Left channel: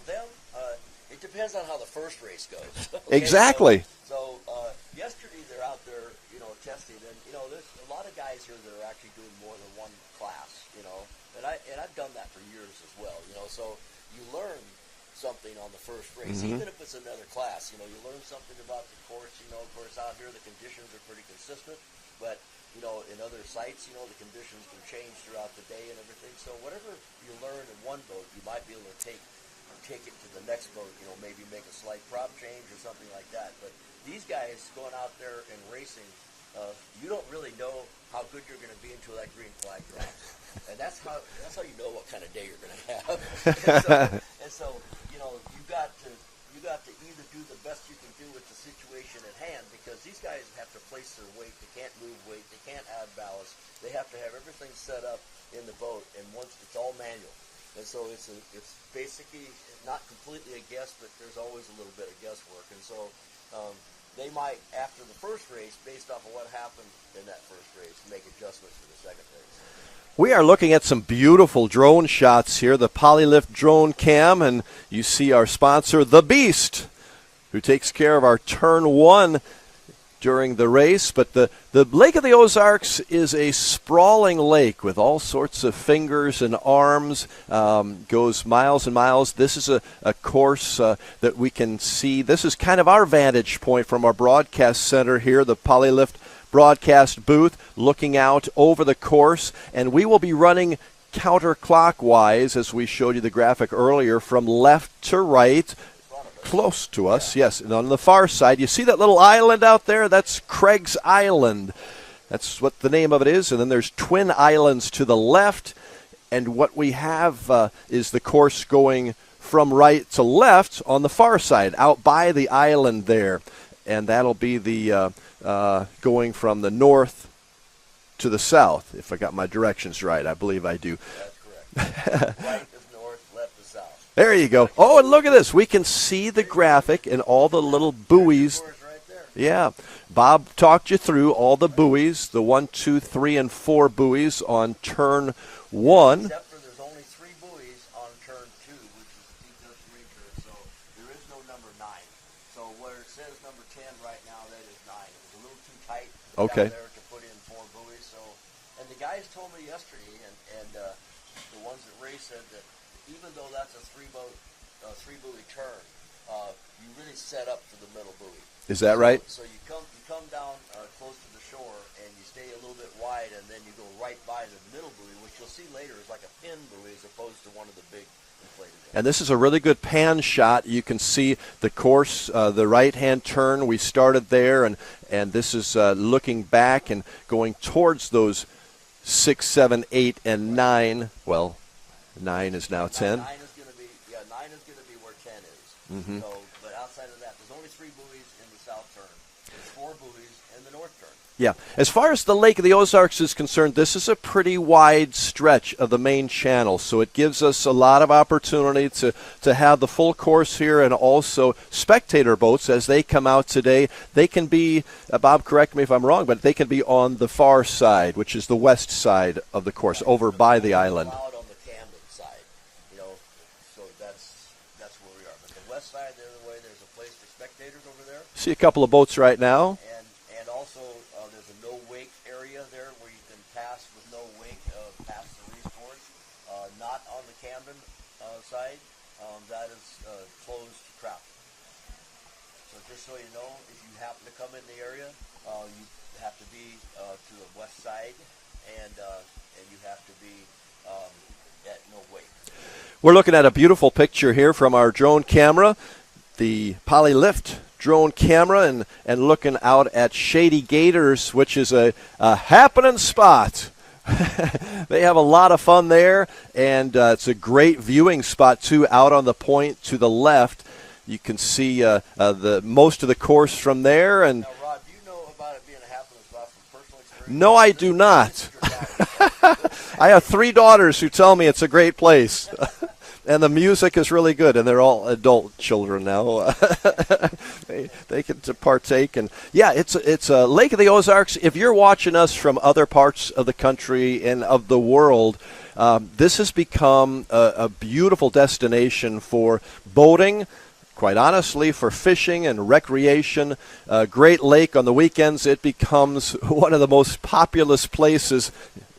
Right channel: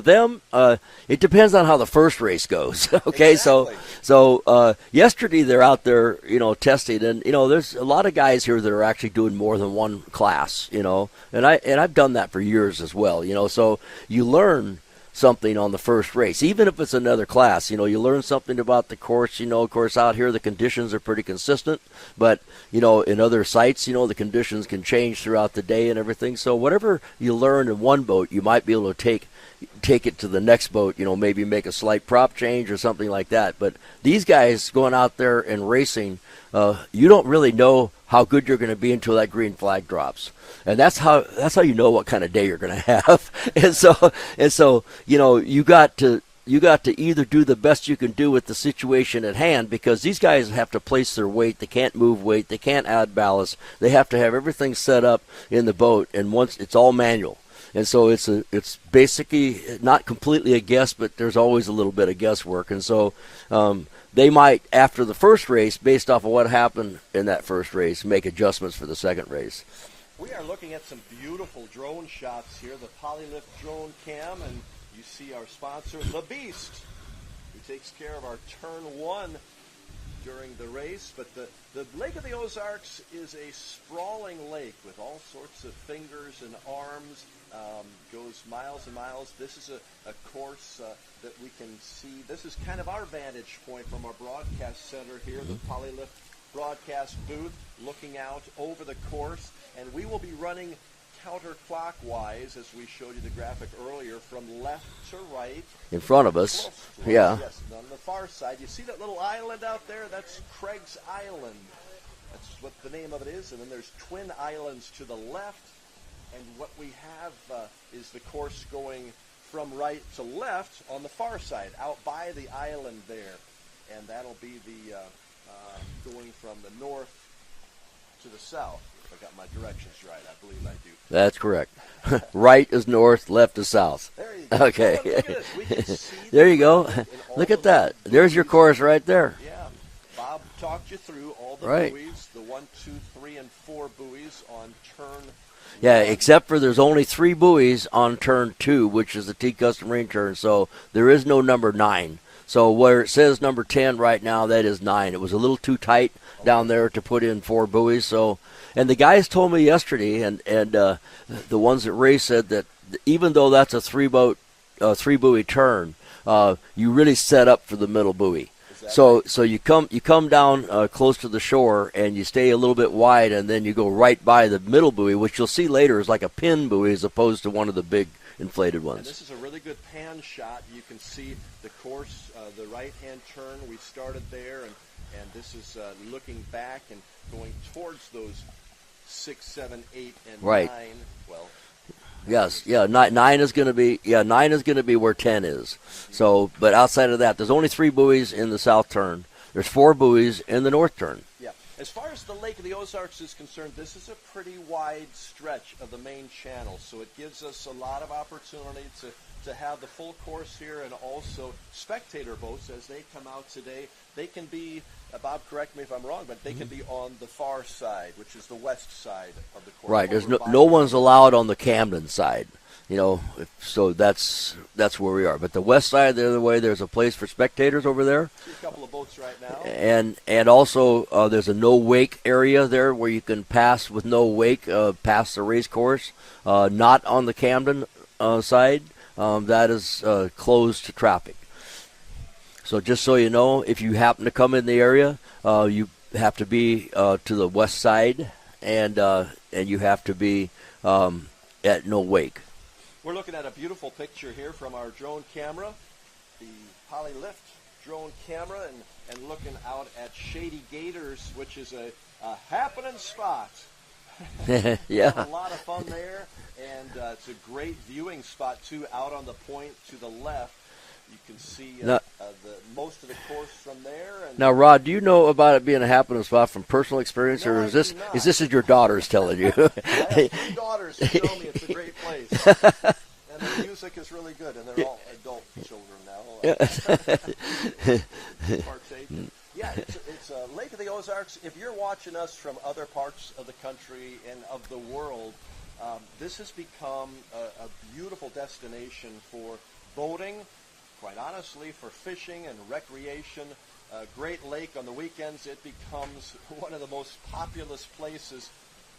for them, it depends on how the first race goes. Okay, exactly. So yesterday they're out there, testing, and there's a lot of guys here that are actually doing more than one class, and I've done that for years as well, So you learn something on the first race, even if it's another class. You learn something about the course. Of course, out here the conditions are pretty consistent, but in other sites, the conditions can change throughout the day and everything. So whatever you learn in one boat, you might be able to take it to the next boat, maybe make a slight prop change or something like that. But these guys going out there and racing, you don't really know how good you're going to be until that green flag drops. And that's how you know what kind of day you're going to have. and so you got to either do the best you can do with the situation at hand, because these guys have to place their weight. They can't move weight. They can't add ballast. They have to have everything set up in the boat, and once it's all manual. And so it's basically not completely a guess, but there's always a little bit of guesswork. And so they might, after the first race, based off of what happened in that first race, make adjustments for the second race. We are looking at some beautiful drone shots here, the Polylift drone cam, and you see our sponsor, The Beast, who takes care of our turn one during the race. But the Lake of the Ozarks is a sprawling lake with all sorts of fingers and arms, goes miles and miles. This is a course that we can see. This is kind of our vantage point from our broadcast center here, the Polylift broadcast booth, looking out over the course, and we will be running counterclockwise, as we showed you the graphic earlier, from left to right. In front of us. Close to us, yes. And on the far side, you see that little island out there? That's Craig's Island. That's what the name of it is. And then there's twin islands to the left. And what we have is the course going from right to left on the far side, out by the island there. And that'll be the going from the north to the south, if I got my directions right. I believe I do. That's correct. Right is north, left is south. There you go. Okay. Oh, and look at this. We can see the graphic and all the little buoys. There's your course right there. Yeah. Bob talked you through all the buoys, the 1, 2, 3, and 4 buoys on turn 1. Yeah, except for there's only 3 buoys on turn 2, which is the T-Custom Marine turn, so there is no number 9. So where it says number 10 right now, that is 9. It was a little too tight down there to put in 4 buoys. So, and the guys told me yesterday, and the ones that race said that even though that's a 3-buoy turn, you really set up for the middle buoy. Is that right? So you come down close to the shore, and you stay a little bit wide, and then you go right by the middle buoy, which you'll see later is like a pin buoy as opposed to one of the big inflated ones. And this is a really good pan shot. You can see the course, the right-hand turn. We started there, and this is looking back and going towards those 6, 7, 8, and 9. Well, 9 is now 10. 9 is going to be 9 is going to be where 10 is. Mm-hmm. So, but outside of that, there's only 3 buoys in the south turn. There's 4 buoys in the north turn. Yeah. As far as the Lake of the Ozarks is concerned, this is a pretty wide stretch of the main channel, so it gives us a lot of opportunity to have the full course here, and also spectator boats as they come out today. They can be, Bob, correct me if I'm wrong, but they can be on the far side, which is the west side of the course, over by the island. No one's allowed on the Camden side. So that's where we are. But the west side, the other way, there's a place for spectators over there. See a couple of boats right now. And also there's a no-wake area there where you can pass with no wake past the race course. Not on the Camden side. That is closed to traffic. So just so you know, if you happen to come in the area, you have to be to the west side, and you have to be at no wake. We're looking at a beautiful picture here from our drone camera, the Polylift drone camera, and looking out at Shady Gators, which is a happening spot. They have a lot of fun there, and it's a great viewing spot, too, out on the point to the left. You can see the most of the course from there. And now, Rod, do you know about it being a happening spot from personal experience? No, I do not. This is your daughters telling you. I have 3 daughters who tell me it's a great place. And the music is really good, and they're all adult children now. They get to partake. And, yeah, it's a Lake of the Ozarks. If you're watching us from other parts of the country and of the world, This has become a beautiful destination for boating, quite honestly, for fishing and recreation. Great Lake on the weekends, it becomes one of the most populous places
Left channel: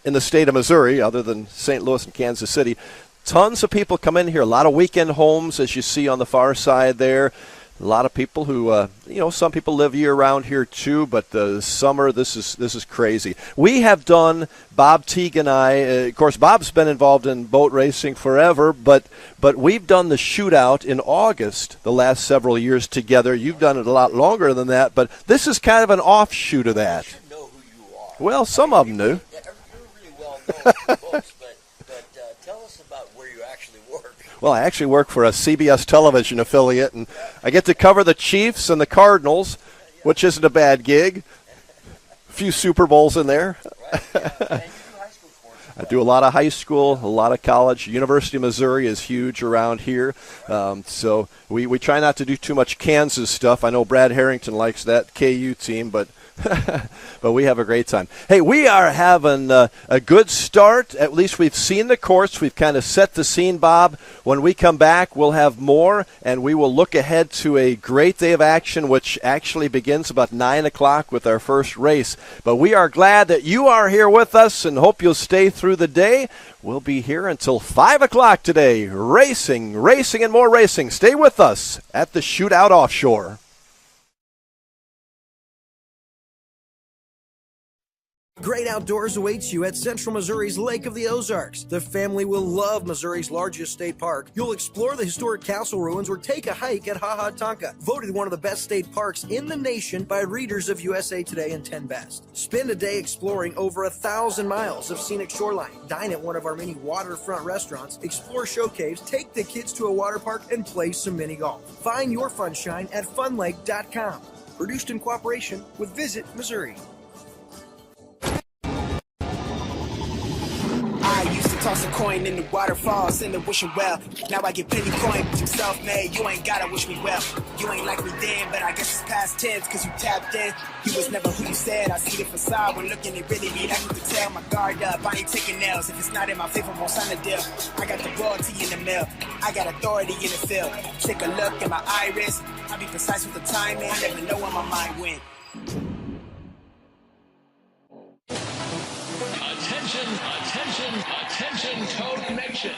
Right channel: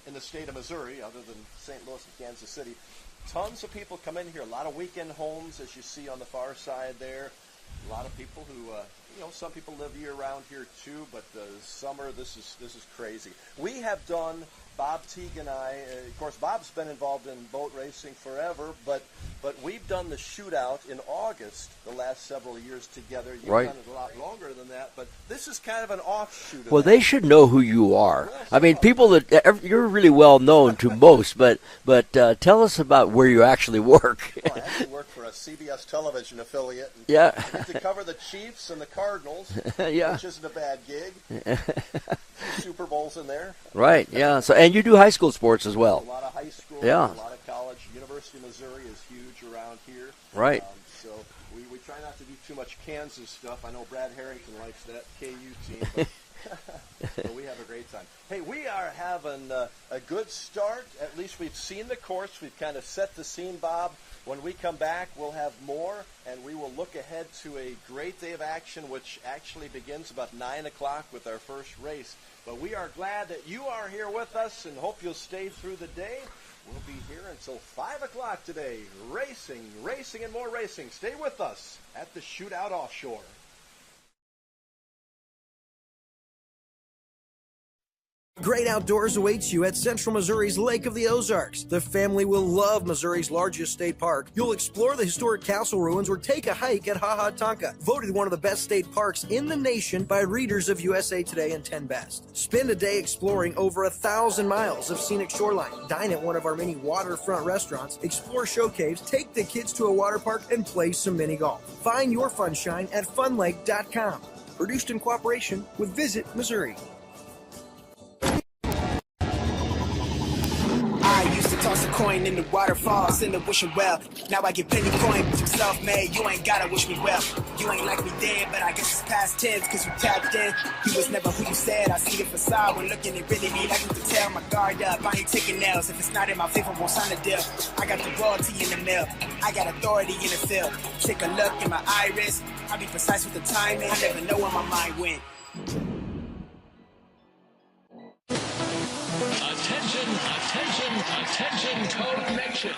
in the state of Missouri, other than St. Louis and Kansas City. Tons of people come in here, a lot of weekend homes, as you see on the far side there. A lot of people who, some people live year-round here too, but the summer, this is crazy. We have done, Bob Teague and I, of course, Bob's been involved in boat racing forever, but we've done the Shootout in August the last several years together. You've done it a lot longer than that, but this is kind of an offshoot of that. Well, they should know who you are. Well, people you're really well known to most, but tell us about where you actually work. Well, I actually work for a CBS television affiliate, and I get to cover the Chiefs and the Cardinals, which isn't a bad gig. A few Super Bowls in there. Right, yeah. So, and you do high school sports as well. I do a lot of high school, a lot of college. University of Missouri is huge around here. Right. So we try not to do too much Kansas stuff. I know Brad Harrington likes that KU team, but but we have a great time. Hey, we are having a good start. At least we've seen the course. We've kind of set the scene, Bob. When we come back, we'll have more, and we will look ahead to a great day of action, which actually begins about 9 o'clock with our first race. But we are glad that you are here with us and hope you'll stay through the day. We'll be here until 5 o'clock today. Racing, and more racing. Stay with us at the Shootout Offshore. Great outdoors awaits you at Central Missouri's Lake of the Ozarks. The family will love Missouri's largest state park. You'll explore the historic castle ruins or take a hike at Ha Ha Tonka, voted one of the best state parks in the nation by readers of USA Today and 10 Best. Spend a day exploring over 1,000 miles of scenic shoreline. Dine at one of our many waterfront restaurants, explore show caves, take the kids to a water park, and play some mini golf. Find your funshine at funlake.com. Produced in cooperation with Visit Missouri. I used to toss a coin in the waterfall, send a wishing well. Now I get plenty coin, but you self-made, you ain't gotta wish me well. You ain't like me then, but I guess it's past tense, cause you tapped in. You was never who you said, I see the facade when looking at really me. Like you could tell my guard up, I ain't taking nails. If it's not in my favor, won't sign a deal. I got the royalty in the mill, I got authority in the field. Take a look in my iris, I'll be precise with the timing. I never know where my mind went. Attention, Toad Nation.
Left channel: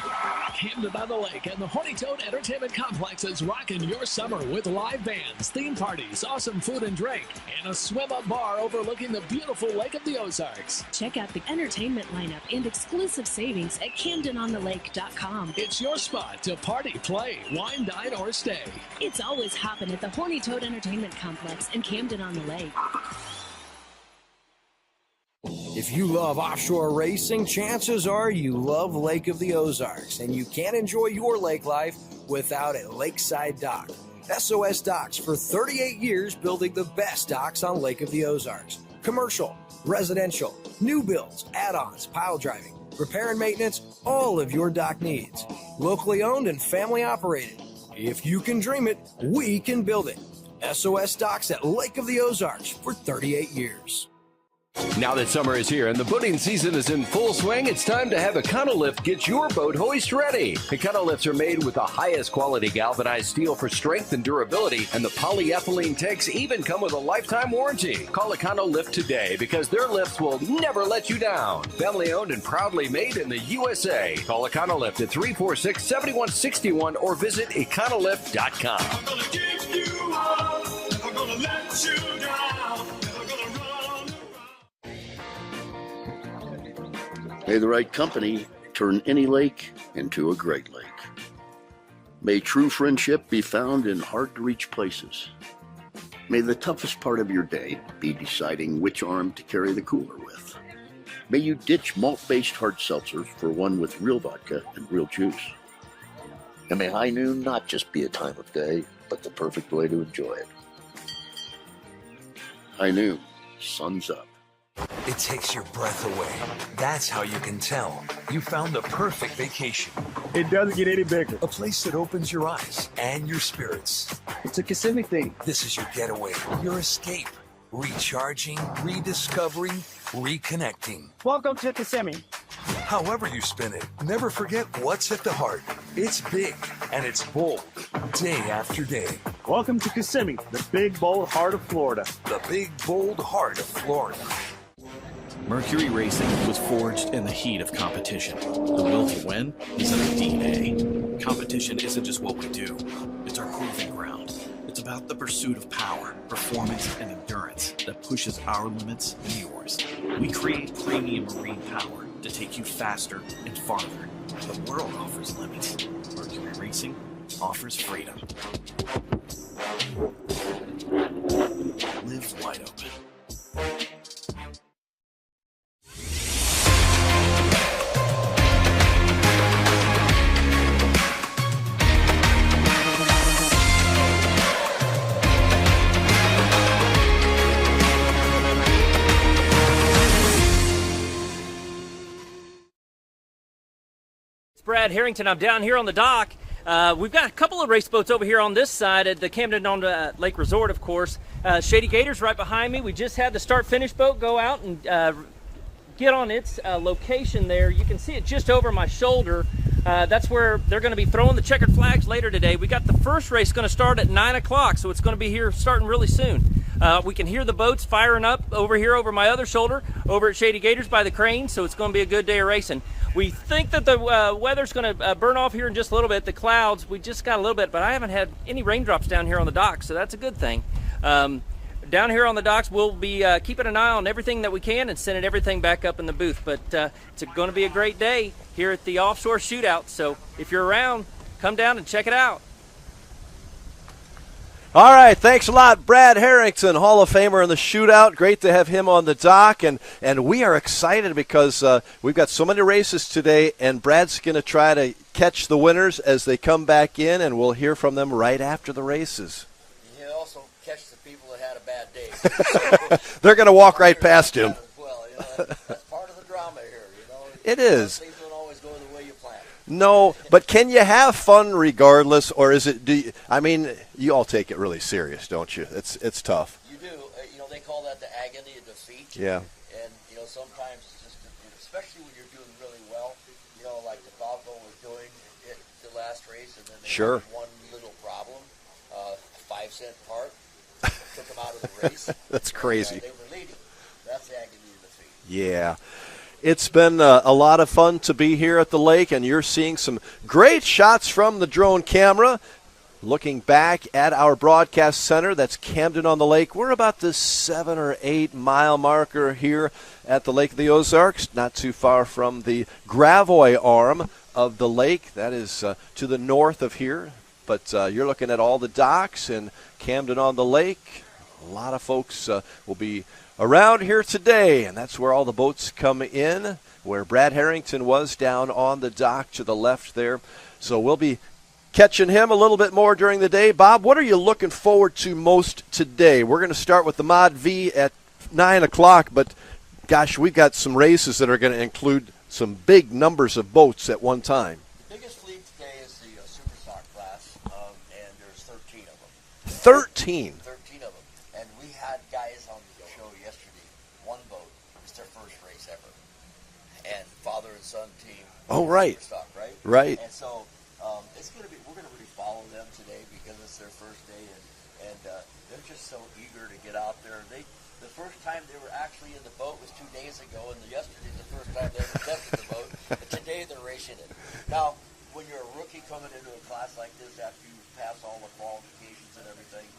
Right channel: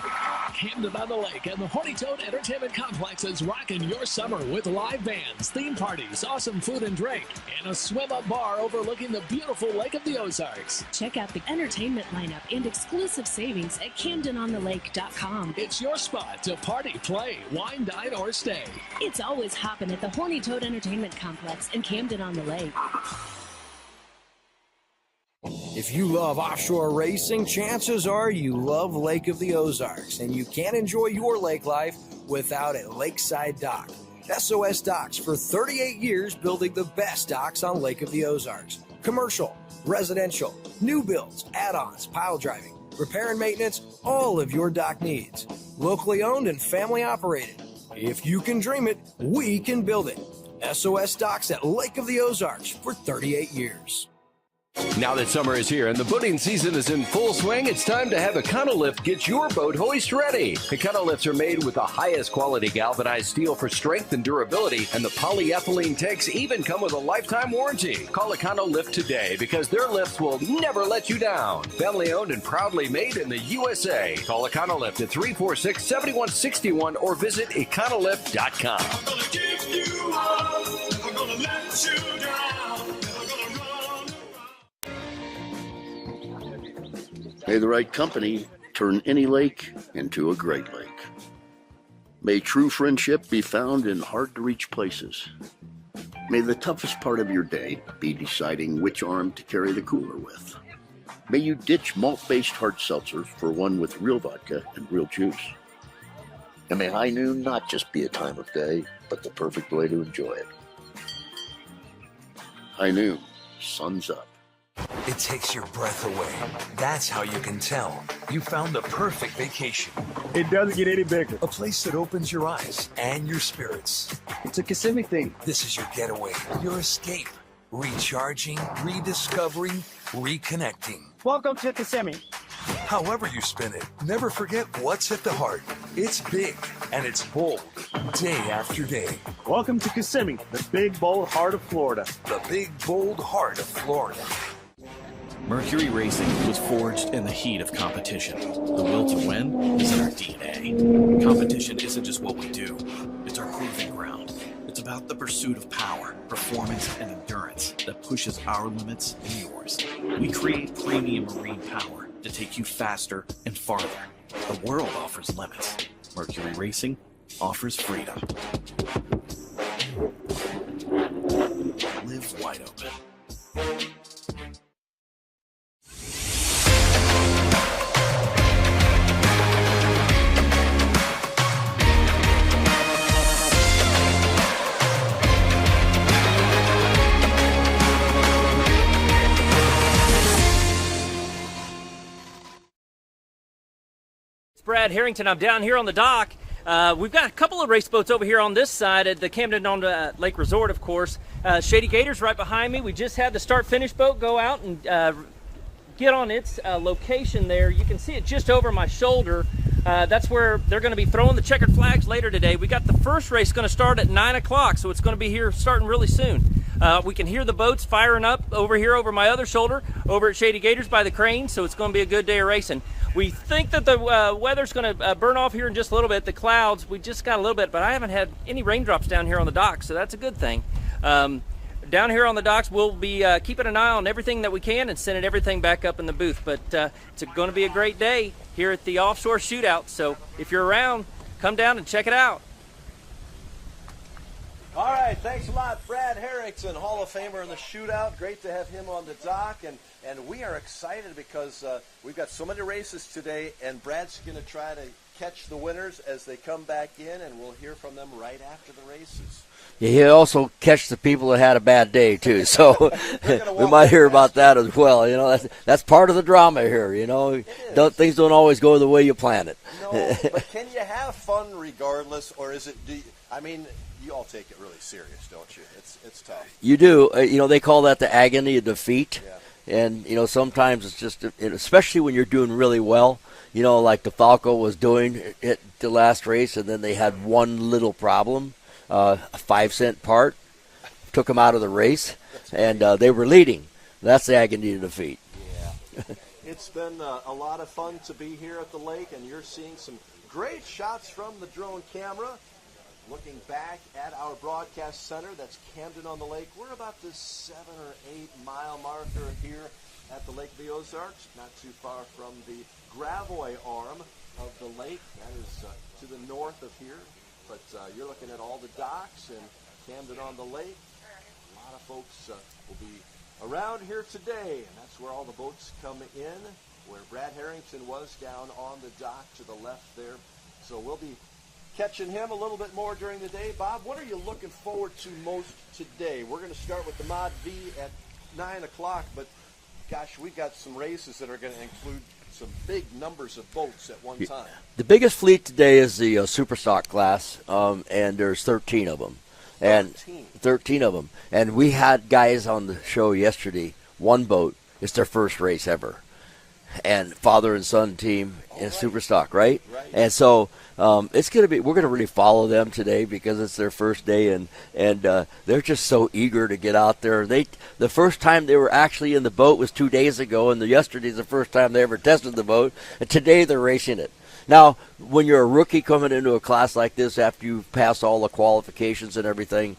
Camden on the Lake and the Horny Toad Entertainment Complex is rocking your summer with live bands, theme parties, awesome food and drink, and a swim-up bar overlooking the beautiful Lake of the Ozarks. Check out the entertainment lineup and exclusive savings at CamdenOnTheLake.com. It's your spot to party, play, wine, dine, or stay. It's always hopping at the Horny Toad Entertainment Complex in Camden on the Lake. If you love offshore racing, chances are you love Lake of the Ozarks, and you can't enjoy your lake life without a lakeside dock. SOS Docks, for 38 years, building the best docks on Lake of the Ozarks. Commercial, residential, new builds, add-ons, pile driving, repair and maintenance, all of your dock needs. Locally owned and family operated. If you can dream it, we can build it. SOS Docks at Lake of the Ozarks for 38 years. Now that summer is here and the boating season is in full swing, it's time to have Econolift get your boat hoist ready. Econolifts are made with the highest quality galvanized steel for strength and durability, and the polyethylene tanks even come with a lifetime warranty. Call Econolift today because their lifts will never let you down. Family owned and proudly made in the USA. Call Econolift at 346-7161 or visit Econolift.com. I'm gonna give you up, never gonna let you down, never gonna run. May the right company turn any lake into a great lake. May true friendship be found in hard-to-reach places. May the toughest part of your day be deciding which arm to carry the cooler with. May you ditch malt-based hard seltzer for one with real vodka and real juice. And may high noon not just be a time of day, but the perfect way to enjoy it. High noon, sun's up. It takes your breath away. That's how you can tell you found the perfect vacation. It doesn't get any bigger. A place that opens your eyes and your spirits. It's a Kissimmee thing. This is your getaway, your escape. Recharging, rediscovering, reconnecting. Welcome to Kissimmee. However you spin it, never forget what's at the heart. It's big and it's bold, day after day. Welcome to Kissimmee, the big, bold heart of Florida. The big, bold heart of Florida. Mercury Racing was forged in the heat of competition. The will to win is in our DNA. Competition isn't just what we do, it's our proving ground. It's about the pursuit of power, performance, and endurance that pushes our limits and yours. We create premium marine power to take you faster and farther. The world offers limits. Mercury Racing offers freedom. Live wide open. Brad Harrington. I'm down here on the dock. We've got a couple of race boats over here on this side at the Camden on the Lake Resort, of course. Shady Gators right behind me. We just had the start-finish boat go out and get on its location there. You can see it just over my shoulder. That's where they're going to be throwing the checkered flags later today. We got the first race going to start at 9 o'clock, so it's going to be here starting really soon. We can hear the boats firing up over here over my other shoulder, over at Shady Gators by the crane, so it's going to be a good day of racing. We think that the weather's going to burn off here in just a little bit. The clouds, we just got a little bit, but I haven't had any raindrops down here on the docks, so that's a good thing. Down here on the docks, we'll be keeping an eye on everything that we can and sending everything back up in the booth. But it's going to be a great day here at the Offshore Shootout, so if you're around, come down and check it out. All right, thanks a lot, Brad Harrington, Hall of Famer in the Shootout. Great to have him on the dock, and we are excited because we've got so many races today, and Brad's going to try to catch the winners as they come back in, and we'll hear from them right after the races. Yeah, he'll also catch the people that had a bad day too. So they're going to walk right hear past about him. that as well. You know, that's part of the drama here. You know, it is. Things don't always go the way you plan it. No, but can you have fun regardless, or is it? You all take it really serious, don't you? It's tough. You do. You know, they call that the agony of defeat. Yeah. And you know, sometimes it's just, especially when you're doing really well. You know, like the Falco was doing at the last race, and then they had one little problem. A 5-cent part took them out of the race. That's crazy. And they were leading. That's the agony of defeat. Yeah. It's been a lot of fun to be here at the lake, and you're seeing some great shots from the drone camera. Looking back at our broadcast center, that's Camden on the Lake. We're about the 7 or 8 mile marker here at the Lake of the Ozarks, not too far from the Gravois arm of the lake. That is to the north of here. But you're looking at all the docks and Camden on the Lake. A lot of folks will be around here today, and that's where all the boats come in, where Brad Harrington was down on the dock to the left there. So we'll be catching him a little bit more during the day. Bob, what are you looking forward to most today? We're going to start with the Mod V at 9 o'clock, but, gosh, we've got some races that are going to include some big numbers of boats at one time. The biggest fleet today is the Superstock class, and there's 13 of them. 13? 13 of them. And we had guys on the show yesterday, one boat, it's their first race ever. And father and son team in Superstock, right? Right. And so it's going to be, we're going to really follow them today because it's their first day, and they're just so eager to get out there. The first time they were actually in the boat was 2 days ago, and yesterday's the first time they ever tested the boat, and today they're racing it. Now, when you're a rookie coming into a class like this after you've passed all the qualifications and everything,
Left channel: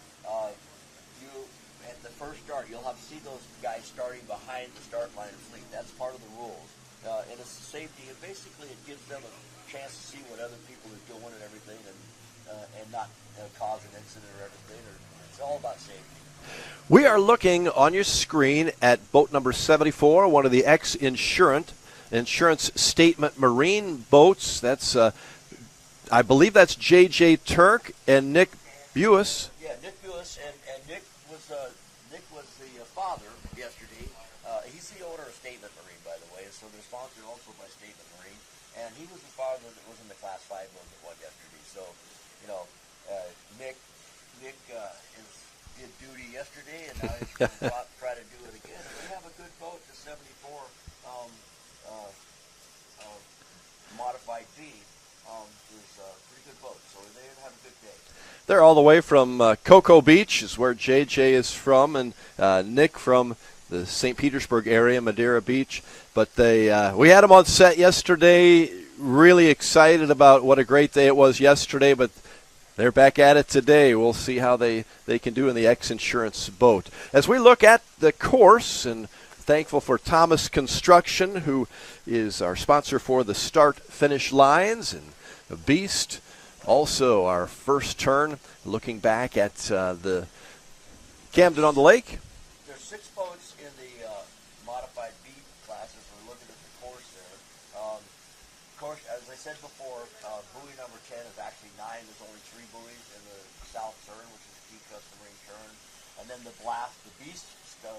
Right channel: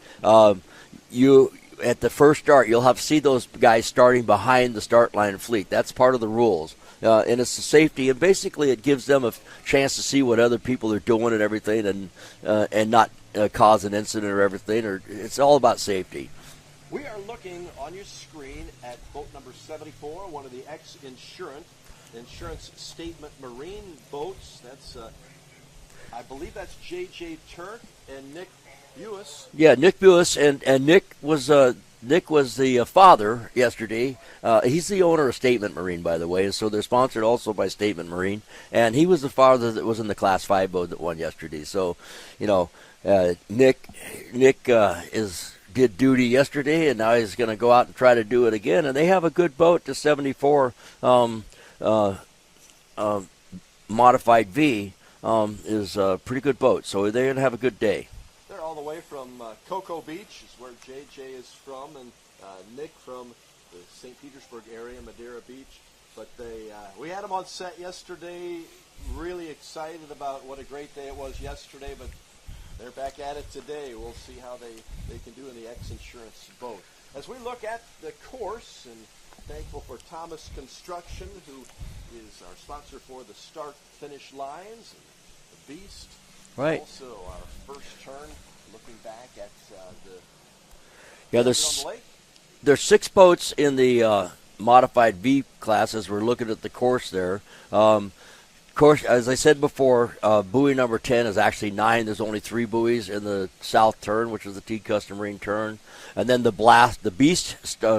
you at the first start, you'll have to see those guys starting behind the start line fleet. That's part of the rules. And it's the safety, and basically it gives them a chance to see what other people are doing and everything, and not cause an incident or everything. Or it's all about safety. We are looking on your screen at boat number 74, one of the ex-insurance statement marine boats. That's, I believe that's J.J. Turk and Nick Buis. Yeah, Nick Buis, and Nick was the father yesterday. He's the owner of Statement Marine, by the way, and so they're sponsored also by Statement Marine. And he was the father that was in the Class 5 boat that won yesterday. So, you know, Nick did duty yesterday, and now he's going to go out and try to do it again. And they have a good boat, the 74 Modified V is a pretty good boat. So they're going to have a good day. They're all the way from Cocoa Beach is where JJ is from, and Nick from the St. Petersburg area, Madeira Beach. But we had them on set yesterday. Really excited about what a great day it was yesterday, but they're back at it today. We'll see how they can do in the X Insurance boat. As we look at the course, and thankful for Thomas Construction, who is our sponsor for the start-finish lines, and the Beast. Right. Also, our first turn, looking back at the Camden on the Lake. There's 6 boats in the modified V class as we're looking at the course there. Course, as I said before, buoy number 10 is actually 9. There's only 3 buoys in the south turn, which is the T Custom Marine turn. And then the Beast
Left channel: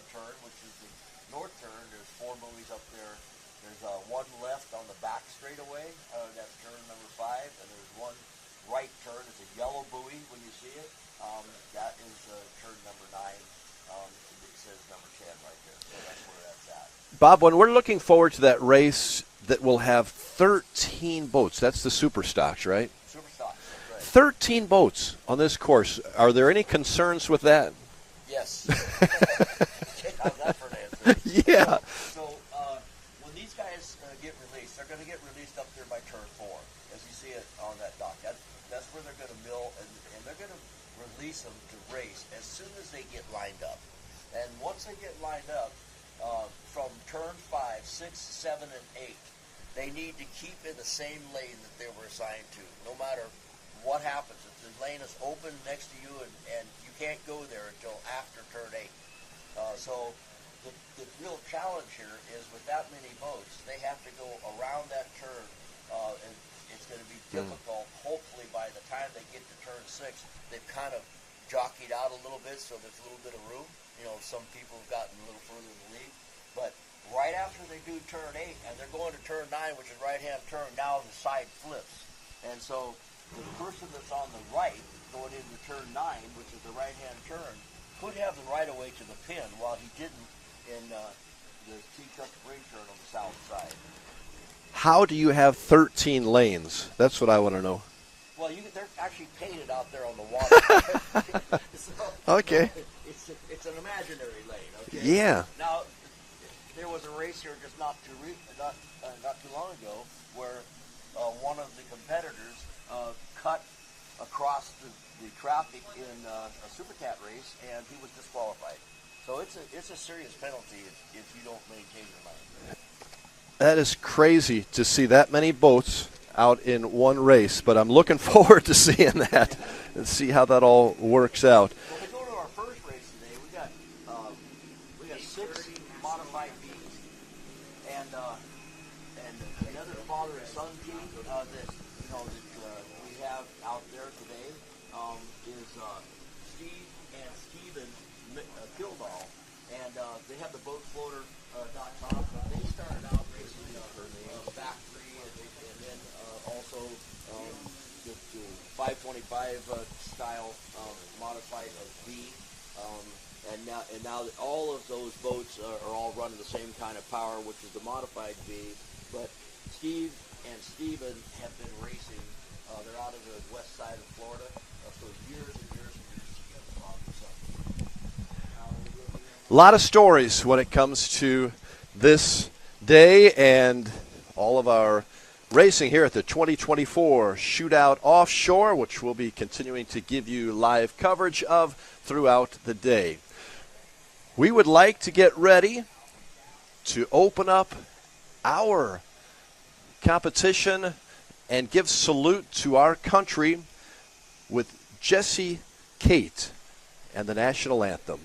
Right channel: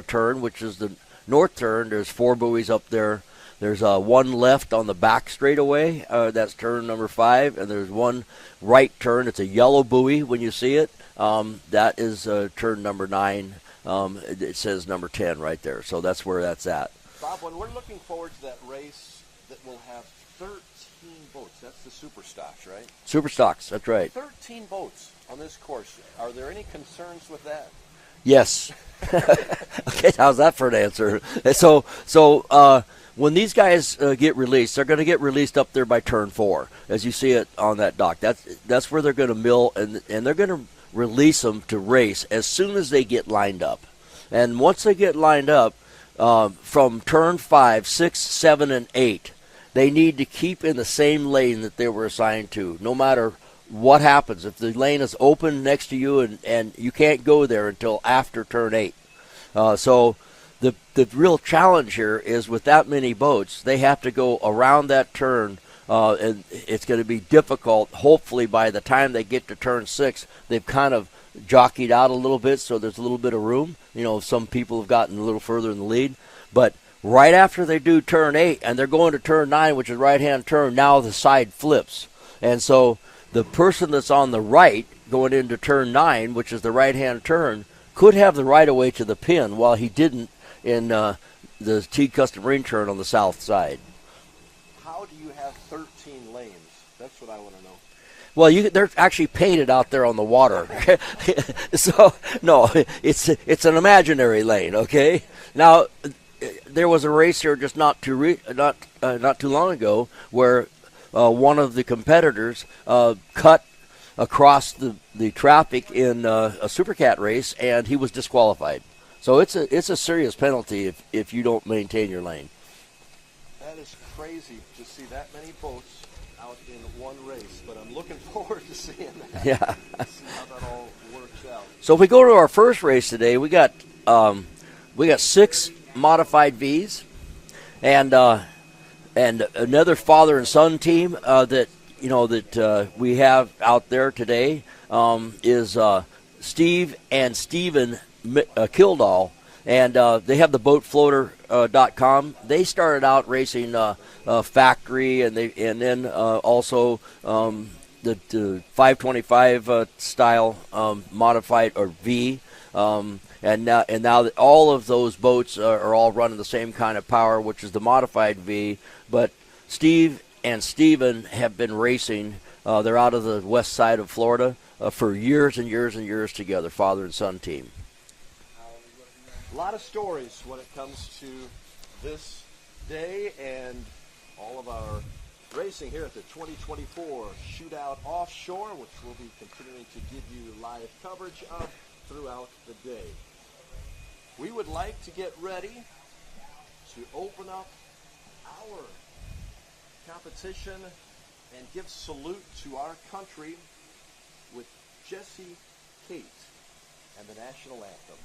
turn, which is the north turn, there's 4 buoys up there. There's 1 left on the back straightaway. That's turn number 5. And there's 1 right turn. It's a yellow buoy when you see it. That is turn number 9. It says number 10 right there. So that's where that's at. Bob, when we're looking forward to that race that will have 13 boats, that's the Superstocks, right? Superstocks, that's right. 13 boats on this course. Are there any concerns with that? Yes. Okay, how's that for an answer? Yeah. So when these guys get released, they're going to get released up there by turn 4, as you see it on that dock. That's where they're going to mill, and they're going to release them to race as soon as they get lined up. And once they get lined up, from turn 5, 6, 7, and 8, they need to keep in the same lane that they were assigned to, no matter what happens. If the lane is open next to you and you can't go there until after turn 8. So the real challenge here is with that many boats, they have to go around that turn, and it's going to be difficult. Hopefully by the time they get to turn 6, they've kind of jockeyed out a little bit, so there's a little bit of room. You know, some people have gotten a little further in the lead. But right after they do turn 8 and they're going to turn 9, which is right-hand turn, now the side flips. And so the person that's on the right going into turn 9, which is the right-hand turn, could have the right-of-way to the pin while he didn't in the T Custom Marine turn on the south side. How do you have 13 lanes? That's what I want to know. Well, they're actually painted out there on the water. So, okay. No, it's an imaginary lane, okay? Yeah. Now, there was a race here just not too long ago where one of the competitors cut across the traffic in a Supercat race, and he was disqualified. So it's a serious penalty if you don't maintain your lane. That is crazy to see that many boats out in one race, but I'm looking forward to seeing that and see how that all works out. So if we go to our first race today, we got 6 modified Vs, and another father and son team that we have out there today is Steve and Steven Kildall, and they have the boatfloater.com. They started out racing factory, and then also the 525 style modified or V, and now that all of those boats are all running the same kind of power, which is the modified V. But Steve and Steven have been racing. They're out of the west side of Florida for years and years and years together, father and son team. A lot of stories when it comes to this day and all of our racing here at the 2024 Shootout Offshore, which we'll be continuing to give you live coverage of throughout the day. We would like to get ready to open up our competition and give salute to our country with Jesse Kate and the national anthem.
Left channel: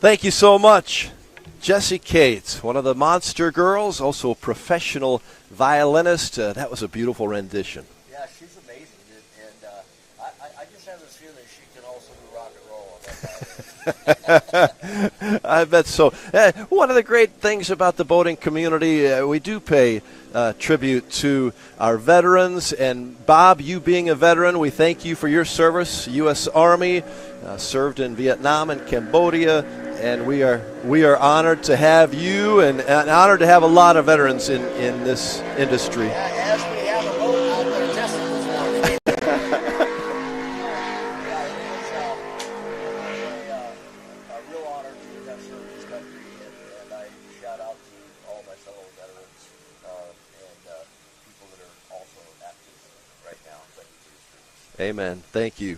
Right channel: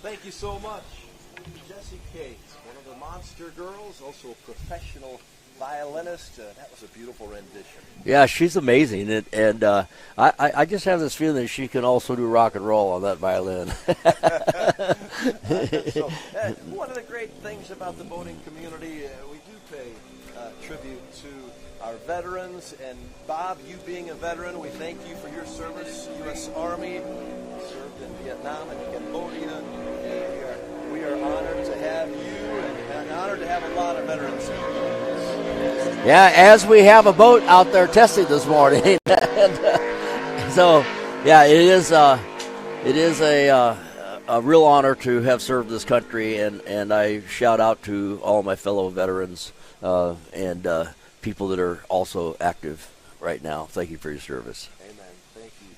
Thank you so much. Jessie Cates, one of the Monster Girls, also a professional violinist. That was a beautiful rendition. Yeah, she's amazing, and I just have this feeling that she can also do rock and roll on that violin. I bet so. One of the great things about the boating community, we do pay tribute to our veterans. And Bob, you being a veteran, we thank you for your service. U.S. Army, served in Vietnam and Cambodia. And we are honored to have you, and honored to have a lot of veterans in this industry. Yeah, as we have a boat out there testing this morning. So, yeah, it is a real honor to have served this country, and I shout out to all my fellow veterans and people that are also active right now. Thank you for your service. Amen. Thank you.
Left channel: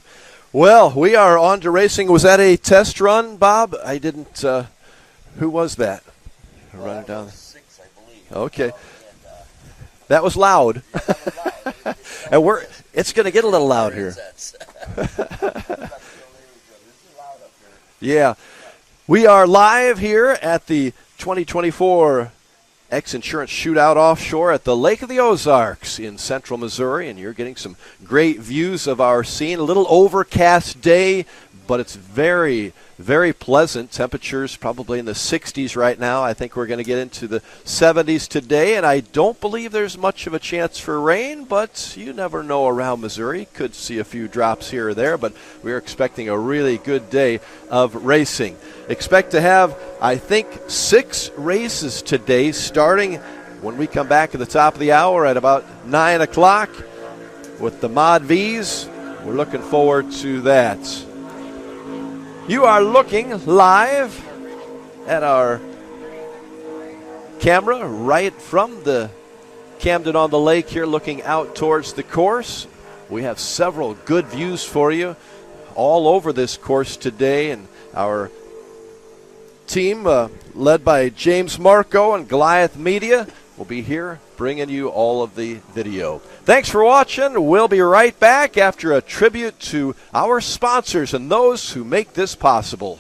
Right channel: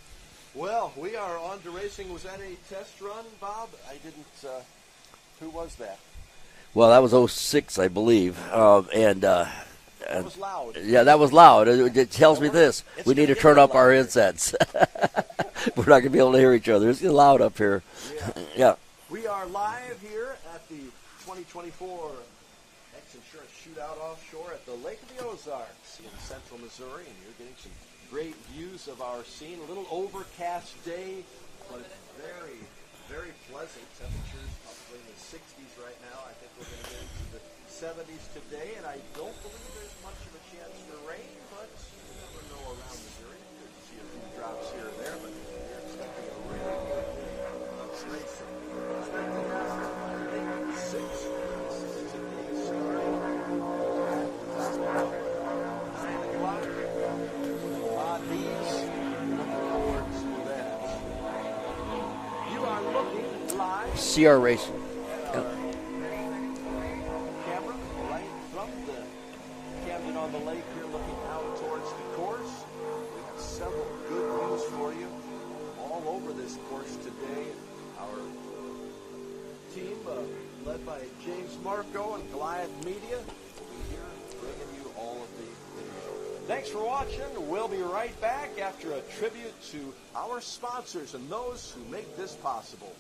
Well, we are on to racing. Was that a test run, Bob? I didn't. Who was that? Well, that was 06, I believe. Okay. That was loud. Yeah, that was loud. It tells me this. It's going to get a little louder. Our insets. We're not going to be able to hear each other. It's loud up here. Yeah. Yeah. We are live here at the 2024 X Insurance Shootout Offshore at the Lake of the Ozarks in central Missouri, and you're getting some great views of our scene. A little overcast day, but it's very, very pleasant. Temperatures probably in the 60s right now. I think we're going to get into the 70s today, and I don't believe there's much of a chance for rain, but you never know around Missouri. Could see a few drops here or there, but we're expecting a really good day of racing. Expect to have, I think, 6 races today, starting when we come back at the top of the hour at about 9 o'clock with the Mod Vs. We're looking forward to that. You are looking live CR Racing at our camera right from the Camden on the Lake here, looking out towards the course. We have several good views for you all over this course today, and our team led by James Marco and Goliath Media will be here bringing you all of the video. Thanks for watching. We'll be right back after a tribute to our sponsors and those who make this possible.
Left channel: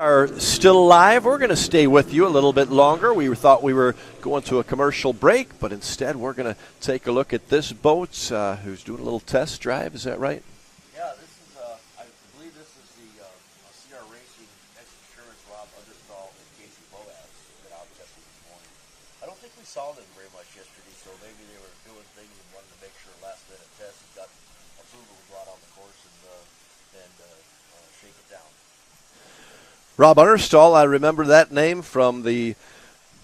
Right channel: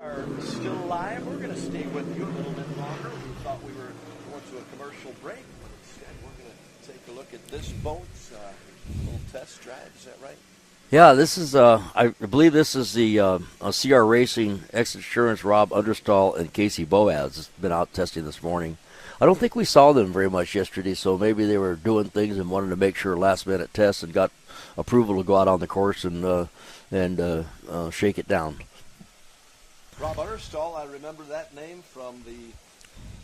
Are still alive. We're going to stay with you a little bit longer. We thought we were going to a commercial break, but instead we're going to take a look at this boat who's doing a little test drive. Is that right? Yeah, this is, I believe this is the CR Racing X Insurance Rob Understall and Casey Boaz. Has been out testing this morning. I don't think we saw them very much yesterday, so maybe they were doing things and wanted to make sure last-minute tests and got approval to go out on the course and shake it down. Rob Understall, I remember that name from the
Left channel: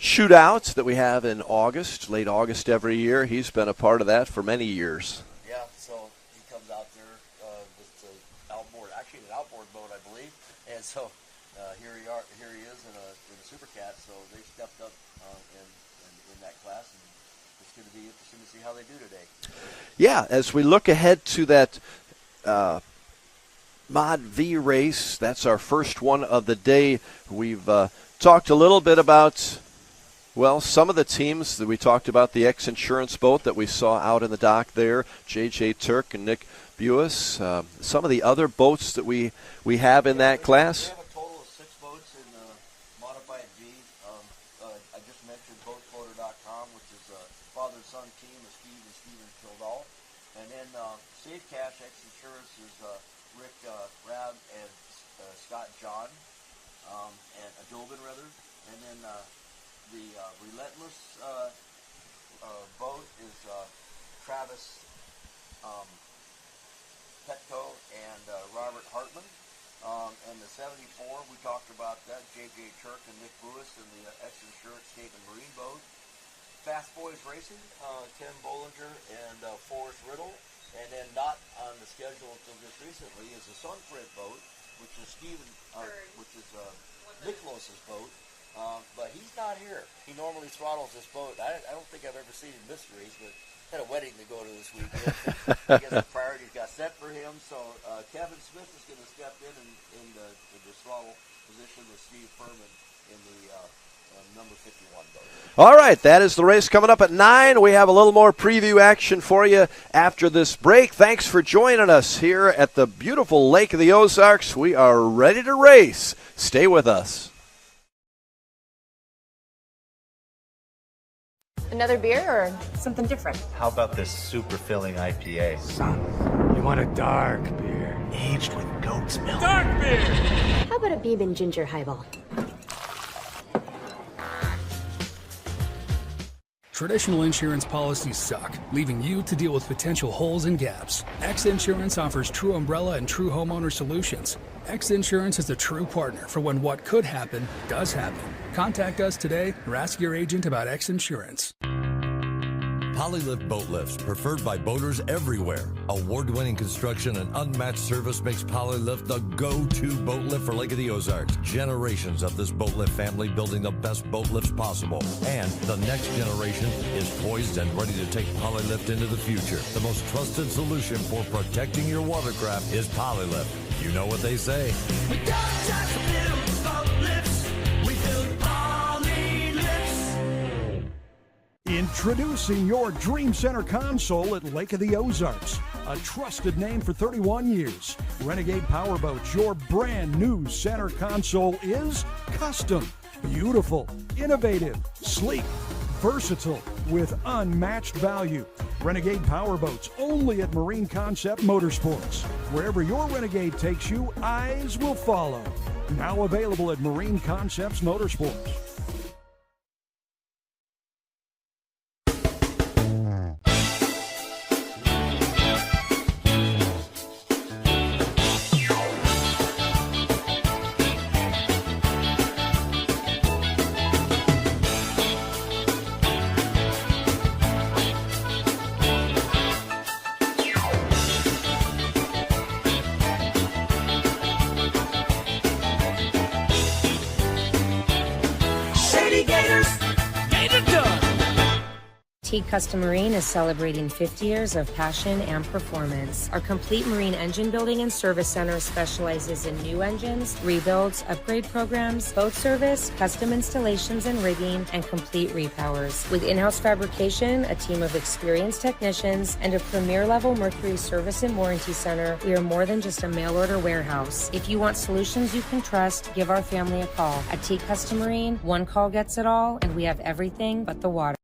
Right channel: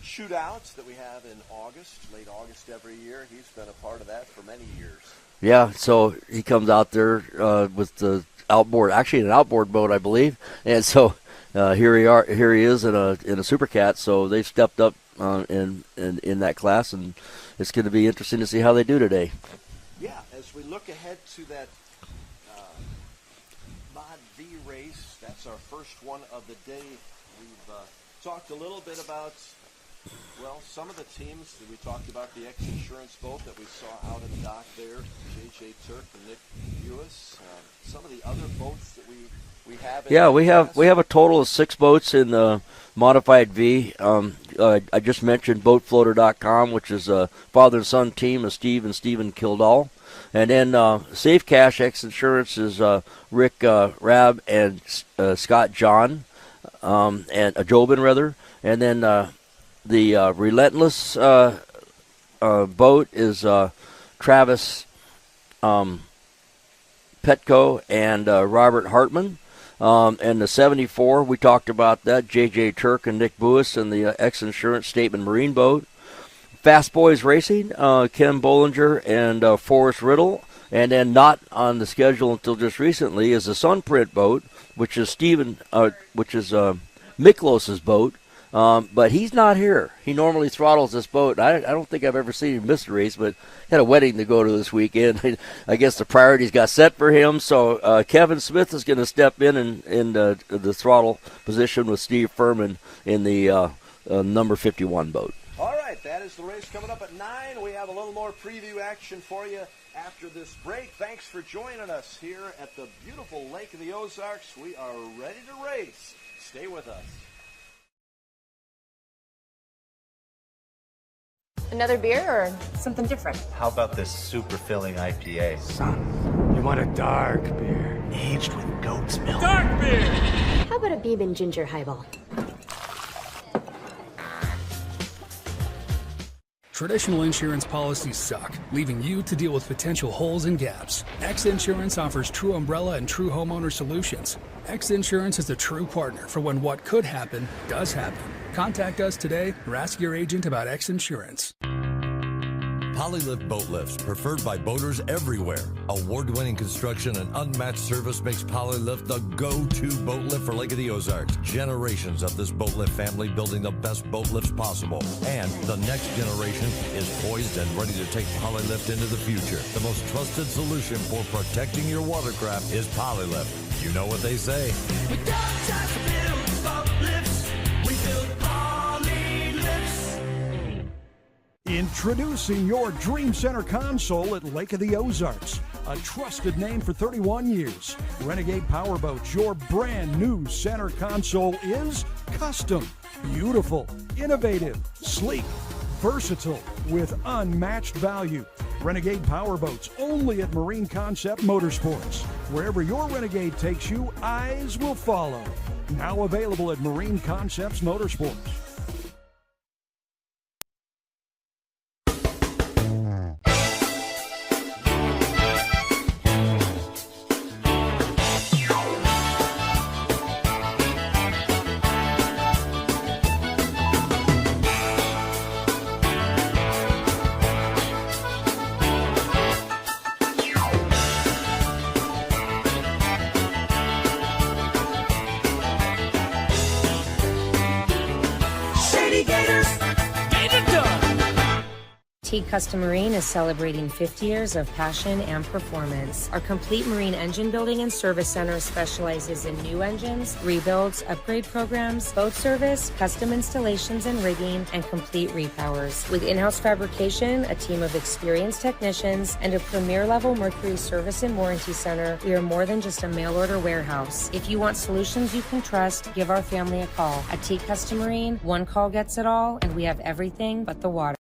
shootouts that we have in August, late August every year. He's been a part of that for many years. Yeah, so he comes out there with the outboard, actually an outboard boat, I believe, and so here he is in a Supercat. So they've stepped up in that class, and it's going to be interesting to see how they do today. Yeah, as we look ahead to that Mod V race, that's our first one of the day. We've talked a little bit about, well, some of the teams that we talked about, the X Insurance boat that we saw out in the dock there, J.J. Turk and Nick Buis. Some of the other boats that we have in that class. We have a total of 6 boats in the Modified V. I just mentioned BoatFloater.com, which is a father and son team of Steve and Stephen Kildall. And then Safe Cash X Insurance is Rick Rabb and Scott John, and Jobin rather. And then the Relentless boat is Travis Petco and Robert Hartman. And the 74, we talked about that, J.J. Turk and Nick Buis, and the X Insurance Statement Marine boat. Fast Boys Racing, Ken Bollinger and Forrest Riddle, And then not on the schedule until just recently is the Sunprint boat, which is Miklos's boat. But he's not here. He normally throttles this boat. I don't think I've ever seen him miss a race, but had a wedding to go to this weekend. I guess the priorities got set for him. So Kevin Smith is going to step in the throttle position with Steve Furman in the number 51 boat. All right, that is the race coming up at 9. We have a little more preview action for you after this break. Thanks for joining us here at the beautiful Lake of the Ozarks. We are ready to race. Stay with us. Another beer or something different? How about this super filling IPA? Son, you want a dark beer. Aged with goat's milk. Dark beer! How about a Beeb and ginger highball? Traditional insurance policies suck, leaving you to deal with potential holes and gaps. X Insurance offers true umbrella and true homeowner solutions. X Insurance is a true partner for when what could happen does happen. Contact us today or ask your agent about X Insurance. Polylift Boat Lifts, preferred by boaters everywhere. Award-winning construction and unmatched service makes Polylift the go-to boat lift for Lake of the Ozarks. Generations of this boat lift family building the best boat lifts possible. And the next generation is poised and ready to take Polylift into the future. The most trusted solution for protecting your watercraft is Polylift. You know what they say. We don't just build boat lifts, we build Polylifts. Introducing your Dream Center console at Lake of the Ozarks. A trusted name for 31 years. Renegade Powerboats, your brand new center console is custom, beautiful, innovative, sleek, versatile, with unmatched value. Renegade Powerboats, only at Marine Concept Motorsports. Wherever your Renegade takes you, eyes will follow. Now available at Marine Concepts Motorsports. Custom Marine is celebrating 50 years of passion and performance. Our complete marine engine building and service center specializes in new engines, rebuilds, upgrade programs, boat service, custom installations and rigging, and complete repowers. With in-house fabrication, a team of experienced technicians, and a premier-level Mercury service and warranty center, we are more than just a mail-order warehouse. If you want solutions you can trust, give our family a call. At T Custom Marine, one call gets it all, and we have everything but the water.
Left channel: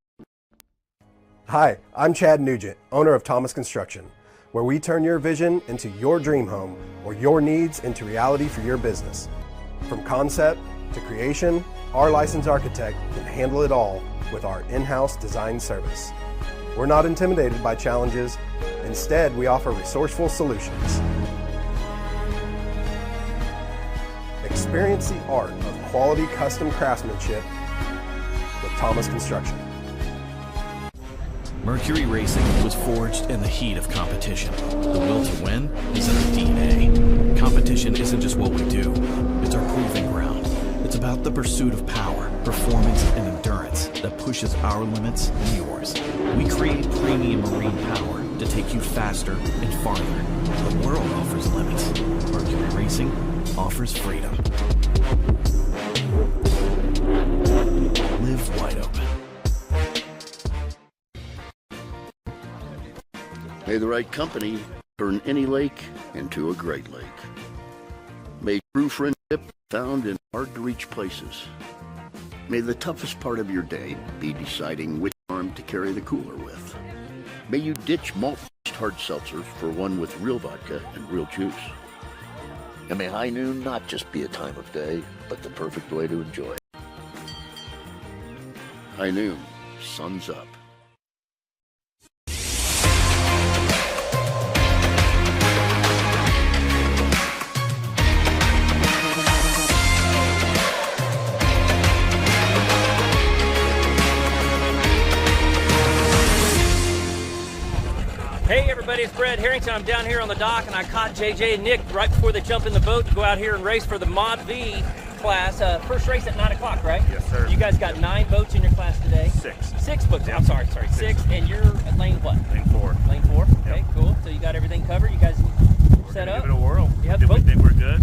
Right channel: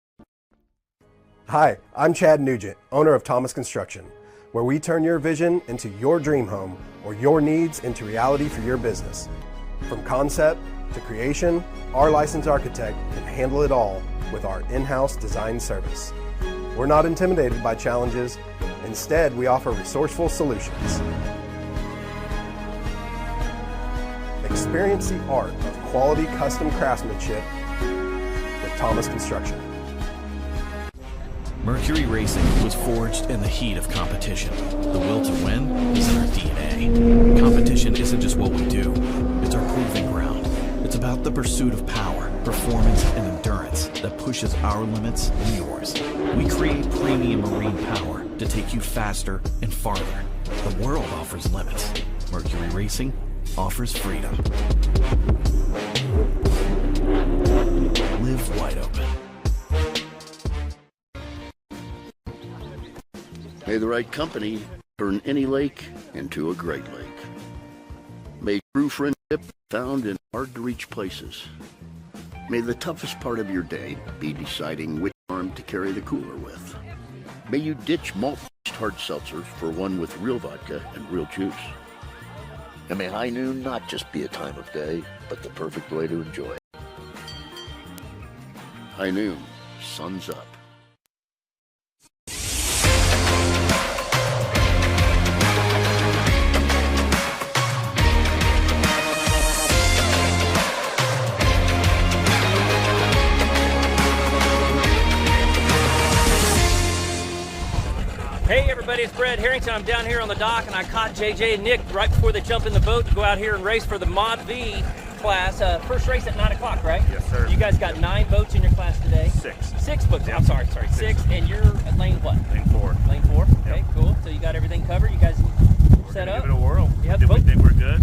Hi, I'm Chad Nugent, owner of Thomas Construction, where we turn your vision into your dream home or your needs into reality for your business. From concept to creation, our licensed architect can handle it all with our in-house design service. We're not intimidated by challenges. Instead, we offer resourceful solutions. Experience the art of quality custom craftsmanship with Thomas Construction. Mercury Racing was forged in the heat of competition. The will to win is in our DNA. Competition isn't just what we do, it's our proving ground. It's about the pursuit of power, performance, and endurance that pushes our limits and yours. We create premium marine power to take you faster and farther. The world offers limits. Mercury Racing offers freedom. Live wide open. May the right company turn any lake into a great lake. May true friendship be found in hard-to-reach places. May the toughest part of your day be deciding which arm to carry the cooler with. May you ditch malt-based hard seltzers for one with real vodka and real juice. And may high noon not just be a time of day, but the perfect way to enjoy it. High noon, sun's up. Hey everybody, it's Brad Harrington. I'm down here on the dock, and I caught JJ and Nick right before they jump in the boat to go out here and race for the Mod V class. First race at 9 o'clock, right? Yes, sir. You guys got 9 boats in your class today? 6. 6 boats. I'm sorry. 6. And you're at lane what? Lane 4. Lane 4? Okay, cool. So you got everything covered? You guys set up? Give it a whirl. Yeah, we think we're good.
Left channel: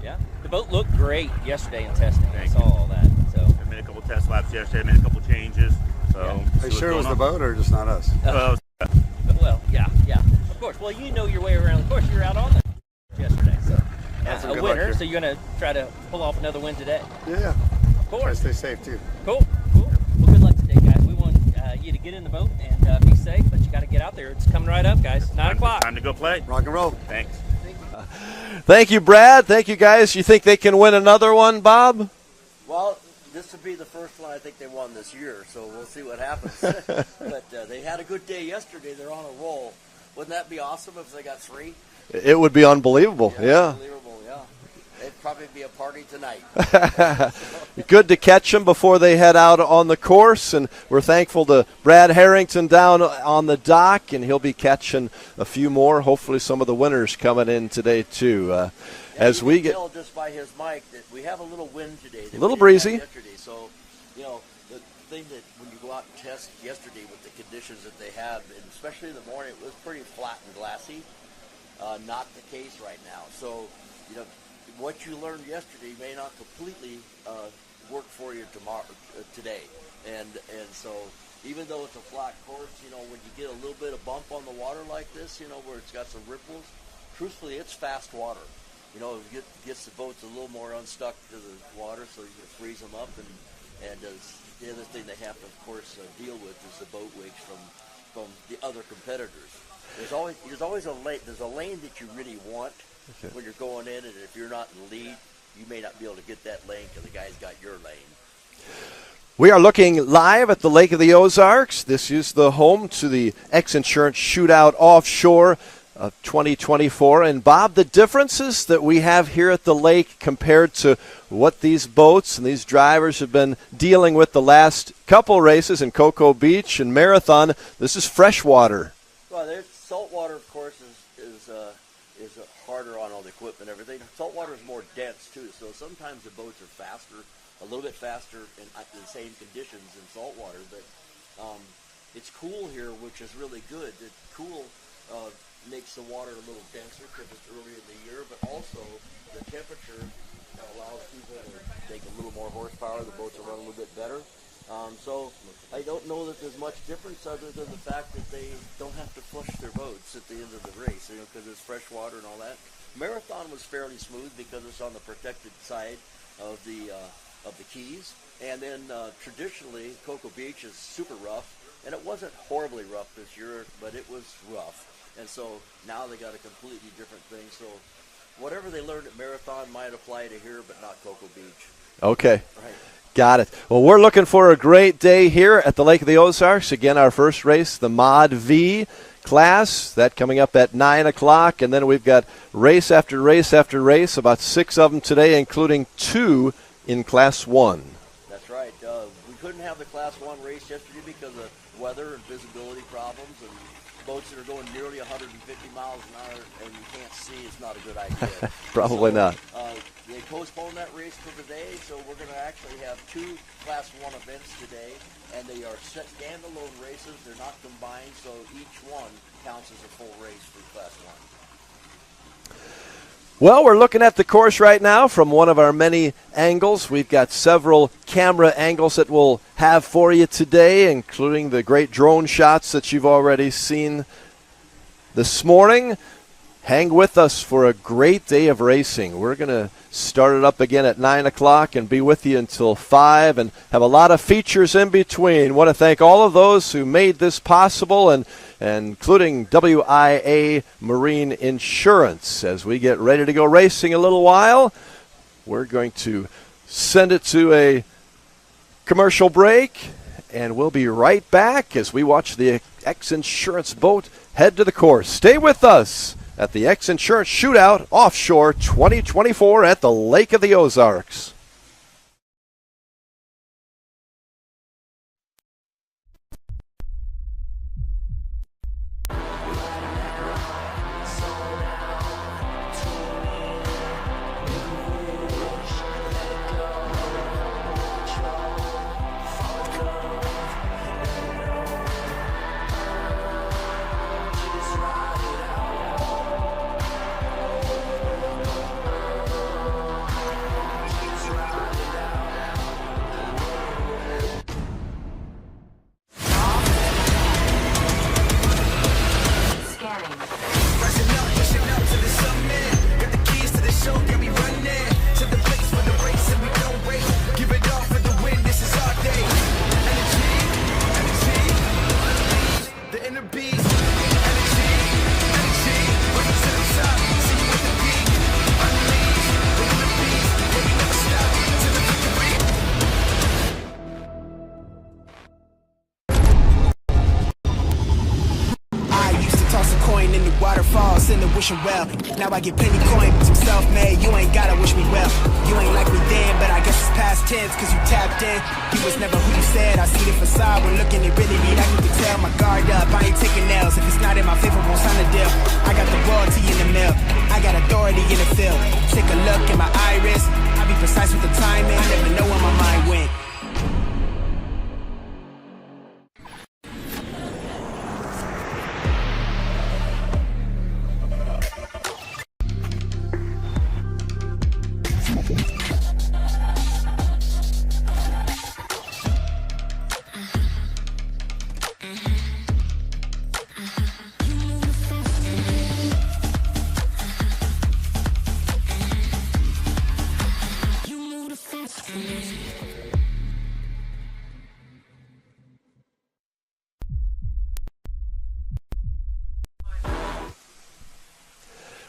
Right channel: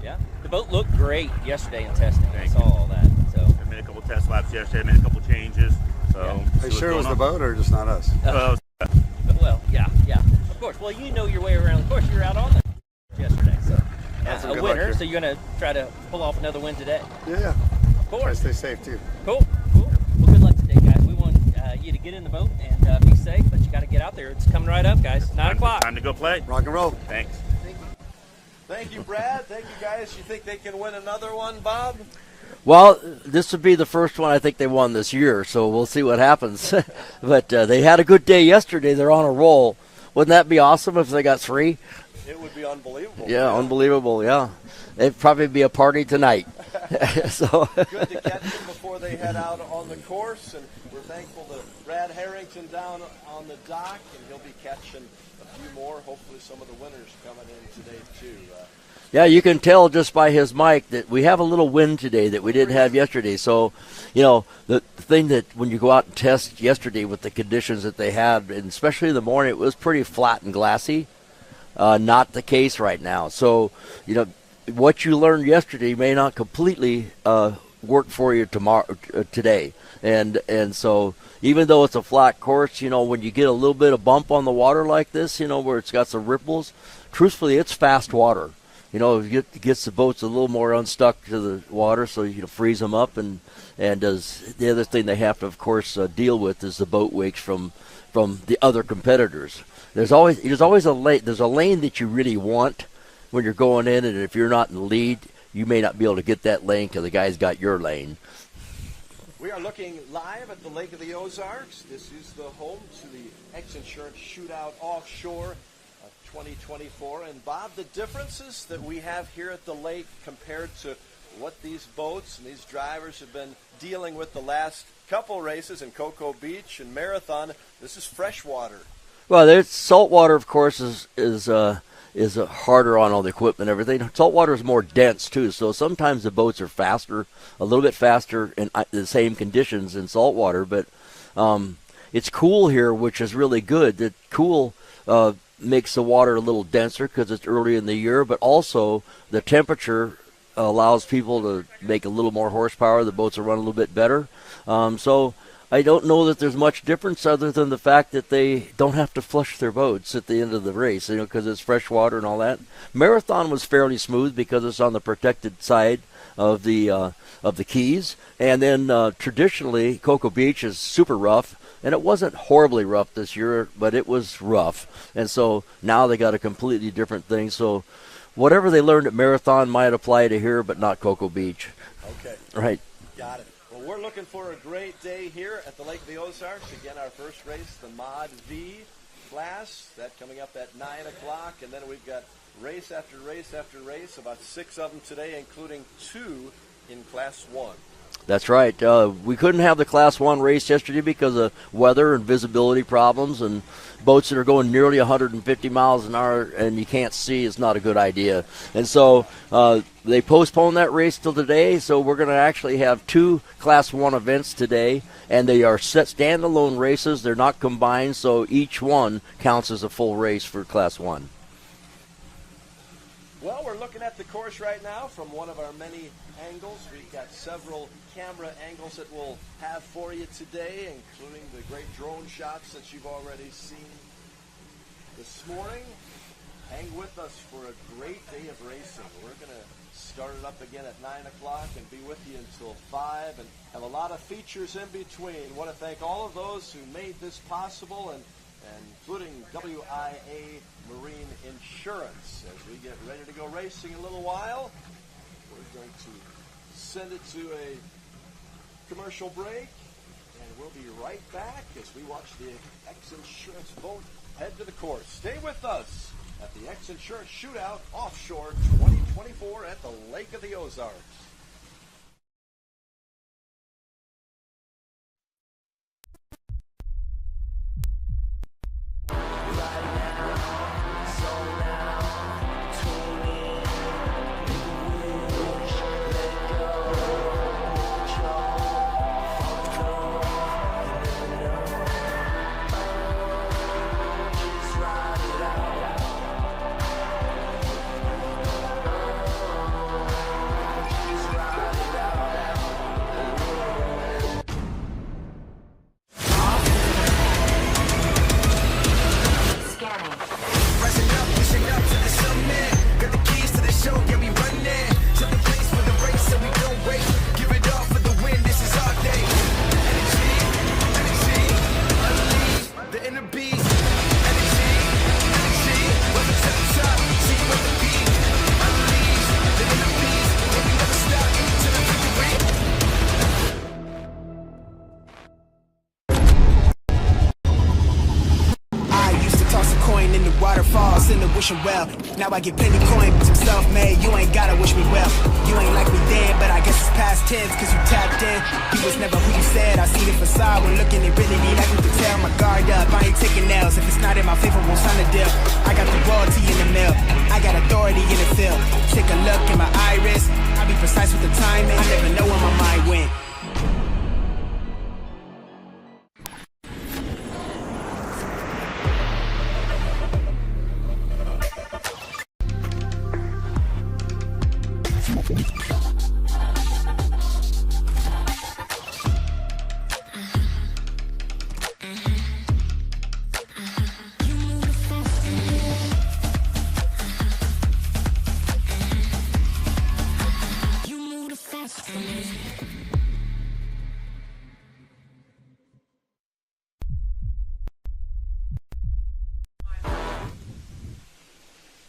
Yeah. The boat looked great yesterday in testing. I saw all that. So I made a couple test laps yesterday. I made a couple changes. So Are you sure it was the boat or just not us? Well, yeah. Of course. Well, you know your way around. Of course, you were out on the yesterday. So That's some a good winner. luck here. So you're going to try to pull off another win today. Yeah. Of course. Try to stay safe too. Cool. Well, good luck today, guys. We want you to get in the boat and be safe, but you got to get out there. It's coming right up, guys. 9 o'clock. Time to go play. Rock and roll. Thanks. Thank you, Brad. Thank you, guys. You think they can win another one, Bob? Well, this would be the first one I think they won this year, so we'll see what happens. But they had a good day yesterday. They're on a roll. Wouldn't that be awesome if they got 3? It would be unbelievable. Yeah, unbelievable, yeah. It'd probably be a party tonight. So. Good to catch them before they head out on the course, and we're thankful to Brad Harrington down on the dock, and he'll be catching a few more. Hopefully some of the winners coming in today, too. Yeah, you can tell just by his mic that we have a little wind today that we didn't have yesterday. So, the thing that when you go out and test yesterday with the conditions that they had, and especially in the morning, it was pretty flat and glassy. Not the case right now. So, what you learned yesterday may not completely work for you today. And so even though it's a flat course, when you get a little bit of bump on the water like this, where it's got some ripples, truthfully, it's fast water. It gets the boats a little more unstuck to the water, so you can freeze them up. And the other thing they have to, of course, deal with is the boat wakes from the other competitors. There's always a lane. There's a lane that you really want when you're going in, and if you're not in the lead, you may not be able to get that lane because the guy's got your lane. We are looking live at the Lake of the Ozarks. This is the home to the X Insurance Shootout Offshore of 2024. And, Bob, the differences that we have here at the lake compared to what these boats and these drivers have been dealing with the last couple races in Cocoa Beach and Marathon, this is freshwater. Well, there's saltwater, of course, is harder on all the equipment and everything. Saltwater is more dense, too, so sometimes the boats are faster, a little bit faster in the same conditions in saltwater, but it's cool here, which is really good. The cool makes the water a little denser because it's early in the year, but also the temperature allows people to make a little more horsepower. The boats will run a little bit better. So I don't know that there's much difference other than the fact that they don't have to flush their boats at the end of the race, because it's fresh water and all that. Marathon was fairly smooth because it's on the protected side of the Keys, and then traditionally Cocoa Beach is super rough, and it wasn't horribly rough this year, but it was rough, and so now they got a completely different thing. So whatever they learned at Marathon might apply to here, but not Cocoa Beach. Okay. Right. Got it. Well, we're looking for a great day here at the Lake of the Ozarks. Again, our first race, the Mod V class, that coming up at 9 o'clock. And then we've got race after race after race, about 6 of them today, including 2 in Class 1. That's right. We couldn't have the Class 1 race yesterday because of weather and visibility problems, and boats that are going nearly 150 miles an hour and you can't see is not a good idea. And so they postponed that race till today, so we're going to actually have 2 Class 1 events today, and they are set standalone races. They're not combined, so each one counts as a full race for Class 1. Well, we're looking at the course right now from one of our many angles. We've got several camera angles that we'll have for you today, including the great drone shots that you've already seen this morning. Hang with us for a great day of racing. We're going to start it up again at 9 o'clock and be with you until 5 and have a lot of features in between. Want to thank all of those who made this possible, and including WIA Marine Insurance. As we get ready to go racing a little while, we're going to send it to a commercial break, and we'll be right back as we watch the X Insurance boat head to the course. Stay with us at the X Insurance Shootout Offshore 2024 at the Lake of the Ozarks. Waterfalls in the wishing well. Now I get plenty coin, some self-made. You ain't gotta wish me well. You ain't like me then, but I guess it's past tense, cause you tapped in. You was never who you said. I see the facade when looking, it really be like you can tell. My guard up, I ain't taking nails. If it's not in my favor, won't sign a deal. I got the royalty in the mill. I got authority in the field. Take a look in my iris. I be precise with the timing. I never know where my mind went.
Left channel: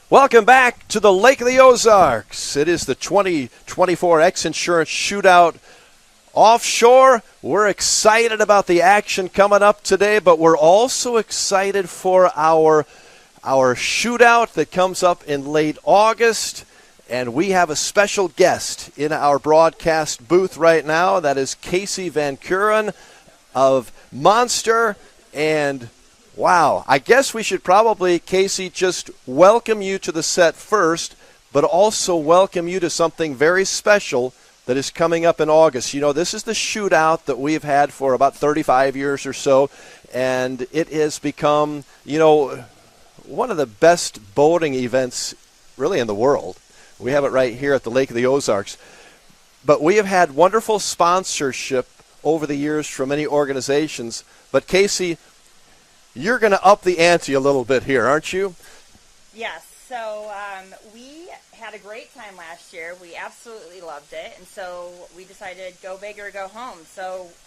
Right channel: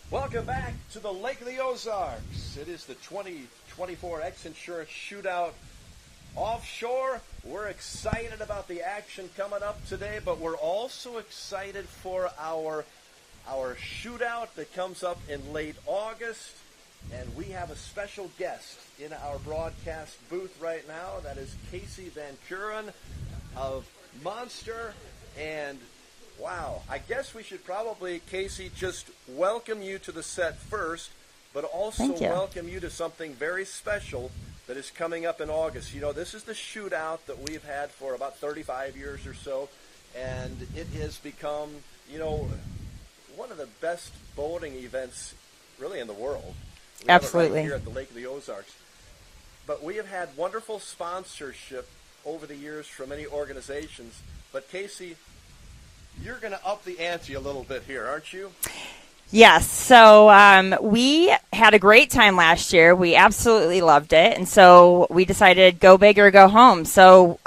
Welcome back to the Lake of the Ozarks. It is the 2024 X Insurance Shootout Offshore. We're excited about the action coming up today, but we're also excited for our shootout that comes up in late August. And we have a special guest in our broadcast booth right now. That is Casey Van Kuren of Monster. And wow, I guess we should probably, Casey, just welcome you to the set first, but also welcome you to something very special that is coming up in August. You know, this is the shootout that we've had for about 35 years or so, and it has become, you know, one of the best boating events really in the world. We have it right here at the Lake of the Ozarks. But we have had wonderful sponsorship over the years from many organizations. But Casey, you're going to up the ante a little bit here, aren't you? Yes. So we had a great time last year. We absolutely loved it. And so we decided go big or go home. So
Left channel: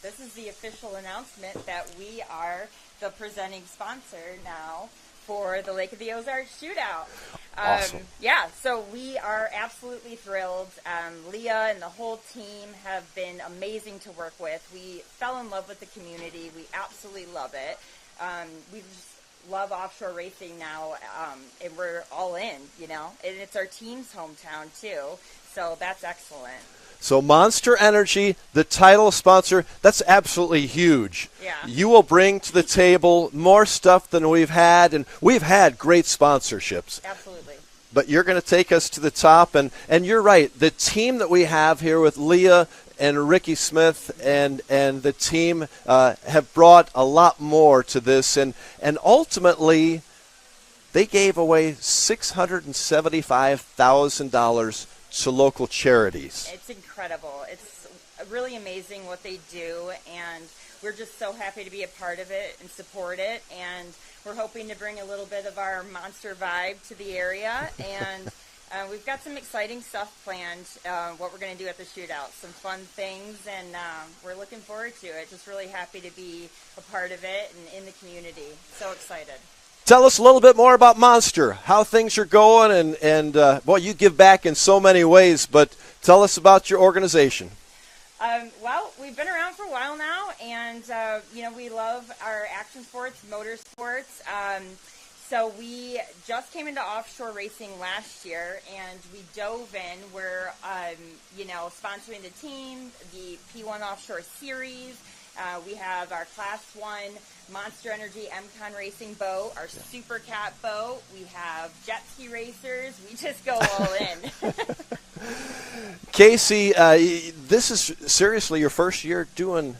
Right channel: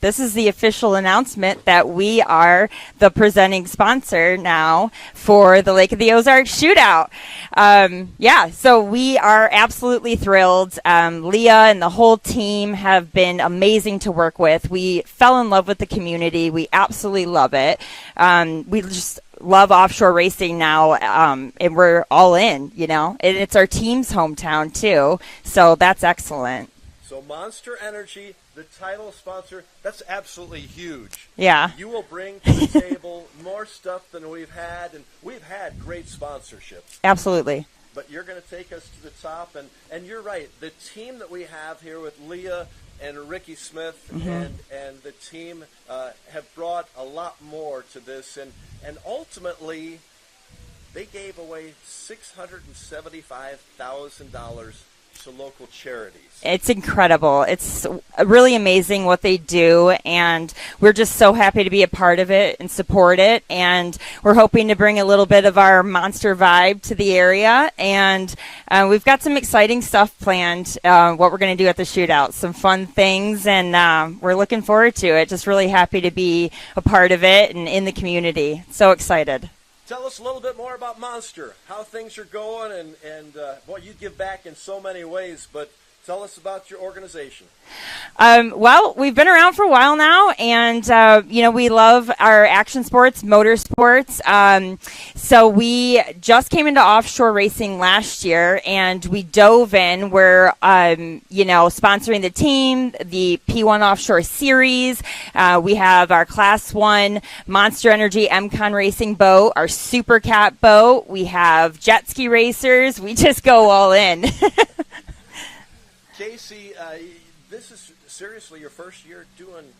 this is the official announcement that we are the presenting sponsor now for the Lake of the Ozarks Shootout. Awesome. Yeah, so we are absolutely thrilled. Leah and the whole team have been amazing to work with. We fell in love with the community. We absolutely love it. We just love offshore racing now, and we're all in, you know. And it's our team's hometown, too, so that's excellent. So Monster Energy, the title sponsor, that's absolutely huge. Yeah. You will bring to the table more stuff than we've had, and we've had great sponsorships. Absolutely. But you're going to take us to the top, and you're right. The team that we have here with Leah and Ricky Smith and the team have brought a lot more to this, and ultimately they gave away $675,000 to local charities. It's incredible. It's really amazing what they do, and we're just so happy to be a part of it and support it, and we're hoping to bring a little bit of our Monster vibe to the area, and we've got some exciting stuff planned, what we're going to do at the shootout, some fun things, and we're looking forward to it. Just really happy to be a part of it and in the community. So excited. Tell us a little bit more about Monster, how things are going, and well, you give back in so many ways, but tell us about your organization. Well, we've been around for a while now, and, you know, we love our action sports, motorsports. So we just came into offshore racing last year, and we dove in. We're, you know, sponsoring the team, the P1 Offshore Series. We have our Class 1 Monster Energy MCON racing boat, our Supercat boat. We have jet ski racers. We just go all in. Casey, this is seriously your first year doing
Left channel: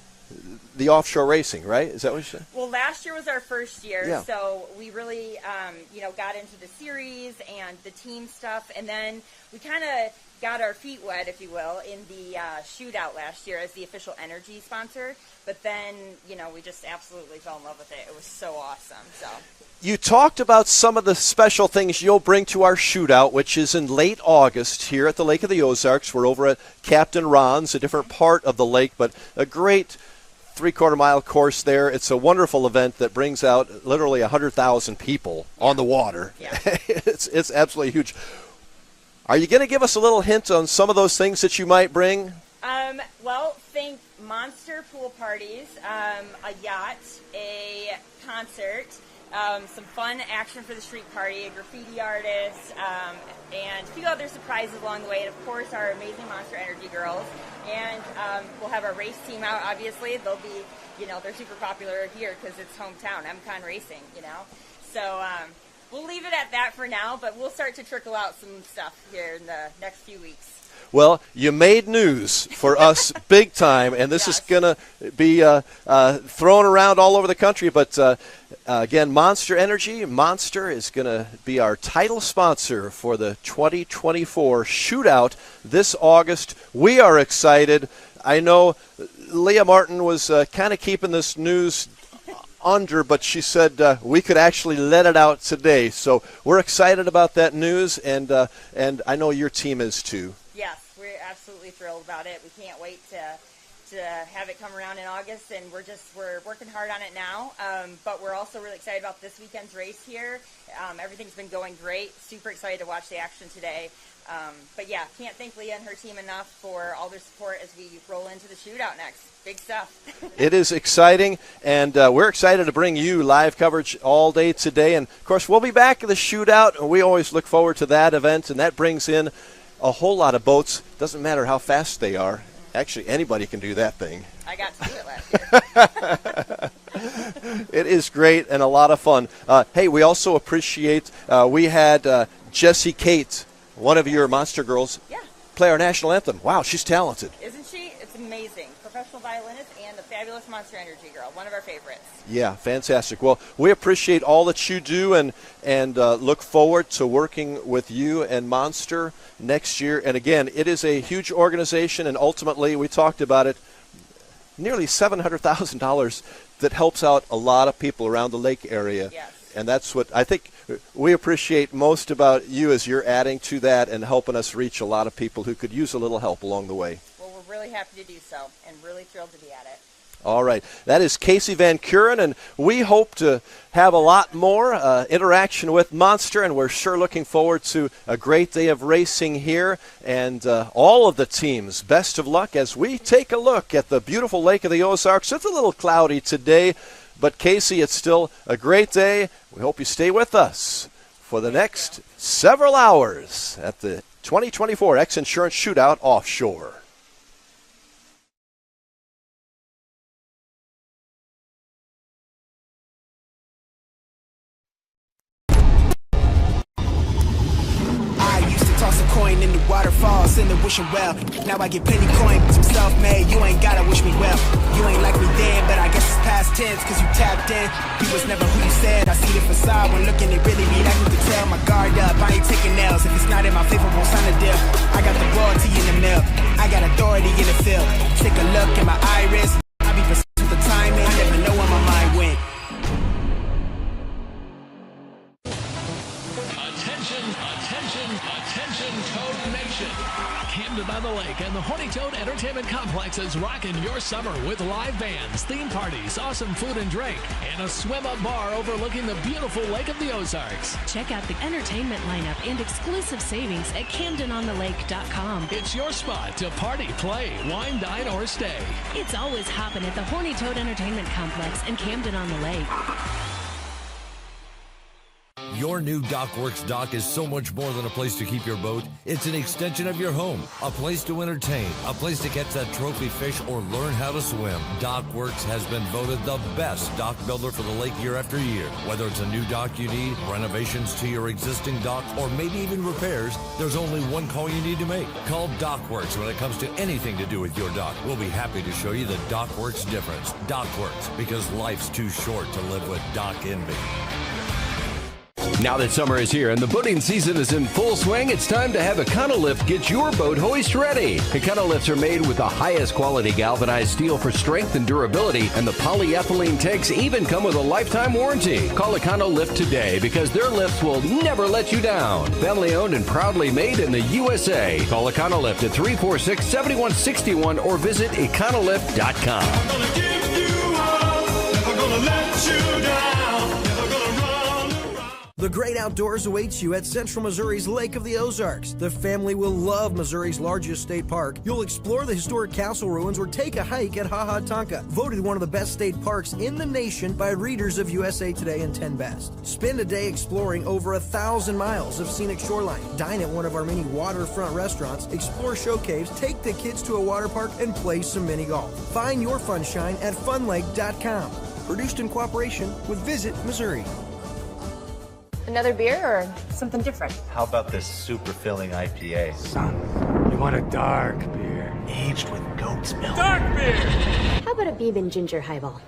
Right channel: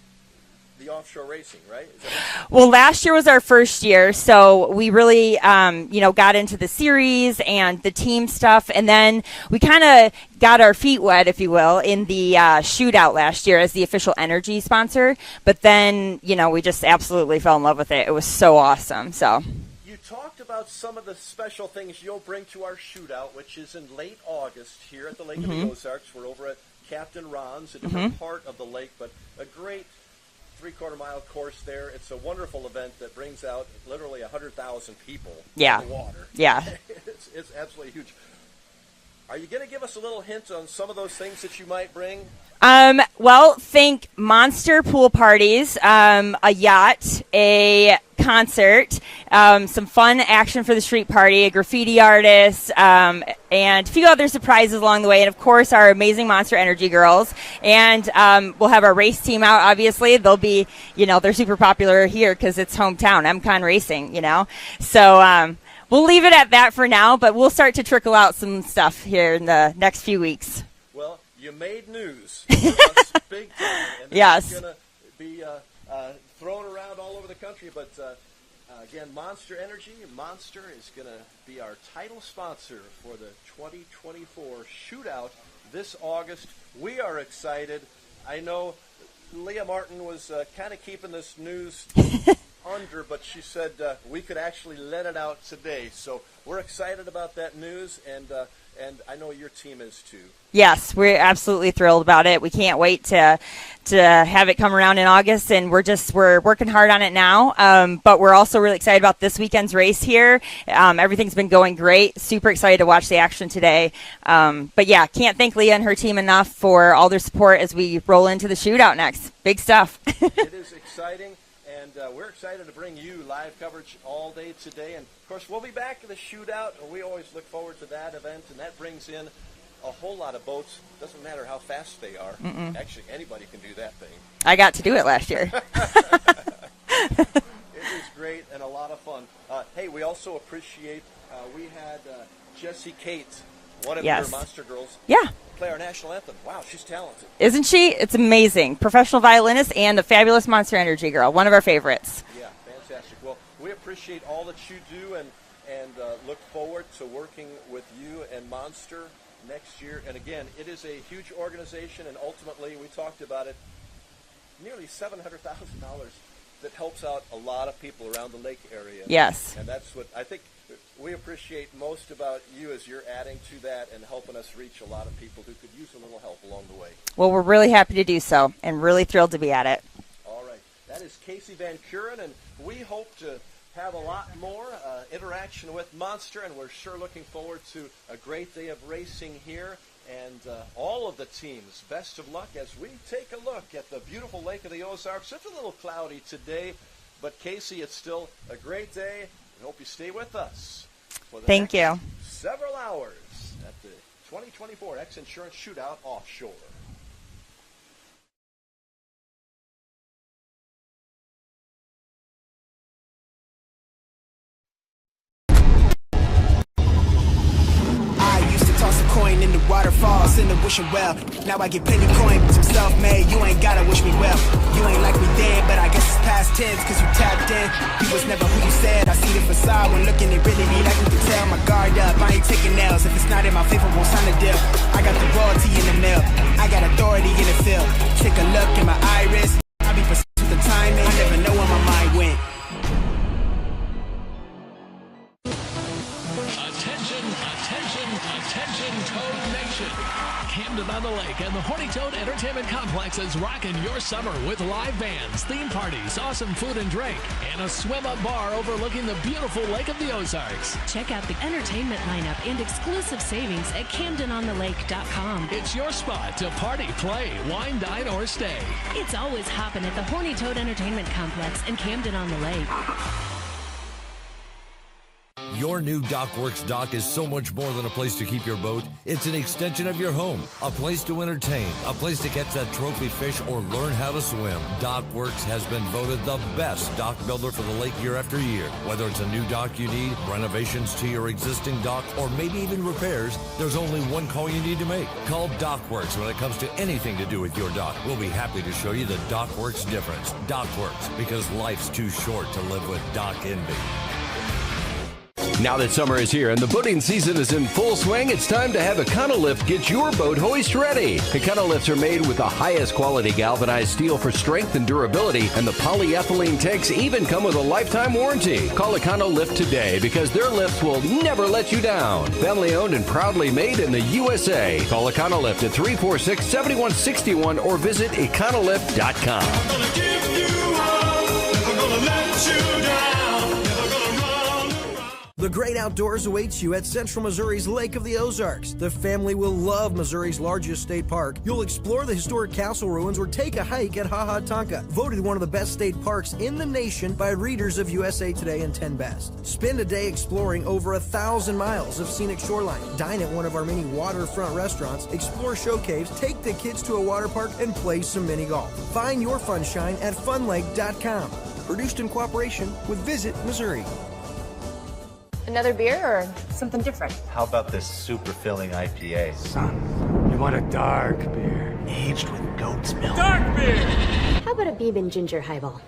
the offshore racing, right? Is that what you're saying? Well, last year was our first year, so we really, you know, got into the series and the team stuff, and then we kind of got our feet wet, if you will, in the shootout last year as the official energy sponsor. But then, you know, we just absolutely fell in love with it. It was so awesome. So. You talked about some of the special things you'll bring to our shootout, which is in late August here at the Lake of the Ozarks. We're over at Captain Ron's, a different part of the lake, but a great three-quarter-mile course there. It's a wonderful event that brings out literally 100,000 people on the water. Yeah. It's absolutely huge. Are you going to give us a little hint on some of those things that you might bring? Well, think monster pool parties, a yacht, a concert, some fun action for the street party, a graffiti artist, and a few other surprises along the way. And, of course, our amazing Monster Energy girls. And we'll have our race team out, obviously. They'll be, they're super popular here because it's hometown, MCon Racing, So we'll leave it at that for now, but we'll start to trickle out some stuff here in the next few weeks. Well, you made news for us big time, and this is going to be thrown around all over the country. But, again, Monster Energy, Monster is going to be our title sponsor for the 2024 Shootout this August. We are excited. I know Leah Martin was kind of keeping this news under, but she said we could actually let it out today. So we're excited about that news, and I know your team is too. Yes, we're absolutely thrilled about it. We can't wait to have it come around in August, and we're working hard on it now. But we're also really excited about this weekend's race here. Everything's been going great. Super excited to watch the action today. But yeah, can't thank Leah and her team enough for all their support as we roll into the shootout next. Big stuff. It is exciting, and we're excited to bring you live coverage all day today. And of course, we'll be back at the shootout, and we always look forward to that event, and that brings in a whole lot of boats. Doesn't matter how fast they are. Actually, anybody can do that thing. I got to do it last year. It is great and a lot of fun. Hey, we also appreciate, we had Jessie Kate, one of your Monster girls, play our national anthem. Wow, she's talented. Isn't she? It's amazing. Professional violinist and a fabulous Monster Energy girl. One of our favorites. Yeah, fantastic. Well, we appreciate all that you do and look forward to working with you and Monster next year. And again, it is a huge organization, and ultimately, we talked about it, nearly $700,000 that helps out a lot of people around the lake area. Yes. And that's what I think we appreciate most about you, is you're adding to that and helping us reach a lot of people who could use a little help along the way. Well, we're really happy to do so and really thrilled to be at it. All right. That is Casey Van Kuren, and we hope to have a lot more interaction with Monster, and we're sure looking forward to a great day of racing here. And all of the teams, best of luck as we take a look at the beautiful Lake of the Ozarks. It's a little cloudy today, but Casey, it's still a great day. We hope you stay with us for the next several hours at the 2024 X Insurance Shootout Offshore. Toss a coin in the waterfalls in the wishing well. Now I get plenty coin, but I'm self-made. You ain't gotta wish me well. You ain't like me then, but I guess it's past tense, cause you tapped in. You was never who you said. I see the facade when looking, it really be like you can tell. My guard up, I ain't taking L's. If it's not in my favor, won't sign a deal. I got the royalty in the mill. I got authority in the field. Take a look in my iris. I be precise with the timing. I never know where my mind went. Attention, Toad Nation. Camden on the Lake and the Horny Toad Entertainment Complex is rocking your summer with live bands, theme parties, awesome food and drink, and a swim-up bar overlooking the beautiful Lake of the Ozarks. Check out the entertainment lineup and exclusive savings at CamdenOnTheLake.com. It's your spot to party, play, wine, dine, or stay. It's always hopping at the Horny Toad Entertainment Complex in Camden on the Lake. Your new DockWorks dock is so much more than a place to keep your boat. It's an extension of your home, a place to entertain, a place to catch that trophy fish or learn how to swim. DockWorks has been voted the best dock builder for the lake year after year. Whether it's a new dock you need, renovations to your existing dock, or maybe even repairs, there's only one call you need to make. Call DockWorks when it comes to anything to do with your dock. We'll be happy to show you the DockWorks difference. DockWorks, because life's too short to live with dock envy. Now that summer is here and the boating season is in full swing, it's time to have Econolift get your boat hoist ready. Econolifts are made with the highest quality galvanized steel for strength and durability, and the polyethylene tanks even come with a lifetime warranty. Call Econolift today because their lifts will never let you down. Family owned and proudly made in the USA. Call Econolift at 346-7161 or visit econolift.com. I'm gonna give you all, never gonna let you down. The great outdoors awaits you at Central Missouri's Lake of the Ozarks. The family will love Missouri's largest state park. You'll explore the historic castle ruins or take a hike at Ha Ha Tonka, voted one of the best state parks in the nation by readers of USA Today and 10 Best. Spend a day exploring over 1,000 miles of scenic shoreline. Dine at one of our many waterfront restaurants, explore show caves, take the kids to a water park, and play some mini golf. Find your funshine at funlake.com. Produced in cooperation with Visit Missouri. Another beer or something different? How about this super filling IPA? Son, you want a dark beer. Aged with goat's milk. Dark beer! How about a bourbon ginger highball?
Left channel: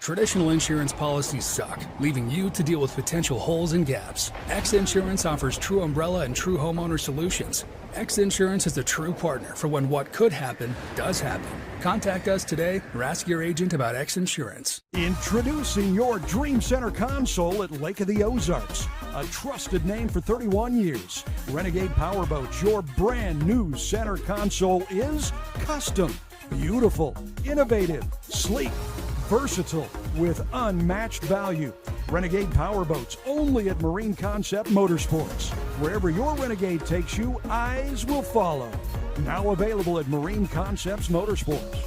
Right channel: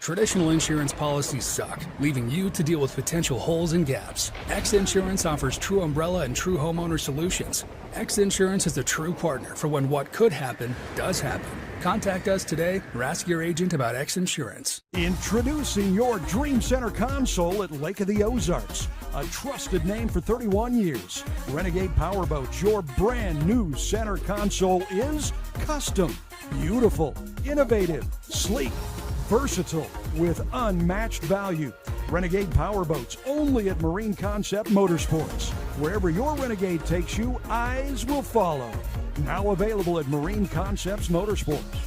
Traditional insurance policies suck, leaving you to deal with potential holes and gaps. X Insurance offers true umbrella and true homeowner solutions. X Insurance is a true partner for when what could happen does happen. Contact us today or ask your agent about X Insurance. Introducing your Dream Center console at Lake of the Ozarks. A trusted name for 31 years. Renegade Powerboats, your brand new center console is custom, beautiful, innovative, sleek, versatile, with unmatched value. Renegade Powerboats, only at Marine Concept Motorsports. Wherever your Renegade takes you, eyes will follow. Now available at Marine Concepts Motorsports.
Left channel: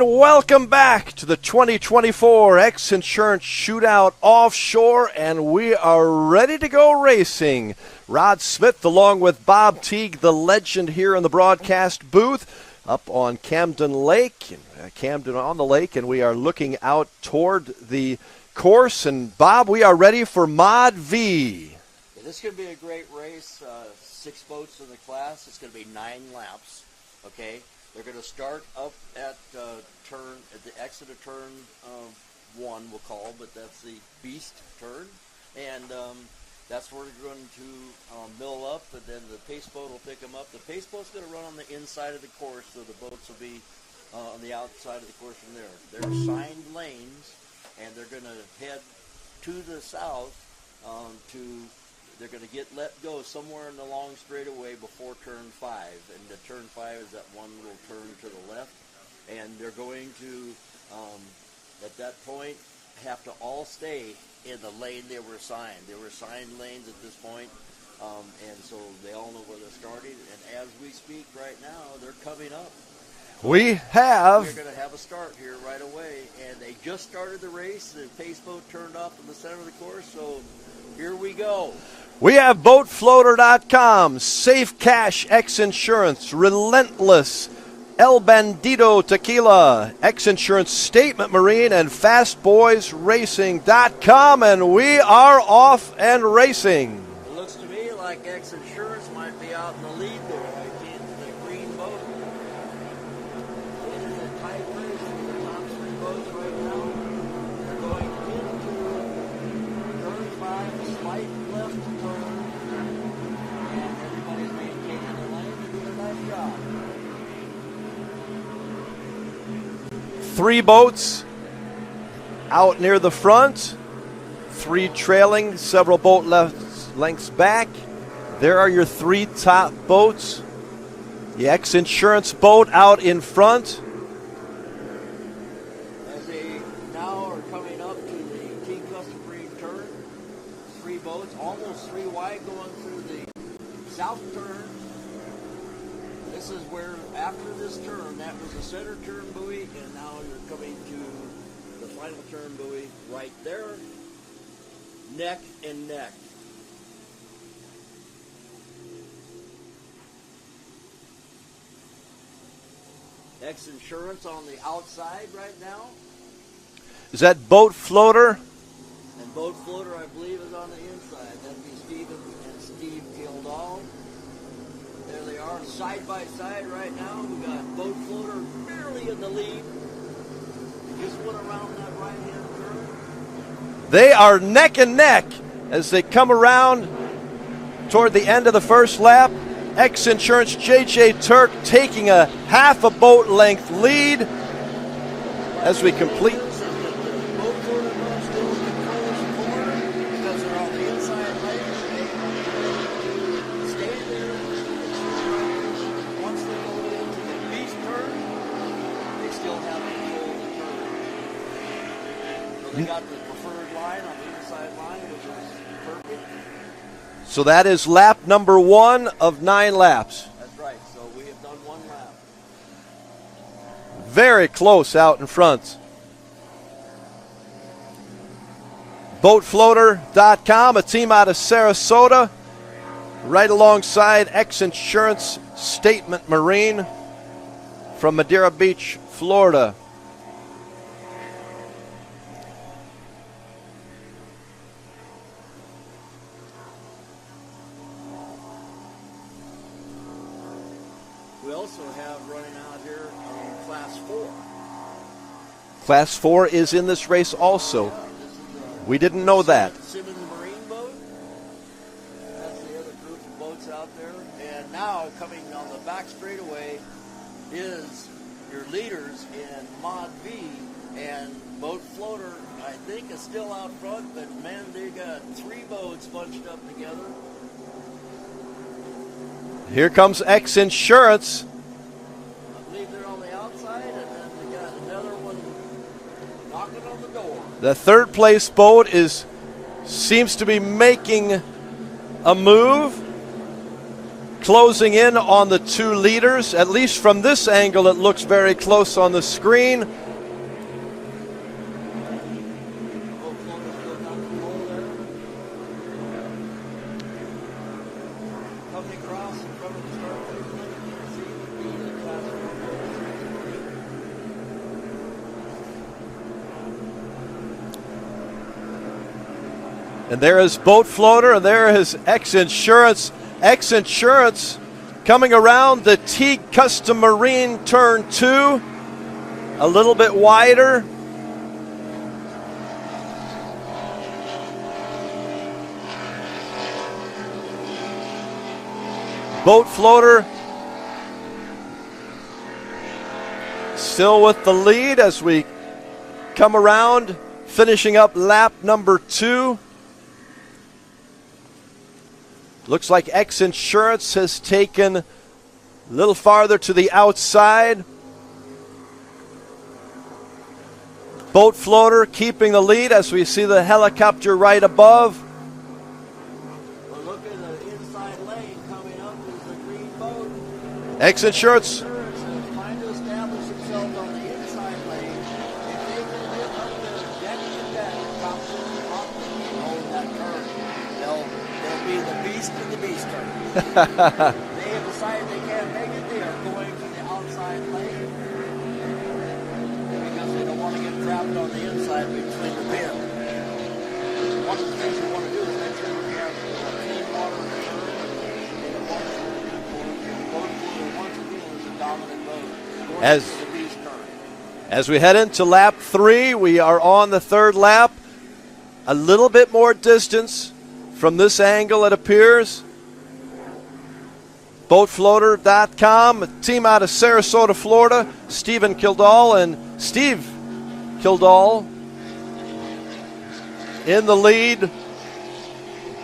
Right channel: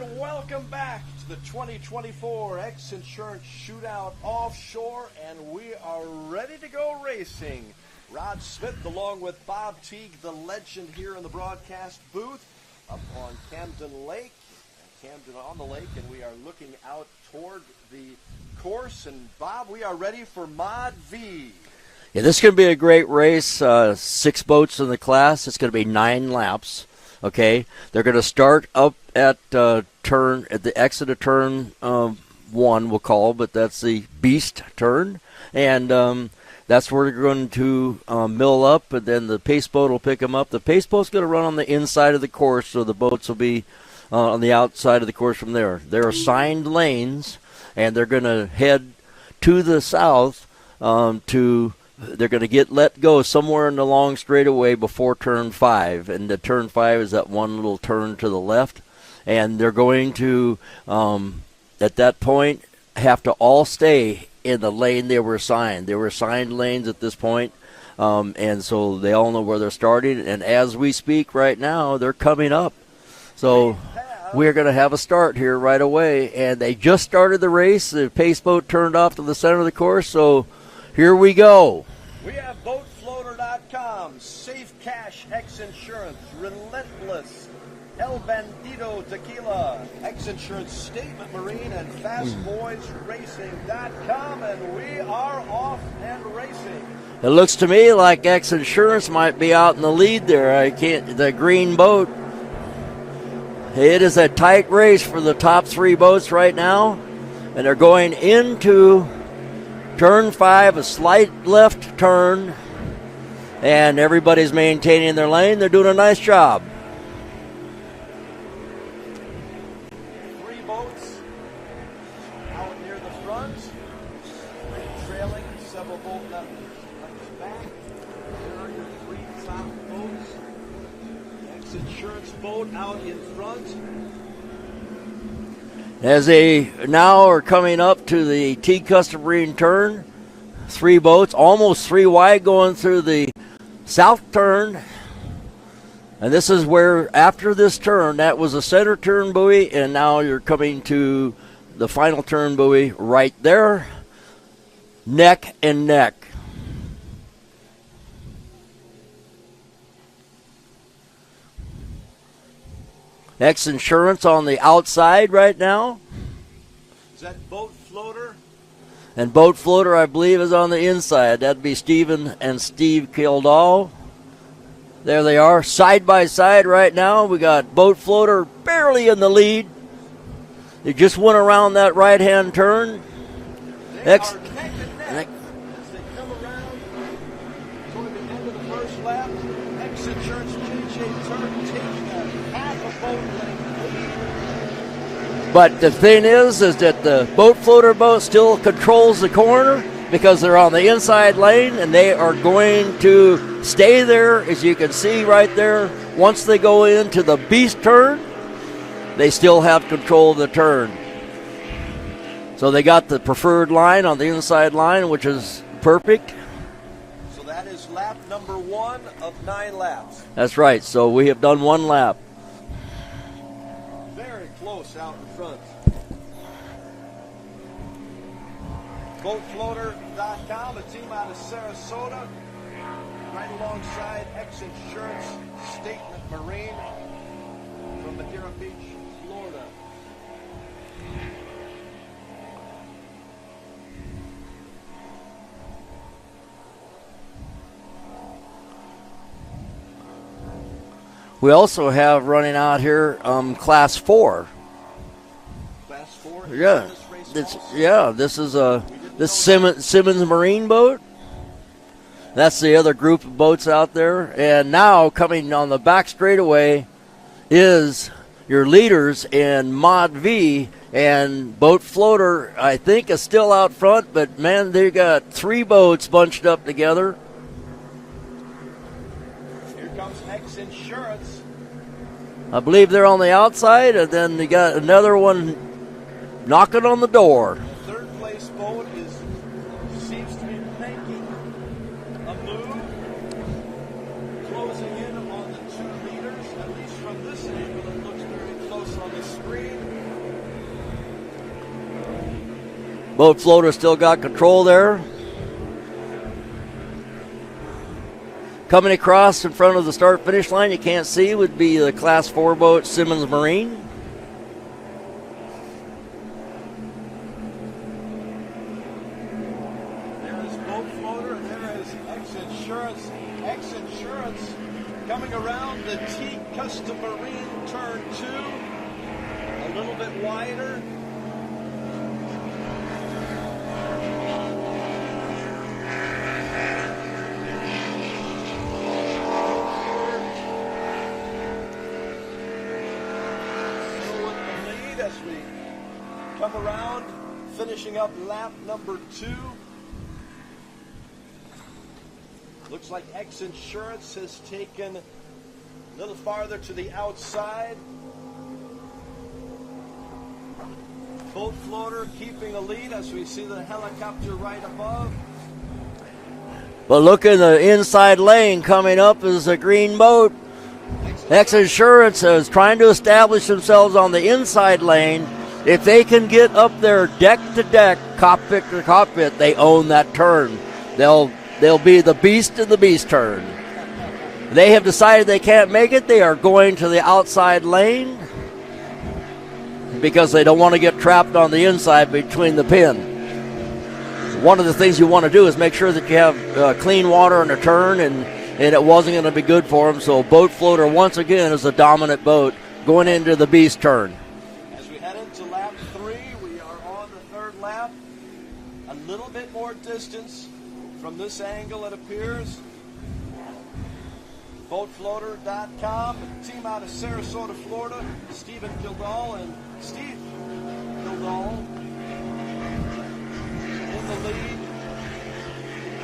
Welcome back to the 2024 X Insurance Shootout Offshore, and we are ready to go racing. Rod Smith along with Bob Teague, the legend here in the broadcast booth up on Camden Lake, Camden on the lake, and we are looking out toward the course. And Bob, we are ready for Mod V. Yeah, this is going to be a great race. 6 boats in the class. It's going to be 9 laps. Okay, they're going to start up at the exit of turn 1, we'll call, but that's the beast turn, and that's where they're going to mill up, and then the pace boat will pick them up. The pace boat's going to run on the inside of the course, so the boats will be on the outside of the course from there. They're assigned lanes, and they're going to head to the south They're going to let go somewhere in the long straightaway before turn 5, and the turn 5 is that one little turn to the left, and they're going to, at that point, have to all stay in the lane they were assigned. They were assigned lanes at this point, and so they all know where they're starting, and as we speak right now, they're coming up. So we're going to have a start here right away, and they just started the race. The pace boat turned off to the center of the course, so here we go. We have BoatFloater.com, Safe Cash X Insurance, Relentless, El Bandito Tequila, X Insurance Statement Marine, and FastBoysRacing.com, and we are off and racing. It looks to me like X Insurance might be out in the lead there. The green boat. It is a tight race for the top 3 boats right now, and they're going into turn 5, a slight left turn, and everybody's maintaining their lane. They're doing a nice job. 3 boats out near the front, 3 trailing, several boat lengths back. There are your 3 top boats. The X Insurance boat out in front. As they now are coming up to the T Custom Marine turn, 3 boats, almost 3 wide going through the south turn. And this is where, after this turn, that was a center turn buoy, and now you're coming to the final turn buoy right there, neck and neck. X Insurance on the outside right now. Is that Boat Floater? And Boat Floater, I believe, is on the inside. That'd be Stephen and Steve Kildall. There they are, side by side right now. We got Boat Floater barely in the lead. They just went around that right-hand turn. They are neck and neck as they come around toward the end of the first lap. X Insurance J.J. Turk taking a half a boat length lead. But the thing is that the Boat Floater boat still controls the corner because they're on the inside lane, and they are going to stay there, as you can see right there. Once they go into the beast turn, they still have control of the turn. So they got the preferred line on the inside line, which is perfect. So that is lap number 1 of 9 laps. That's right. So we have done 1 lap. Very close out in front. Boatfloater.com, a team out of Sarasota, right alongside X Insurance Statement Marine from Madeira Beach, Florida. We also have running out here Class 4. Class 4 is in this race also. Yeah, this is we didn't know that. Simmons Marine boat. That's the other group of boats out there. And now coming on the back straightaway is your leaders in Mod V, and Boat Floater, I think, is still out front, but man, they got 3 boats bunched up together. Here comes X Insurance. I believe they're on the outside, and then they got another one knocking on the door. The third place boat seems to be making a move, closing in on the 2 leaders. At least from this angle, it looks very close on the screen. Boat Floater still got control there. Coming across in front of the start-finish line, you can't see, would be the Class 4 boat, Simmons Marine. And there is Boat Floater, and there is X Insurance. X Insurance coming around the Teague Custom Marine turn 2, a little bit wider. Boat Floater still with the lead as we come around, finishing up lap number 2. Looks like X Insurance has taken a little farther to the outside. Boat Floater keeping the lead as we see the helicopter right above. But look in the inside lane coming up is a green boat. X Insurance. X Insurance is trying to establish themselves on the inside lane. If they can get up there deck to deck, cockpit to cockpit, they own that turn. They'll be the beast in the beast turn. They have decided they can't make it. They are going to the outside lane because they don't want to get trapped on the inside between the pin. One of the things you want to do is make sure that you have clean water in a turn, and it wasn't going to be good for them. So Boat Floater, once again, is a dominant boat going into the beast turn. As we head into lap 3, we are on the 3rd lap. A little bit more distance from this angle, it appears. Boatfloater.com, a team out of Sarasota, Florida. Stephen Kildall and Steve Kildall in the lead.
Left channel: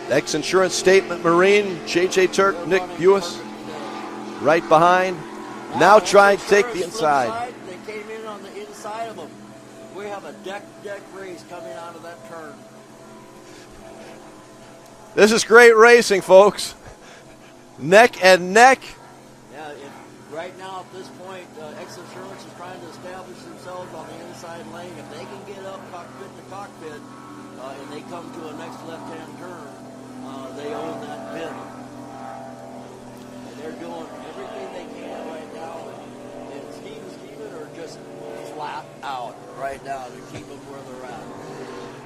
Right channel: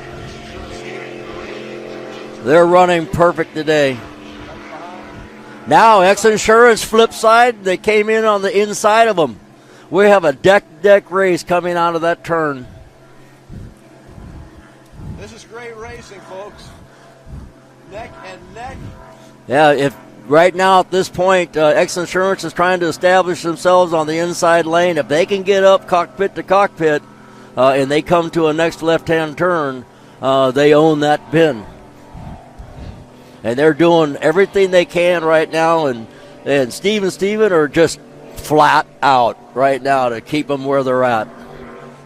X Insurance Statement Marine, J.J. Turk. They're running perfect today. Right behind. Now X Insurance flip side. They came in on the inside of them. We have a deck race coming out of that turn. This is great racing, folks. Neck and neck. Yeah, if right now at this point, X Insurance is trying to establish themselves on the inside lane. If they can get up cockpit to cockpit and they come to a next left-hand turn, they own that pin. And they're doing everything they can right now, and and Steven are just flat out right now to keep them where they're at.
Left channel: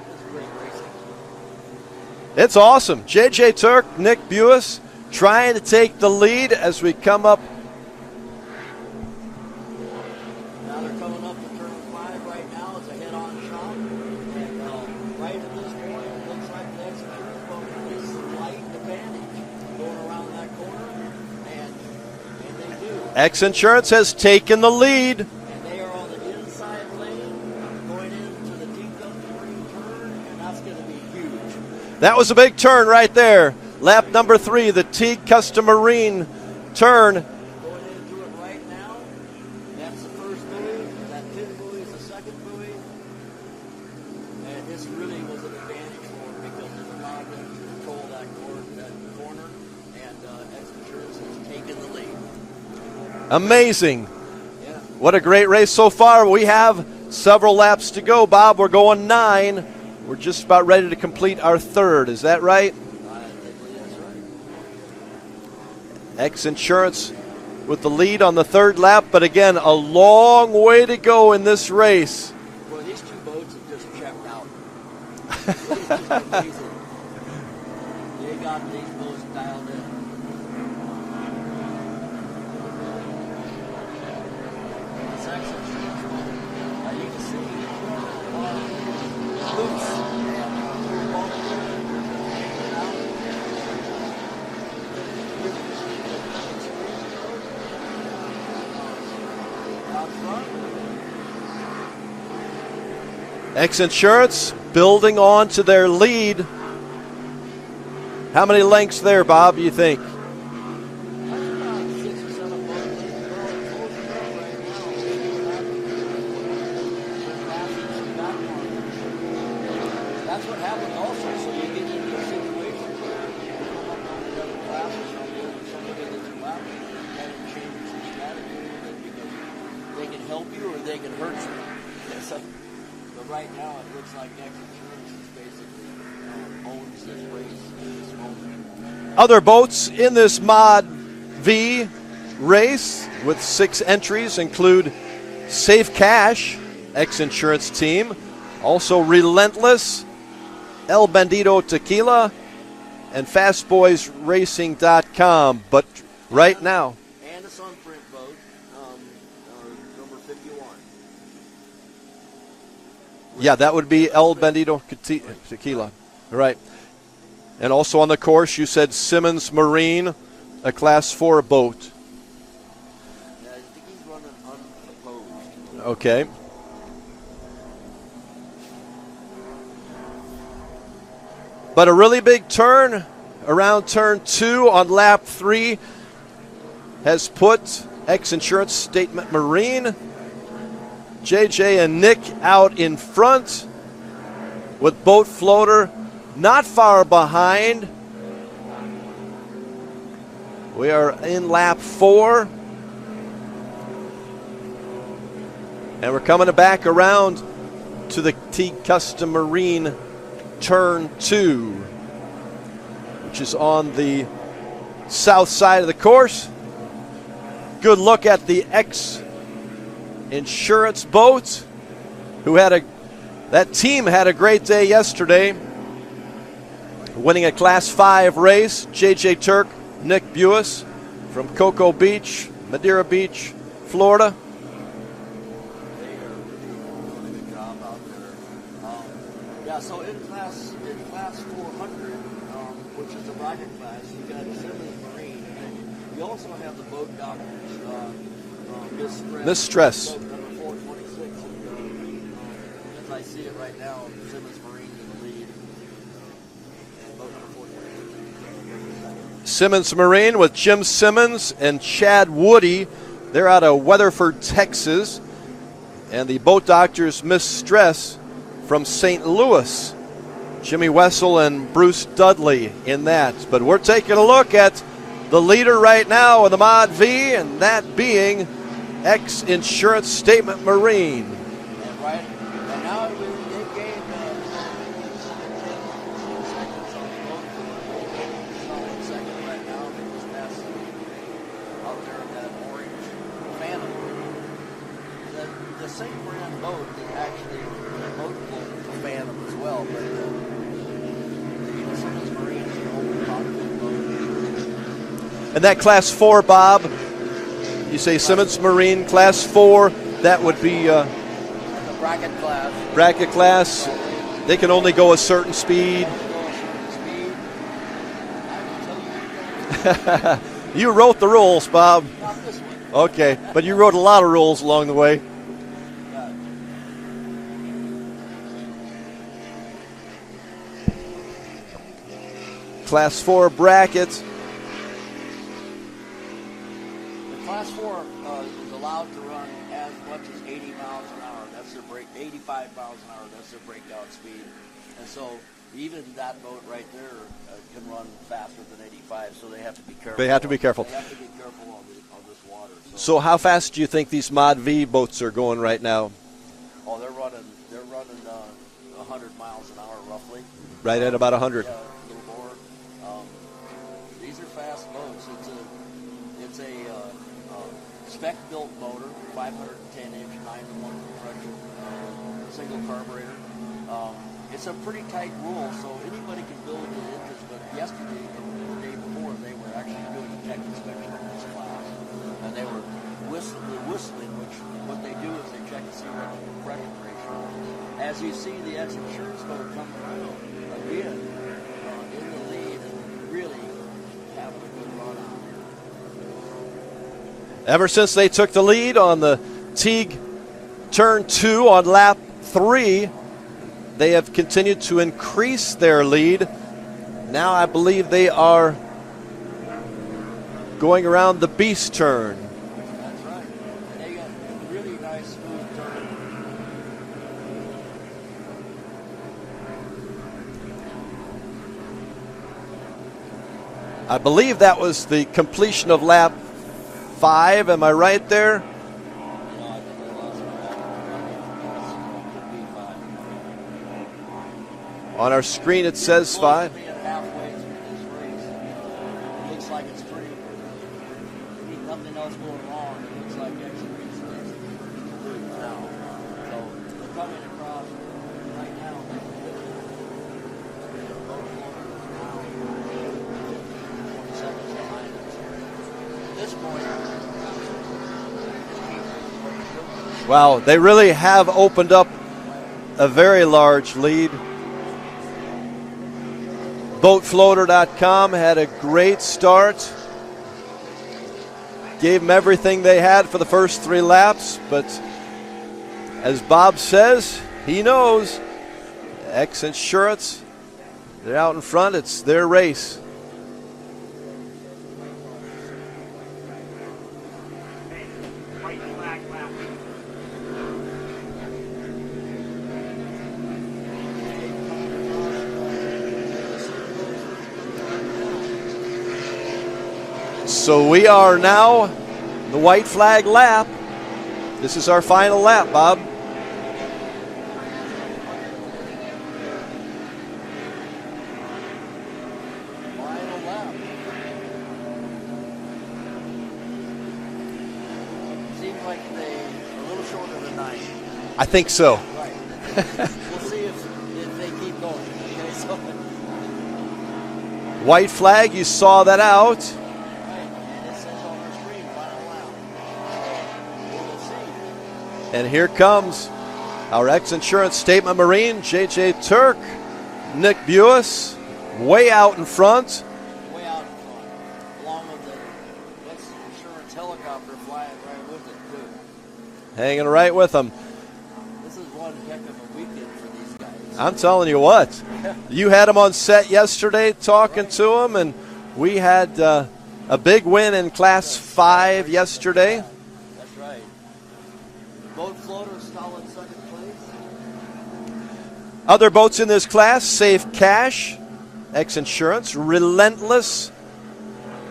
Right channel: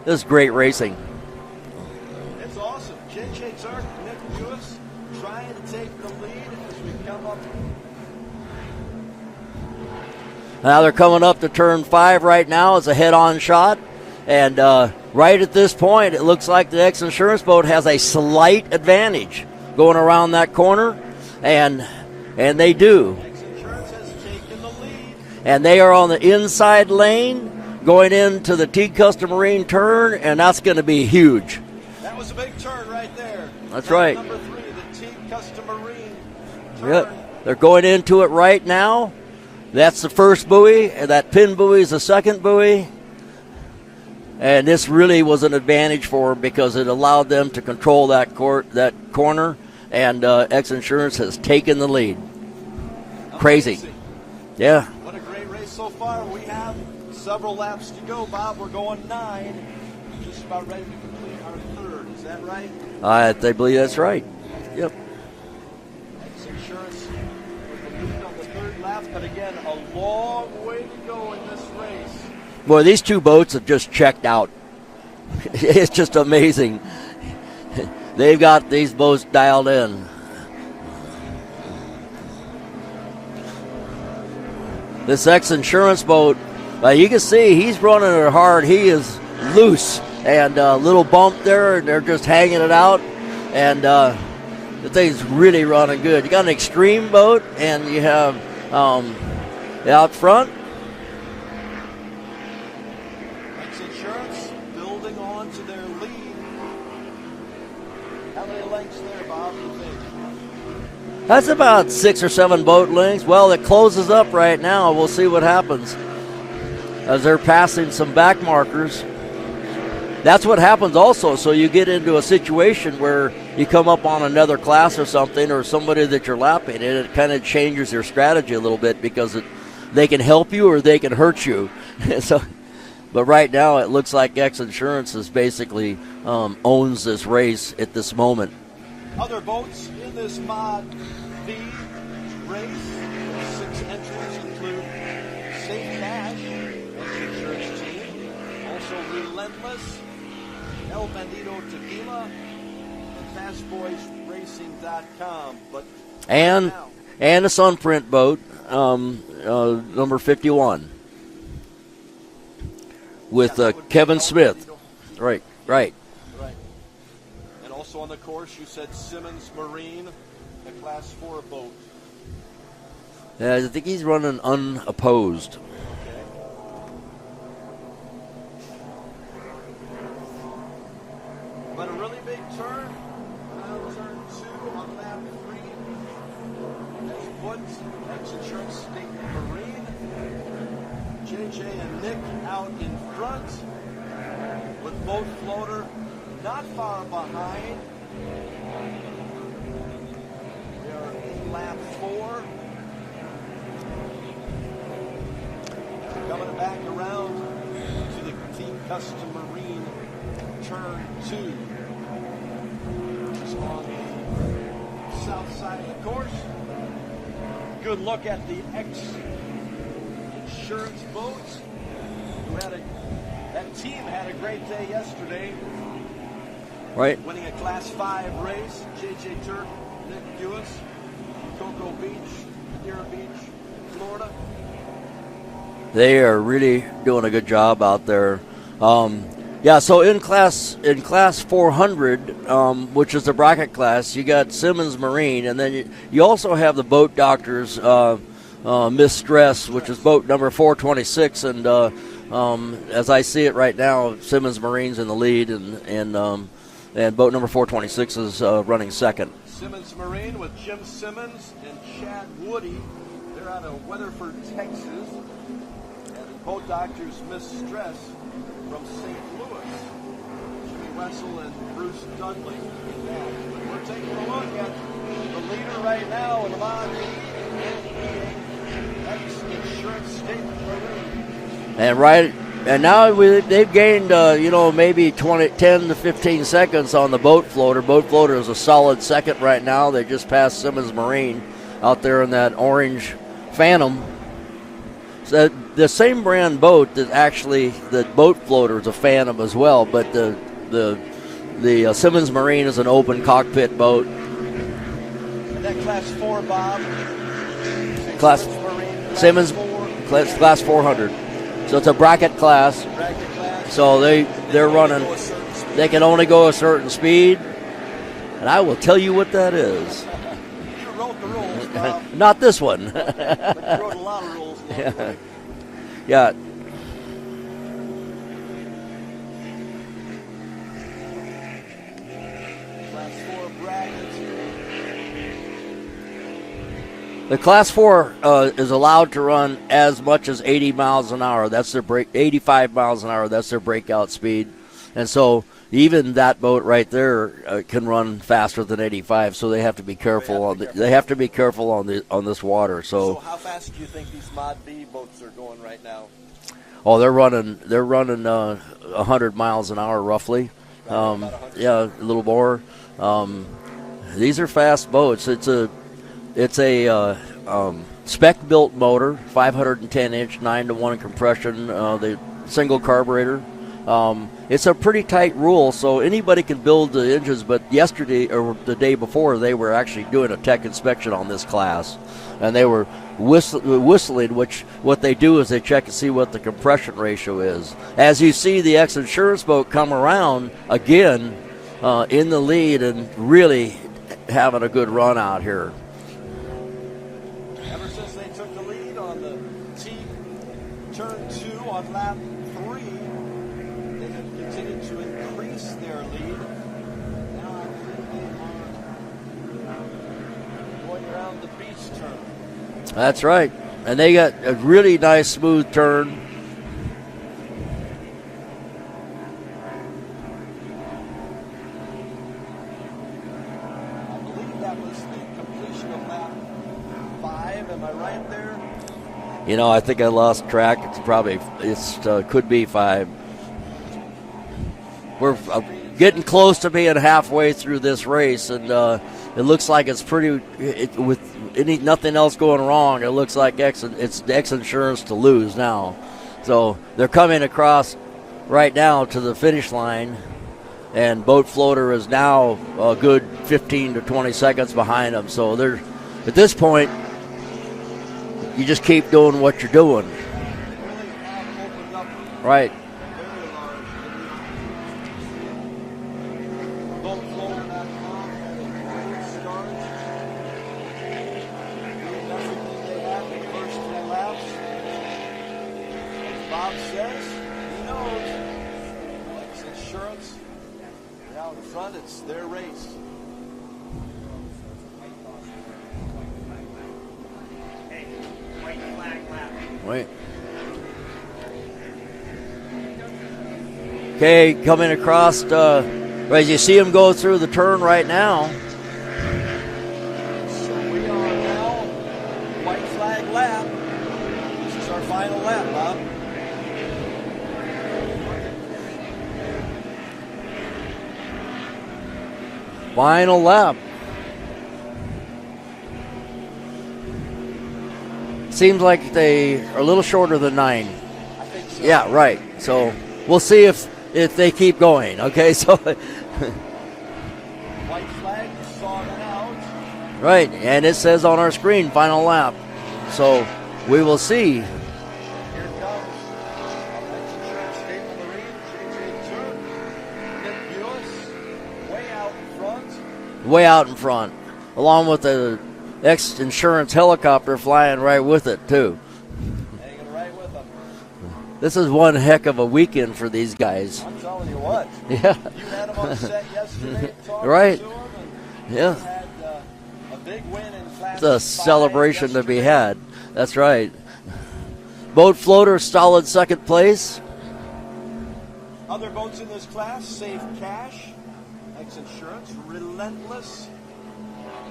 This is great racing. It's awesome. J.J. Turk, Nick Buis trying to take the lead as we come up. Now they're coming up to turn 5 right now. It's a head-on shot. And right at this point, it looks like the X Insurance boat has a slight advantage going around that corner. And they do. X Insurance has taken the lead. And they are on the inside lane going into the T-Custom Marine turn, and that's going to be huge. That was a big turn right there. That's Lap right. number 3, the T-Custom Marine turn. Yep. They're going into it right now. That's the first buoy, and that pin buoy is the second buoy. And this really was an advantage for them because it allowed them to control that corner, and X Insurance has taken the lead. Amazing. Crazy. Yeah. What a great race so far. We have several laps to go, Bob. We're going 9. We're just about ready to complete our third. Is that right? I believe that's right. Yep. X Insurance with the lead on the third lap, but again, a long way to go in this race. Boy, these two boats have just checked out. It's just amazing. They've got these boats dialed in. This X Insurance boat, you can see he's running it hard. He is loose, and a little bump there, and they're just hanging it out. And the thing's really running good. You got an extreme boat, and you have out front. X Insurance building on to their lead. How many lengths there, Bob, you think? That's about 6 or 7 boat lengths. Well, it closes up right now. We'll see what happens as they're passing some back markers. That's what happens also. So you get into a situation where you come up on another class or something, or somebody that you're lapping, and it kind of changes your strategy a little bit because they can help you or they can hurt you. But right now it looks like X Insurance is basically owns this race at this moment. Other boats in this Mod V race with 6 entries include Safe Cash, X Insurance team, also Relentless, El Bandito Tequila, and FastBoysRacing.com. But right now, and a Sunprint boat, number 51. With, that would be Kevin El Smith. Bandito Tequila. Right. And also on the course, you said Simmons Marine, a Class 4 boat. Yeah, I think he's running unopposed. Okay. But a really big turn around turn 2 on lap 3 has put X Insurance Statement Marine, JJ and Nick out in front, with Boat Floater not far behind. We are in lap 4. And we're coming back around to the T-Custom Marine turn 2, which is on the south side of the course. Good look at the X Insurance boat, that team had a great day yesterday. Right. Winning a Class 5 race. J.J. Turk, Nick Buis from Cocoa Beach, Madeira Beach, Florida. They are really doing a good job out there. So in class 400, which is the bracket class, you got Simmons Marine, and then you also have the Boat Doctors Mistress, which is boat number 426, and as I see it right now, Simmons Marine's in the lead, and boat number 426 is running second. Simmons Marine with Jim Simmons and Chad Woody. They're out of Weatherford, Texas. And the Boat Doctors Mistress from St. Louis. Jimmy Wessel and Bruce Dudley in that. But we're taking a look at the leader right now of the Mod V, and that being X Insurance Statement Marine. And now they've gained, maybe 10 to 15 seconds on the Boat Floater. Boat Floater is a solid second right now. They just passed Simmons Marine out there in that orange Phantom. the same brand boat that actually the boat floater is a Phantom as well, but the Simmons Marine is an open cockpit boat. And that Class 4, Bob, you say Simmons Marine Class Simmons, 4, that Class would be 400. So it's a bracket class. Bracket class. So they can only go a certain speed. They can only go a certain speed. And I will tell you what that is. You wrote the rules, Bob. Not this one. Okay, but you wrote a lot of rules along the way. Yeah. Class 4 brackets. The Class 4 is allowed to run as much as 80 miles an hour. That's their 85 miles an hour. That's their breakout speed. And so even that boat right there can run faster than 85. So they have to be careful. They have to be careful on this water. So how fast do you think these Mod V boats are going right now? Oh, they're running 100 miles an hour roughly. Right at about 100. Yeah, a little more. These are fast boats. It's a spec-built motor, 510-inch, 9-to-1 compression, the single carburetor. It's a pretty tight rule, so anybody can build the engines, but yesterday or the day before, they were actually doing a tech inspection on this class, and they were whistling, which what they do is they check and see what the compression ratio is. As you see the ex-insurance boat come around again in the lead and really having a good run out here. Ever since they took the lead on the Teague Turn 2 on lap 3, they have continued to increase their lead. Now I believe they are going around the Beast turn. That's right. And they got a really nice smooth turn. I believe that was the completion of lap 5. Am I right there? You know, I think I lost track. Could be 5. On our screen, it getting says close 5. to being halfway through this race, and it looks like it's with nothing else going wrong. It looks like it's X Insurance to lose now. So they're coming across right now to the finish line, and Boat Floater is now a good 15 to 20 seconds behind them. So they're at this point, you just keep doing what you're doing. Wow, they really have opened up a very large lead. BoatFloater.com had a great start. Gave them everything they had for the first 3 laps, but as Bob says, he knows X Insurance, they're out in front. It's their race. Wait. Okay, coming across, as you see him go through the turn right now. So we are now the white flag lap. This is our final lap, Bob. Final lap. Seems like they are a little shorter than 9. I think so. Yeah, right. So we'll see if they keep going. Okay, so white flag, you saw that out. Right, and it says on our screen, final lap. So we will see. And here comes our X Insurance Statement Marine, J.J. Turk, Nick Buis, way out in front. Way out in front, along with the X Insurance helicopter flying right with it, too. Hanging right with them. This is one heck of a weekend for these guys. I'm telling you what. Yeah. You had them on set yesterday talking to them, and yeah. we had a big win in Class 5 celebration yesterday. That we had. That's right. Boat Floater, solid second place. Other boats in this class, Safe Cash, X Insurance, Relentless,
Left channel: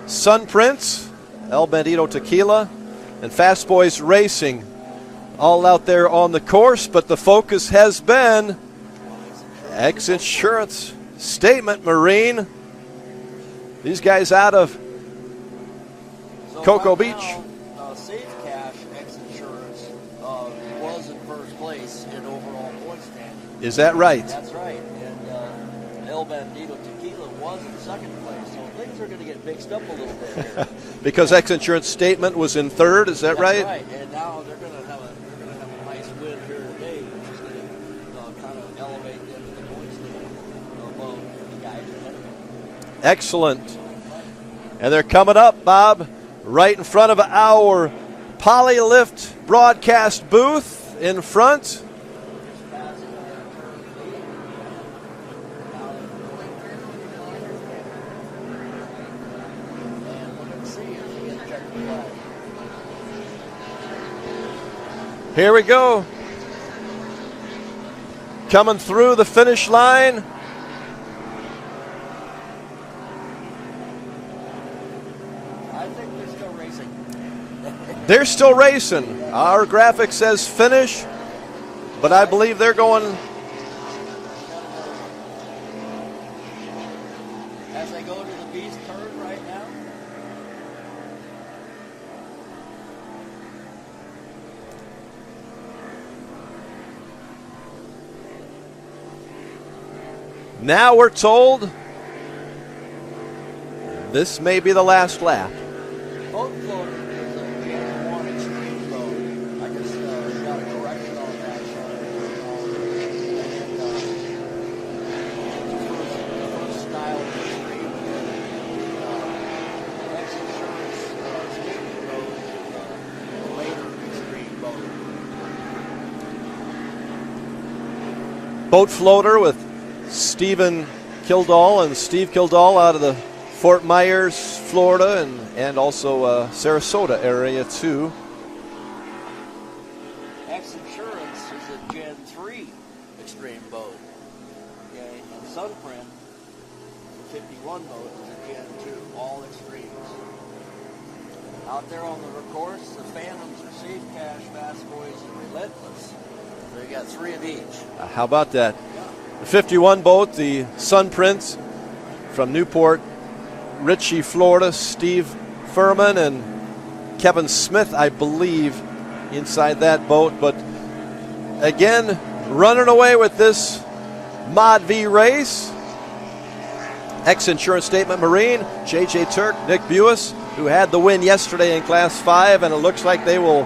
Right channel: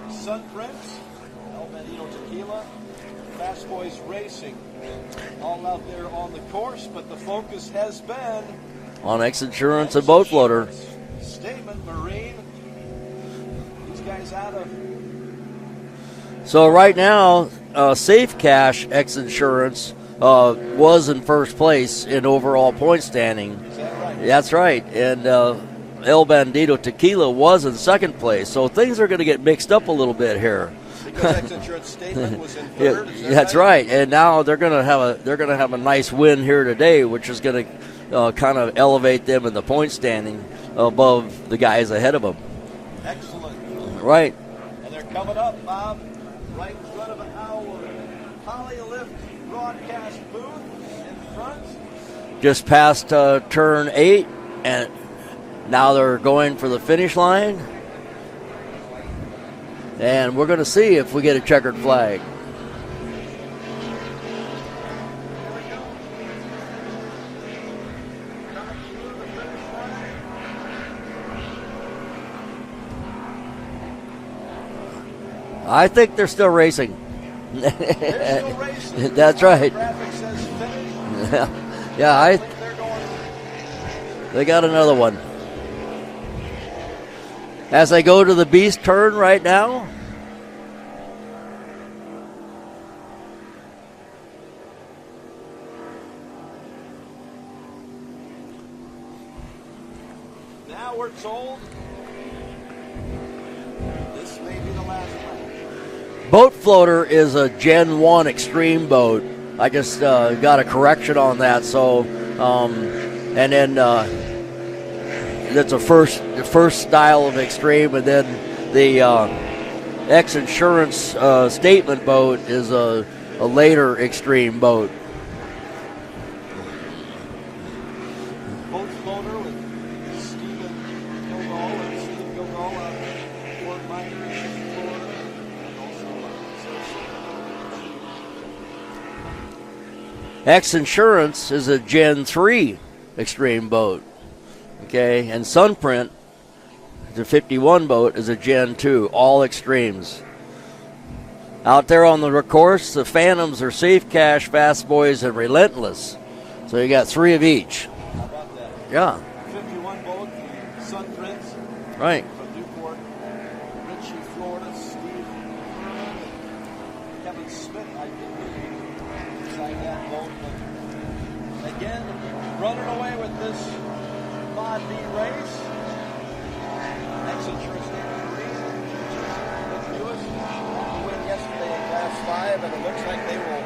Sun Prince, El Bandito Tequila, and Fast Boys Racing. All out there on the course, but the focus has been on X Insurance and Boat Floater. Statement Marine. These guys out of So Cocoa right Beach. now, Safe Cash X Insurance was in first place in overall point standing. Is that right? That's right. And El Bandito Tequila was in second place. So things are going to get mixed up a little bit here. Because X Insurance Statement was in third, is that right? That's right. And now they're going to have a nice win here today, which is going to kind of elevate them in the point standing above the guys ahead of them. Excellent. Right. And they're coming up, Bob, right in front of our Polylift broadcast booth in front. Just past turn 8, and now they're going for the finish line. And we're going to see if we get a checkered flag. Here we go. Coming through the finish line. I think they're still racing. They're still racing. That's Our right. graphic says finish. Yeah, But I believe they're going. They got another one. As they go to the beast turn right now. Now we're told this may be the last lap. Boat floater is a Gen 1 extreme boat. I just got a correction on that. So, and then that's a first style of extreme, and then the X Insurance statement boat is a later extreme boat. Boat floater with Stephen Kildall and Steve Kildall out of the Fort Myers, Florida, and also Sarasota area too. X Insurance is a Gen 3 extreme boat. Okay, and Sunprint, the 51 boat, is a Gen 2, all extremes. Out there on the course, the Phantoms are Safe Cash, Fast Boys, and Relentless. So you got 3 of each. How about that? Yeah. 51 boat, the Sunprint, right, from Newport Richie, Florida. Steve Furman and Kevin Smith, I believe, inside that boat. But again, running away with this Mod V race. X Insurance Statement Marine, J.J. Turk, Nick Buis, who had the win yesterday in Class 5, and it looks like they will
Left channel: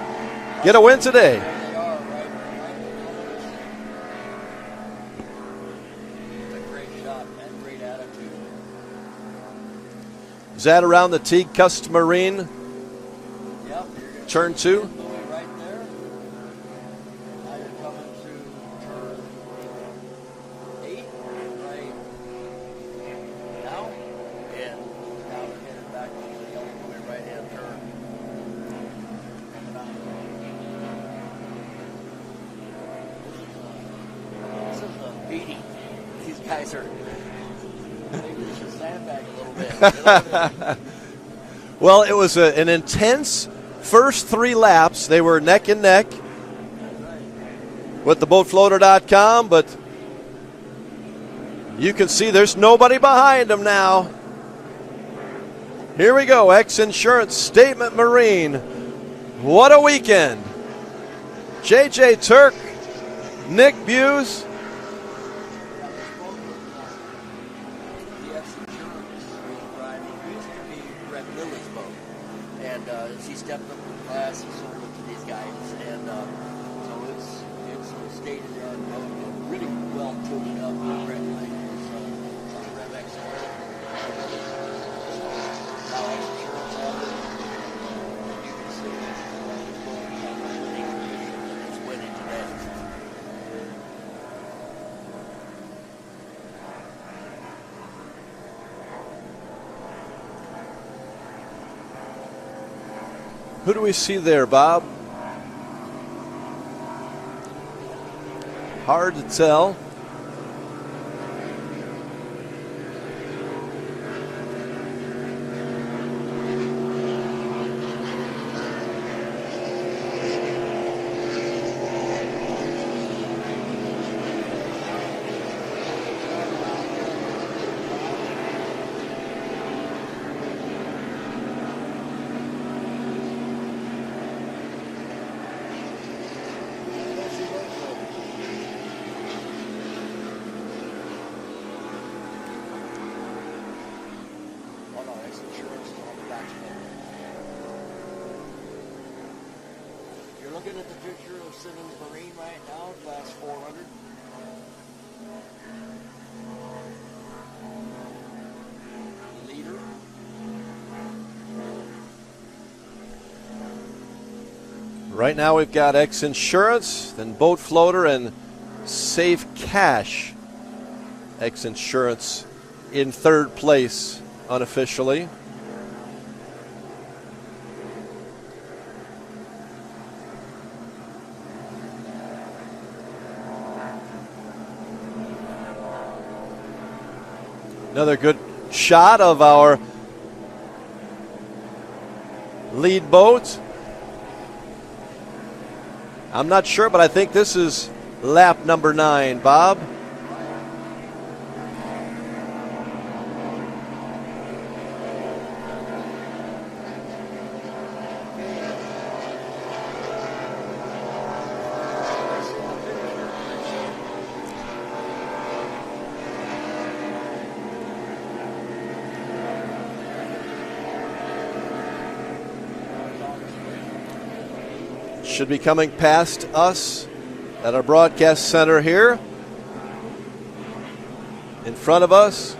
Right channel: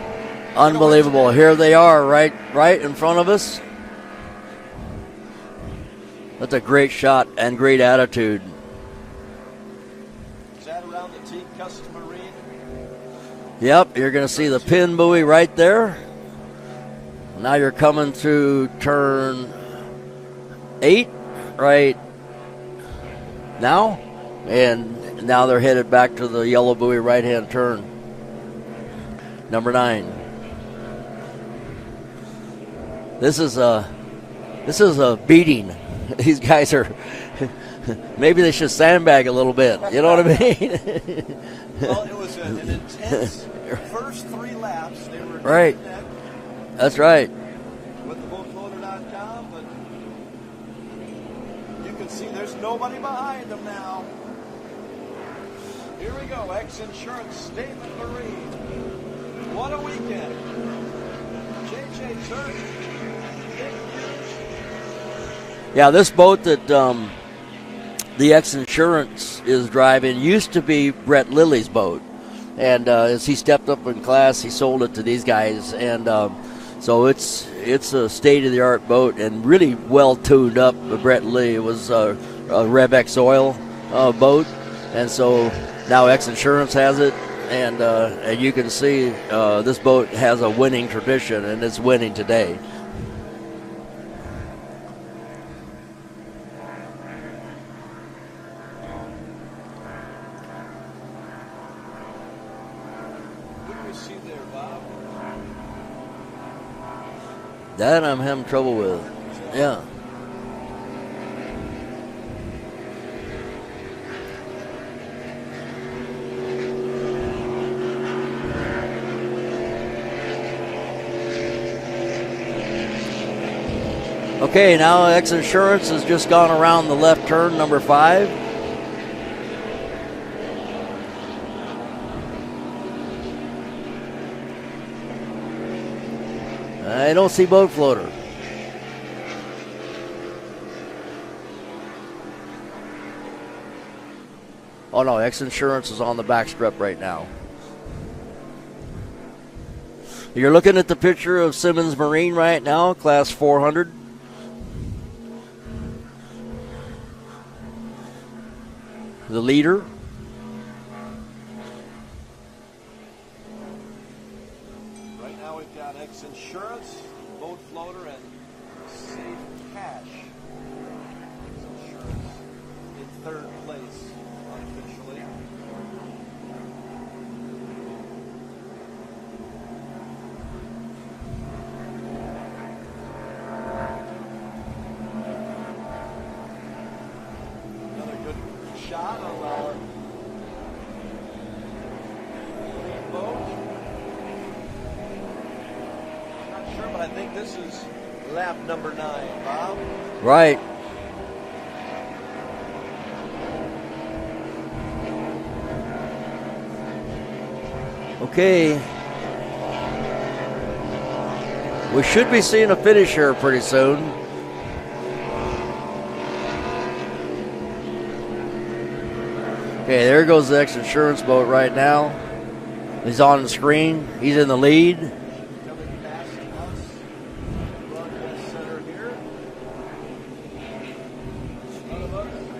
get a win today. Here they are, right in front of us. That's a great shot and great attitude. Is that around the Teague Custom Marine? Yep, you're going to see the pin buoy right there. Now you're coming through turn 8 right now. And now they're headed back to the yellow buoy right-hand turn. Number 9. This is a beating. These guys are, maybe they should sandbag a little bit. You know what I mean? Well, it was an intense first 3 laps. They were neck and neck. That's right. With the boatfloater.com, but you can see there's nobody behind them now. Here we go, X Insurance Statement Marine. What a weekend. J.J. Turk, Nick Buis. Yeah, this boat that the X Insurance is driving used to be Brett Lilly's boat. And as he stepped up in class, he sold it to these guys. And so it's a state-of-the-art boat and really well tuned up. Brett Lilly was a Rev X Oil boat. And so now X Insurance has it. And you can see this boat has a winning tradition, and it's winning today. Who do we see there, Bob? That I'm having trouble with. Hard to tell. Yeah. Okay, now X Insurance has just gone around the left turn, number 5. I don't see boat floater. Oh no, X Insurance is on the back strip right now. You're looking at the picture of Simmons Marine right now, class 400. The leader. Right now we've got X Insurance, then Boat Floater, and Safe Cash. X Insurance in third place unofficially. Another good shot of our lead boat. I'm not sure, but I think this is lap number 9, Bob. Right. Okay. We should be seeing a finish here pretty soon. Okay, there goes the X Insurance boat right now. He's on the screen. He's in the lead. Should be coming past us at our broadcast center here. In front of us.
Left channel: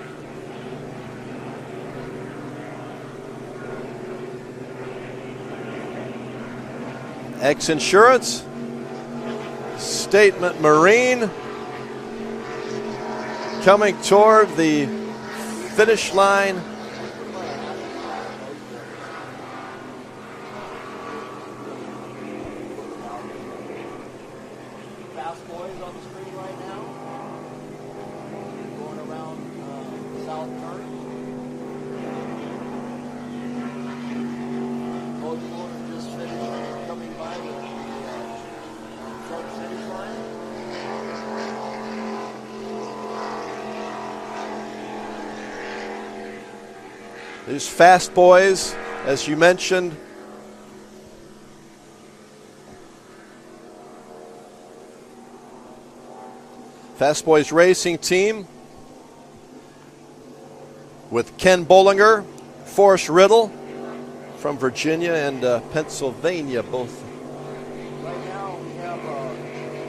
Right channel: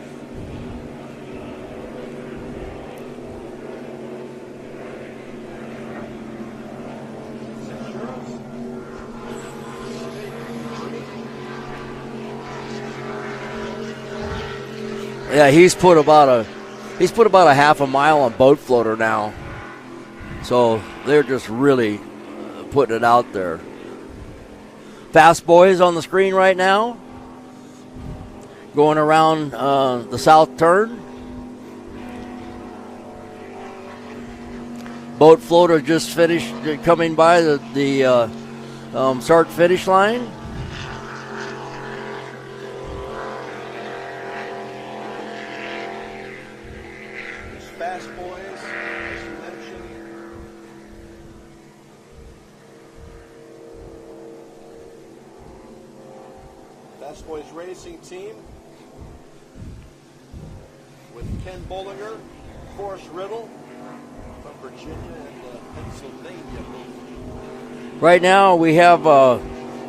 X Insurance. Statement Marine. Coming toward the he's put finish about line. He's put about a half a mile on Boat Floater now. So they're just really putting it out there. Fast Boys on the screen right now. Going around the south turn. Boat Floater just finished coming by the start finish line. These Fast Boys, as you mentioned, Fast Boys Racing Team with Ken Bollinger, Forrest Riddle from Virginia and Pennsylvania, both. Right now we have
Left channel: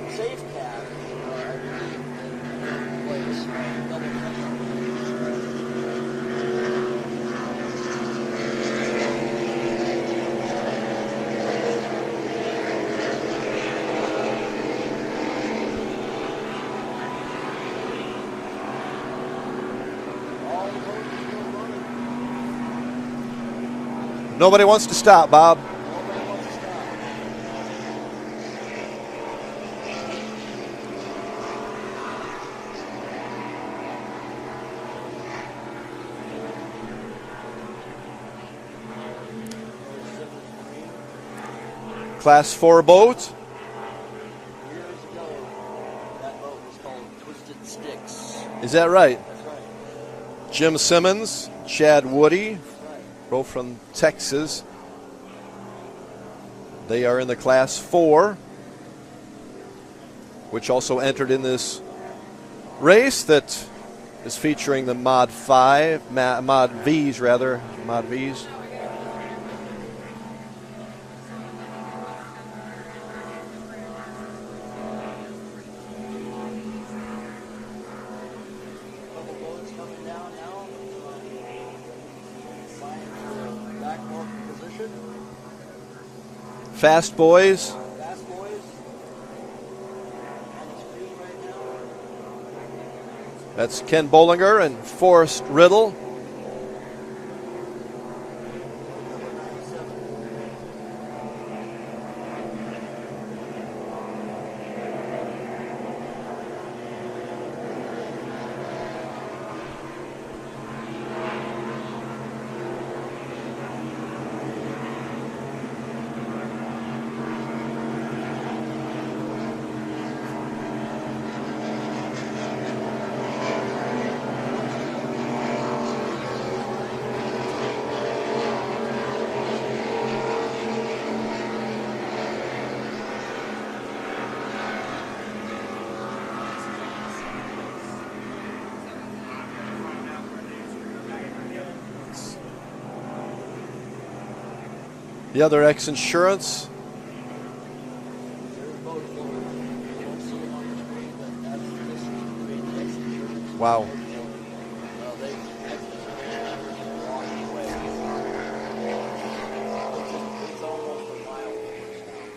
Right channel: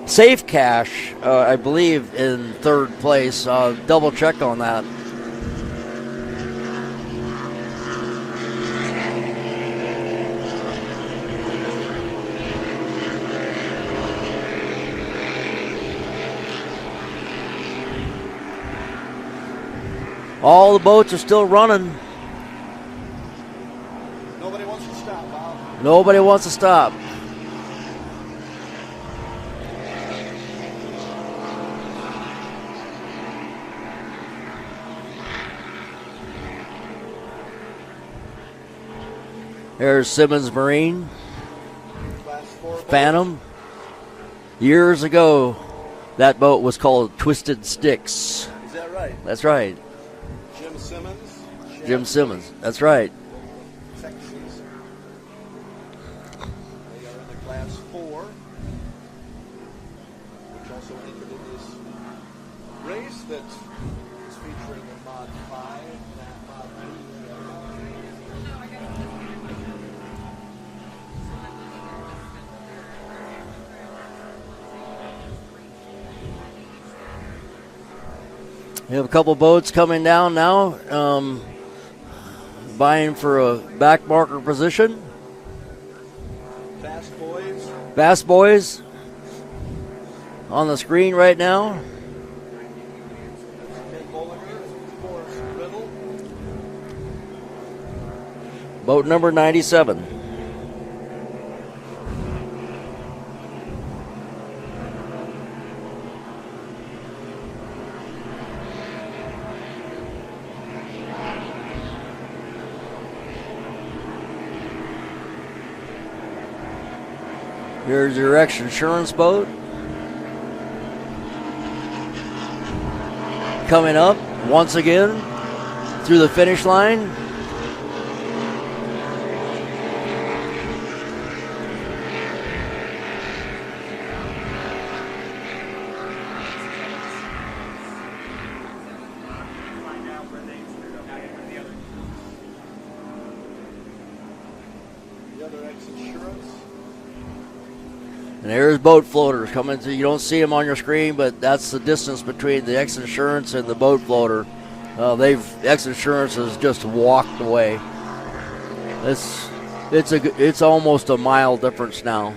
Safe Cash, I believe, in third place. Double check on that. All the boats are still running. Nobody wants to stop, Bob. Nobody wants to stop. There's Simmons Marine. Class 4 boat. Phantom. Years ago, that boat was called Twisted Sticks. Is that right? That's right. Jim Simmons, Chad Jim Woody. Simmons. That's right. Both from Texas. They are in the Class 4, which also entered in this race that is featuring the Mod 5, Mod Vs rather, Mod Vs. We have a couple boats coming down now, vying for a back marker position. Fast Boys. Fast Boys on the screen right now. That's Ken Bollinger and Forrest Riddle. Boat number 97. Here's your X Insurance boat. Coming up once again through the finish line. The other X Insurance. And there's boat floaters coming through. You don't see them on your screen, but that's the distance between the X Insurance and the boat floater. X Insurance has just walked away. It's almost a mile difference now.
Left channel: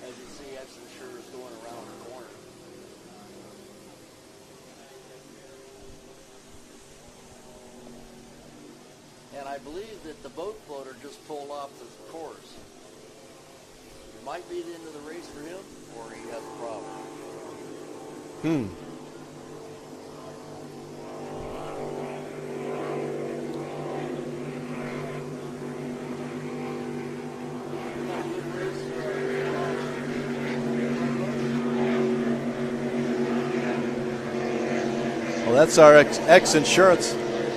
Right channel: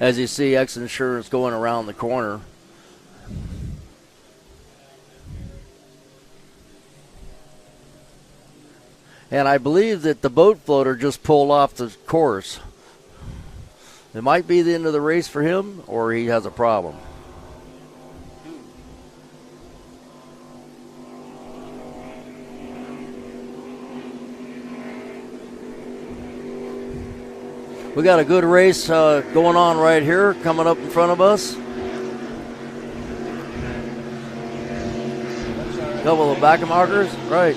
As you see X Insurance going around the corner. And I believe that the boat floater just pulled off the course. It might be the end of the race for him, or he has a problem. We got a good race going on right here, coming up in front of us. Well, that's our X Insurance. Right.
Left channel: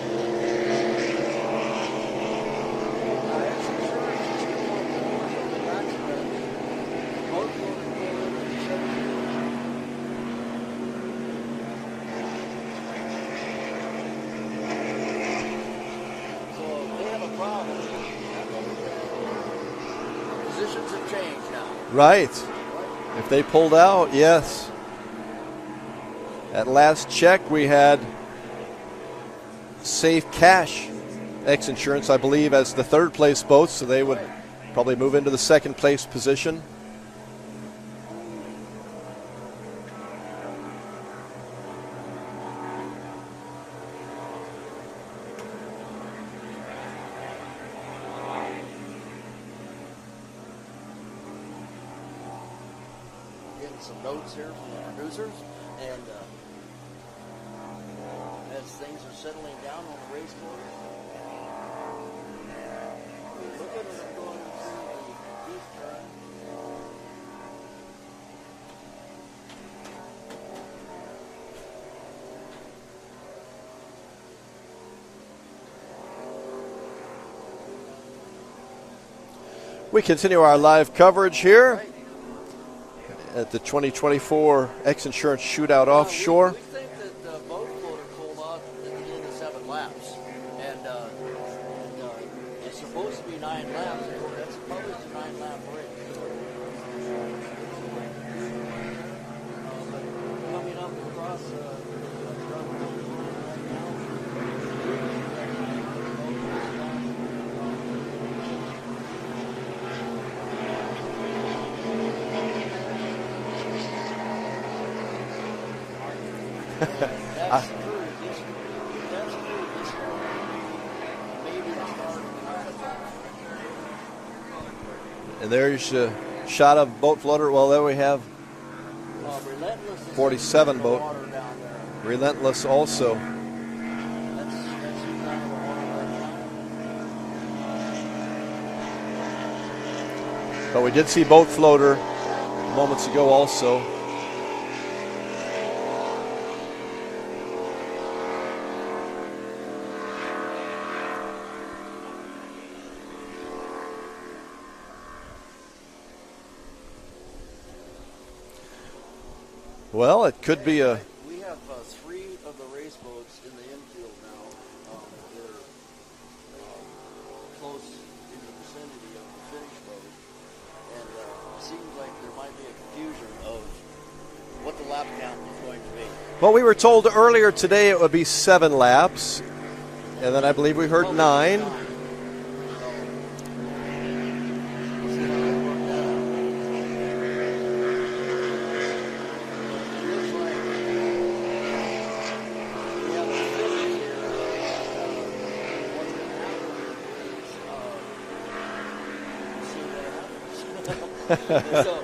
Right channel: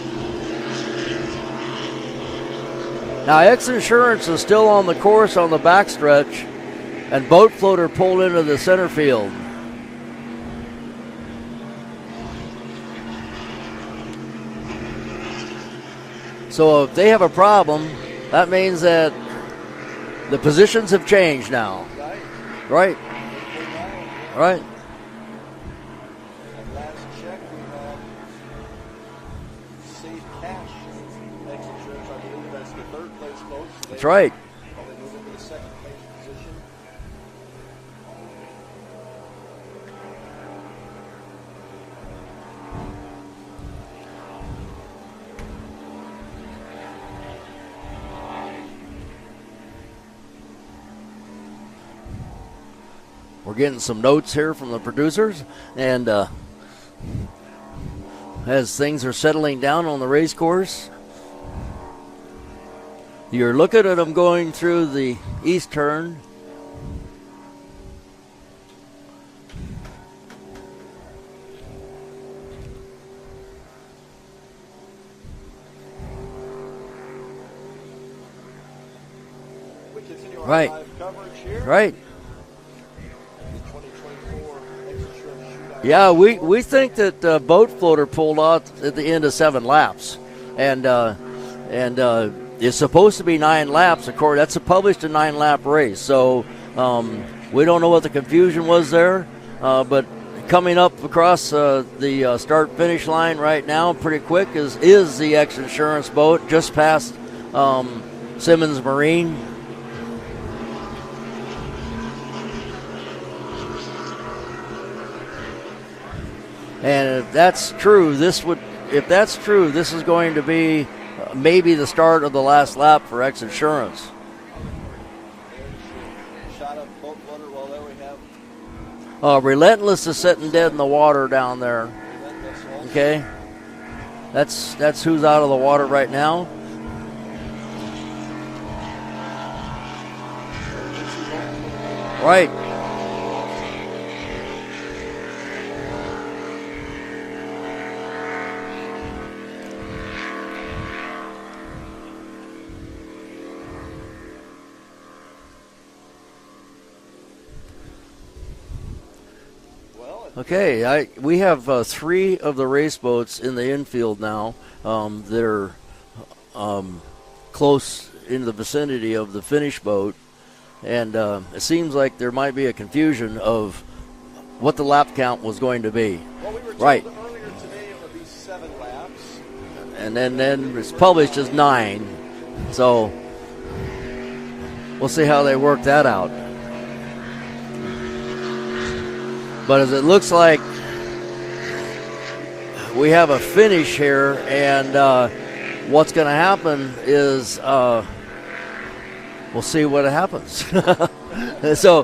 Now, X Insurance is still on the course on the backstretch, and boat floater pulled into the center field. So if they have a problem, that means that the positions have changed now. Right. Right. If they pulled out, yes. Right. At last check, we had Safe Cash X Insurance, I believe, as the third place boat, so they would probably move into the second place position. We're getting some notes here from the producers, and as things are settling down on the race course, you're looking at them going through the east turn. We continue our live coverage here. Right. At the 2024 X Insurance Shootout Yeah, Offshore. we think that boat floater pulled out at the end of 7 laps, and it's supposed to be 9 laps. Of course, that's published a 9-lap race. So we don't know what the confusion was there, but coming up across the start-finish line right now, pretty quick, is the X Insurance boat just past Simmons Marine. And if that's true, this is going to be maybe the start of the last lap for X Insurance. And there's a shot of boat floater. Well, there we have. Relentless is sitting dead in the water down there. Relentless also. Okay. That's who's out of the water right now. But we did see boat floater right moments ago also. Well, it could be. We have 3 of the race boats in the infield now that are close in the vicinity of the finish boat. And it seems like there might be a confusion of what the lap count was going to be. Well, we were told earlier today it would be 7 laps. And then I believe we heard published 9. as 9. So we'll see how they work that out. But as it looks like we have a finish here, and what's going to happen is we'll see what happens. So,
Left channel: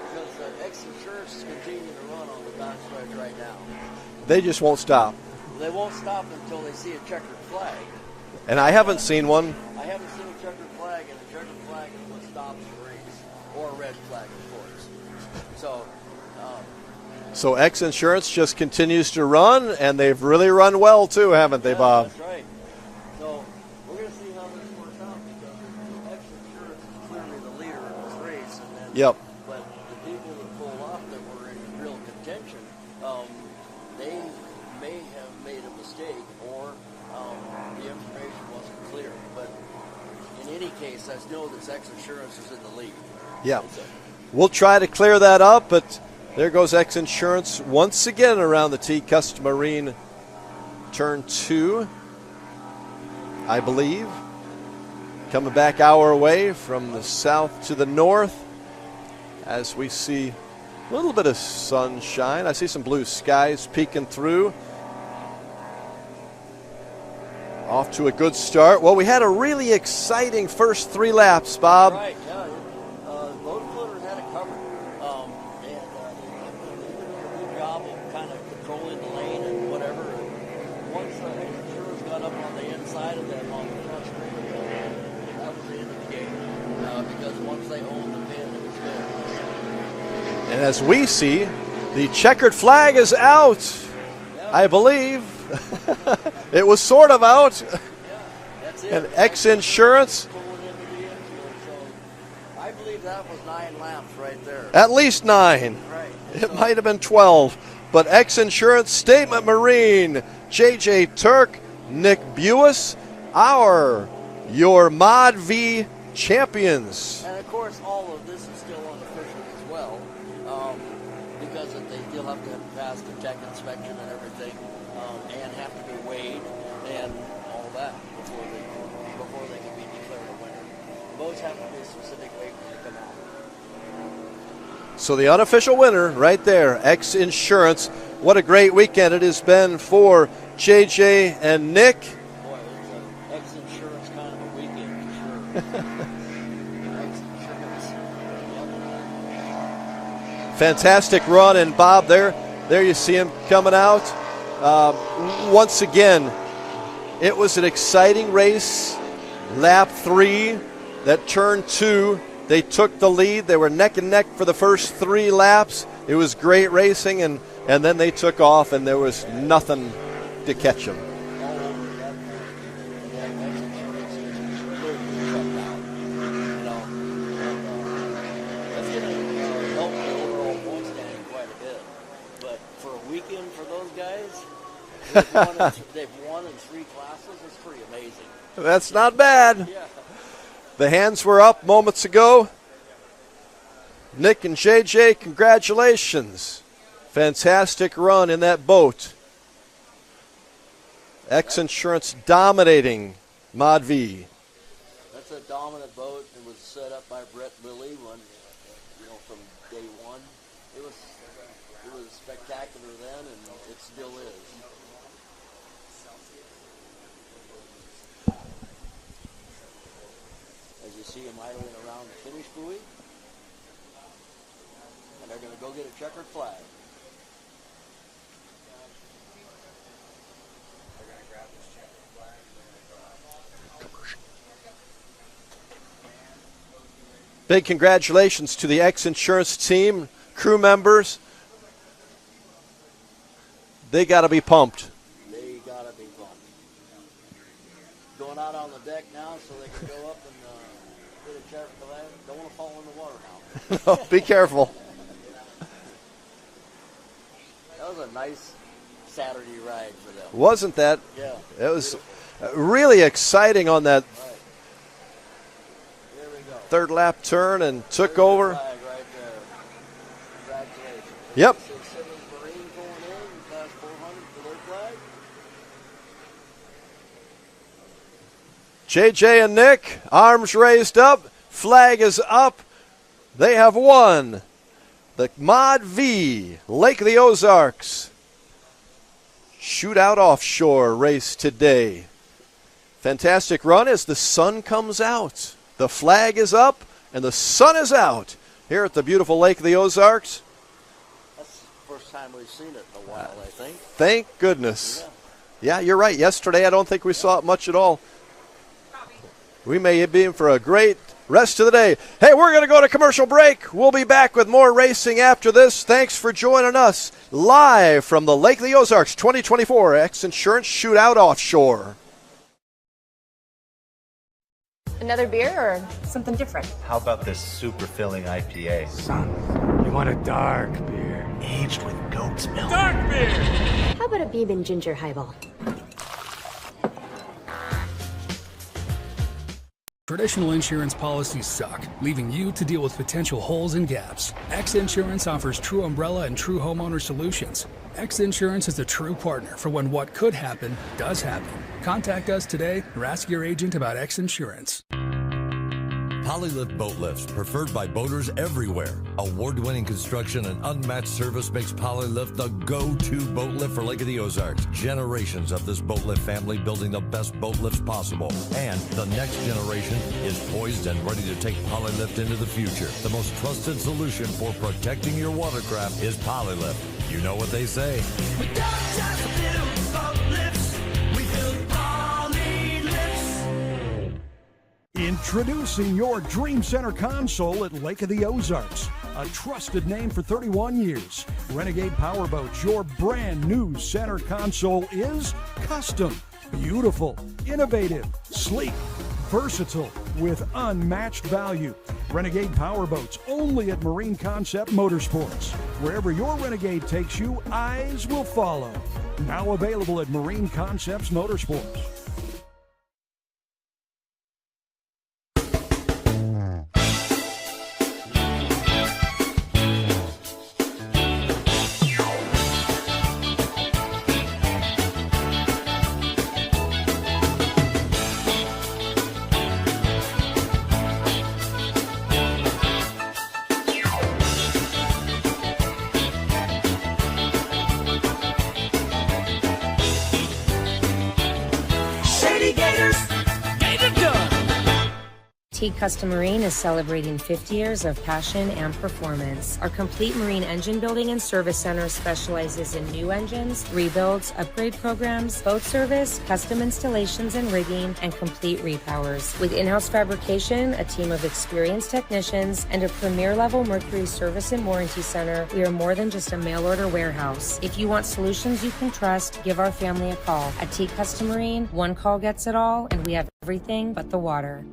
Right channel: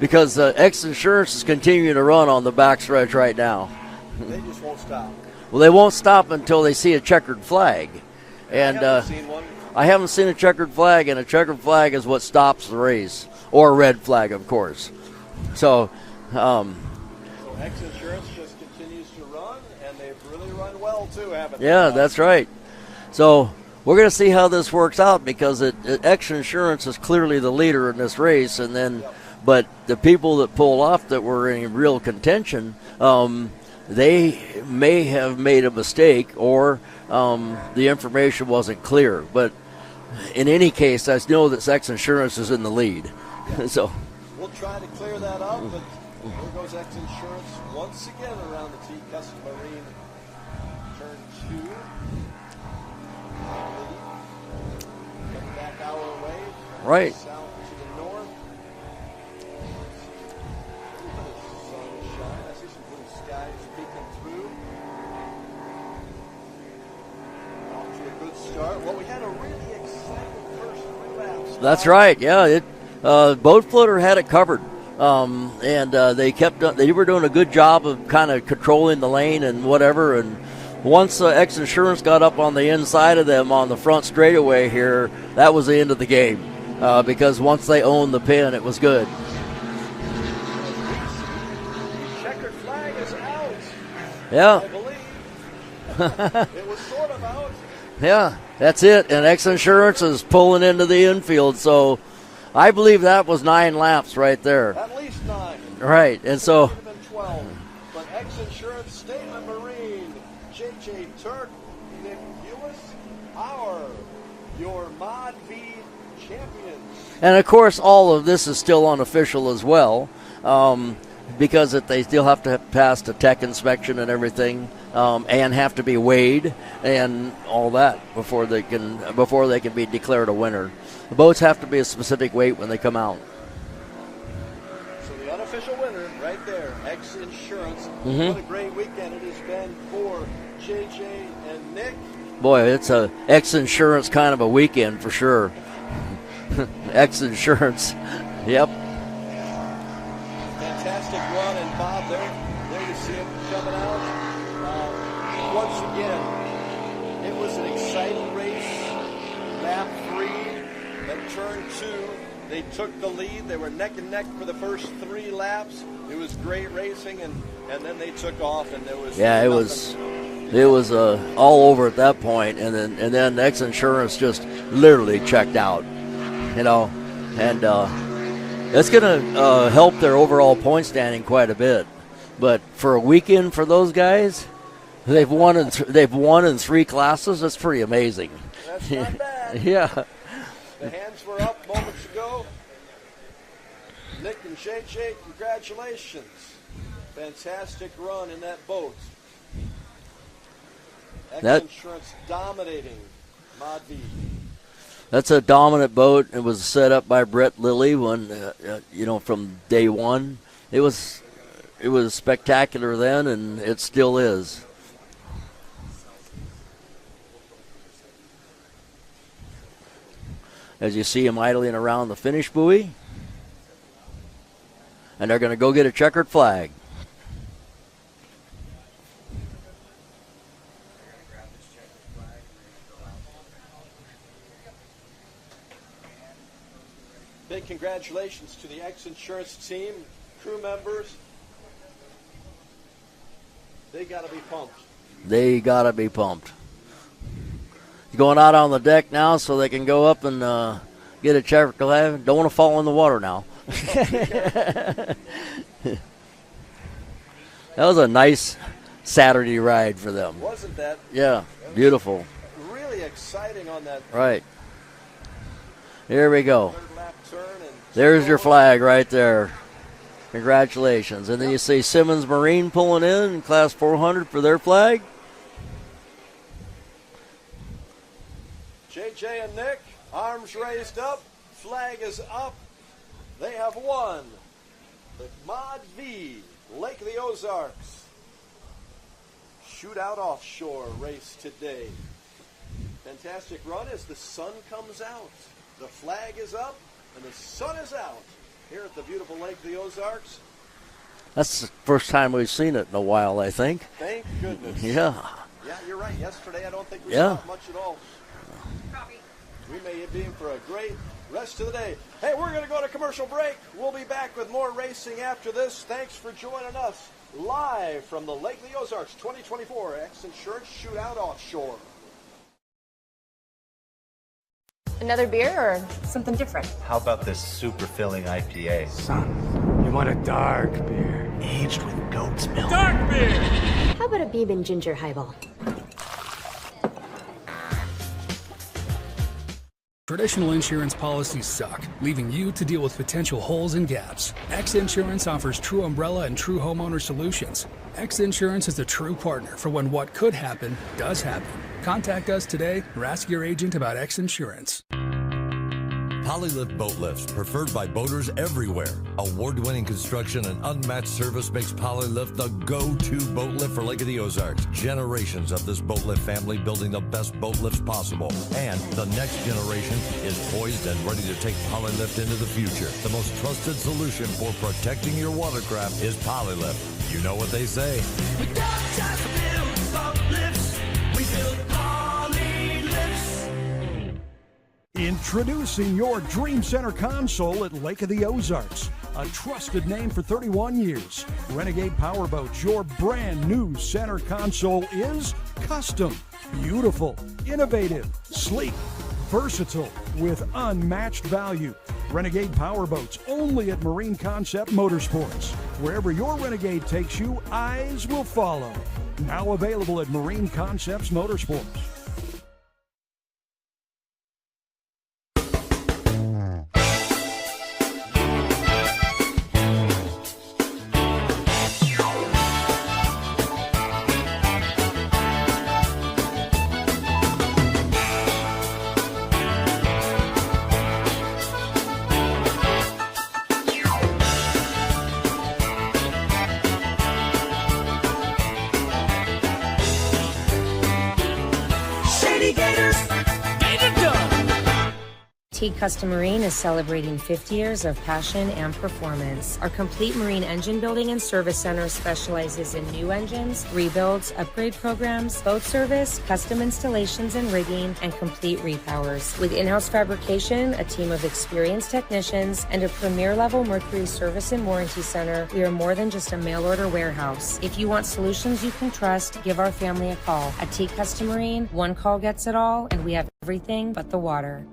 because X Insurance is continuing to run on the backstretch right now. They just won't stop. Well, they won't stop until they see a checkered flag. And I haven't seen one. I haven't seen a checkered flag, and a checkered flag is what stops the race, or a red flag, of course. So, so X Insurance just continues to run, and they've really run well too, haven't they, Yeah, Bob? that's right. So we're going to see how this works out, because X Insurance is clearly the leader in this race, and then, but the people that pulled off that were in real contention, they may have made a mistake, or the information wasn't clear. But in any case, I know that X Insurance is in the lead. Yeah. So we'll try to clear that up, but there goes X Insurance once again around the tee. Custom Marine turn 2, I believe. Coming back our way from the south to the north as we see a little bit of sunshine. I see some blue skies peeking through. Off to a good start. Well, we had a really exciting first 3 laps, Bob. That's right. Yeah, Boat Floater had it covered, and they were doing a good job of kind of controlling the lane and whatever. And once X Insurance got up on the inside of them on the front straightaway here, that was the end of the game because once they owned the pin, it was good. And as we see, the checkered flag is out. Yeah, I believe. It was sort of out. Yeah, that's it. And X Insurance is pulling into the infield. So I believe that was 9 laps right there. At least 9. Right. And it might have been 12. But X Insurance, Statement Marine, JJ Turk, Nick Buis, your Mod V champions. And, of course, all of this is still unofficial as well because they still have to pass the tech inspection and everything. And have to be weighed and all that before they can be declared a winner. The boats have to be a specific weight when they come out. So the unofficial winner right there, X Insurance. Mm-hmm. What a great weekend it has been for JJ and Nick. Boy, it's a X Insurance kind of a weekend for sure. X Insurance, yep. Fantastic run, and Bob, there you see him coming out. Once again, it was an exciting race. Lap 3, that turn 2, they took the lead. They were neck and neck for the first 3 laps. It was great racing, and then they took off, and there was nothing to catch it was them. all over at that point, and then X Insurance just literally checked out, and that's going to help their overall point standing quite a bit. But for a weekend for those guys, they've won in 3 classes. That's pretty amazing. That's not bad. Yeah. The hands were up moments ago. Nick and JJ, congratulations. Fantastic run in that boat. X Insurance dominating Mod V. That's a dominant boat. It was set up by Brett Lilly from day one. It was spectacular then, and it still is. As you see him idling around the finish buoy. And they're going to go get a checkered flag. Big congratulations to the X Insurance team, crew members. They got to be pumped. They got to be pumped. Going out on the deck now so they can go up and get a checkered flag. Don't want to fall in the water now. Be careful. That was a nice Saturday ride for them. Wasn't that? Yeah, it was beautiful. Really exciting on that. Right. Here we go. Third lap turn and there's over. Your flag right there. Congratulations. And you see Simmons Marine pulling in Class 400 for their flag. JJ and Nick, arms raised up, flag is up. They have won the Mod V Lake of the Ozarks Shootout Offshore race today. Fantastic run as the sun comes out. The flag is up and the sun is out here at the beautiful Lake of the Ozarks. That's the first time we've seen it in a while, I think. Thank goodness. Yeah. Yeah, you're right. Yesterday I don't think we saw it much at all. We may be in for a great rest of the day. Hey, we're going to go to commercial break. We'll be back with more racing after this. Thanks for joining us live from the Lake of the Ozarks 2024 X Insurance Shootout Offshore. Another beer or something different? How about this super filling IPA? Son, you want a dark beer. Aged with goat's milk. Dark beer! How about a Beeman Ginger Highball? Traditional insurance policies suck, leaving you to deal with potential holes and gaps. X Insurance offers true umbrella and true homeowner solutions. X Insurance is a true partner for when what could happen does happen. Contact us today or ask your agent about X Insurance. Polylift boat lifts, preferred by boaters everywhere. Award-winning construction and unmatched service makes Polylift the go-to boat lift for Lake of the Ozarks. Generations of this boat lift family building the best boat lifts possible. And the next generation is poised and ready to take Polylift into the future. The most trusted solution for protecting your watercraft is Polylift. You know what they say. We don't just build boat lifts, we build Polylifts. Introducing your Dream Center console at Lake of the Ozarks. A trusted name for 31 years. Renegade Powerboats, your brand new center console is custom, beautiful, innovative, sleek, versatile, with unmatched value. Renegade Powerboats, only at Marine Concept Motorsports. Wherever your Renegade takes you, eyes will follow. Now available at Marine Concepts Motorsports. Teague Custom Marine is celebrating 50 years of passion and performance. Our complete marine engine building and service center specializes in new engines, rebuilds, upgrade programs, boat service, custom installations and rigging, and complete repowers. With in-house fabrication, a team of experienced technicians, and a premier-level Mercury service and warranty center, we are more than just a mail-order warehouse. If you want solutions you can trust, give our family a call. At Teague Custom Marine, one call gets it all, and we have everything but the water.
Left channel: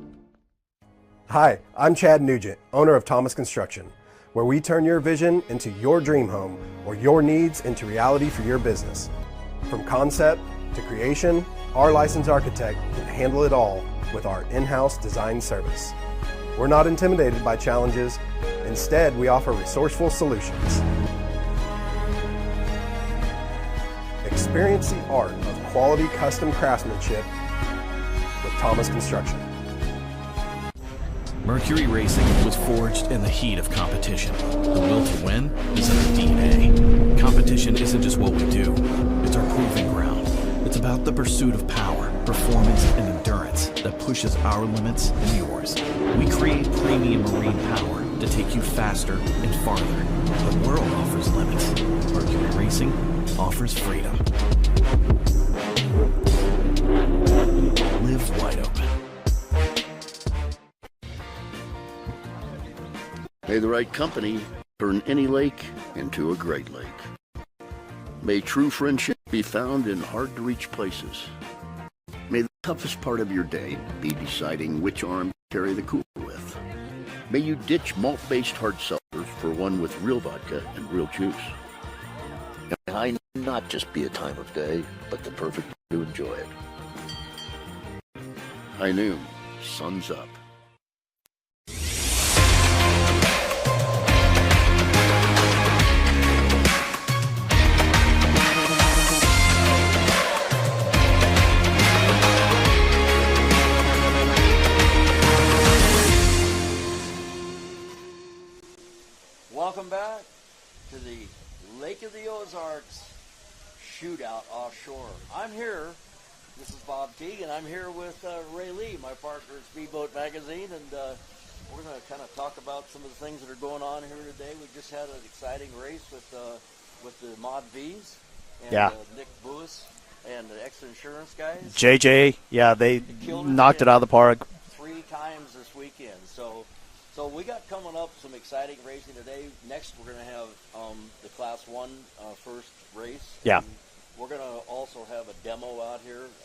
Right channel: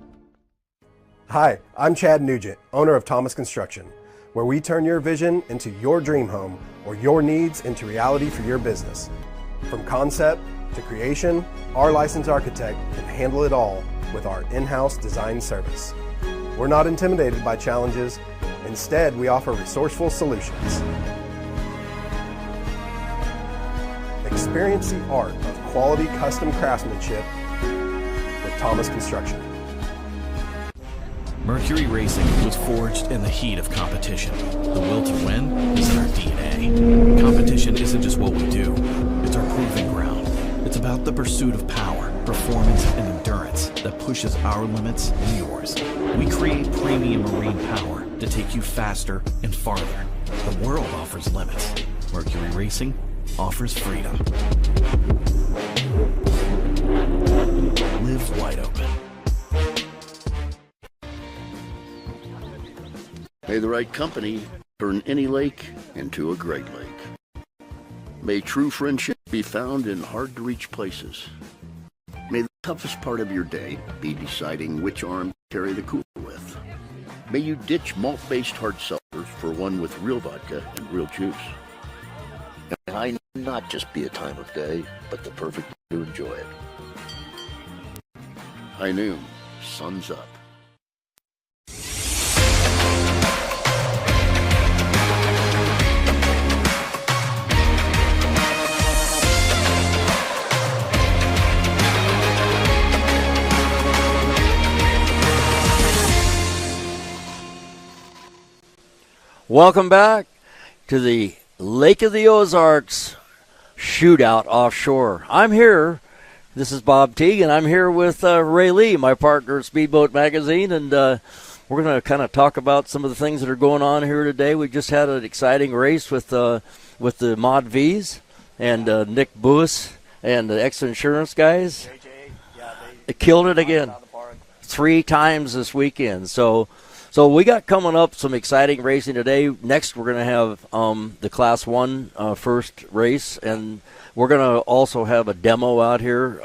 Hi, I'm Chad Nugent, owner of Thomas Construction, where we turn your vision into your dream home or your needs into reality for your business. From concept to creation, our licensed architect can handle it all with our in-house design service. We're not intimidated by challenges. Instead, we offer resourceful solutions. Experience the art of quality custom craftsmanship with Thomas Construction. Mercury Racing was forged in the heat of competition. The will to win is in our DNA. Competition isn't just what we do, it's our proving ground. It's about the pursuit of power, performance, and endurance that pushes our limits and yours. We create premium marine power to take you faster and farther. The world offers limits. Mercury Racing offers freedom. Live wide open. May the right company turn any lake into a great lake. May true friendship be found in hard-to-reach places. May the toughest part of your day be deciding which arm to carry the cooler with. May you ditch malt-based hard seltzers for one with real vodka and real juice. And may high not just be a time of day, but the perfect way to enjoy it. High noon, sun's up. Welcome back to the Lake of the Ozarks Shootout Offshore. I'm here. This is Bob Teague, and I'm here with Ray Lee, my partner at Speedboat Magazine, and we're going to kind of talk about some of the things that are going on here today. We just had an exciting race with the Mod V's and Nick Buis and the X Insurance guys. JJ, yeah, they killed it knocked again. it out of the park 3 times this weekend. So we got coming up some exciting racing today. Next, we're going to have the Class 1 first race, and we're going to also have a demo out here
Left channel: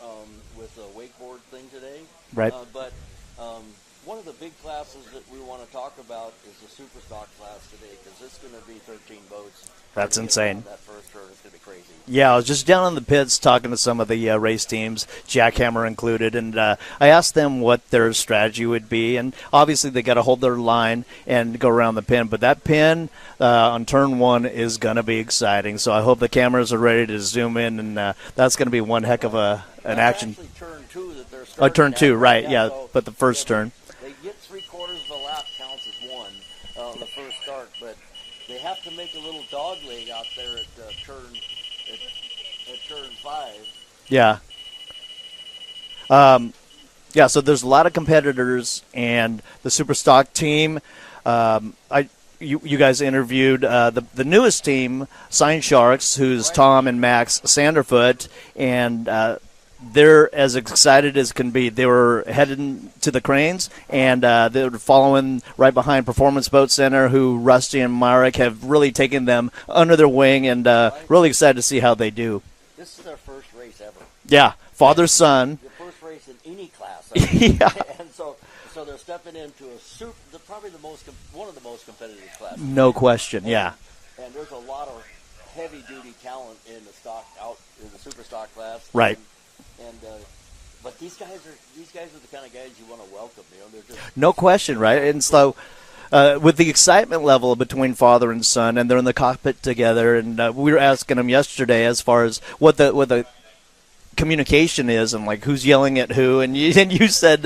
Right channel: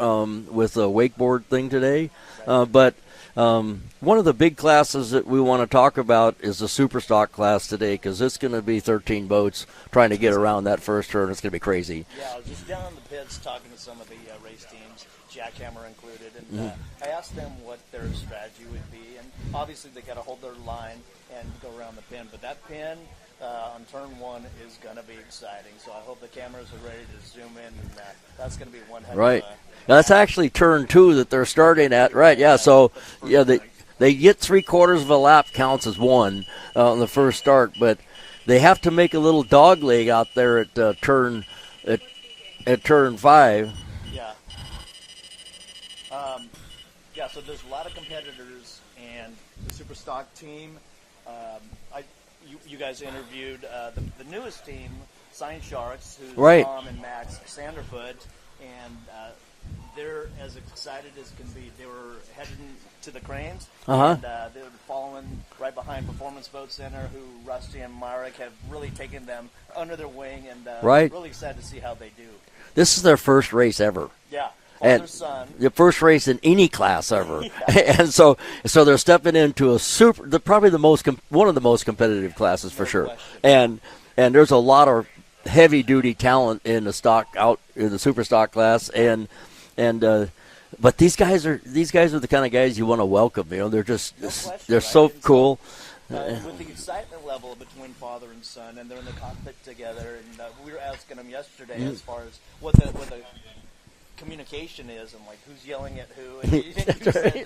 with a wakeboard thing today. Right. But One of the big classes that we want to talk about is the Superstock class today, because it's going to be 13 boats trying That's to get insane. around that first turn. It's going to be crazy. Yeah, I was just down in the pits talking to some of the race teams, Jackhammer included, and I asked them what their strategy would be. And obviously they got to hold their line and go around the pin. But that pin on turn 1 is going to be exciting. So I hope the cameras are ready to zoom in, and that's going to be one heck of a That's action. actually turn 2 that they're starting turn at. 2, right, Yeah, yeah, so but the first turn. They get 3/4 of a lap counts as 1 on the first start, but they have to make a little dog leg out there at turn 5. Yeah. Yeah, so there's a lot of competitors, and the Superstock team, you guys interviewed the newest team, Sign Sharks, who's Right. Tom and Max Sanderfoot, and they're as excited as can be. They were heading to the cranes, and they were following right behind Performance Boat Center, who Rusty and Marek have really taken them under their wing, and really excited to see how they do. This is their first race ever. Yeah, father-son. The first race in any class ever. And so they're stepping into probably one of the most competitive classes. No for sure. question. And there's a lot of heavy-duty talent in the Superstock class. Right. But these guys are the kind of guys you want to welcome. You know, they're just no question, they're right? So and cool. So, with the excitement level between father and son, and they're in the cockpit together, and we were asking them yesterday as far as what the communication is, and like who's yelling at who, and you said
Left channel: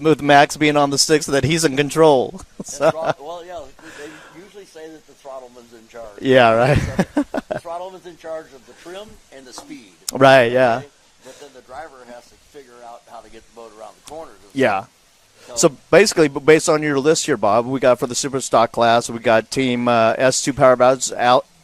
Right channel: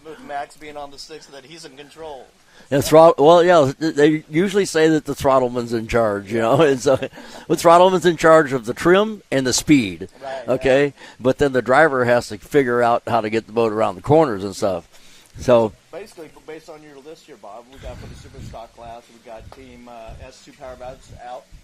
with Max being on the sticks that he's in control. And they usually say that the throttleman's in charge. Yeah, you know? right. So the throttleman's in charge of the trim and the speed. Right. Okay. Yeah. But then the driver has to figure out how to get the boat around the corners and stuff. Yeah. So basically, based on your list here, Bob, we got for the Superstock class, we got Team S2 Powerboats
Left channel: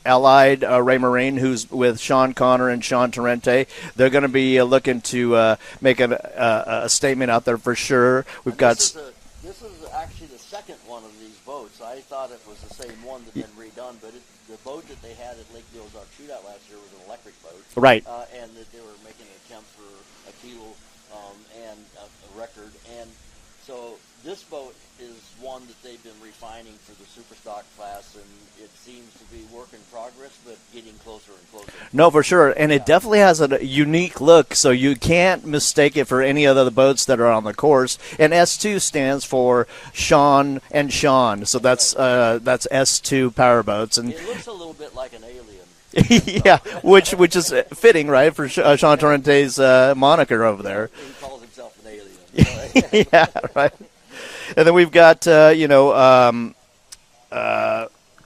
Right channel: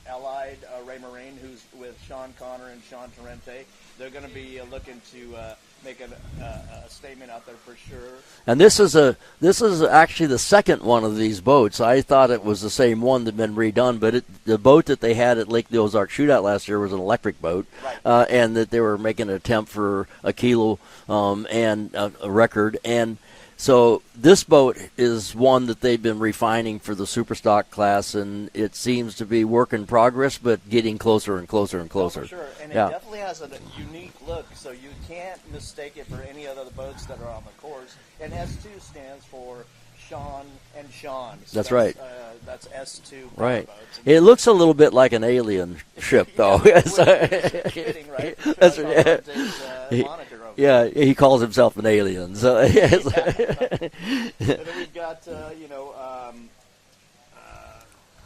Allied Ray Marine, who's with Sean Connor and Sean Torrente. They're going to be looking to make a statement out there for sure. This is actually the second one of these boats. I thought it was the same one that'd been redone, but the boat that they had at Lake the Ozarks Shootout last year was an electric boat, right? And that they were making an attempt for a kilo and a record. And so this boat is one that they've been refining for the Superstock class, and it seems to be work in progress, but getting closer and closer and closer. No, for sure. And it definitely has a unique look, so you can't mistake it for any other boats that are on the course. And S2 stands for Sean and Sean, so that's S2 Powerboats. And it looks a little bit like an alien ship, yeah, which is fitting, right, for Sean Torrente's moniker over there. Yeah, he calls himself an alien. So. Yeah, right. And then we've got,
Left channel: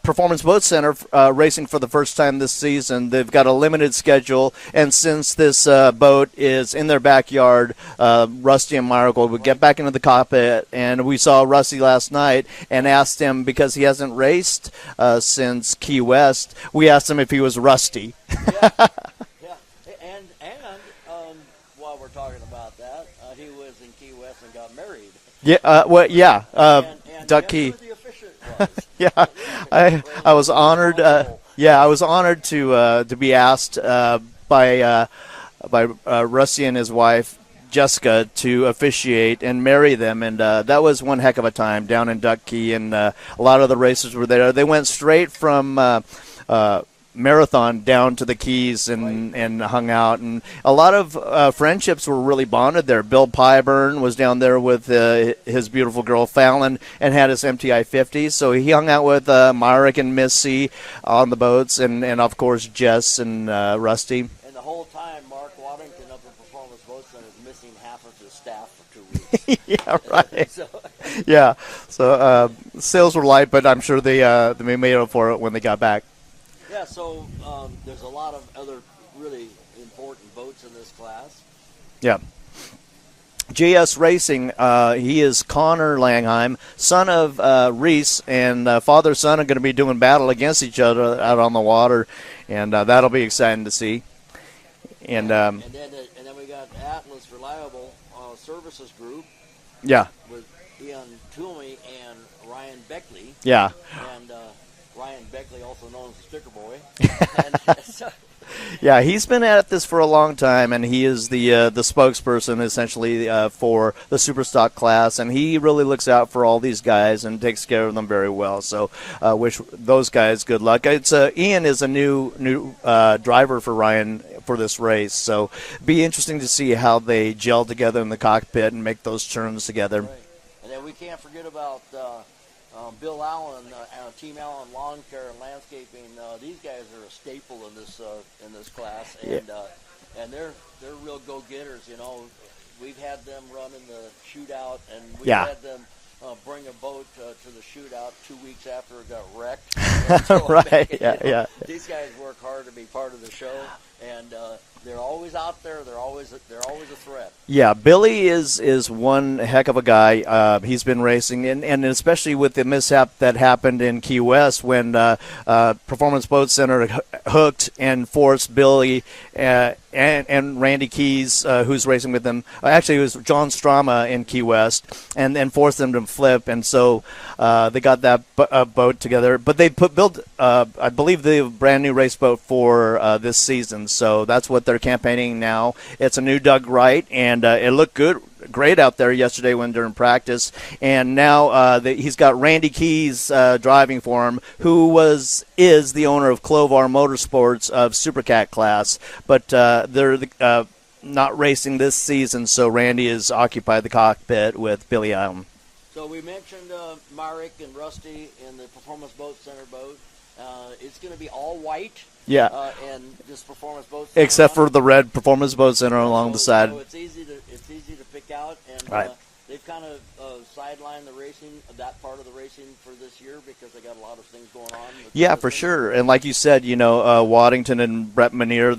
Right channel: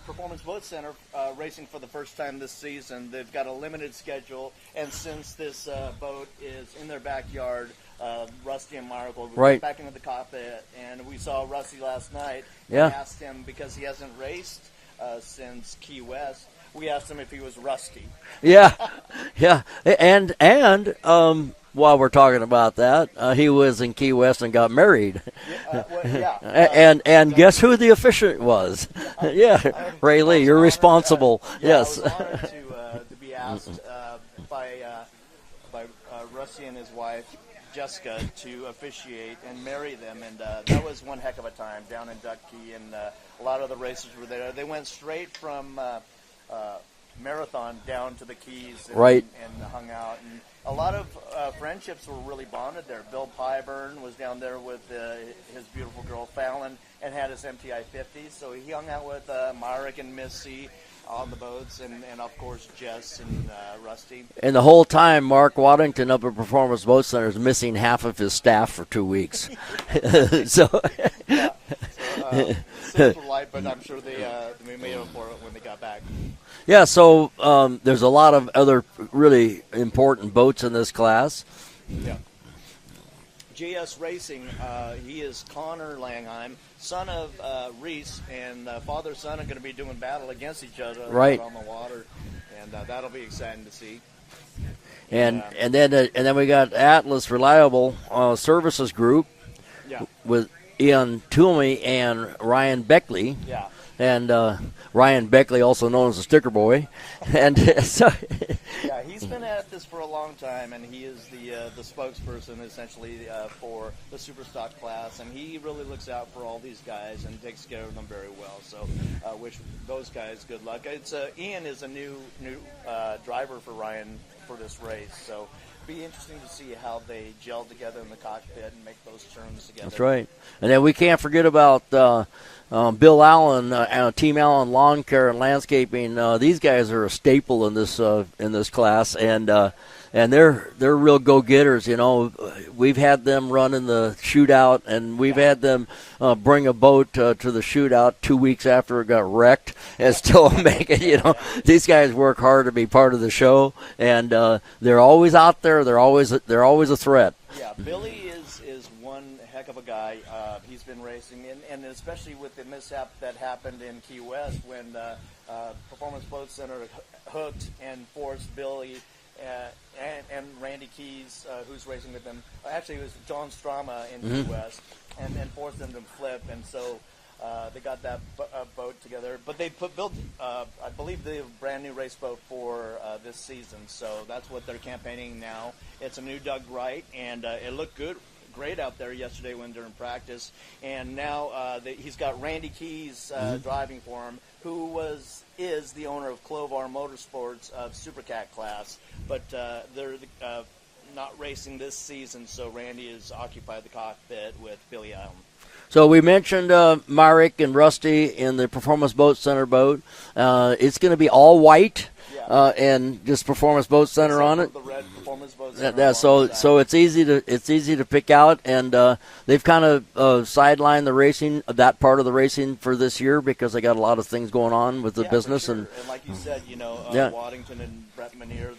Performance Boat Center racing for the first time this season. They've got a limited schedule, and since this boat is in their backyard, Rusty and Marek will get back into the cockpit. And we saw Rusty last night and asked him, because he hasn't raced since Key West, we asked him if he was rusty. Yeah. And while we're talking about that, he was in Key West and got married. Yeah, and guess who the officiant was? Rayleigh, you're responsible. I was honored to be asked by Rusty and his wife Jessica to officiate and marry them, and that was one heck of a time down in Duck Key, and a lot of the racers were there. They went straight from Marathon down to the Keys and hung out, and a lot of friendships were really bonded there. Bill Pyburn was down there with his beautiful girl Fallon and had his MTI 50, so he hung out with Marek and Missy on the boats, and of course Jess and Rusty. And the whole time, Mark Waddington up at Performance Boat Center is missing half of his staff for 2 weeks. So sales were light, but I'm sure they made up for it when they got back. Yeah, so there's a lot of other really important boats in this class. Yeah. JS Racing, he is Connor Langheim, son of Reese, and father-son are going to be doing battle against each other out on the water, and that'll be exciting to see. And then we got Atlas Reliable Services Group. Yeah. With Ian Toomey and Ryan Beckley. Yeah. And Ryan Beckley, also known as the Sticker Boy. And Yeah, he's been at this for a long time, and he is the spokesperson essentially for the Superstock class, and he really looks out for all these guys and takes care of them very well. So, wish those guys good luck. It's Ian is a new driver for Ryan for this race, so be interesting to see how they gel together in the cockpit and make those turns together. That's right. And then we can't forget about Bill Allen, Team Allen Lawn Care and Landscaping. These guys are a staple in this class, and they're real go-getters. You know, we've had them run in the shootout, and we've had them bring a boat to the shootout 2 weeks after it got wrecked. And still making, these guys work hard to be part of the show, and they're always out there. They're always a threat. Yeah, Billy is one heck of a guy. He's been racing, and especially with the mishap that happened in Key West when Performance Boat Center hooked and forced Billy and Randy Keys, who's racing with them. Actually, it was John Strama in Key West, and forced them to flip. And so they got that boat together. But they built, I believe, the brand new race boat for this season. So that's what they're campaigning now. It's a new Doug Wright, and it looked great out there yesterday during practice, and now he's got Randy Keys driving for him, who is the owner of Clovar Motorsports of Supercat class, but they're not racing this season, so Randy has occupied the cockpit with Billy Allen. So we mentioned Marek and Rusty in the Performance Boat Center boat. It's going to be all white. Yeah, and just Performance Boat Center, except for the red Performance Boat Center along the side. So it's easy to pick out, and they've kind of sidelined the racing, that part of the racing for this year, because they got a lot of things going on with the business. Yeah, for sure. And like you said, Waddington and Brett Manier,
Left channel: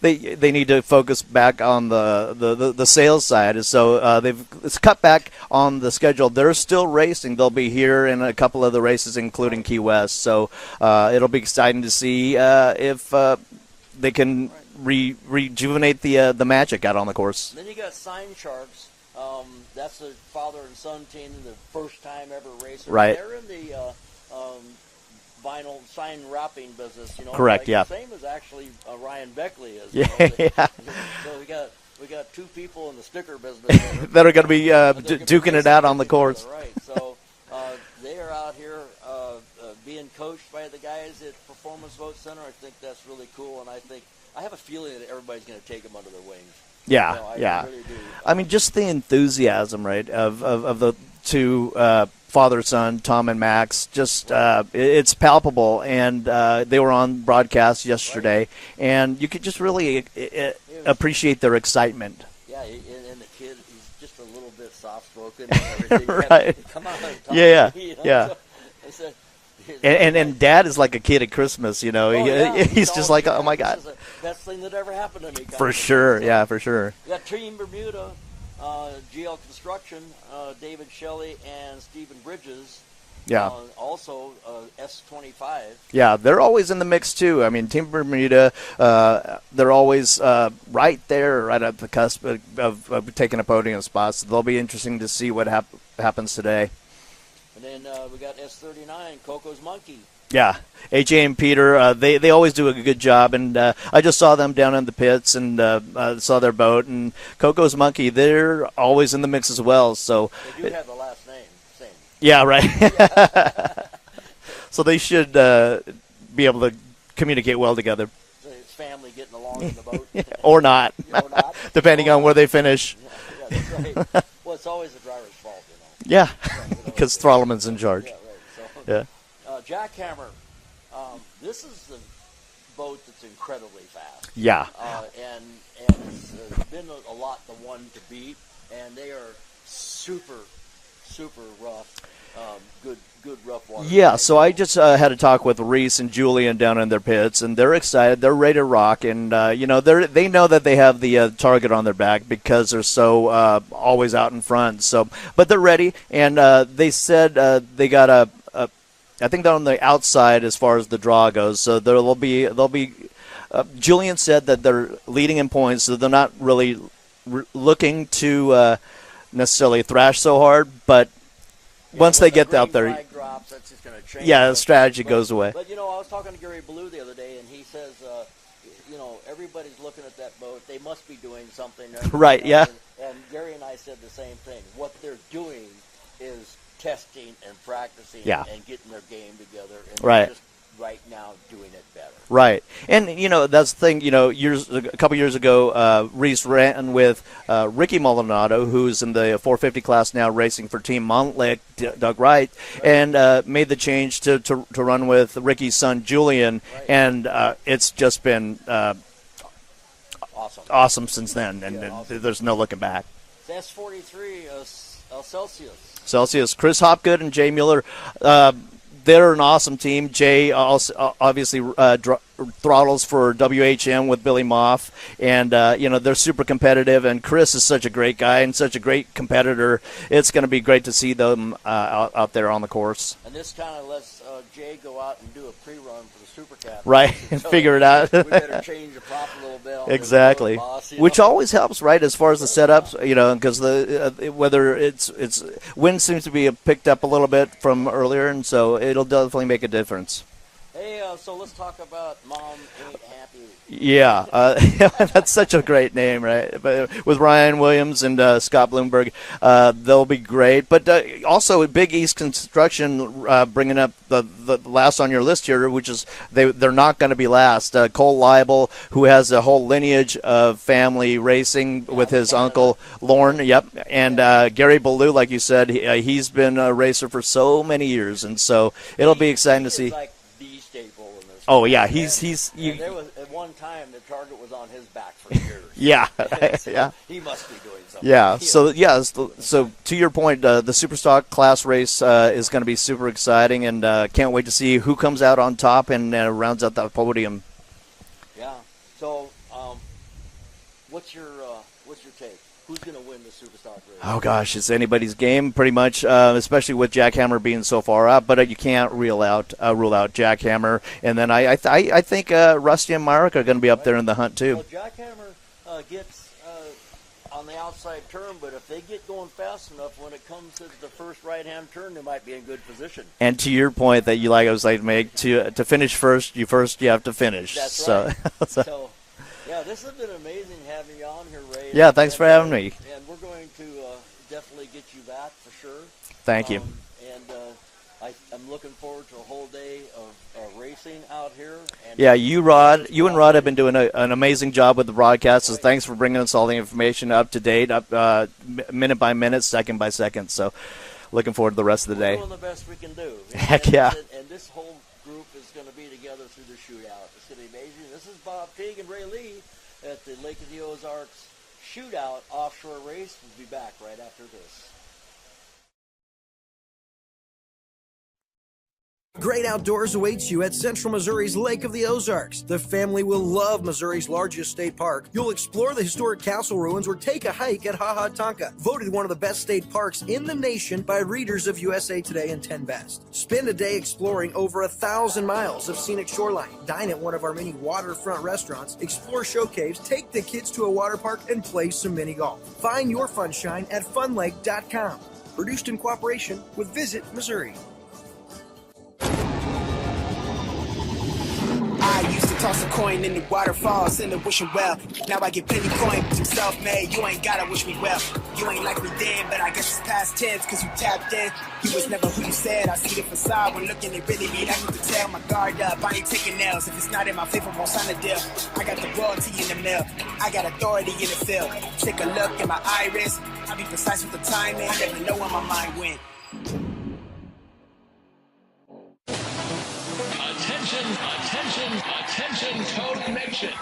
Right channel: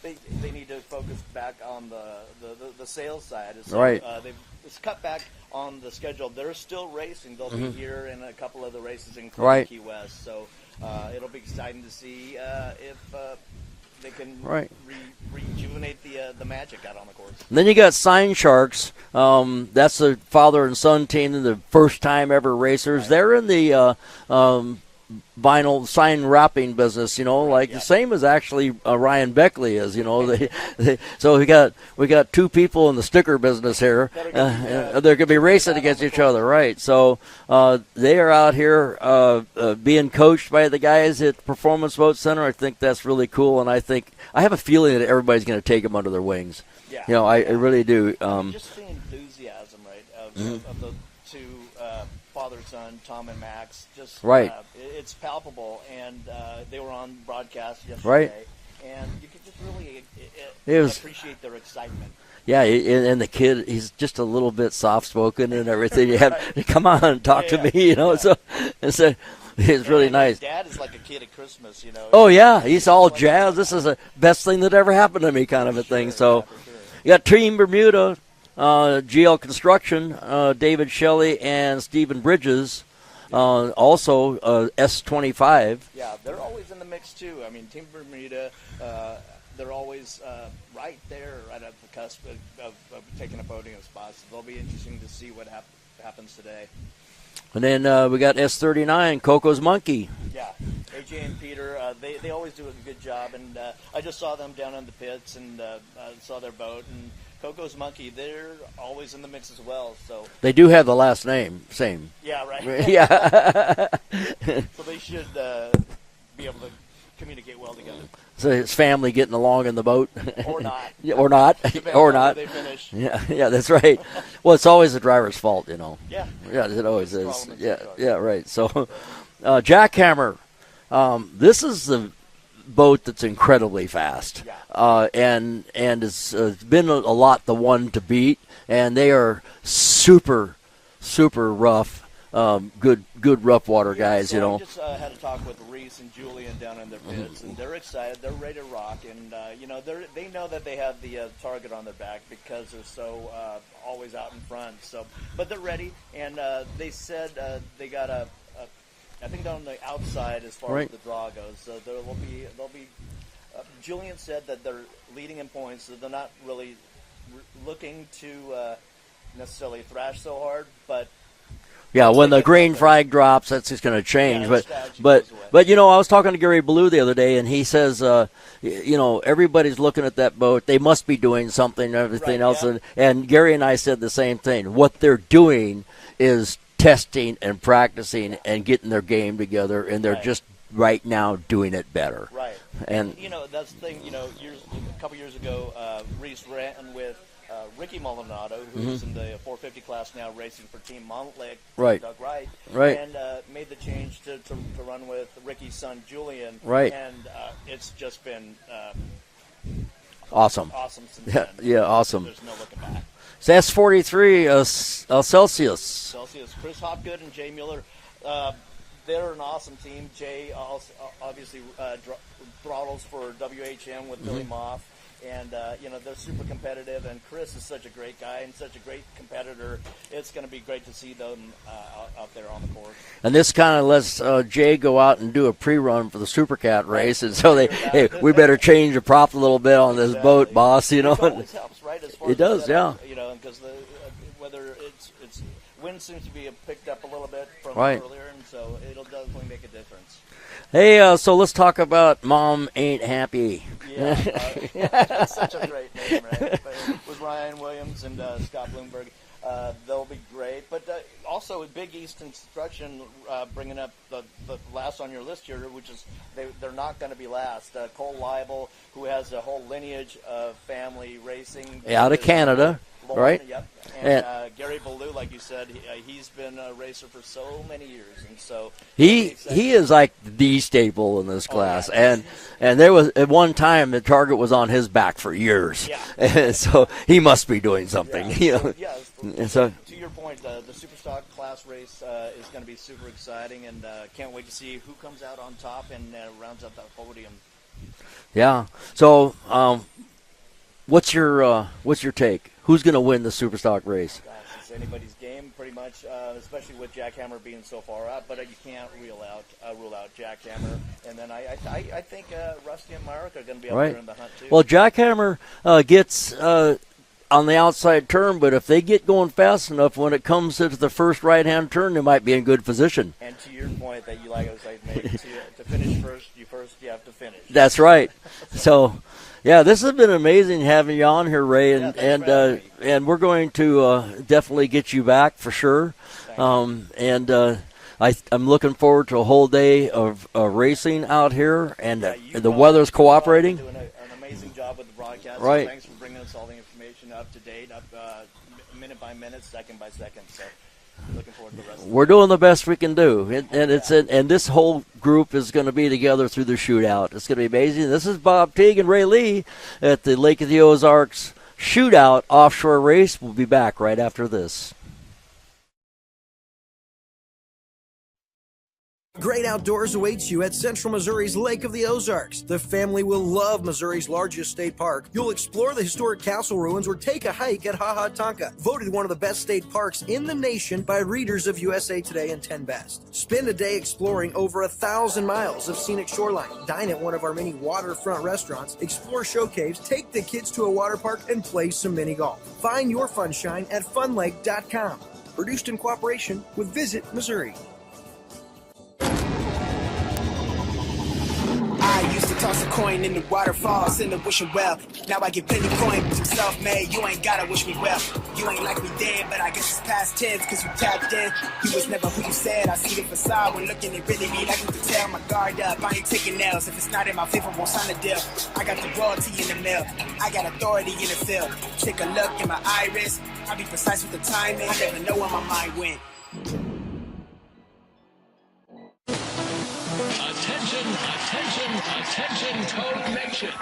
they need to focus back on the sales side. So it's cut back on the schedule. They're still racing. They'll be here in a couple of the races, including Key West. So it'll be exciting to see if they can rejuvenate the magic out on the course. And then you got Sign Sharks. That's the father and son team, and the first time ever racers. Right. They're in the vinyl sign wrapping business, Correct, the same as actually Ryan Beckley is, so we got two people in the sticker business here that are going to be they're going to be racing out against on the each course. other, right? So they are out here being coached by the guys at Performance Boat Center. I think that's really cool, and I have a feeling that everybody's going to take them under their wings. Yeah, I really do. I mean, just the enthusiasm, right, of the two father-son, Tom and Max, just it's palpable, and they were on broadcast yesterday, and you could just really appreciate their excitement. Yeah, and the kid, he's just a little bit soft-spoken and everything. Come on, talk to me, So it's really nice. And Dad is like a kid at Christmas, Oh, yeah. He's all like, jazzed. oh, my this God. is the best thing that ever happened to me, kind for of a sure. thing. So, for sure. You got Team Bermuda, GL Construction, David Shelley and Stephen Bridges. Yeah. Also, S25. Yeah, they're always in the mix, too. I mean, Team Bermuda, they're always right there, right at the cusp of taking a podium spot. So they'll be interesting to see what happens today. And then we got S39, Coco's Monkey. Yeah, AJ and Peter, they always do a good job, and I just saw them down in the pits and saw their boat. And Coco's Monkey, they're always in the mix as well. So they do have the last name, same. Yeah, right. Yeah. So they should be able to communicate well together. So his family getting along in the boat, or not, depending on where they finish. Yeah, that's right. Well, it's always the driver's fault, Yeah, because Throttleman's in charge. Yeah, right. So, Jackhammer, this is the boat that's incredibly fast. Yeah, and it's been a lot the one to beat, and they are super rough. Good rough water guys. So I just had a talk with Reese and Julian down in their pits, and they're excited. They're ready to rock, and they know that they have the target on their back because they're so always out in front. So, but they're ready, and they said they got I think they're on the outside as far as the draw goes. So they'll be. Julian said that they're leading in points, so they're not really looking to necessarily thrash so hard, but. Yeah, when the green flag drops, that's just going to change. Yeah, the strategy goes away. But, I was talking to Gary Ballou the other day, and he says everybody's looking at that boat. They must be doing something. Everything Right, else. yeah. And Gary and I said the same thing. What they're doing is testing and practicing and getting their game together, and they're just right now doing it better. Right. And that's the thing, a couple years ago, Reese ran with Ricky Maldonado, who's in the 450 class now racing for Team Montlake, Doug Wright, and made the change to run with Ricky's son, Julian. Right. And it's just been awesome since then. And awesome. There's no looking back. So that's 43 Celsius. Chris Hopgood and Jay Mueller, they're an awesome team. Jay also obviously throttles for WHM with Billy Moff, and they're super competitive. And Chris is such a great guy and such a great competitor. It's going to be great to see them out there on the course. And this kind of lets Jay go out and do a pre-run for the Supercat race, and so figure it out. We better change the prop a little bit on this boat, boss. Which always helps, right? As far as the setups, yeah. Because whether it's wind seems to be picked up a little bit from earlier, and so it'll definitely make a difference. Hey, so let's talk about Mom Ain't Happy. Yeah, that's such a great name, right? But with Ryan Williams and Scott Bloomberg, they'll be great. But also Big East Construction bringing up the last on your list here, which is they're not going to be last. Cole Leibel, who has a whole lineage of family racing with his uncle Lorne. Right? Yep, and Gary Ballou, like you said, he's been a racer for so many years, and so it'll be exciting. He to see. is like the staple in this class. Oh yeah, and there was at one time the target was on his back for years. Yeah, so he must be doing something. Yeah. So to your point, the Superstock class race is going to be super exciting, and can't wait to see who comes out on top and rounds out that podium. Yeah. So, what's your take? Who's going to win the Superstock race? Oh, gosh, it's anybody's game pretty much, especially with Jackhammer being so far up. But you can't rule out Jackhammer. And then I think Rusty and Myrick are going to be up there in the hunt, too. Well, Jackhammer gets on the outside turn, but if they get going fast enough, when it comes to the first right-hand turn, they might be in good position. And to your point that you I was like to make, to finish first, you have to finish. That's right. So yeah, this has been amazing having you on here, Ray. Yeah, thanks for having me. And we're going to definitely get you back for sure. Thank you. And I'm looking forward to a whole day of racing out here. And yeah, you and Rod have been doing an amazing job with the broadcast. Right. So thanks for bringing us all the information up to date, minute by minute, second by second. So looking forward to the rest of the day. We're doing the best we can do. And this whole group is going to be together through the shootout. It's going to be amazing. This is Bob Teague and Ray Lee at the Lake of the Ozarks Shootout Offshore race. We'll be back right after this. Great outdoors awaits you at Central Missouri's Lake of the Ozarks. The family will love Missouri's largest state park. You'll explore the historic castle ruins or take a hike at Ha Ha Tonka, voted one of the best state parks in the nation by readers of USA Today and 10 Best. Spend a day exploring over 1,000 miles of scenic shoreline. Dine at one of our many waterfront restaurants, explore show caves, take the kids to a water park, and play some mini golf. Find your funshine at funlake.com. Produced in cooperation with Visit Missouri. I used to toss a coin in the waterfalls in the wishing well. Now I get plenty coin, but I'm self-made. You ain't gotta wish me well. You ain't like me then, but I guess it's past tense, cause you tapped in. You was never who you said. I see the facade when looking at really me. Like you can tell my guard up. I ain't taking nails. If it's not in my favor, won't sign a deal. I got the royalty in the mail. I got authority in the field. Take a look in my iris. I'll be precise with the timing. I never know where my mind went. Attention, Toad Nation.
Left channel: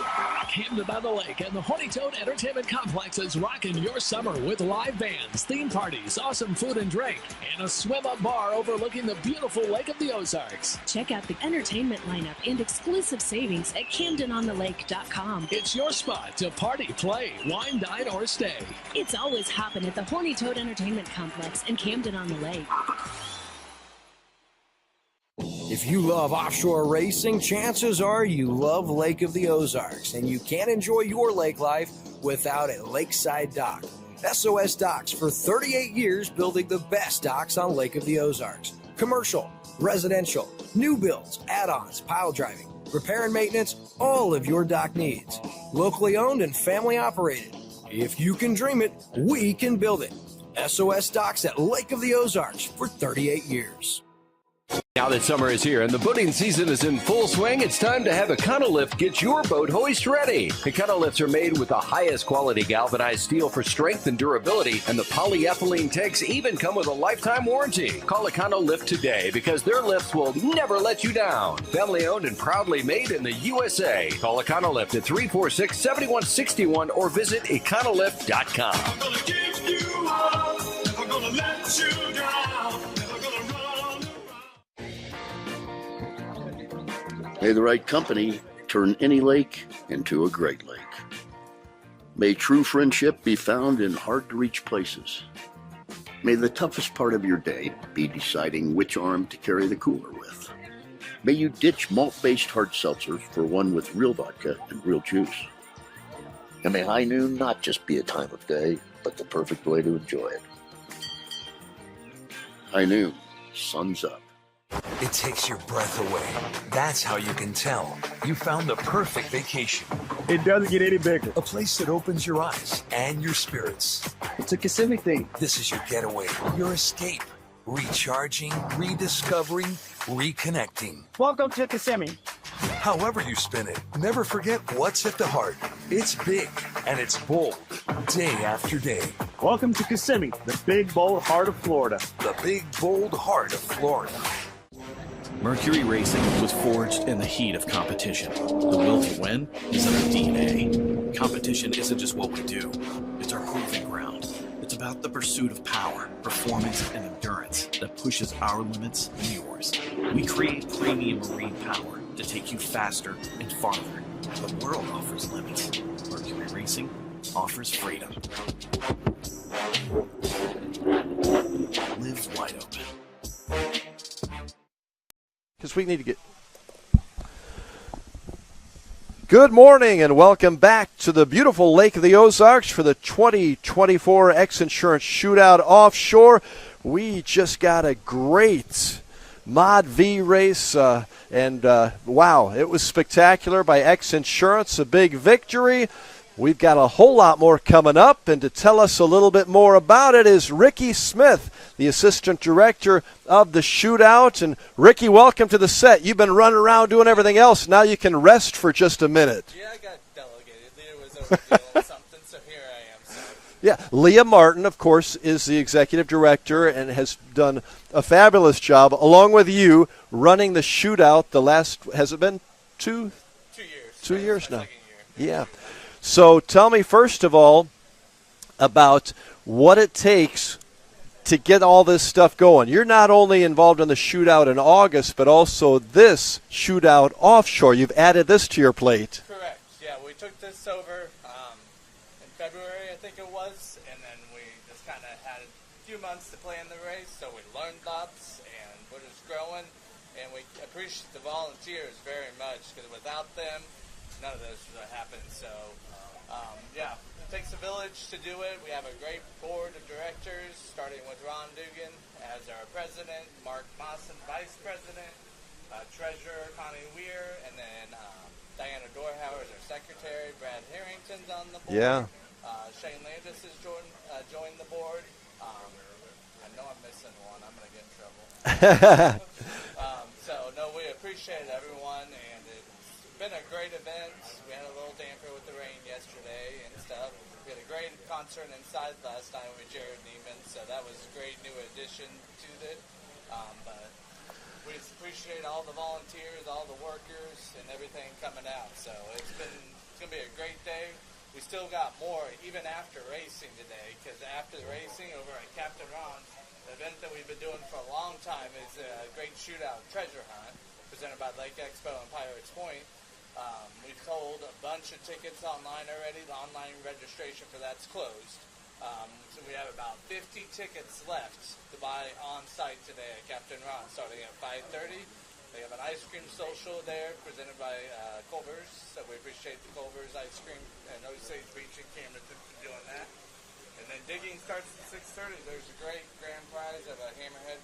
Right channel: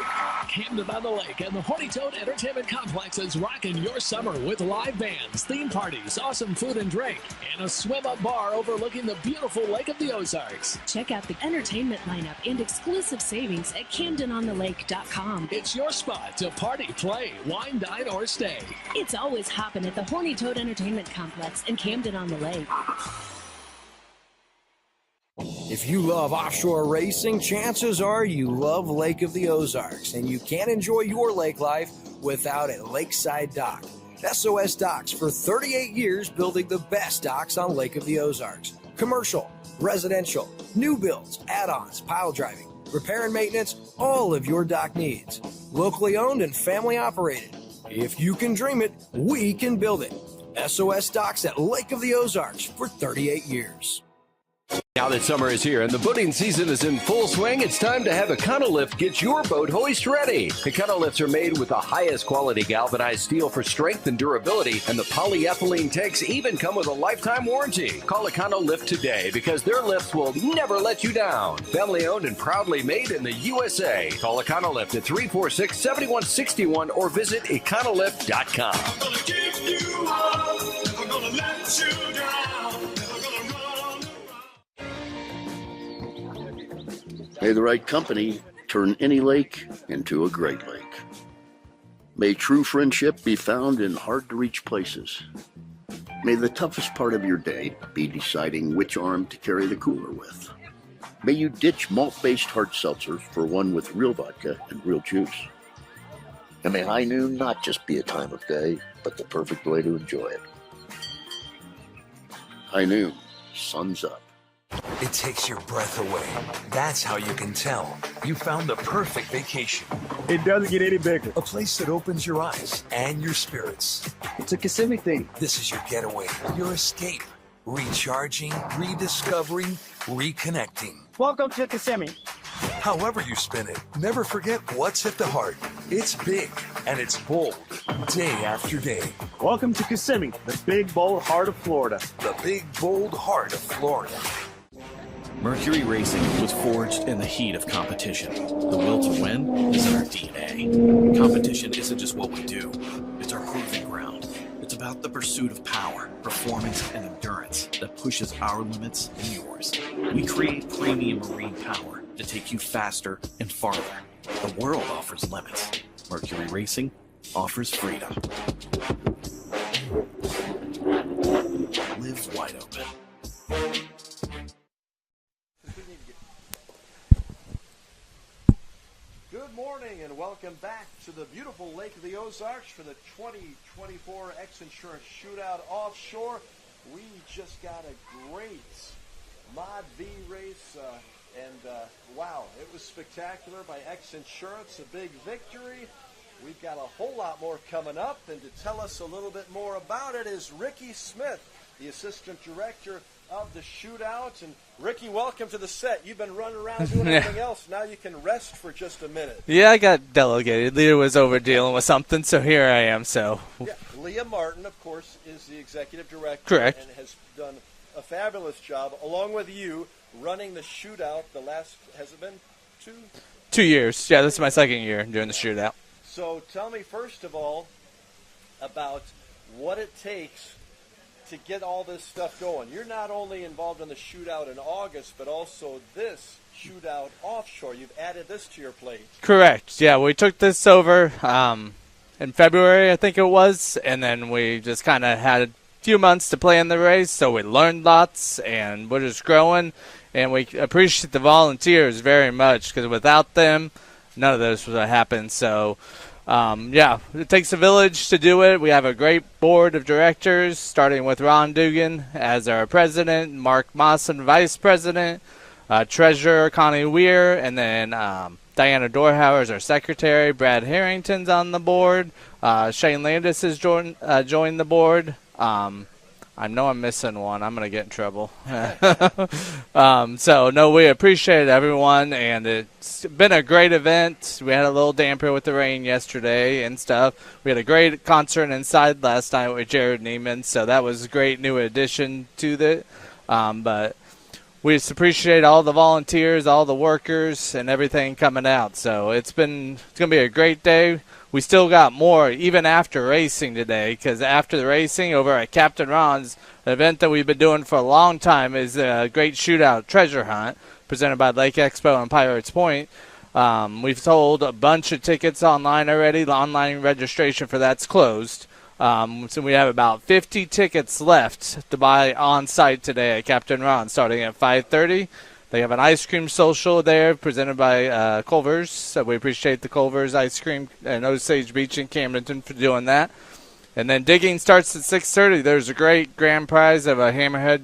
Camden on the Lake and the Horny Toad Entertainment Complex is rocking your summer with live bands, theme parties, awesome food and drink, and a swim-up bar overlooking the beautiful Lake of the Ozarks. Check out the entertainment lineup and exclusive savings at CamdenOnTheLake.com. It's your spot to party, play, wine, dine, or stay. It's always hopping at the Horny Toad Entertainment Complex in Camden on the Lake. If you love offshore racing, chances are you love Lake of the Ozarks, and you can't enjoy your lake life without a lakeside dock. SOS Docks, for 38 years, building the best docks on Lake of the Ozarks. Commercial, residential, new builds, add-ons, pile driving, repair and maintenance, all of your dock needs. Locally owned and family operated. If you can dream it, we can build it. SOS Docks at Lake of the Ozarks for 38 years. Now that summer is here and the boating season is in full swing, it's time to have Econolift get your boat hoist ready. Econolifts are made with the highest quality galvanized steel for strength and durability, and the polyethylene tanks even come with a lifetime warranty. Call Econolift today because their lifts will never let you down. Family owned and proudly made in the USA. Call Econolift at 346-7161 or visit econolift.com. I'm gonna give you up, never gonna let you down, never gonna run. May the right company turn any lake into a great lake. May true friendship be found in hard-to-reach places. May the toughest part of your day be deciding which arm to carry the cooler with. May you ditch malt-based hard seltzer for one with real vodka and real juice. And may high noon not just be a time of day, but the perfect way to enjoy it. High noon, sun's up. It takes your breath away. That's how you can tell you found the perfect vacation. It doesn't get any bigger. A place that opens your eyes and your spirits. It's a Kissimmee thing. This is your getaway, your escape. Recharging, rediscovering, reconnecting. Welcome to Kissimmee. However you spin it, never forget what's at the heart. It's big and it's bold, day after day. Welcome to Kissimmee, the big, bold heart of Florida. The big, bold heart of Florida. Mercury Racing was forged in the heat of competition. The will to win is in our DNA. Competition isn't just what we do, it's our proving ground. It's about the pursuit of power, performance, and endurance that pushes our limits and yours. We create premium marine power to take you faster and farther. The world offers limits. Mercury Racing offers freedom. Live wide open. Because we need to get... Good morning and welcome back to the beautiful Lake of the Ozarks for the 2024 X Insurance Shootout Offshore. We just got a great Mod V race, wow, it was spectacular by X Insurance, a big victory. We've got a whole lot more coming up, and to tell us a little bit more about it is Ricky Smith, the Assistant Director of the Shootout. And Ricky, welcome to the set. You've been running around doing everything else. Now you can rest for just a minute. Yeah, I got delegated. Leah was over dealing with something, so here I am. So yeah, Leah Martin, of course, is the Executive Director. Correct. And has done a fabulous job, along with you, running the Shootout the last, has it been 2 years? Yeah, this is my second year doing the Shootout. So tell me, first of all, about what it takes to get all this stuff going. You're not only involved in the Shootout in August, but also this Shootout Offshore. You've added this to your plate. Correct. Yeah, we took this over in February, I think it was, and then we just kind of had a few months to play in the race, so we learned lots, and we're just growing, and we appreciate the volunteers very much, because without them, none of this would have happened. So, yeah, it takes a village to do it. We have a great board of directors, starting with Ron Dugan as our president, Mark Mawson, vice president, treasurer Connie Weir, and then Diana Dorhauer is our secretary. Brad Harrington's on the board. Yeah. Shane Landis has joined the board. I know I'm missing one. I'm going to get in trouble. So, no, we appreciate everyone, and it's been a great event. We had a little damper with the rain yesterday and stuff. We had a great concert inside last night with Jared Neiman, so that was a great new addition to it. But we just appreciate all the volunteers, all the workers, and everything coming out. So it's going to be a great day. We still got more even after racing today, because after the racing over at Captain Ron's, an event that we've been doing for a long time is a great shootout treasure hunt presented by Lake Expo and Pirates Point. We've sold a bunch of tickets online already. The online registration for that's closed. So we have about 50 tickets left to buy on site today at Captain Ron starting at 5:30. They have an ice cream social there presented by Culver's. So we appreciate the Culver's Ice Cream and Osage Beach in Camdenton for doing that. And then digging starts at 6:30. There's a great grand prize of a Hammerhead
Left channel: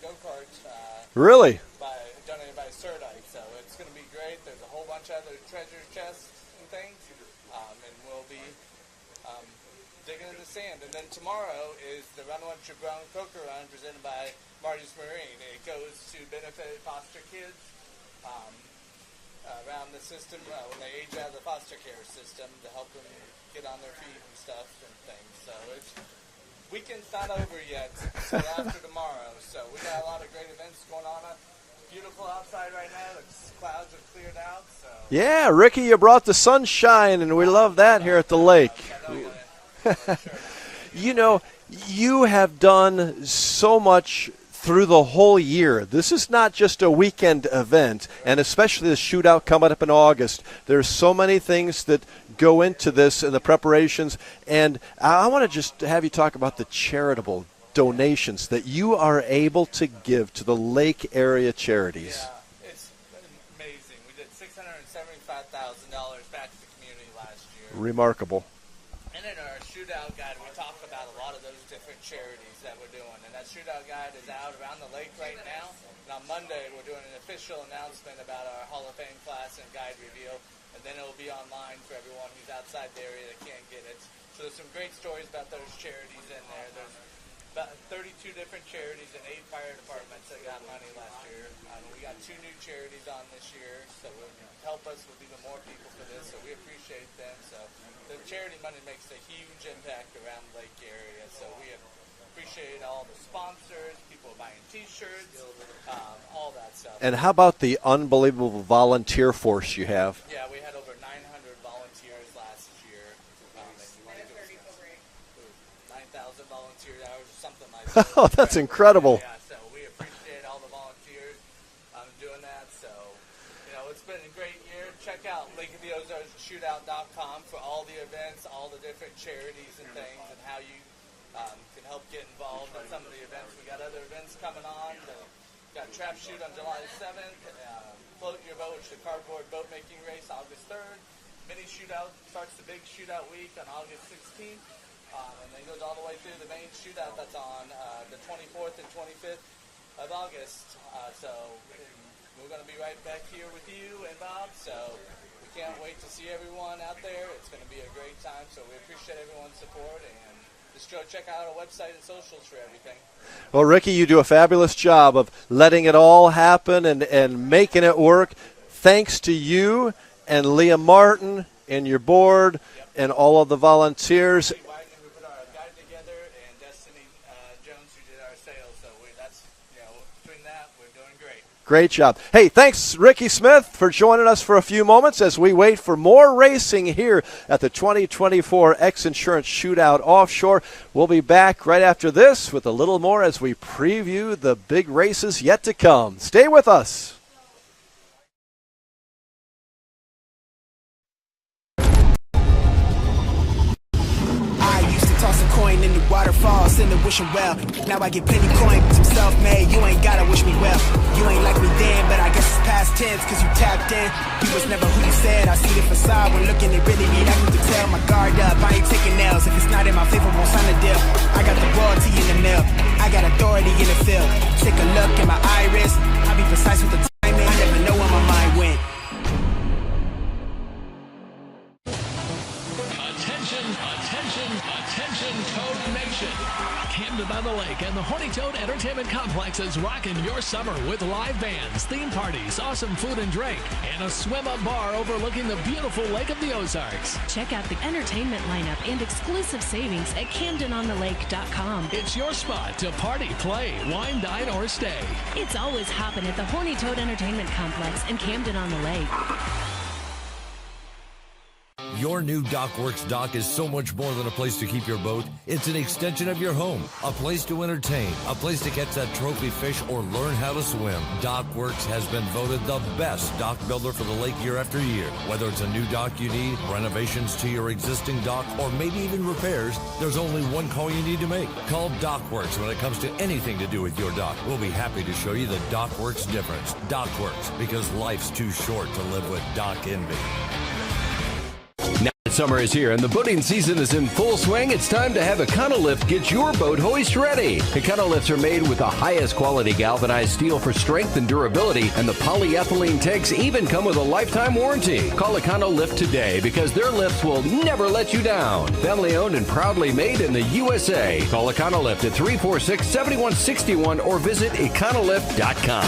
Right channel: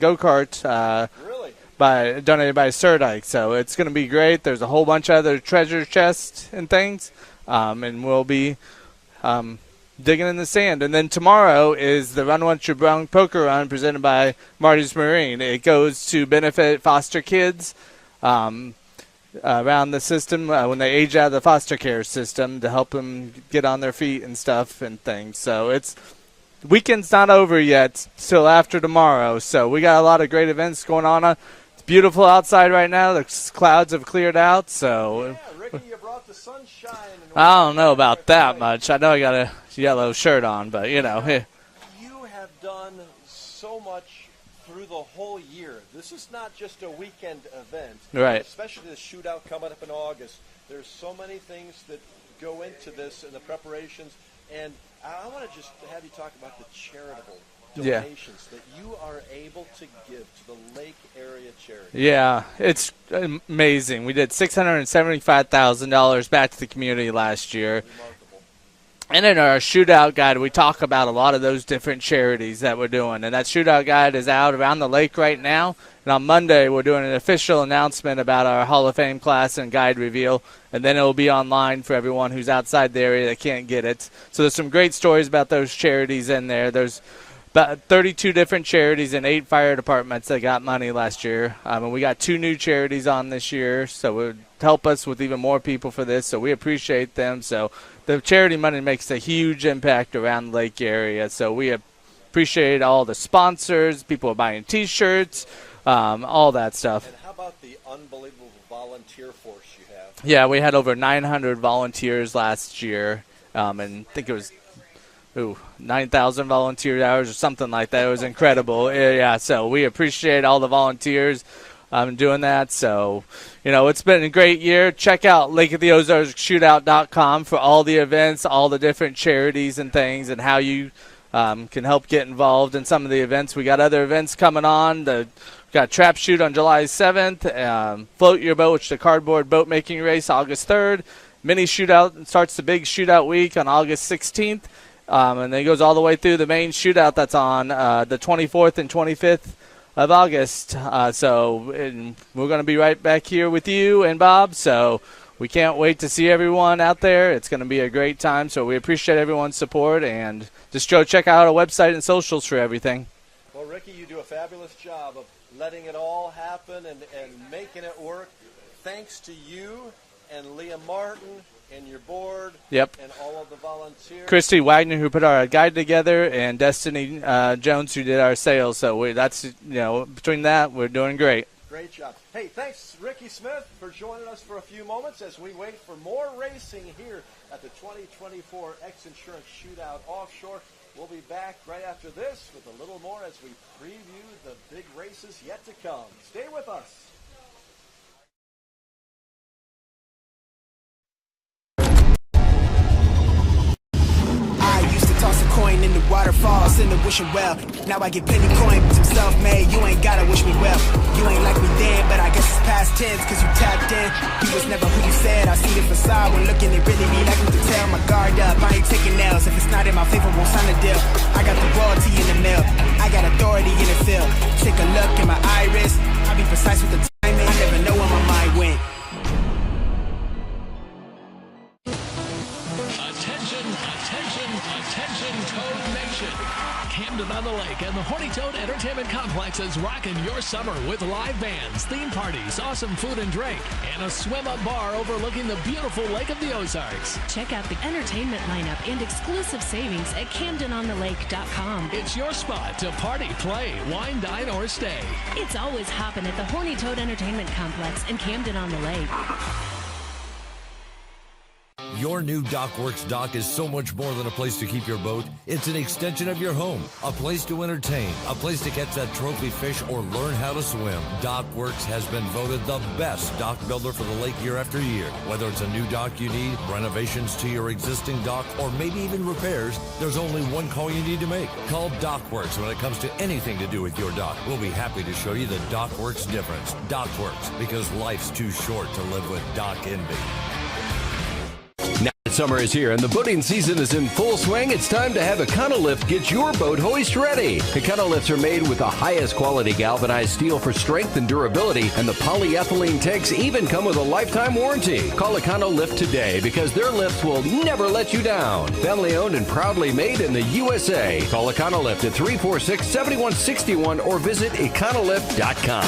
go-kart. Really? Donated by Surdike. So it's going to be great. There's a whole bunch of other treasure chests and things. And we'll be digging in the sand. And then tomorrow is the Run Once You're Brown Poker Run presented by Marty's Marine. It goes to benefit foster kids around the system when they age out of the foster care system to help them get on their feet and stuff and things. So weekend's not over yet, still after tomorrow. So we got a lot of great events going on. It's beautiful outside right now. The clouds have cleared out. So yeah, Ricky, you brought the sunshine, and we I love don't know that about here at that the lake. much. I know I got a yellow shirt on, but you know. You have done so much through the whole year. This is not just a weekend event, Right. and especially the shootout coming up in August. There's so many things that go into this and the preparations, and I want to just have you talk about the charitable donations that you are able to give to the lake area charities. Yeah, it's amazing. We did $675,000 back to the community last year. Remarkable. And in our shootout guide, we talk about a lot of those different charities that we're doing. And that shootout guide is out around the lake right now. And on Monday, we're doing an official announcement about our Hall of Fame class and guide reveal. And then it will be online for everyone who's outside the area that can't get it. So there's some great stories about those charities in there. There's about 32 different charities and 8 fire departments that got money last year. And we got 2 new charities on this year. So it would help us with even more people for this. So we appreciate them. So the charity money makes a huge impact around the lake area. So we appreciate all the sponsors, people are buying T-shirts, all that stuff. And how about the unbelievable volunteer force you have? Yeah, we had over 900 volunteers last year, and I think it was 9,000 volunteer hours or something like that. It was incredible. That's incredible. Yeah, so we appreciate all the volunteers doing that. So, it's been a great year. Check out lakeoftheozarkshootout.com for all the events, all the different charities and things, and how you can help get involved in some of the events. We got other events coming on. Got Trap Shoot on July 7th, Float Your Boat, which is the cardboard boat making race, August 3rd. Mini Shootout starts the big shootout week on August 16th, and then it goes all the way through the main shootout that's on the 24th and 25th of August. So we're going to be right back here with you and Bob. So we can't wait to see everyone out there. It's going to be a great time. So we appreciate everyone's support, and just go check out our website and socials for everything. Well, Ricky, you do a fabulous job of letting it all happen and making it work. Thanks to you and Liam Martin and your board and all of the volunteers. Christy Wagner, who put our guide together, and Destiny Jones, who did our sales. So that's between that, we're doing great. Great job. Hey, thanks, Ricky Smith, for joining us for a few moments as we wait for more racing here at the 2024 X Insurance Shootout Offshore. We'll be back right after this with a little more as we preview the big races yet to come. Stay with us. Toss a coin in the waterfalls in the wishing well. Now I get plenty coin, but I'm self-made. You ain't gotta wish me well. You ain't like me then, but I guess it's past tense, cause you tapped in. You was never who you said. I see the facade when looking, it really be like me to tell. My guard up, I ain't taking nails. If it's not in my favor, won't sign a deal. I got the royalty in the mail. I got authority in the field. Take a look in my iris. I be precise with the timing. I never know where my mind went. Attention, Toad Nation. Camden on the Lake and the Horny Toad Entertainment Complex is rocking your summer with live bands, theme parties, awesome food and drink, and a swim-up bar overlooking the beautiful Lake of the Ozarks. Check out the entertainment lineup and exclusive savings at CamdenOnTheLake.com. It's your spot to party, play, wine, dine, or stay. It's always hopping at the Horny Toad Entertainment Complex in Camden on the Lake. Your new DockWorks dock is so much more than a place to keep your boat. It's an extension of your home, a place to entertain, a place to catch that trophy fish or learn how to swim. DockWorks has been voted the best dock builder for the lake year after year. Whether it's a new dock you need, renovations to your existing dock, or maybe even repairs, there's only one call you need to make. Call DockWorks when it comes to anything to do with your dock. We'll be happy to show you the DockWorks difference. DockWorks, because life's too short to live with dock envy. Now it's summer is here and the boating season is in full swing, it's time to have Econolift get your boat hoist ready. Econolifts are made with the highest quality galvanized steel for strength and durability, and the polyethylene tanks even come with a lifetime warranty. Call Econolift today because their lifts will never let you down. Family owned and proudly made in the USA. Call Econolift at 346-7161 or visit econolift.com.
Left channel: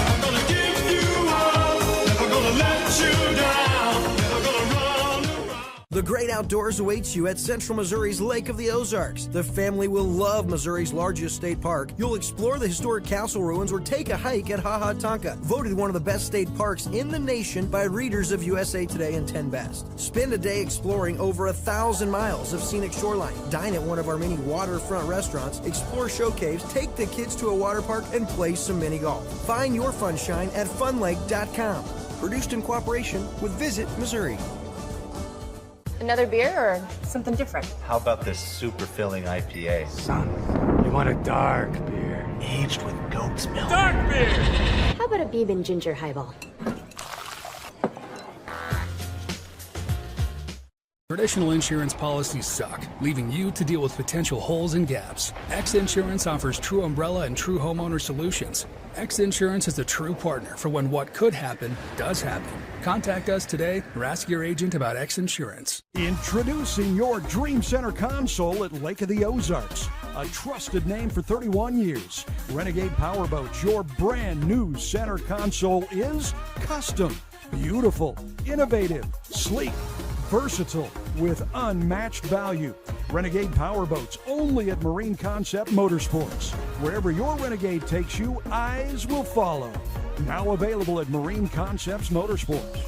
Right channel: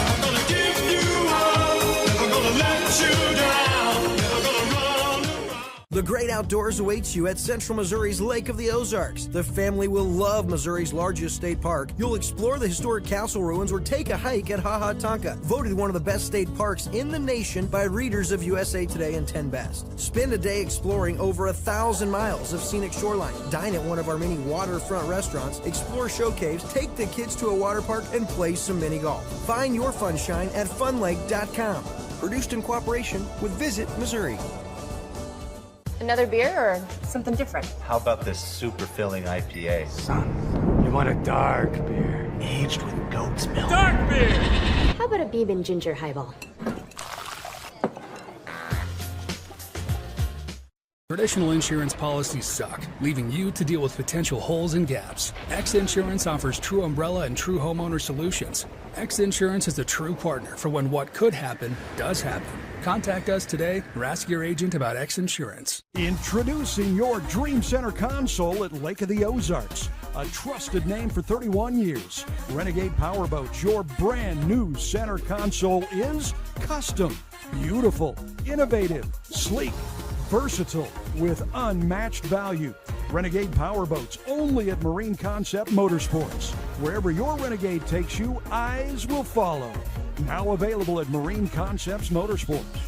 The great outdoors awaits you at Central Missouri's Lake of the Ozarks. The family will love Missouri's largest state park. You'll explore the historic castle ruins or take a hike at Ha Ha Tonka, voted one of the best state parks in the nation by readers of USA Today and 10 Best. Spend a day exploring over 1,000 miles of scenic shoreline. Dine at one of our many waterfront restaurants, explore show caves, take the kids to a water park, and play some mini golf. Find your funshine at funlake.com. Produced in cooperation with Visit Missouri. Another beer or something different? How about this super filling IPA? Son, you want a dark beer. Aged with goat's milk. Dark beer! How about a Beeb and Ginger highball? Traditional insurance policies suck, leaving you to deal with potential holes and gaps. X Insurance offers true umbrella and true homeowner solutions. X Insurance is the true partner for when what could happen does happen. Contact us today or ask your agent about X Insurance. Introducing your Dream Center console at Lake of the Ozarks. A trusted name for 31 years. Renegade Powerboats, your brand new center console is custom, beautiful, innovative, sleek, versatile, with unmatched value. Renegade Powerboats, only at Marine Concept Motorsports. Wherever your Renegade takes you, eyes will follow. Now available at Marine Concepts Motorsports.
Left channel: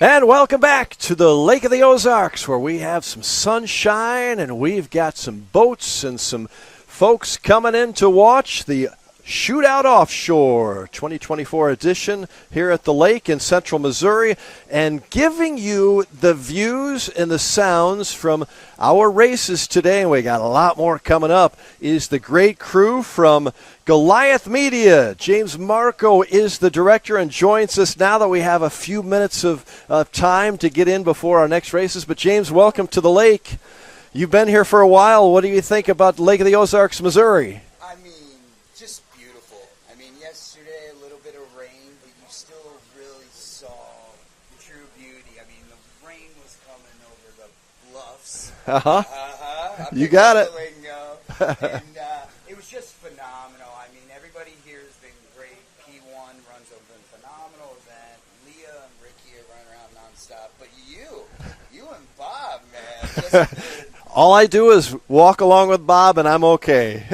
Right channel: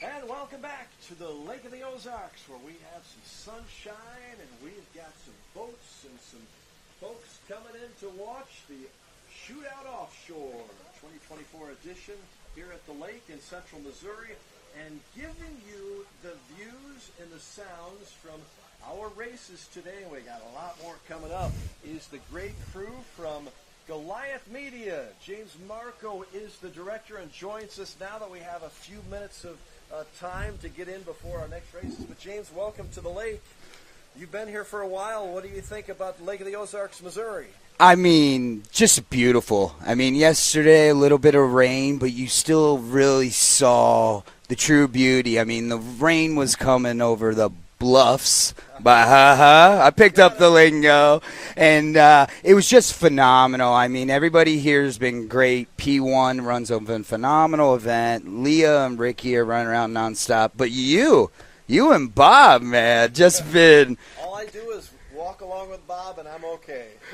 And welcome back to the Lake of the Ozarks, where we have some sunshine and we've got some boats and some folks coming in to watch the Shootout Offshore 2024 edition here at the lake in central Missouri, and giving you the views and the sounds from our races today, and we got a lot more coming up, is the great crew from Goliath Media. James Marco is the director and joins us now that we have a few minutes of time to get in before our next races. But James, welcome to the lake. You've been here for a while. What do you think about Lake of the Ozarks, Missouri? I mean, just beautiful. I mean, yesterday a little bit of rain, but you still really saw the true beauty. I mean, the rain was coming over the bluffs. I picked up the lingo. And it was just phenomenal. I mean, everybody here has been great. P1 runs a phenomenal event. Leah and Ricky are running around nonstop. But you and Bob, man, just been. All I do is walk along with Bob, and I'm okay.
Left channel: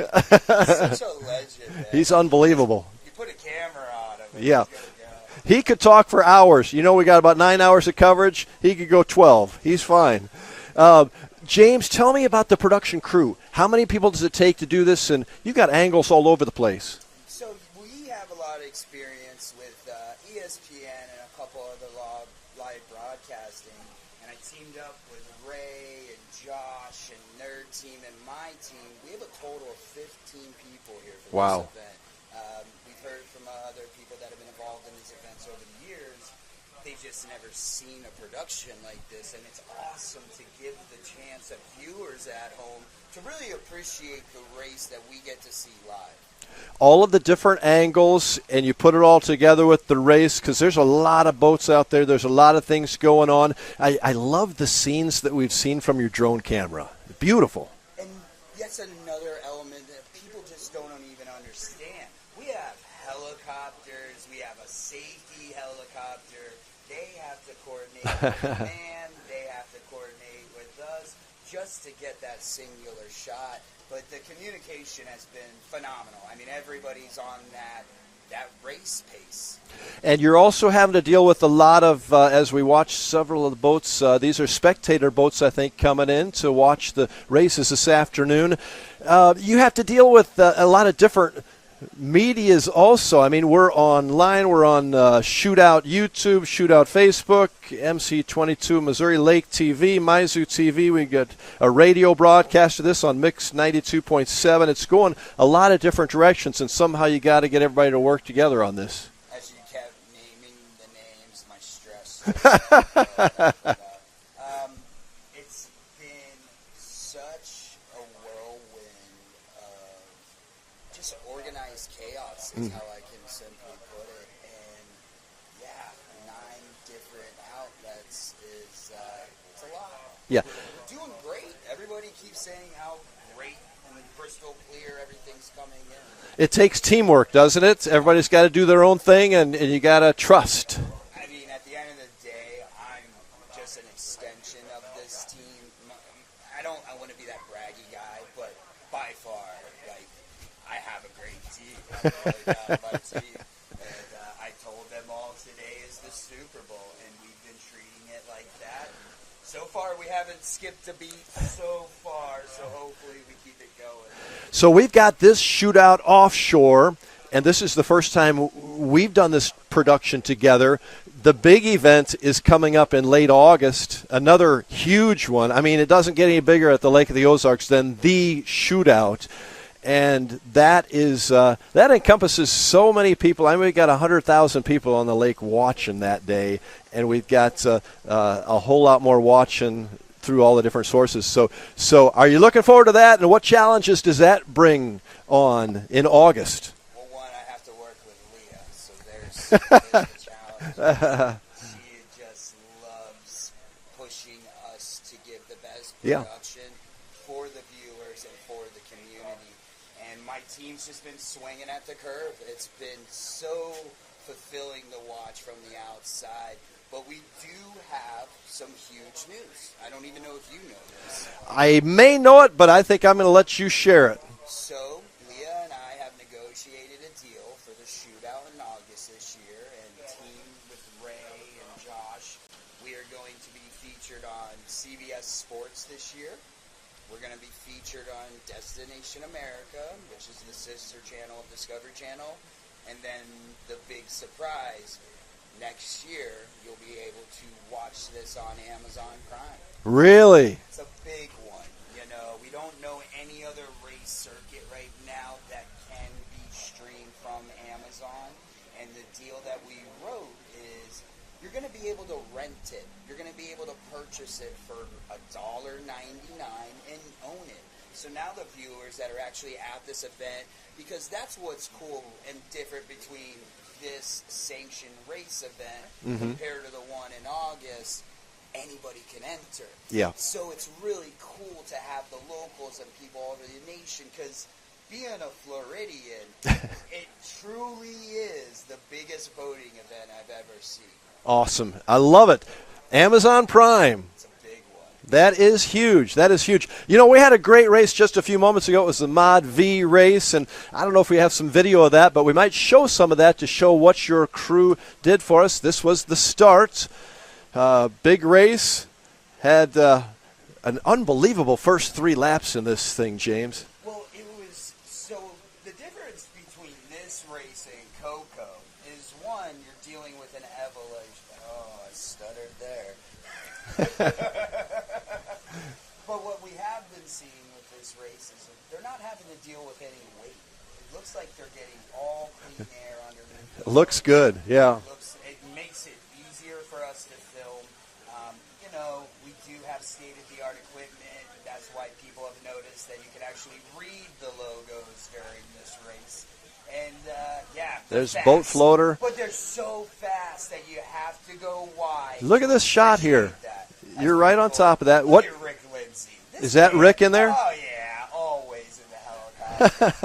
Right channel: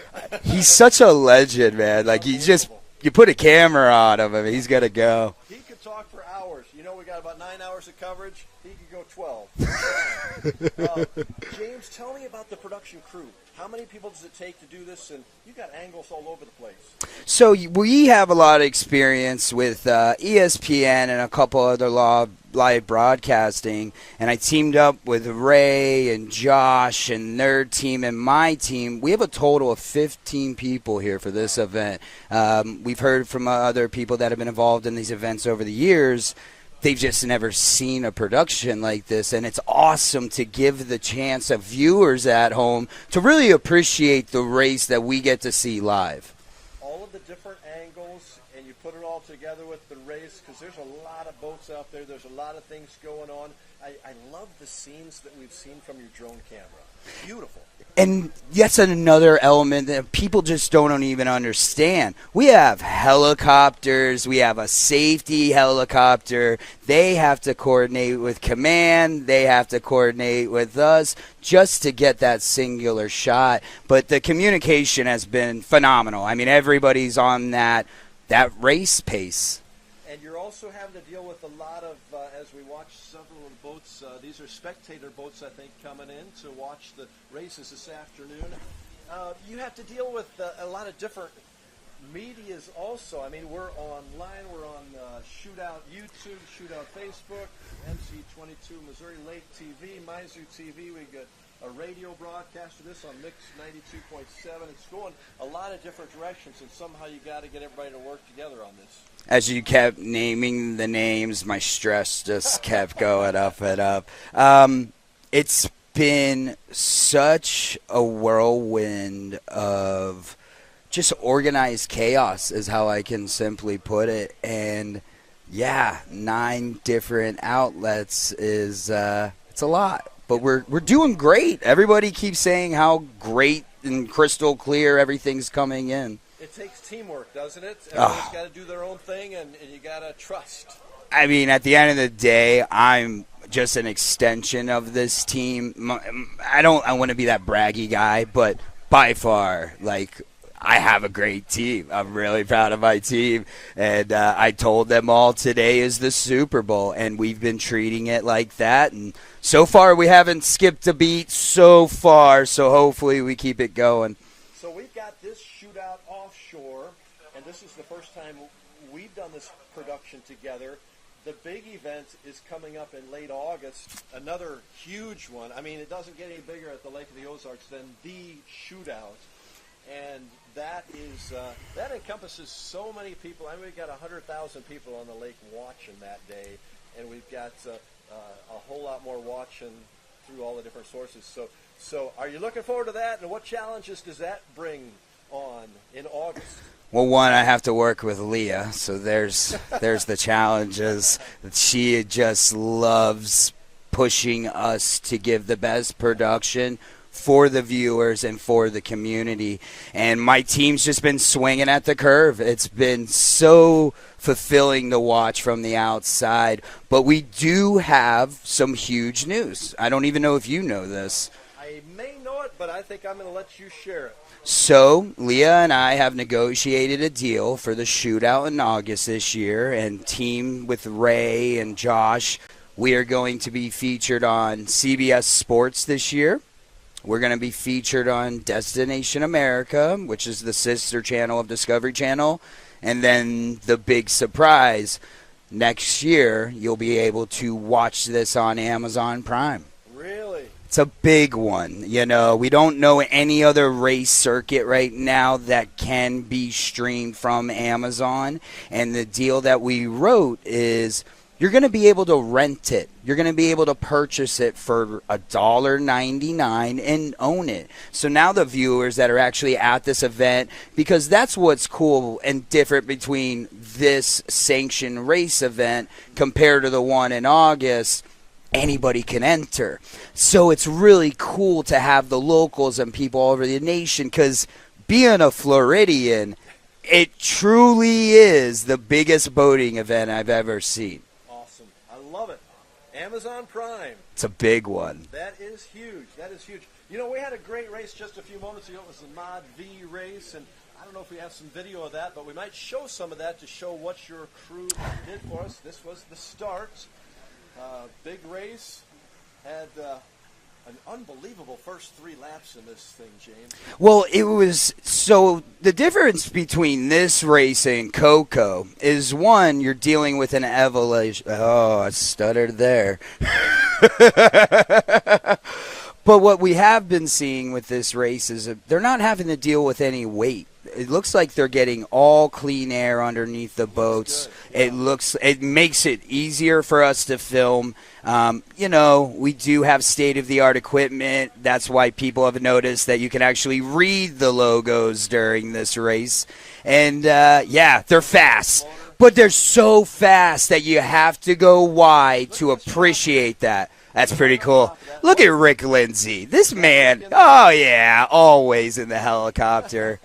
He's such a legend, man. He's unbelievable. You put a camera on him, and he's got to go. He could talk for hours. You know, we got about 9 hours of coverage. He could go 12. He's fine. James, tell me about the production crew. How many people does it take to do this? And you got angles all over the place. So we have a lot of experience with ESPN and a couple other live broadcasting, and I teamed up with Ray and Josh and their team and my team. We have a total of 15 people here for this event. We've heard from other people that have been involved in these events over the years. They've just never seen a production like this, and it's awesome to give the chance of viewers at home to really appreciate the race that we get to see live. All of the different angles, and you put it all together with the race, because there's a lot of boats out there. There's a lot of things going on. I love the scenes that we've seen from your drone camera. Beautiful. And that's another element that people just don't even understand. We have helicopters. We have a safety helicopter. They have to coordinate with command. They have to coordinate with us just to get that singular shot. But the communication has been phenomenal. I mean, everybody's on that race pace. And you're also having to deal with a lot of, as we watch several of the boats, these are spectator boats, I think, coming in to watch the races this afternoon. You have to deal with a lot of different medias also. I mean, we're online. We're on Shootout YouTube, Shootout Facebook, MC22 Missouri Lake TV, Mizzou TV. We got a radio broadcast of this on Mix 92.7. It's going a lot of different directions, and somehow you got to get everybody to work together on this. As you kept naming the names, my stress just kept going up and up. It's been such a whirlwind of just organized chaos is how I can simply put it. And, 9 different outlets is it's a lot. But we're doing great. Everybody keeps saying how great and crystal clear everything's coming in. It takes teamwork, doesn't it? Everybody's got to do their own thing, and you got to trust. I mean, at the end of the day, I'm just an extension of this team. I want to be that braggy guy, but by far, I have a great team. I'm really proud of my team. And I told them all today is the Super Bowl, and we've been treating it like that. And so far, we haven't skipped a beat so far, so hopefully we keep it going. So we've got this Shootout Offshore, and this is the first time we've done this production together. The big event is coming up in late August, another huge one. I mean, it doesn't get any bigger at the Lake of the Ozarks than the Shootout. And that is that encompasses so many people. I mean, we've got 100,000 people on the lake watching that day, and we've got a whole lot more watching through all the different sources. So are you looking forward to that, and what challenges does that bring on in August? Well, one, I have to work with Leah, so there's the challenges. She just loves pushing us to give the best production for the viewers and for the community. And my team's just been swinging at the curve. It's been so fulfilling to watch from the outside. But we do have some huge news. I don't even know if you know this. I may know it, but I think I'm going to let you share it. So Leah and I have negotiated a deal for the Shootout in August this year, and team with Ray and Josh, we are going to be featured on CBS Sports this year. We're going to be featured on Destination America, which is the sister channel of Discovery Channel. And then the big surprise, next year you'll be able to watch this on Amazon Prime. Really? It's a big one. You know, we don't know any other race circuit right now that can be streamed from Amazon. And the deal that we wrote is you're going to be able to rent it. You're going to be able to purchase it for $1.99 and own it. So now the viewers that are actually at this event, because that's what's cool and different between this sanctioned race event compared to the one in August, anybody can enter. Yeah. So it's really cool to have the locals and people all over the nation, because being a Floridian, it truly is the biggest boating event I've ever seen. Awesome. I love it. Amazon Prime. It's a big one. That is huge. That is huge. You know, we had a great race just a few moments ago. It was the Mod V race, and I don't know if we have some video of that, but we might show some of that to show what your crew did for us. This was the start. Big race. Had an unbelievable first 3 laps in this thing, James. Well, it was so the difference between this race and Coco is, one, you're dealing with an evolution. Oh, I stuttered there. But what we have been seeing with this race is they're not having to deal with any weight. It looks like they're getting all clean air underneath the boats. Looks good, yeah. It makes it easier for us to film. You know, we do have state-of-the-art equipment. That's why people have noticed that you can actually read the logos during this race. And, they're fast. Floater. But they're so fast that you have to go wide to appreciate that. That's You're pretty right cool. On top of that. Look at Rick Lindsay. This is that man. Rick in there? Oh, yeah, always in the helicopter.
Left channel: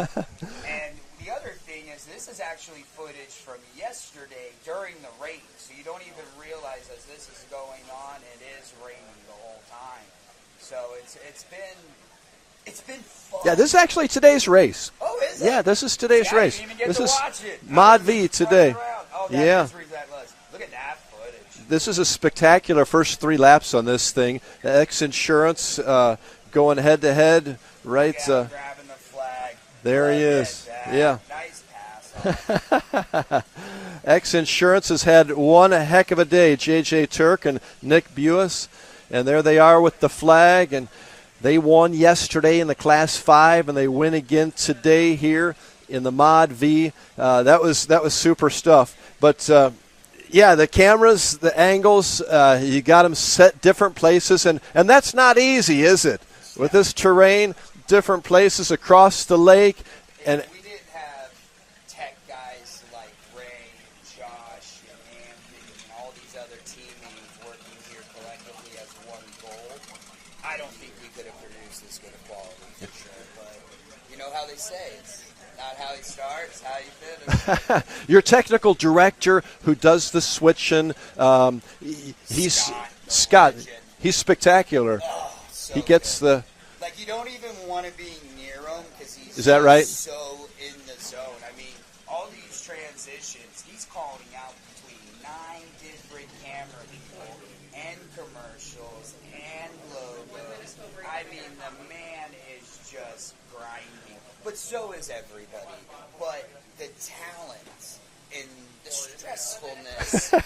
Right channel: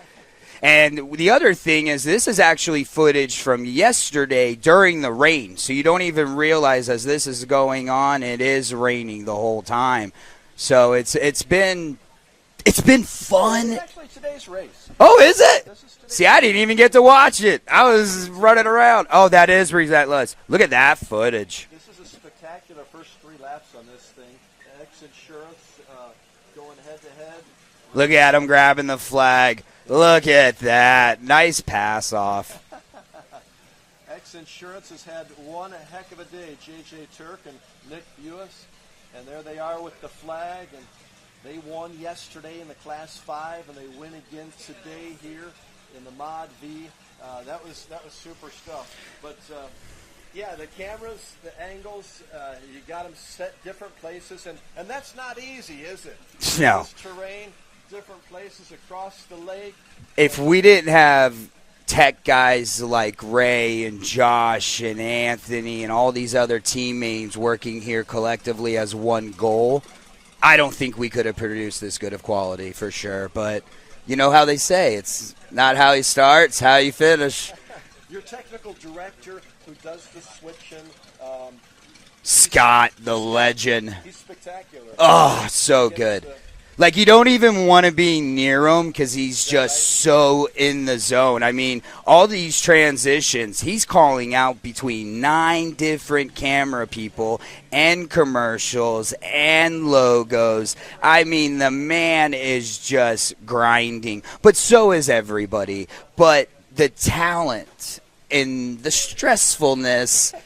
And the other thing is, this is actually footage from yesterday during the rain. So you don't even realize as this is going on, it is raining the whole time. So it's been It's been fun. Yeah, this is actually today's race. Oh, is it? Yeah, this is today's See, race. I didn't even get This to is watch it. I Mod was V today. running around. Oh, that Yeah. is relentless. Look at that footage. This is a spectacular first 3 laps on this thing. X Insurance going head-to-head. Right, Look at him grabbing the flag. There Look he at is. that. Yeah. Nice pass off. X Insurance has had one heck of a day. J.J. Turk and Nick Buis. And there they are with the flag. And they won yesterday in the Class 5, and they win again today here in the Mod V. That was super stuff. But, yeah, the cameras, the angles, you got them set different places. And that's not easy, is it? No. With this terrain, different places across the lake. If we didn't have tech guys like Ray and Josh and Anthony and all these other teammates working here collectively as one goal, I don't think we could have produced this good of quality for sure. But you know how they say, it's not how you start, it's how you finish. Your technical director who does the switching, Scott, legend. He's spectacular. Oh, so he gets good. Like, you don't even want to be near him because he's just right? so in the zone. I mean, all these transitions, he's calling out between 9 different camera people and commercials and logos. I mean, the man is just grinding. But so is everybody. But the talent and the stressfulness,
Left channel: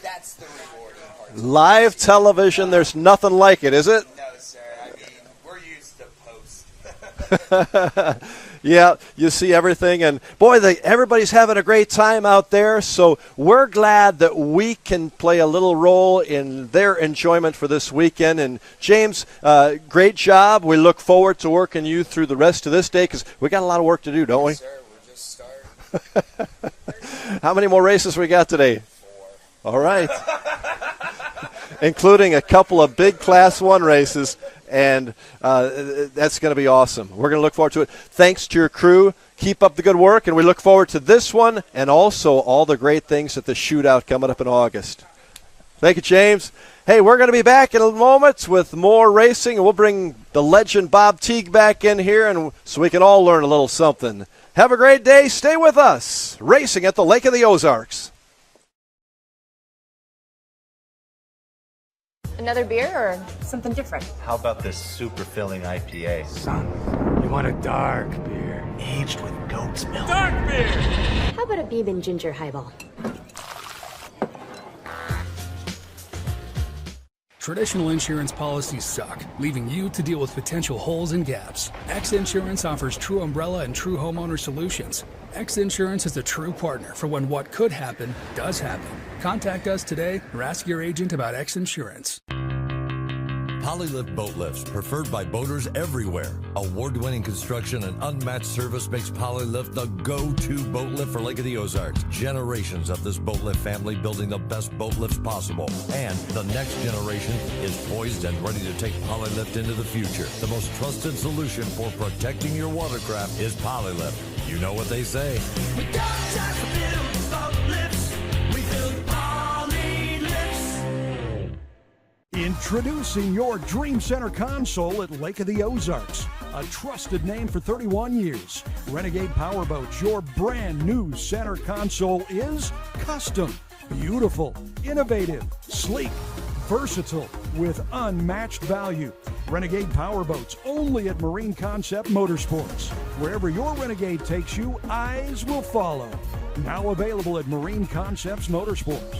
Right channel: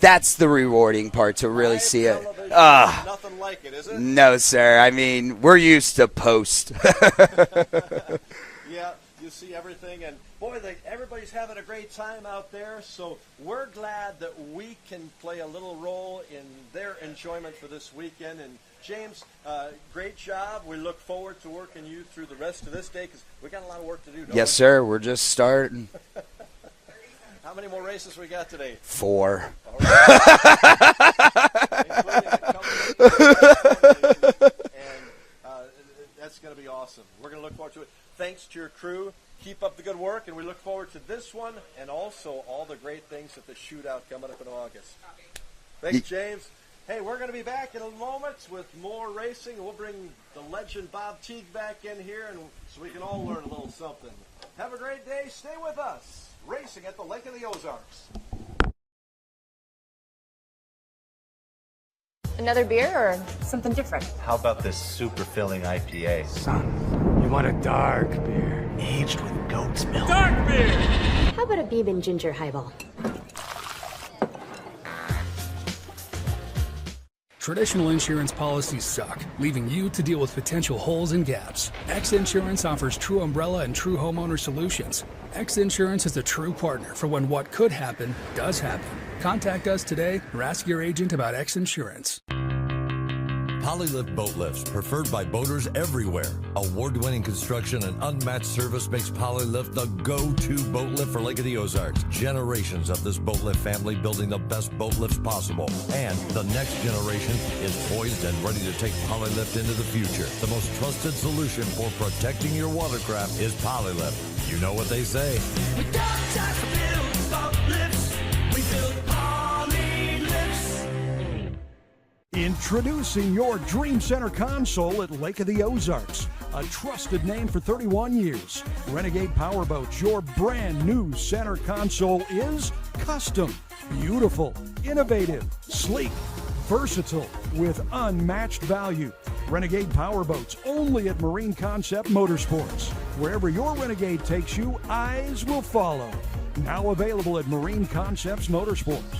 that's the rewarding part to live really see television. There's nothing like it, is it? No, sir. I mean, we're used to post. Yeah, you see everything, and boy, everybody's having a great time out there, so we're glad that we can play a little role in their enjoyment for this weekend. And James, great job. We look forward to working you through the rest of this day because we got a lot of work to do, don't we? Yes, sir. We're just starting. How many more races we got today? 4. All right. Including a couple of big Class 1 races, and that's going to be awesome. We're going to look forward to it. Thanks to your crew. Keep up the good work, and we look forward to this one and also all the great things at the Shootout coming up in August. Thank you, James. Hey, we're going to be back in a moment with more racing, and we'll bring the legend Bob Teague back in here and so we can all learn a little something. Have a great day. Stay with us. Racing at the Lake of the Ozarks. Another beer or something different? How about this super filling IPA? Son, you want a dark beer. Aged with goat's milk. Dark beer! How about a Beeb and ginger highball? Traditional insurance policies suck, leaving you to deal with potential holes and gaps. X Insurance offers true umbrella and true homeowner solutions. X Insurance is a true partner for when what could happen does happen. Contact us today or ask your agent about X Insurance. Polylift boat lifts, preferred by boaters everywhere. Award-winning construction and unmatched service makes Polylift the go-to boat lift for Lake of the Ozarks. Generations of this boat lift family building the best boat lifts possible. And the next generation is poised and ready to take Polylift into the future. The most trusted solution for protecting your watercraft is Polylift. You know what they say. We don't just build boat lifts, we build poly lifts. Introducing your Dream Center console at Lake of the Ozarks. A trusted name for 31 years. Renegade Powerboats, your brand new center console is custom, beautiful, innovative, sleek, versatile, with unmatched value. Renegade Powerboats, only at Marine Concept Motorsports. Wherever your Renegade takes you, eyes will follow. Now available at Marine Concepts Motorsports.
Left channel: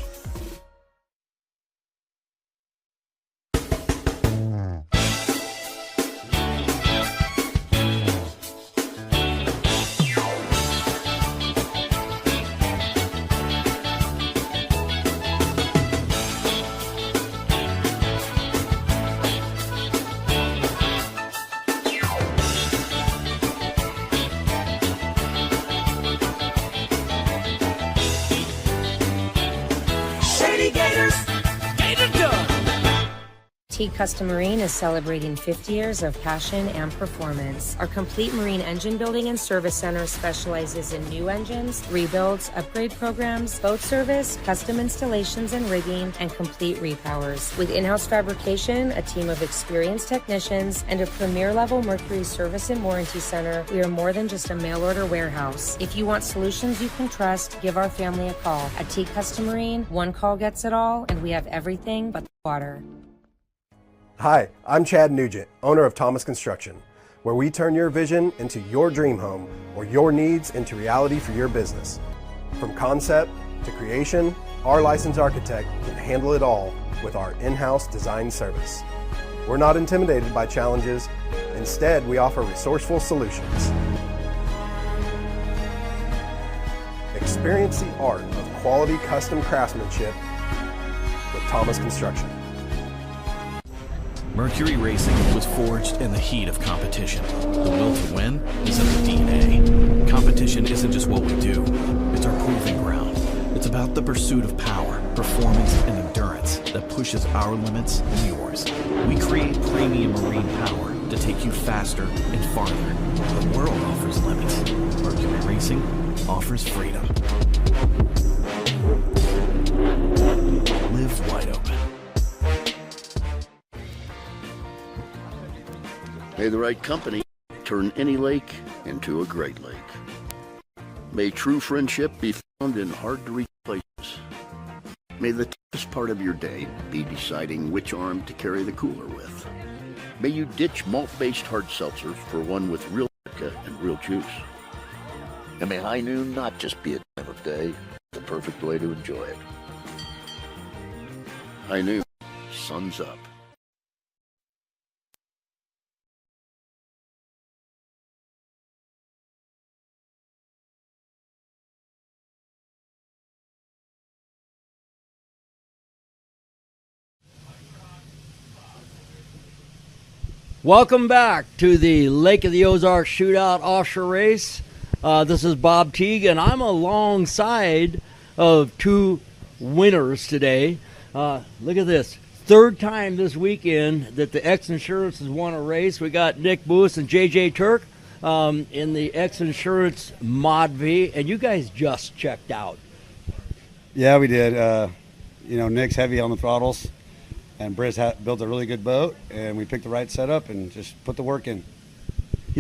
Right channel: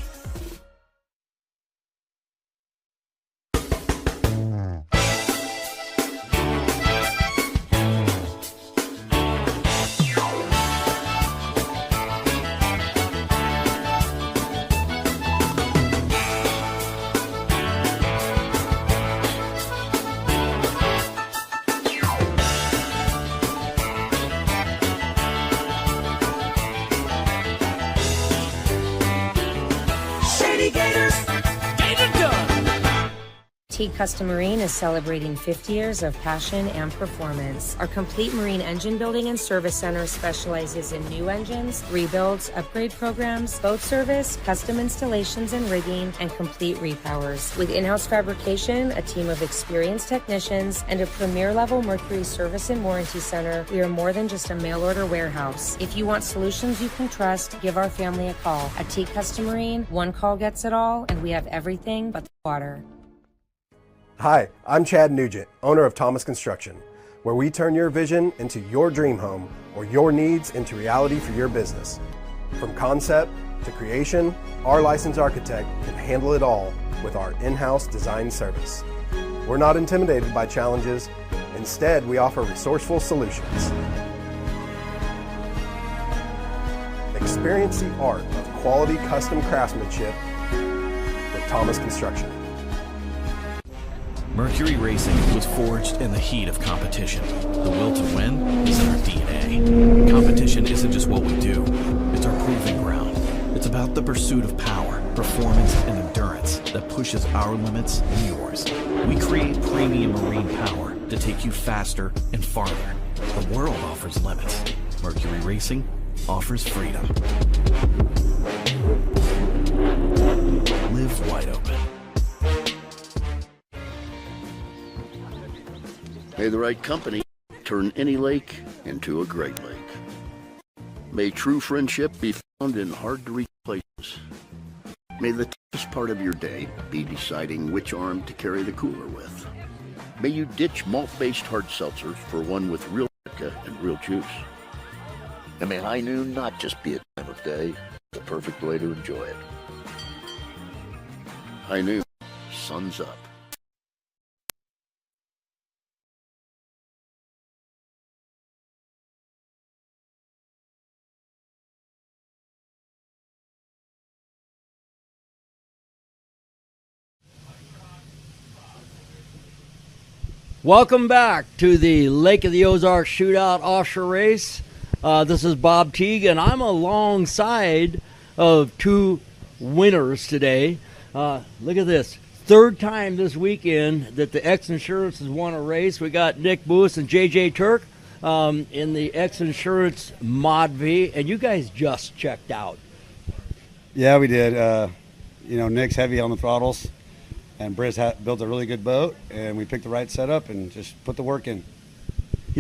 Teague Custom Marine is celebrating 50 years of passion and performance. Our complete marine engine building and service center specializes in new engines, rebuilds, upgrade programs, boat service, custom installations and rigging, and complete repowers. With in-house fabrication, a team of experienced technicians, and a premier-level Mercury service and warranty center, we are more than just a mail-order warehouse. If you want solutions you can trust, give our family a call. At Teague Custom Marine, one call gets it all, and we have everything but the water. Hi, I'm Chad Nugent, owner of Thomas Construction, where we turn your vision into your dream home or your needs into reality for your business. From concept to creation, our licensed architect can handle it all with our in-house design service. We're not intimidated by challenges. Instead, we offer resourceful solutions. Experience the art of quality custom craftsmanship with Thomas Construction. Mercury Racing was forged in the heat of competition. The will to win is in our DNA. Competition isn't just what we do, it's our proving ground. It's about the pursuit of power, performance, and endurance that pushes our limits and yours. We create premium marine power to take you faster and farther. The world offers limits. Mercury Racing offers freedom. Live wide open. May the right company turn any lake into a great lake. May true friendship be found in hard-to-reach places. May the toughest part of your day be deciding which arm to carry the cooler with. May you ditch malt-based hard seltzers for one with real vodka and real juice. And may high noon not just be a time of day, the perfect way to enjoy it. High noon, sun's up. Welcome back to the Lake of the Ozarks Shootout Offshore Race. This is Bob Teague, and I'm alongside of two winners today. Look at this. Third time this weekend that the X Insurance has won a race. We got Nick Booth and JJ Turk in the X Insurance Mod V, and you guys just checked out. Yeah, we did. Nick's heavy on the throttles. And Britt built a really good boat, and we picked the right setup and just put the work in.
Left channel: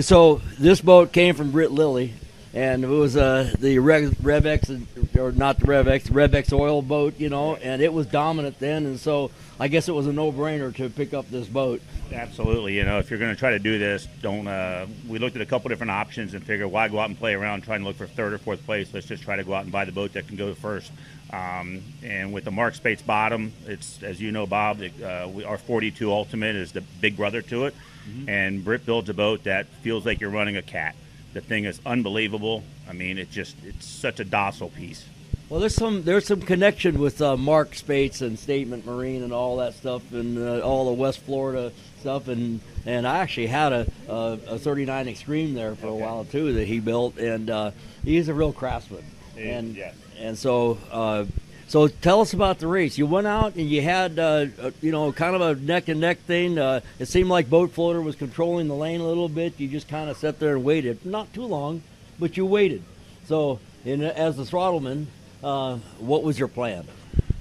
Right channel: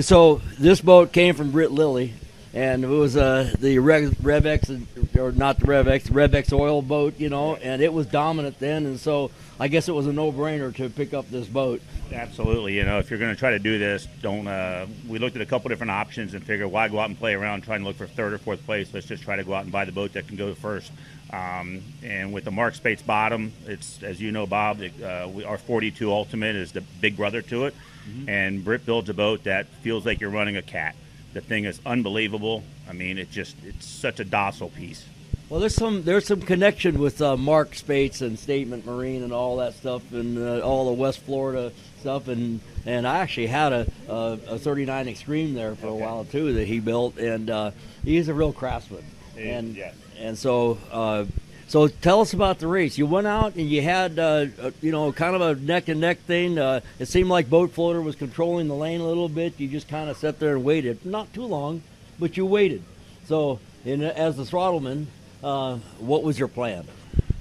So this boat came from Britt Lilly, and it was the RevX, or not the RevX, the RevX oil boat, and it was dominant then, and so I guess it was a no-brainer to pick up this boat. Absolutely. If you're going to try to do this, we looked at a couple different options and figured why go out and play around trying to look for third or fourth place. Let's just try to go out and buy the boat that can go first. And with the Mark Spates bottom, it's, as you know, Bob, our 42 Ultimate is the big brother to it. Mm-hmm. And Britt builds a boat that feels like you're running a cat. The thing is unbelievable. I mean, it's such a docile piece. Well, there's some connection with Mark Spates and Statement Marine and all that stuff, and all the West Florida stuff, and I actually had a 39 Extreme there for a while too that he built, and he's a real craftsman. And so tell us about the race. You went out and you had kind of a neck and neck thing. It seemed like Boat Floater was controlling the lane a little bit. You just kind of sat there and waited, not too long, but you waited. So as the throttleman, what was your plan?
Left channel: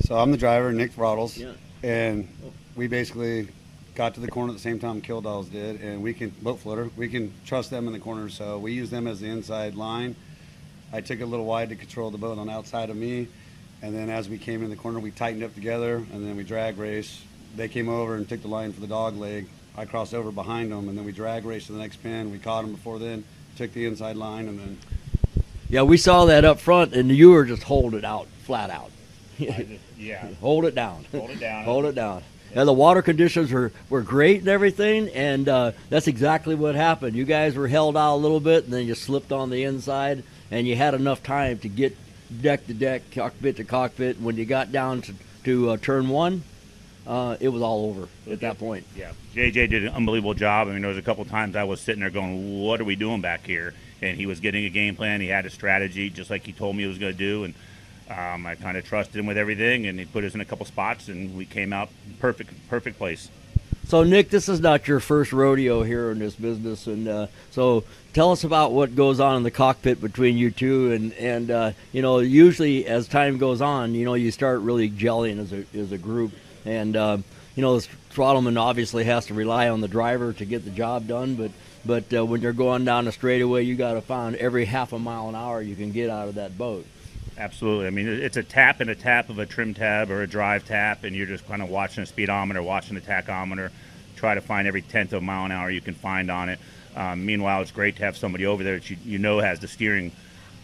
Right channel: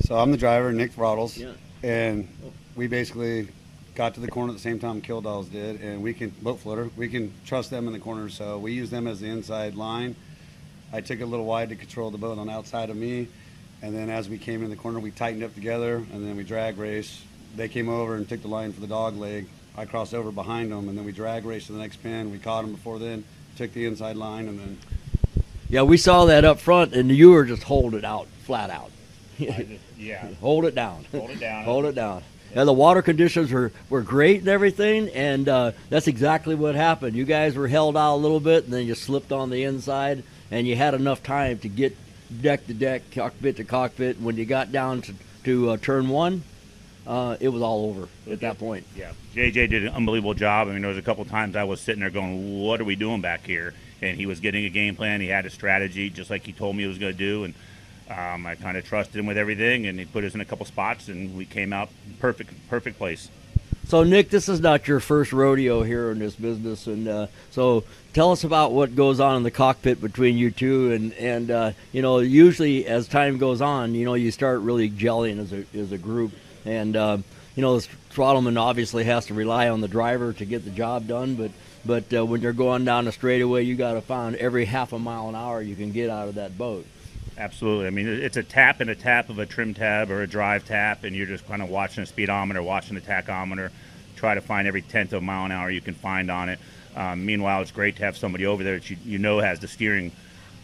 So I'm the driver, Nick throttles, and we basically got to the corner at the same time Kill Dolls did, and Boat Floater, we can trust them in the corner, so we use them as the inside line. I took it a little wide to control the boat on the outside of me, and then as we came in the corner, we tightened up together, and then we drag race. They came over and took the line for the dog leg. I crossed over behind them, and then we drag raced to the next pin. We caught them before then, took the inside line, and then... Yeah, we saw that up front, and you were just holding it out, flat out. Hold it down. Hold it down. Hold it down. And the water conditions were great and everything, and that's exactly what happened. You guys were held out a little bit, and then you slipped on the inside, and you had enough time to get deck to deck, cockpit to cockpit. When you got down to turn one, it was all over at that point. Yeah, JJ did an unbelievable job. I mean, there was a couple times I was sitting there going, what are we doing back here? And he was getting a game plan. He had a strategy, just like he told me he was going to do. And I kind of trusted him with everything, and he put us in a couple spots, and we came out perfect place. So, Nick, this is not your first rodeo here in this business, and so tell us about what goes on in the cockpit between you two, and usually as time goes on, you start really gelling as a group, and the throttleman obviously has to rely on the driver to get the job done, but when you're going down the straightaway, you got to find every half a mile an hour you can get out of that boat. Absolutely. I mean, it's a tap and a tap of a trim tab or a drive tap, and you're just kind of watching the speedometer, watching the tachometer, try to find every tenth of a mile an hour you can find on it. Meanwhile, it's great to have somebody over there that you know has the steering.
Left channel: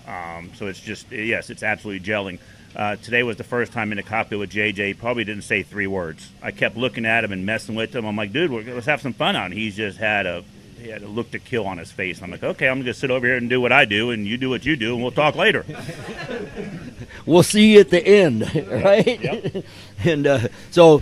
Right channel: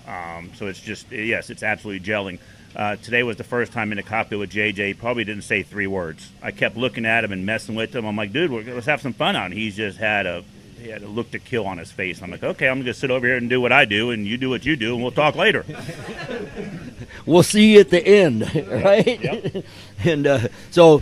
So it's just, yes, it's absolutely gelling. Today was the first time in the cockpit with JJ. He probably didn't say 3 words. I kept looking at him and messing with him. I'm like, dude, let's have some fun on. He had a look to kill on his face. I'm like, okay, I'm going to sit over here and do what I do, and you do what you do, and we'll talk later. We'll see you at the end, right? Yep. And so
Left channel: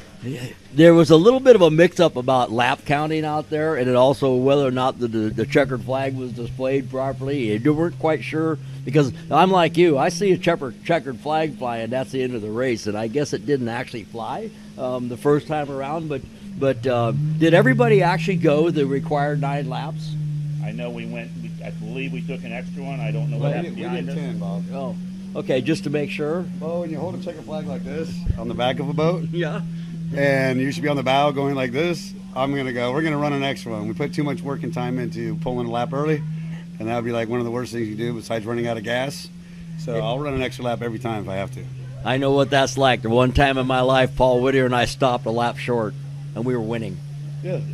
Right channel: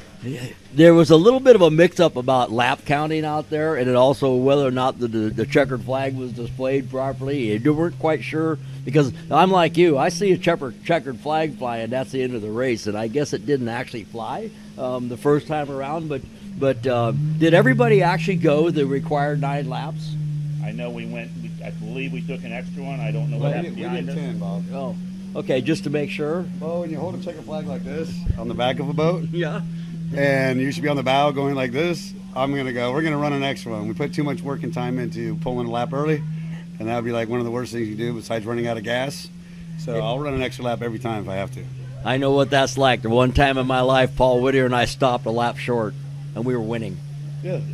there was a little bit of a mix-up about lap counting out there, and then also whether or not the checkered flag was displayed properly. You weren't quite sure, because I'm like you. I see a checkered flag fly, and that's the end of the race, and I guess it didn't actually fly the first time around, but did everybody actually go the required 9 laps? I know we went. I believe we took an extra one. I don't know what happened behind us. We did 10, Bob. Oh, okay, just to make sure. Well, when you hold a checker flag like this on the back of a boat, yeah, and you should be on the bow going like this, we're gonna run an extra one. We put too much work and time into pulling a lap early, and that would be like one of the worst things you do besides running out of gas. So I'll run an extra lap every time if I have to. I know what that's like. The one time in my life, Paul Whittier and I stopped a lap short, and we were winning.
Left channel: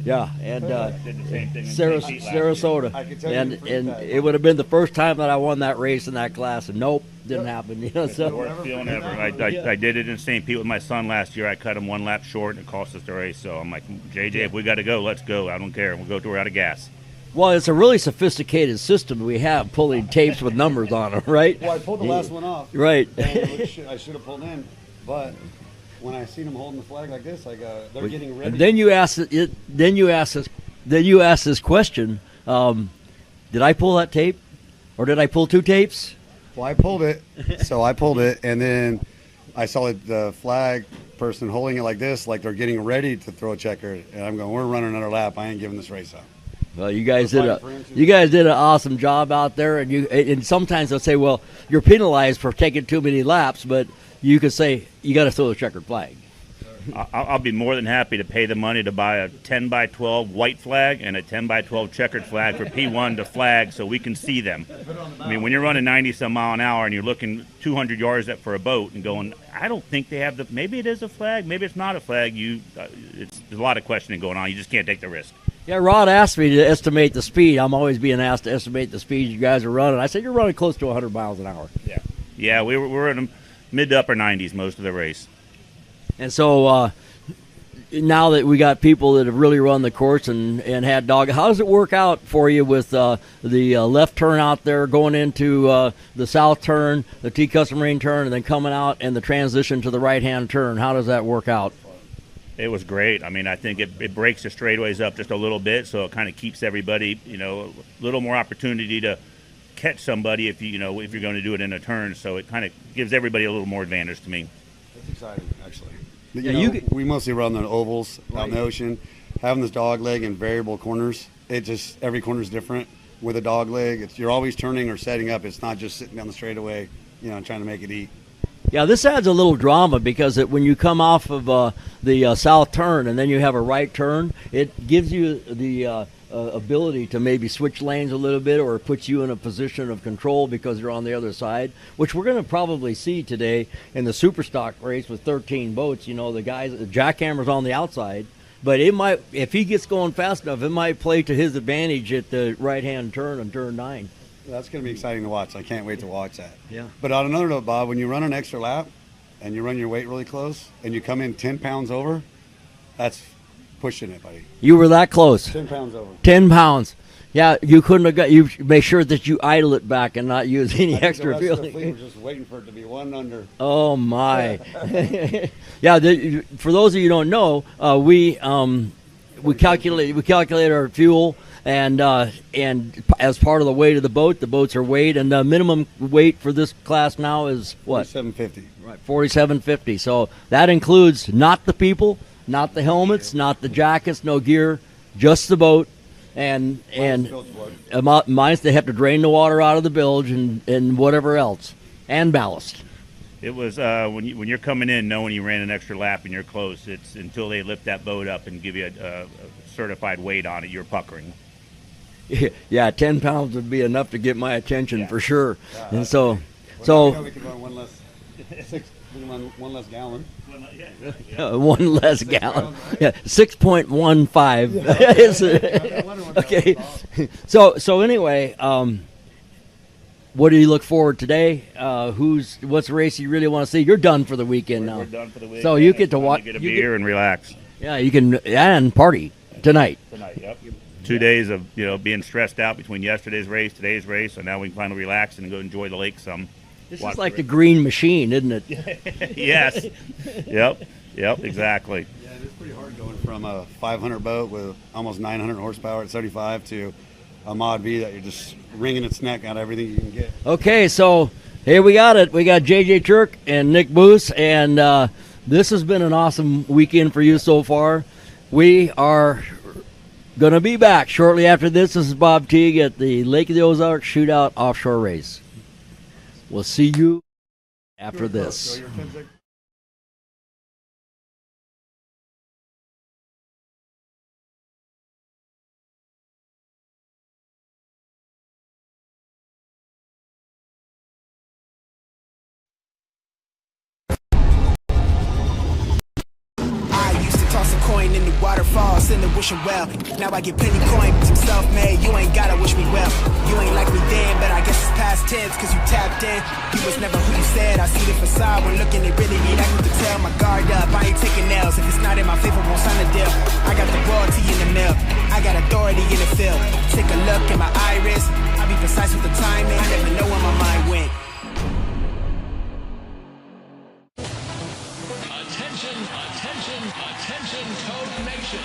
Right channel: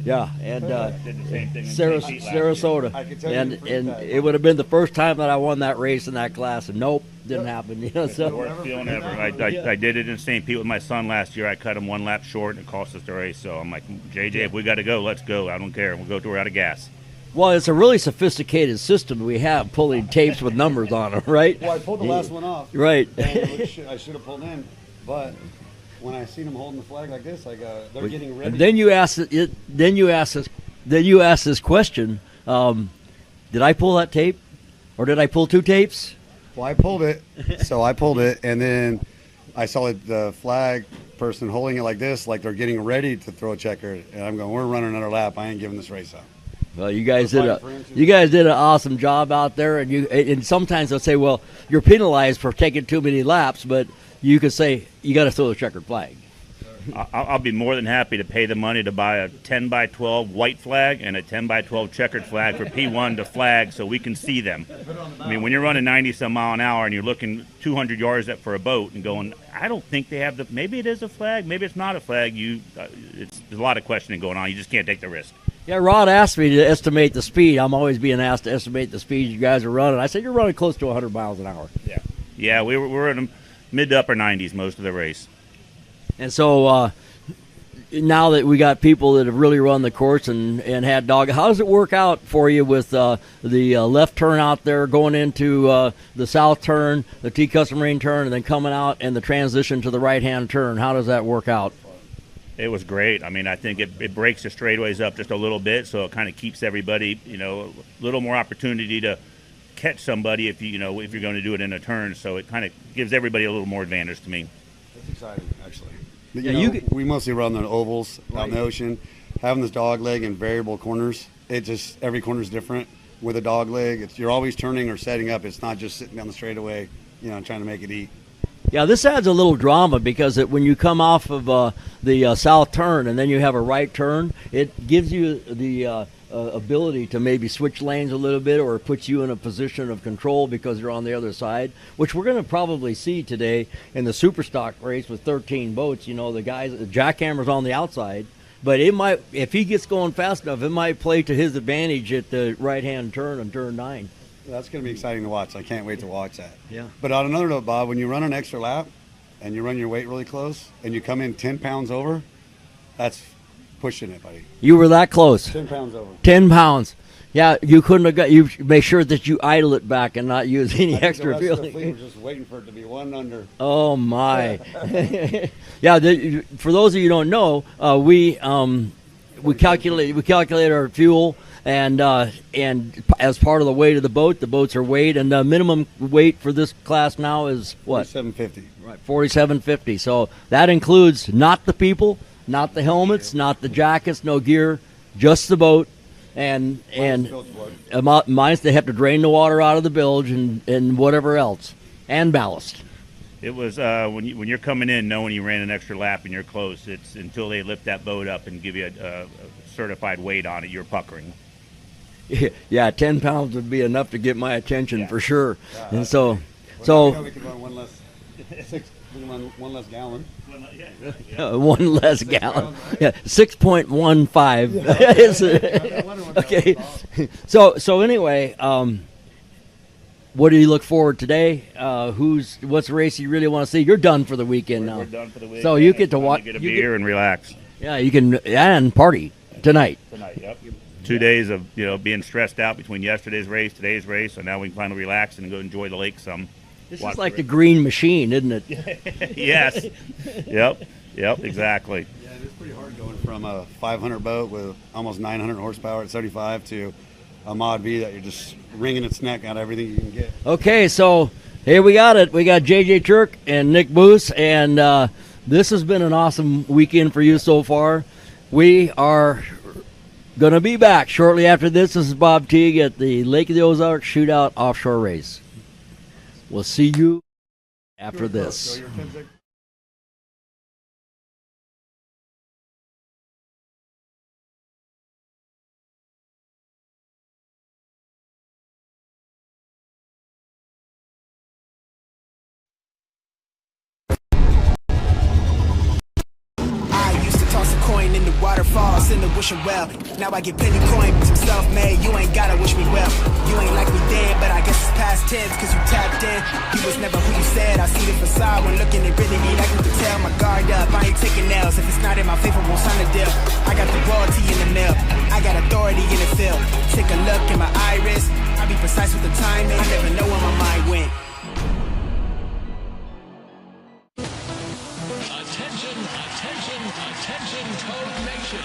Yeah, and did the same thing in Sarasota, I can tell and you it would have been the first time that I won that race in that class, and nope, didn't happen. It's the worst feeling ever. I did it in St. Pete with my son last year. I cut him 1 lap short, and it cost us the race. So I'm like, JJ, if we got to go, let's go. I don't care. We'll go till we're out of gas. Well, it's a really sophisticated system we have, pulling tapes with numbers on them, right? Well, I pulled the last one off. Right. I should have pulled in, but when I seen them holding the flag like this, I go, they're getting ready. And then you ask this question: did I pull that tape, or did I pull 2 tapes? Well, I pulled it, so I pulled it, and then I saw the flag person holding it like this, like they're getting ready to throw a checker, and I'm going, we're running another lap. I ain't giving this race up. Well, you guys did an awesome job out there, and sometimes they'll say, well, you're penalized for taking too many laps, but you could say you got to throw the checkered flag. I'll be more than happy to pay the money to buy a 10 by 12 white flag and a 10 by 12 checkered flag for P1 to flag so we can see them. I mean, when you're running 90-some mile an hour and you're looking 200 yards up for a boat and going, I don't think they have maybe it is a flag, maybe it's not a flag. There's a lot of questioning going on. You just can't take the risk. Yeah, Rod asked me to estimate the speed. I'm always being asked to estimate the speed you guys are running. I said, you're running close to 100 miles an hour. Yeah, we were in the mid to upper 90s most of the race. And so now that we got people that have really run the course and had dog, how does it work out for you with the left turn out there going into the south turn, the T-Custom Marine turn, and then coming out and the transition to the right-hand turn? How does that work out? It was great. I mean, I think it breaks the straightaways up just a little bit, so it kind of keeps everybody, a little more opportunity to catch somebody if you're going to do it in a turn. So it kind of gives everybody a little more advantage to me. That's exciting, actually. We mostly run the ovals out in the ocean. Having this dog leg and variable corners, every corner is different. With a dog leg, you're always turning or setting up. It's not just sitting down the straightaway, trying to make it eat. Yeah, this adds a little drama because when you come off of the south turn and then you have a right turn, it gives you the ability to maybe switch lanes a little bit or puts you in a position of control because you're on the other side, which we're going to probably see today in the Superstock race with 13 boats. The jackhammer's on the outside, but it might, if he gets going fast enough, it might play to his advantage at the right-hand turn on turn 9. That's going to be exciting to watch. I can't wait to watch that. Yeah. But on another note, Bob, when you run an extra lap and you run your weight really close and you come in 10 pounds over, that's pushing it, buddy. You were that close. 10 pounds over. 10 pounds. Yeah, you couldn't have got. You make sure that you idle it back and not use any extra fuel. The fleet was just waiting for it to be one under. Oh my! Yeah, for those of you who don't know, we calculate our fuel. And as part of the weight of the boats are weighed, and the minimum weight for this class now is what? 4750. Right, 4750. So that includes not the people, Not the helmets, not the jackets, no gear, just the boat. And minus they have to drain the water out of the bilge and whatever else, and ballast. It was when you're coming in, knowing you ran an extra lap and you're close. It's until they lift that boat up and give you a certified weight on it, you're puckering. Yeah, 10 pounds would be enough to get my attention for sure. And so we could run one less gallon. One less gallon. Yeah, 6.15. Okay. So anyway, what do you look forward today? What's the race you really want to see? You're done for the weekend now. We're done for the weekend. So you get to watch. Get a beer and relax. Yeah, you can and party tonight. Yep. 2 days of being stressed out between yesterday's race, today's race, so now we can finally relax and go enjoy the lake some. This is like the Green Machine, isn't it? Yes. Yep, exactly. Yeah, it's pretty hard going from a 500 boat with almost 900 horsepower at 75 to a Mod V that you're just wringing its neck out of everything you can get. Okay, so here we got it. We got JJ Turk and Nick Boos, and this has been an awesome weekend for you so far. We are going to be back shortly after this. This is Bob Teague at the Lake of the Ozarks Shootout Offshore Race. We'll see you after this. Toss a coin in the waterfalls in the wishing well. Now I get plenty coin, some self-made. You ain't gotta wish me well. You ain't like me then, but I guess it's past tense, cause you tapped in. You was never who you said. I see the facade when looking at really me. Like you can tell my guard up. I ain't taking L's. If it's not in my favor, won't sign a deal. I got the royalty in the mill. I got authority in the field. Take a look in my iris. I be precise with the timing. I never know where my mind went. Attention, Toad Nation.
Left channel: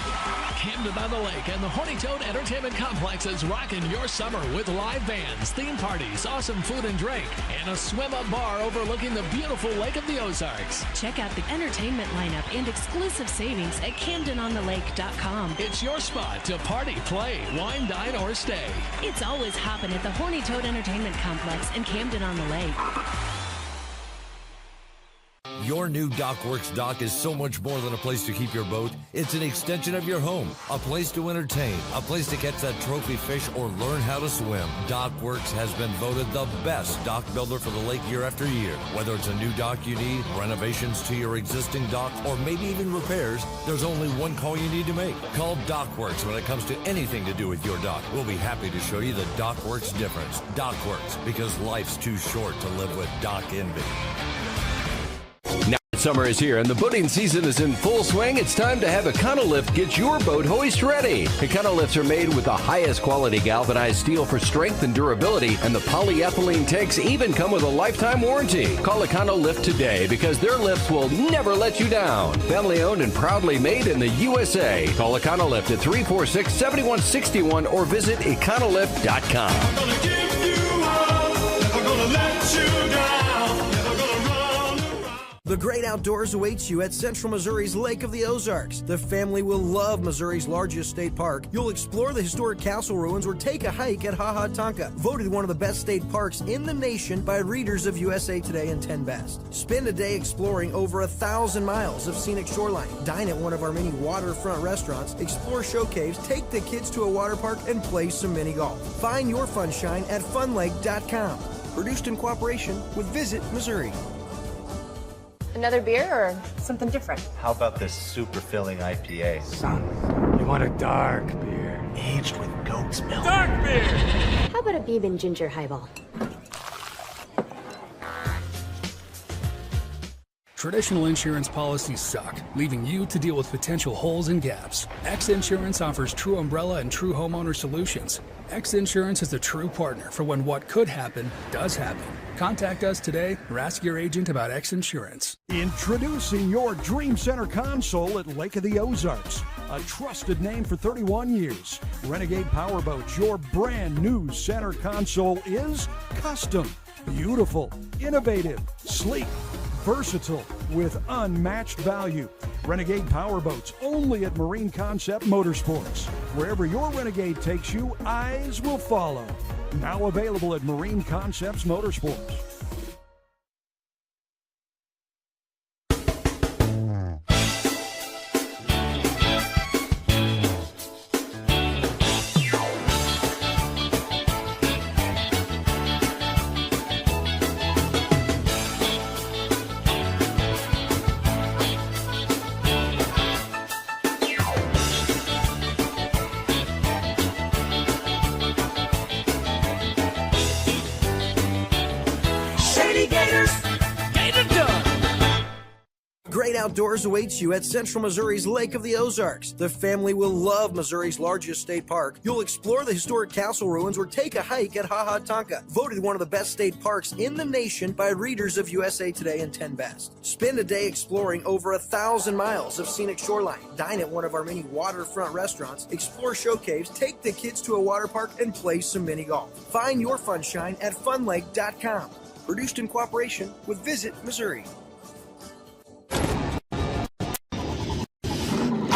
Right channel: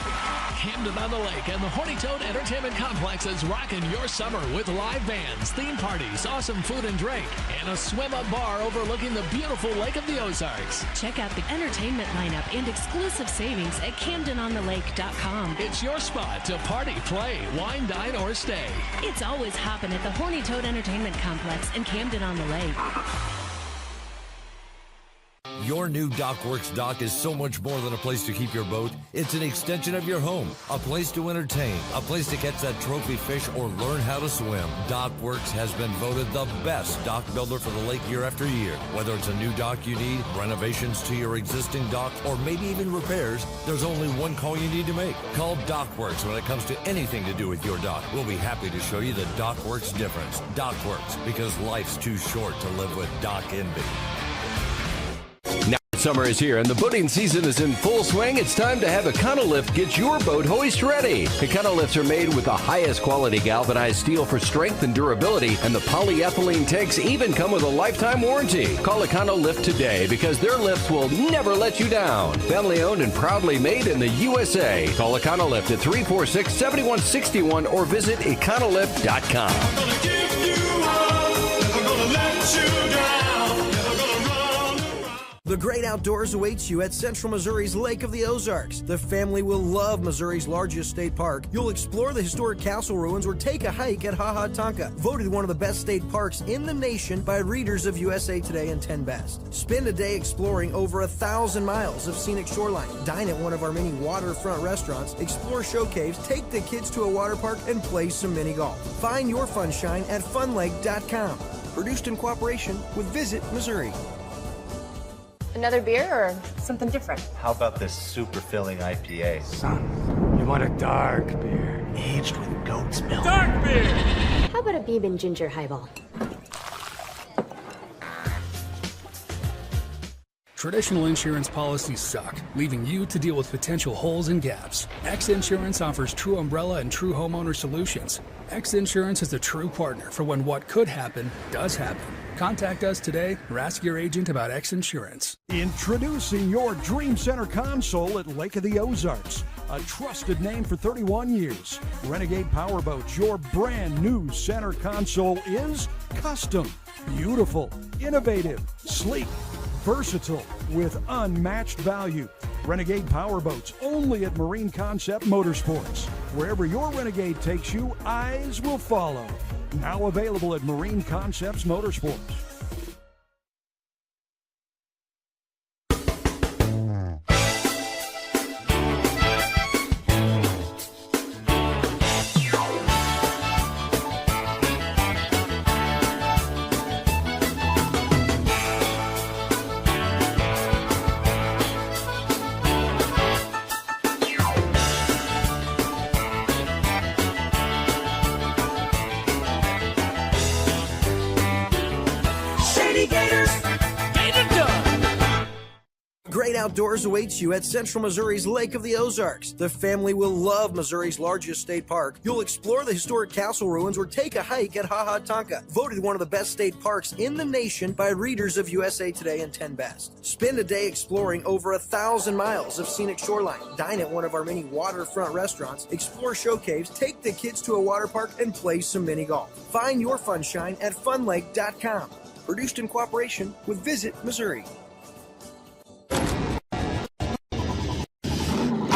Camden on the Lake and the Horny Toad Entertainment Complex is rocking your summer with live bands, theme parties, awesome food and drink, and a swim-up bar overlooking the beautiful Lake of the Ozarks. Check out the entertainment lineup and exclusive savings at CamdenOnTheLake.com. It's your spot to party, play, wine, dine, or stay. It's always hopping at the Horny Toad Entertainment Complex in Camden on the Lake. Your new DockWorks dock is so much more than a place to keep your boat. It's an extension of your home, a place to entertain, a place to catch that trophy fish or learn how to swim. DockWorks has been voted the best dock builder for the lake year after year. Whether it's a new dock you need, renovations to your existing dock, or maybe even repairs, there's only one call you need to make. Call DockWorks when it comes to anything to do with your dock. We'll be happy to show you the DockWorks difference. DockWorks, because life's too short to live with dock envy. Now summer is here and the boating season is in full swing. It's time to have Econolift get your boat hoist ready. Econolifts are made with the highest quality galvanized steel for strength and durability, and the polyethylene tanks even come with a lifetime warranty. Call Econolift today because their lifts will never let you down. Family owned and proudly made in the USA. Call Econolift at 346-7161 or visit econolift.com. The great outdoors awaits you at Central Missouri's Lake of the Ozarks. The family will love Missouri's largest state park. You'll explore the historic castle ruins or take a hike at Ha Ha Tonka, voted one of the best state parks in the nation by readers of USA Today and 10 Best. Spend a day exploring over 1,000 miles of scenic shoreline. Dine at one of our many waterfront restaurants, explore show caves, take the kids to a water park, and play some mini golf. Find your funshine at funlake.com. Produced in cooperation with Visit Missouri. Another beer or something different? How about this super filling IPA? Son, you want a dark beer. Aged with goat's milk. Dark beer! How about a Beeman ginger highball? Traditional insurance policies suck, leaving you to deal with potential holes and gaps. X Insurance offers true umbrella and true homeowner solutions. X Insurance is a true partner for when what could happen does happen. Contact us today or ask your agent about X Insurance. Introducing your Dream Center console at Lake of the Ozarks. A trusted name for 31 years. Renegade Powerboats, your brand new center console is custom, beautiful, innovative, sleek, versatile, with unmatched value. Renegade Powerboats, only at Marine Concept Motorsports. Wherever your Renegade takes you, eyes will follow. Now available at Marine Concepts Motorsports. Great outdoors awaits you at Central Missouri's Lake of the Ozarks. The family will love Missouri's largest state park. You'll explore the historic castle ruins or take a hike at Ha Tonka, voted one of the best state parks in the nation by readers of USA Today and 10 Best. Spend a day exploring over 1,000 miles of scenic shoreline. Dine at one of our many waterfront restaurants, explore show caves, take the kids to a water park, and play some mini golf. Find your funshine at funlake.com. Produced in cooperation with Visit Missouri.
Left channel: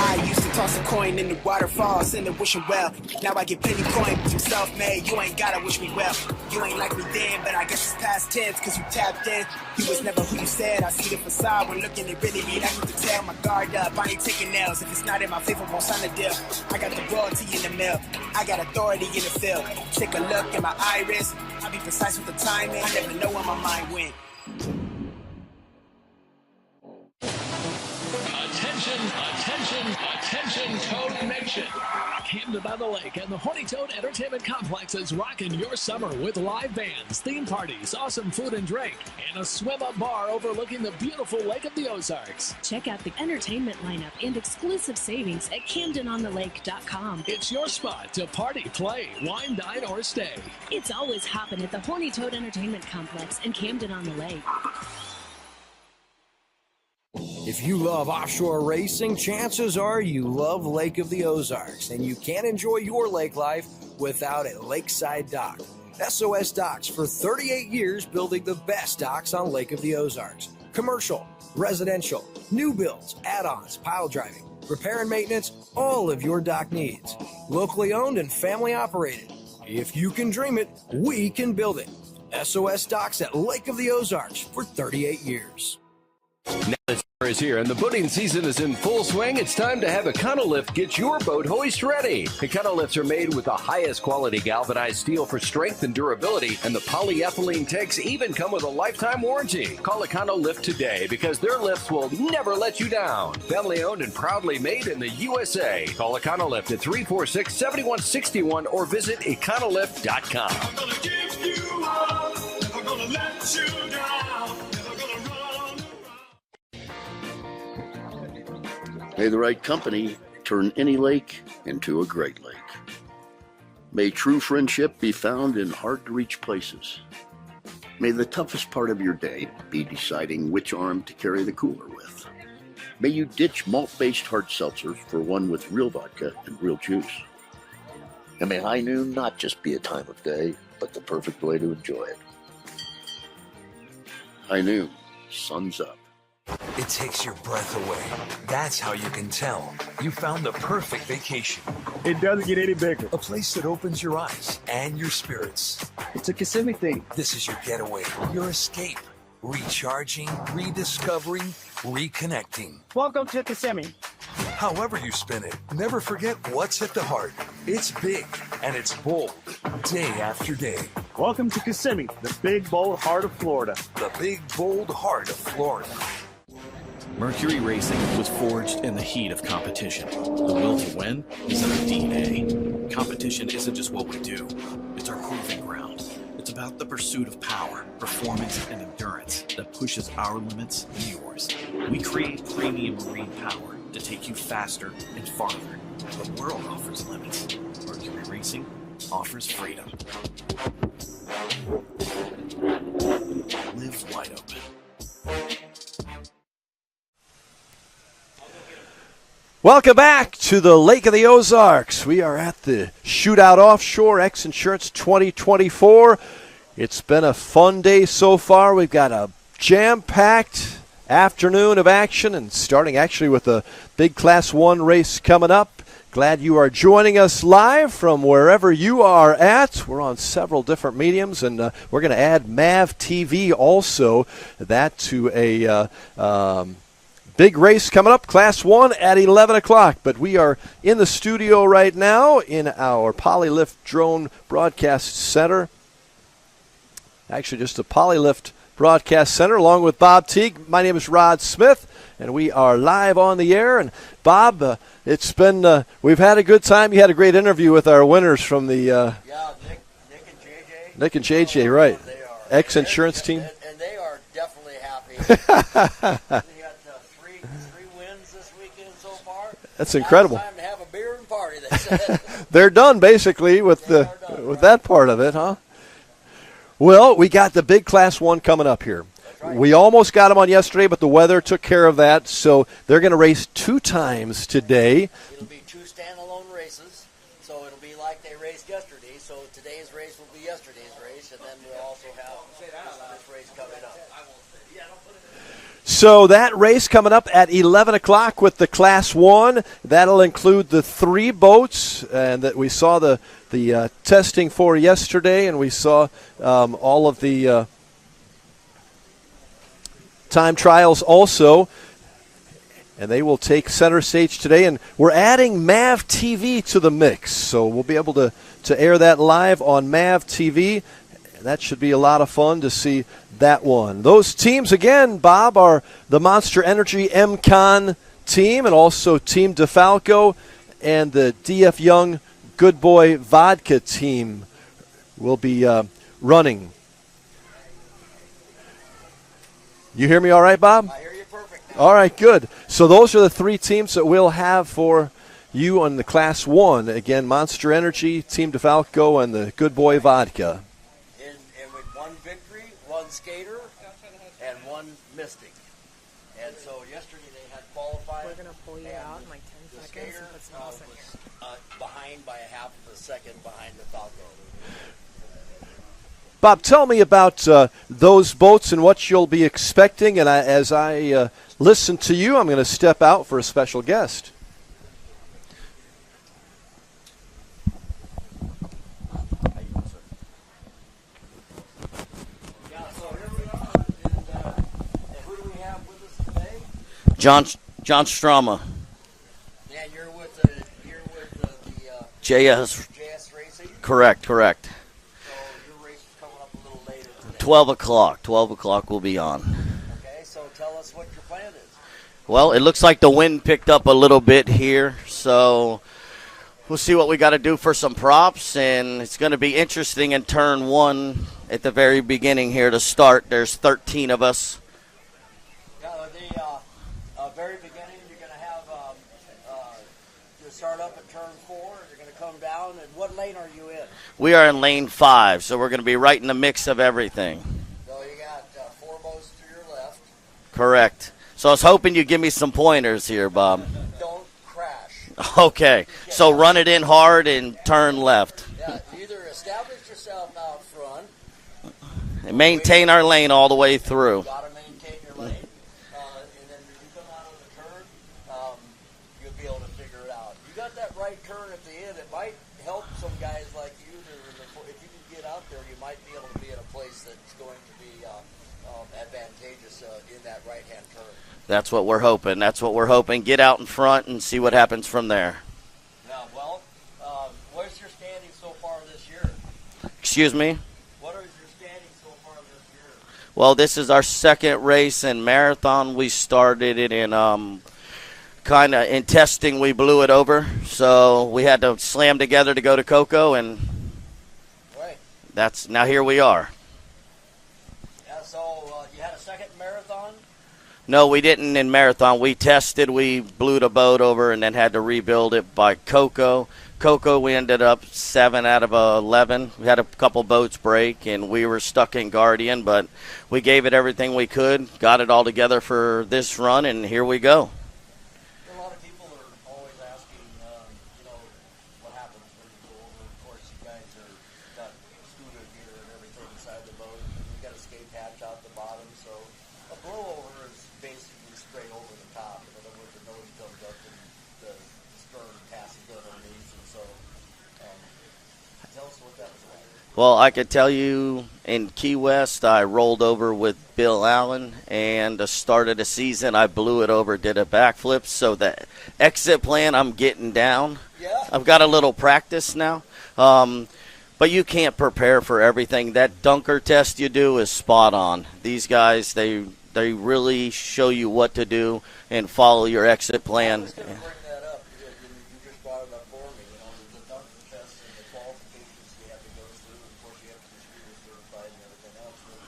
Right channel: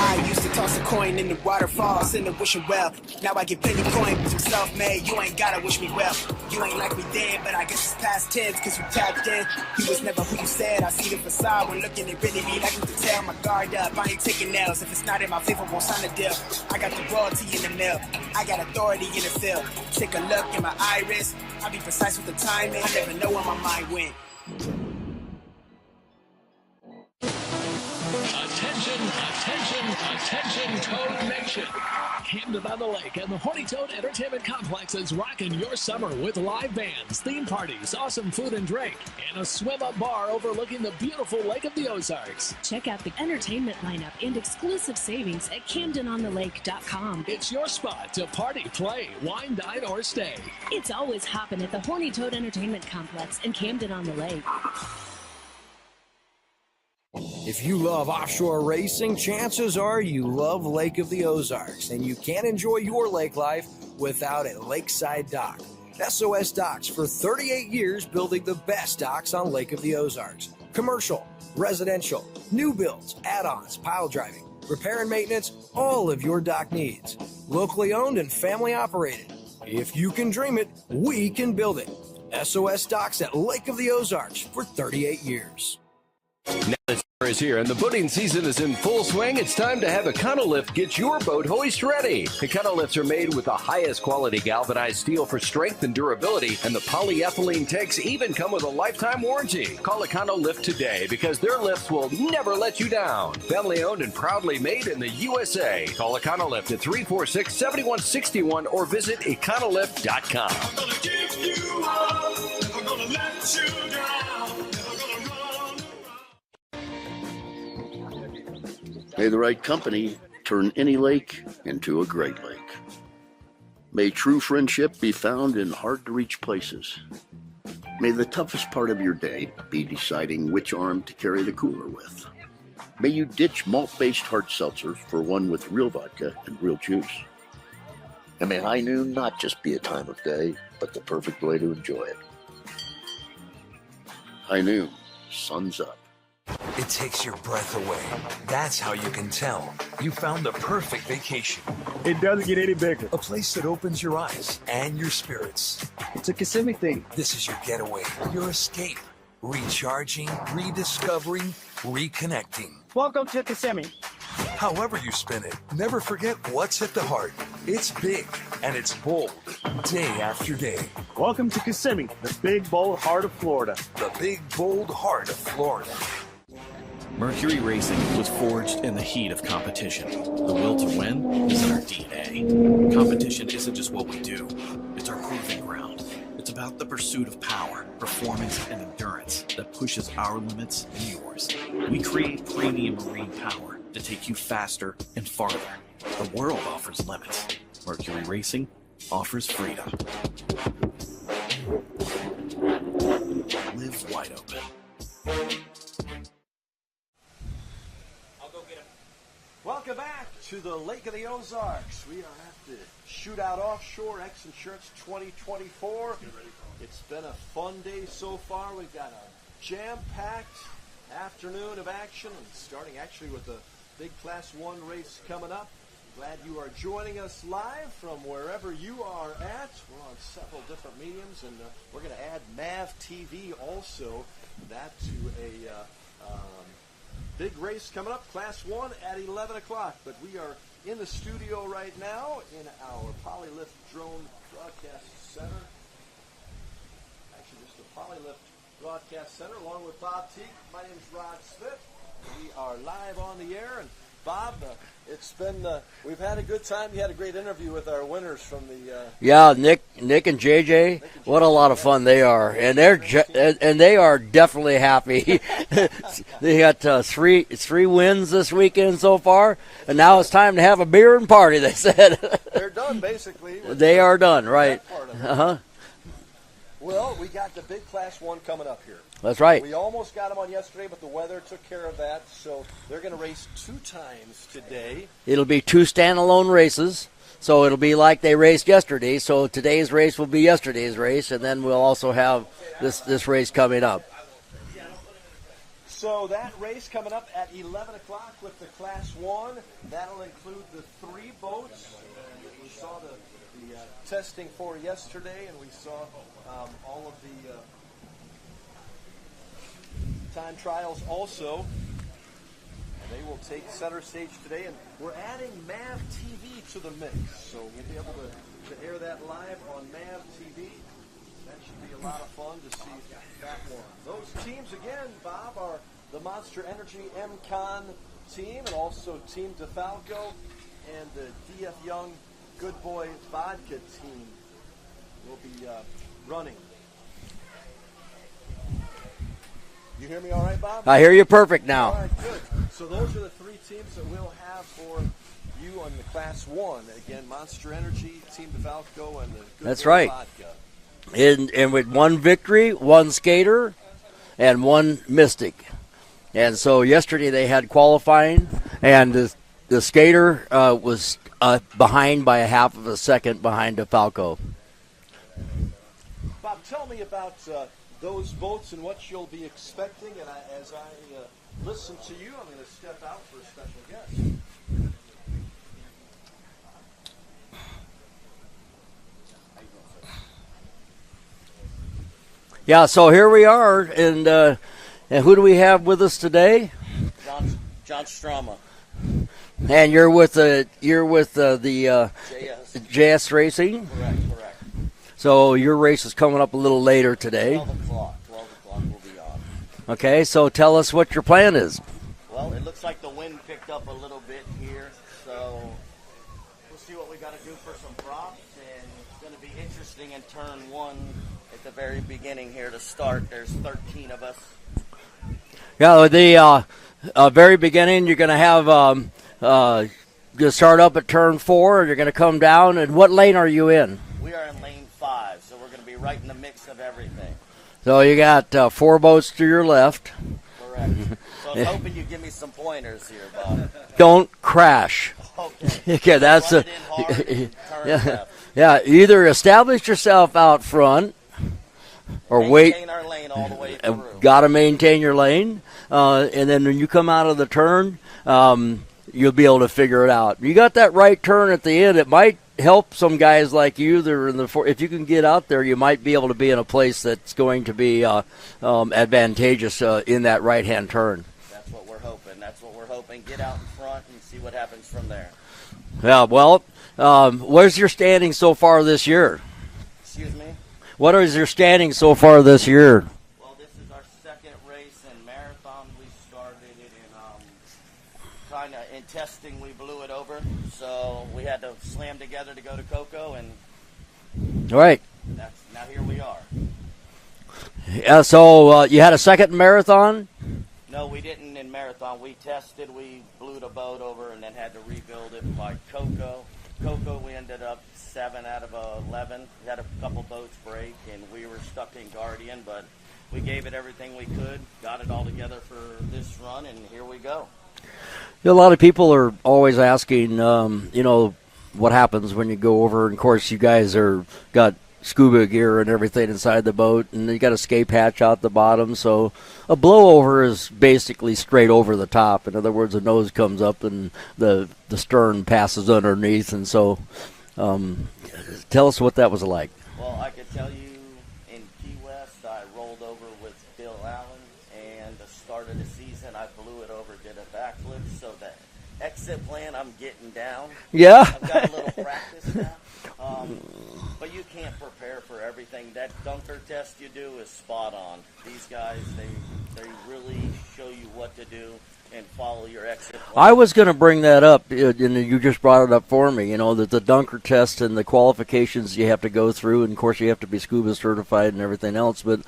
I used to toss a coin in the waterfall, send a wishing well. Now I get plenty coin, but you self-made. You ain't gotta wish me well. You ain't like me then, but I guess it's past tense, cause you tapped in. You was never who you said. I see the facade when looking, it really be like to tell. My guard up, I ain't taking nails. If it's not in my favor, won't sign a deal. I got the royalty in the mill. I got authority in the field. Take a look in my iris. I be precise with the timing. I never know where my mind went. Attention, attention, attention, Toad Nation. Camden on the Lake and the Horny Toad Entertainment Complex is rocking your summer with live bands, theme parties, awesome food and drink, and a swim-up bar overlooking the beautiful Lake of the Ozarks. Check out the entertainment lineup and exclusive savings at CamdenOnTheLake.com. It's your spot to party, play, wine, dine, or stay. It's always hopping at the Horny Toad Entertainment Complex in Camden on the Lake. If you love offshore racing, chances are you love Lake of the Ozarks, and you can't enjoy your lake life without a lakeside dock. SOS Docks for 38 years building the best docks on Lake of the Ozarks. Commercial, residential, new builds, add-ons, pile driving, repair and maintenance, all of your dock needs. Locally owned and family operated. If you can dream it, we can build it. SOS Docks at Lake of the Ozarks for 38 years. Now the summer is here and the boating season is in full swing. It's time to have Econolift get your boat hoist ready. Econolifts are made with the highest quality galvanized steel for strength and durability, and the polyethylene tanks even come with a lifetime warranty. Call Econolift today because their lifts will never let you down. Family owned and proudly made in the USA. Call Econolift at 346-7161 or visit econolift.com. I'm gonna give you up, never gonna let you down, never gonna run. May the right company turn any lake into a great lake. May true friendship be found in hard-to-reach places. May the toughest part of your day be deciding which arm to carry the cooler with. May you ditch malt-based hard seltzers for one with real vodka and real juice. And may high noon not just be a time of day, but the perfect way to enjoy it. High noon, sun's up. It takes your breath away. That's how you can tell you found the perfect vacation. It doesn't get any bigger. A place that opens your eyes and your spirits. It's a Kissimmee thing. This is your getaway, your escape. Recharging, rediscovering, reconnecting. Welcome to Kissimmee. However you spin it, never forget what's at the heart. It's big and it's bold, day after day. Welcome to Kissimmee, the big, bold heart of Florida. The big, bold heart of Florida. Mercury Racing was forged in the heat of competition. The will to win is in our DNA. Competition isn't just what we do, it's our proving ground. It's about the pursuit of power, performance, and endurance that pushes our limits and yours. We create premium marine power to take you faster and farther. The world offers limits. Mercury Racing offers freedom. Live wide open. Welcome back to the Lake of the Ozarks. We are at the Shootout Offshore X Insurance 2024. It's been a fun day so far. We've got a jam-packed afternoon of action, and starting actually with a big Class 1 race coming up. Glad you are joining us live from wherever you are at. We're on several different mediums, and we're going to add MAV TV also, that to a big race coming up, Class 1 at 11 o'clock. But we are in the studio right now in our Polylift Drone Broadcast Center. Actually, just a Polylift Broadcast Center, along with Bob Teague. My name is Rod Smith, and we are live on the air. And Bob, it's been we've had a good time. You had a great interview with our winners from the Nick and JJ. Nick and JJ, what a lot right. of fun they are. Ex-insurance team. And they are definitely happy. They got three wins this weekend so far. That's and incredible. Now it's time to have a beer and party, they said. They're done, basically. They are done, right. That part of it, huh? Well, we got the big Class 1 coming up here. That's right. We almost got them on yesterday, but the weather took care of that, so they're going to race 2 times today. It'll be 2 standalone races, so it'll be like they raced yesterday. So today's race will be yesterday's race, and then we'll also have this race coming up. So that race coming up at 11 o'clock with the Class 1. That'll include the 3 boats and that we saw the testing for yesterday, and we saw all of the time trials also. And they will take center stage today. And we're adding MAV TV to the mix, so we'll be able to air that live on MAV TV. That should be a lot of fun to see that one. Those teams, again, Bob, are the Monster Energy MCon team and also Team DeFalco, and the DF Young Good Boy Vodka team will be running. You hear me all right, Bob? I hear you perfect now. All right, good. So those are the 3 teams that we'll have for you on the Class 1. Again, Monster Energy, Team DeFalco, and the Good That's Boy right. Vodka. And with 1 victory, 1 skater, and 1 mystic. And so yesterday they had qualifying, and the skater was behind by a half of a second behind DeFalco. Bob, tell me about those boats and what you'll be expecting. And as I listen to you, I'm going to step out for a special guest. Yeah, so here we are, and who do we have with us today? John Strama. And you're with the JS Racing? Correct. So your race is coming up a little later today. 12 o'clock. 12 o'clock we'll be on. Okay, so tell us what your plan is. Well, it looks like the wind picked up a little bit here, so we'll see what we got to do for some props, and it's going to be interesting in turn 1 at the very beginning here to start. There's 13 of us. Yeah, the very beginning you're going to have you start up at turn 4, and you're going to come down. And what lane are you in? We are in lane 5, so we're going to be right in the mix of everything. So you got 4 boats to your left. Correct. So I was hoping you'd give me some pointers here, Bob. Don't crash. Okay. Okay, so run it in hard and turn left. Yeah, either establish yourself out front or maintain our lane all the way through. Got to maintain your lane. And then when you come out of the turn, you'll be able to figure it out. You got that right turn at the end. It might help some guys like you that are in the if you can get out there, you might be able to be in a place that's going to be advantageous in that right-hand turn. That's what we're hoping. Get out in front and see what happens from there. Yeah, well, where's your standing so far this year? Excuse me? What is your standing so far this year? Well, this is our 2nd race in marathon. We started it in kind of in testing. We blew it over, so we had to slam together to go to Cocoa, and right. Now here we are. Yeah. So you had a 2nd marathon? No, we didn't in marathon. We tested. We blew the boat over and then had to rebuild it by Cocoa. We ended up 7 out of 11. We had a couple boats break, and we were stuck in Guardian, but we gave it everything we could, got it all together for this run, and here we go. A lot of people are always asking, what happens when you go over. And, of course, you guys got scuba gear and everything inside the boat, and you got a escape hatch out the bottom. So a blowover is basically straight over the top. In other words, the nose comes up and the stern passes underneath. And so tell us what that was like. Well, I could tell you in Key West, I rolled over with Bill Allen, and the start of the season, I blew it over, did a backflip. So the exit plan, I'm getting down. Yeah. I've got a little practice now. But you can't prepare for everything. That dunker test you do is spot on. These guys, they really show you what to do and follow your exit plan. I was going to bring that up, and you just brought it up for me, that the dunker test and the qualifications you have to go through, and, of course, you have to be scuba certified and everything else. But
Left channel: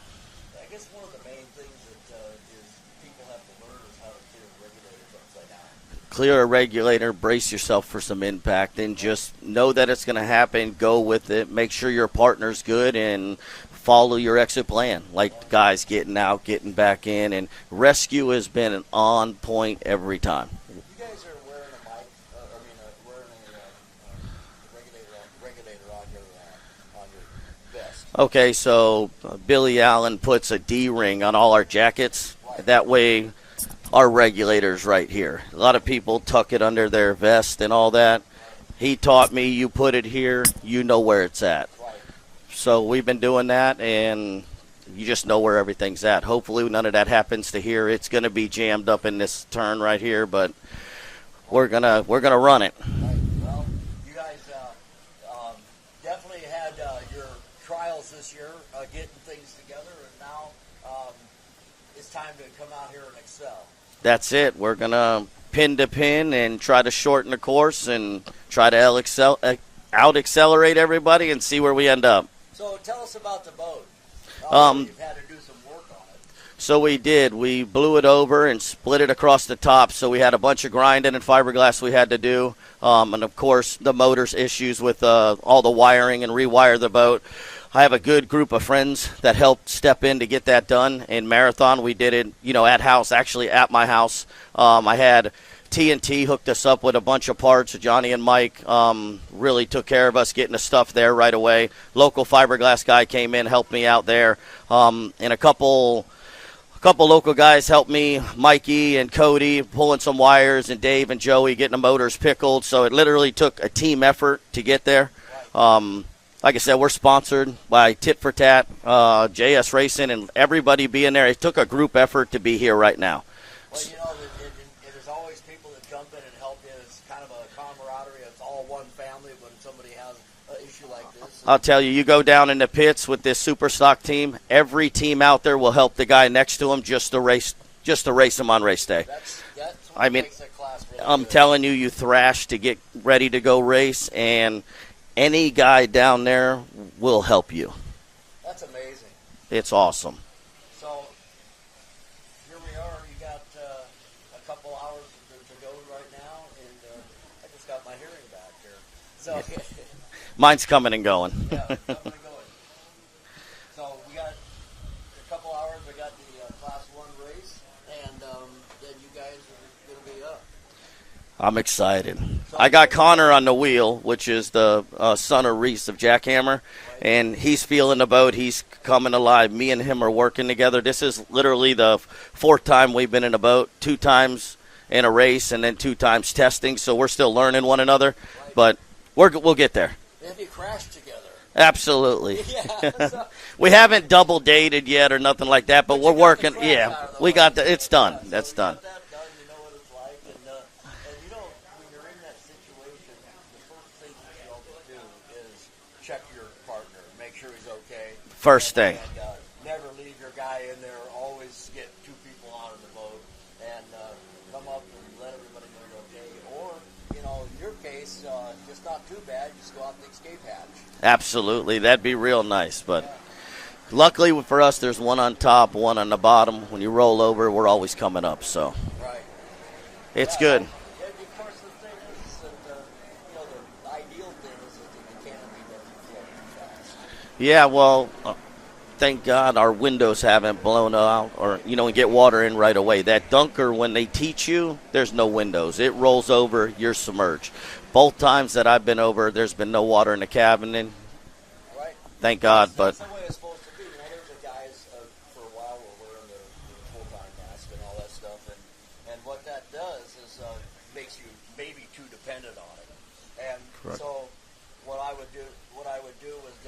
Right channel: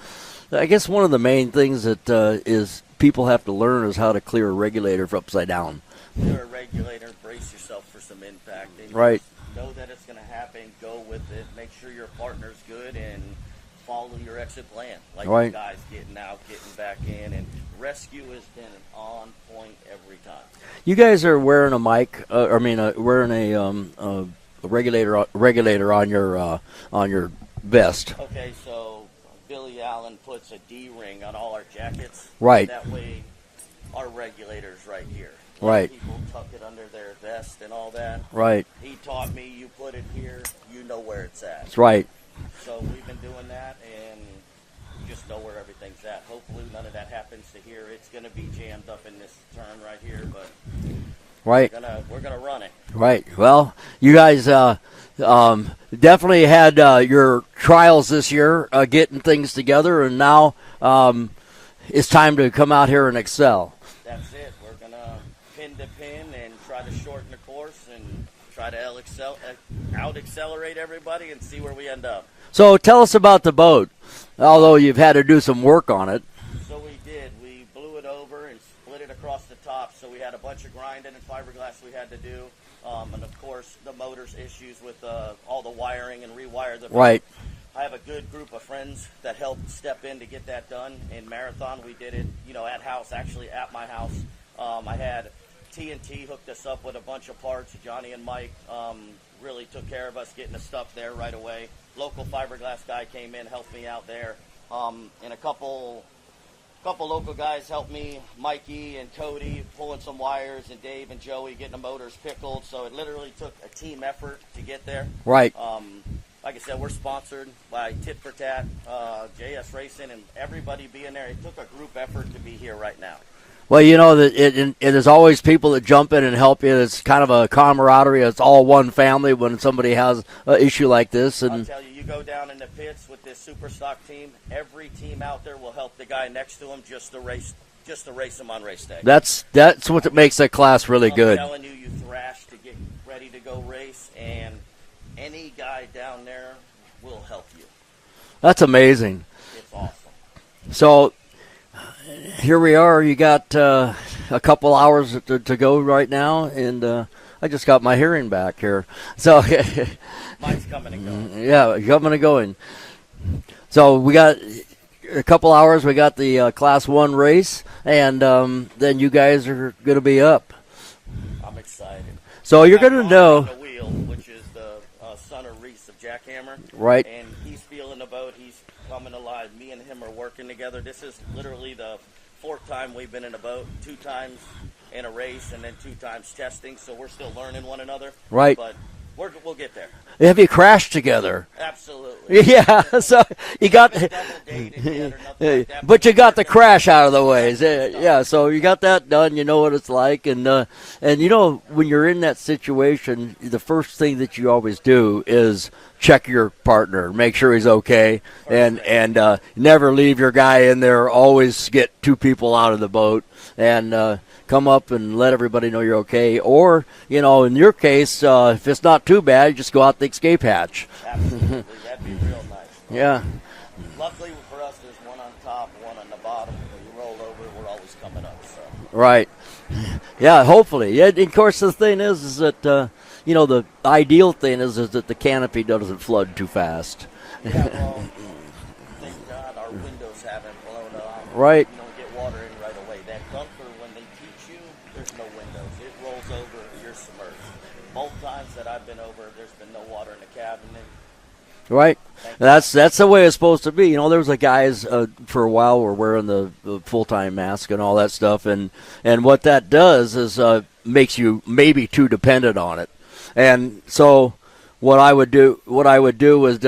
I guess one of the main things that is people have to learn is how to clear a regulator from upside down. Clear a regulator, brace yourself for some impact, and just know that it's going to happen. Go with it. Make sure your partner's good, and follow your exit plan. Guys getting out, getting back in, and rescue has been on point every time. You guys are wearing a mic. Wearing a regulator on your vest. Okay, so Billy Allen puts a D-ring on all our jackets. Right. That way, our regulator's right here. A lot of people tuck it under their vest and all that. Right. He taught me, you put it here, you know where it's at. That's right. So we've been doing that, and you just know where everything's at. Hopefully none of that happens to here. It's going to be jammed up in this turn right here, but we're gonna run it. Right. Well, you guys definitely had your trials this year getting things together, and now it's time to come out here and excel. That's it. We're going to pin to pin and try to shorten the course and try to out-accelerate everybody and see where we end up. So tell us about the boat, although you've had to do some work on it. So we did. We blew it over and split it across the top, so we had a bunch of grinding and fiberglass we had to do. And, of course, the motor's issues with all the wiring and rewire the boat. Right. I have a good group of friends that helped step in to get that done. In Marathon, we did it, at my house. I had TNT hooked us up with a bunch of parts. Johnny and Mike really took care of us getting the stuff there right away. Local fiberglass guy came in, helped me out there. And a couple local guys helped me, Mikey and Cody, pulling some wires, and Dave and Joey getting the motors pickled. So it literally took a team effort to get there. Right. Like I said, we're sponsored by Tit for Tat, JS Racing, and everybody being there. It took a group effort to be here right now. Well, there's always people that jump in and help you. It's kind of a camaraderie. It's all one family when somebody has an issue like this. I'll tell you, you go down in the pits with this Superstock team, every team out there will help the guy next to him just to race him on race day. That's what makes that class really good. I'm telling you, you thrash to get ready to go race, and any guy down there will help you. That's amazing. It's awesome. So here we are. You got a couple hours to go right now, and I just got my hearing back here. So mine's coming and going. Yeah, coming and going. So we got a couple hours. We got the Class 1 race, and then you guys are going to be up. I'm excited. So I you're got gonna Connor on the wheel, which is the son of Reese of Jackhammer. Right. And he's feeling the boat. He's coming alive. Me and him are working together. This is literally the fourth time we've been in a boat, 2 times in a race, and then 2 times testing. So we're still learning one another. Right. But we'll get there. Have you crashed together? Absolutely. Yeah. So we haven't double dated yet or nothing like that. But you got the crash out of the way. It's done. Yeah. So it's you done. got that done. You know what it's like, and when you're in that situation, the first thing that you always do is check your partner, make sure he's okay. First thing. And never leave your guy in there. Always get 2 people out of the boat and come up and let everybody know you're okay. Or, in your case, if it's not too bad, just go out the escape hatch. Absolutely. That'd be real nice. But yeah. Luckily for us, there's one on top, one on the bottom. When you roll over, we're always coming up. So right. It's yeah, good. Hopefully. Yeah, of course, the thing is that, the ideal thing is that the canopy doesn't flood too fast. Yeah, well, thank God our windows haven't blown out. Right. And get water in right away. That dunker, when they teach you, there's no windows. It rolls over, you're submerged. Both times that I've been over, there's been no water in the cabin, and Right. Thank God. That's the way it's supposed to be. You know, there was a guys for a while were wearing the full-time mask and all that stuff, and what that does is makes you maybe too dependent on it. And so what I would do was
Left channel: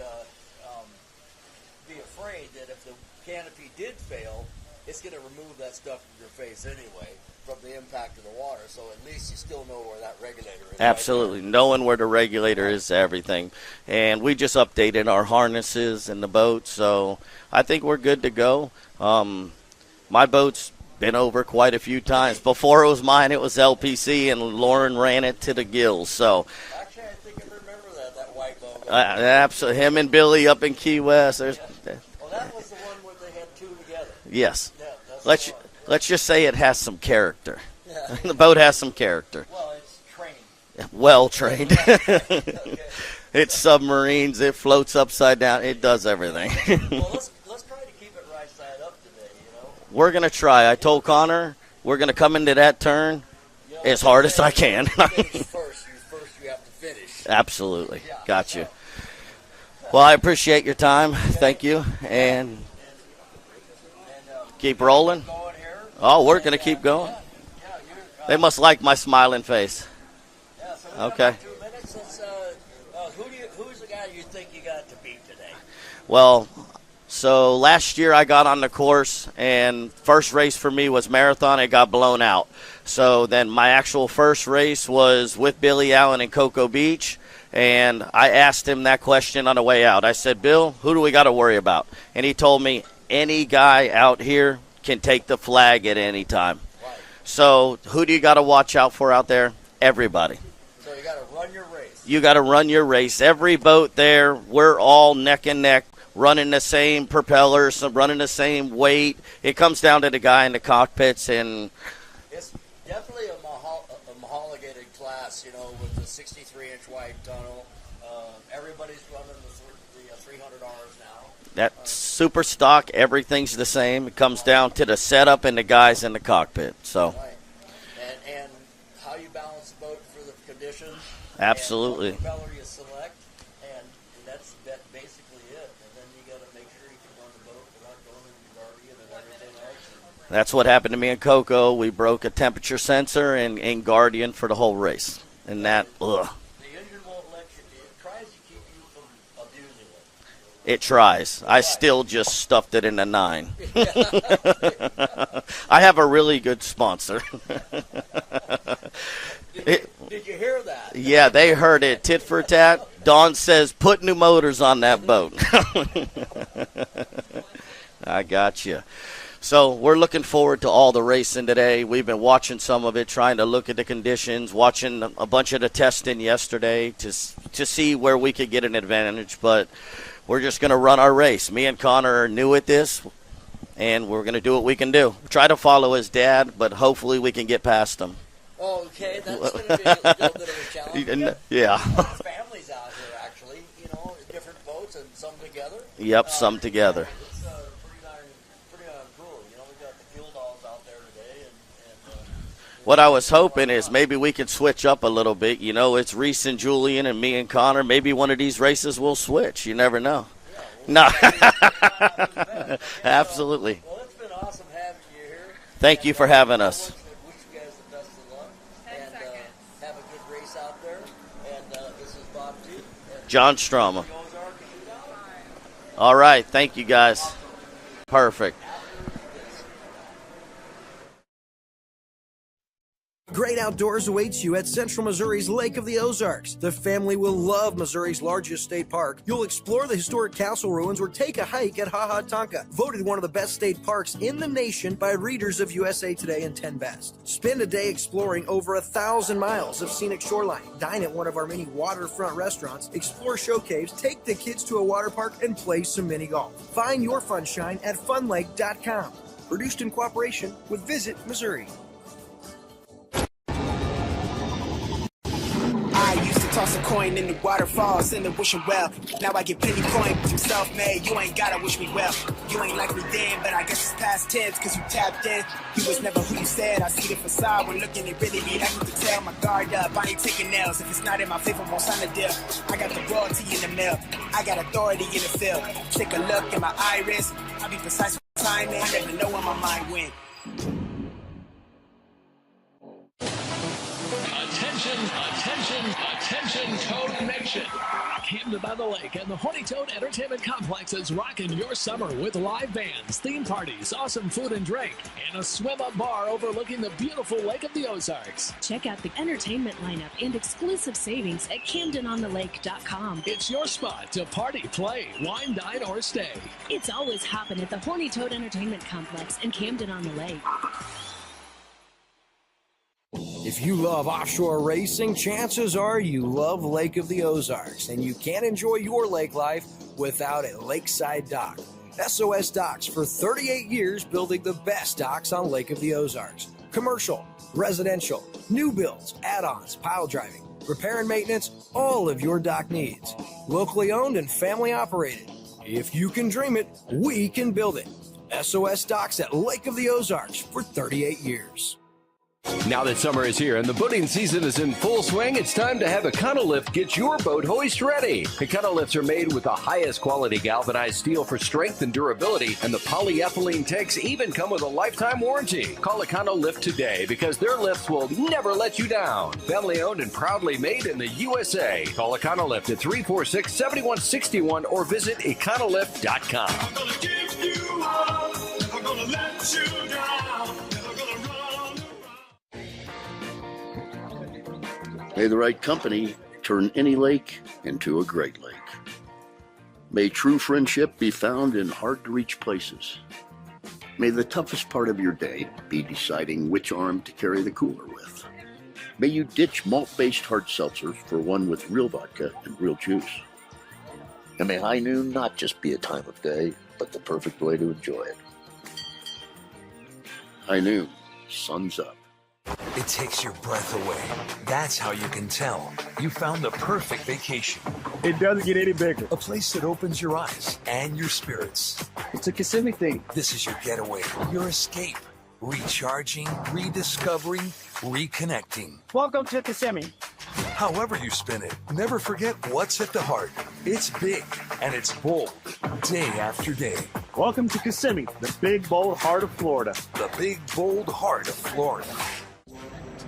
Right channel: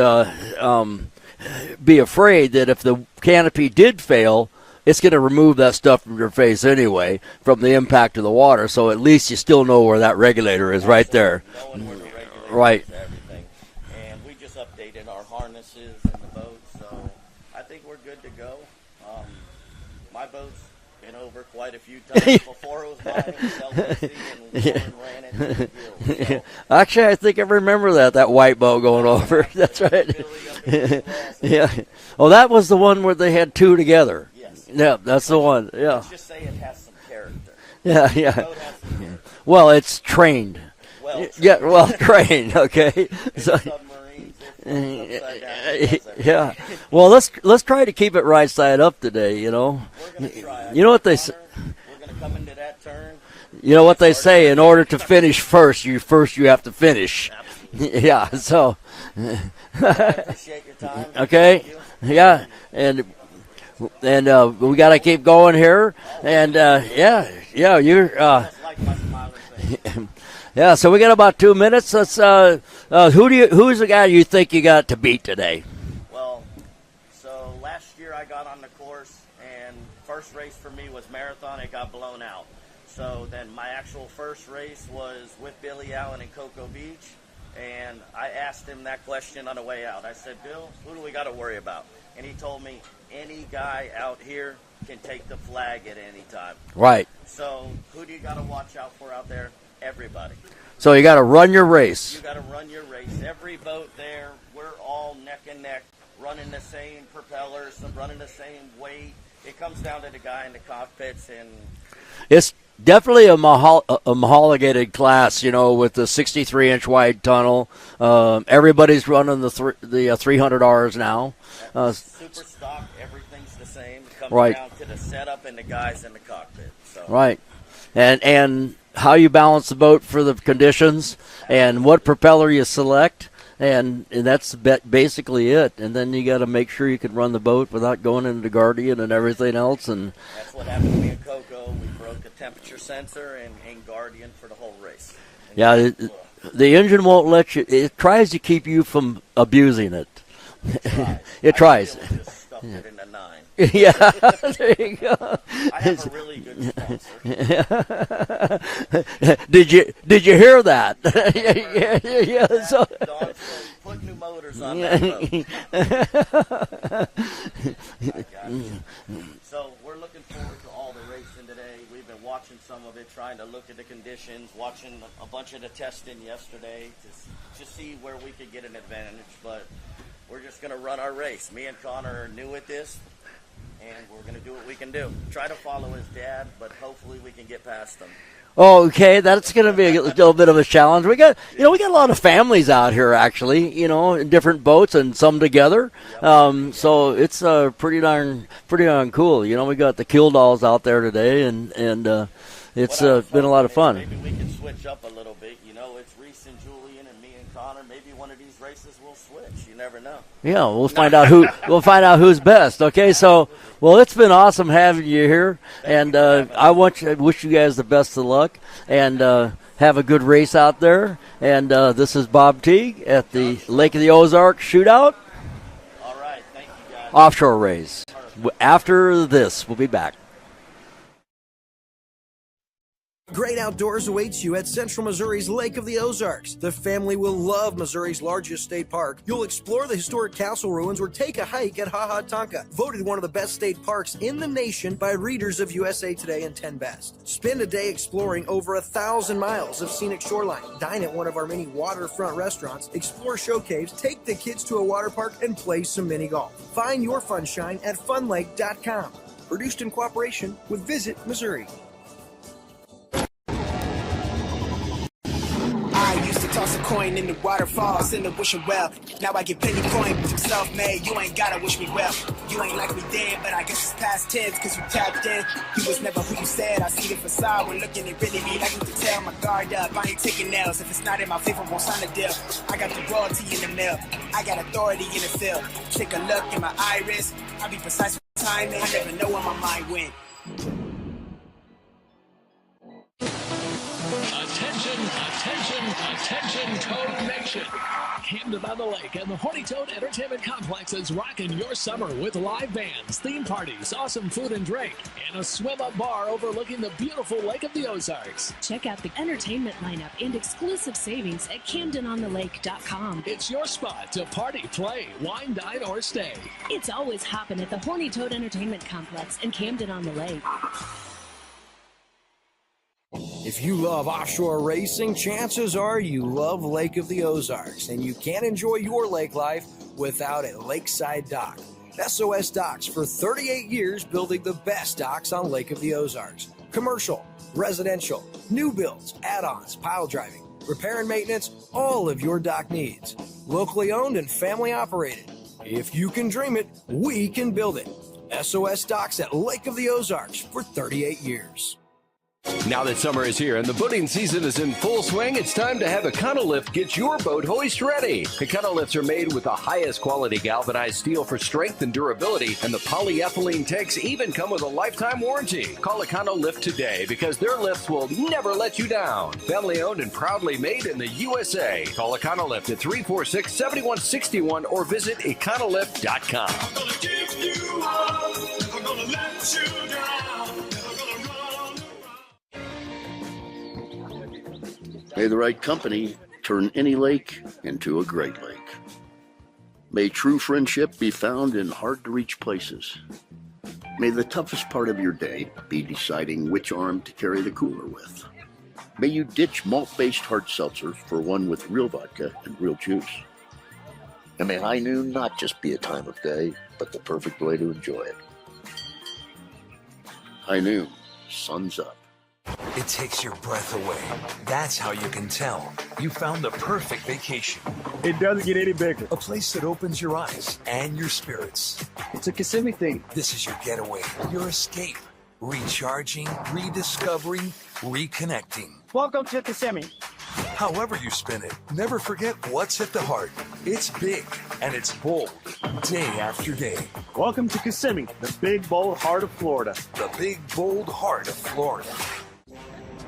be afraid that if the canopy did fail, it's going to remove that stuff from your face anyway from the impact of the water. So at least you still know where that regulator is. Absolutely. Right there. Knowing where the regulator is, everything. And we just updated our harnesses in the boat, so I think we're good to go. My boat's been over quite a few times. Before it was mine, it was LPC, and Lauren ran it to the gills. So actually, I think I remember that white boat going over. Absolutely. Him and Billy up in Key West. Yeah. Oh, that was the one where they had two together. Yes. Yeah, that's the one. Yeah. Let's just say it has some character. Yeah. The boat has some character. Well, it's trained. Well trained. Yeah, well trained. Okay. It's submarines. It floats upside down. It does everything. Yeah. Well, let's try to keep it right side up today. You know. We're gonna try. I told Connor we're gonna come into that turn. You know what they say: in order to finish first, you have to finish. Absolutely. Yeah. Gotcha. So. Well, I appreciate your time. Okay. Thank you. Yeah. And we got to keep going here. Oh, we're gonna keep going. Yeah. You're. They must like my smiling face. Yeah, so we got about 2 minutes. Let's. Who's the guy you think you got to beat today? Well, so last year I got on the course, and first race for me was marathon. It got blown out. So then my actual first race was with Billy Allen in Cocoa Beach, and I asked him that question on the way out. I said, Bill, who do we got to worry about? And he told me any guy out here can take the flag at any time. Right. So who do you got to watch out for out there? Everybody. So you got to run your race. You got to run your race. Every boat there, we're all neck and neck, running the same propellers, running the same weight. It comes down to the guy in the cockpits, and it's definitely a homologated class. You know, with the 63-inch wide tunnel. Everybody's running the 300Rs now. That Superstock, everything's the same. It comes right. down to the setup and the guys in the cockpit. So right, and how you balance the boat for the conditions, absolutely. And what propeller you select, and that's basically it. And then you got to make sure you can run the boat without going into Guardian and everything else. And that's what happened to me in Cocoa. We broke a temperature sensor in Guardian for the whole race. And yeah, the engine won't let you. It tries to keep you from abusing it. It tries. It I tries. still just stuffed it in a 9. Yeah, there you go. I have a really good sponsor. Did you hear that? Yeah, they heard it. Tit for tat. Dawn says, put new motors on that boat. I got you. So we're looking forward to all the racing today. We've been watching some of it, trying to look at the conditions, watching a bunch of the testing yesterday to see where we could get an advantage. But we're just going to run our race. Me and Connor are new at this, and we're going to do what we can do. Try to follow his dad, but hopefully we can get past him. Oh, okay, that's going to be a little bit of a challenge. We got, we got a lot of families out here, actually. In different boats and some together. Yep, some together. So it's pretty darn cool. We got the Killdalls out there today, and it's, what I was hoping is maybe we could switch up a little bit. It's Reese and Julian and me and Connor. Maybe one of these races will switch. You never know. Yeah, we'll find out we'll find out who's best. Okay, absolutely. So well, it's been awesome having you here. Thank you for having us. I wish you guys the best of luck and have a good race out there. And this is Bob Teague at John the Lake of the Ozarks Shootout. All right, thank you guys. Offshore race. Perfect. After this, we'll be back. Great outdoors awaits you at Central Missouri's Lake of the Ozarks. The family will love Missouri's largest state park. You'll explore the historic castle ruins or take a hike at Ha Ha Tonka, voted one of the best state parks in the nation by readers of USA Today and 10 Best. Spend a day exploring over 1,000 miles of scenic shoreline. Dine at one of our many waterfront restaurants, explore show caves, take the kids to a water park, and play some mini golf. Find your funshine at funlake.com. Produced in cooperation with Visit Missouri. I used to Toss a coin in the waterfalls in the wishing well. Now I get plenty coin, but you self-made. You ain't gotta wish me well. You ain't like me then, but I guess it's past tense, cause you tapped in. You was never who you said. I see the facade when looking at really me. I can tell my guard up. I ain't taking nails. If it's not in my favor, won't sign a deal. I got the royalty in the mail. I got authority in the field. Take a look in my iris. I be precise with timing. I never know where my mind went. Attention, attention, attention, Toad Nation. Camden on the Lake and the Horny Toad Entertainment Complex is rocking your summer with live bands, theme parties, awesome food and drink, and a swim-up bar overlooking the beautiful Lake of the Ozarks. Check out the entertainment lineup and exclusive savings at CamdenOnTheLake.com. It's your spot to party, play, wine, dine, or stay. It's always hopping at the Horny Toad Entertainment Complex in Camden on the Lake. If you love offshore racing, chances are you love Lake of the Ozarks, and you can't enjoy your lake life without a lakeside dock. SOS Docks, for 38 years, building the best docks on Lake of the Ozarks. Commercial, residential, new builds, add-ons, pile driving, repair and maintenance, all of your dock needs. Locally owned and family operated. If you can dream it, we can build it. SOS Docks at Lake of the Ozarks for 38 years. Now that summer is here and the boating season is in full swing, it's time to have Econolift get your boat hoist ready. Econolifts are made with the highest quality galvanized steel for strength and durability, and the polyethylene tanks even come with a lifetime warranty. Call Econolift today because their lifts will never let you down. Family owned and proudly made in the USA. Call Econolift at 346-7161 or visit econolift.com. I'm gonna give you up, never gonna let you down, never gonna run. May the right company turn any lake into a great lake. May true friendship be found in hard-to-reach places. May the toughest part of your day be deciding which arm to carry the cooler with. May you ditch malt-based hard seltzer for one with real vodka and real juice. And may high noon not just be a time of day, but the perfect way to enjoy it. High noon, sun's up. It takes your breath away. That's how you can tell you found the perfect vacation. It doesn't get any bigger. A place that opens your eyes and your spirits. It's a Kissimmee thing. This is your getaway, your escape. Recharging, rediscovering, reconnecting. Welcome to Kissimmee. However you spin it, never forget what's at the heart. It's big and it's bold, day after day. Welcome to Kissimmee, the big, bold heart of Florida. The big, bold heart of Florida.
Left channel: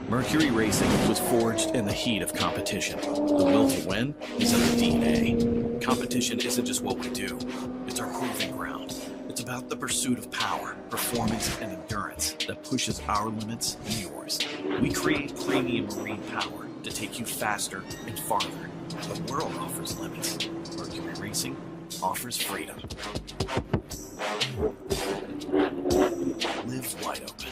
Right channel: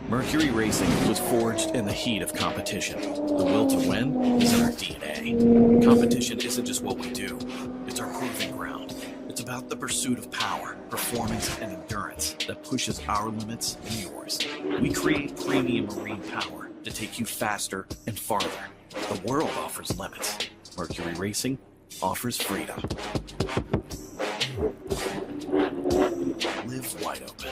Mercury Racing was forged in the heat of competition. The will to win is in our DNA. Competition isn't just what we do, it's our proving ground. It's about the pursuit of power, performance, and endurance that pushes our limits and yours. We create premium marine power to take you faster and farther. The world offers limits. Mercury Racing offers freedom. Live wide open.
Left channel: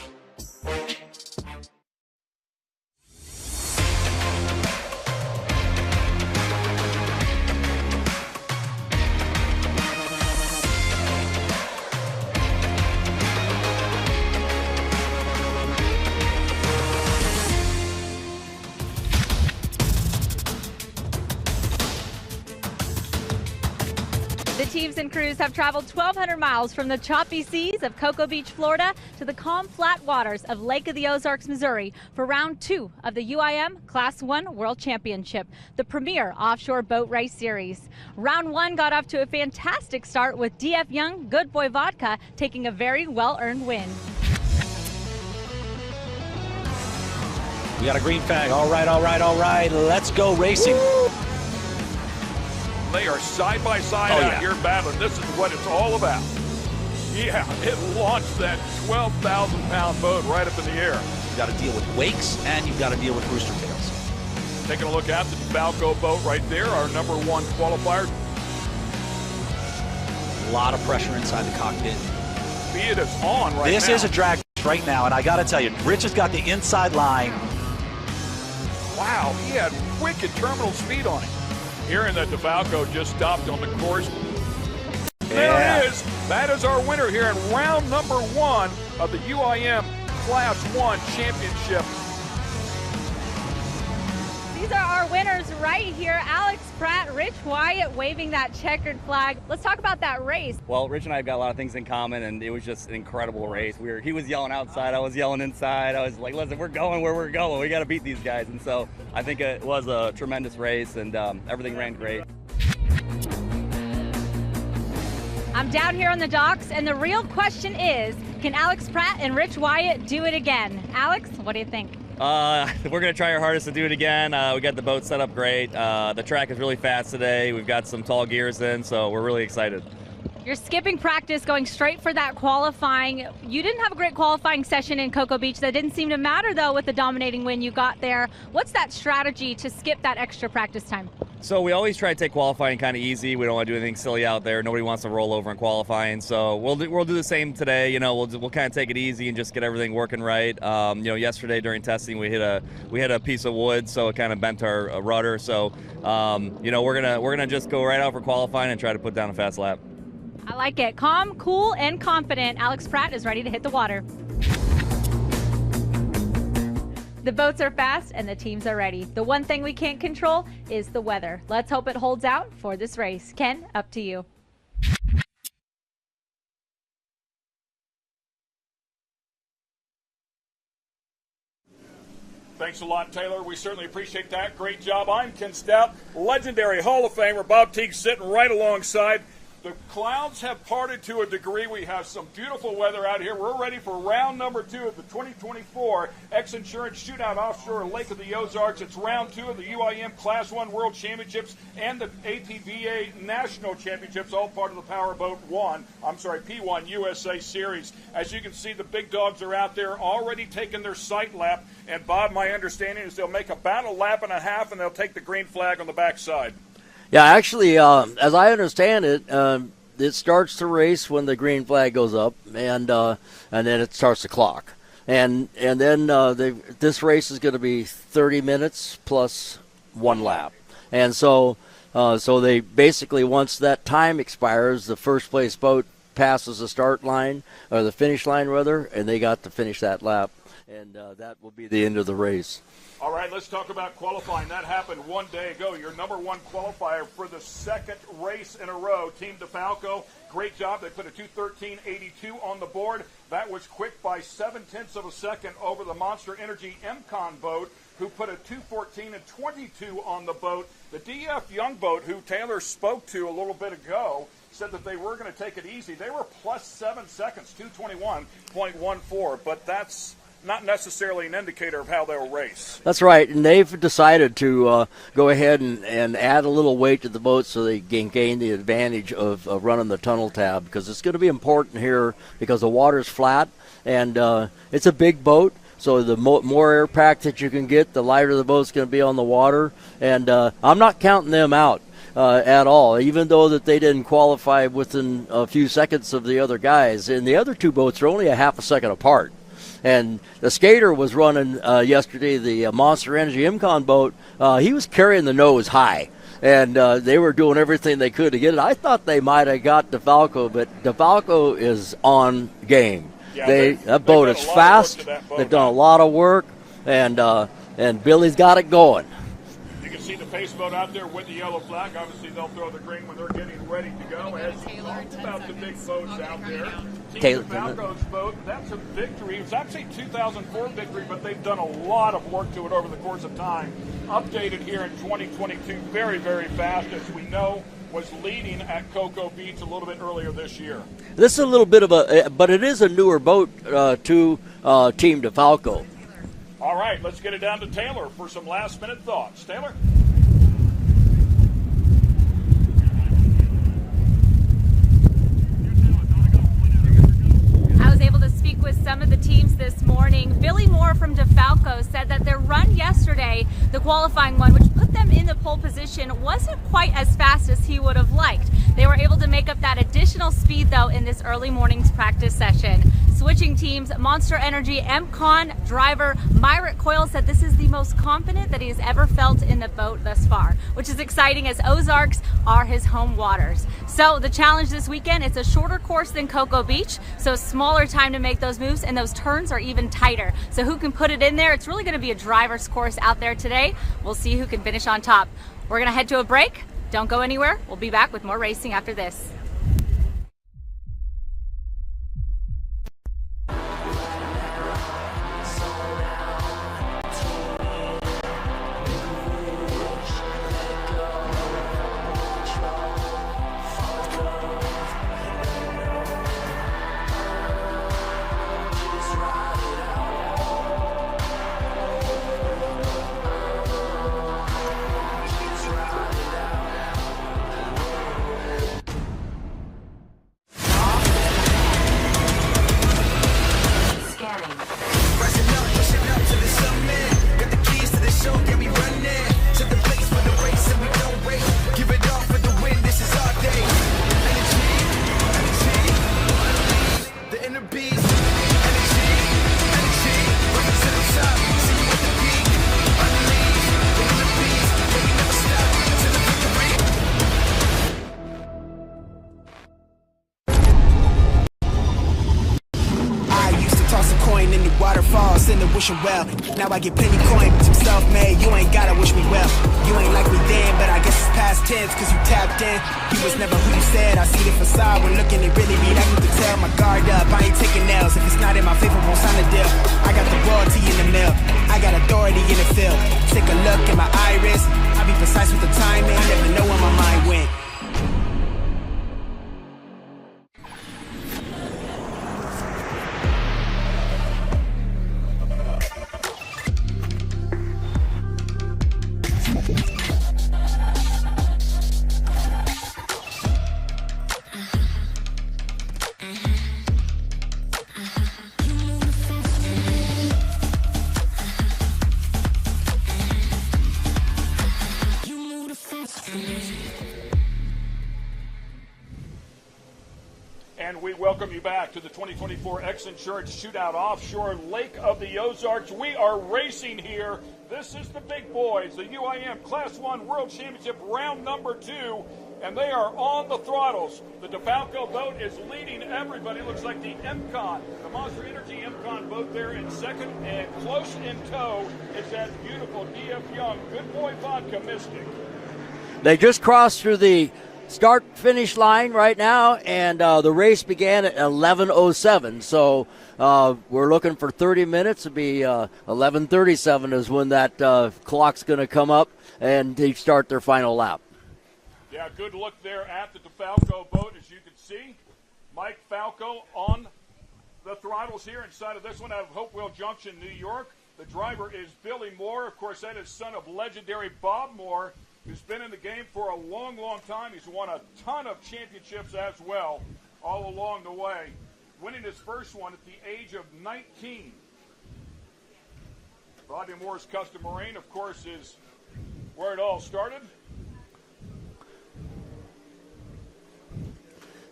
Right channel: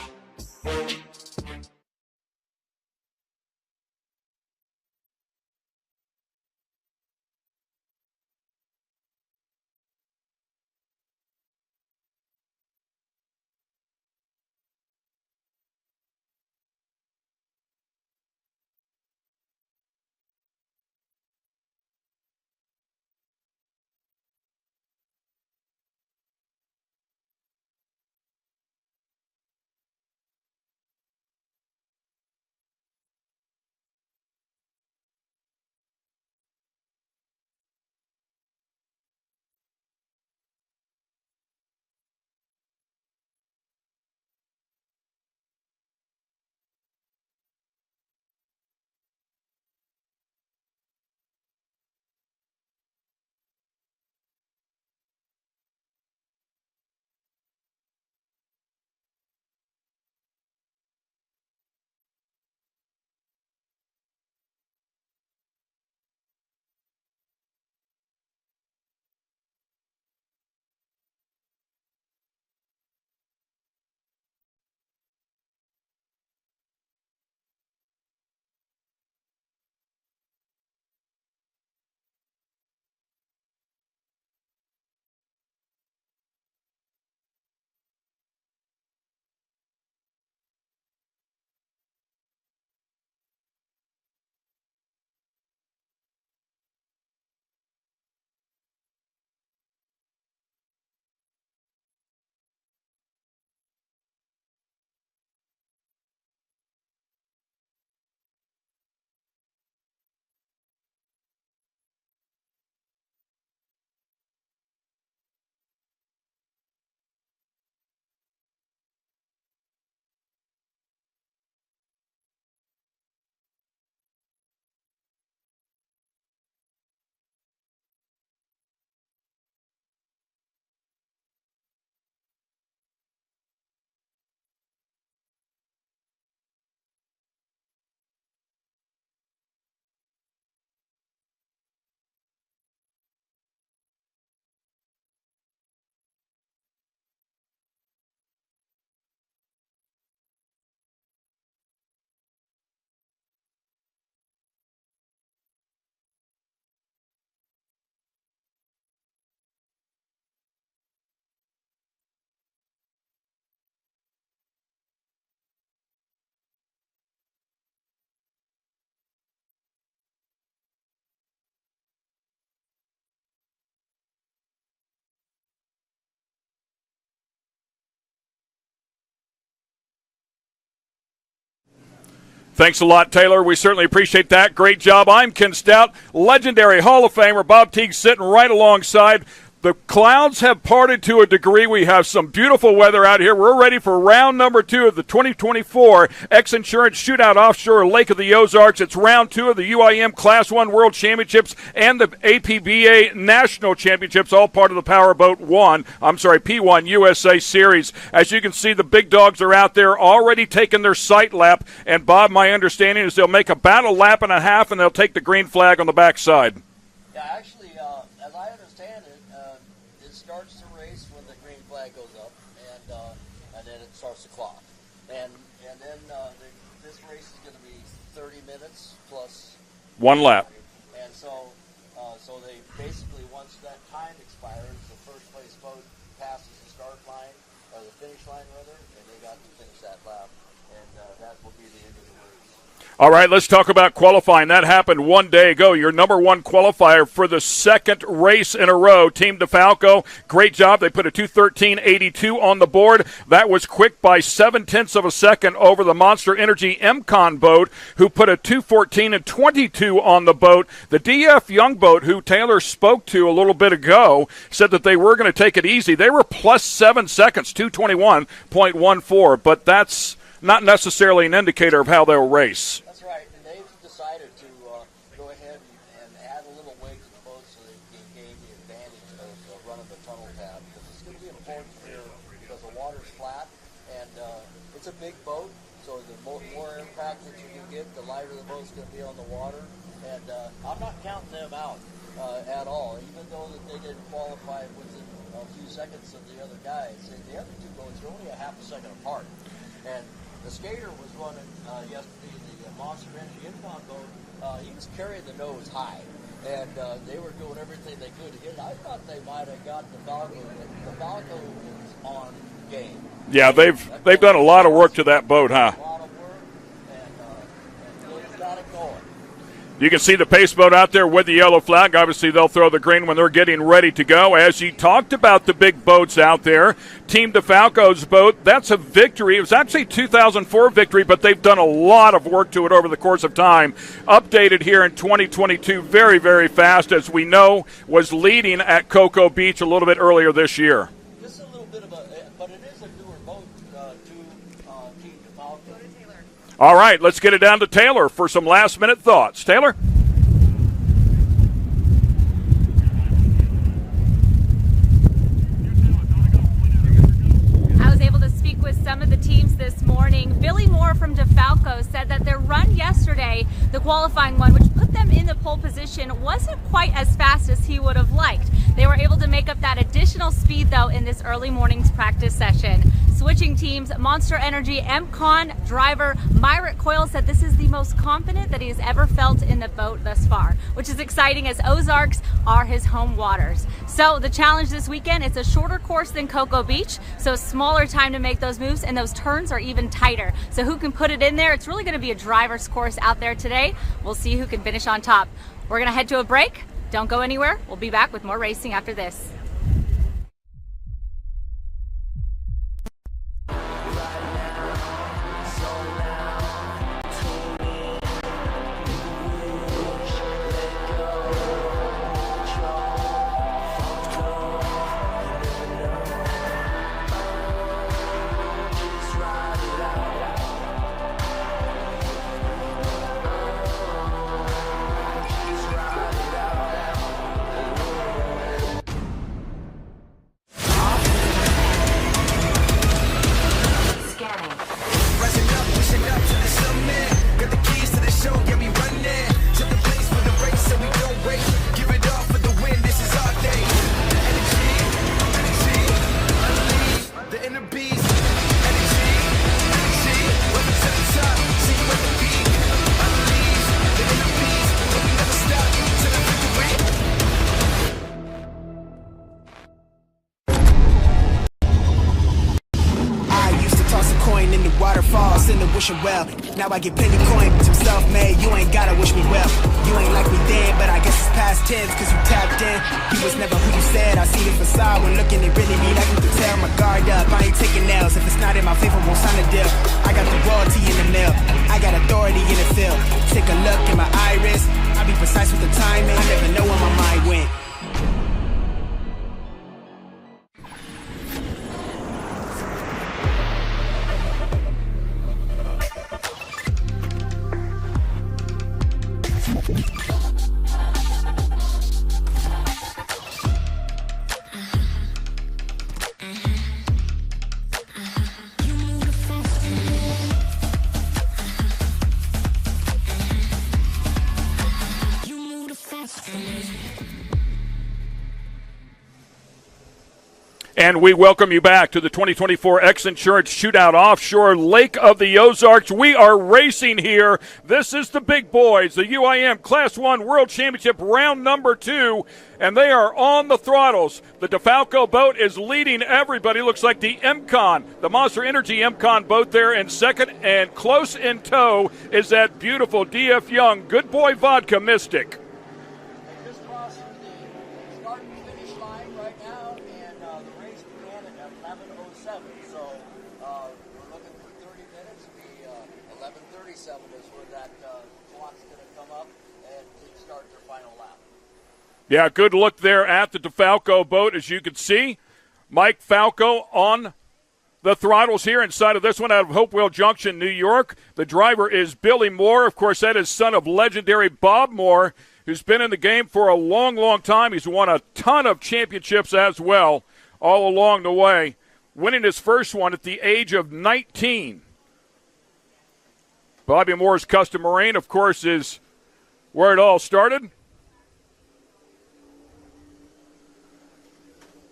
The teams and crews have traveled 1,200 miles from the choppy seas of Cocoa Beach, Florida, to the calm, flat waters of Lake of the Ozarks, Missouri, for round 2 of the UIM Class 1 World Championship, the premier offshore boat race series. Round 1 got off to a fantastic start with DF Young Good Boy Vodka taking a very well-earned win. We got a green flag. All right, all right, all right. Let's go racing. Woo! They are side by side out here battling. This is what it's all about. Yeah, it launched that 12,000-pound boat right up in the air. You got to deal with wakes and you've got to deal with rooster tails. Taking a look at the DeFalco boat right there, our #1 qualifier. A lot of pressure inside the cockpit. Speed is on right now. This is a drag right now, and I got to tell you, Rich has got the inside line. Wow, he had wicked terminal speed on it. Here in the DeFalco just stopped on the course. There it is. That is our winner here in round #1 of the UIM Class 1 Championship. These are our winners right here. Alex Pratt, Rich Wyatt waving that checkered flag. Let's talk about that race. Well, Rich and I have got a lot of things in common, and it was just an incredible race. He was yelling outside, I was yelling inside. I was like, listen, we're going where we're going. We got to beat these guys. And so I think it was a tremendous race, and everything ran great. I'm down here on the docks, and the real question is, can Alex Pratt and Rich Wyatt do it again? Alex, what do you think? We're going to try our hardest to do it again. We got the boat set up great. The track is really fast today. We've got some tall gears in, so we're really excited. You're skipping practice, going straight for that qualifying. You didn't have a great qualifying session in Cocoa Beach. That didn't seem to matter, though, with the dominating win you got there. What's that strategy to skip that extra practice time? So we always try to take qualifying kind of easy. We don't want to do anything silly out there. Nobody wants to roll over in qualifying. So we'll do the same today. You know, we'll kind of take it easy and just get everything working right. You know, yesterday during testing we hit a piece of wood, so it kind of bent our rudder. So you know, we're gonna just go right out for qualifying and try to put down a fast lap. I like it. Calm, cool, and confident. Alex Pratt is ready to hit the water. The boats are fast and the teams are ready. The one thing we can't control is the weather. Let's hope it holds out for this race. Ken, up to you. Thanks a lot, Taylor. We certainly appreciate that. Great job. I'm Ken Stout, legendary Hall of Famer Bob Teague sitting right alongside. The clouds have parted to a degree. We have some beautiful weather out here. We're ready for round number 2 of the 2024 X Insurance Shootout Offshore Lake of the Ozarks. It's round 2 of the UIM Class 1 World Championships and the APBA National Championships, all part of the P1 USA Series. As you can see, the big dogs are out there already taking their sight lap. And, Bob, my understanding is they'll make about a lap and a half, and they'll take the green flag on the backside. Yeah, actually, as I understand it, it starts to race when the green flag goes up, and then it starts the clock, and then this race is going to be 30 minutes plus one lap. And so they basically, once that time expires, the first place boat passes the start line or the finish line rather, and they got to finish that lap, and that will be the end of the race. All right, let's talk about qualifying. That happened one day ago. Your number 1 qualifier for the second race in a row, Team DeFalco. Great job. They put a 2:13.82 on the board. That was quick by 0.7 of a second over the Monster Energy MCon boat, who put a 2:14.22 on the boat. The DF Young boat, who Taylor spoke to a little bit ago, said that they were going to take it easy. They were plus 7 seconds, 2:21.14, but that's not necessarily an indicator of how they'll race. That's right, and they've decided to go ahead and add a little weight to the boat so they can gain the advantage of running the tunnel tab, because it's going to be important here because the water's flat, and it's a big boat, so the more air pack that you can get, the lighter the boat's going to be on the water, and I'm not counting them out at all, even though that they didn't qualify within a few seconds of the other guys, and the other two boats are only a half a second apart. And the skater was running yesterday, the Monster Energy MCon boat. He was carrying the nose high, and they were doing everything they could to get it. I thought they might have got DeFalco, but DeFalco is on game. Yeah, they've done a lot of work to that boat, They've done a lot of work, and Billy's got it going. You can see the pace boat out there with the yellow flag. Obviously, they'll throw the green when they're getting ready to go. As you talked about the big boats out there, Team DeFalco's boat, that's a victory. It was actually a 2004 victory, but they've done a lot of work to it over the course of time. Updated here in 2022 very, very fast, as we know, was leading at Cocoa Beach a little bit earlier this year. This is a little bit of but it is a newer boat to Team DeFalco. All right, let's get it down to Taylor for some last-minute thoughts. Taylor? I was able to speak with some of the teams this morning. Billy Moore from DeFalco said that their run yesterday, the qualifying one, which put them in the pole position, wasn't quite as fast as he would have liked. They were able to make up that additional speed, though, in this early morning's practice session. Switching teams, Monster Energy MCon driver Myrick Coyle said this is the most confident that he has ever felt in the boat thus far, which is exciting as Ozarks are his home waters. So the challenge this weekend, it's a shorter course than Cocoa Beach, so smaller time to make those moves, and those turns are even tighter. So who can put it in there? It's really going to be a driver's course out there today. We'll see who can finish on top. We're going to head to a break. Don't go anywhere. We'll be back with more racing after this. In the wishing well. Now I get plenty coin, but I'm self-made. You ain't gotta wish me well. You ain't like me then, but I guess it's past tense, cause you tapped in. You was never who you said. I see the facade when looking, it really be like you can tell. My guard up, I ain't taking nails. If it's not in my favor, won't sign a deal. I got the royalty in the mill. I got authority in the field. Take a look in my iris. I be precise with the timing. I never know where my mind went. And we welcome you back to the 2024 X Insurance Shootout Offshore, Lake of the Ozarks. We are racing here. This is the big boys, the UIM Class 1 World Championship round number 2, and they are on the throttles. The DeFalco boat is leading everybody. Looks like the MCon, the Monster Energy MCon boat there in second, and close in tow is that beautiful DF Young Good Boy Vodka Mystic. They just crossed through the start-finish line right now, and the race began at 11:07. So we're looking for 30 minutes. It'll be 11:37 is when that clock's going to come up, and they start their final lap. Yeah, good look there at the DeFalco boat, as you can see. Mike Falco on the throttles here inside of this one out of Hopewell Junction, New York. The driver is Billy Moore. Of course, that is son of legendary Bob Moore, who's been in the game for a long, long time. He's won a ton of championships as well all along the way, winning his first one at the age of 19. Bobby Moore's Custom Marine, of course, is where it all started.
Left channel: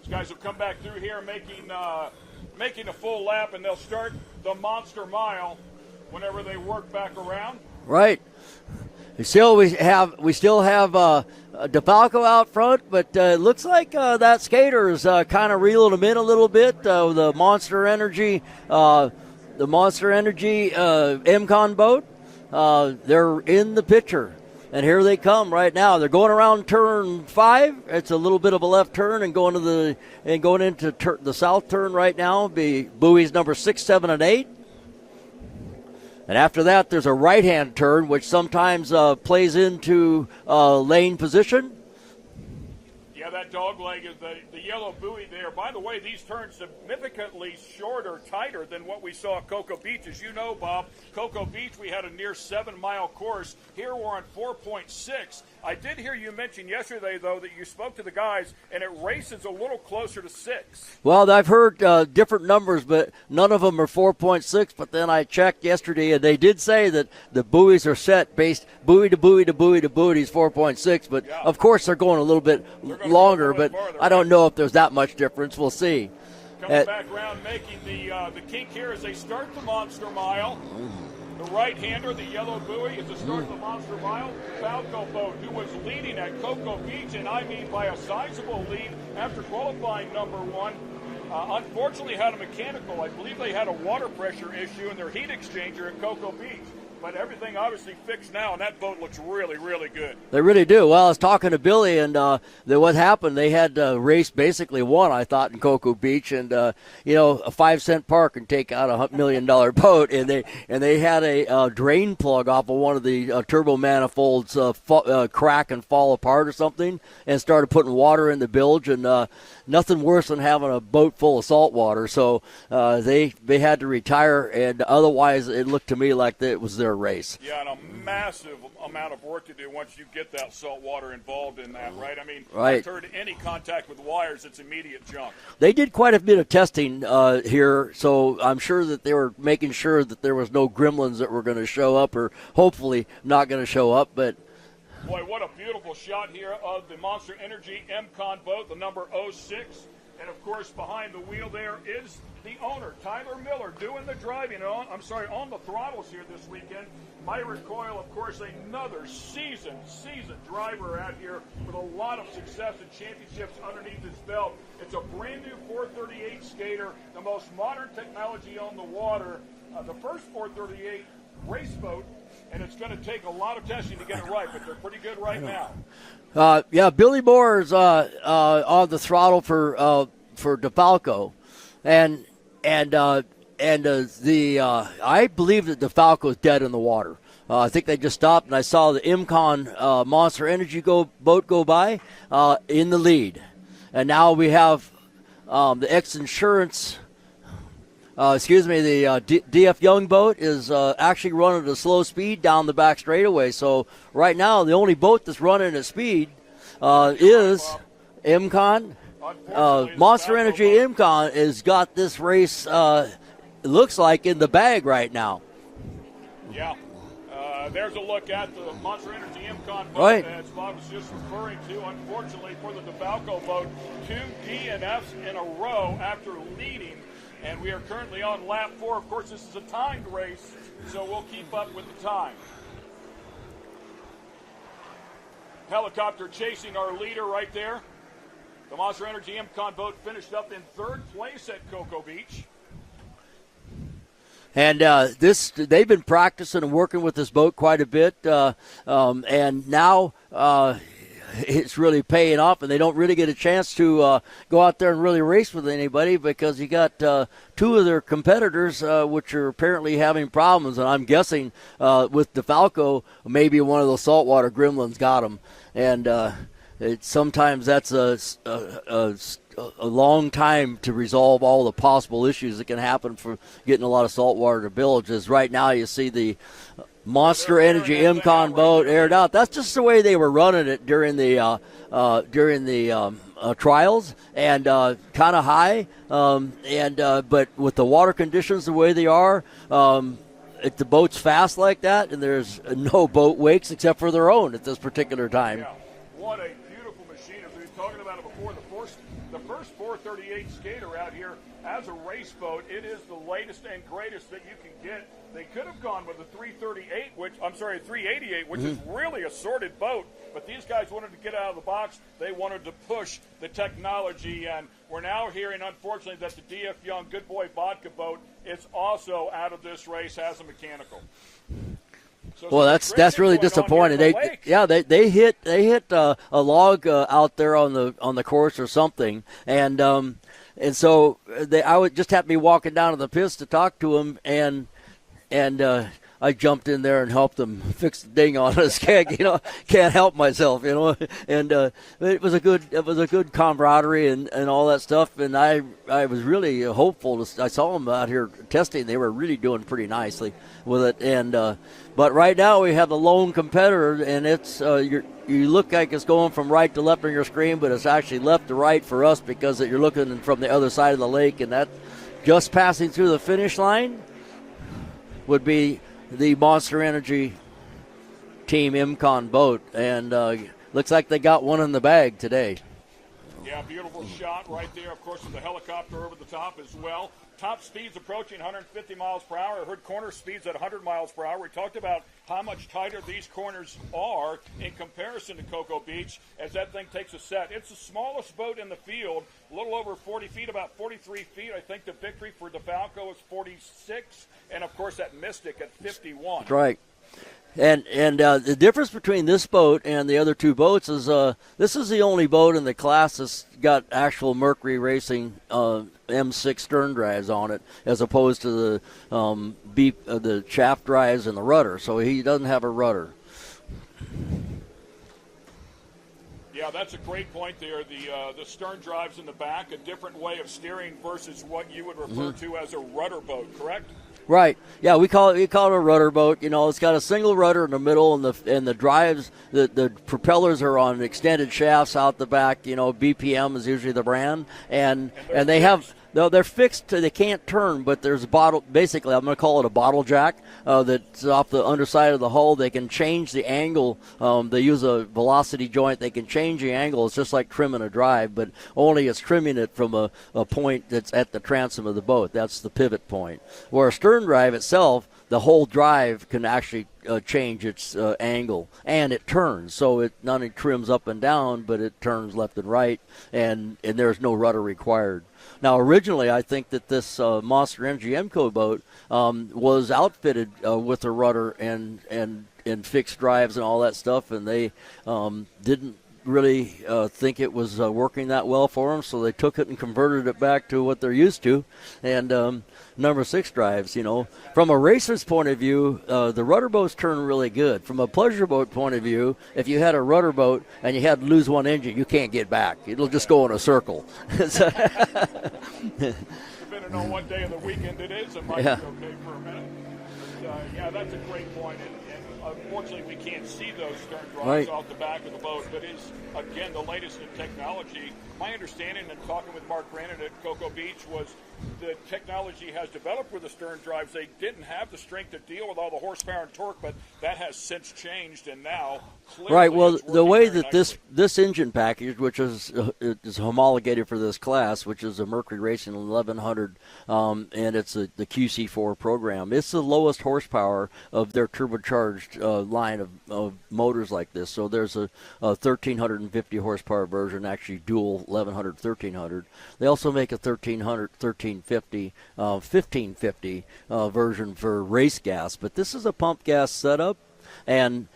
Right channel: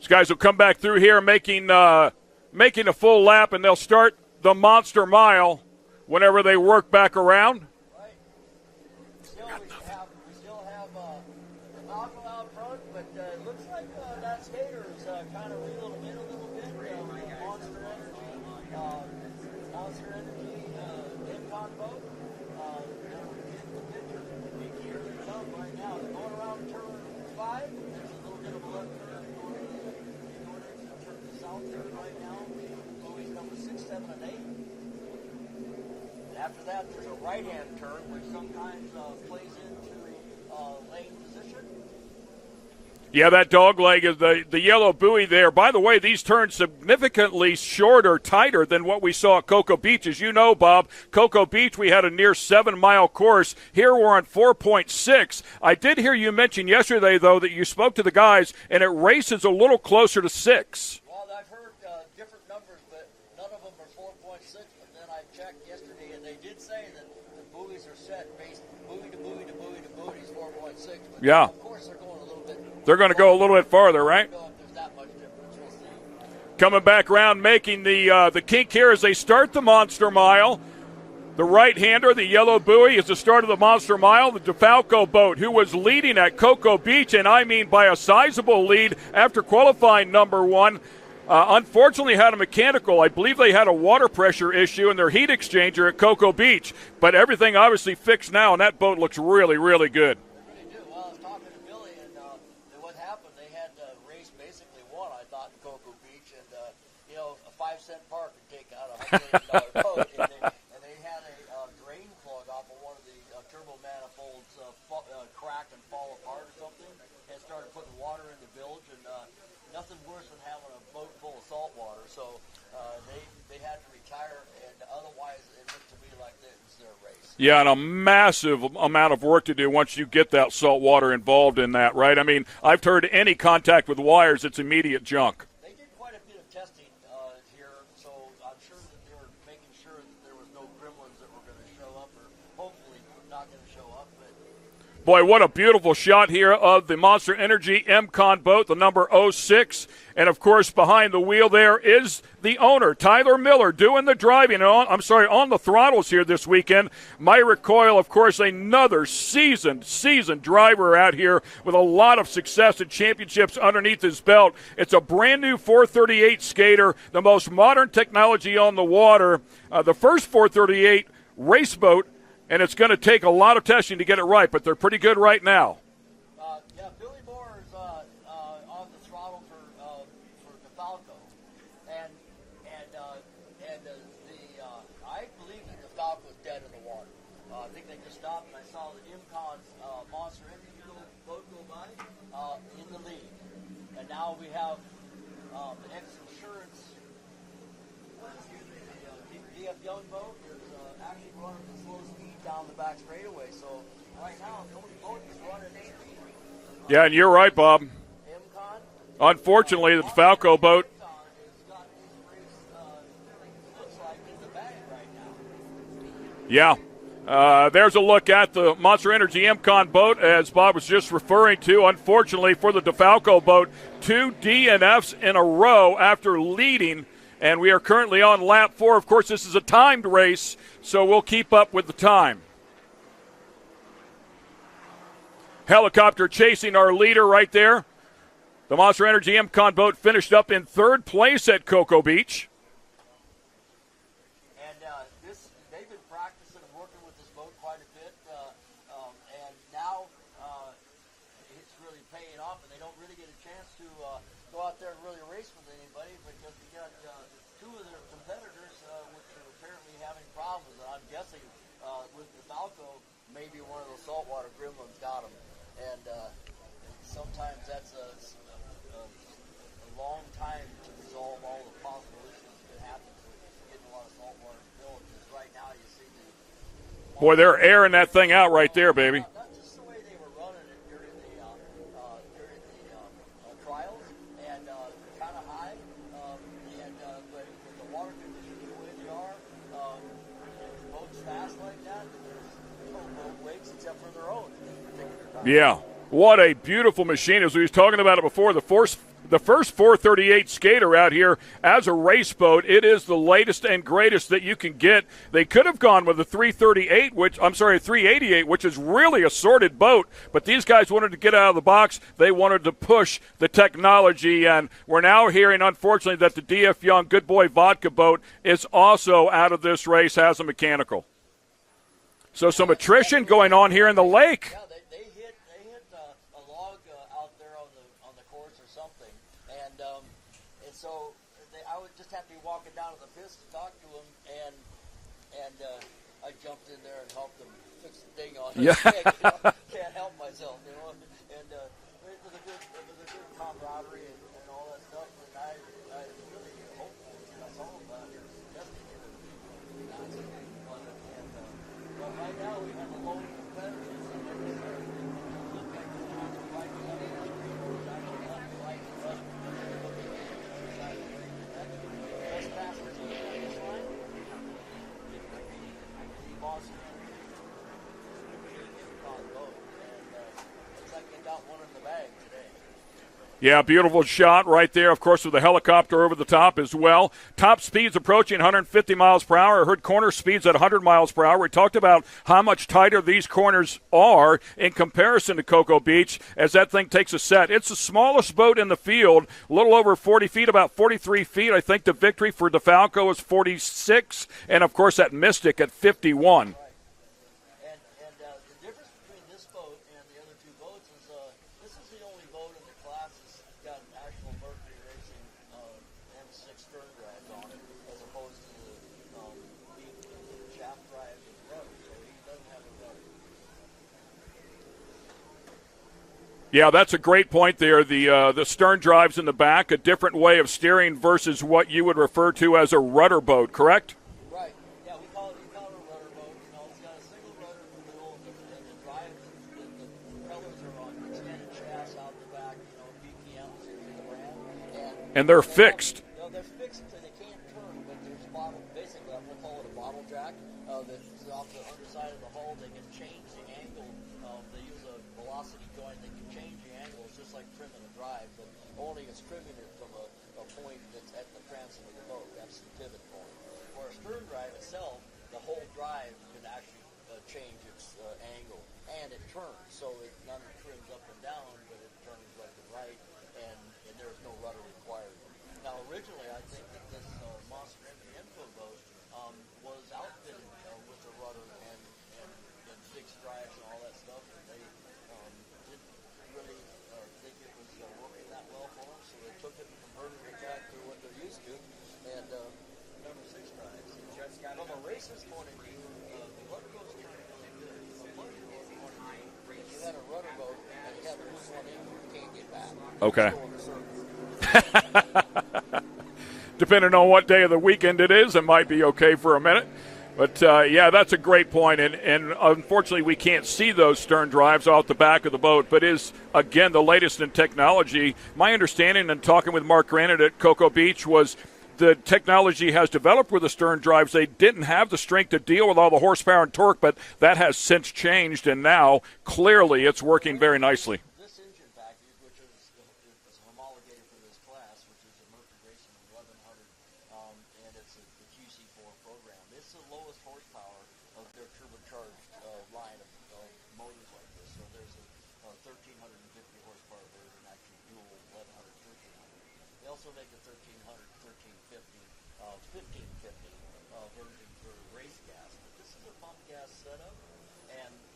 These guys will come back through here making a full lap, and they'll start the Monster Mile whenever they work back around. Right. We still have DeFalco out front, but it looks like that skater is kind of reeling them in a little bit. The Monster Energy MCon boat, they're in the picture, and here they come right now. They're going around turn 5. It's a little bit of a left turn and going into the south turn right now. Be buoys number 6, 7, and 8. And after that, there's a right-hand turn, which sometimes plays into lane position. Yeah, that dog leg is the yellow buoy there. By the way, these turns significantly shorter, tighter than what we saw at Cocoa Beach. As you know, Bob, Cocoa Beach, we had a near 7-mile course. Here we're on 4.6. I did hear you mention yesterday, though, that you spoke to the guys, and it races a little closer to 6. Well, I've heard different numbers, but none of them are 4.6. But then I checked yesterday, and they did say that the buoys are set based buoy to buoy to buoy to buoy is 4.6. But, yeah, of course, they're going a little bit They're going to go a little bit farther, right? I don't know if there's that much difference. We'll see. Coming back around, making the kink here as they start the Monster Mile. The right-hander, the yellow buoy, is the start of the Monster Mile. The DeFalco boat, who was leading at Cocoa Beach, and I mean by a sizable lead after qualifying number 1, unfortunately had a mechanical. I believe they had a water pressure issue in their heat exchanger at Cocoa Beach. But everything obviously fixed now, and that boat looks really, really good. They really do. Well, I was talking to Billy, and what happened, they had race basically won, I thought, in Cocoa Beach. And, a 5-cent park can take out $100 million boat. And they had a drain plug off of one of the turbo manifolds crack and fall apart or something, and started putting water in the bilge. And nothing worse than having a boat full of salt water. So they had to retire, and otherwise it looked to me like it was their race. Yeah, and a massive amount of work to do once you get that salt water involved in that, right? I mean, Right. I've heard any contact with wires, it's immediate junk. They did quite a bit of testing here, so I'm sure that they were making sure that there was no gremlins that were going to show up, or hopefully not going to show up. But Boy, what a beautiful shot here of the Monster Energy MCON boat, the number 06. And, of course, behind the wheel there is the owner, Tyler Miller, doing the driving on the throttles here this weekend. Myra Coyle, of course, another seasoned driver out here with a lot of success and championships underneath his belt. It's a brand-new 438 skater, the most modern technology on the water, the first 438 race boat, and it's going to take a lot of testing to get it right, but they're pretty good right now. Billy Moore is on the throttle for DeFalco, and I believe that DeFalco is dead in the water. I think they just stopped, and I saw the MCON Monster Energy boat go by in the lead, and now we have the X-Insurance. The DF Young boat is actually running at a slow speed down the back straightaway. So right now, the only boat that's running at speed you're right, Bob. MCON. Unfortunately, the Monster Falco Energy boat. MCON has got this race, it looks like, in the bag right now. Yeah. There's a look at the Monster Energy MCON boat, as Bob was just referring to. Unfortunately for the DeFalco boat, 2 DNFs in a row after leading. And we are currently on lap 4. Of course, this is a timed race, so we'll keep up with the time. Helicopter chasing our leader right there. The Monster Energy MCON boat finished up in 3rd place at Cocoa Beach. And they've been practicing and working with this boat quite a bit, and now it's really paying off, and they don't really get a chance to go out there and really race with anybody because you got 2 of their competitors which are apparently having problems, and I'm guessing with DeFalco, maybe one of those saltwater gremlins got them, and sometimes that's a long time to resolve all the possible issues that can happen for getting a lot of saltwater to villages. Right now, you see the Monster Energy MCON boat aired out. That's just the way they were running it during the trials, and kind of high. But with the water conditions the way they are, if the boat's fast like that, and there's no boat wakes except for their own at this particular time. Yeah, what a beautiful machine. As we was talking about it before, the first 438 skater out here as a race boat. It is the latest and greatest that you can get. They could have gone with a 388, 388, which is really a sorted boat, but these guys wanted to get out of the box. They wanted to push the technology, and we're now hearing, unfortunately, that the DF Young Good Boy Vodka boat is also out of this race, has a mechanical. So some attrition really going on here in the lake. Yeah, they hit a log out there on the course or something, and so I would just have to be walking down to the pits to talk to them, and I jumped in there and helped them fix the ding on us. Can't help myself, And it was a good camaraderie and all that stuff. And I was really hopeful. I saw them out here testing; they were really doing pretty nicely with it, and. But right now we have the lone competitor, and it's you look like it's going from right to left on your screen, but it's actually left to right for us because you're looking from the other side of the lake, and that just passing through the finish line would be the Monster Energy Team MCON boat, and looks like they got one in the bag today. Yeah, beautiful shot right there, of course, with the helicopter over the top as well. Top speeds approaching 150 miles per hour. I heard corner speeds at 100 miles per hour. We talked about how much tighter these corners are in comparison to Cocoa Beach as that thing takes a set. It's the smallest boat in the field, a little over 40 feet, about 43 feet. I think the victory for DeFalco is 46, and, of course, that Mystic at 51. Right. And the difference between this boat and the other two boats is this is the only boat in the class that's got actual Mercury Racing M6 stern drives on it, as opposed to the shaft drives and the rudder. So he doesn't have a rudder. Yeah, that's a great point there. The stern drives in the back, a different way of steering versus what you would refer to as a rudder boat, correct? Right. Yeah, we call it a rudder boat. You know, it's got a single rudder in the middle, and the drives, the propellers are on extended shafts out the back. You know, BPM is usually the brand, and they're fixed. They're fixed. They can't turn, but there's a bottle. Basically, I'm going to call it a bottle jack that's off the underside of the hull. They can change the angle. They use a velocity joint. They can change the angle. It's just like trimming a drive, but only it's trimming it from a point that's at the transom of the boat. That's the pivot point. Where a stern drive itself, the whole drive can actually change its angle, and it turns. So it not only trims up and down, but it turns left and right, and there's no rudder required. Now, originally, I think that this Monster Energy MCO boat was outfitted with a rudder and fixed drives and all that stuff, and they didn't really think it was working that well for them, so they took it and converted it back to what they're used to, and number 6 drives. You know, from a racer's point of view, the rudder boats turn really good. From a pleasure boat point of view, if you had a rudder boat and you had to lose one engine, you can't get back. It'll just go in a circle. Depending on what day of the weekend it is, it might be okay for a minute. But, yeah, that's a great point. And unfortunately, we can't see those stern drives off the back of the boat, but is, again, the latest in technology. My understanding in talking with Mark Granite at Cocoa Beach was the technology has developed with the stern drives. They didn't have the strength to deal with all the horsepower and torque, but that has since changed, and now clearly it's working very nicely. This engine package, which is homologated for this class, which is a Mercury Racing 1100, and it's the QC4 program. It's the lowest horsepower of their turbocharged line of motors like this. So there's a 1350 horsepower version, actually dual 1100, 1300. They also make a 1300, 1350, 1550 version for race gas, but this is a pump gas setup, and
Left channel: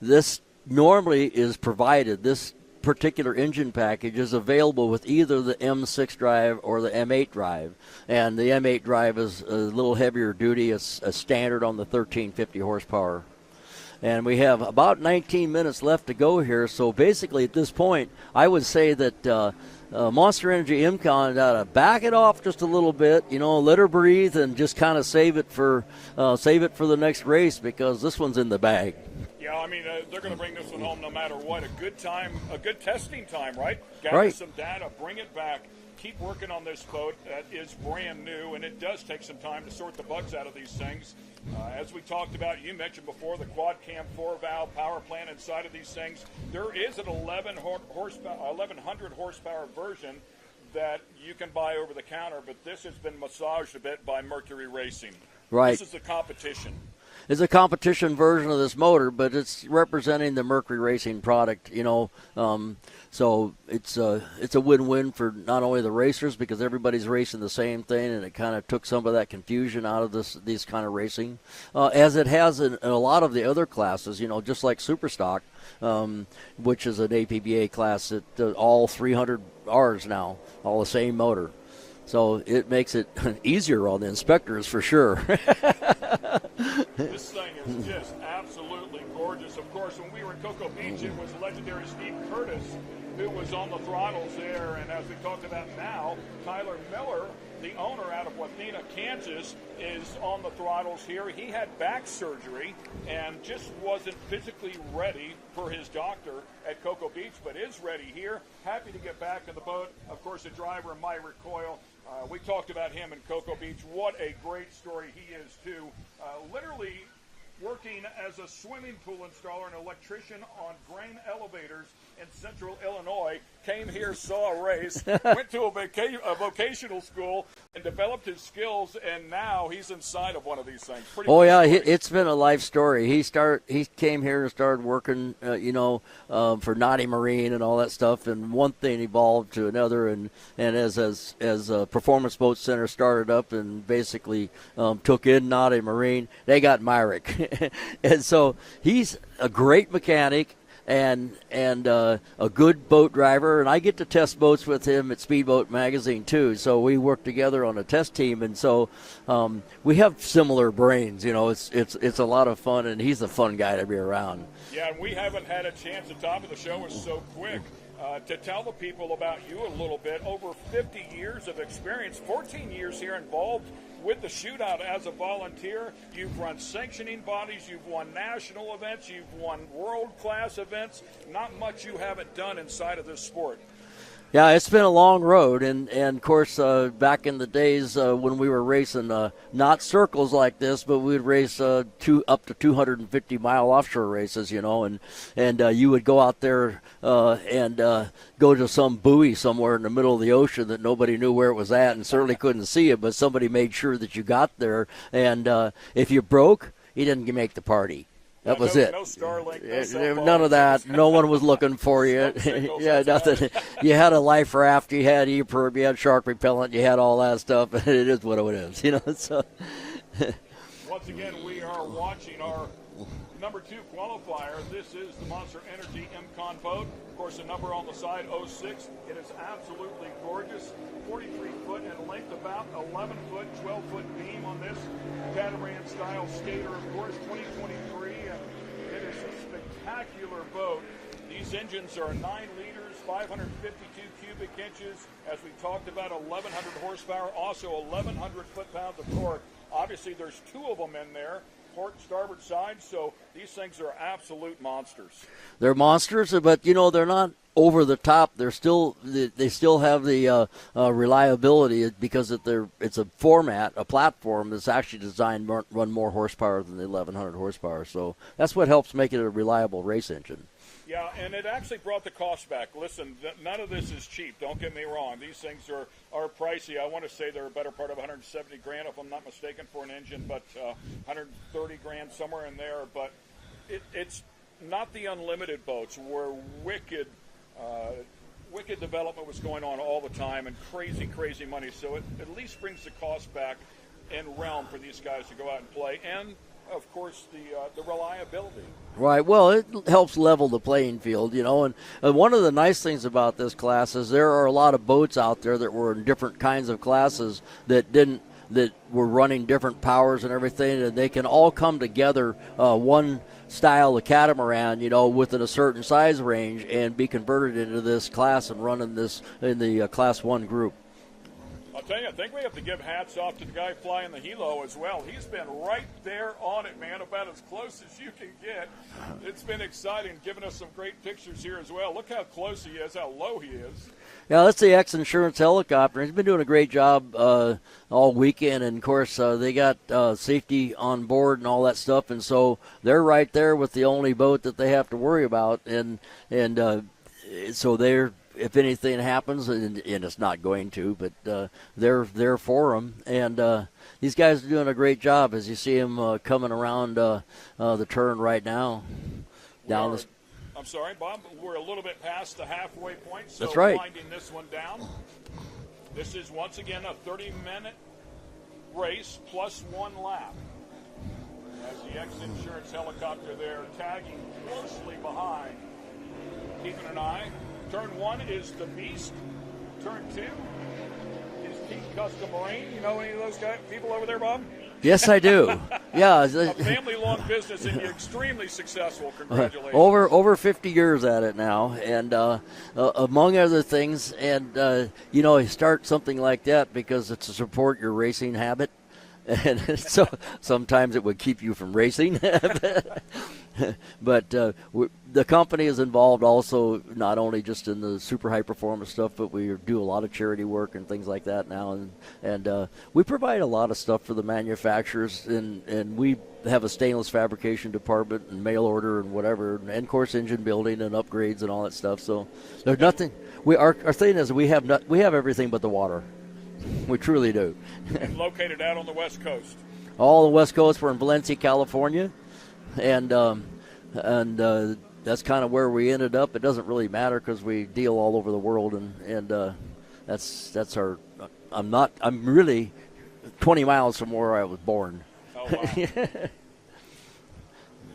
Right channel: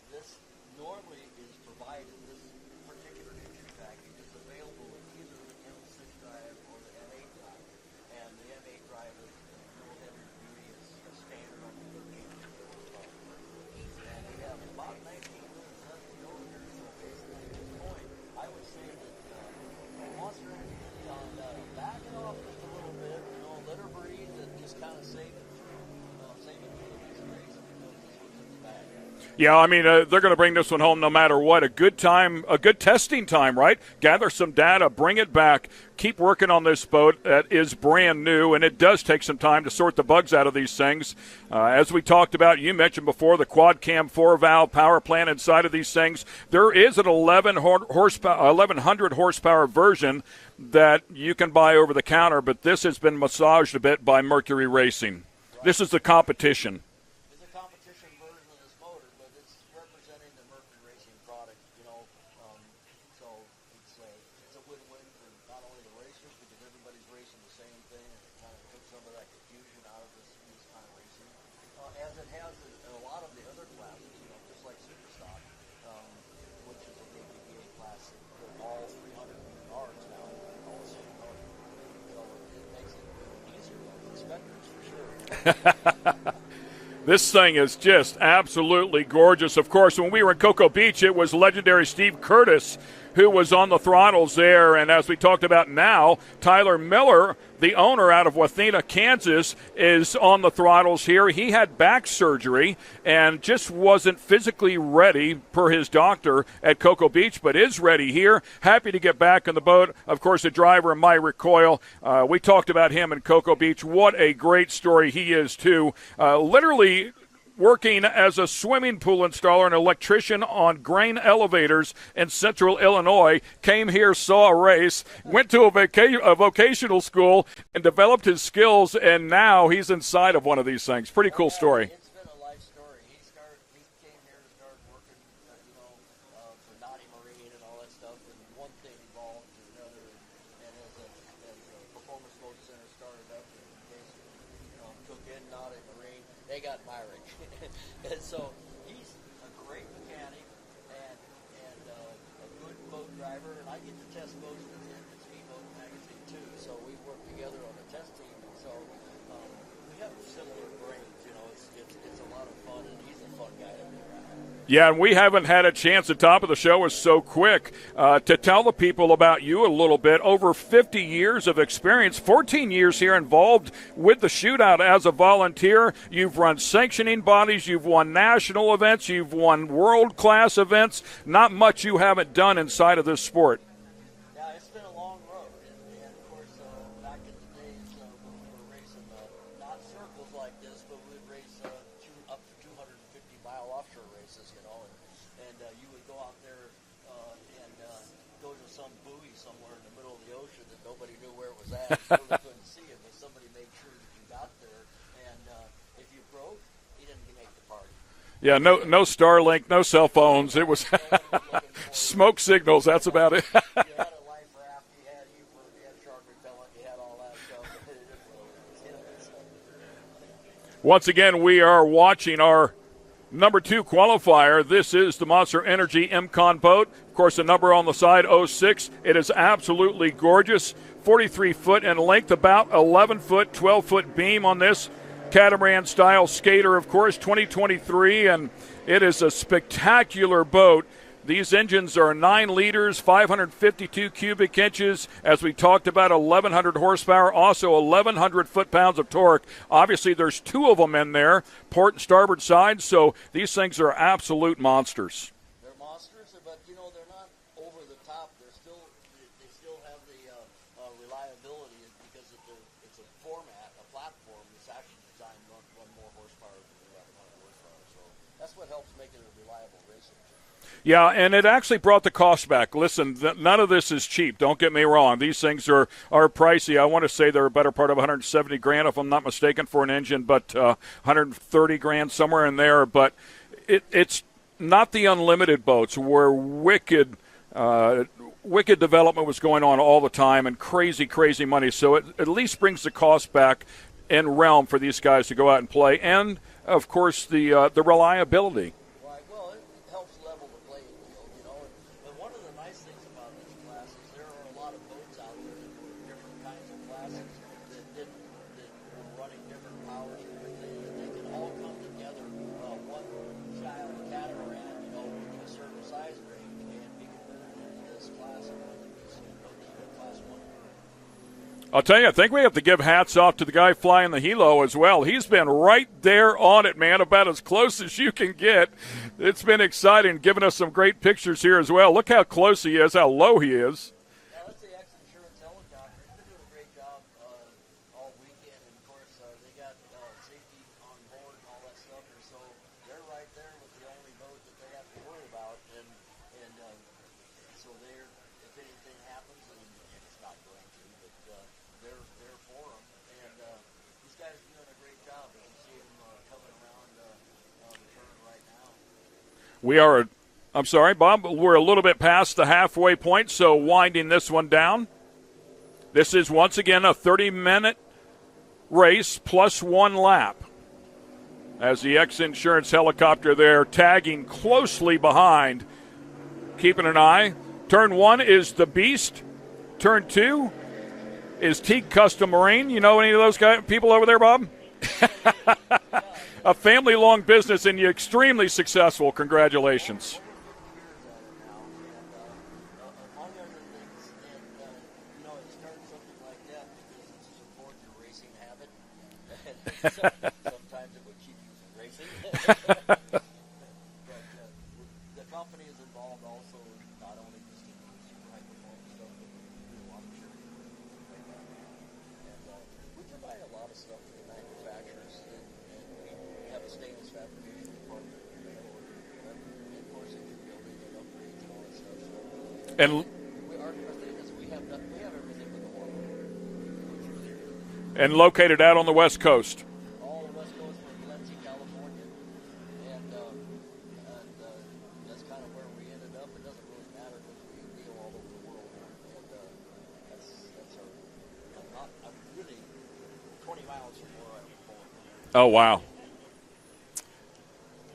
this normally is provided. This particular engine package is available with either the M6 drive or the M8 drive, and the M8 drive is a little heavier duty. It's a standard on the 1350 horsepower. And we have about 19 minutes left to go here, so basically at this point I would say that Monster Energy MCon got to back it off just a little bit, you know, let her breathe, and just kind of save it for the next race, because this one's in the bag. Yeah, I mean, they're going to bring this one home no matter what. A good time, a good testing time, right? Gather some data, bring it back, keep working on this boat that is brand new, and it does take some time to sort the bugs out of these things. As we talked about, you mentioned before, the quad cam 4-valve power plant inside of these things. There is an 1100 horsepower version that you can buy over the counter, but this has been massaged a bit by Mercury Racing. Right. This is the competition. It's a competition version of this motor, but it's representing the Mercury Racing product, you know. So it's a win-win for not only the racers, because everybody's racing the same thing, and it kind of took some of that confusion out of these kind of racing, as it has in a lot of the other classes, you know, just like Superstock, which is an ABPA class that all 300 Rs now, all the same motor. So it makes it easier on the inspectors for sure. This thing is just absolutely gorgeous. Of course, when we were in Cocoa Beach, it was legendary Steve Curtis who was on the throttles there. And as we talked about now, Tyler Miller, the owner out of Wathena, Kansas, is on the throttles here. He had back surgery and just wasn't physically ready per his doctor at Cocoa Beach, but is ready here. Happy to get back on the boat. Of course, the driver, Mike Recoil. We talked about him in Cocoa Beach. What a great story he is, too. Literally working as a swimming pool installer and electrician on grain elevators in central Illinois, came here, saw a race, went to a vocational school, and developed his skills, and now he's inside of one of these things. Pretty cool story. It's been a life story. He came here and started working, for Naughty Marine and all that stuff, and one thing evolved to another, and as Performance Boat Center started up and basically took in Naughty Marine, they got Myrick. And so he's a great mechanic and a good boat driver, and I get to test boats with him at Speedboat Magazine too. So we work together on a test team, and so we have similar brains. It's a lot of fun, and he's a fun guy to be around. Yeah, and we haven't had a chance. The top of the show is so quick to tell the people about you a little bit. Over 50 years of experience, 14 years here involved with the Shootout as a volunteer. You've run sanctioning bodies, you've won national events, you've won world-class events. Not much you haven't done inside of this sport. Yeah, it's been a long road, and of course, back in the days when we were racing, not circles like this, but we'd race up to 250-mile offshore races, and you would go out there and go to some buoy somewhere in the middle of the ocean that nobody knew where it was at and certainly couldn't see it, but somebody made sure that you got there, and if you broke, you didn't make the party. Yeah, no Starlink, no cell phones. None of that. No one was looking for you. Smoke signals, that's about it. You had a life raft, you had EPIRB, you had shark repellent, you had all that stuff, and it is what it is. So. Once again, we are watching our number 2 qualifier. This is the Monster Energy MCON boat. Of course, the number on the side, 06. It is absolutely gorgeous. 43 foot in length, about 11 foot, 12 foot beam on this catamaran style skater, of course, 2023, and it is a spectacular boat. These engines are 9 liters, 552 cubic inches. As we talked about, 1,100 horsepower, also 1,100 foot-pounds of torque. Obviously, there's 2 of them in there, port and starboard side, so these things are absolute monsters. They're monsters, but, they're not over the top. They still have the reliability because it's a platform that's actually designed to run more horsepower than the 1,100 horsepower. So that's what helps make it a reliable race engine. Yeah, and it actually brought the cost back. Listen, none of this is cheap. Don't get me wrong. These things are pricey. I want to say they're a better part of $170,000 if I'm not mistaken for an engine, but $130,000 somewhere in there. But it's not the unlimited boats where wicked development was going on all the time and crazy money. So it at least brings the cost back in realm for these guys to go out and play. And, of course, the reliability. Right. Well, it helps level the playing field, And one of the nice things about this class is there are a lot of boats out there that were in different kinds of classes that were running different powers and everything, and they can all come together one style of catamaran, within a certain size range and be converted into this class and run in the Class 1 group. I'll tell you, I think we have to give hats off to the guy flying the helo as well. He's been right there on it, man, about as close as you can get. It's been exciting, giving us some great pictures here as well. Look how close he is, how low he is. Yeah, that's the X-Insurance helicopter. He's been doing a great job all weekend, and, of course, they got safety on board and all that stuff, and so they're right there with the only boat that they have to worry about, and so they're, if anything happens, and it's not going to, but they're there for them, and these guys are doing a great job as you see them coming around the turn right now. I'm sorry, Bob, we're a little bit past the halfway point, so right. Winding this one down. This is, once again, a 30-minute race plus 1 lap. As the X-Insurance helicopter there tagging closely behind, keeping an eye. Turn 1 is the Beast. Turn 2 is Teague Custom Marine. You know any of those people over there, Bob? Yes, I do. Yeah, a family-long business and extremely successful. Congratulations. Over 50 years at it now, and among other things, and you start something like that because it's to support your racing habit, and so sometimes it would keep you from racing. But the company is involved also not only just in the super high performance stuff, but we do a lot of charity work and things like that now, and we provide a lot of stuff for the manufacturers, and we have a stainless fabrication department and mail order and whatever, and of course engine building and upgrades and all that stuff. So there's nothing. Our thing is we have everything but the water. We truly do. And located out on the West Coast. All the West Coast. We're in Valencia, California, and that's kind of where we ended up. It doesn't really matter because we deal all over the world, and that's our. I'm really 20 miles from where I was born. Oh wow.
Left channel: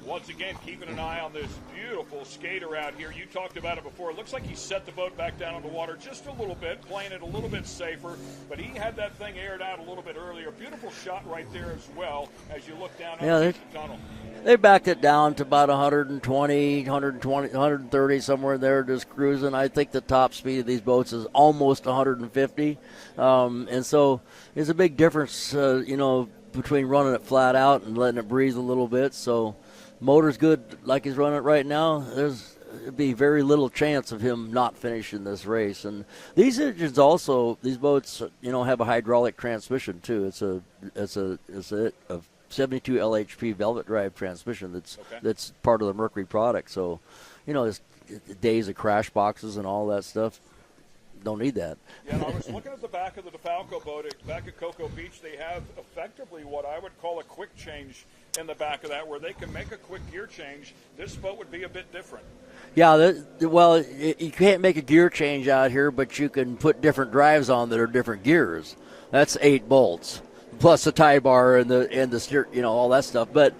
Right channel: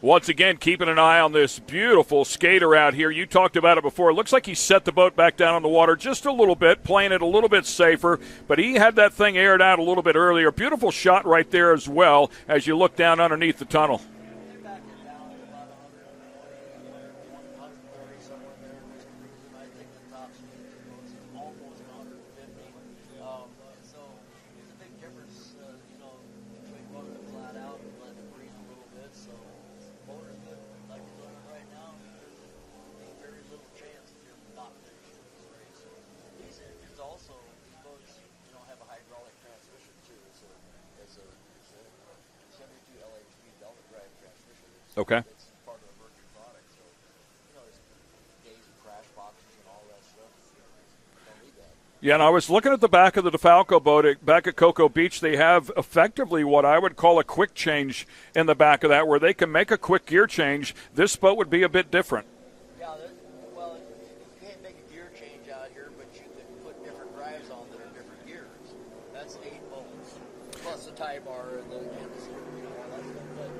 Once again, keeping an eye on this beautiful skater out here. You talked about it before. It looks like he set the boat back down on the water just a little bit, playing it a little bit safer, but he had that thing aired out a little bit earlier. Beautiful shot right there as well as you look down underneath the tunnel. They backed it down to about 130, somewhere there, just cruising. I think the top speed of these boats is almost 150. And so there's a big difference, between running it flat out and letting it breathe a little bit. So motor's good like he's running it right now. There'd be very little chance of him not finishing this race. And these engines also, these boats, have a hydraulic transmission too. It's a 72 LHP velvet drive transmission that's part of the Mercury product. So, there's days of crash boxes and all that stuff. Don't need that. Yeah, and I was looking at the back of the DeFalco boat back at Cocoa Beach. They have effectively what I would call a quick change in the back of that, where they can make a quick gear change. This boat would be a bit different. Yeah, you can't make a gear change out here, but you can put different drives on that are different gears. That's 8 bolts, plus the tie bar and the steer, all that stuff. But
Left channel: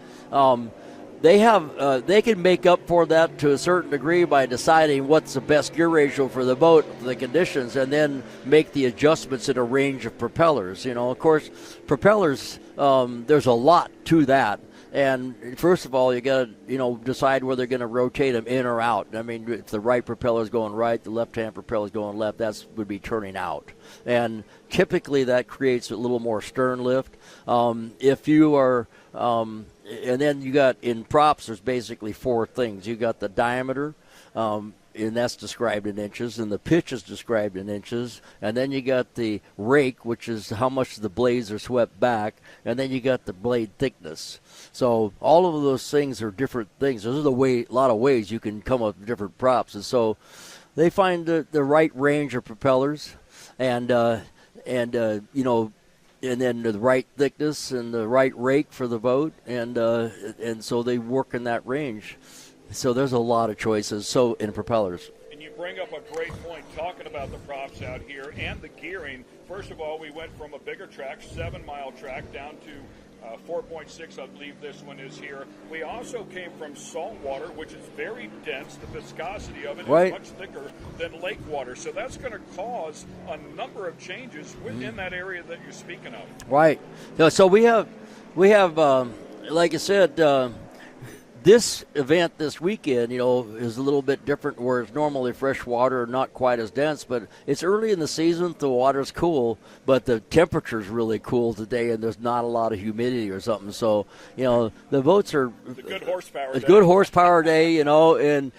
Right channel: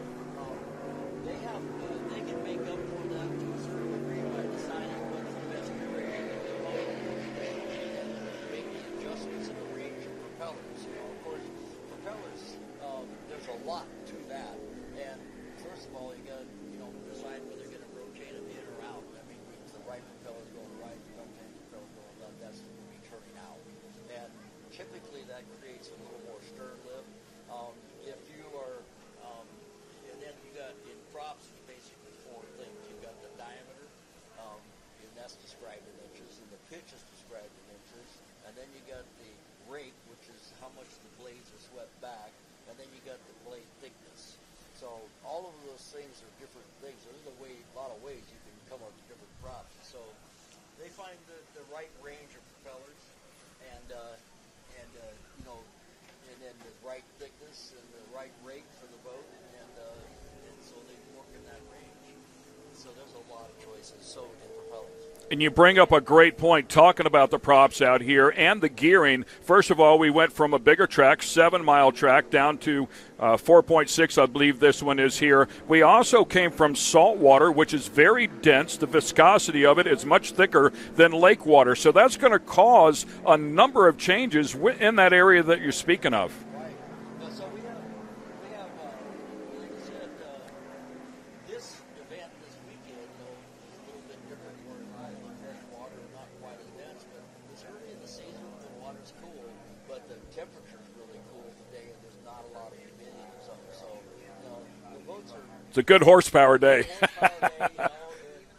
they can make up for that to a certain degree by deciding what's the best gear ratio for the boat, for the conditions, and then make the adjustments in a range of propellers. Of course, propellers, there's a lot to that. And first of all, you got to, decide whether they're going to rotate them in or out. I mean, if the right propeller is going right, the left-hand propeller is going left, that would be turning out. And typically that creates a little more stern lift. If you are and then you got, in props, there's basically 4 things. You got the diameter, and that's described in inches, and the pitch is described in inches, and then you got the rake, which is how much the blades are swept back, and then you got the blade thickness. So all of those things are different things. There's a lot of ways you can come up with different props, and so they find the right range of propellers, and then the right thickness and the right rake for the boat, and so they work in that range. So there's a lot of choices in propellers. And you bring up a great point talking about the props out here and the gearing. First of all, we went from a bigger track, 7-mile track, down to 4.6, I believe this one is here. We also came from salt water, which is very dense. The viscosity of it is much thicker than lake water. So that's going to cause a number of changes in that area that you're speaking of. Right. So we have like I said, this event this weekend, is a little bit different, where it's normally fresh water, not quite as dense, but it's early in the season. The water's cool, but the temperature's really cool today, and there's not a lot of humidity or something. So, the boats are. It's a good horsepower day. Good horsepower day, and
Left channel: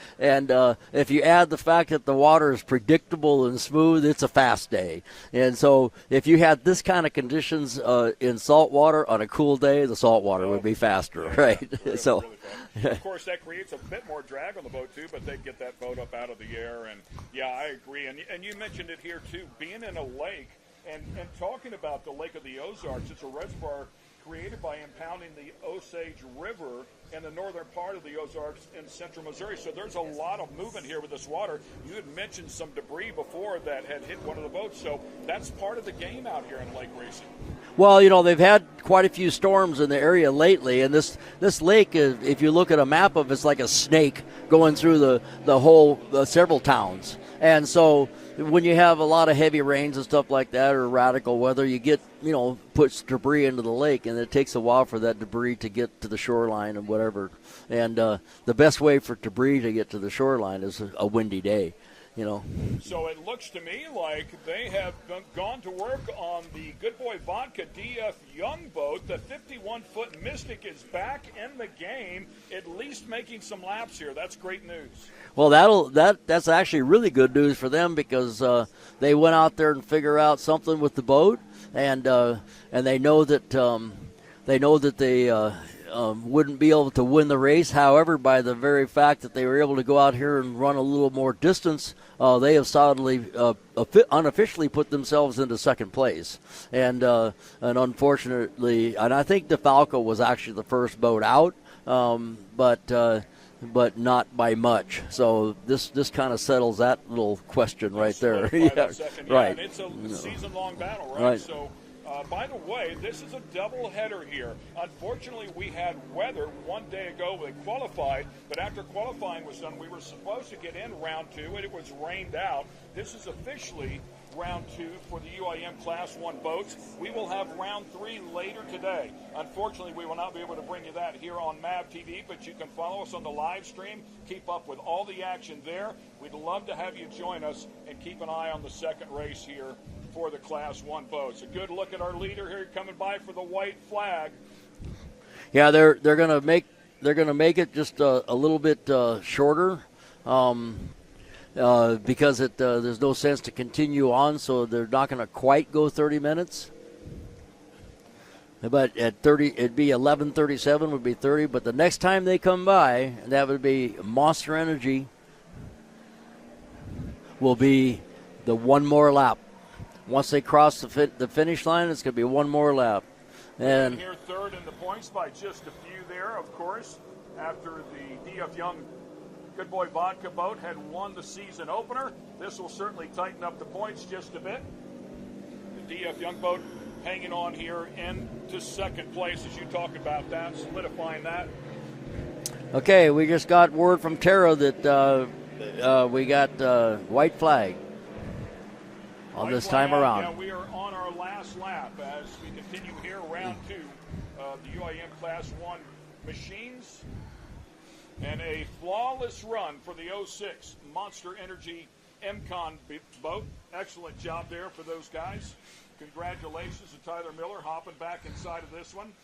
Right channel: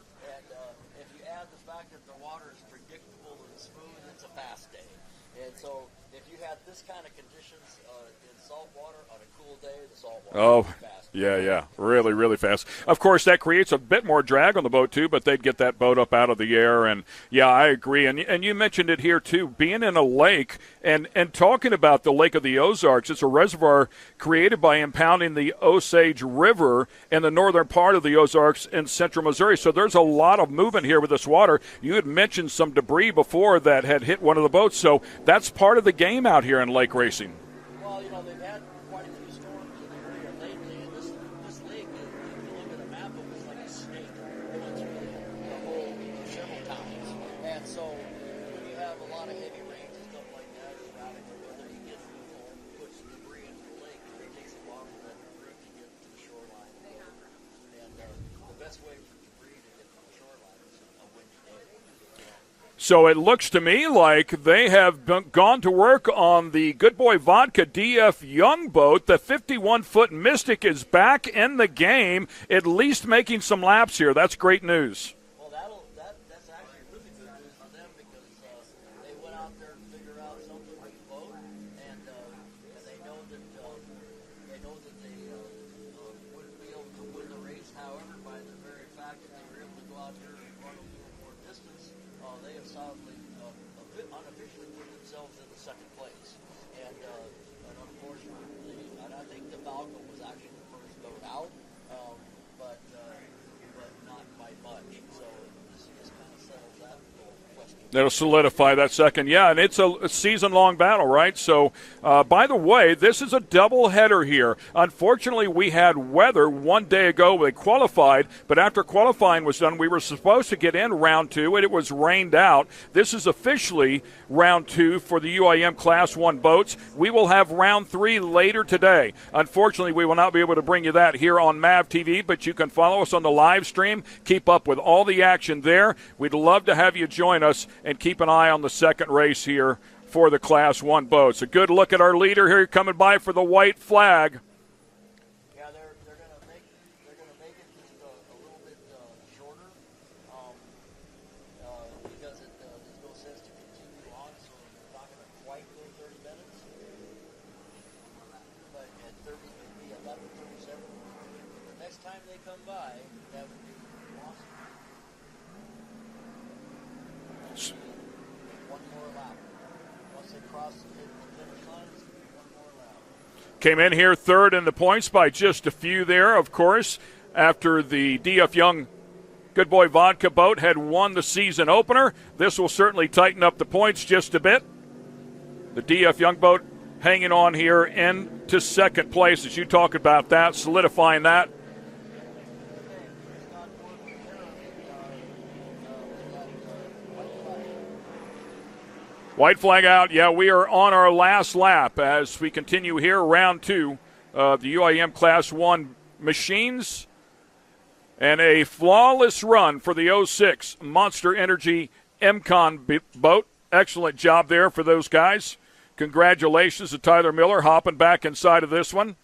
if you add the fact that the water is predictable and smooth, it's a fast day. And so, if you had this kind of conditions in salt water on a cool day, the salt water will be faster. Yeah, right? yeah. Really, really fast. Of course, that creates a bit more drag on the boat, too, but they'd get that boat up out of the air. And, yeah, I agree. And you mentioned it here, too, being in a lake and talking about the Lake of the Ozarks. It's a reservoir created by impounding the Osage River in the northern part of the Ozarks in central Missouri. So there's a lot of movement here with this water. You had mentioned some debris before that had hit one of the boats. So that's part of the game out here in lake racing. Well, they've had quite a few storms in the area lately, and this lake, if you look at a map of it, it's like a snake going through the whole several towns. And so when you have a lot of heavy rains and stuff like that, or radical weather, you get, puts debris into the lake, and it takes a while for that debris to get to the shoreline and whatever. And the best way for debris to get to the shoreline is a windy day. So it looks to me like they have gone to work on the Good Boy Vodka DF Young boat. The 51-foot Mystic is back in the game, at least making some laps here. That's great news. Well, that's actually really good news for them, because they went out there and figure out something with the boat, and they know that they wouldn't be able to win the race. However, by the very fact that they were able to go out here and run a little more distance, they have solidly, unofficially put themselves into second place. And unfortunately, and I think DeFalco was actually the first boat out, but but not by much. So this kind of settles that little question. That'll right solidify there. that second. Yeah, Right. and it's a season-long battle, right? Right. So, by the way, this is a doubleheader here. Unfortunately, we had weather one day ago. They qualified, but after qualifying was done, we were supposed to get in round 2, and it was rained out. This is officially round 2 for the UIM Class 1 boats. We will have round 3 later today. Unfortunately, we will not be able to bring you that here on MAV TV, but you can follow us on the live stream. Keep up with all the action there. We'd love to have you join us and keep an eye on the second race here for the Class 1 boats. A good look at our leader here coming by for the white flag. Yeah, they're gonna make it just a little bit shorter. Because there's no sense to continue on, so they're not going to quite go 30 minutes. But at 30, it'd be 11:37 would be 30. But the next time they come by, that would be Monster Energy. Will be the one more lap. Once they cross the finish line, it's going to be one more lap. Came in here third in the points by just a few there, of course, after the D.F. Young Good Boy Vodka boat had won the season opener. This will certainly tighten up the points just a bit. The D.F. Young boat hanging on here into second place as you talk about that, solidifying that. Okay, we just got word from Tara that we got white flag. White flag out. Yeah, we are on our last lap as we continue here, round 2 of the UIM Class 1 machines. And a flawless run for the 06 Monster Energy MCON boat. Excellent job there for those guys. Congratulations to Tyler Miller hopping back inside of this one.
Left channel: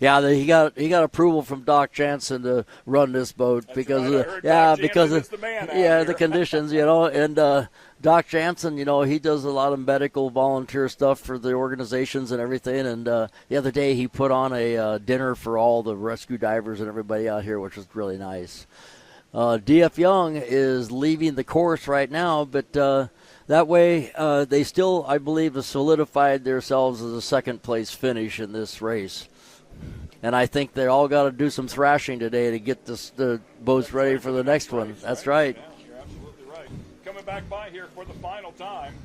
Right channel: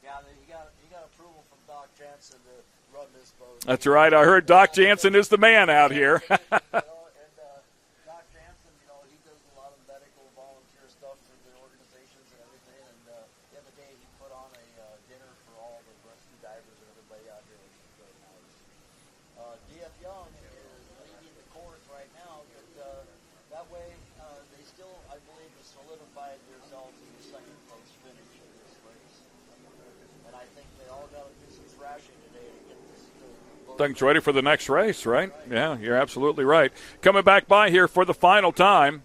Yeah, he got approval from Doc Jansen to run this boat. That's right. I heard Doc Jansen is the man out here. The conditions, and Doc Jansen, he does a lot of medical volunteer stuff for the organizations and everything. And the other day he put on a dinner for all the rescue divers and everybody out here, which was really nice. D.F. Young is leaving the course right now, but that way they still, I believe, have solidified themselves as a second-place finish in this race. And I think they all got to do some thrashing today to get the boats ready for the next race, right? That's right. Yeah, you're absolutely right. Coming back by here for the final time.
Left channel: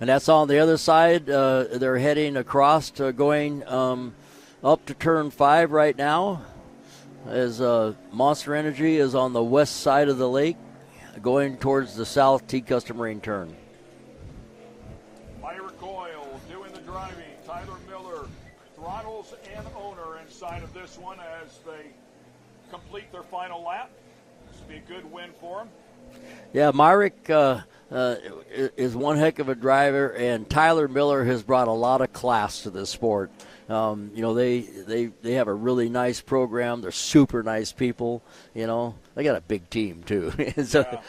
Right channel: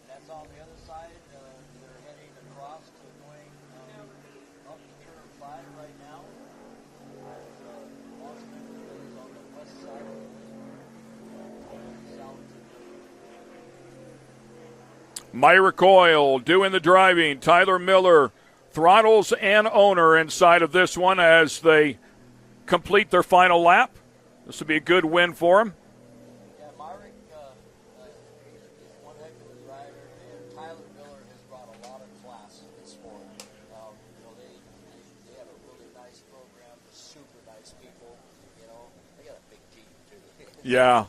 And that's on the other side. They're heading across to going up to turn 5 right now, as Monster Energy is on the west side of the lake, going towards the south T-Custom Marine turn. Myra Coyle doing the driving. Tyler Miller throttles and owner inside of this one as they complete their final lap. This will be a good win for him. Yeah, Myrick is one heck of a driver, and Tyler Miller has brought a lot of class to this sport. They have a really nice program. They're super nice people. They got a big team too. Yeah,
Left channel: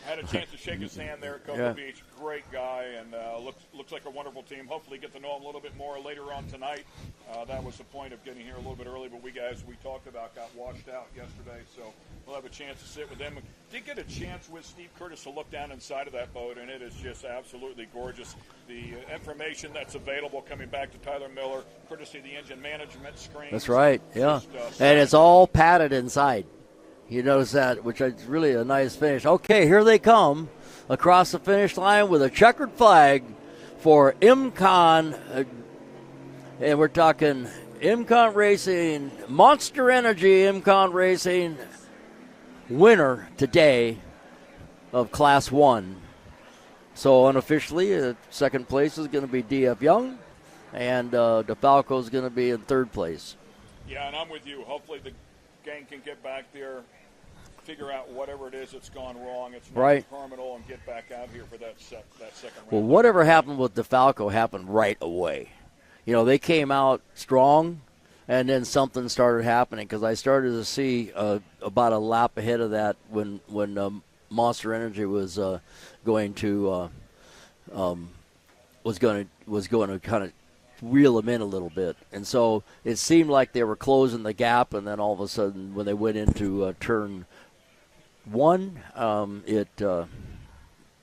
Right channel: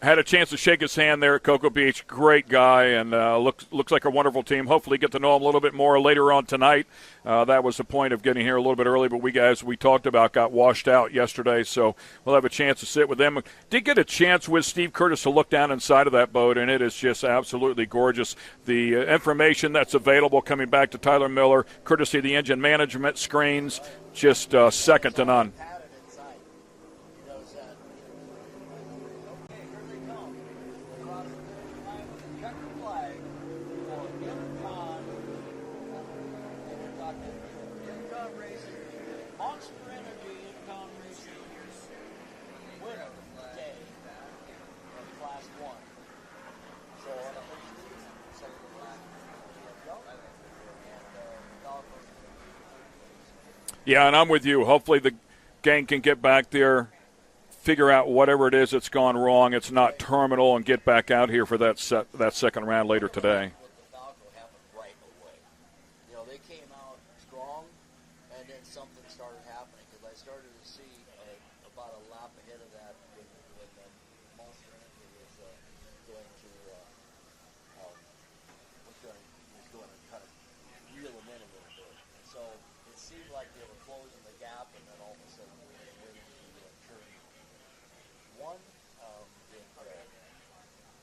had a chance to shake his hand there at Cocoa Beach. Great guy, and looks like a wonderful team. Hopefully, get to know him a little bit more later on tonight. That was the point of getting here a little bit early, but we talked about got washed out yesterday, so we'll have a chance to sit with them. Did get a chance with Steve Curtis to look down inside of that boat, and it is just absolutely gorgeous. The information that's available coming back to Tyler Miller, courtesy of the engine management screens. That's right. Just second and it's to all none. padded inside. You notice that, which is really a nice finish. Okay, here they come across the finish line with a checkered flag for MCON. And we're talking MCON Racing, Monster Energy MCON Racing winner today of Class 1. So unofficially, second place is going to be D.F. Young, and DeFalco is going to be in third place. Yeah, and I'm with you. Hopefully the gang can get back there, figure out whatever it is that's gone wrong. It's not terminal, and get back out here for that second round. Well, whatever later happened with DeFalco happened right away. They came out strong, and then something started happening because I started to see about a lap ahead of that when Monster Energy was going to kind of reel them in a little bit, and so it seemed like they were closing the gap, and then all of a sudden when they went into turn 1, it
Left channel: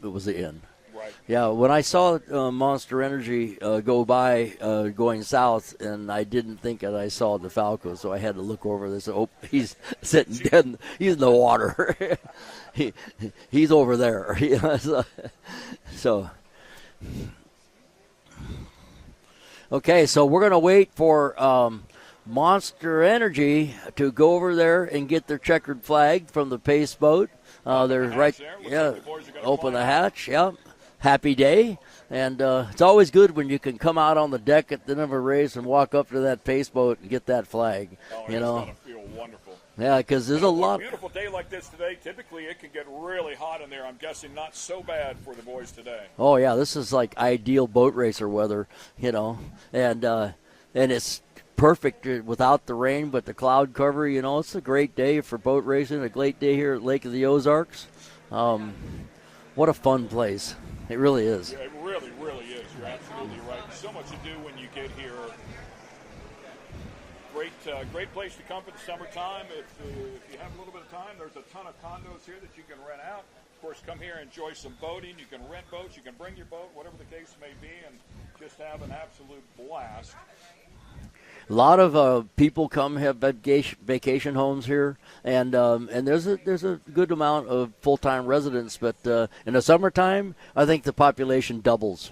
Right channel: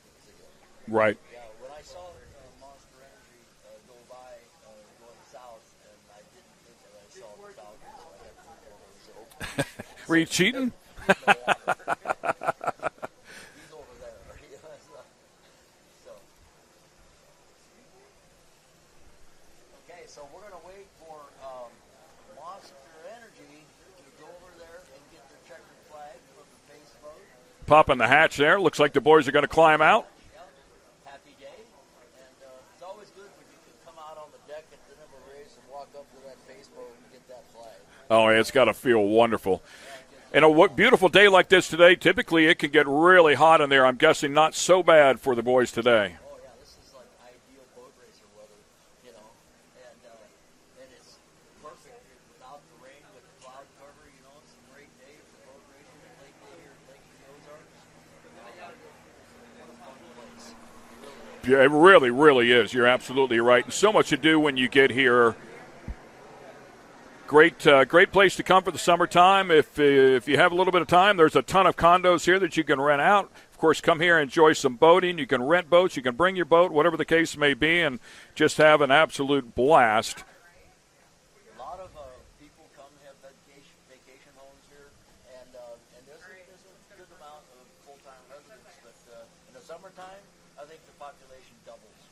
was the end. Right. Yeah, when I saw Monster Energy go by going south, and I didn't think that I saw DeFalco, so I had to look over this. Oh, he's sitting dead, he's in the water. He's over there. So, okay, so we're going to wait for Monster Energy to go over there and get their checkered flag from the pace boat. Popping the hatch there. Looks like the boys are going to climb out. Hatch, yeah. Happy day. And it's always good when you can come out on the deck at the end of a race and walk up to that pace boat and get that flag. Oh, it's got to feel wonderful. Yeah, because what beautiful day like this today, typically it can get really hot in there. I'm guessing not so bad for the boys today. Oh, yeah, this is like ideal boat racer weather, and it's perfect without the rain, but the cloud cover, it's a great day for boat racing, a great day here at Lake of the Ozarks. What a fun place. It really is. Yeah, it really, really is. You're absolutely right. And so much to do when you get here. Great place to come for the summertime. If you have a little bit of time, there's a ton of condos here that you can rent out. Of course, come here and enjoy some boating. You can rent boats. You can bring your boat, whatever the case may be, and just have an absolute blast. A lot of people come have vacation homes here, and there's a good amount of full-time residents. But in the summertime, I think the population doubles.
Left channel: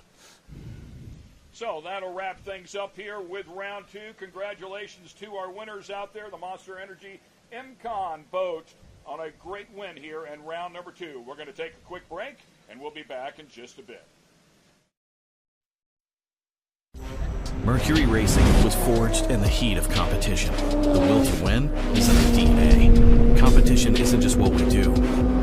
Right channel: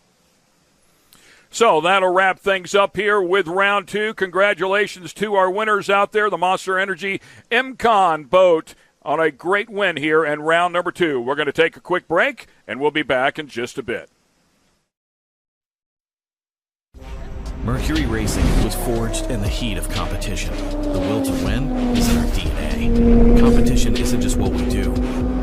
So that'll wrap things up here with round 2. Congratulations to our winners out there, the Monster Energy MCon boat, on a great win here in round number 2. We're going to take a quick break, and we'll be back in just a bit. Mercury Racing was forged in the heat of competition. The will to win is in our DNA. Competition isn't just what we do,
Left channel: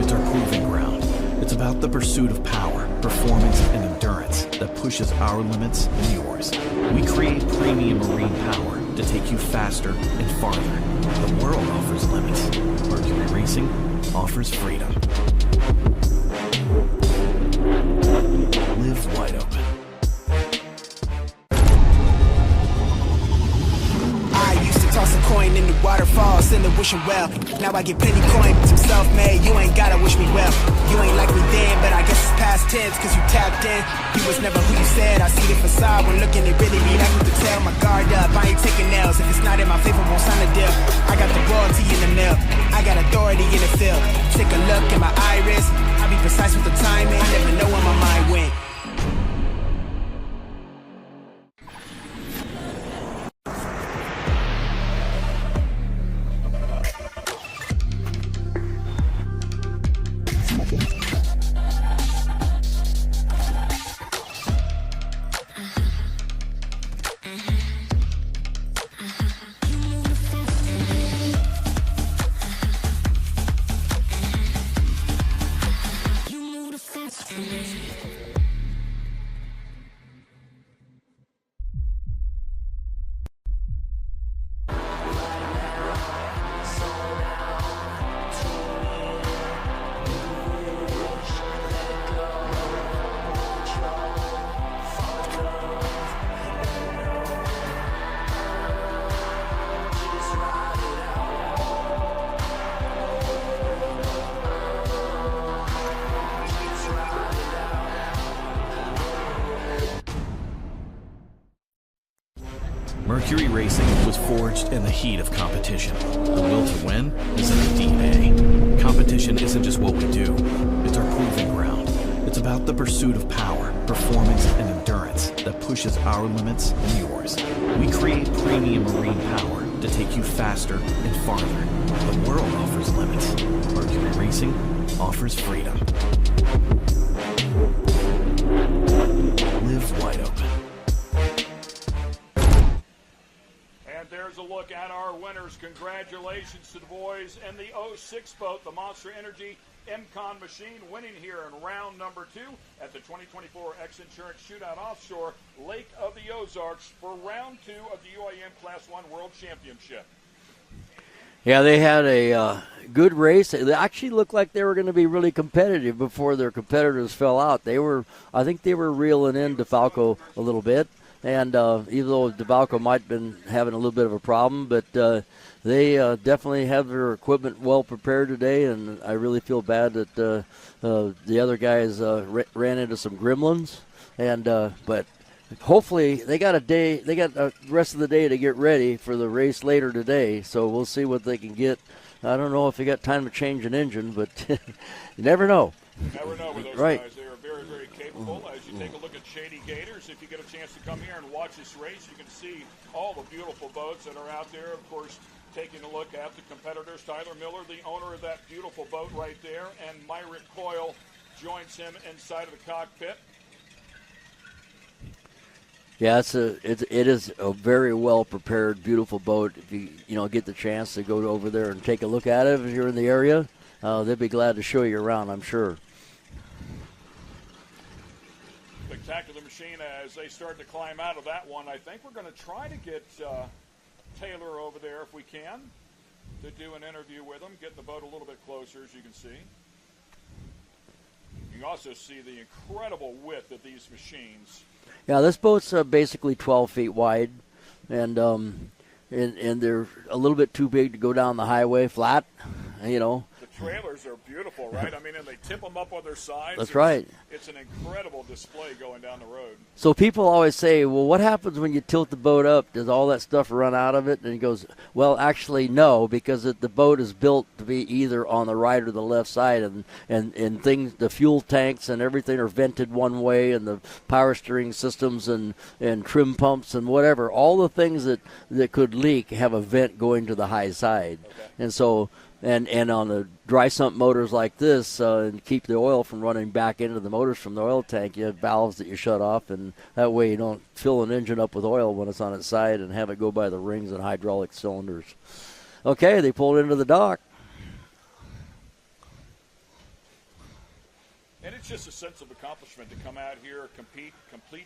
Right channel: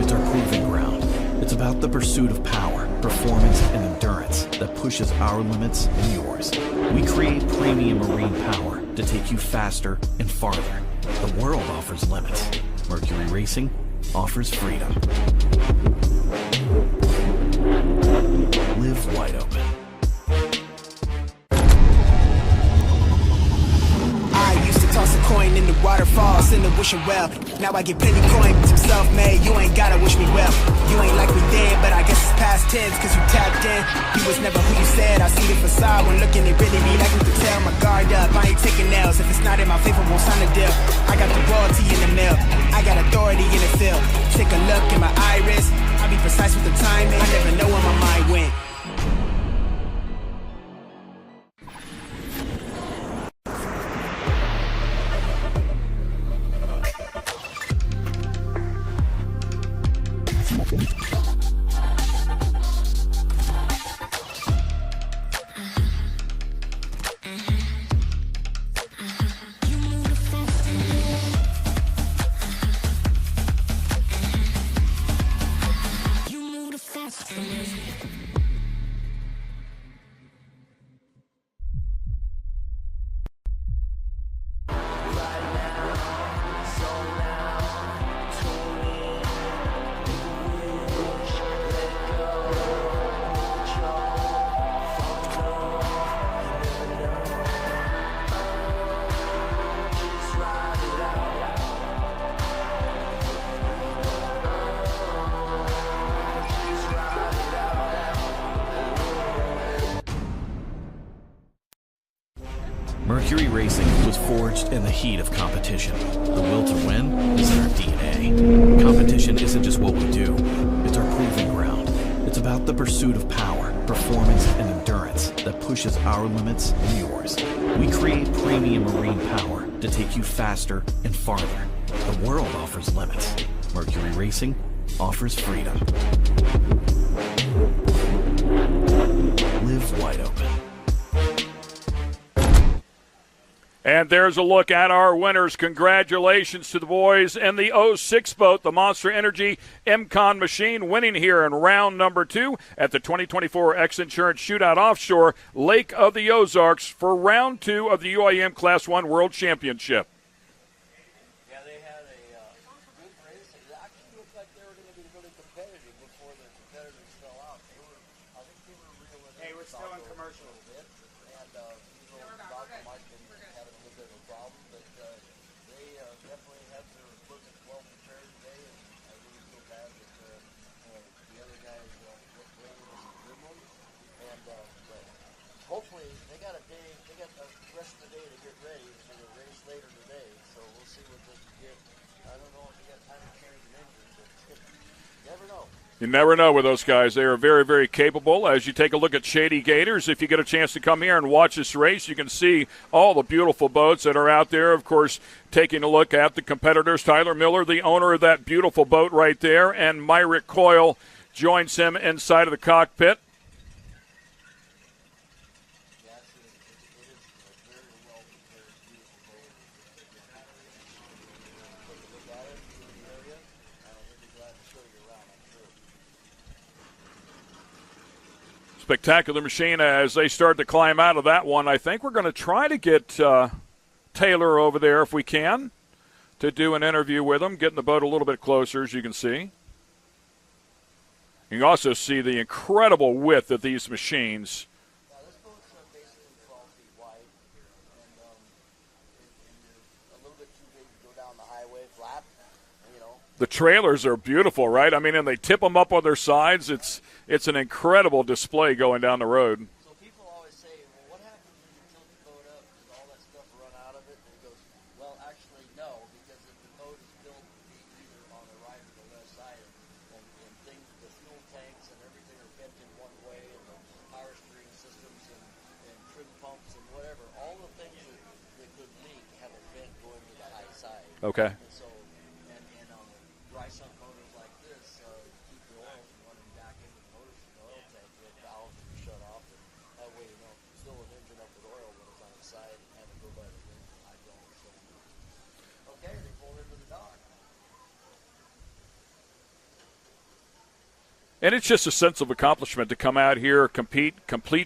it's our proving ground. It's about the pursuit of power, performance, and endurance that pushes our limits and yours. We create premium marine power to take you faster and farther. The world offers limits. Mercury Racing offers freedom. Live wide open. I used to toss a coin in the waterfalls in the wishing well. Now I get plenty coin, I'm self-made. You ain't gotta wish me well. You ain't like me then, but I guess it's past tense, cause you tapped in. You was never who you said. I see the facade when looking, it really be like you could tell. My guard up, I ain't taking nails. If it's not in my favor, won't sign a deal. I got the royalty in the mill, I got authority in the field. Take a look in my iris, I be precise with the timing. I never know where my mind went. Mercury Racing was forged in the heat of competition. The will to win is in our DNA. Competition isn't just what we do, it's our proving ground. It's about the pursuit of power, performance, and endurance that pushes our limits and yours. We create premium marine power to take you faster and farther. The world offers limits. Mercury Racing offers freedom. Live wide open. And there's a look at our winners. Congratulations to the boys in the 06 boat, the Monster Energy MCon machine, winning here in round number 2 at the 2024 X Insurance Shootout Offshore, Lake of the Ozarks, for round 2 of the UIM Class 1 World Championship. Yeah, they had a good race. They actually looked like they were going to be really competitive before their competitors fell out. I think they were reeling in DeFalco a little bit. And even though DeFalco might have been having a little bit of a problem, but, They definitely have their equipment well prepared today, and I really feel bad that the other guys ran into some gremlins, and but hopefully they got the rest of the day to get ready for the race later today. So we'll see what they can get. I don't know if they got time to change an engine, but you never know. You never know with those Right. guys. They are very, very capable. As you take a look at Shady Gators, if you get a chance to come here and watch this race, you can see all the beautiful boats that are out there. Of course, taking a look at the competitors, Tyler Miller, the owner of that beautiful boat right there, and Myrick Coyle joins him inside of the cockpit. Yeah, it is a very well prepared, beautiful boat. If you get the chance to go over there and take a look at it, if you're in the area, they'd be glad to show you around, I'm sure. Spectacular machine as they start to climb out of that one. I think we're going to try to get Taylor over there if we can to do an interview with him, getting the boat a little bit closer, as you can see. You can also see the incredible width of these machines. Yeah, this boat's basically 12 feet wide, and they're a little bit too big to go down the highway flat, The trailers are beautiful, right? I mean, and they tip them up on their sides. That's right. It's an incredible display going down the road. So people always say, well, what happens when you tilt the boat up? Does all that stuff run out of it? And he goes, well, actually, no, because the boat is built to be either on the right or the left side, and things, the fuel tanks and everything are vented one way, and the power steering systems and trim pumps and whatever, all the things that could leak have a vent going to the high side. Okay. And so... And on the dry sump motors like this, and keep the oil from running back into the motors from the oil tank, you have valves that you shut off, and that way you don't fill an engine up with oil when it's on its side and have it go by the rings and hydraulic cylinders. Okay, they pulled into the dock. And it's just a sense of accomplishment to come out here, complete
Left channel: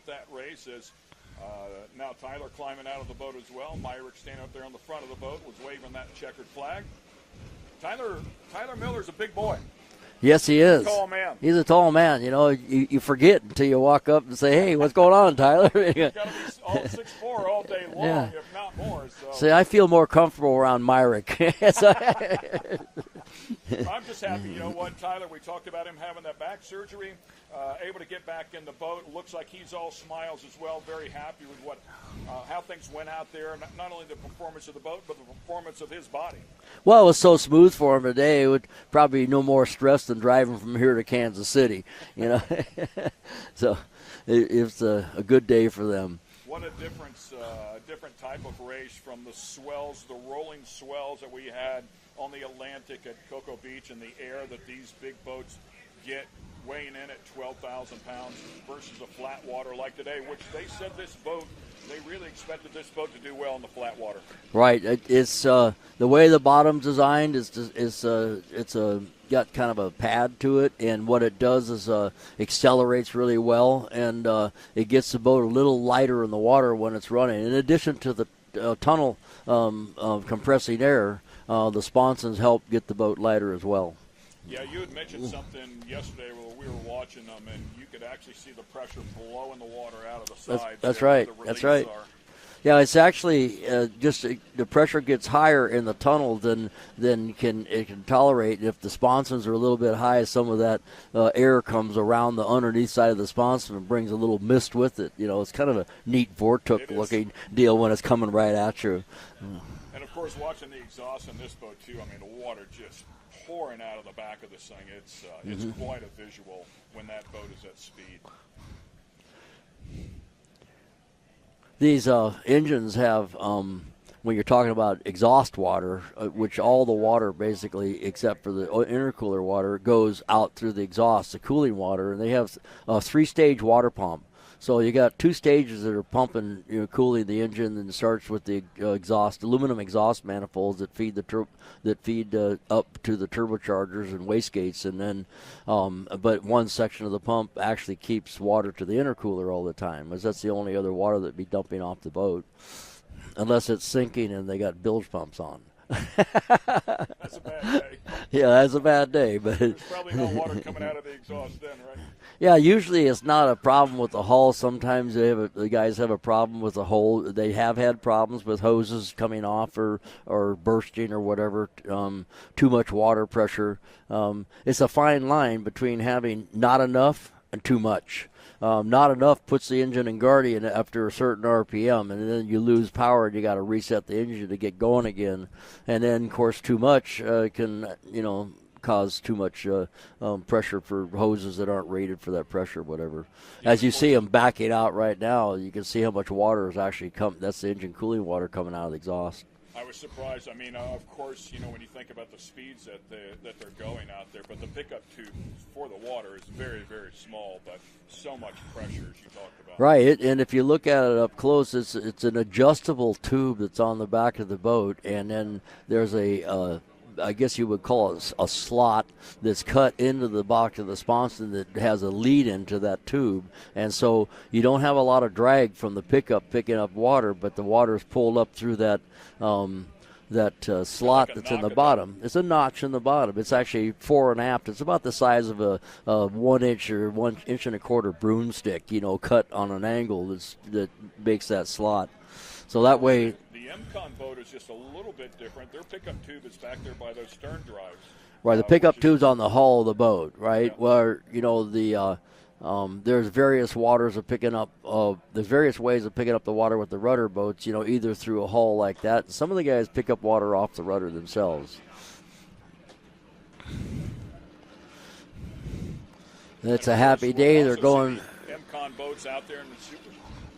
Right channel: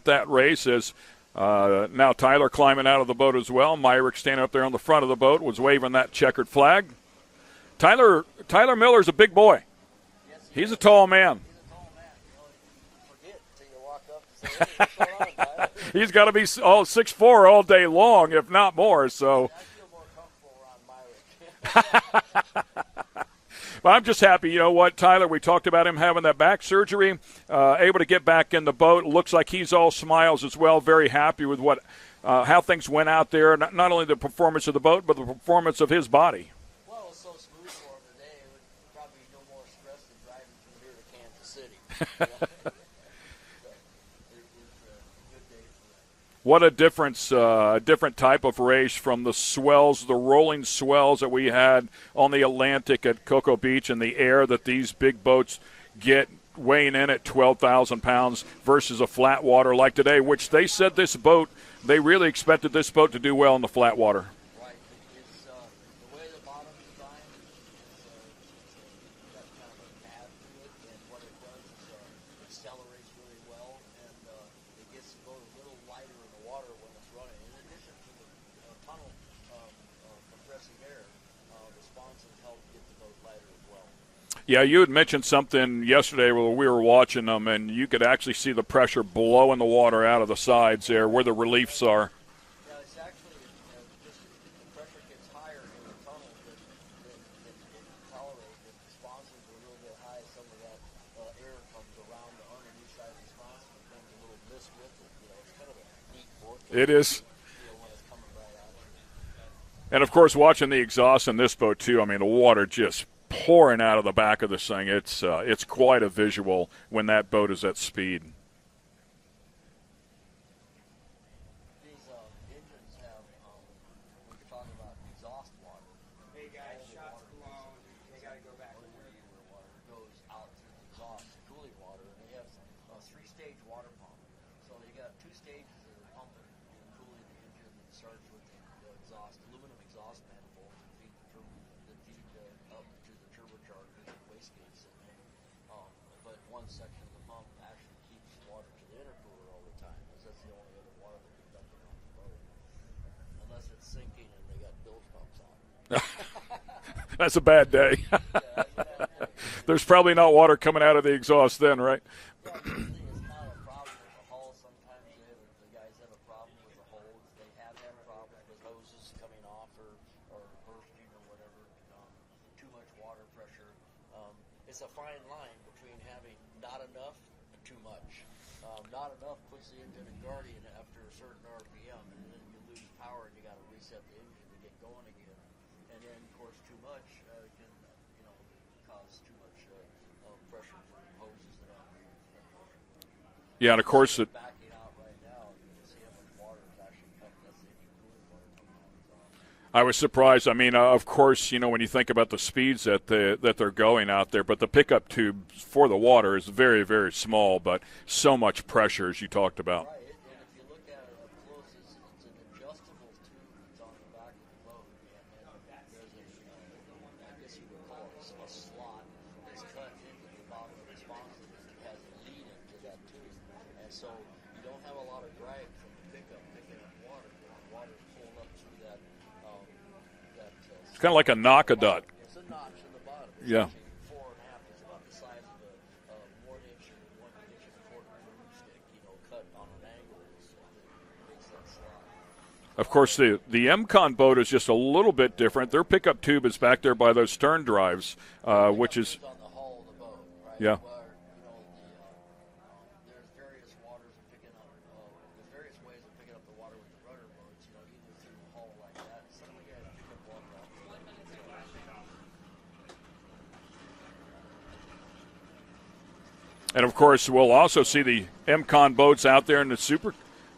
that race. As now Tyler climbing out of the boat as well. Myrick standing up there on the front of the boat was waving that checkered flag. Tyler Miller's a big boy. Yes, he is. He's a tall man. He's a tall man. You forget until you walk up and say, hey, what's going on, Tyler? He's got to be 6'4" all day long, if not more. So See, I feel more comfortable around Myrick. I'm just happy. You know what, Tyler, we talked about him having that back surgery, able to get back in the boat. Looks like he's all smiles as well, very happy with how things went out there, not only the performance of the boat, but the performance of his body. Well, it was so smooth for him today. It would probably be no more stress than driving from here to Kansas City. So it's a good day for them. What a difference, different type of race from the swells, the rolling swells that we had on the Atlantic at Cocoa Beach, and the air that these big boats get weighing in at 12,000 pounds versus a flat water like today, which they said they really expected this boat to do well in the flat water. Right. It's the way the bottom's designed is got kind of a pad to it, and what it does is accelerates really well, and it gets the boat a little lighter in the water when it's running. In addition to the tunnel compressing air, the sponsons help get the boat lighter as well. Yeah, you had mentioned something yesterday where we were watching them, and you could actually see the pressure blowing the water out of the sides that's there right. where the reliefs That's right. are. Yeah, it's actually just the pressure gets higher in the tunnel than it can tolerate. If the sponsons are a little bit high, some of that air comes around the underneath side of the sponson and brings a little mist with it. It's kind of a neat vortex-looking deal when it's coming right at you. And, of course, watching the exhaust in this boat, too. I mean, the water just pouring out of the back of this thing. It's quite a visual when that boat is at speed. These engines have, when you're talking about exhaust water, which all the water basically, except for the intercooler water, goes out through the exhaust, the cooling water, and they have a 3-stage water pump. So you got 2 stages that are pumping, cooling the engine, and it starts with the aluminum exhaust manifolds that feed up to the turbochargers and wastegates, and then, but one section of the pump actually keeps water to the intercooler all the time, as that's the only other water that'd be dumping off the boat, unless it's sinking and they got bilge pumps on. That's a bad day. Yeah, that's a bad day. But there's probably not water coming out of the exhaust then, right? Yeah, usually it's not a problem with the hull. Sometimes the guys have a problem with the hull. They have had problems with hoses coming off or bursting or whatever, too much water pressure. It's a fine line between having not enough and too much. Not enough puts the engine in guardian after a certain RPM, and then you lose power and you got to reset the engine to get going again. And then, of course, too much can, cause too much pressure for hoses that aren't rated for that pressure, whatever. Yeah, as you see them backing out right now, you can see how much water is actually coming. That's the engine cooling water coming out of the exhaust. I was surprised. I mean, of course, when you think about the speeds that they're going out there, but the pickup tube for the water is very, very small, but so much pressure, as you talked about. Right, and if you look at it up close, it's an adjustable tube that's on the back of the boat, and then there's I guess you would call it a slot that's cut into the box of the sponson that has a lead into that tube. And so you don't have a lot of drag from the pickup picking up water, but the water is pulled up through that slot like a that's knock in the bottom. It's a notch in the bottom. It's actually fore and aft. It's about the size of a 1 inch or 1 1/4 inch broomstick, cut on an angle that makes that slot. So of course, the MCON boat is just a little bit different. Their pickup tube is back there by those stern drives. Well, the pickup tube's on the hull of the boat, right? Yeah. Where there's various waters of picking up. There's various ways of picking up the water with the rudder boats. Either through a hull like that. Some of the guys pick up water off the rudder themselves. And of course, we'll also see the MCON boats out there in the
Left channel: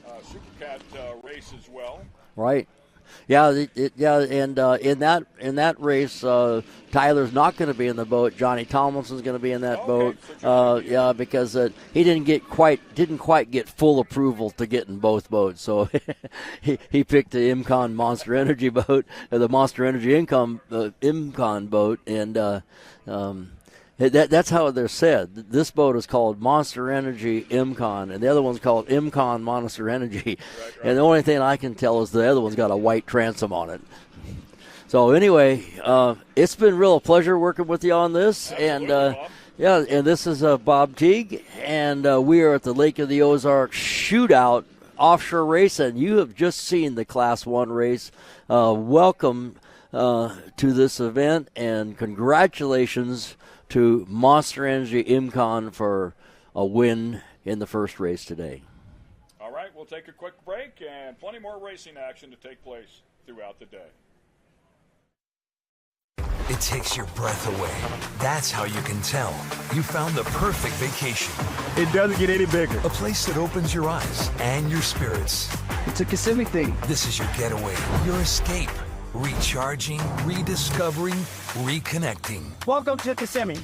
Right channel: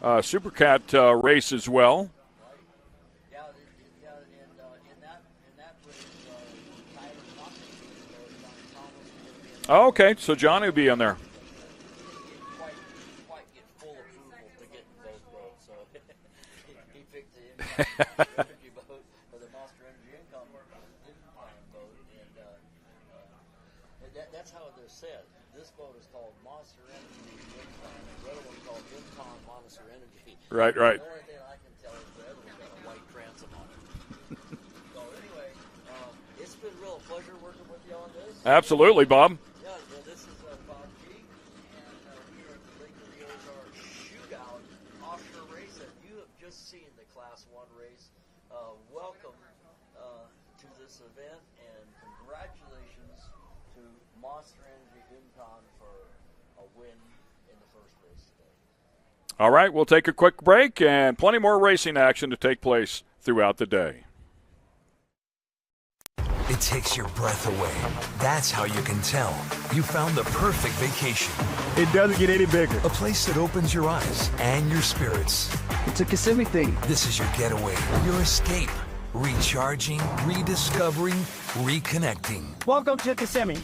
Supercat race as well. Right. Yeah, and in that race, Tyler's not going to be in the boat. Johnny Tomlinson's going to be in that boat. Okay, so Johnny will be in there. Because he didn't quite get full approval to get in both boats. So he picked the IMCON Monster Energy boat, the Monster Energy IMCON boat, and that's how they're said. This boat is called Monster Energy IMCON, and the other one's called IMCON Monster Energy. Right. And the only thing I can tell is the other one's got a white transom on it. So anyway, it's been real pleasure working with you on this. Absolutely, Bob. Yeah, and this is Bob Teague, and we are at the Lake of the Ozarks Shootout Offshore race, and you have just seen the Class 1 race. Welcome to this event, and congratulations to Monster Energy IMCON for a win in the first race today. All right, we'll take a quick break and plenty more racing action to take place throughout the day. It takes your breath away. That's how you can tell you found the perfect vacation. It doesn't get any bigger. A place that opens your eyes and your spirits. It's a Kissimmee thing. This is your getaway, your escape. Recharging, rediscovering, reconnecting. Welcome to Kissimmee.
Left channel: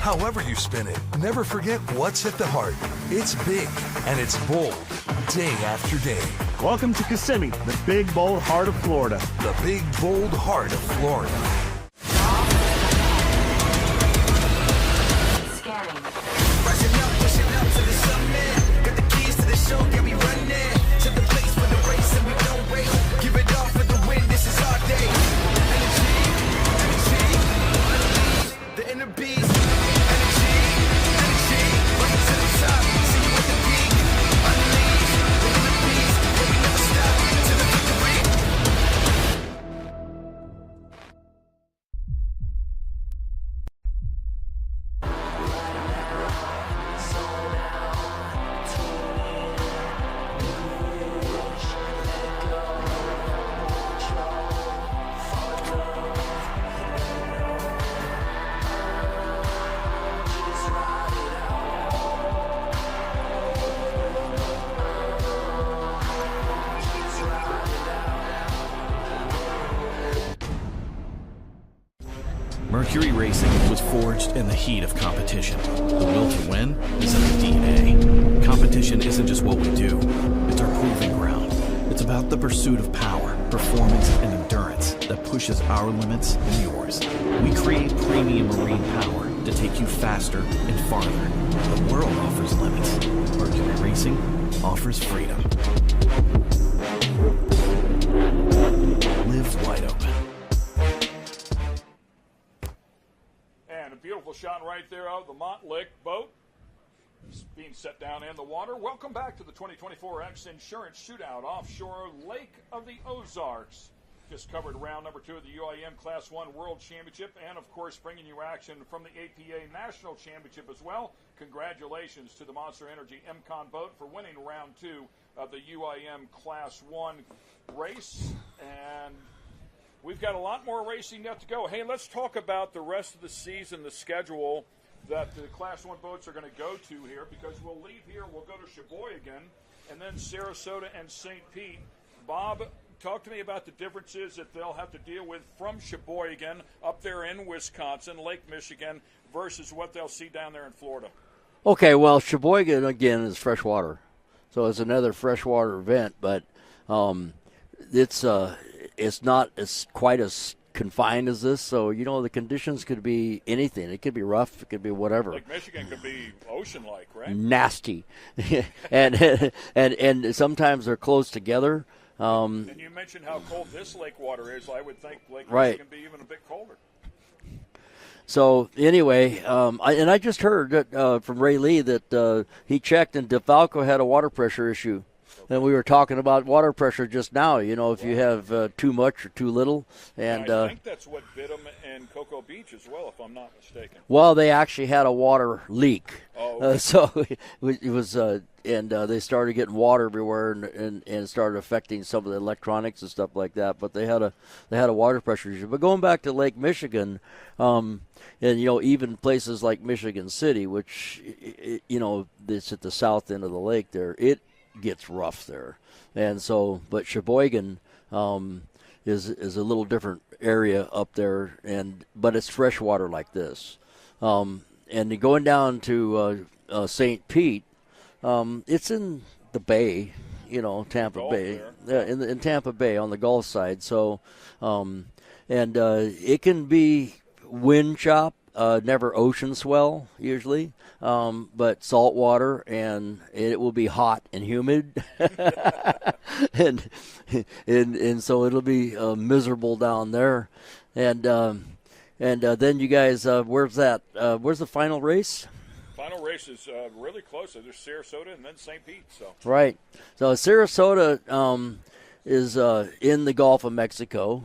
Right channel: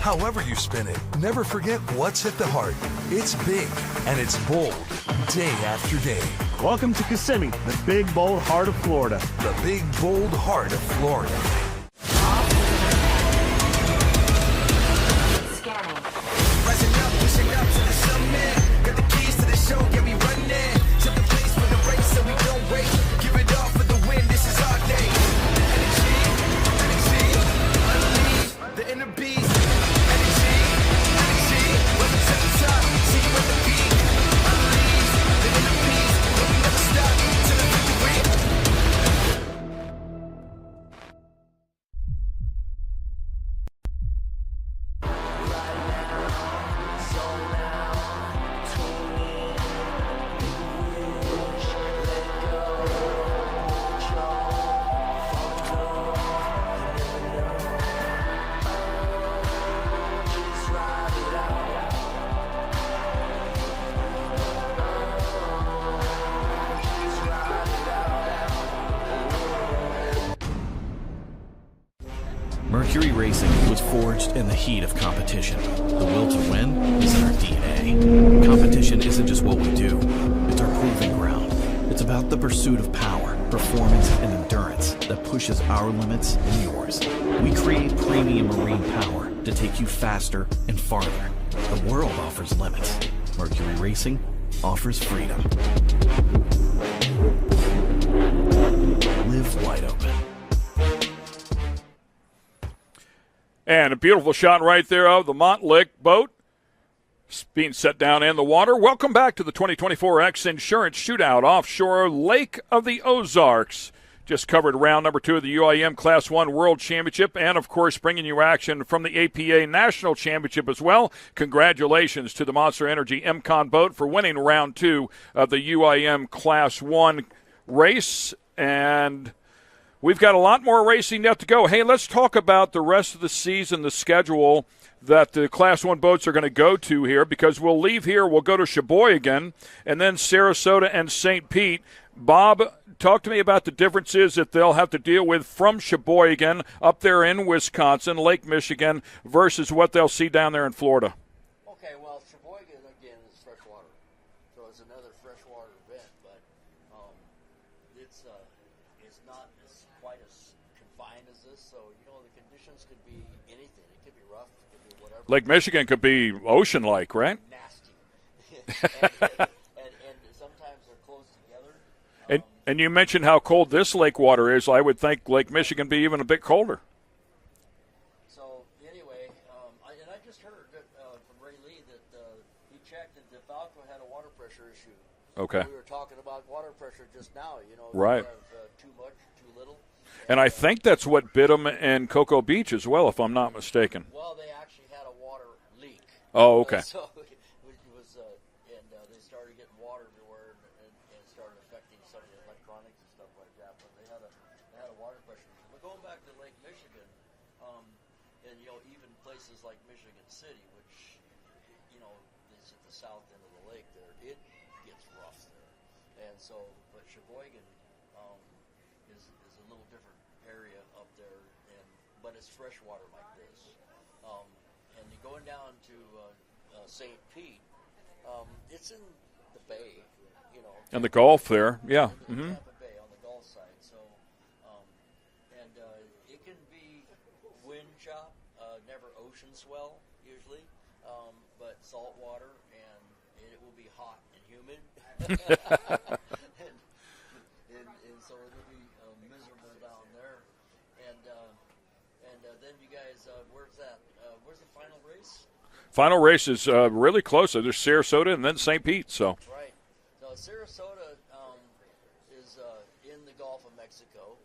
However you spin it, never forget what's at the heart. It's big and it's bold, day after day. Welcome to Kissimmee, the big, bold heart of Florida. The big, bold heart of Florida. Scanning. Rising up, pushing up to the summit. Got the keys to the show, yeah, we run it. Set the place for the race and we don't wait. Give it all for the win, this is our day. Energy, unleash the inner beast. Energy, welcome to the top. See you at the peak. Unleash the inner beast, but we never stop till the victory. Mercury Racing was forged in the heat of competition. The will to win is in our DNA. Competition isn't just what we do, it's our proving ground. It's about the pursuit of power, performance, and endurance that pushes our limits and yours. We create premium marine power to take you faster and farther. The world offers limits. Mercury Racing offers freedom. Live wide open. And a beautiful shot right there of the Montlick boat being set down in the water. Welcome back to the 2024 X Insurance Shootout Offshore, Lake of the Ozarks. Just covered round number 2 of the UIM Class 1 World Championship, and, of course, bringing you action from the APA National Championship as well. Congratulations to the Monster Energy MCON boat for winning round 2 of the UIM Class 1 race. And we've got a lot more racing yet to go. Hey, let's talk about the rest of the season, the schedule that the Class 1 boats are going to go to here, because we'll leave here, we'll go to Sheboygan, and then Sarasota and St. Pete. Bob, talk to me about the differences that they'll have to deal with from Sheboygan up there in Wisconsin, Lake Michigan, versus what they'll see down there in Florida. Okay, well, Sheboygan, again, is freshwater. So it's another freshwater event, but it's not as quite as confined as this. So, you know, the conditions could be anything. It could be rough. It could be whatever. Lake Michigan could be ocean-like, right? Nasty. and sometimes they're close together. And you mentioned how cold this lake water is. I would think Lake Michigan be even a bit colder. So anyway, I just heard that, from Ray Lee that he checked and DeFalco had a water pressure issue. Okay. And we were talking about water pressure just now, you know, if Right. you have too much or too little. And I think that's what bit them in Cocoa Beach as well, if I'm not mistaken. Well, they actually had a water leak. Oh, okay. So it was, and they started getting water everywhere, and it started affecting some of the electronics and stuff like that. But they had a water pressure issue. But going back to Lake Michigan, and you know, even places like Michigan City, which you know, it's at the south end of the lake there, it gets rough there. And so, but Sheboygan is a little different area up there, but it's freshwater like this. And going down to St. Pete, it's in the bay, you know, Tampa in the Gulf Bay. there, yeah, in Tampa Bay on the Gulf side. So, it can be wind chop, never ocean swell usually. But salt water, and it will be hot and humid, and so it'll be miserable down there, and then you guys, where's that? Where's the final race? Final race is really close. There's Sarasota and then St. Pete. So right. So Sarasota is in the Gulf of Mexico,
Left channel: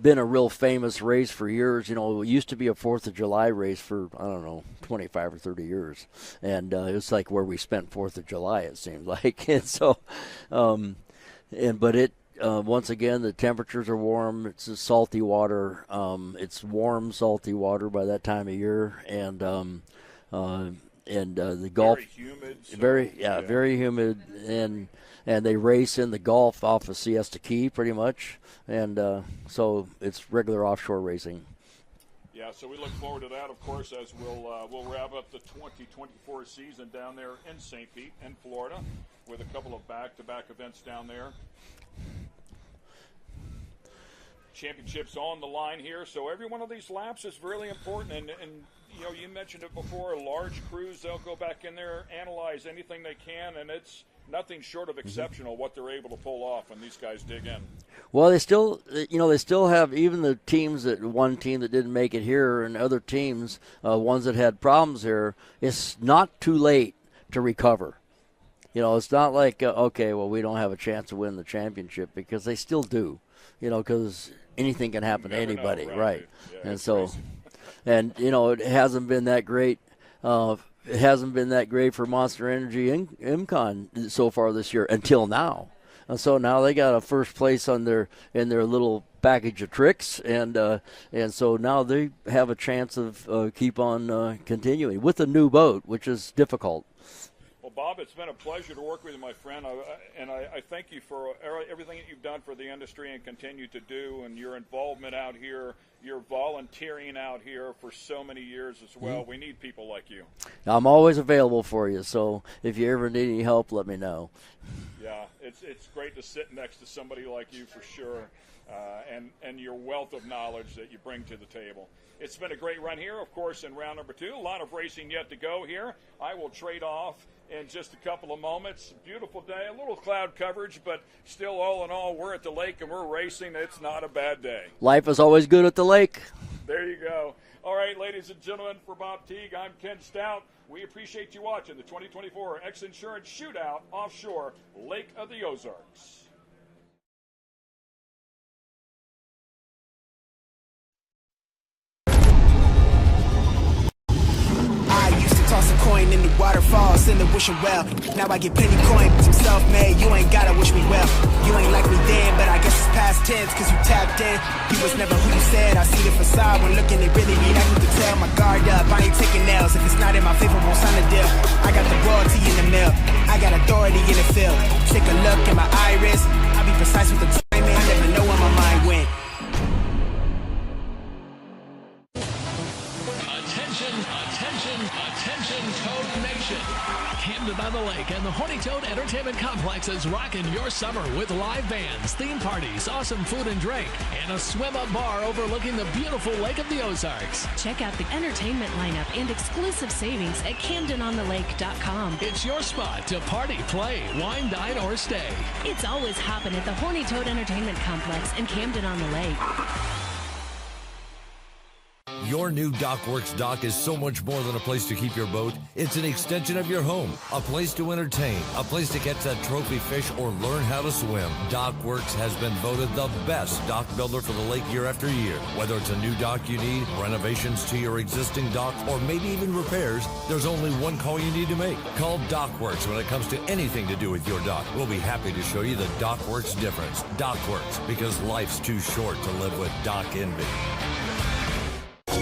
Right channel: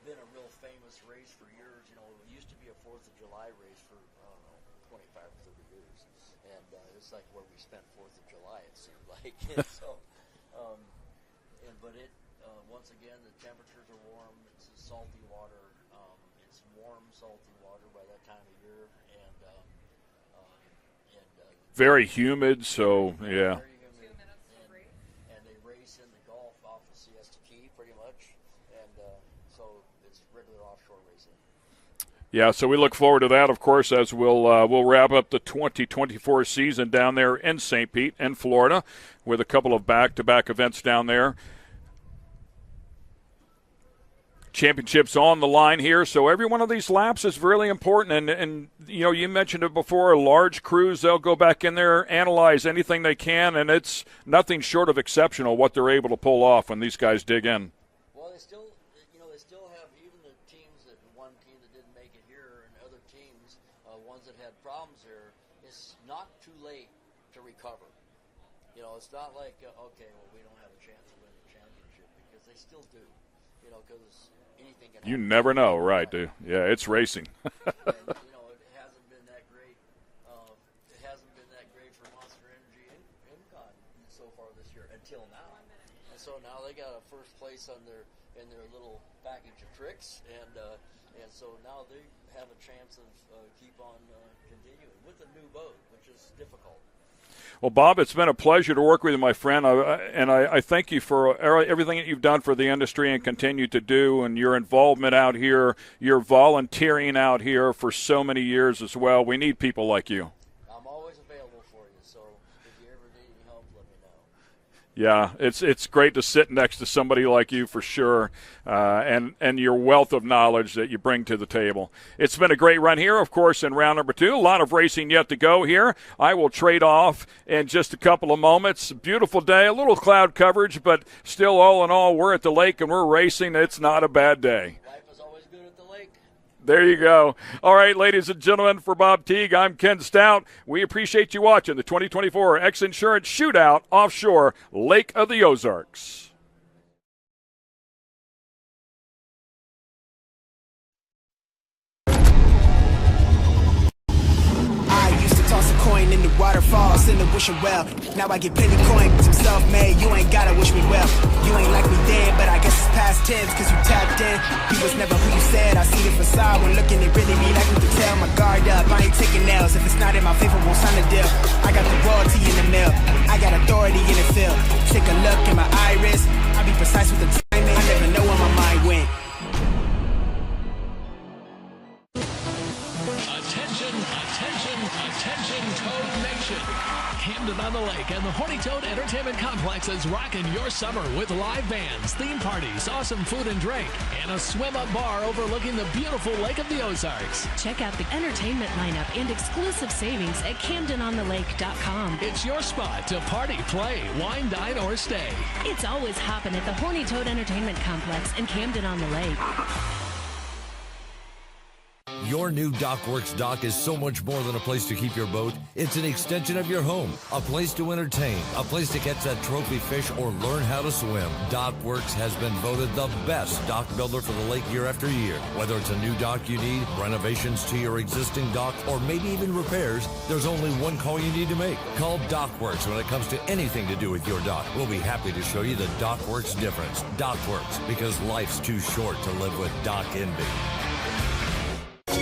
been a real famous race for years. You know, it used to be a 4th of July race for, I don't know, 25 or 30 years. And it's like where we spent 4th of July, it seemed like. And so, once again, the temperatures are warm. It's a salty water. It's warm, salty water by that time of year. And the Gulf, very humid. So very humid. And they race in the Gulf off of Siesta Key pretty much. And so it's regular offshore racing. Yeah, so we look forward to that, of course, as we'll wrap up the 2024 season down there in St. Pete in Florida with a couple of back-to-back events down there. Championships on the line here, so every one of these laps is really important. And you know, you mentioned it before, large crews, they'll go back in there, analyze anything they can, and it's nothing short of exceptional what they're able to pull off when these guys dig in. Well, they still have, even the teams one team that didn't make it here and other teams, ones that had problems here, it's not too late to recover. You know, it's not like, okay, well, we don't have a chance to win the championship, because they still do, you know, because anything can happen. You never to anybody, know, right? Dude? Yeah, and it's racing. And, you know, it hasn't been that great. It hasn't been that great for Monster Energy and MCON so far this year until now. And so now they got a first place in their little package of tricks, and so now they have a chance of keep on continuing with a new boat, which is difficult. Well, Bob, it's been a pleasure to work with you, my friend, and I thank you for everything that you've done for the industry and continue to do, and your involvement out here, your volunteering out here for so many years as well. We need people like you. I'm always available for you, so if you ever need any help, let me know. Yeah, it's great to sit next to somebody like you for sure, and your wealth of knowledge that you bring to the table. It's been a great run here, of course, in round number 2. A lot of racing yet to go here. I will trade off in just a couple of moments. Beautiful day, a little cloud coverage, but still, all in all, we're at the lake and we're racing. It's not a bad day. Life is always good at the lake. There you go. All right, ladies and gentlemen, for Bob Teague, I'm Ken Stout. We appreciate you watching the 2024 X Insurance Shootout Offshore, Lake of the Ozarks. I used to toss a coin in the waterfalls in the wishing well. Now I get plenty coin, I'm self-made. You ain't gotta wish me well. You ain't like me then, but I guess it's past tense, cause you tapped in. You was never who you said. I see the facade when looking, it really be like me to tell. My guard up, I ain't taking nails. If it's not in my favor, won't sign a deal. I got the royalty in the mail. I got authority in the field. Take a look in my iris. I be precise with the timing. I never know where my mind went. Attention, Toad Nation. Camden on the Lake and the Horny Toad Entertainment Complex is rocking your summer with live bands, theme parties, awesome food and drink, and a swim-up bar overlooking the beautiful Lake of the Ozarks. Check out the entertainment lineup and exclusive savings at CamdenOnTheLake.com. It's your spot to party, play, wine, dine, or stay. It's always hopping at the Horny Toad Entertainment Complex in Camden on the Lake. Your new DockWorks dock is so much more than a place to keep your boat. It's an extension of your home, a place to entertain, a place to catch that trophy fish or learn how to swim. DockWorks has been voted the best dock builder for the lake year after year. Whether it's a new dock you need, renovations to your existing dock, or maybe even repairs, there's only one call you need to make. Call DockWorks when it comes to anything to do with your dock. We'll be happy to show you the DockWorks difference. DockWorks, because life's too short to live with dock envy.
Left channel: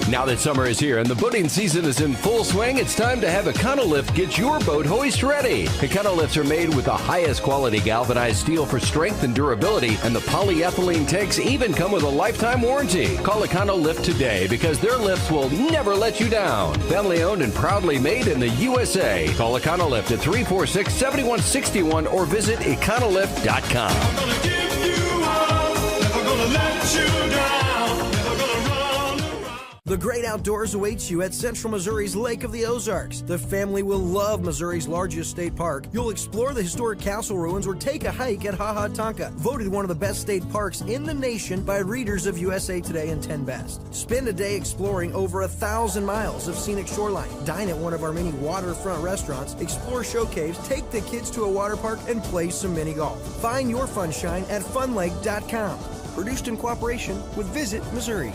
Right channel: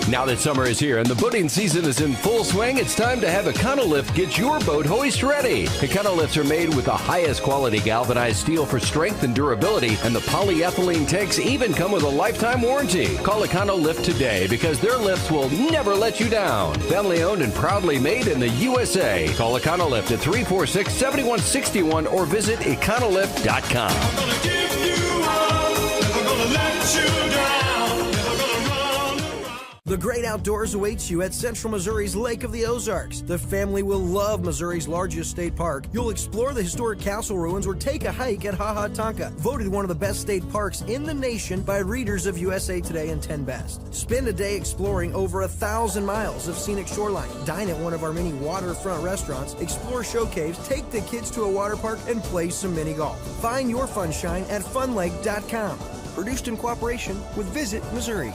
Now that summer is here and the boating season is in full swing, it's time to have Econolift get your boat hoist ready. Econolifts are made with the highest quality galvanized steel for strength and durability, and the polyethylene tanks even come with a lifetime warranty. Call Econolift today because their lifts will never let you down. Family owned and proudly made in the USA. Call Econolift at 346-7161 or visit econolift.com. I'm gonna give you up, never gonna let you down, never gonna run. The great outdoors awaits you at Central Missouri's Lake of the Ozarks. The family will love Missouri's largest state park. You'll explore the historic castle ruins or take a hike at Ha Ha Tonka, voted one of the best state parks in the nation by readers of USA Today and 10 Best. Spend a day exploring over 1,000 miles of scenic shoreline. Dine at one of our many waterfront restaurants, explore show caves, take the kids to a water park, and play some mini golf. Find your funshine at funlake.com. Produced in cooperation with Visit Missouri.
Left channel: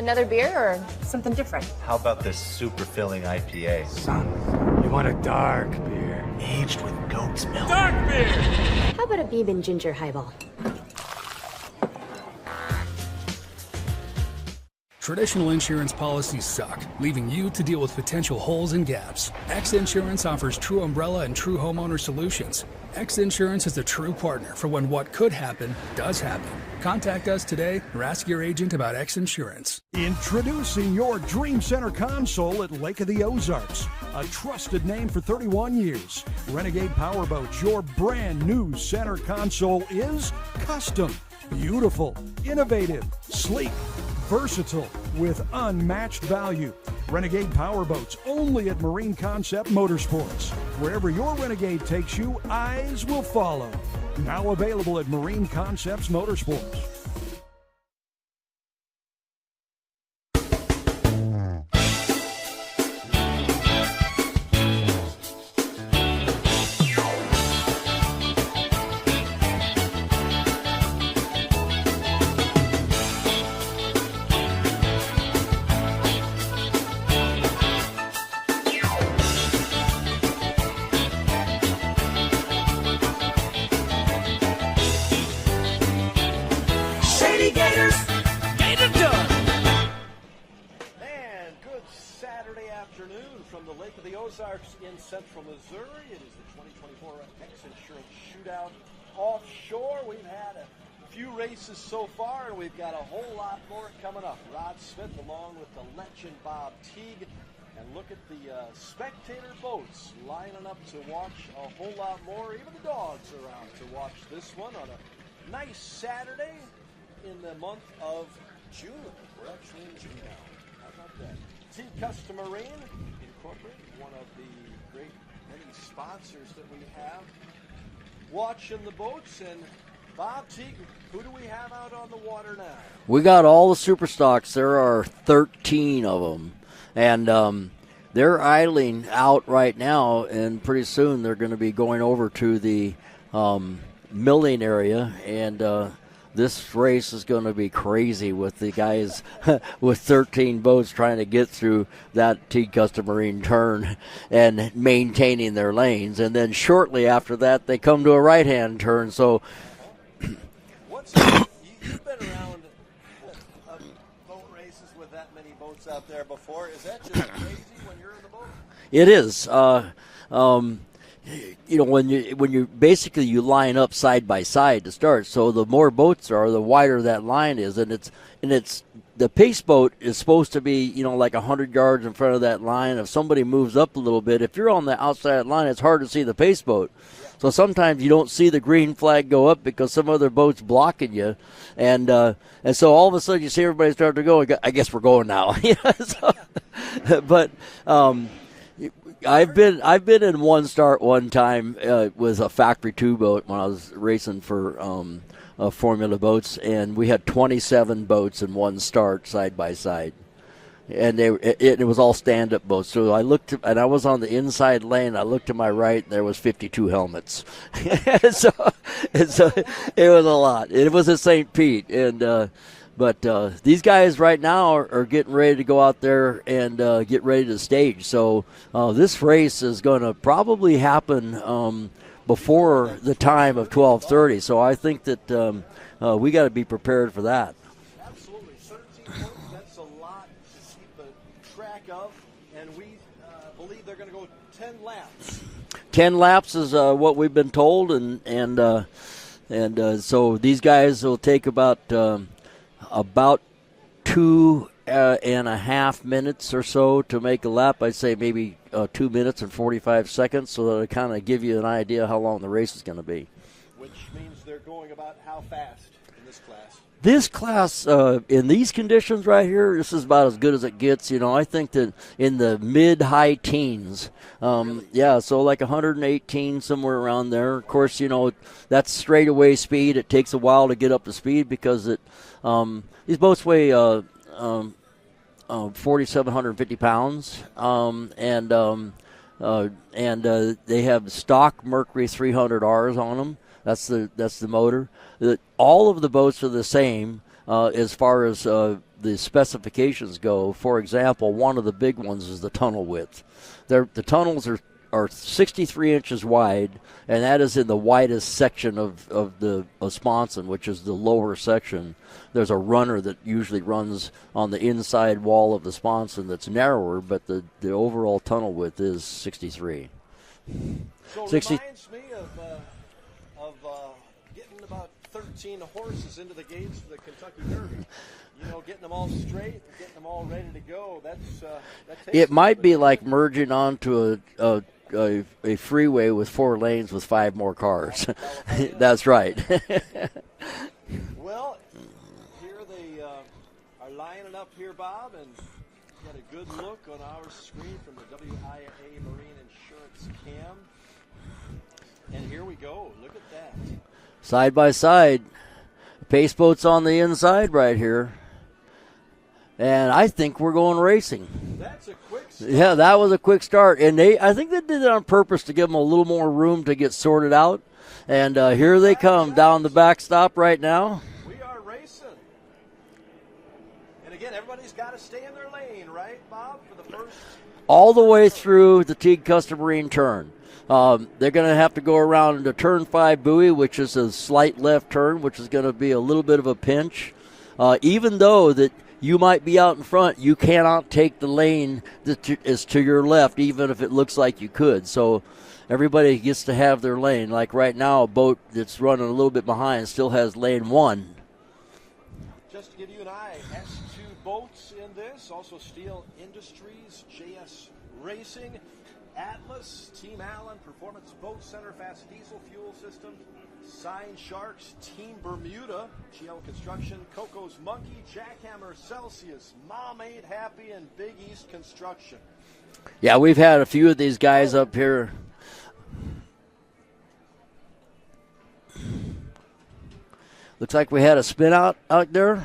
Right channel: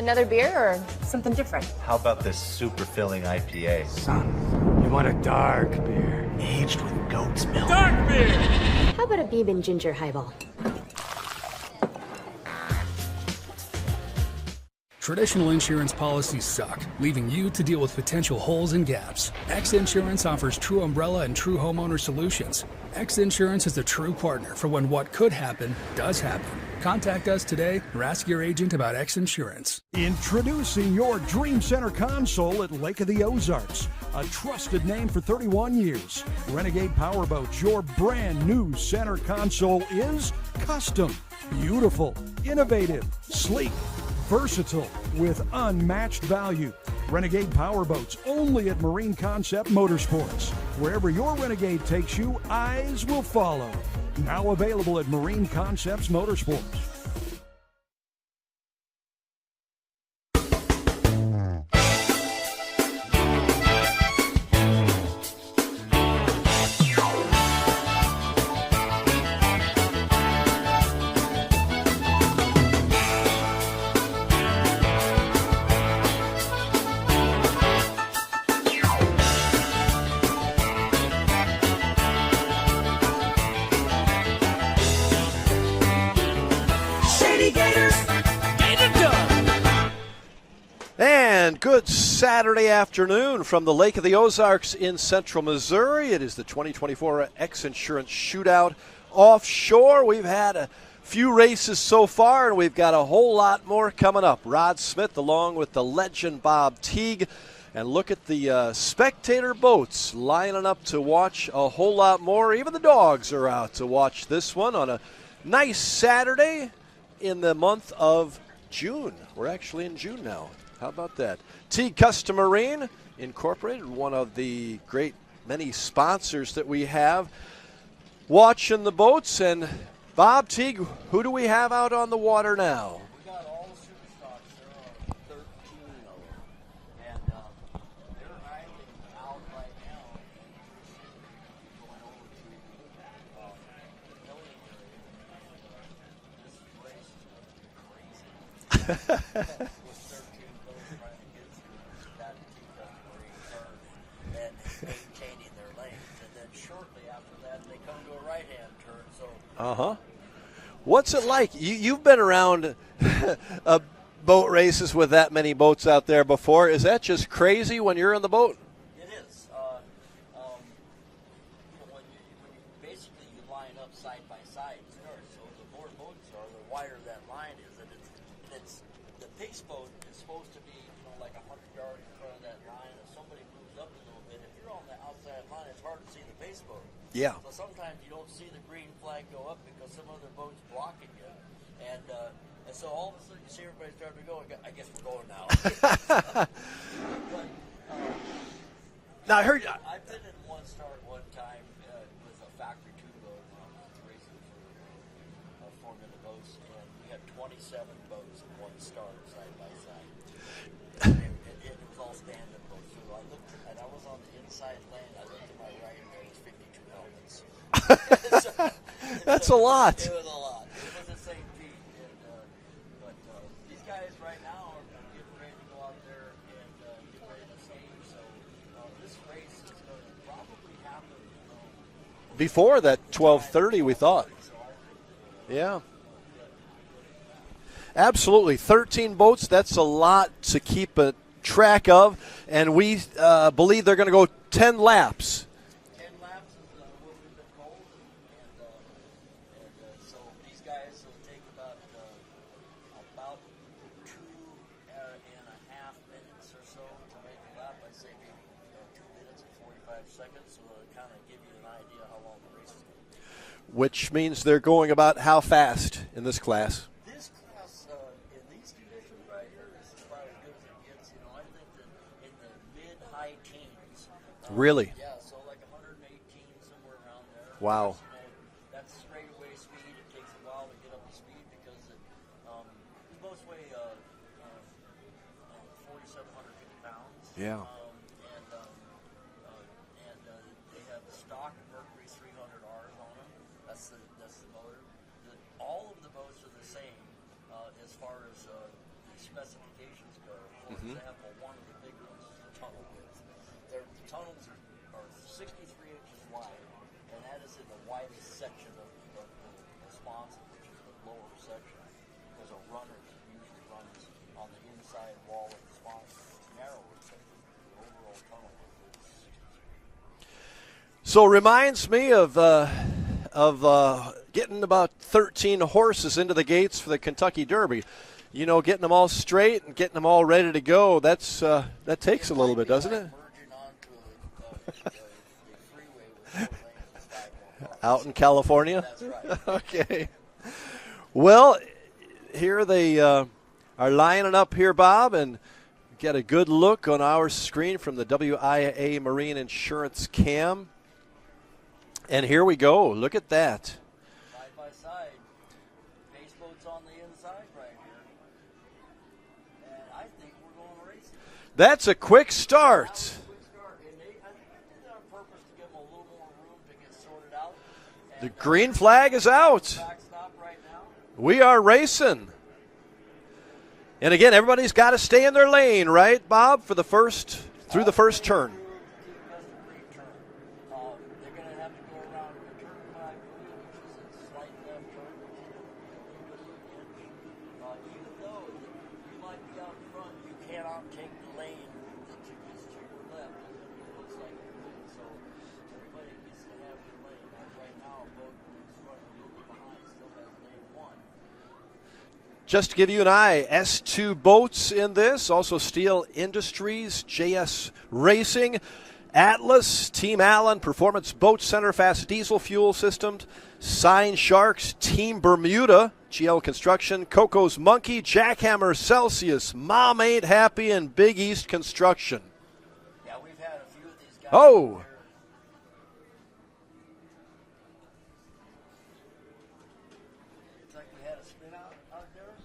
Another beer or something different? How about this super filling IPA? Son, you want a dark beer. Aged with goat's milk. Dark beer! How about a bourbon ginger highball? Traditional insurance policies suck, leaving you to deal with potential holes and gaps. X Insurance offers true umbrella and true homeowner solutions. X Insurance is the true partner for when what could happen does happen. Contact us today or ask your agent about X Insurance. Introducing your Dream Center console at Lake of the Ozarks. A trusted name for 31 years. Renegade Powerboats, your brand new center console is custom, beautiful, innovative, sleek, versatile, with unmatched value. Renegade Powerboats, only at Marine Concept Motorsports. Wherever your Renegade takes you, eyes will follow. Now available at Marine Concepts Motorsports. And good Saturday afternoon from the Lake of the Ozarks in Central Missouri. It is the 2024 X Insurance Shootout Offshore. We've had a few races so far, and we've got a whole lot more coming up. Rod Smith along with the legend Bob Teague And look at the spectator boats lining up to watch a whole lot more. Even the dogs are out to watch this one on a nice Saturday in the month of June. We're actually in June now. How about that? Teague Custom Marine Incorporated, one of the great many sponsors that we have watching the boats. And Bob, Teague, who do we have out on the water now? We got all the Superstocks. There are 13 of them. And they're idling out right now, and pretty soon they're going to be going over to the milling area. And this race is going to be crazy with the guys with 13 boats trying to get through that Teague Custom Marine turn and maintaining their lanes. And then shortly after that, they come to a right-hand turn. So, what's it like? You've been around boat races with that many boats out there before. Is that just crazy when you're in the boat? It is. When you basically you line up side by side to start. So the more boats are, the wider that line is, and it's the pace boat is supposed to be like 100 yards in front of that line. If somebody moves up a little bit, if you're on the outside line, it's hard to see the pace boat. Yeah. So sometimes you don't see the green flag go up because some other boat's blocking you, and so all of a sudden you see everybody start to go. I guess we're going now. But I've been in one start one time with a Factory 2 boat when I was racing for Formula Boats, and we had 27 boats in one start side by side. And it was all stand-up boats. So I looked, and I was on the inside lane. I looked to my right, and there was 52 helmets. That's a lot. It was a lot. It was at St. Pete, but these guys right now are getting ready to go out there and get ready to stage. So this race is going to probably happen before the time of 12:30. So I think that we got to be prepared for that. Absolutely. 13 boats, that's a lot to keep a track of, and we believe they're going to go 10 laps. 10 laps is what we've been told, and so these guys will take about 2.5 minutes or so to make a lap. I'd say maybe 2 minutes and 45 seconds, so that'll kind of give you an idea how long the race is going to be. Which means they're going about how fast in this class? This class, in these conditions right here, this is about as good as it gets. I think that in the mid-high teens. Really? Yeah, so like 118, somewhere around there. Wow. Of course, that's straightaway speed. It takes a while to get up to speed because these boats weigh 4,750 pounds. Yeah. And they have stock Mercury 300Rs on them. That's the motor. All of the boats are the same as far as the specifications go. For example, one of the big ones is the tunnel width. The tunnels are 63 inches wide, and that is in the widest section of the sponson, which is the lower section. There's a runner that usually runs on the inside wall of the sponson that's narrower, but the overall tunnel width is 63. So it reminds me of getting about 13 horses into the gates for the Kentucky Derby. Getting them all straight and getting them all ready to go. That takes a little bit. It might be like it? merging onto a freeway with 4 lanes with 5 more cars. Out in California? That's right. Okay. Well, here they are lining up here, Bob, and get a good look on our screen from the WIA Marine Insurance cam. And here we go. Look at that. Side by side. Pace boat's on the inside right here. And I think we're going racing. That's a quick start. Yeah, that was a quick start. And I think they did it on purpose to give them a little more room to get sorted out. And here they come down the backstop right now. We are racing. And again, everybody's got to stay in their lane, right, Bob, for the first all the way turn. Through the Teague Custom Marine turn. They're going to have to go around into turn 5 buoy, which is a slight left turn, which is going to be a little bit of a pinch. Even though that you might be out in front, you cannot take the lane that is to your left, even if it looks like you could. So everybody gets to have their lane. Like right now, a boat that's running a little bit behind still has lane 1. Just to give you an eye, S2 boats in this, also Steel Industries, JS Racing, Atlas, Team Allen, Performance Boat Center, Fast Diesel Fuel Systems, Sign Sharks, Team Bermuda, GL Construction, Coco's Monkey, Jackhammer, Celsius, Mom Ain't Happy, and Big East Construction. Yeah, we've had a few of these guys up here. Looks like we had a spin out there.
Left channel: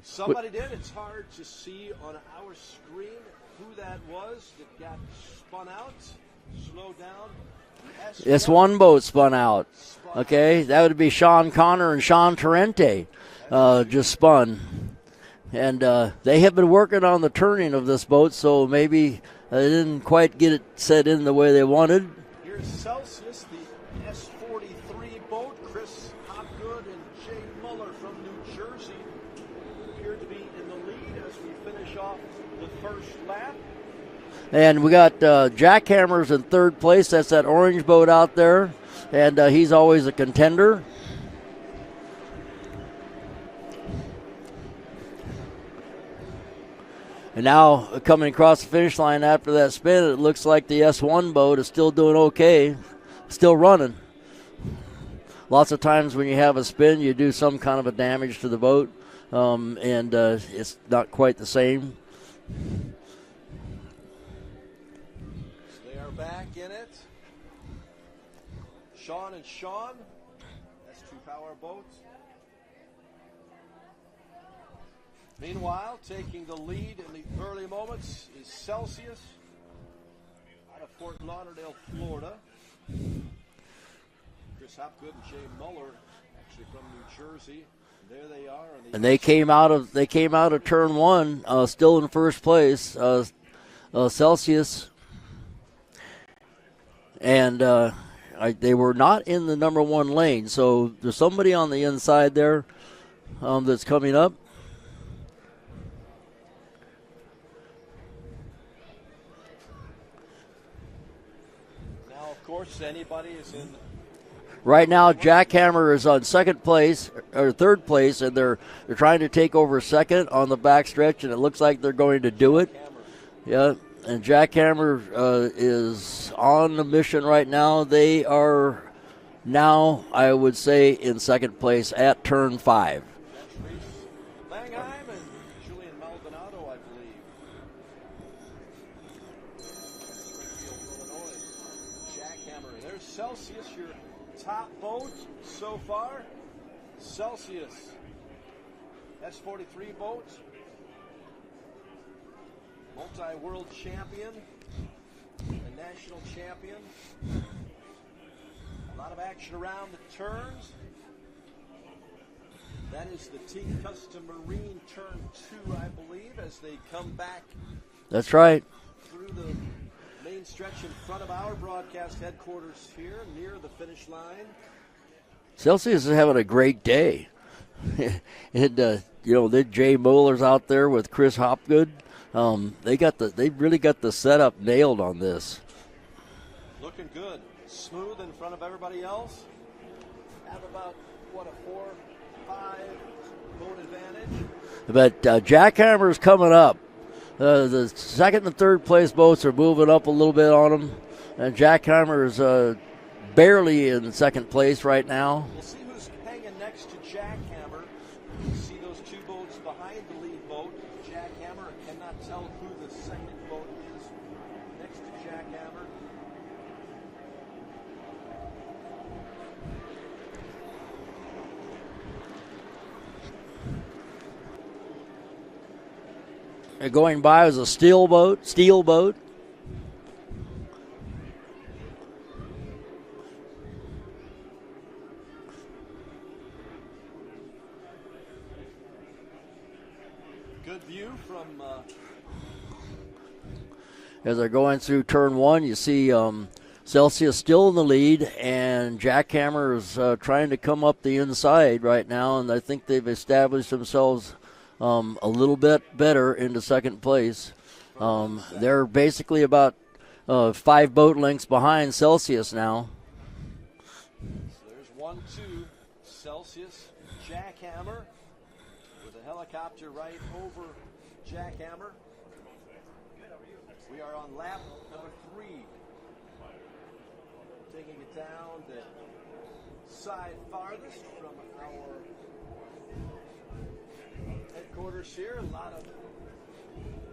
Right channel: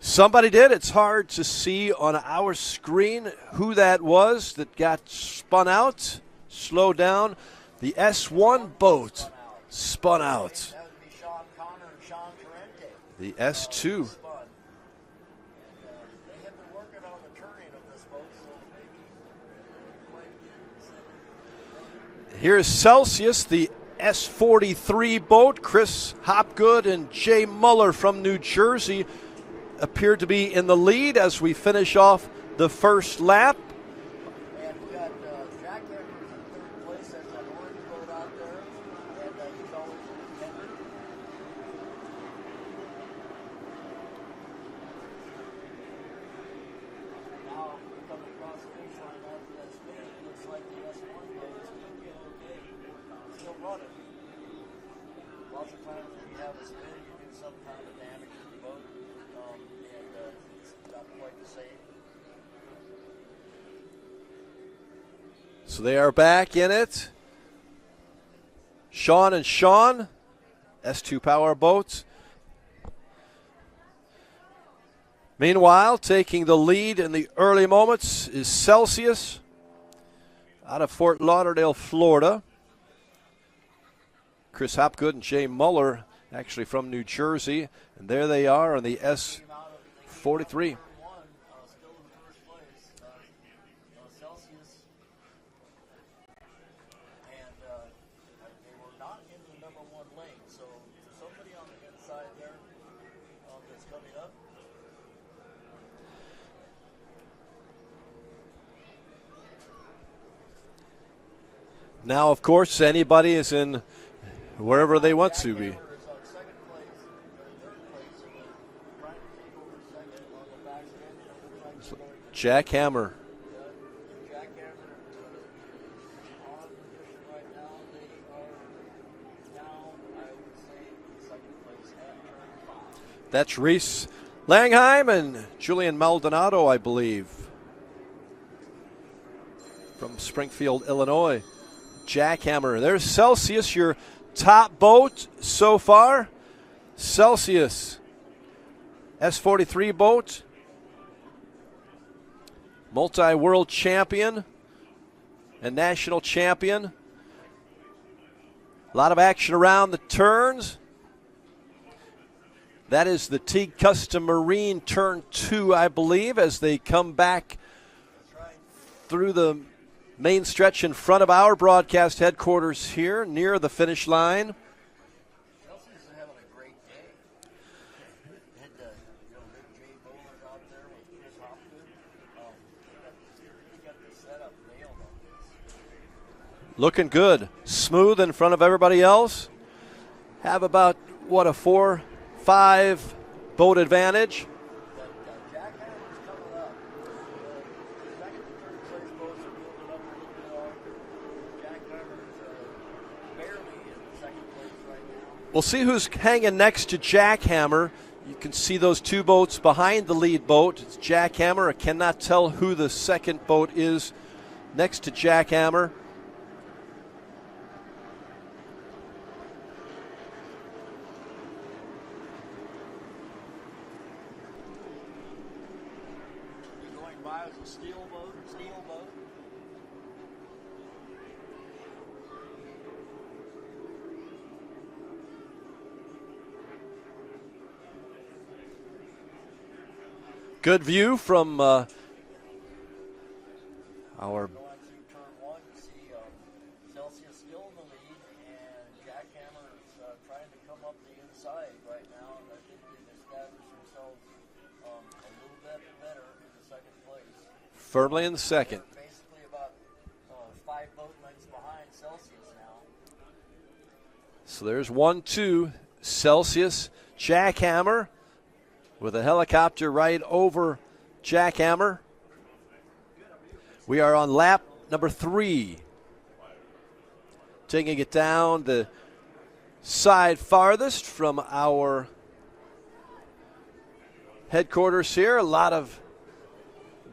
Somebody did. It's hard to see on our screen who that was that got spun out. Slow down. The S1 boat spun out. Spun out. Okay, that would be Sean Connor and Sean Torrente. The S2. Just spun. And they have been working on the turning of this boat, so maybe they didn't quite get it set in the way they wanted. Here's Celsius, the S43 boat. Chris Hopgood and Jay Muller from New Jersey appeared to be in the lead as we finish off the first lap. And we got Jackhammers in third place. That's that orange boat out there. And he's always a contender. And now coming across the finish line after that spin, it looks like the S1 boat is still doing okay. Still running. Lots of times when you have a spin, you do some kind of a damage to the boat, and it's not quite the same. So they are back in it. Sean and Sean, S2 Power Boats. Meanwhile, taking the lead in the early moments is Celsius out of Fort Lauderdale, Florida. Chris Hopgood and Jay Muller, actually from New Jersey, and there they are. On the and they came out of turn one, still in first place. Celsius, and they were not in the number one lane. So there's somebody on the inside there that's coming up. Now, of course, anybody is in. Right now, Jackhammer is on second place or third place, and they're trying to take over second on the backstretch, and it looks like they're going to do it. Jackhammer. Yeah, and Jackhammer is on the mission right now. They are now, I would say, in second place at turn 5. That's Reese Langheim and Julian Maldonado, I believe, from Springfield, Illinois. Jackhammer. There's Celsius, your top boat so far. Celsius, S43 boat, multi-world champion and national champion. A lot of action around the turns. That is the Teague Custom Marine turn 2, I believe, as they come back. That's right. Through the main stretch in front of our broadcast headquarters here near the finish line. Celsius is having a great day. Jay Muller's out there with Chris Hopgood. They really got the setup nailed on this. Looking good. Smooth in front of everybody else. Have about, a 4-5 boat advantage. But Jackhammer's coming up. The second and third place boats are moving up a little bit on them. And Jackhammer is barely in second place right now. We'll see who's hanging next to Jackhammer. You can see those two boats behind the lead boat. It's Jackhammer. I cannot tell who the second boat is next to Jackhammer. Going by was a steel boat. Good view from. As they're going through turn 1, you see Celsius still in the lead, and Jackhammer is trying to come up the inside right now, and I think they've established themselves a little bit better into second place. Firmly in second. They're basically about 5 boat lengths behind Celsius now. So there's 1-2. Celsius Jackhammer with a helicopter right over Jackhammer. We are on lap number 3. Taking it down the side farthest from our headquarters here. A lot of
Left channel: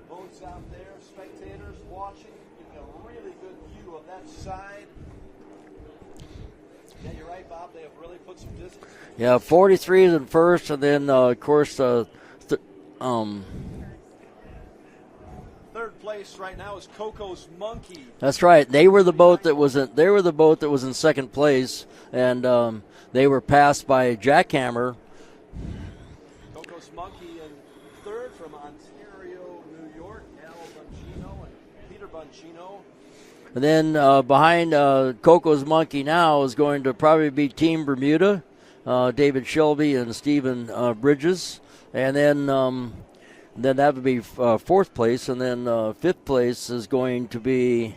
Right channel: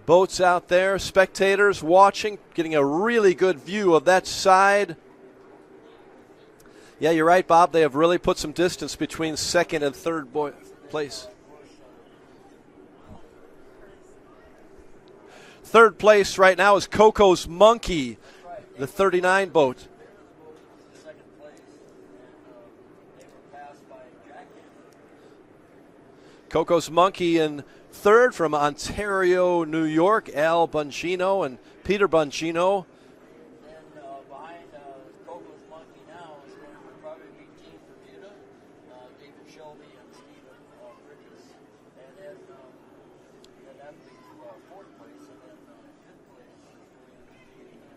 boats out there, spectators watching, getting a really good view of that side. Yeah, you're right, Bob. They have really put some distance between second 43 and in first, and then of course third place right now is Coco's Monkey. That's right. They were the boat that boat. they were the boat that was in second place, and they were passed by Jackhammer. Coco's Monkey in third from Ontario, New York, Al Bongino and Peter Bongino. And then behind Coco's Monkey now is going to probably be Team Bermuda, David Shelby and Stephen Bridges. And then that would be fourth place. And then fifth place is going to be,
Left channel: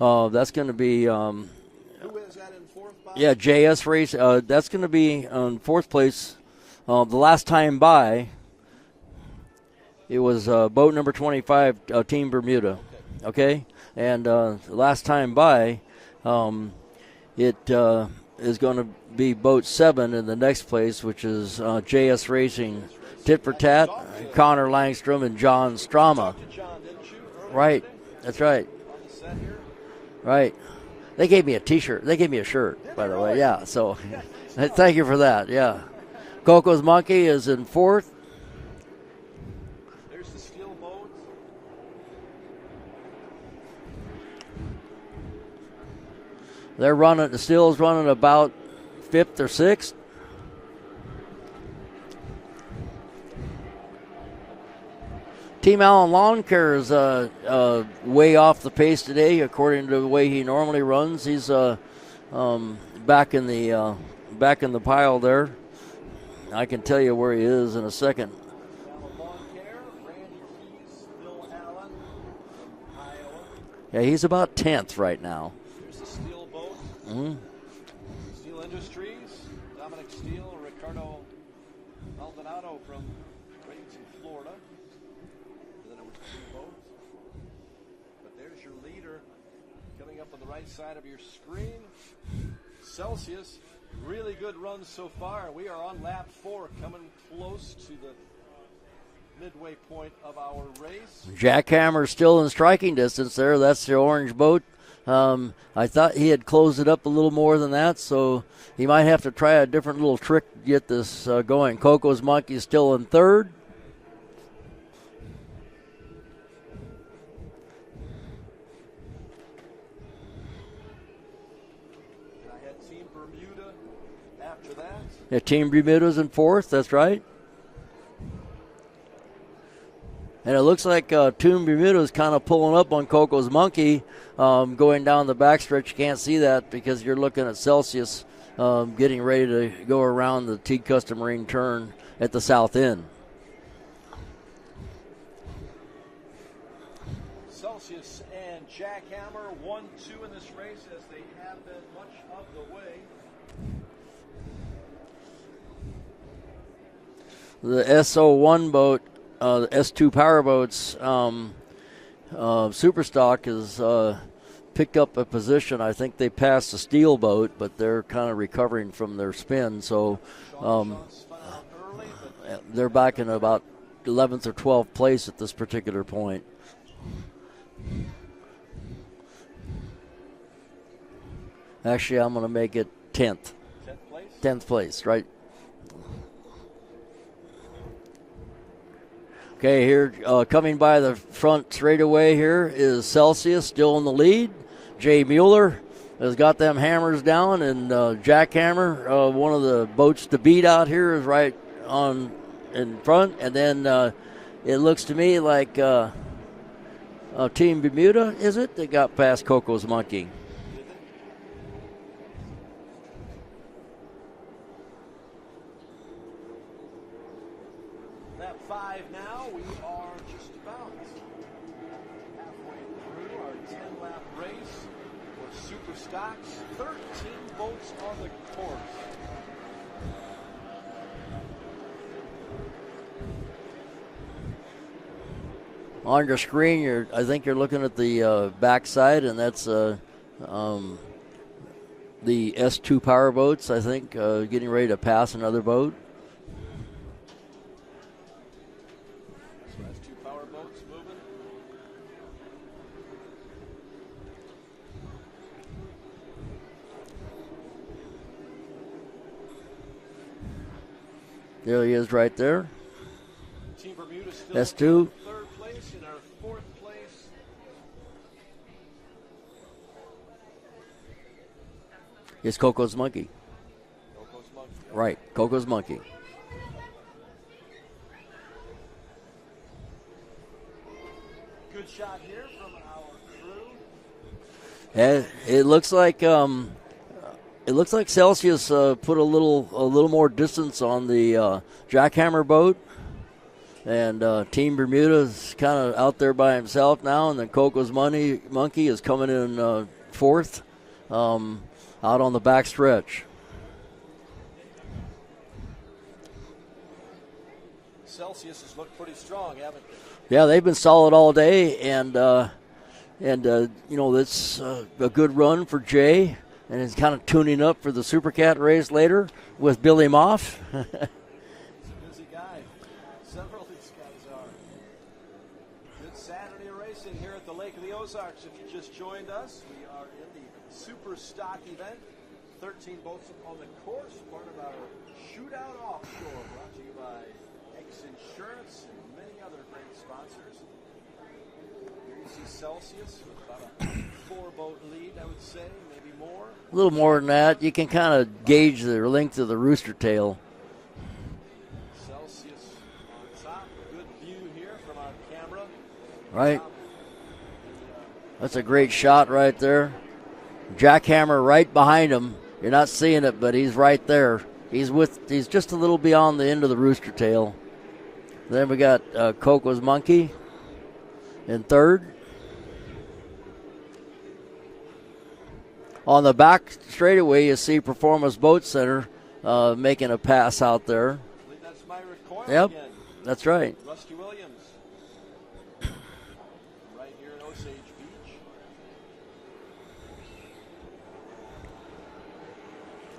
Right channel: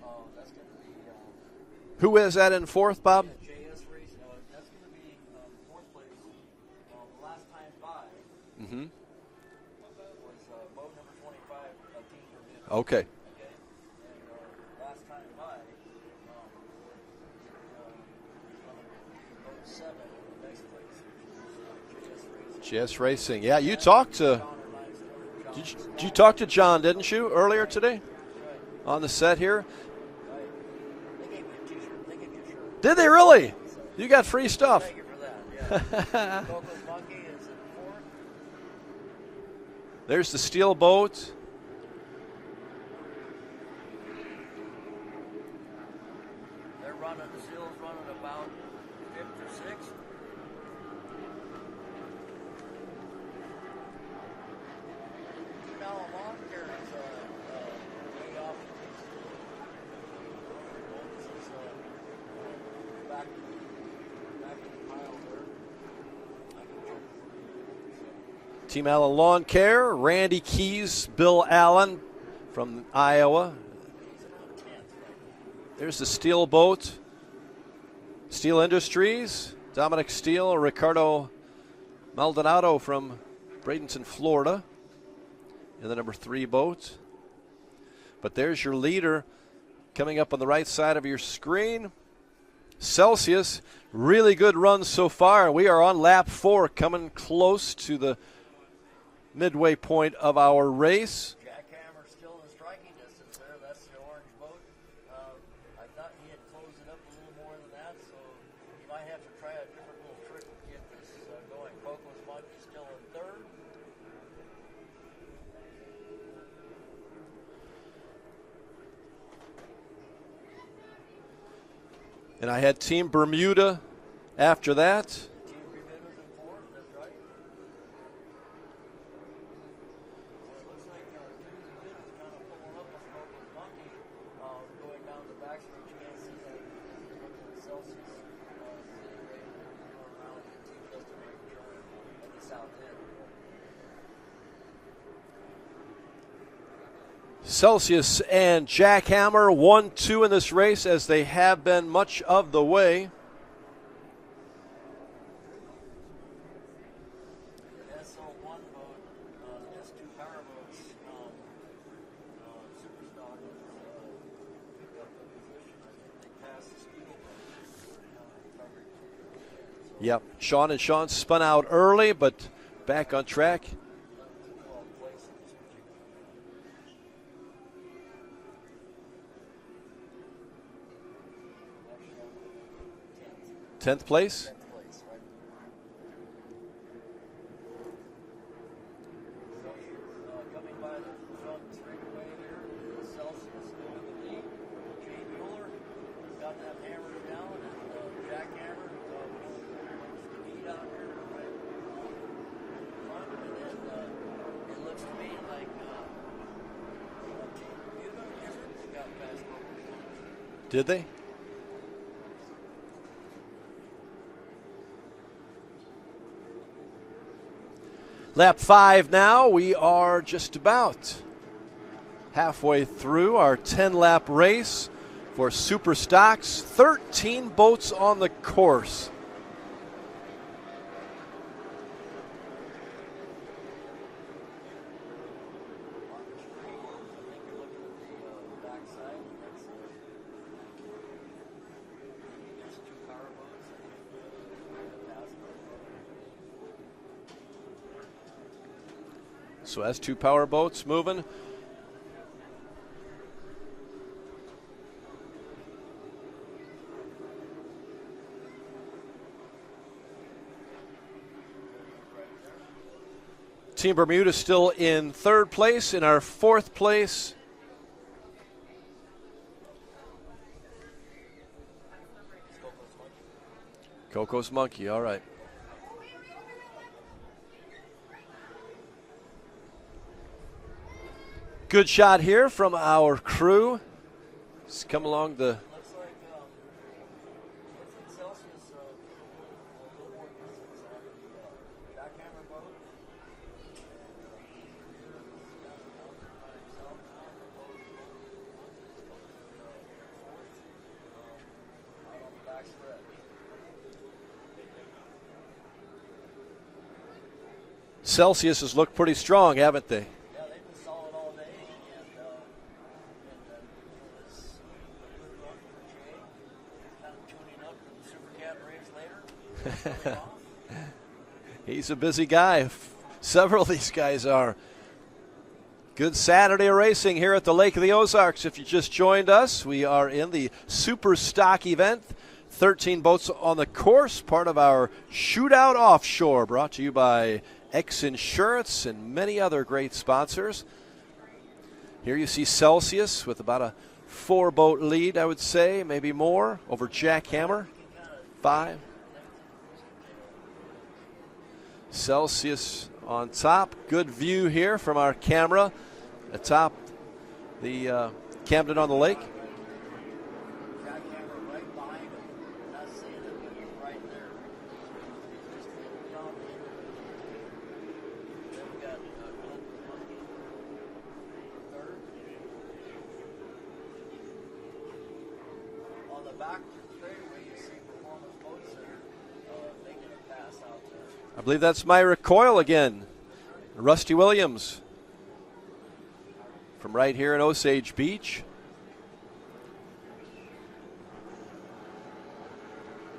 that's going to be. Who is that in fourth, Bob? Yeah, JS Race. That's going to be on fourth place. The last time by, it was boat number 25, Team Bermuda. Okay. And last time by, it is going to be boat 7 in the next place, which is JS Racing. JS Racing. Tit for Yeah, you tat, talked to Connor Langstrom and John Strama. You talked to John, didn't you, earlier today? That's right. On the set here? Right. They gave me a T-shirt. They gave me a shirt. Did they really? Yeah. So you got free stuff. Thank you for that. Yeah. Coco's Monkey is in fourth. There's the steel boat. They're running. The steel's running about fifth or sixth. Team Allen Lawn Care is way off the pace today, according to the way he normally runs. He's back in the pile there. I can tell you where he is in a second. Team Allen Lawn Care, Randy Keys, Bill Allen from Iowa. Yeah, he's about 10th right now. There's the steel boat. Steel Industries, Dominic Steele, Ricardo Maldonado from Bradenton, Florida. In the number 3 boat. But there's your leader coming up on the right side of your screen. Celsius, really good run so far. We are on lap 4, coming close to the midway point of our race. Jackhammer still in striking distance there. That's the orange boat. I thought he had closed it up a little more than that, so he might have to try a different little trick to get this going. Coco's Monkey is still in third. And I had Team Bermuda after that. Yeah, Team Bermuda's in fourth, that's right. And it looks like Team Bermuda's kind of pulling up on Coco's Monkey, going down the backstretch. You can't see that because you're looking at Celsius getting ready to go around the T Custom Marine turn at the south end. Celsius and Jackhammer 1-2 in this race, as they have been much of the way. The SO1 boat, the S2 power boats, Superstock has picked up a position. I think they passed the steel boat, but they're kind of recovering from their spin. So yep. Sean spun out early, but they're back in on about track. 11th or 12th place at this particular point. Actually, I'm going to make it 10th. 10th place? 10th place, right. Okay, here coming by the front straightaway here is Celsius, still in the lead. Jay Mueller has got them hammers down, and Jackhammer, one of the boats to beat out here, is right on in front. And then it looks to me like Team Bermuda, is it? They got past Coco's Monkey. Did they? Lap 5 now. We are just about halfway through our 10-lap race for Superstocks. 13 boats on the course. on your screen, I think you're looking at the backside, and that's the S2 power boats, I think, getting ready to pass another boat. So S2 power boats moving. There he is right there. Team Bermuda still S2. in third place. In our fourth place, is Coco's Monkey. Coco's Monkey, all right. Coco's Monkey. Good shot here from our crew. It looks like Celsius put a little more distance on the jackhammer boat, and Team Bermuda is kind of out there by himself now, and then Coco's Monkey is coming in fourth, out on the back stretch. Celsius has looked pretty strong, haven't they? Yeah, they've been solid all day, and that's a good run for Jay, and he's kind of tuning up for the Supercat race later with Billy Moff. He's a busy guy. Several of these guys are. Good Saturday of racing here at the Lake of the Ozarks. If you just joined us, we are in the Superstock event. 13 boats on the course, part of our Shootout Offshore, brought to you by X Insurance and many other great sponsors. Here you see Celsius with about a 4-boat lead, I would say, maybe more. A little more than that. You can kind of gauge the length of the rooster tail. Celsius on top. Good view here from our camera. Atop the that's a great shot right there. Jackhammer right behind him. You're not seeing it, but he's right there. He's just a little beyond the end of the rooster tail. Then we got Coco's Monkey in third. On the back straightaway, you see Performance Boat Center making a pass out there. I believe that's Myra Coyle again. That's right. Rusty Williams from right here in Osage Beach.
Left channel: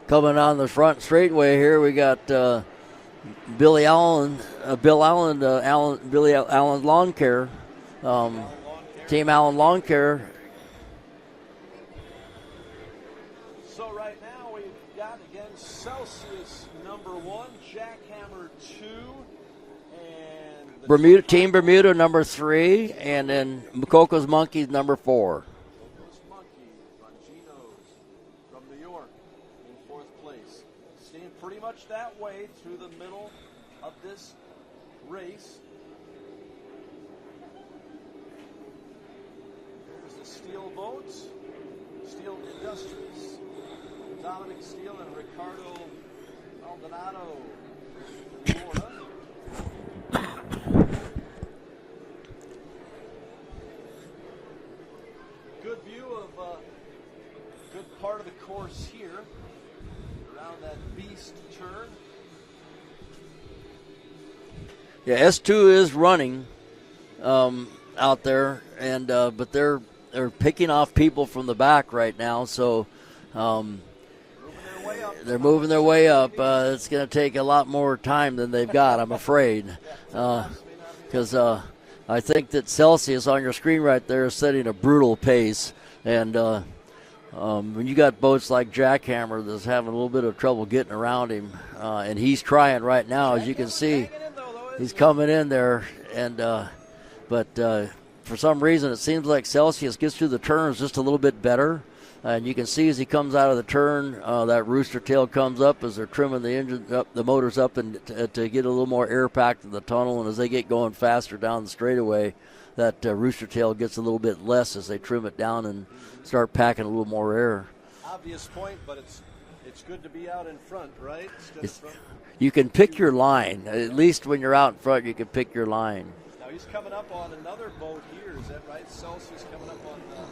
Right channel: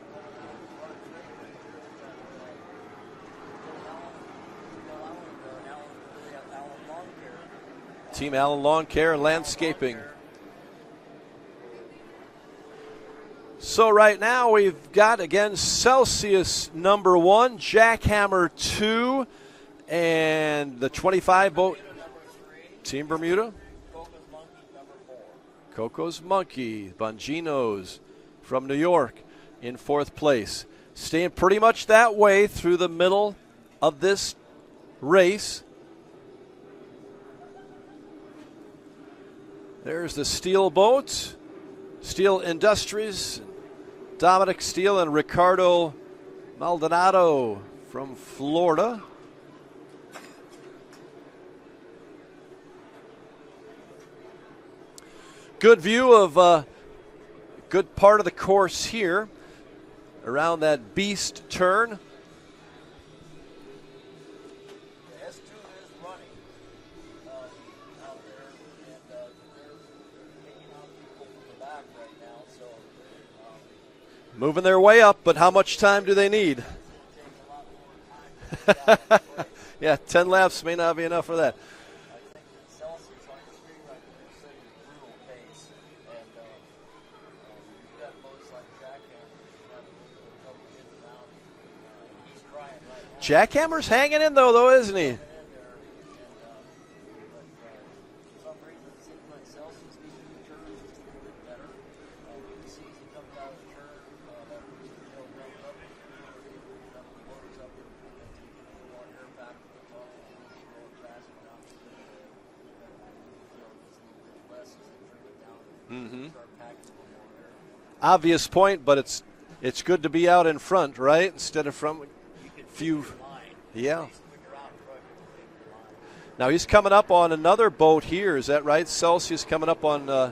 Coming on the front straightaway here, we got Billy Allen, Billy Allen Lawn Care. Team Allen Lawn Care. Team Allen Lawn Care. So right now we've got, again, Celsius number 1, Jackhammer 2, and the Team Bermuda number 3, and then Coco's Monkey number 4. Coco's Monkey, Bongino's from New York in 4th place. Staying pretty much that way through the middle of this race. There's the Steel boat, Steel Industries, Dominic Steele and Ricardo Maldonado from Florida. Good view of good part of the course here around that beast turn. Yeah, S2 is running out there, and but they're picking off people from the back right now, so moving their way up. But how much time do they need? It's going to take a lot more time than they've got, I'm afraid. Yeah, 10 laps may not be enough for that. I think that Celsius on your screen right there is setting a brutal pace, and when you got boats like Jackhammer that's having a little bit of trouble getting around him, and he's trying right now. Jackhammer's hanging in though, isn't he? He's coming in there, and but for some reason it seems like Celsius gets through the turns just a little bit better, and you can see as he comes out of the turn, that rooster tail comes up as they're trimming the engine up, the motors up, and to get a little more air packed in the tunnel, and as they get going faster down the straightaway, that rooster tail gets a little bit less as they trim it down and start packing a little more air. Obvious point, but it's good to be out in front, right? Instead of from. You can pick your line. At least when you're out in front, you can pick your line. Now he's coming up on another boat here. Is that right? Celsius coming up on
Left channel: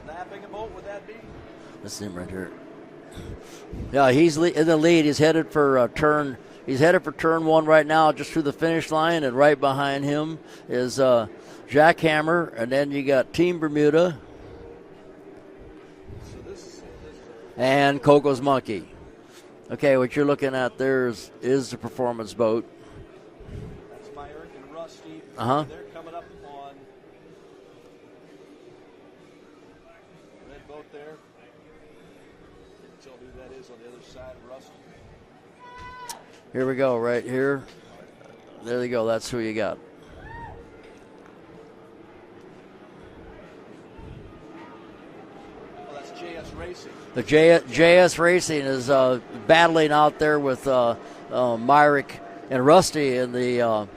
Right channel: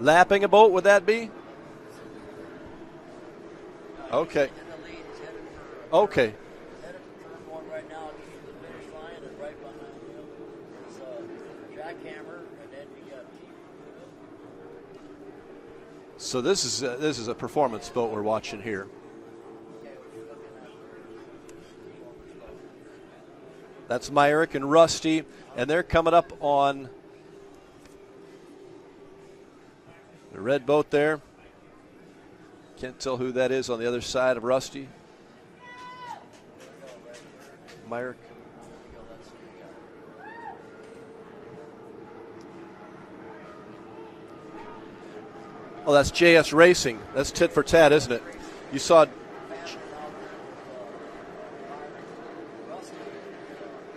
lapping a boat. Would that be? That's him right here. Yeah, he's in the lead. He's headed for He's headed for turn 1 right now, just through the finish line, and right behind him is Jackhammer, and then you got Team Bermuda. So this is a performance and boat Coco's we're watching Monkey. here. Okay, what you're looking at there is the performance boat. That's Myrick and Rusty, and they're coming up on the red boat there. Can't tell who that is on the other side of Rusty. Here we go, right here. Myrick. There you go, that's who you got. Oh, that's JS Racing. That's JS Racing is battling out there with Myrick and Rusty in the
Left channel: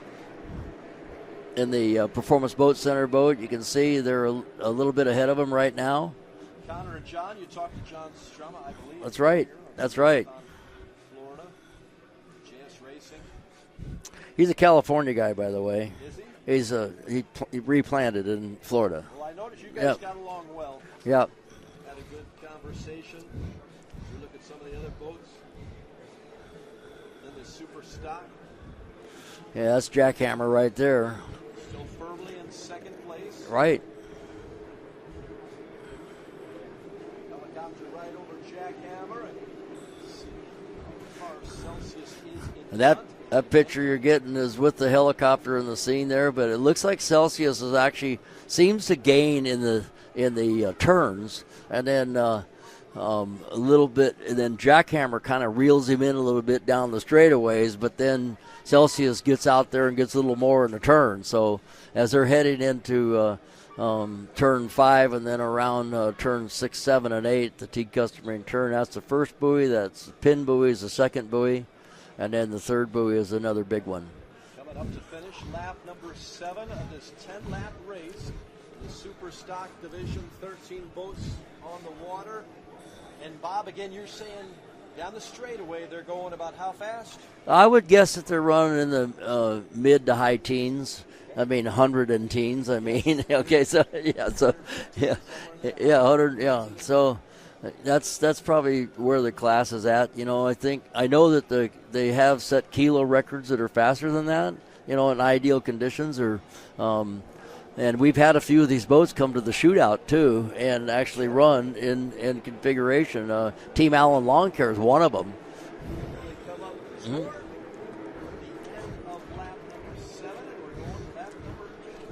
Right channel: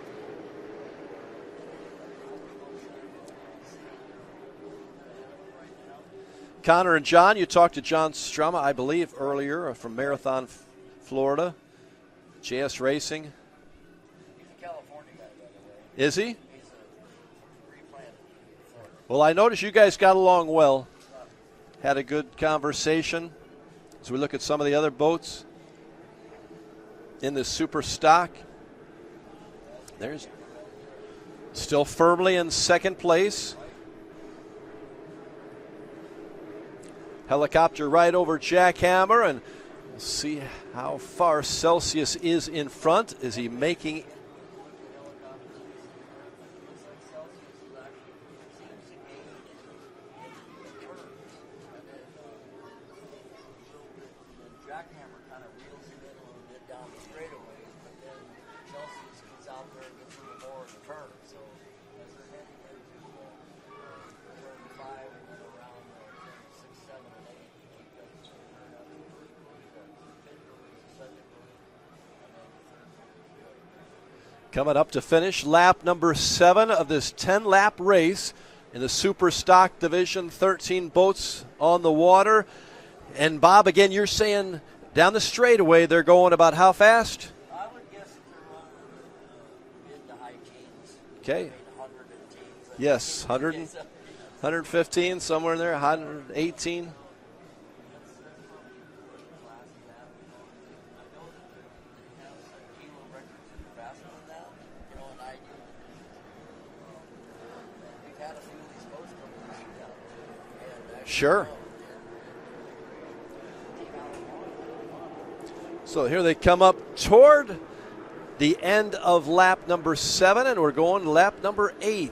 Performance Boat Center boat. You can see they're a little bit ahead of them right now. Connor and John, you talked to John Strama, I believe, That's right. earlier from That's right. Marathon, Florida. JS Racing. He's a California guy, by the way. Is he? He's he replanted in Florida. Well, I noticed you guys got along well. Yep. Had a good conversation as we look at some of the other boats in this Superstock. Yeah, that's Jackhammer right there. Still firmly in second place. Right. Helicopter right over Jackhammer, and see how far Celsius is in front. That picture you're getting is with the helicopter in the scene there, but it looks like Celsius is actually seems to gain in the turns, and then a little bit, and then Jackhammer kind of reels him in a little bit down the straightaways, but then Celsius gets out there and gets a little more in the turn. So as they're heading into turn 5 and then around turn 6, 7, and 8, the T customary turn, that's the first buoy. That's the pin buoy is the second buoy, and then the third buoy is another big one. Coming up to finish lap number 7 of this 10-lap race in the Superstock division. 13 boats on the water. And Bob, again, you're saying down the straightaway they're going about how fast? I would guess that they're running in the mid to high teens. Okay. I mean, 100 and teens. I Yes, mean, 100, okay, so 115 somewhere in there. Yeah, 100. 118. Yeah. So that's probably where the class is at. You know, I know that they have set kilo records that are faster than that. You know, in ideal conditions, or and we've had a few of these boats come to the shootout too, and actually run in configuration. Team Allen Lawn Care is one of them. So here they come up toward the end of lap number 7, and we're going to lap number 8.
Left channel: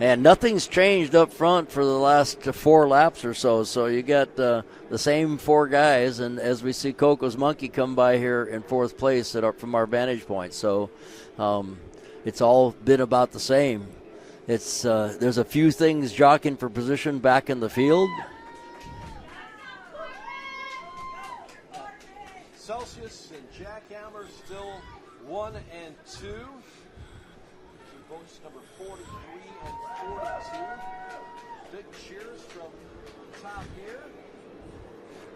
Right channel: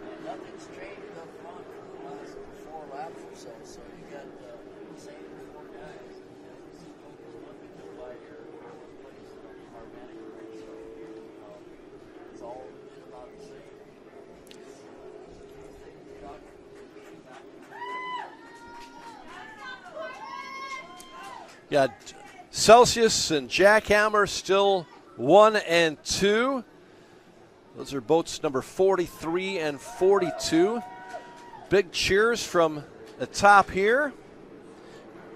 And nothing's changed up front for the last 4 laps or so. So you got the same 4 guys, and as we see Coco's Monkey come by here in 4th place from our vantage point. So it's all been about the same. It's there's a few things jockeying for position back in the field. Yeah, Celsius and Jackhammer still 1 and 2. Those are boats number 43 and 42. Big cheers from the top here.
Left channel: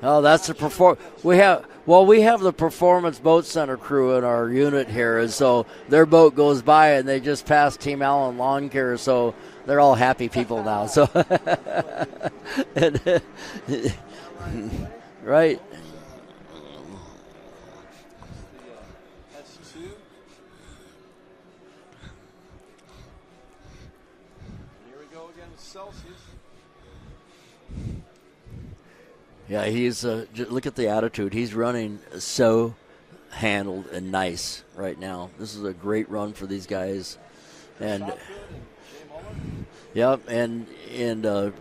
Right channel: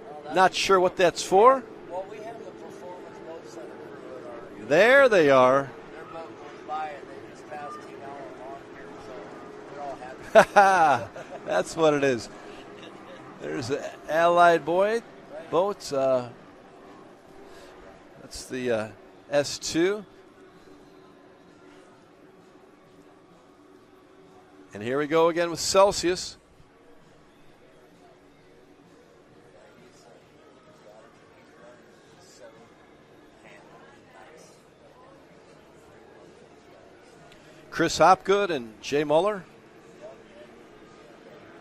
Oh, that's not sure what that's we for. We have the Performance Boat Center crew in our unit there here. They so are. Their boat goes by and they just passed Team Allen Lawn Care, so they're all happy people now. So that's what it is. There's an Allied boy boat. It's the S2. And here we go again with Celsius. Yeah, he's look at the attitude. He's running so handled and nice right now. This is a great run for these guys. Chris Hopgood and Jay Muller. Yep, and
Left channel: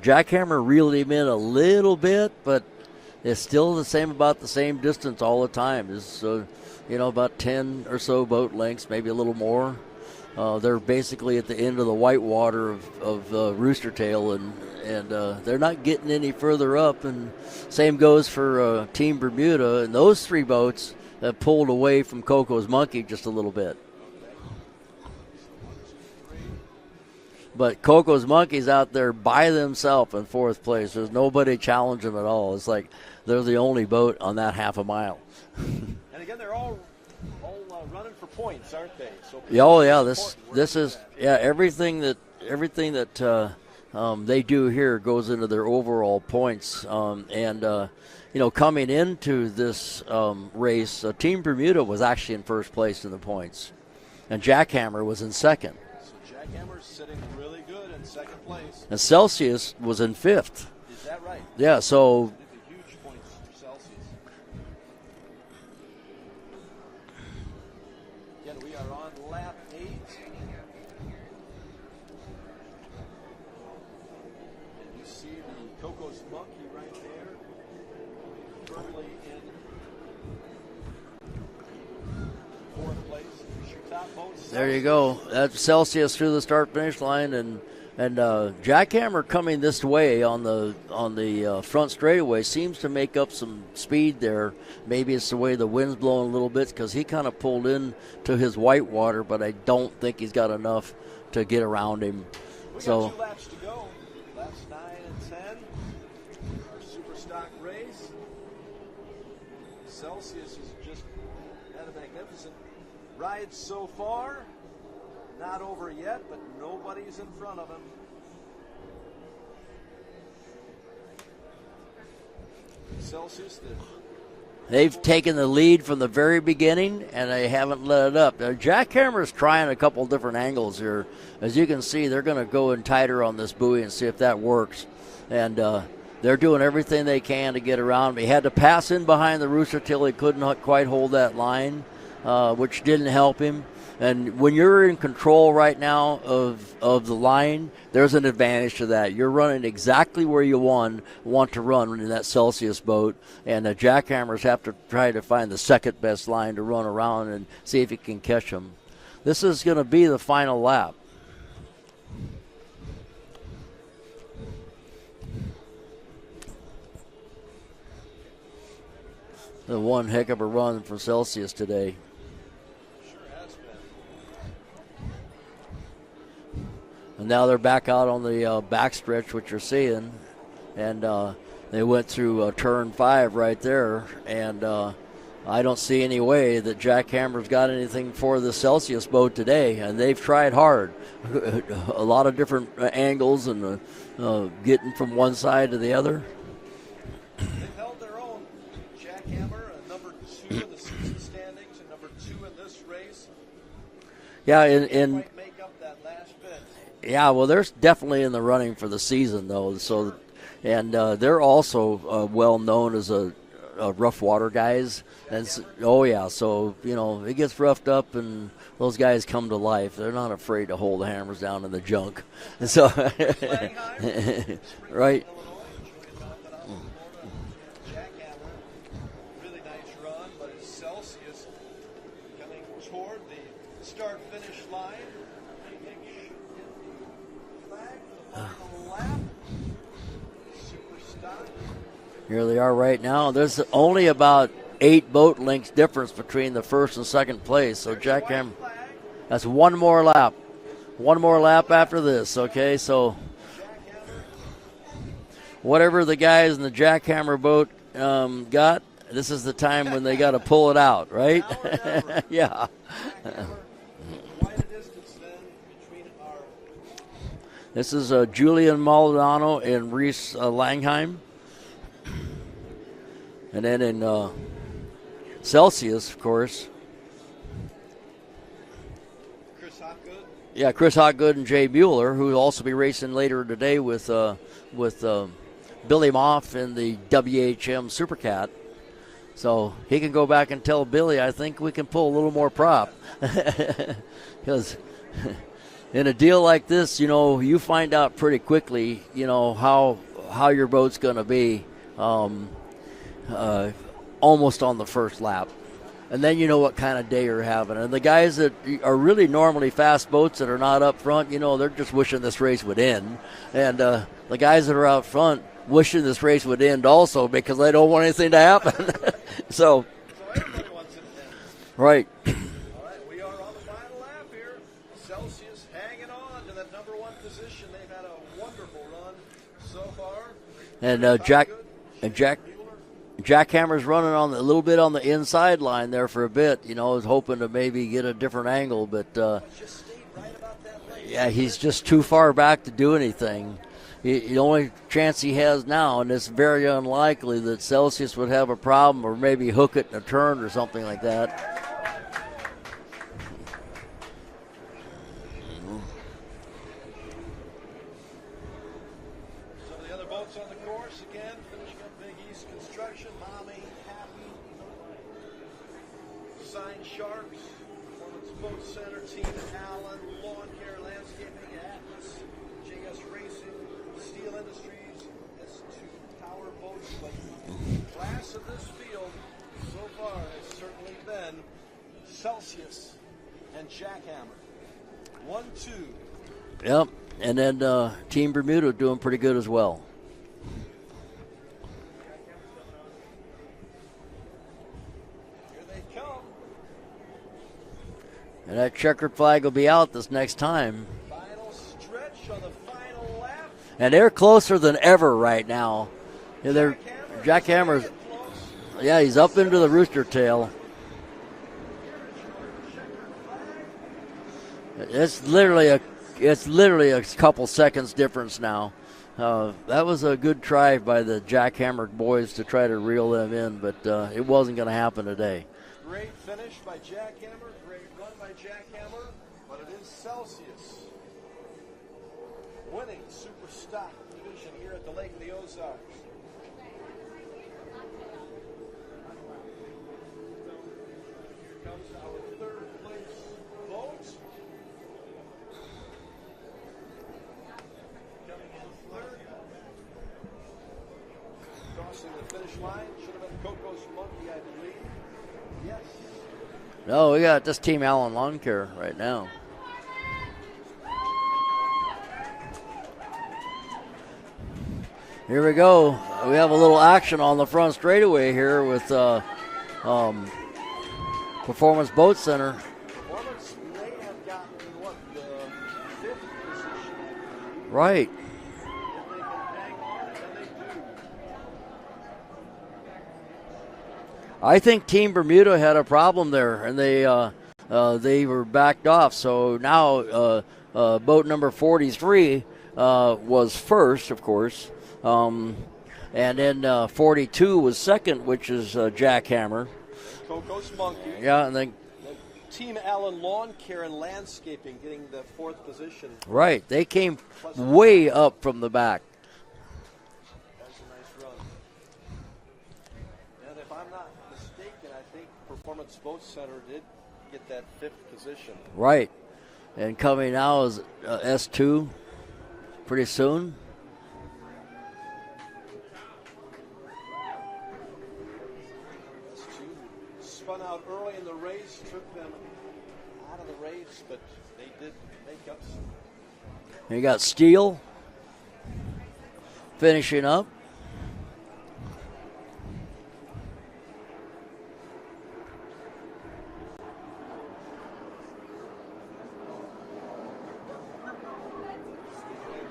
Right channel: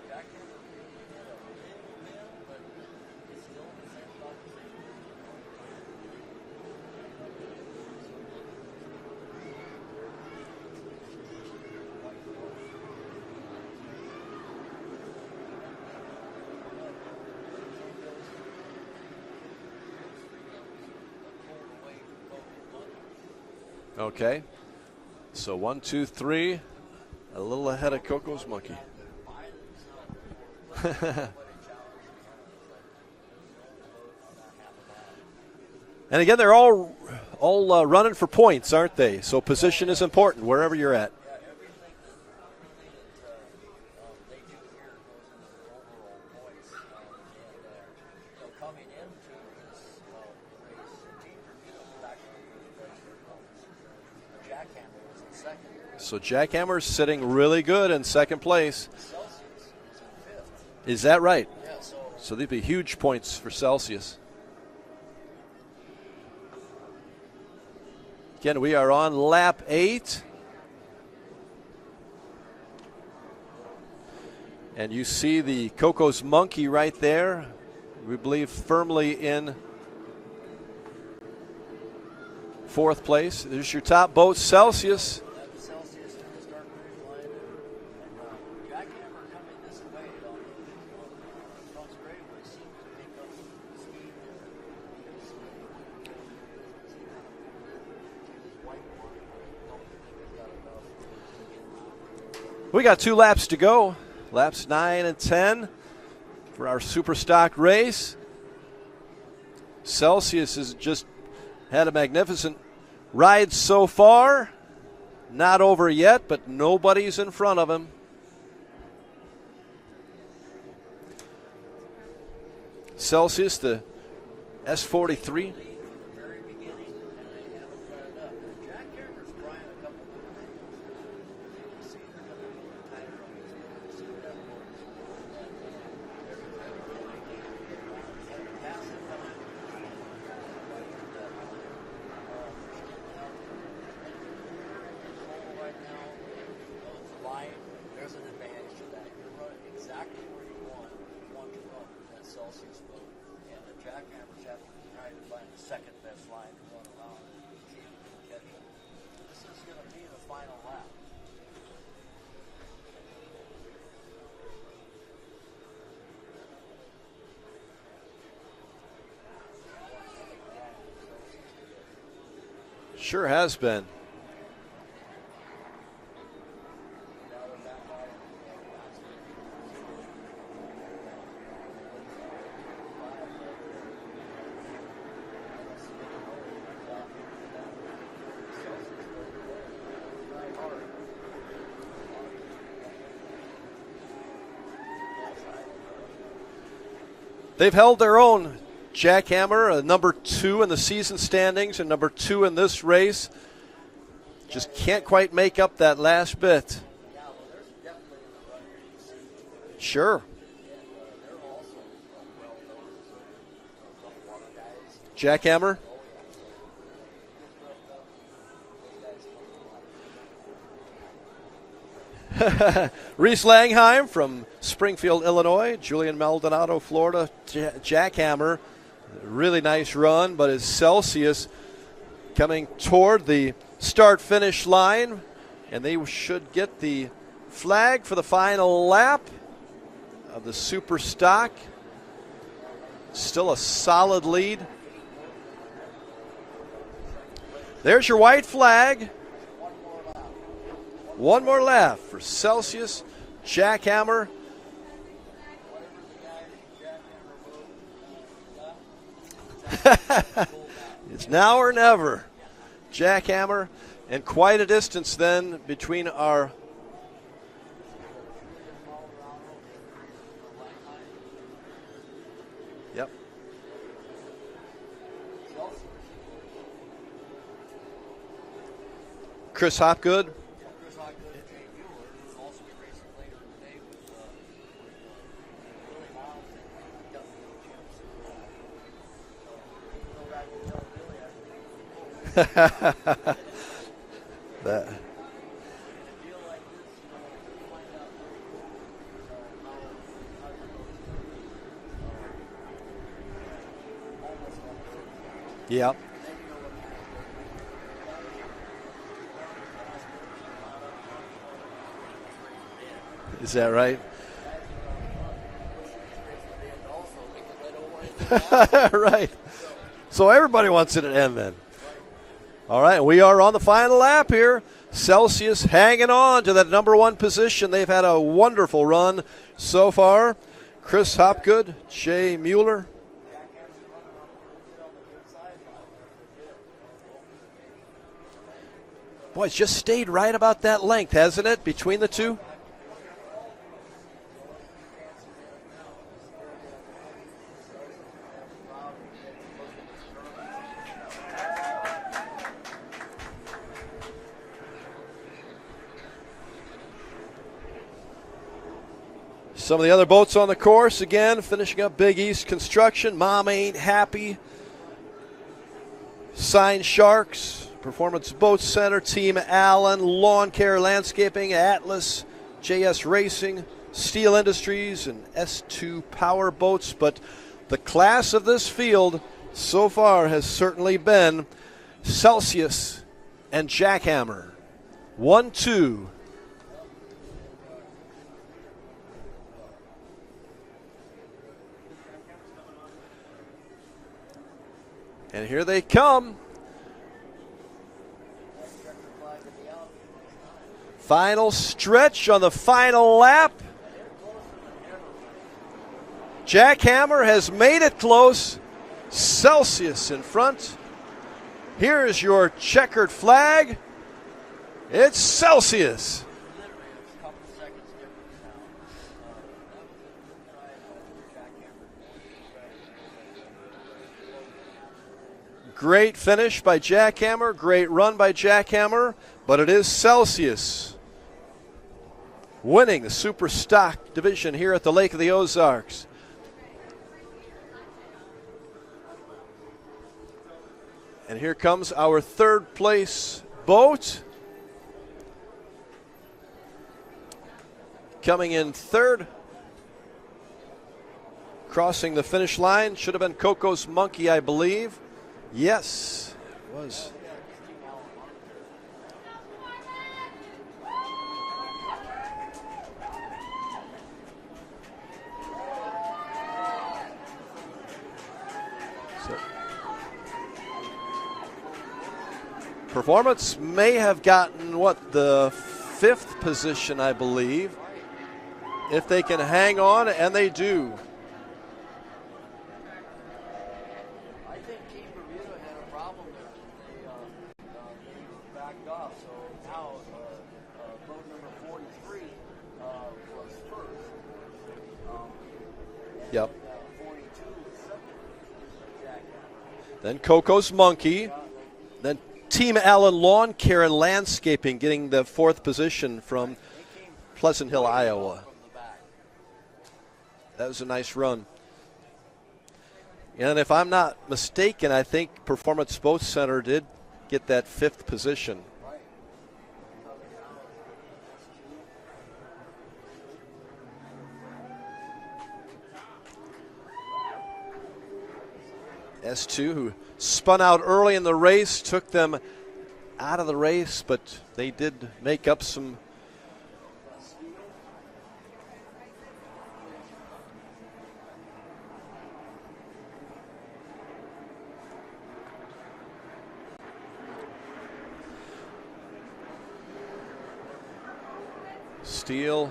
Jackhammer reeled him in a little bit, but it's still about the same distance all the time. It's about 10 or so boat lengths, maybe a little more. They're basically at the end of the white water of Rooster Tail, and they're not getting any further up. And same goes for Team Bermuda, and those 3 boats have pulled away from Coco's Monkey just a little bit. Okay, so 1, 2, 3. But Coco's Monkey's out there by themselves in 4th place. There's nobody challenging them at all. It's like they're the only boat on that half a mile. And again, they're all running for points, aren't they? So position is important wherever you're at. Yeah, everything that they do here goes into their overall points. coming into this race, Team Bermuda was actually in first place in the points, and Jackhammer was in second. So Jackhammer's sitting really good in second place. And Celsius was in fifth. Is that right? Yeah, so they'd be huge points for Celsius. Again, we are on lap 8. And you see the Coco's Monkey right there. We believe firmly in fourth place. There's your top boat, Celsius. There you go. That's Celsius through the start-finish line, and Jackhammer coming this way on the front straightaway seems to make up some speed there. Maybe it's the way the wind's blowing a little bit because he kind of pulled in to his whitewater, but I don't think he's got enough to get around him. We got 2 laps to go. Laps 9 and 10 for our Superstock race. Celsius has just had a magnificent ride so far. Not over yet, but nobody's in front of him. Celsius, they've S43. taken the lead from the very beginning, and they haven't let it up. Jackhammer's trying a couple different angles here. As you can see, they're going to go in tighter on this buoy and see if that works. And they're doing everything they can to get around. He had to pass in behind the rooster till he couldn't quite hold that line, which didn't help him. And when you're in control right now of the line, there's an advantage to that. You're running exactly where you want to run in that Celsius boat, and the Jackhammers have to try to find the second best line to run around and see if you can catch them. This is going to be the final lap. The one heck of a run for Celsius today. Sure has been. And now they're back out on the backstretch, which you're seeing. And they went through turn 5 right there. And I don't see any way that Jackhammer's got anything for the Celsius boat today. And they've tried hard. A lot of different angles and getting from one side to the other. They've held their own. Jackhammer, number 2 in the season standings and number 2 in this race. Yeah, can't quite make up that last bit. Yeah, well, they're definitely in the running for the season, though. So, sure. And they're also well known as a rough water guys. Jackhammer? Oh, yeah. So, it gets roughed up and those guys come to life. They're not afraid to hold the hammers down in the junk. Reese Langheim from Springfield, right. Illinois. Julian Maldonado, Florida. Jackhammer. Really nice run, but it's Celsius coming toward the start-finish line, and they should get the flag for the final lap of the Superstock. Here they are right now. Still There's only solid about lead. 8 boat lengths difference between the first and second place. There's your white flag. That's one more lap. One more lap after this. Celsius, okay, so Jackhammer. Whatever the guys in the Jackhammer boat got, this is the time when they got to pull it out, right? Now or never. Yeah. Jackhammer, and quite a distance then between our. This is Julian Maldonado and Reese Langheim. Yep. And then in Celsius, of course. Chris Hopgood. Yeah, Chris Hopgood and Jay Bueller, who will also be racing later today with Billy Moff in the WHM Supercat. So he can go back and tell Billy, I think we can pull a little more prop. Because in a deal like this, you find out pretty quickly, how your boat's going to be almost on the first lap. Yeah. And then you know what kind of day you're having. And the guys that are really normally fast boats that are not up front, they're just wishing this race would end. Is that right? The guys that are out front wishing this race would end also because they don't want anything to happen. Right. So everybody wants it to end then. Right. All right, we are on the final lap here. Celsius hanging on to that number 1 position. They've had a wonderful run so far. And, Chris Hopgood, Jay Mueller. Jackhammer's running on a little bit on the inside line there for a bit. Was hoping to maybe get a different angle, but it's just stayed right about that length, hasn't he's it? just Between too far back to do anything. the only chance he has now, and it's very unlikely that Celsius would have a problem or maybe hook it in a turn or something like that. Some of the other boats on the course, again, finishing up Big East Construction. Mom Ain't Happy. Sign Sharks. Performance Boat Center. Team Allen. Lawn Care Landscaping. Atlas. JS Racing. Steel Industries. And S2 Power Boats. But the class of this field so far has certainly been Celsius and Jackhammer. 1-2. Yep. And then Team Bermuda doing pretty good as well. And here they come. And that checkered flag will be out this next time. Final stretch on the final lap. And they're closer than ever right now. Jackhammer has made it close. Yeah, he's up Celsius into the rooster tail. In front. Here's your checkered flag. It's Celsius. It's literally a couple seconds difference now. That was a good try by the Jackhammer boys to try to reel them in, but it wasn't going to happen today. Great finish by Jackhammer. Great run by Jackhammer, but it is Celsius winning the Superstock division here at the Lake of the Ozarks. And here comes our third place boat. Coming in third, crossing the finish line, should have been Coco's Monkey, I believe. Yes. No, we got this Team Allen Lawn Care right now. Here we go. We have a little action on the front straightaway here with Performance Boat Center. Performance may have gotten, the 5th position, I believe. Right. If they can hang on, and they do. I think Team Bermuda had a problem there, and they were backed off. So now boat number 43 was first, of course, and then 42 was second, which is Jackhammer. Then Coco's Monkey. Yeah, and then Team Allen Lawn Care and Landscaping getting the 4th position from right. They came Pleasant way Hill, Iowa. up from the back. That was a nice run. And if I'm not mistaken, I think Performance Boat Center did get that 5th position. Right. And coming now is S2 pretty soon. S2, who spun out early in the race, took them out of the race, but they did make up some. You got Steele finishing up. Steele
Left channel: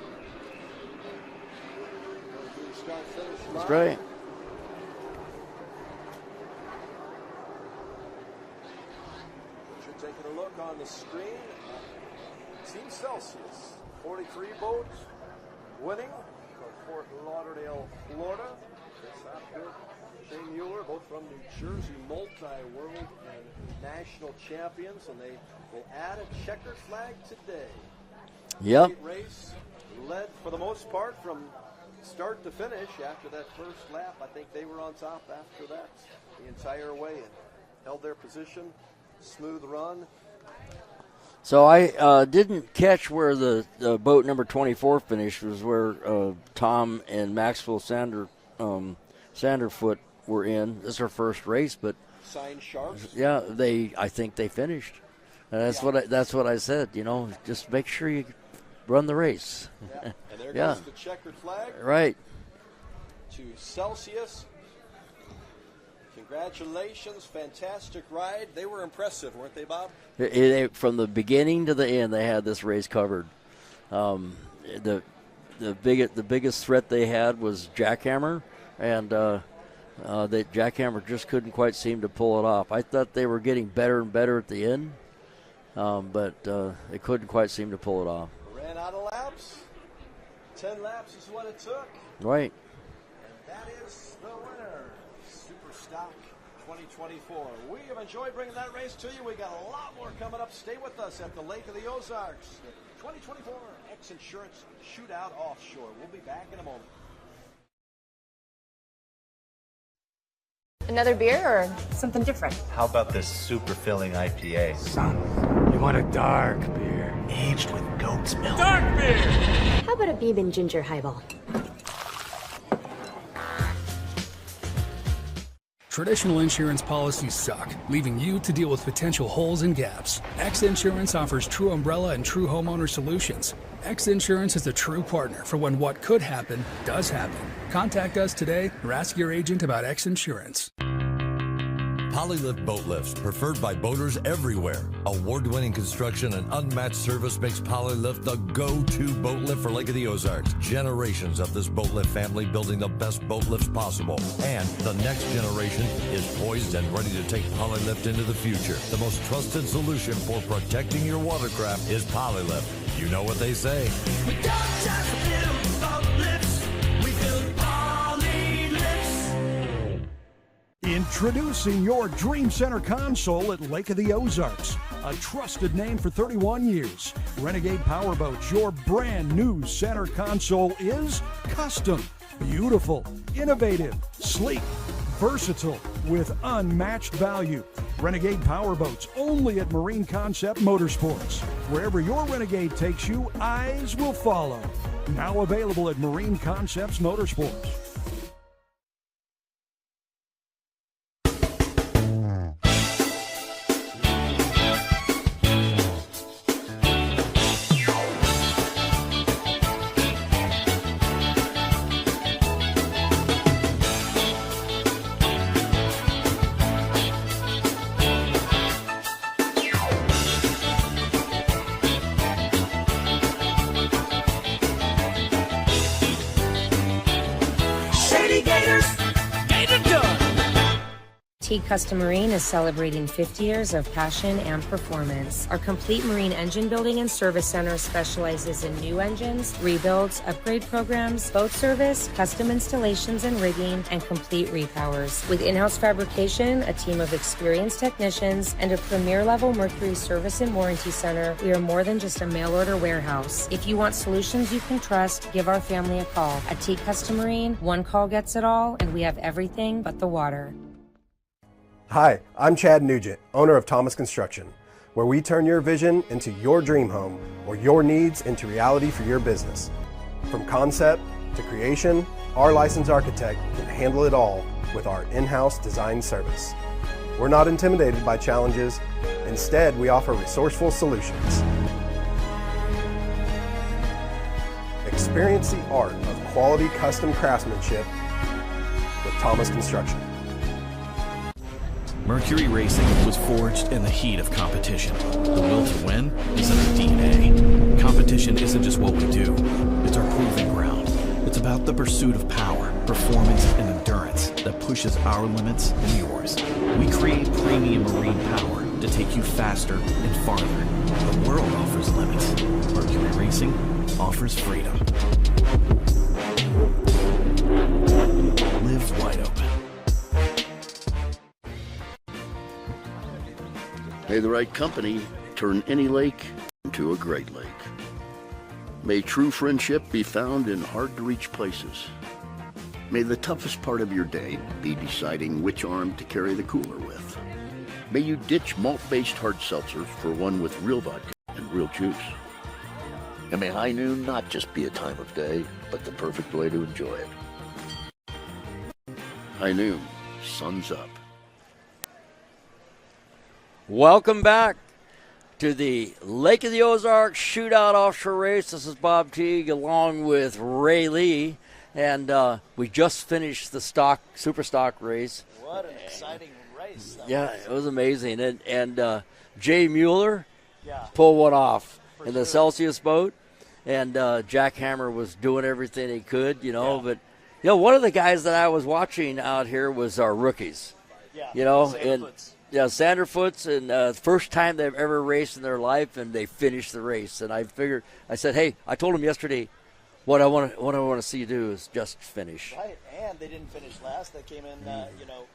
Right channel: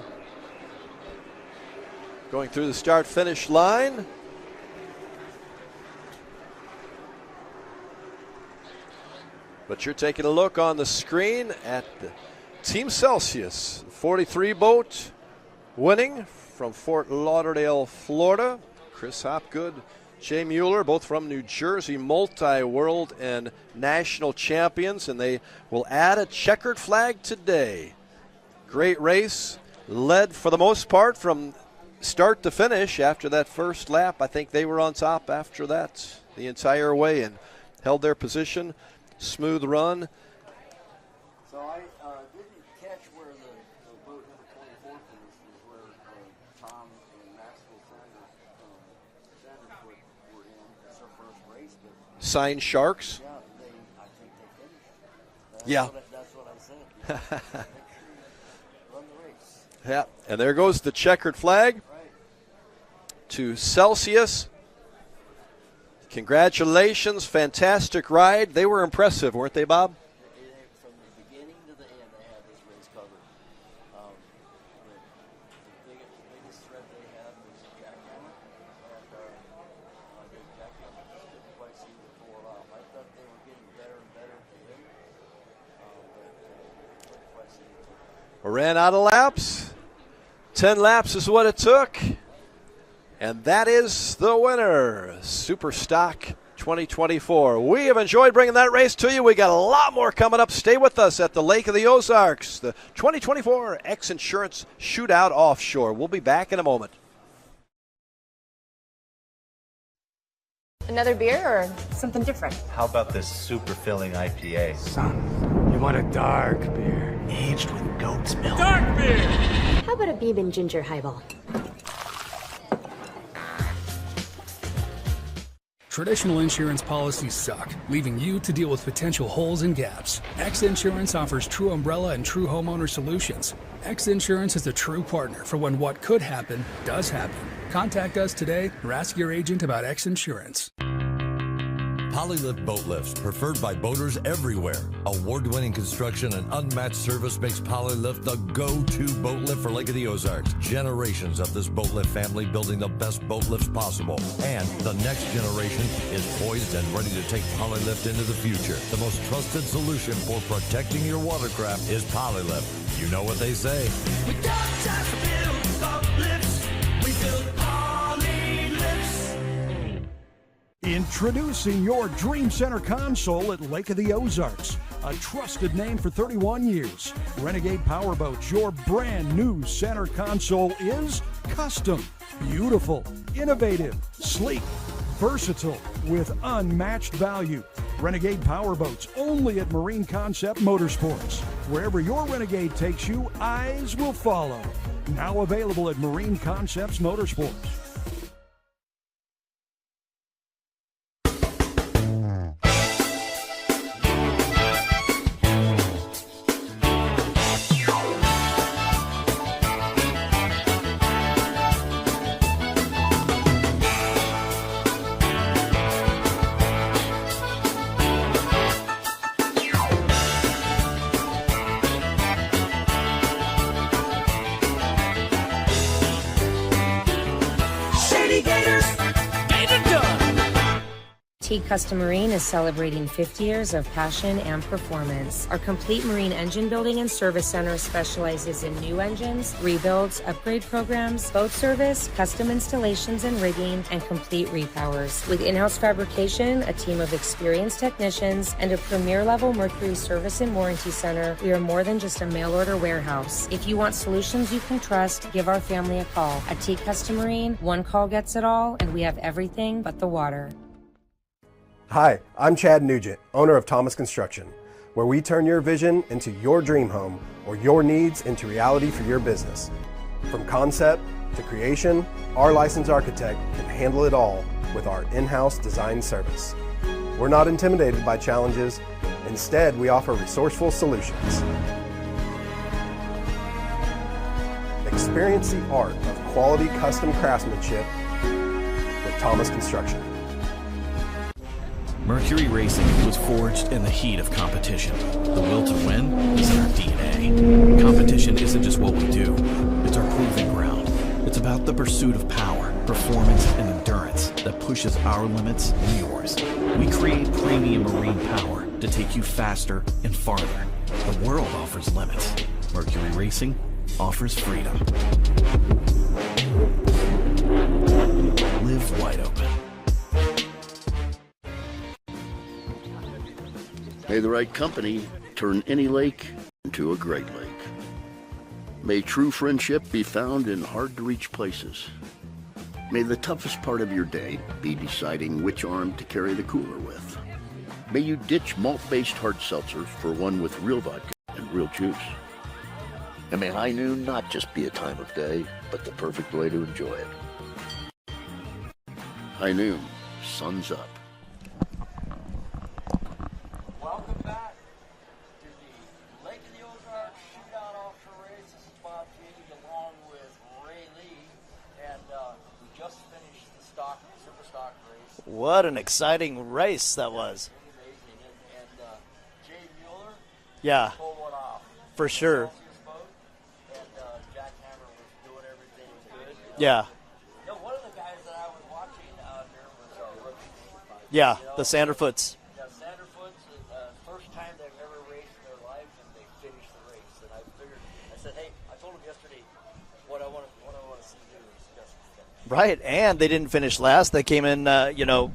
going through the start-finish line. Right. But you're taking a look on the screen at the Team Celsius 43 boat winning from Fort Lauderdale, Florida. Chris Hopgood, Jay Mueller, both from New Jersey, multi-world and national champions, and they will add a checkered flag today. Yep. Great race, led for the most part from start to finish. After that first lap, I think they were on top after that the entire way and held their position. Smooth run. So I didn't catch where the boat number 24 finished. Was where Tom and Maxwell Sanderfoot were in. This is her first race, but Sign Sharks. Yeah, I think they finished. And that's what I said. You know, just make sure you run the race. Yeah, and there goes the checkered flag. Right. To Celsius. Congratulations, fantastic ride. They were impressive, weren't they, Bob? From the beginning to the end, they had this race covered. The biggest threat they had was Jackhammer, and Jackhammer just couldn't quite seem to pull it off. I thought they were getting better and better at the end, but they couldn't quite seem to pull it off. Ran out of laps. 10 laps is what it took. Right. And that is the winner, Superstock 2024. We have enjoyed bringing that race to you. We got a lot more coming up. Stay with us at the Lake of the Ozarks, the 2024 X Insurance Shootout Offshore. We'll be back in a moment. Another beer or something different? How about this super filling IPA? Son, you want a dark beer. Aged with goat's milk. Dark beer! How about a bourbon ginger highball? Traditional insurance policies suck, leaving you to deal with potential holes and gaps. X Insurance offers true umbrella and true homeowner solutions. X Insurance is a true partner for when what could happen does happen. Contact us today or ask your agent about X Insurance. Polylift boat lifts, preferred by boaters everywhere. Award-winning construction and unmatched service makes Polylift the go-to boat lift for Lake of the Ozarks. Generations of this boat lift family building the best boat lifts possible. And the next generation is poised and ready to take Polylift into the future. The most trusted solution for protecting your watercraft is Polylift. You know what they say. We don't just build boat lifts, we build Polylifts. Introducing your Dream Center console at Lake of the Ozarks. A trusted name for 31 years. Renegade Powerboats, your brand new center console is custom, beautiful, innovative, sleek, versatile, with unmatched value. Renegade Powerboats, only at Marine Concept Motorsports. Wherever your Renegade takes you, eyes will follow. Now available at Marine Concepts Motorsports. T Custom Marine is celebrating 50 years of passion and performance. Our complete marine engine building and service center specializes in new engines, rebuilds, upgrade programs, boat service, custom installations and rigging, and complete repowers. With in-house fabrication, a team of experienced technicians, and a premier-level Mercury service and warranty center, we are more than just a mail-order warehouse. If you want solutions you can trust, give our family a call. At T Custom Marine, one call gets it all, and we have everything but the water. Hi, I'm Chad Nugent, owner of Thomas Construction, where we turn your vision into your dream home or your needs into reality for your business. From concept to creation, our licensed architect can handle it all with our in-house design service. We're not intimidated by challenges. Instead, we offer resourceful solutions. Experience the art of quality custom craftsmanship with Thomas Construction. Mercury Racing was forged in the heat of competition. The will to win is in our DNA. Competition isn't just what we do, it's our proving ground. It's about the pursuit of power, performance, and endurance that pushes our limits and yours. We create premium marine power to take you faster and farther. The world offers limits. Mercury Racing offers freedom. Live wide open. May the right company turn any lake into a great lake. May true friendship be found in hard-to-reach places. May the toughest part of your day be deciding which arm to carry the cooler with. May you ditch malt-based hard seltzer for one with real vodka and real juice. And may high noon not just be a time of day, but the perfect way to enjoy it. High noon, sun's up. Welcome back to the Lake of the Ozarks Shootout Offshore race. This is Bob Teague along with Ray Lee, and we just finished the Superstock race. What an exciting race that was. It was amazing. And Jay Mueller pulled one off for in sure. the Celsius boat, and Jack Hammer was doing everything he could, but one of the guys that I was watching out here was our rookies. Yeah, the Sanderfoots. Yeah, Sanderfoots, and first time they've ever raced in their life, and they finished the race. And I said, hey, I told them yesterday, What I want to see you do is just finish. Right, and they didn't finish last. They came in, 10th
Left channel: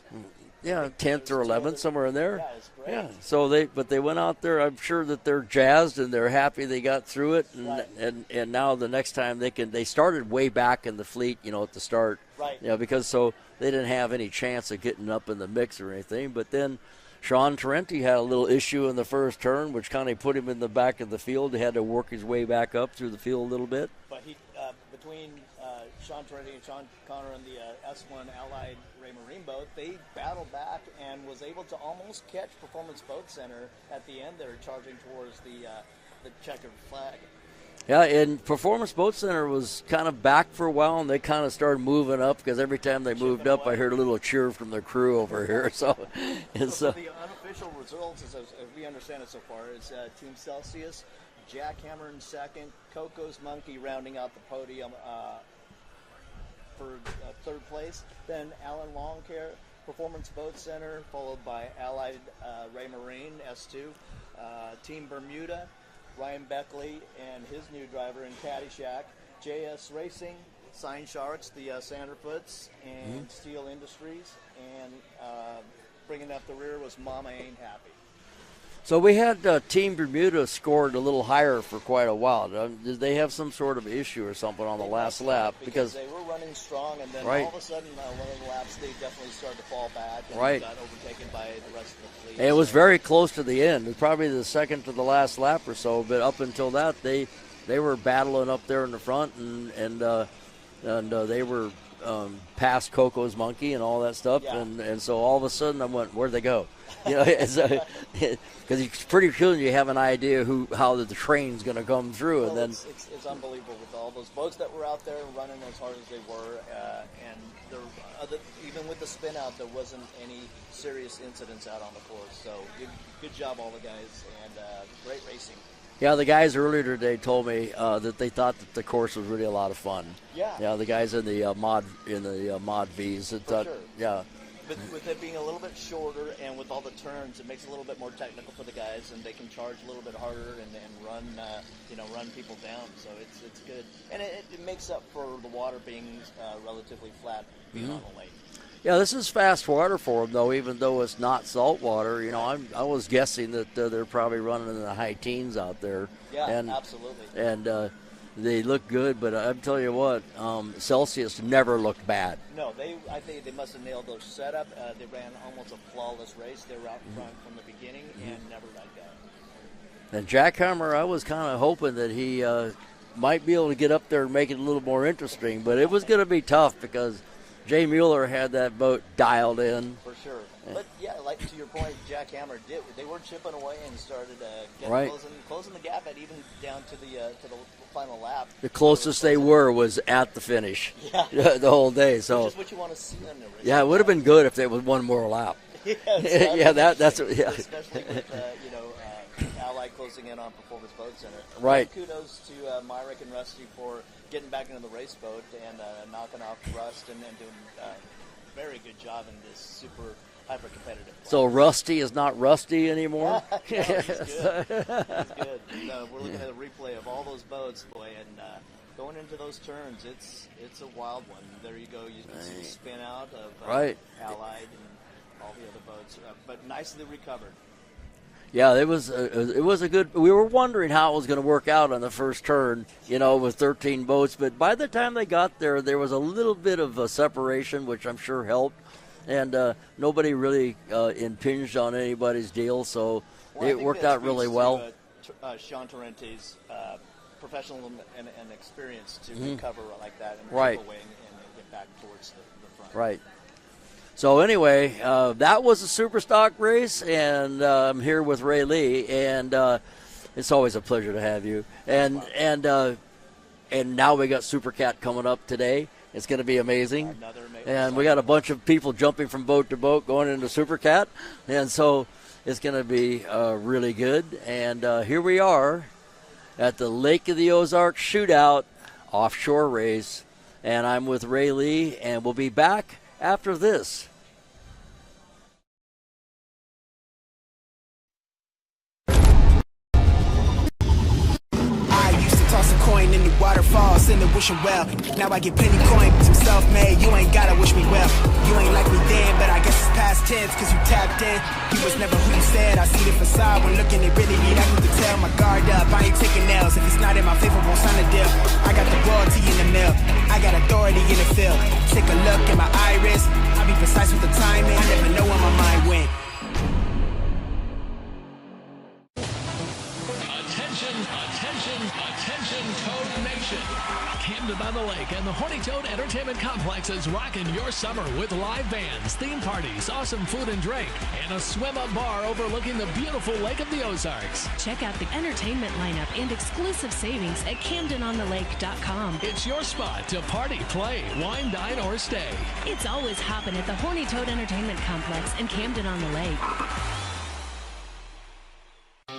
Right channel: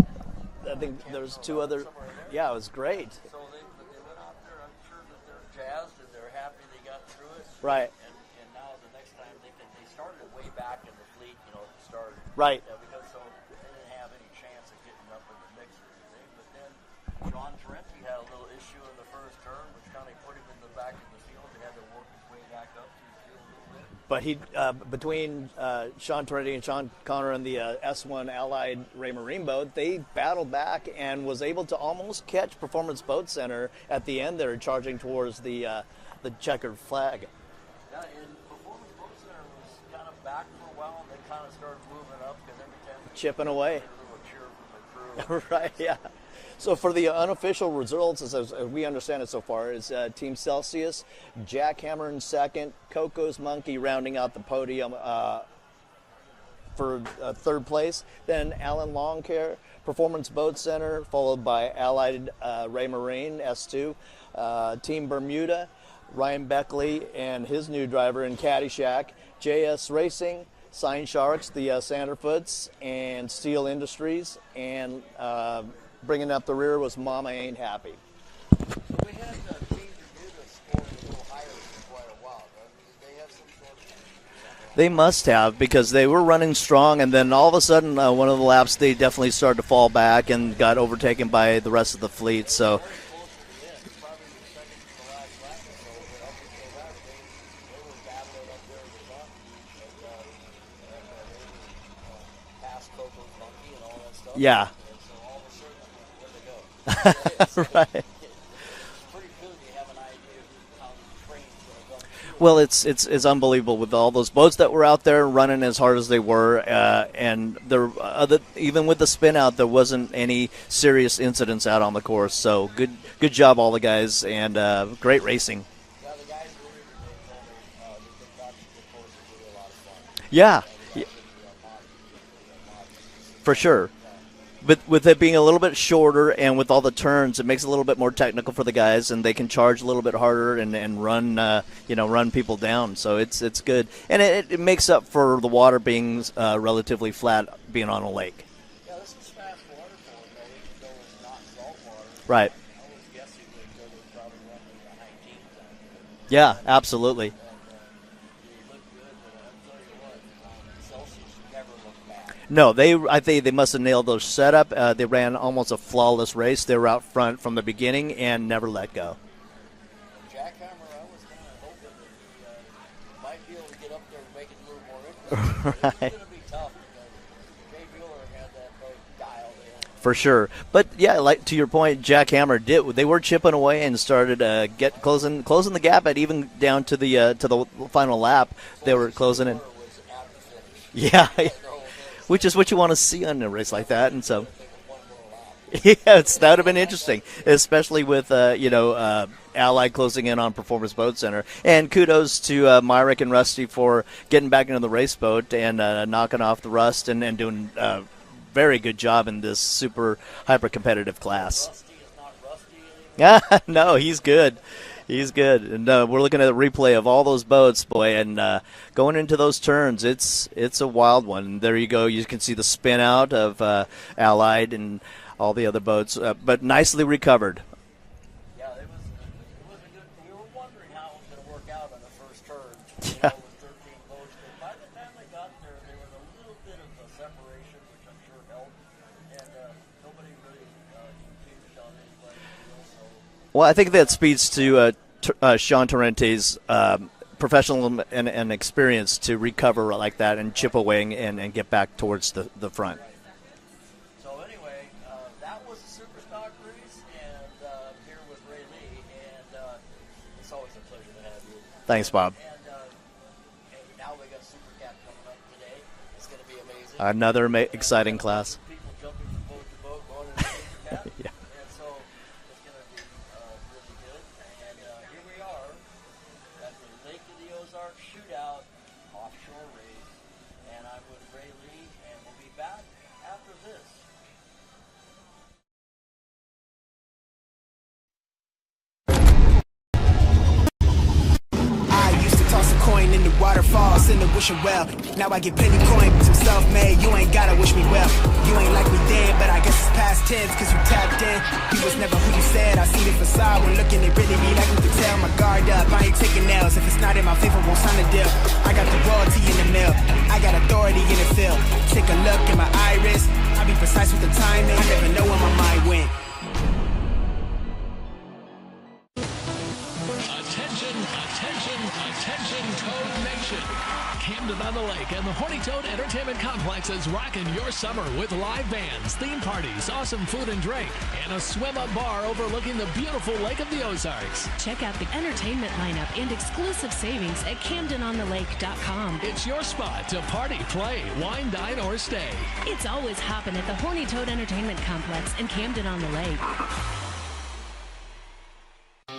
or 11th, somewhere in there. Yeah, it was great. Yeah. So they went out there. I'm sure that they're jazzed and they're happy they got through it. And, right. And now the next time they started way back in the fleet, at the start. Right. Because so they didn't have any chance of getting up in the mix or anything. But then Sean Tarenti had a little issue in the first turn, which kind of put him in the back of the field. He had to work his way back up through the field a little bit. But he, between Sean Tarenti and Sean Connor and the S1 Allied Ray Marine boat, they battled back and was able to almost catch Performance Boat Center at the end there, charging towards the checkered flag. Yeah, and Performance Boat Center was kind of back for a while, and they kind of started moving up because every time they moved up, I heard a little cheer from their crew over here. So, so for the unofficial results, as we understand it so far, is Team Celsius, Jackhammer in second, Coco's Monkey rounding out the podium for third place. Then Alan Longcare, Performance Boat Center, followed by Allied Ray Marine, S2, Team Bermuda, Ryan Beckley and his new driver in Caddyshack, JS Racing, Sign Sharks, the Sanderfoots, and Steel Industries, and bringing up the rear was Mama Ain't Happy. So we had Team Bermuda scored a little higher for quite a while. Did they have some sort of issue or something on They the must have, because they were running strong, and then all of a sudden, one of the laps, they definitely started to fall back and got overtaken by the rest of the fleet. It was very close to the end. It was probably the second to the last lap or so, but up until that, they were battling up there in the front, and they were past Coco's Monkey and all that stuff. Yeah. And so all of a sudden I went, where'd they go? Because it's pretty cool you have an idea how the train's going to come through. Well, it's unbelievable with all those boats that were out there running as hard as they were, and there even with the spin out, there wasn't any serious incidents out on the course. So good job all the guys, and great racing. Yeah, the guys earlier today told me that they thought that the course was really a lot of fun. Yeah, the guys in the mod V's. For sure. Yeah. But with it being a little bit shorter and with all the turns, it makes it a little bit more technical for the guys, and they can charge a little bit harder and run run people down. So it's good, and it makes up for the water being relatively flat, being on a lake. Yeah, this is fast water for them, though, even though it's not salt water. Right. I was guessing that they're probably running in the high teens out there. Yeah, absolutely. And they look good, but I'm telling you what, Celsius never looked bad. No, I think they must have nailed their setup. They ran almost a flawless race. They were out front from the beginning and never let go. And Jackhammer, I was kind of hoping that he might be able to get up there and make it a little more interesting, but it was going to be tough because Jay Mueller had that boat dialed in. For sure. But, yeah, like to your point, Jackhammer they were chipping away and started closing the gap at even down to the final lap. The closest they were was at the finish. Yeah. the whole day. So. Which is what you want to see on a race like that. Yeah, it would have been good if there was one more lap. Yeah, that would have been interesting, especially with, Allied closing in on Performance Boat Center. Right. And kudos to Myrick and Rusty for getting back into the race boat and knocking off the rust and doing very good job in this super hyper competitive class. So Rusty is not rusty anymore? No, he's good. He's good. And we're looking at a replay of all those boats, boy, and going into those turns, it's a wild one. And there you go. You can see the spin out of Allied and all the other boats, but nicely recovered. Yeah, it was a good. We were wondering how it was going to work out on the first turn, with 13 boats. But by the time they got there, there was a little bit of a separation, which I'm sure helped, and nobody really impinged on anybody's deal. So, well, I think that speaks really to Sean Tarenti's professional and experience to recover like that and chip away and get back towards the front. Right. So anyway, that was a Superstock race, and I'm here with Ray Lee, and it's always a pleasure to have you. Thanks, Bob. And now we got Supercat coming up today. It's going to be amazing. Another exciting class. And we got a bunch of people jumping from boat to boat going into Supercat, and so it's going to be really good. And here we are at the Lake of the Ozarks Shootout Offshore race, and I'm with Ray Lee, and we'll be back after this. Toss a coin in the waterfalls, in the wishing well. Now I get plenty coin, but I'm self-made. You ain't gotta wish me well. You ain't like me then, but I guess it's past tense, cause you tapped in. You was never who you said. I see the facade when looking, it really be like you could tell. My guard up, I ain't taking nails. If it's not in my favor, won't sign a deal. I got the royalty in the mill, I got authority in the field. Take a look in my iris, I be precise with the timing. I never know when my mind went. Attention, Toad Nation. Camden on the Lake and the Horny Toad Entertainment Complex is rocking your summer with live bands, theme parties, awesome food and drink, and a swim-up bar overlooking the beautiful Lake of the Ozarks. Check out the entertainment lineup and exclusive savings at CamdenOnTheLake.com. It's your spot to party, play, wine, dine, or stay. It's always hopping at the Horny Toad Entertainment Complex in Camden on the Lake.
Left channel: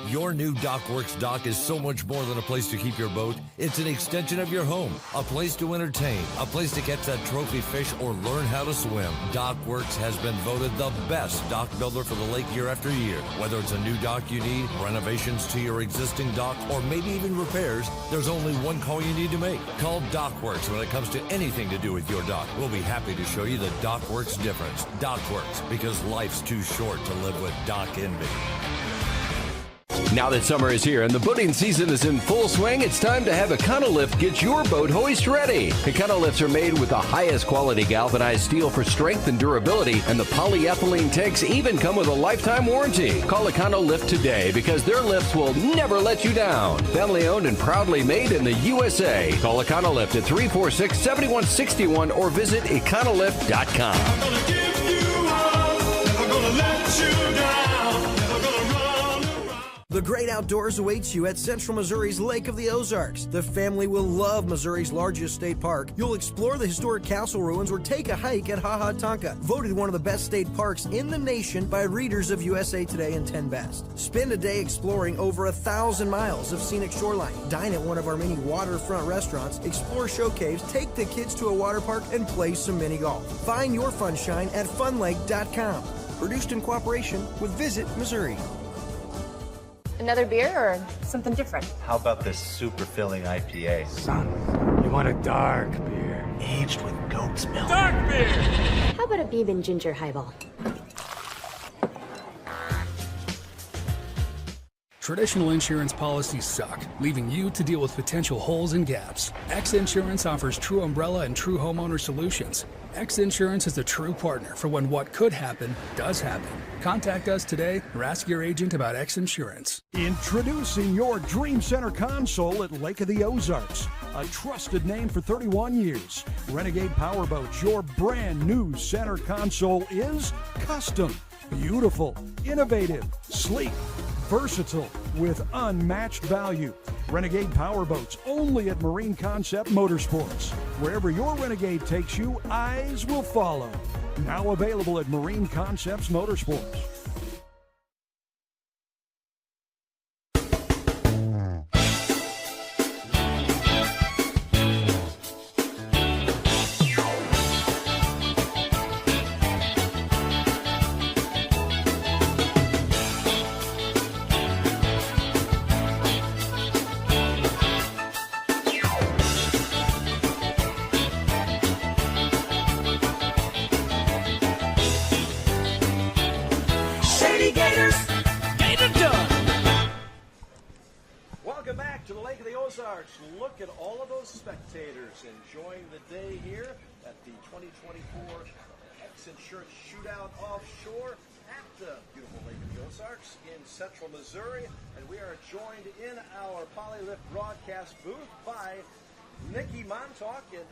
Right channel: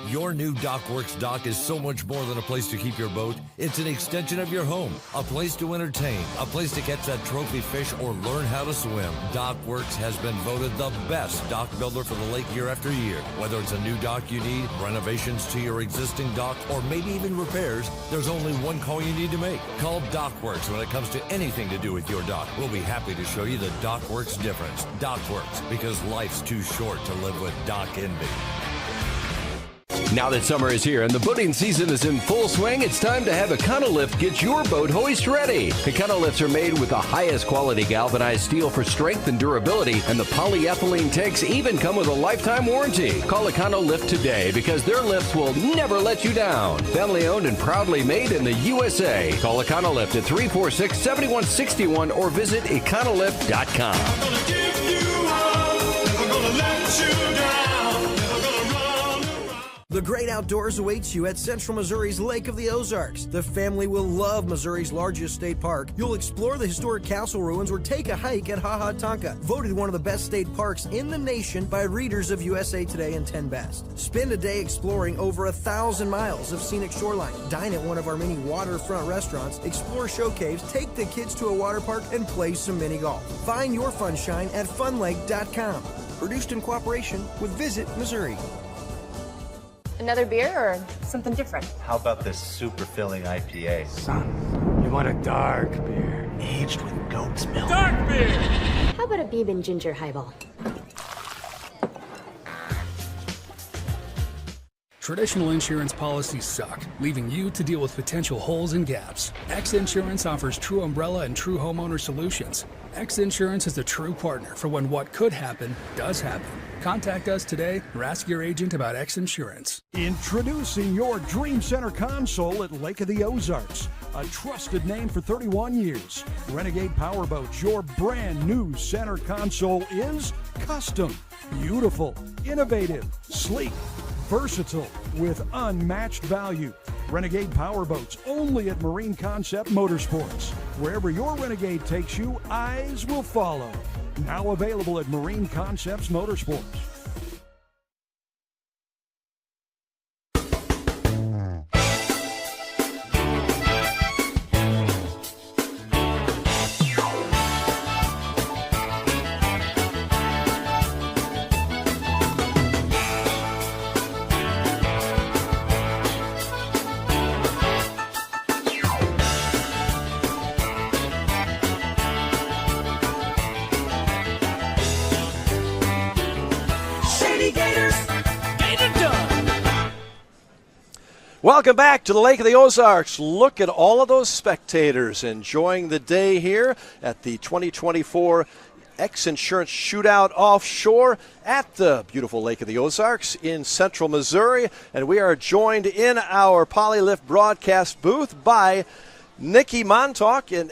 Your new DockWorks dock is so much more than a place to keep your boat. It's an extension of your home, a place to entertain, a place to catch that trophy fish or learn how to swim. DockWorks has been voted the best dock builder for the lake year after year. Whether it's a new dock you need, renovations to your existing dock, or maybe even repairs, there's only one call you need to make. Call DockWorks when it comes to anything to do with your dock. We'll be happy to show you the DockWorks difference. DockWorks, because life's too short to live with dock envy. Now that summer is here and the boating season is in full swing, it's time to have Econolift get your boat hoist ready. Econolifts are made with the highest quality galvanized steel for strength and durability, and the polyethylene tanks even come with a lifetime warranty. Call Econolift today because their lifts will never let you down. Family owned and proudly made in the USA. Call Econolift at 346-7161 or visit econolift.com. I'm gonna give you up, never gonna let you down, never gonna run. The great outdoors awaits you at Central Missouri's Lake of the Ozarks. The family will love Missouri's largest state park. You'll explore the historic castle ruins or take a hike at Ha Ha Tonka, voted one of the best state parks in the nation by readers of USA Today and 10 Best. Spend a day exploring over 1,000 miles of scenic shoreline. Dine at one of our many waterfront restaurants, explore show caves, take the kids to a water park, and play some mini golf. Find your funshine at funlake.com. Produced in cooperation with Visit Missouri. Another beer or something different? How about this super filling IPA? Son, you want a dark beer. Aged with goat's milk. Dark beer! How about a Beeb and Ginger highball? Traditional insurance policies suck, leaving you to deal with potential holes and gaps. X Insurance offers true umbrella and true homeowner solutions. X Insurance is the true partner for when what could happen does happen. Contact us today or ask your agent about X Insurance. Introducing your Dream Center console at Lake of the Ozarks. A trusted name for 31 years. Renegade Powerboats, your brand new center console is custom, beautiful, innovative, sleek, versatile, with unmatched value. Renegade Powerboats, only at Marine Concept Motorsports. Wherever your Renegade takes you, eyes will follow. Now available at Marine Concepts Motorsports. Welcome back to the Lake of the Ozarks. Look at all of those spectators enjoying the day here at the 2024 X Insurance Shootout Offshore at the beautiful Lake of the Ozarks in central Missouri. And we are joined in our Polylift broadcast booth by Nikki Montauk and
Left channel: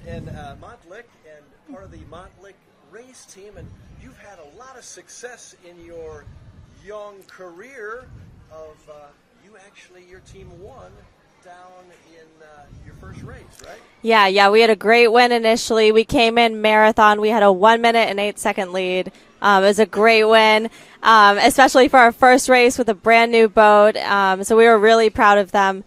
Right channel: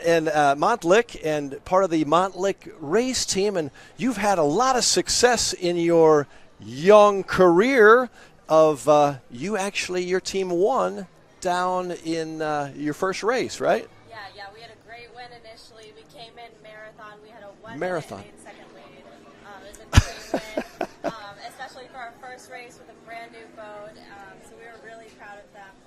Montlick, and part of the Montlick race team. And you've had a lot of success in your young career of your team won down in your first race, right? Yeah, we had a great win initially. We came in marathon. We had a 1 minute and 8 second lead. It was a great win, especially for our first race with a brand new boat. So we were really proud of them.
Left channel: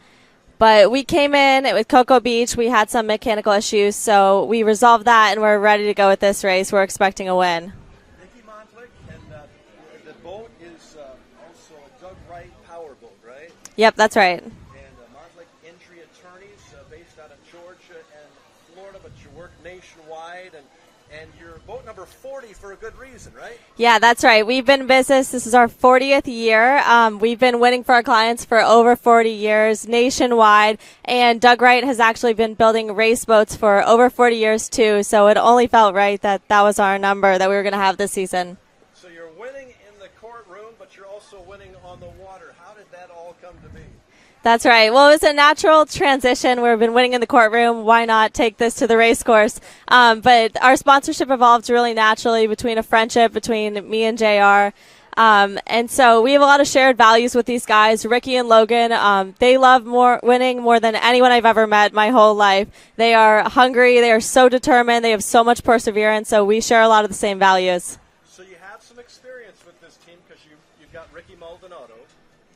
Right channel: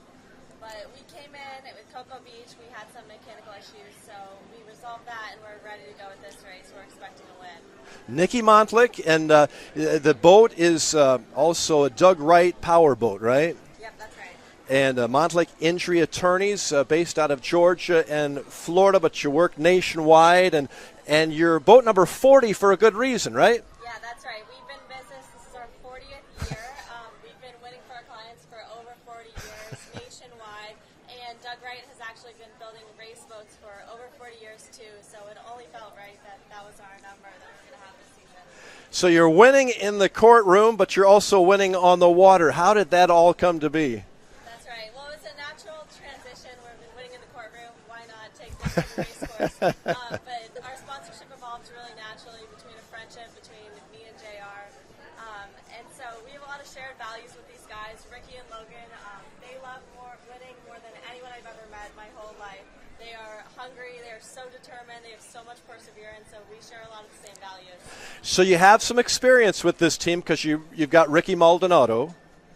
But we came in with Cocoa Beach. We had some mechanical issues, so we resolved that, and we're ready to go with this race. We're expecting a win. Nikki Montlick, and the boat is also a Doug Wright power boat, right? Yep, that's right. And Montlick Injury Attorneys, based out of Georgia and Florida, but you work nationwide, and you're boat number 40 for a good reason, right? Yeah, that's right. We've been in business. This is our 40th year. We've been winning for our clients for over 40 years nationwide, and Doug Wright has actually been building race boats for over 40 years too, so it only felt right that was our number that we were going to have this season. So you're winning in the courtroom, but you're also winning on the water. How did that all come to be? That's right. Well, it was a natural transition. We've been winning in the courtroom. Why not take this to the race course? But our sponsorship evolved really naturally between a friendship between me and JR. And so we have a lot of shared values with these guys. Ricky and Logan, they love winning more than anyone I've ever met my whole life. They are hungry. They are so determined. They have so much perseverance. So we share a lot of the same values. So you have some experience with this team because you've got Ricky Maldonado,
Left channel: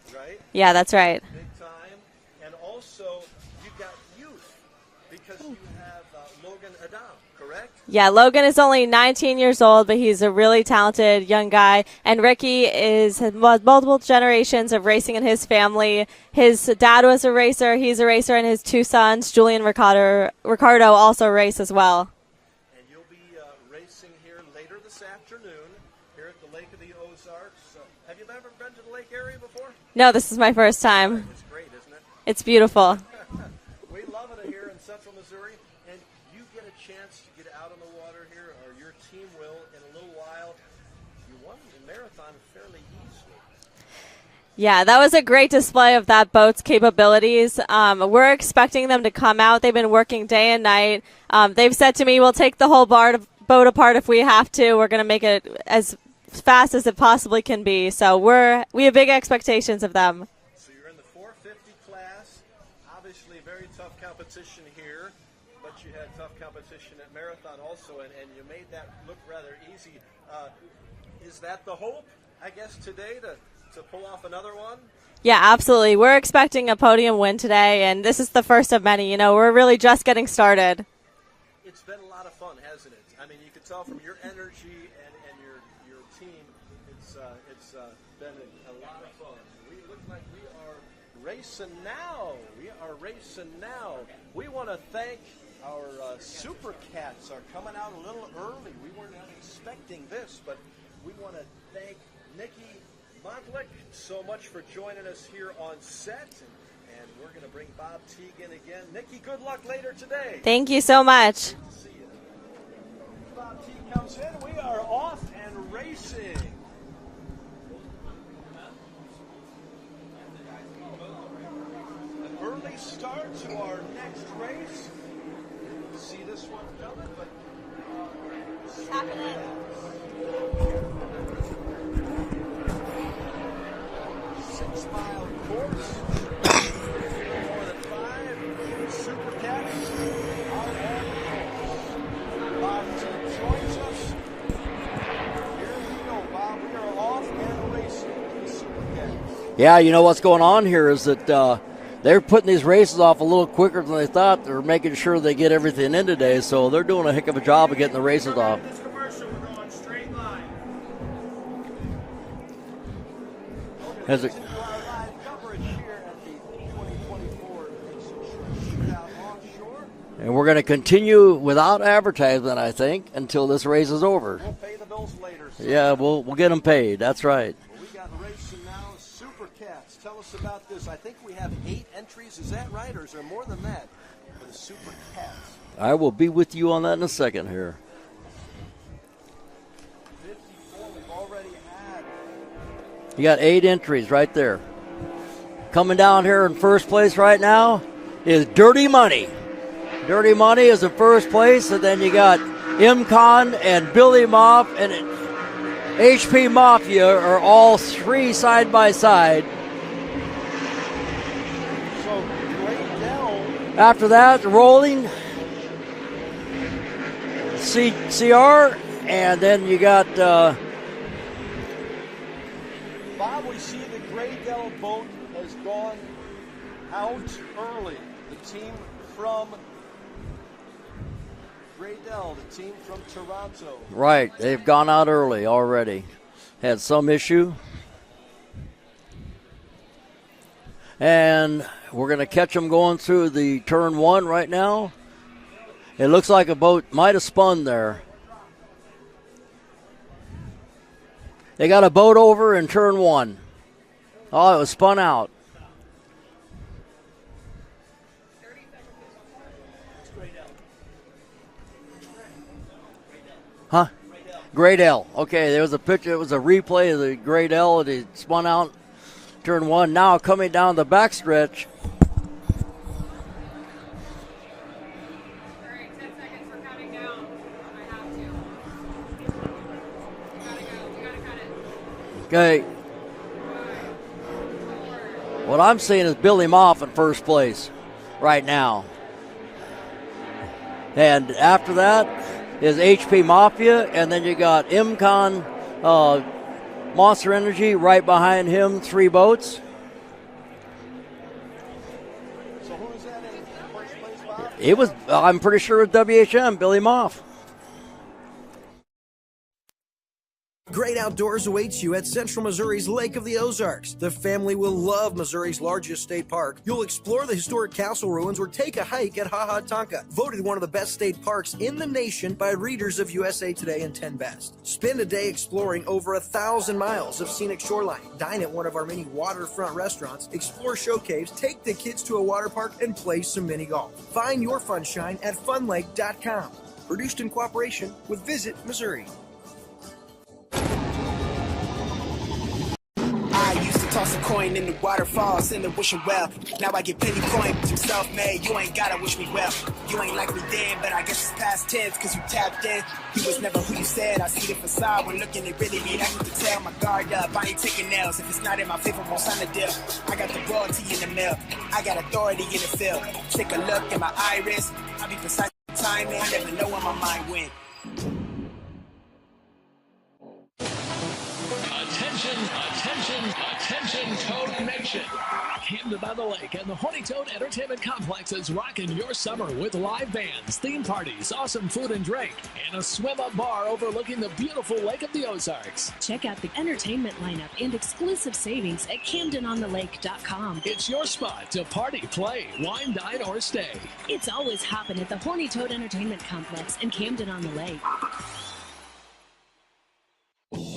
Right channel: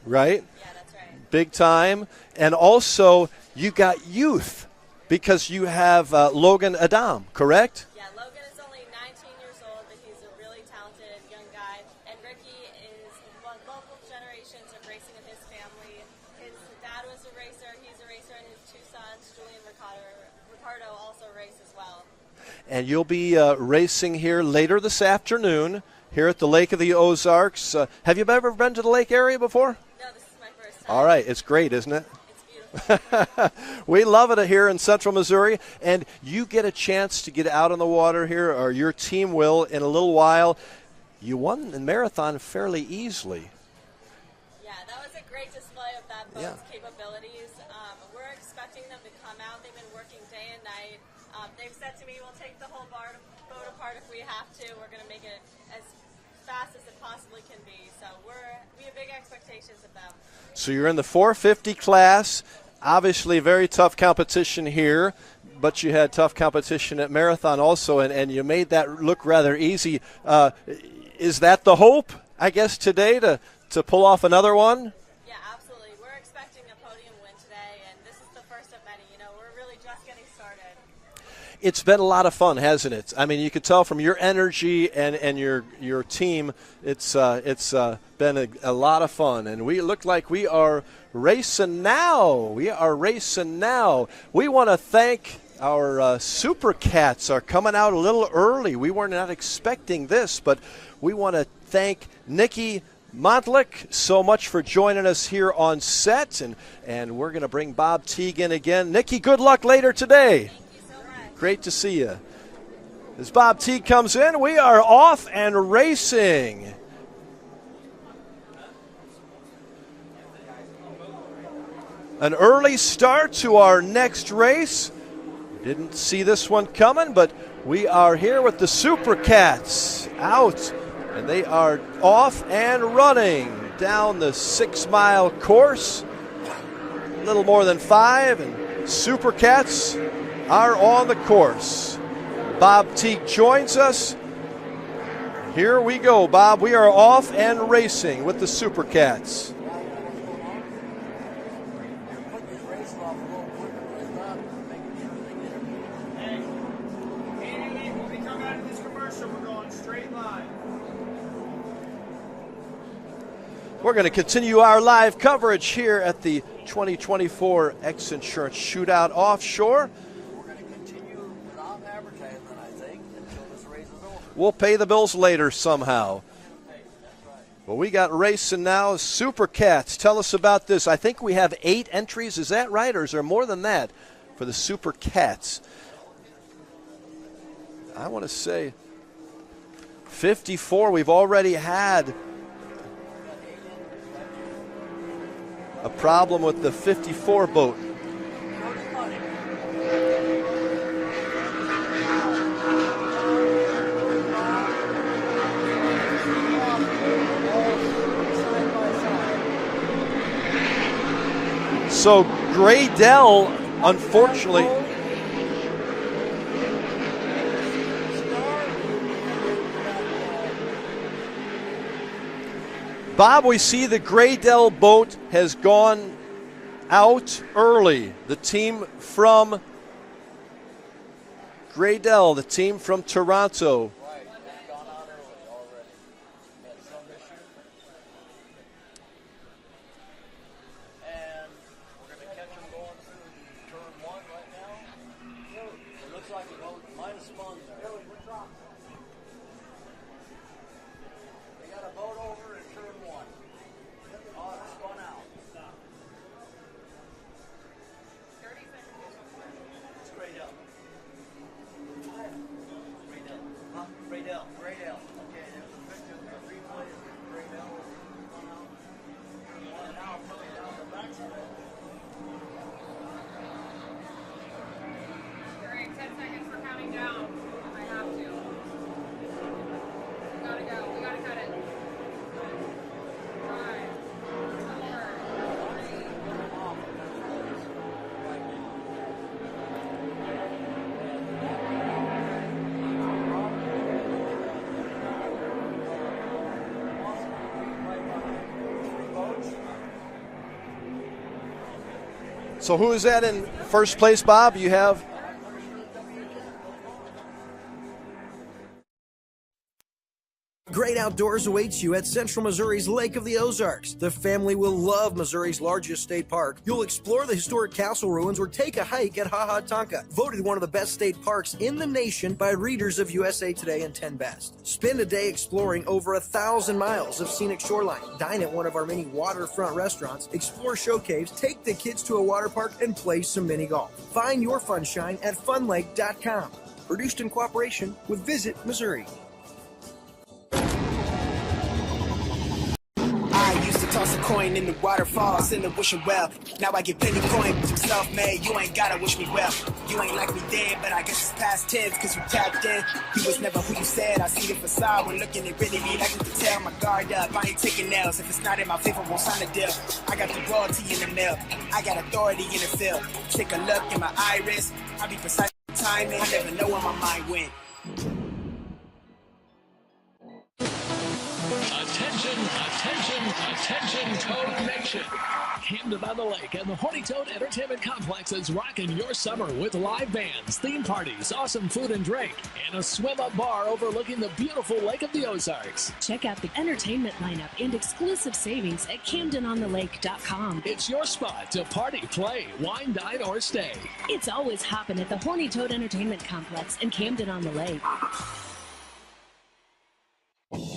right? Yeah, that's right. Big time. And also you got youth because you have Logan Adam, correct? Yeah, Logan is only 19 years old, but he's a really talented young guy. And Ricky has multiple generations of racing in his family. His dad was a racer. He's a racer, and his two sons, Julian and Ricardo, also race as well. And you'll be racing here later this afternoon here at the Lake of the Ozarks. Have you ever been to the lake area before? No, this is my first time. All right, it's great, isn't it? It's beautiful. We love it here in Central Missouri, and you get a chance to get out on the water here, or your team will in a little while. You won the marathon fairly easily. Yeah, that was a great display of that boat's capabilities. We're expecting them to come out. They've been working day and night. They've said to me, we'll take the whole boat apart if we have to. We're going to make it as fast as it possibly can be. So we have big expectations of them. So you're in the 450 class. Obviously very tough competition here, but you had tough competition at Marathon also, and you made that look rather easy. Is that the hope, I guess, today to pull off another one? Yeah, absolutely. We're expecting a podium win today, and this is the first of many. We're really just getting started. It's been a lot of fun, hasn't it? I mean, you could tell from your energy and your team, it's been a lot of fun. And we look like we are racing now. We want to thank our Supercats are coming out a little early. We were not expecting this, but we want to thank Nikki Montlick so much for joining us here on set, and we're going to bring Bob Teague in again. Nikki, good luck later today. Thank you so much. Great to see you. As Bob Teague comes in, we are off and racing. An early start to our next race. Didn't see this one coming, but we are here with the Supercats out. And they are off and running down the 6-mile course. A little more than 5, and Supercats are on the course. Bob Teague joins us. Here we go, Bob. We are off and racing with the Supercats. Yeah, you know what's going on here is that they're putting these races off a little quicker than they thought. They're making sure they get everything in today, so they're doing a heck of a job of getting the races off. We're going to continue our live coverage here at the 2024 X Insurance Shootout Offshore. And we're going to continue without advertisement, I think, until this race is over. We'll pay the bills later somehow. Yeah, we'll get them paid. That's right. Well, we got racing now. Supercats, tell us about this. I think we have 8 entries. Is that right, or is there more than that for the Supercats? I will be with you on that in a second here. I want to say 54 we've already had. You got 8 entries right there. Coming down here in first place right now is Dirty Money. Dirty Money is in first place, and then you got M-Con and Billy Mop and HP Mafia are all 3 side by side. So Graydell, after that, rolling CR, and then you got Bob, we see the Graydell boat has gone out early. The team from Graydell, the team from Toronto. Right, they've gone out early already. Had some issue. And we're going to catch them going through the turn one right now. It looks like a boat might have spun there. They got a boat over in turn one. Oh, it was spun out. Huh? Graydell. Okay, there was a picture. It was a replay of the Graydell. It spun out turn one. Now coming down the backstretch. Okay. What I'm seeing is Billy Moff at first place right now. And after that is HP Mafia, and then you got MCon Monster Energy right behind him, 3 boats. So who is that in first place, Bob? I'm pretty sure it's WHM, Billy Moff. Great outdoors awaits you at Central Missouri's Lake of the Ozarks. The family will love Missouri's largest state park. You'll explore the historic castle ruins or take a hike at Ha Ha Tonka, voted one of the best state parks in the nation by readers of USA Today and 10 Best. Spend a day exploring over 1,000 miles of scenic shoreline. Dine at one of our many waterfront restaurants, explore show caves, take the kids to a water park, and play some mini golf. Find your funshine at funlake.com. Produced in cooperation with Visit Missouri. I used to toss a coin in the waterfalls in the wishing well. Now I get plenty coin, but I'm self-made. You ain't gotta wish me well. You ain't like me then, but I guess it's past tense, cause you tapped in. You was never who you said. I see the facade when looking at really me. Like you can tell my guard up. I ain't taking nails. If it's not in my favor, won't sign a deal. I got the royalty in the mail. I got authority in the field. Take a look in my iris. I be precise with timing. I never know where my mind went. Attention, attention, attention, Toad Nation. Camden on the Lake and the Horny Toad Entertainment Complex is rocking your summer with live bands, theme parties, awesome food and drink, and a swim-up bar overlooking the beautiful Lake of the Ozarks. Check out the entertainment lineup and exclusive savings at CamdenOnTheLake.com. It's your spot to party, play, wine, dine, or stay. It's always hopping at the Horny Toad Entertainment Complex in Camden on the Lake.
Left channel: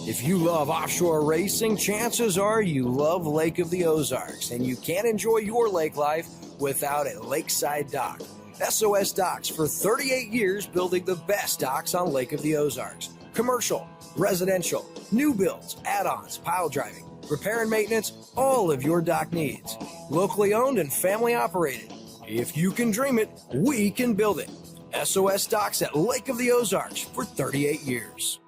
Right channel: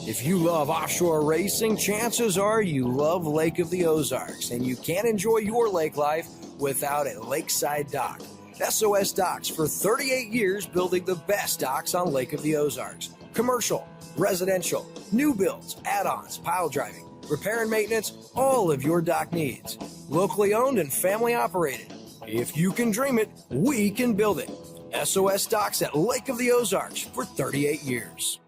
If you love offshore racing, chances are you love Lake of the Ozarks, and you can't enjoy your lake life without a lakeside dock. SOS Docks for 38 years building the best docks on Lake of the Ozarks. Commercial, residential, new builds, add-ons, pile driving, repair and maintenance, all of your dock needs. Locally owned and family operated. If you can dream it, we can build it. SOS Docks at Lake of the Ozarks for 38 years.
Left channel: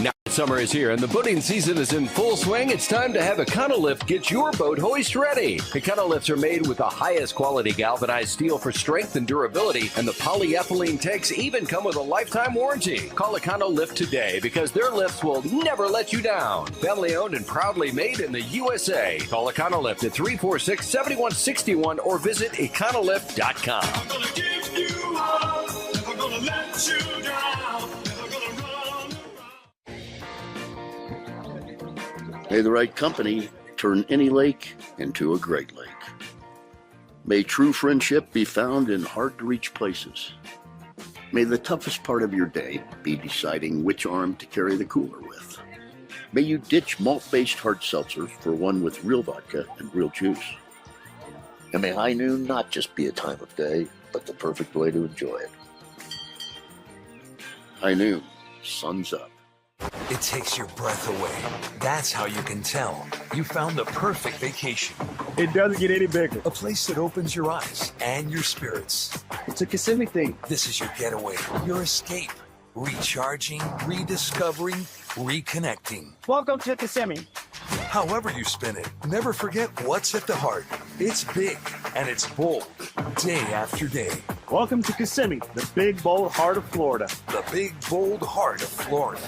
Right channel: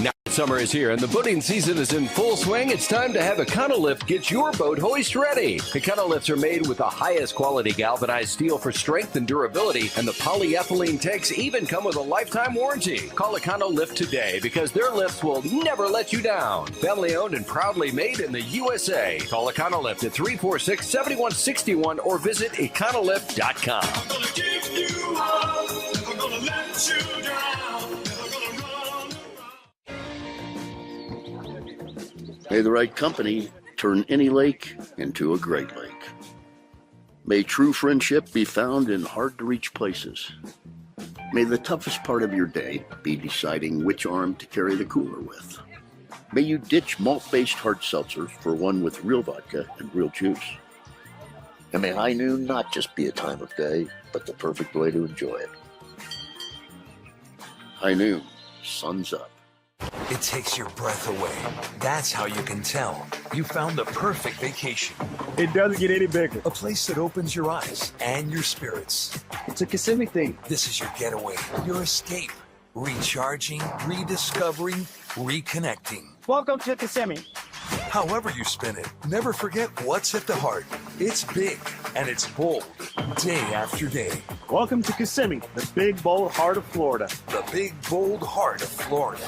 Now summer is here and the boating season is in full swing. It's time to have Econolift get your boat hoist ready. Econolifts are made with the highest quality galvanized steel for strength and durability, and the polyethylene tanks even come with a lifetime warranty. Call Econolift today because their lifts will never let you down. Family owned and proudly made in the USA. Call Econolift at 346-7161 or visit econolift.com. I'm gonna give you up, never gonna let you down, never gonna run. May the right company turn any lake into a great lake. May true friendship be found in hard-to-reach places. May the toughest part of your day be deciding which arm to carry the cooler with. May you ditch malt-based hard seltzer for one with real vodka and real juice. And may high noon not just be a time of day, but the perfect way to enjoy it. High noon, sun's up. It takes your breath away. That's how you can tell you found the perfect vacation. It doesn't get any bigger. A place that opens your eyes and your spirits. It's a Kissimmee thing. This is your getaway, your escape. Recharging, rediscovering, reconnecting. Welcome to Kissimmee. However you spin it, never forget what's at the heart. It's big and it's bold, day after day. Welcome to Kissimmee, the big, bold heart of Florida. The big, bold heart of Florida.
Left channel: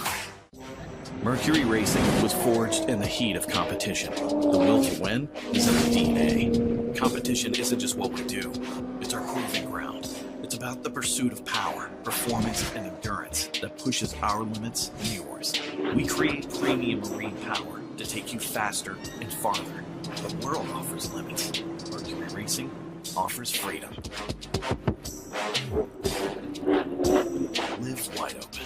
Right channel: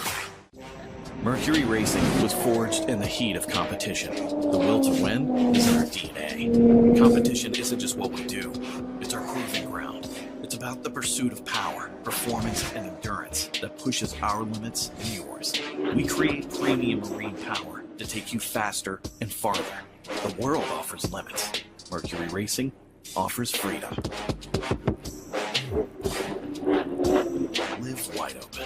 Mercury Racing was forged in the heat of competition. The will to win is in our DNA. Competition isn't just what we do, it's our proving ground. It's about the pursuit of power, performance, and endurance that pushes our limits and yours. We create premium marine power to take you faster and farther. The world offers limits. Mercury Racing offers freedom. Live wide open.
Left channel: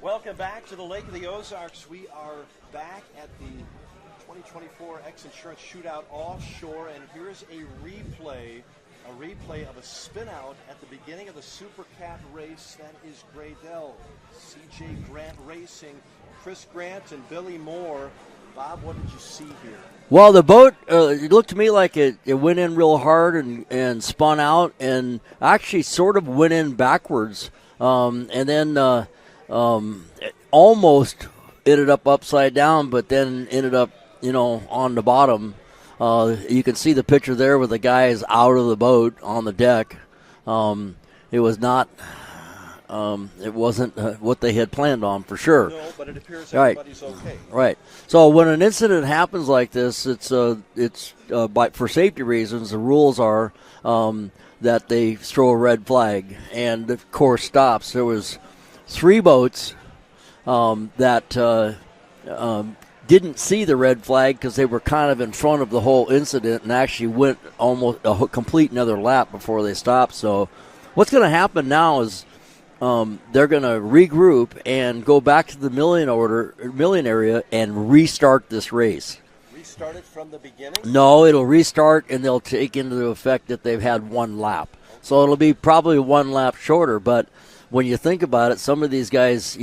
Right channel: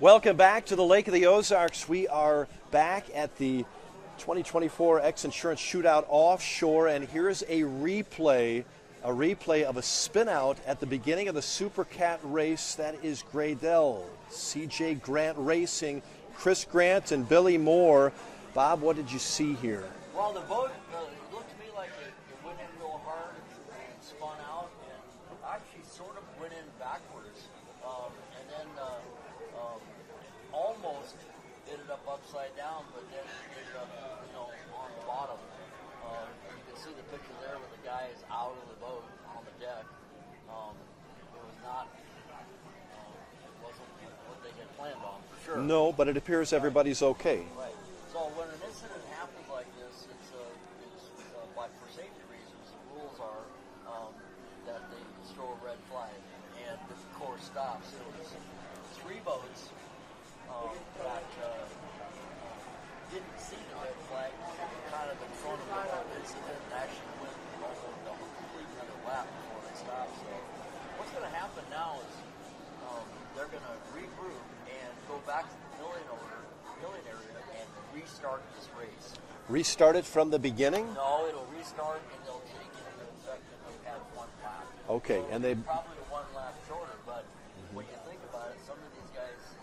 Welcome back to the Lake of the Ozarks. We are back at the 2024 X Insurance Shootout Offshore, and here's a replay of a spin out at the beginning of the Supercat race. That is Graydell, CJ Grant Racing, Chris Grant and Billy Moore. Bob, what did you see here? Well, the boat, it looked to me like it went in real hard and spun out and actually sort of went in backwards. And then it almost ended up upside down, but then ended up, on the bottom. You can see the picture there with the guys out of the boat on the deck. It was not... it wasn't what they had planned on for sure. No, but it appears everybody's okay. Right. So when an incident happens like this, it's for safety reasons. The rules are that they throw a red flag, and of course stops. There was 3 boats that didn't see the red flag because they were kind of in front of the whole incident and actually went almost a complete another lap before they stopped. So what's going to happen now is they're going to regroup and go back to the milling area and restart this race. Restart it from the beginning? No, it'll restart, and they'll take into effect that they've had 1 lap. Okay, so it'll be probably 1 lap shorter. But when you think about it, some of these guys,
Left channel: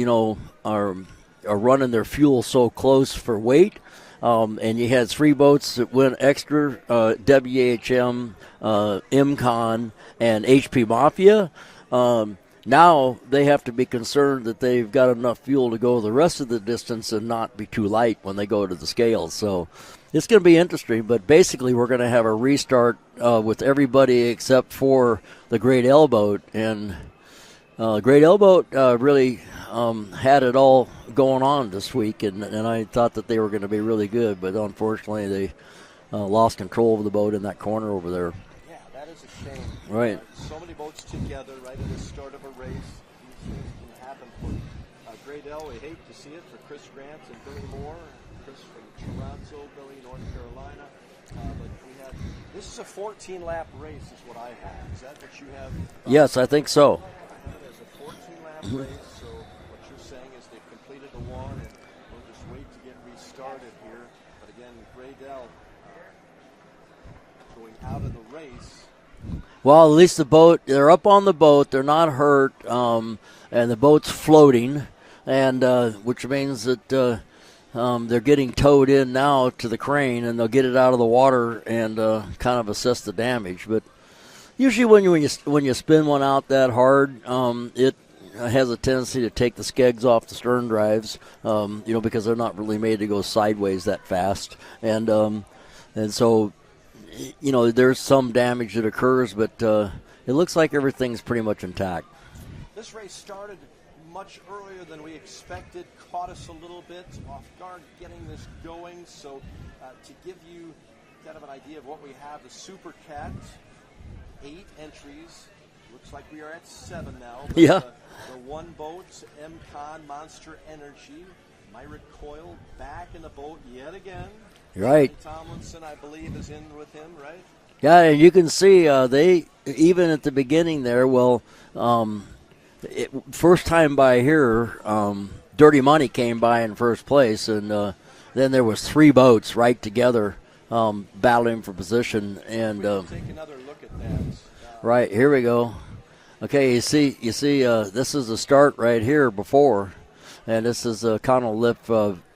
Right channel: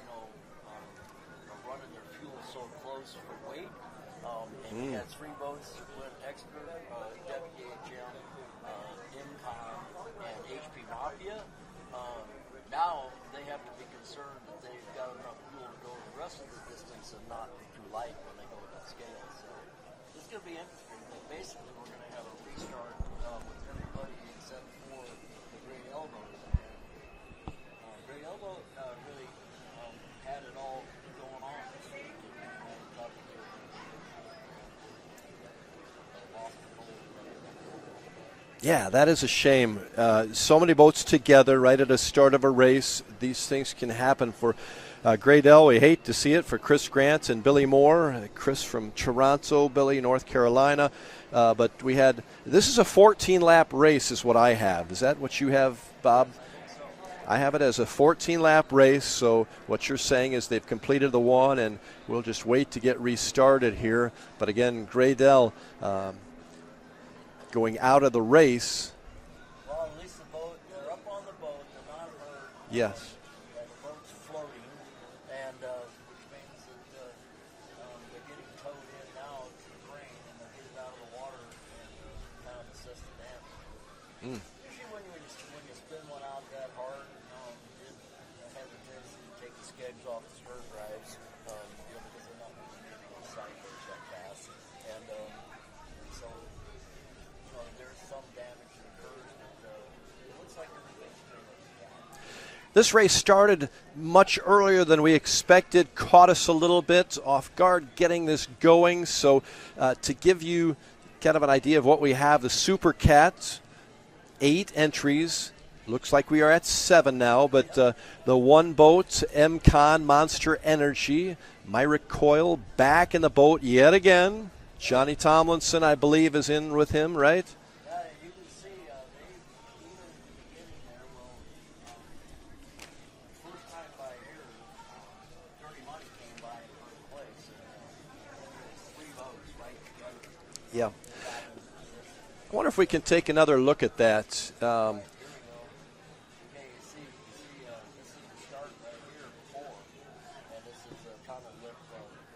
are running their fuel so close for weight. And you had 3 boats that went extra, WHM, MCON, and HP Mafia. Now they have to be concerned that they've got enough fuel to go the rest of the distance and not be too light when they go to the scales. So it's going to be interesting, but basically we're going to have a restart with everybody except for the Great L boat. And Great L boat really had it all going on this week, and I thought that they were going to be really good, but unfortunately they lost control of the boat in that corner over there. Yeah, that is a shame. Right. So many boats together right at the start of a race. These things can happen for Graydell. We hate to see it for Chris Grant and Billy Moore. Chris from Toronto, Billy, North Carolina. But this is a 14-lap race is what I have. Is that what you have, Bob? Yes, I think so. I have it as a 14-lap race, so what you're saying is they've completed the one, and we'll just wait to get restarted here. But again, Graydell going out of the race. Well, at least they're up on the boat. They're not hurt, Yes. and the boat's floating, and which means that they're getting towed in now to the crane, and they'll get it out of the water and kind of assess the damage. But usually when you spin one out that hard, it has a tendency to take the skegs off the stern drives, because they're not really made to go sideways that fast, and so. There's some damage that occurs, but it looks like everything's pretty much intact. This race started much earlier than we expected, caught us a little bit off guard getting this going. So to give you kind of an idea of what we have, the Supercat, 8 entries. Looks like we are at 7 now, but the 1 boat, MCON, Monster Energy, Myrick Coyle back in the boat yet again. Right. Johnny Tomlinson, I believe, is in with him, right? Yeah, and you can see they, even at the beginning there, first time by here, Dirty Money came by in first place, and then there was 3 boats right together battling for position. I wonder if we can take another look at that. Right, here we go. Okay, you see, this is the start right here before, and this is a Connell Lift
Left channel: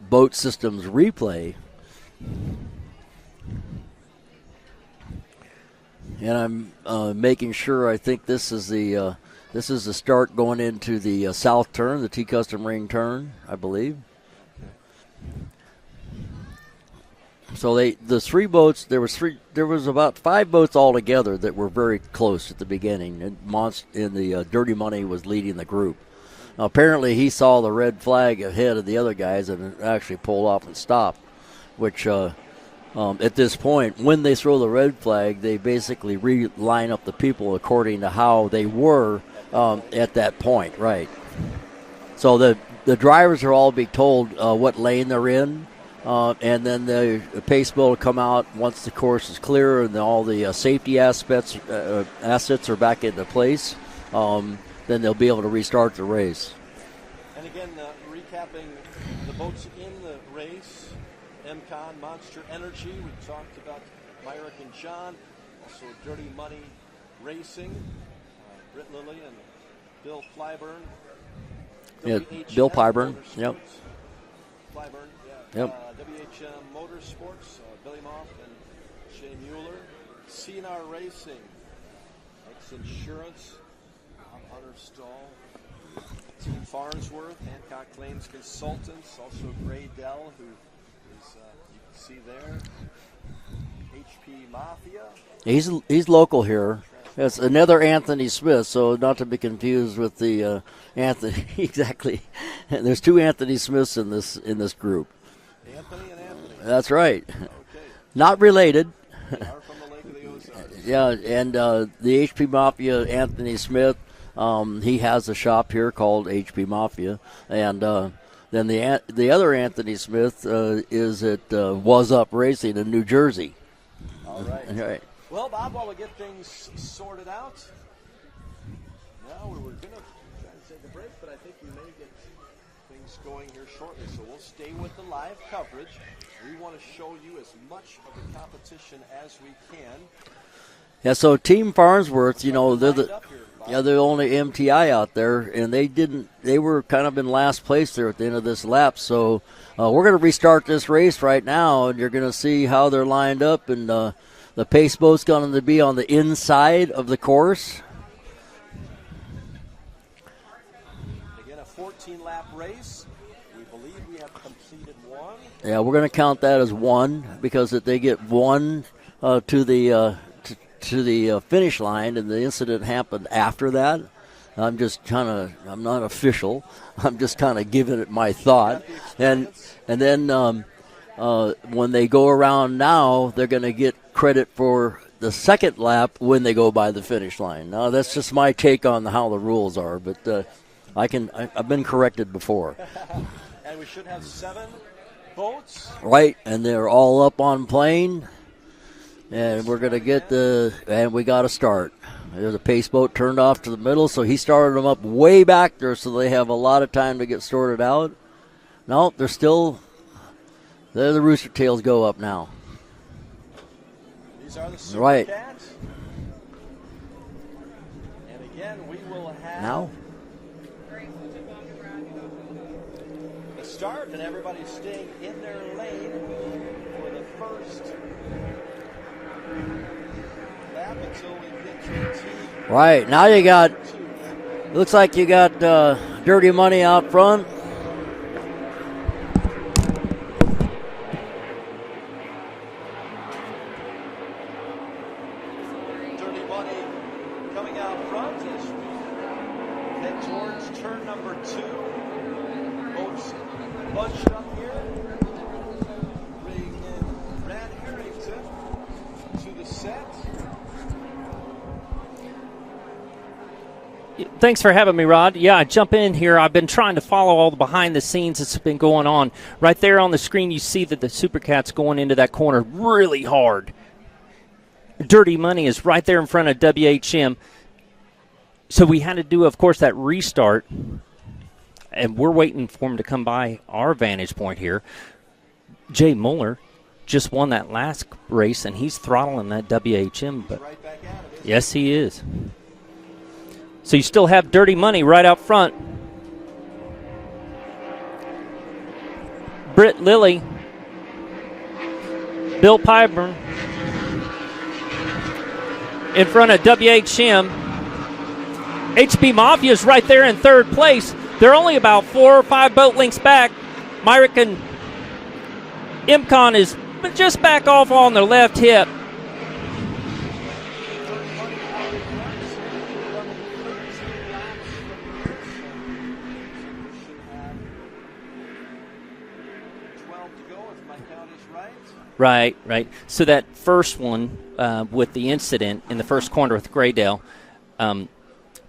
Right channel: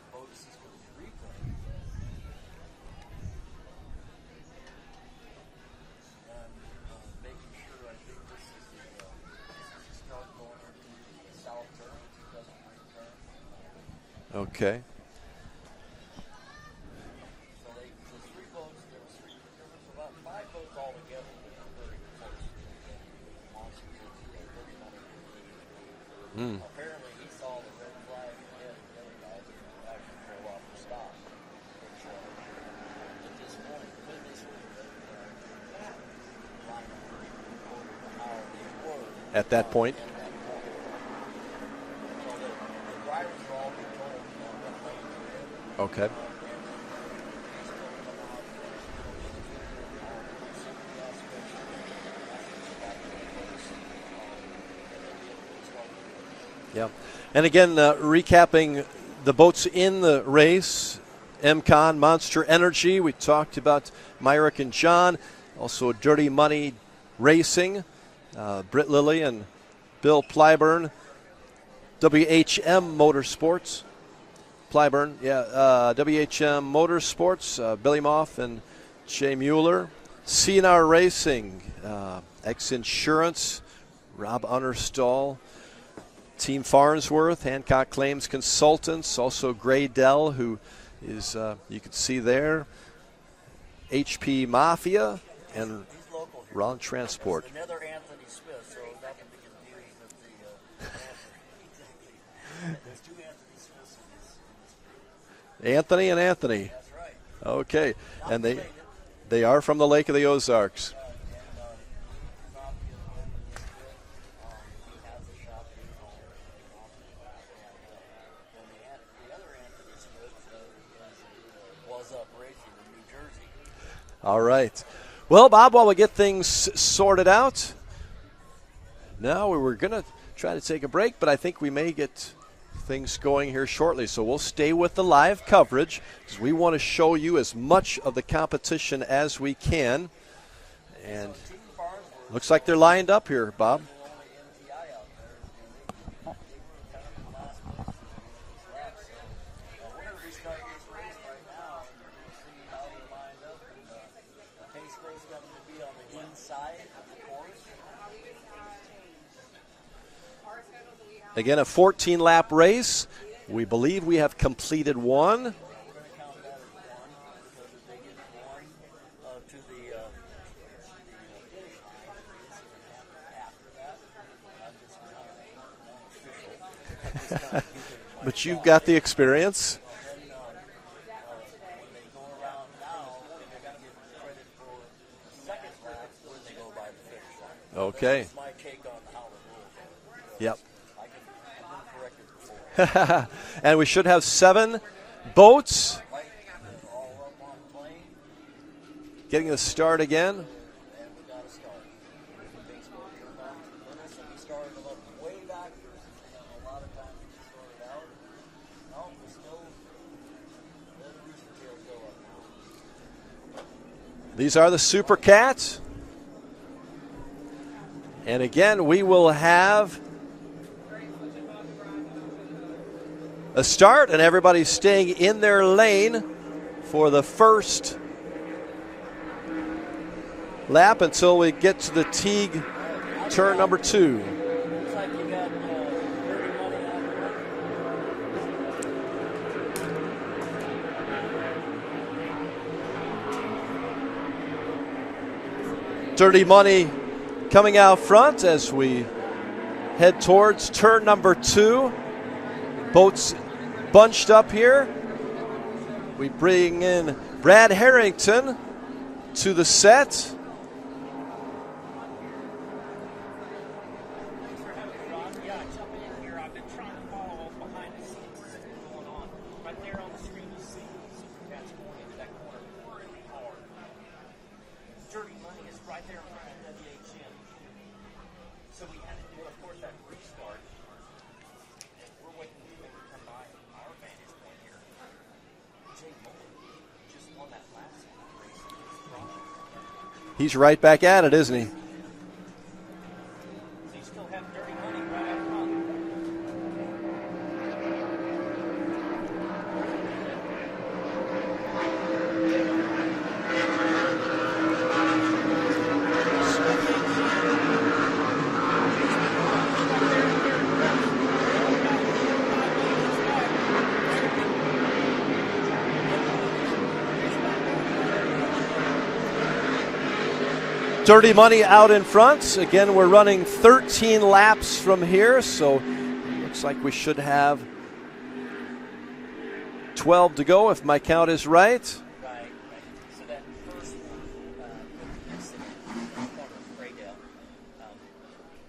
Boat Systems replay. And I'm making sure. I think this is the start going into the south turn, the T-Custom Ring turn, I believe. Okay. So the 3 boats. There was about 5 boats altogether that were very close at the beginning. And the Dirty Money was leading the group. Apparently, he saw the red flag ahead of the other guys and actually pulled off and stopped, which at this point, when they throw the red flag, they basically line up the people according to how they were at that point. At that point, right. So the drivers are all being told what lane they're in. Okay. And then the pace bill will come out once the course is clear and all the safety assets are back into place. Then they'll be able to restart the race. Yep. And again, recapping the boats in the race. MCon, Monster Energy. We talked about Myrick and John. Also Dirty Money Racing. Britt Lilly and Bill Plyburn. WHM Motorsports. Yep. Plyburn, yeah. WHM Motorsports, Billy Moff and Jay Mueller. CNR Racing, X Insurance, Rob Unnerstall. Team Farnsworth, Hancock Claims Consultants, also Gray Dell, who is, you can see there, HP Mafia. He's local here. Transport. It's another Anthony Smith, so not to be confused with the Anthony. Exactly. There's two Anthony Smiths in this group. Anthony and Anthony. That's right. Okay. Not related. They are from the Lake of the Ozarks. Yeah, and the HP Mafia, Anthony Smith, he has a shop here called HP Mafia, and then the other Anthony Smith is at Was Up Racing in New Jersey. All right. Well, Bob, while we get things sorted out, now we were going to try to take a break, but I think we may get things going here shortly. So we'll stay with the live coverage because we want to show you as much of the competition as we can. Yeah, so Team Farnsworth, looks like they're lined up here, Bob. Yeah, they're the only MTI out there, and they were kind of in last place there at the end of this lap. So we're going to restart this race right now, and you're going to see how they're lined up, and the pace boat's going to be on the inside of the course. Again, a 14-lap race. We believe we have completed one. Yeah, we're going to count that as one because they get one to the finish line, and the incident happened after that. I'm not official. I'm just kind of giving it my thought. You've got the experience. And then when they go around now, they're going to get credit for the second lap when they go by the finish line. Now, that's just my take on how the rules are, but I've been corrected before. And we should have 7 boats. Right, and they're all up on plane. And we're going to get and we got to start. There's a pace boat turned off to the middle, so he started them up way back there, so they have a lot of time to get sorted out. No, they're the Rooster Tails go up now. These are the Supercats. And again, we will have a start, and everybody's staying in their lane for the first lap until we get to the Teague. Right, now you got number 2. Looks like you got Dirty Money out front. Dirty Money coming out front as we head towards turn number 2. Boats bunched up here. We bring in Brad Harrington to the set. Thanks for having me, Rod. Yeah, I jump in here. I've been trying to follow all the behind the scenes that's been going on. Right there on the screen, you see that the Supercat's going into that corner really hard. Dirty Money is right there in front of WHM. So we had to do, of course, that restart. And we're waiting for him to come by our vantage point here. Jay Mueller just won that last race, and he's throttling that WHM. He's right back at it, isn't he? Yes, he is. So you still have Dirty Money right out front. Britt Lilly. Bill Pyburn. In front of WHM. HP Mafia's right there in third place. They're only about 4 or 5 boat lengths back. Myrick and MCon is just back off on their left hip. Dirty Money out in front. Again, we're running 13 laps from here, so looks like we should have 12 to go, if my count is right. Right. So that first one with the incident in the first corner with Graydale,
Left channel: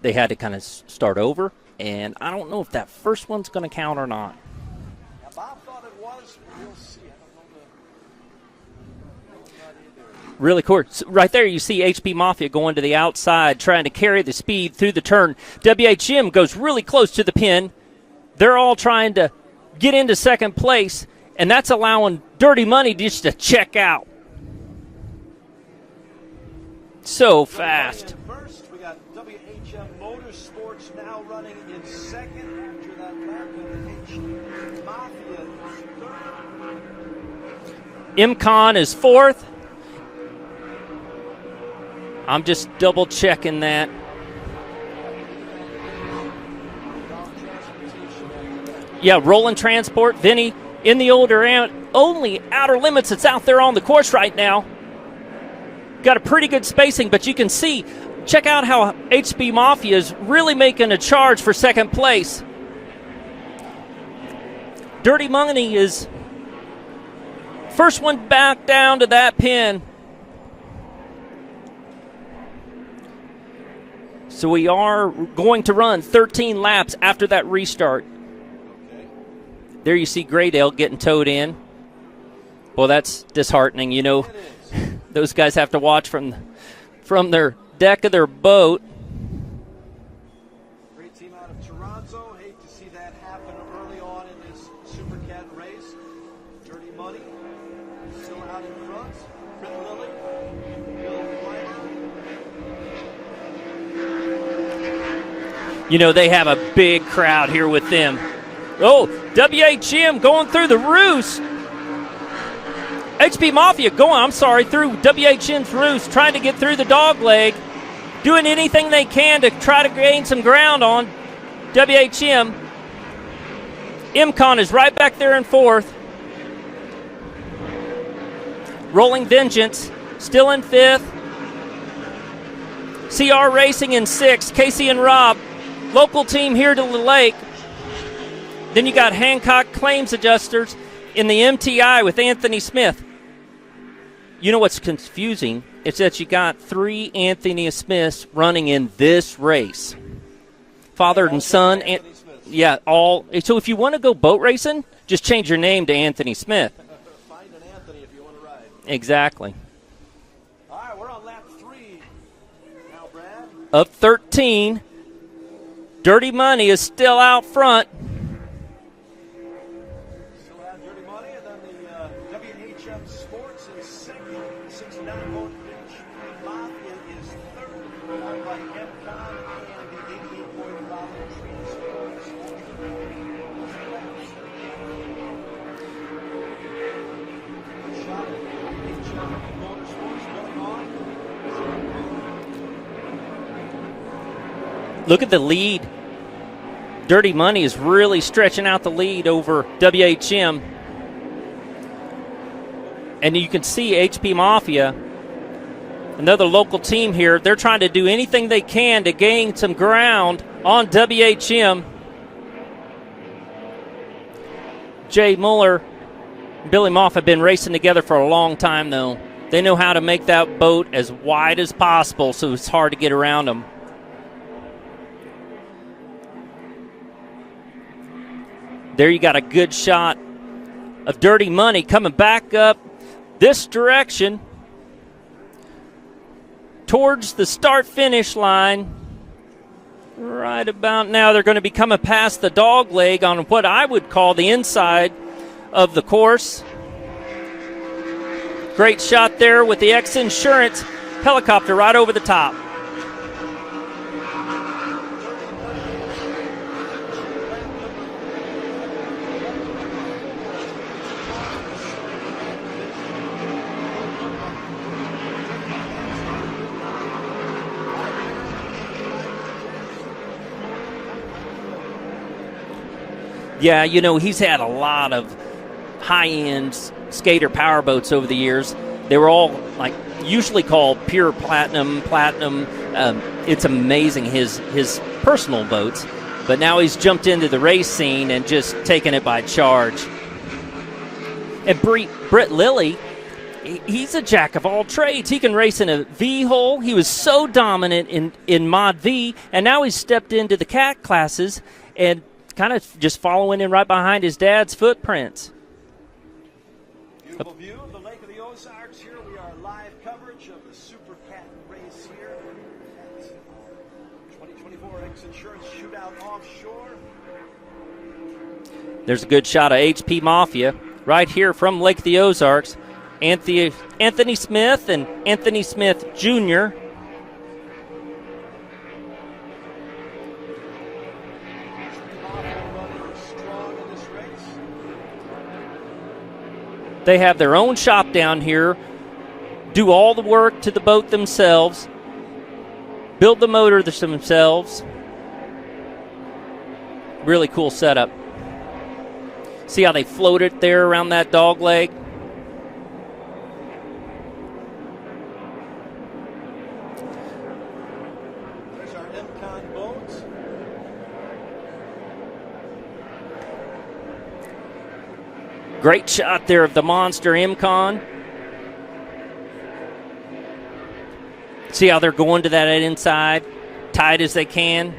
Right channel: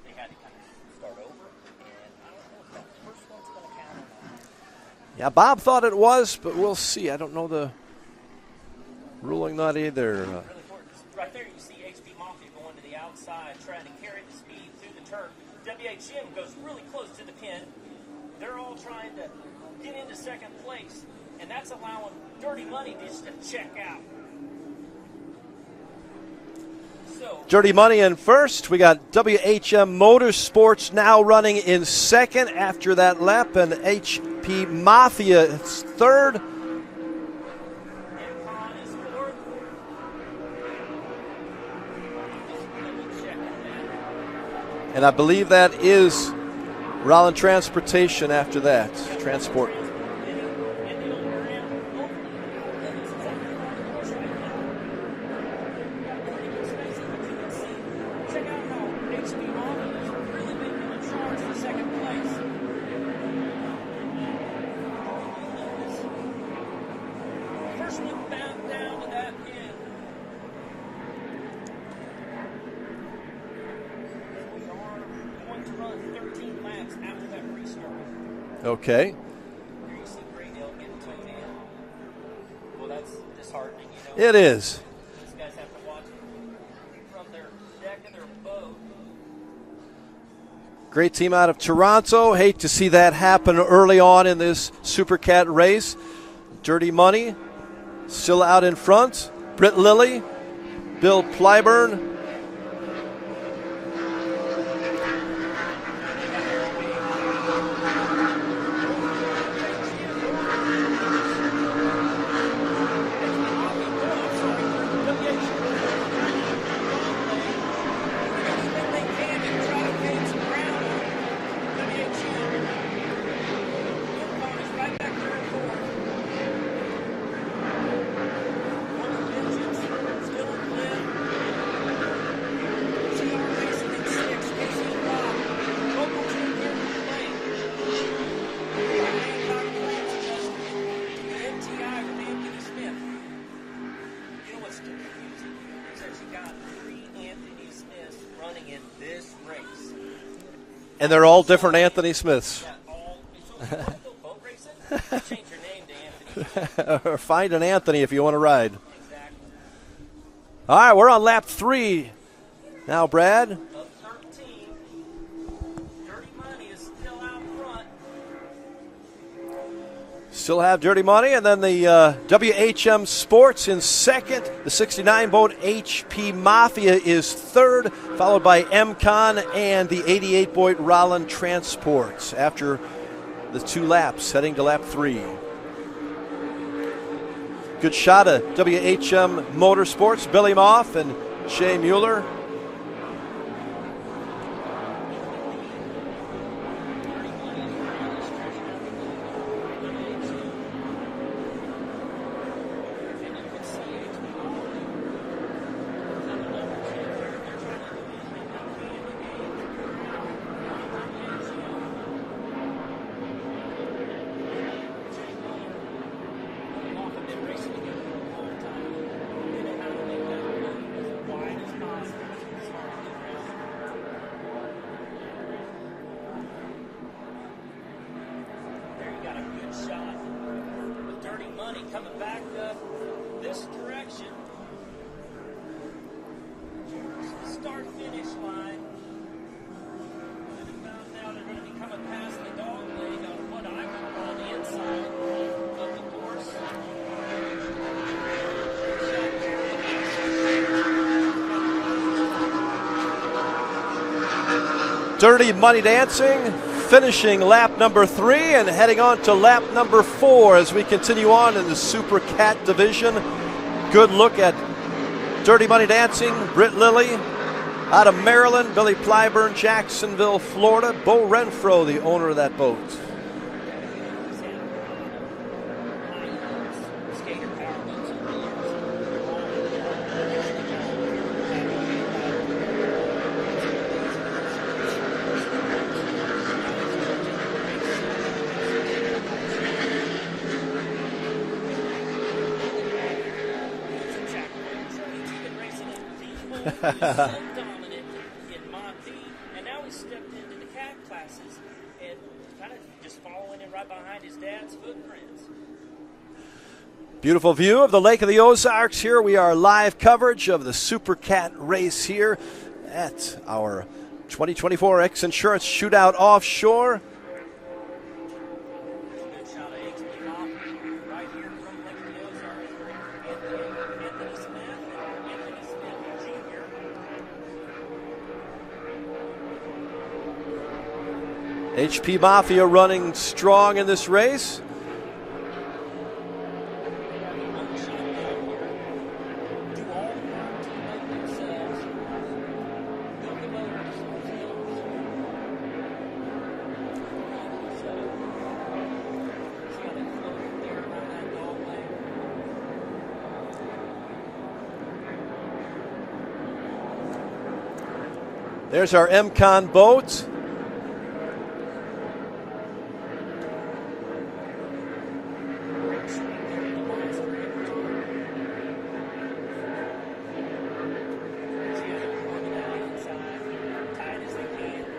they had to kind of start over, and I don't know if that first one's going to count or not. Yeah, Bob thought it was, but we'll see. I don't know the ruling, not either. Really cool. Right there you see HP Mafia going to the outside, trying to carry the speed through the turn. WHM goes really close to the pin. They're all trying to get into second place, and that's allowing Dirty Money just to check out. So Dirty fast. Money in first. We got WHM Motorsports now running in second after that lap, and HP Mafia is third. MCon is fourth. I'm just double checking that. And I believe that is Roland Transportation after that. Yeah, Roland Transport. Vinny in the only outer limits that's out there on the course right now. Got a pretty good spacing, but you can see, check out how HB Mafia is really making a charge for second place. Dirty Money is first one back down to that pin. So we are going to run 13 laps after that restart. Okay. There you see Graydale getting towed in. Well, that's disheartening, you know. It is. Those guys have to watch from their deck of their boat. Great team out of Toronto. Hate to see that happen early on in this Supercat race. Dirty Money still out in front. Britt Lilly, Bill Plyburn. You know, they have a big crowd here with them. Oh, WHM going through the roost. HP Mafia through WHM's roost, trying to get through the dog leg, doing anything they can to try to gain some ground on WHM. MCon is right back there in fourth. Rolling Vengeance still in fifth. CR Racing in sixth. Casey and Rob, local team here to the lake. Then you got Hancock Claims Adjusters in the MTI with Anthony Smith. You know what's confusing? It's that you got 3 Anthony Smiths running in this race. Father and they're all son, different Anthony Smiths. Yeah, all. So if you want to go boat racing, just change your name to Anthony Smith. Or find an Anthony if you want to ride. Exactly. All right, we're on lap 3 now, Brad. Of 13. Dirty Money is still out front. Still have Dirty Money, and then the WHM Sports in second. The 69 boat HP Mafia is third, followed by MCon and the 88 boat Roland Transports after the 2 laps, heading to lap 3. Good shot of WHM Motorsports, Billy Moff and Shea Mueller. Look at the lead. Dirty Money is really stretching out the lead over WHM. And you can see HP Mafia, another local team here, they're trying to do anything they can to gain some ground on WHM. Jay Mueller and Billy Moff have been racing together for a long time, though. They know how to make that boat as wide as possible, so it's hard to get around them. There you got a good shot of Dirty Money coming back up this direction towards the start-finish line. Right about now, they're going to be coming past the dog leg on what I would call the inside of the course. Great shot there with the X Insurance helicopter right over the top. Dirty Money dancing, finishing lap number 3 and heading on to lap number 4 as we continue on in the Super Cat division. Good look at Dirty Money dancing, Britt Lilly out of Maryland, Billy Plyburn, Jacksonville, Florida, Bo Renfro, the owner of that boat. Yeah, you know, he's had a lot of high-end skater power boats over the years. They were all usually called pure platinum. It's amazing his personal boats. But now he's jumped into the race scene and just taken it by charge. And Britt Lilly, he's a jack of all trades. He can race in a V-hole. He was so dominant in Mod V, and now he's stepped into the cat classes and kind of just following in right behind his dad's footprints. Beautiful view of the Lake of the Ozarks here. We are live coverage of the Supercat race here at our 2024 X Insurance Shootout Offshore. There's a good shot of HP Mafia right here from Lake of the Ozarks. Anthony Smith and Anthony Smith Jr. HP Mafia running strong in this race. They have their own shop down here, do all the work to the boat themselves, build the motor themselves. Really cool setup. See how they float it there around that dog leg? There's our MCON boat. Great shot there of the monster MCON. See how they're going to that inside, tight as they can.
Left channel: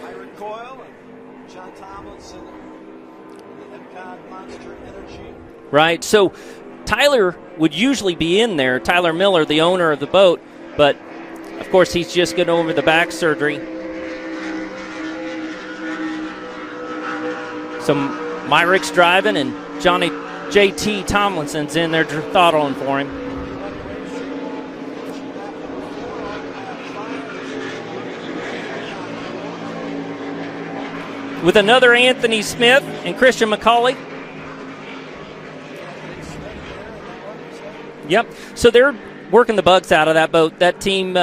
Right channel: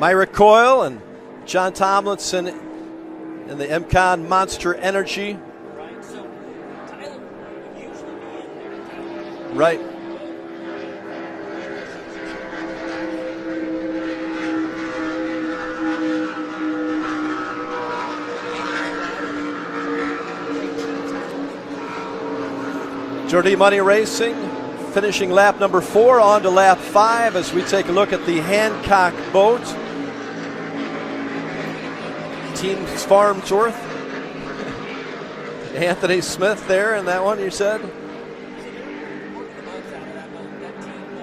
Myra Coyle and John Tomlinson in the MCON Monster Energy. Right, so Tyler would usually be in there, Tyler Miller, the owner of the boat, but of course he's just getting over the back surgery. So Myrick's driving and Johnny JT Tomlinson's in there throttling for him. Dirty Money Racing finishing lap number 4 on to lap 5 as we take a look at the Hancock boat. With another Anthony Smith and Christian McCauley. Anthony Smith there in that one, you said? Yep. So they're working the bugs out of that boat. That team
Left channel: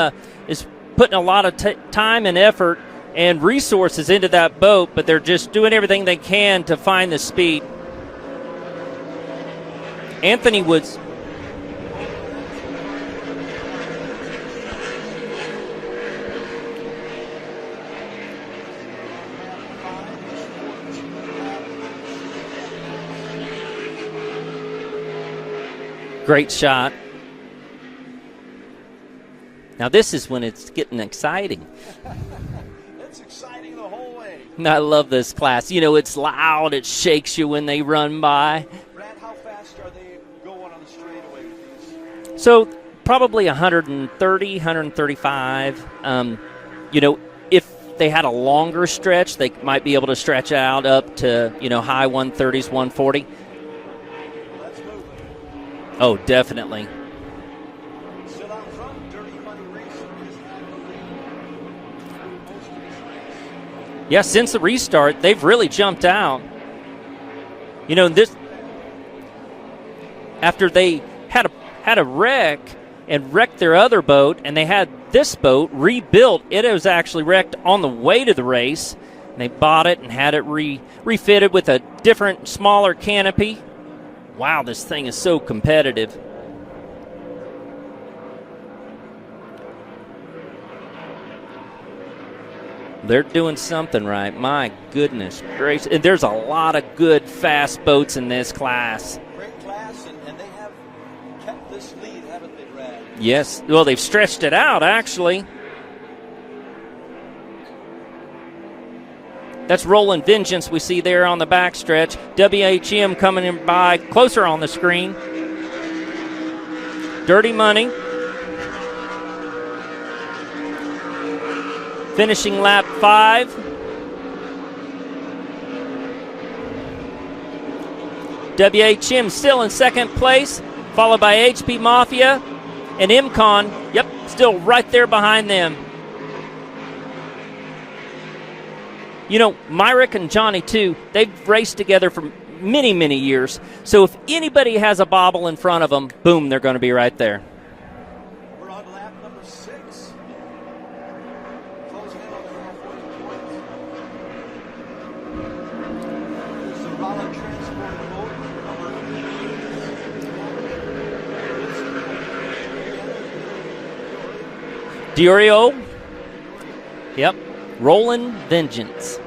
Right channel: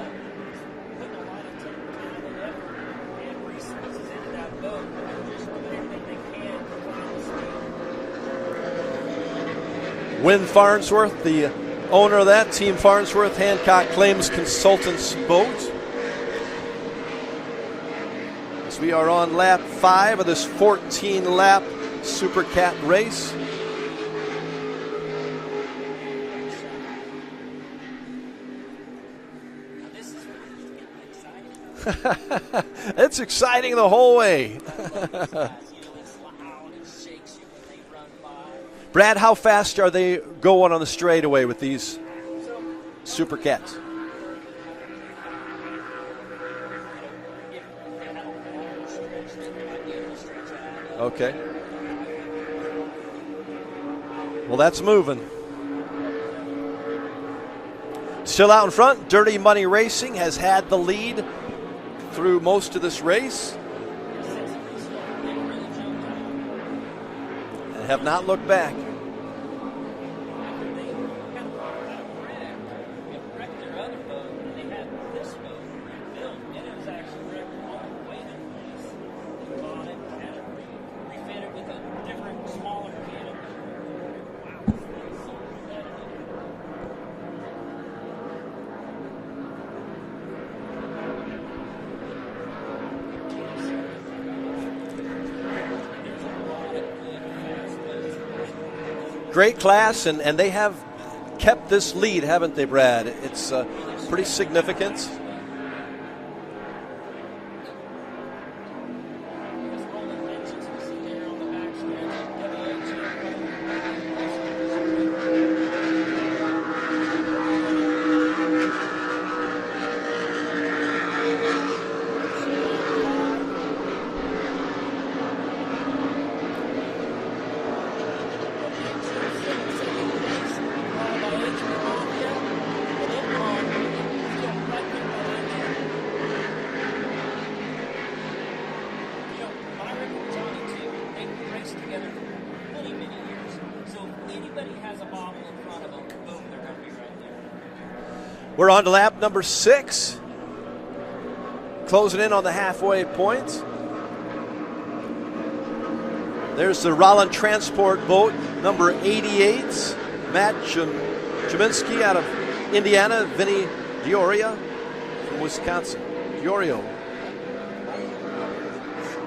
is putting a lot of time and effort and resources into that boat, but they're just doing everything they can to find the speed. Anthony Farnsworth, the owner of that team, Farnsworth Hancock Claims Consultants boat. As we are on lap 5 of this 14-lap Supercat race. Great shot. Now this is when it's getting exciting. It's exciting the whole way. I love this class. You know, it's loud. It shakes you when they run by. Brad, how fast are they going on the straightaway with these? So probably Supercats? 130, 135. You know, if they had a longer stretch, they might be able to stretch out up to, you know, high 130s, 140. Well, that's moving. Oh, definitely. Still out in front, Dirty Money Racing has had the lead through most of this race. Yeah, since the restart, they've really jumped out. You know, this look back. After they had a wreck and wrecked their other boat, and they had this boat rebuilt. It was actually wrecked on the way to the race. And they bought it and had it refitted with a different, smaller canopy. Wow, this thing is so competitive. They're doing something right. My goodness gracious. And there's a lot of good, fast boats in this class. Great class, and they have kept this lead, haven't they, Brad? Yes. Well, they've stretched it out, actually. That's Rolling Vengeance we see there on the backstretch. WHM coming in by closer on the screen. Dirty Money. Finishing lap 5. WHM still in second place, followed by HP Mafia and MCON. Yep, still right there behind them. You know, Myrick and Johnny, too, they've raced together for many, many years. So if anybody has a bobble in front of them, boom, they're going to be right there. We're on to lap number 6. Closing in on the halfway point. There's the Rollin Transport boat, number 88. Matt Jaminski out of Indiana. Vinny Diorio. Diorio. Yep. Rolling Vengeance.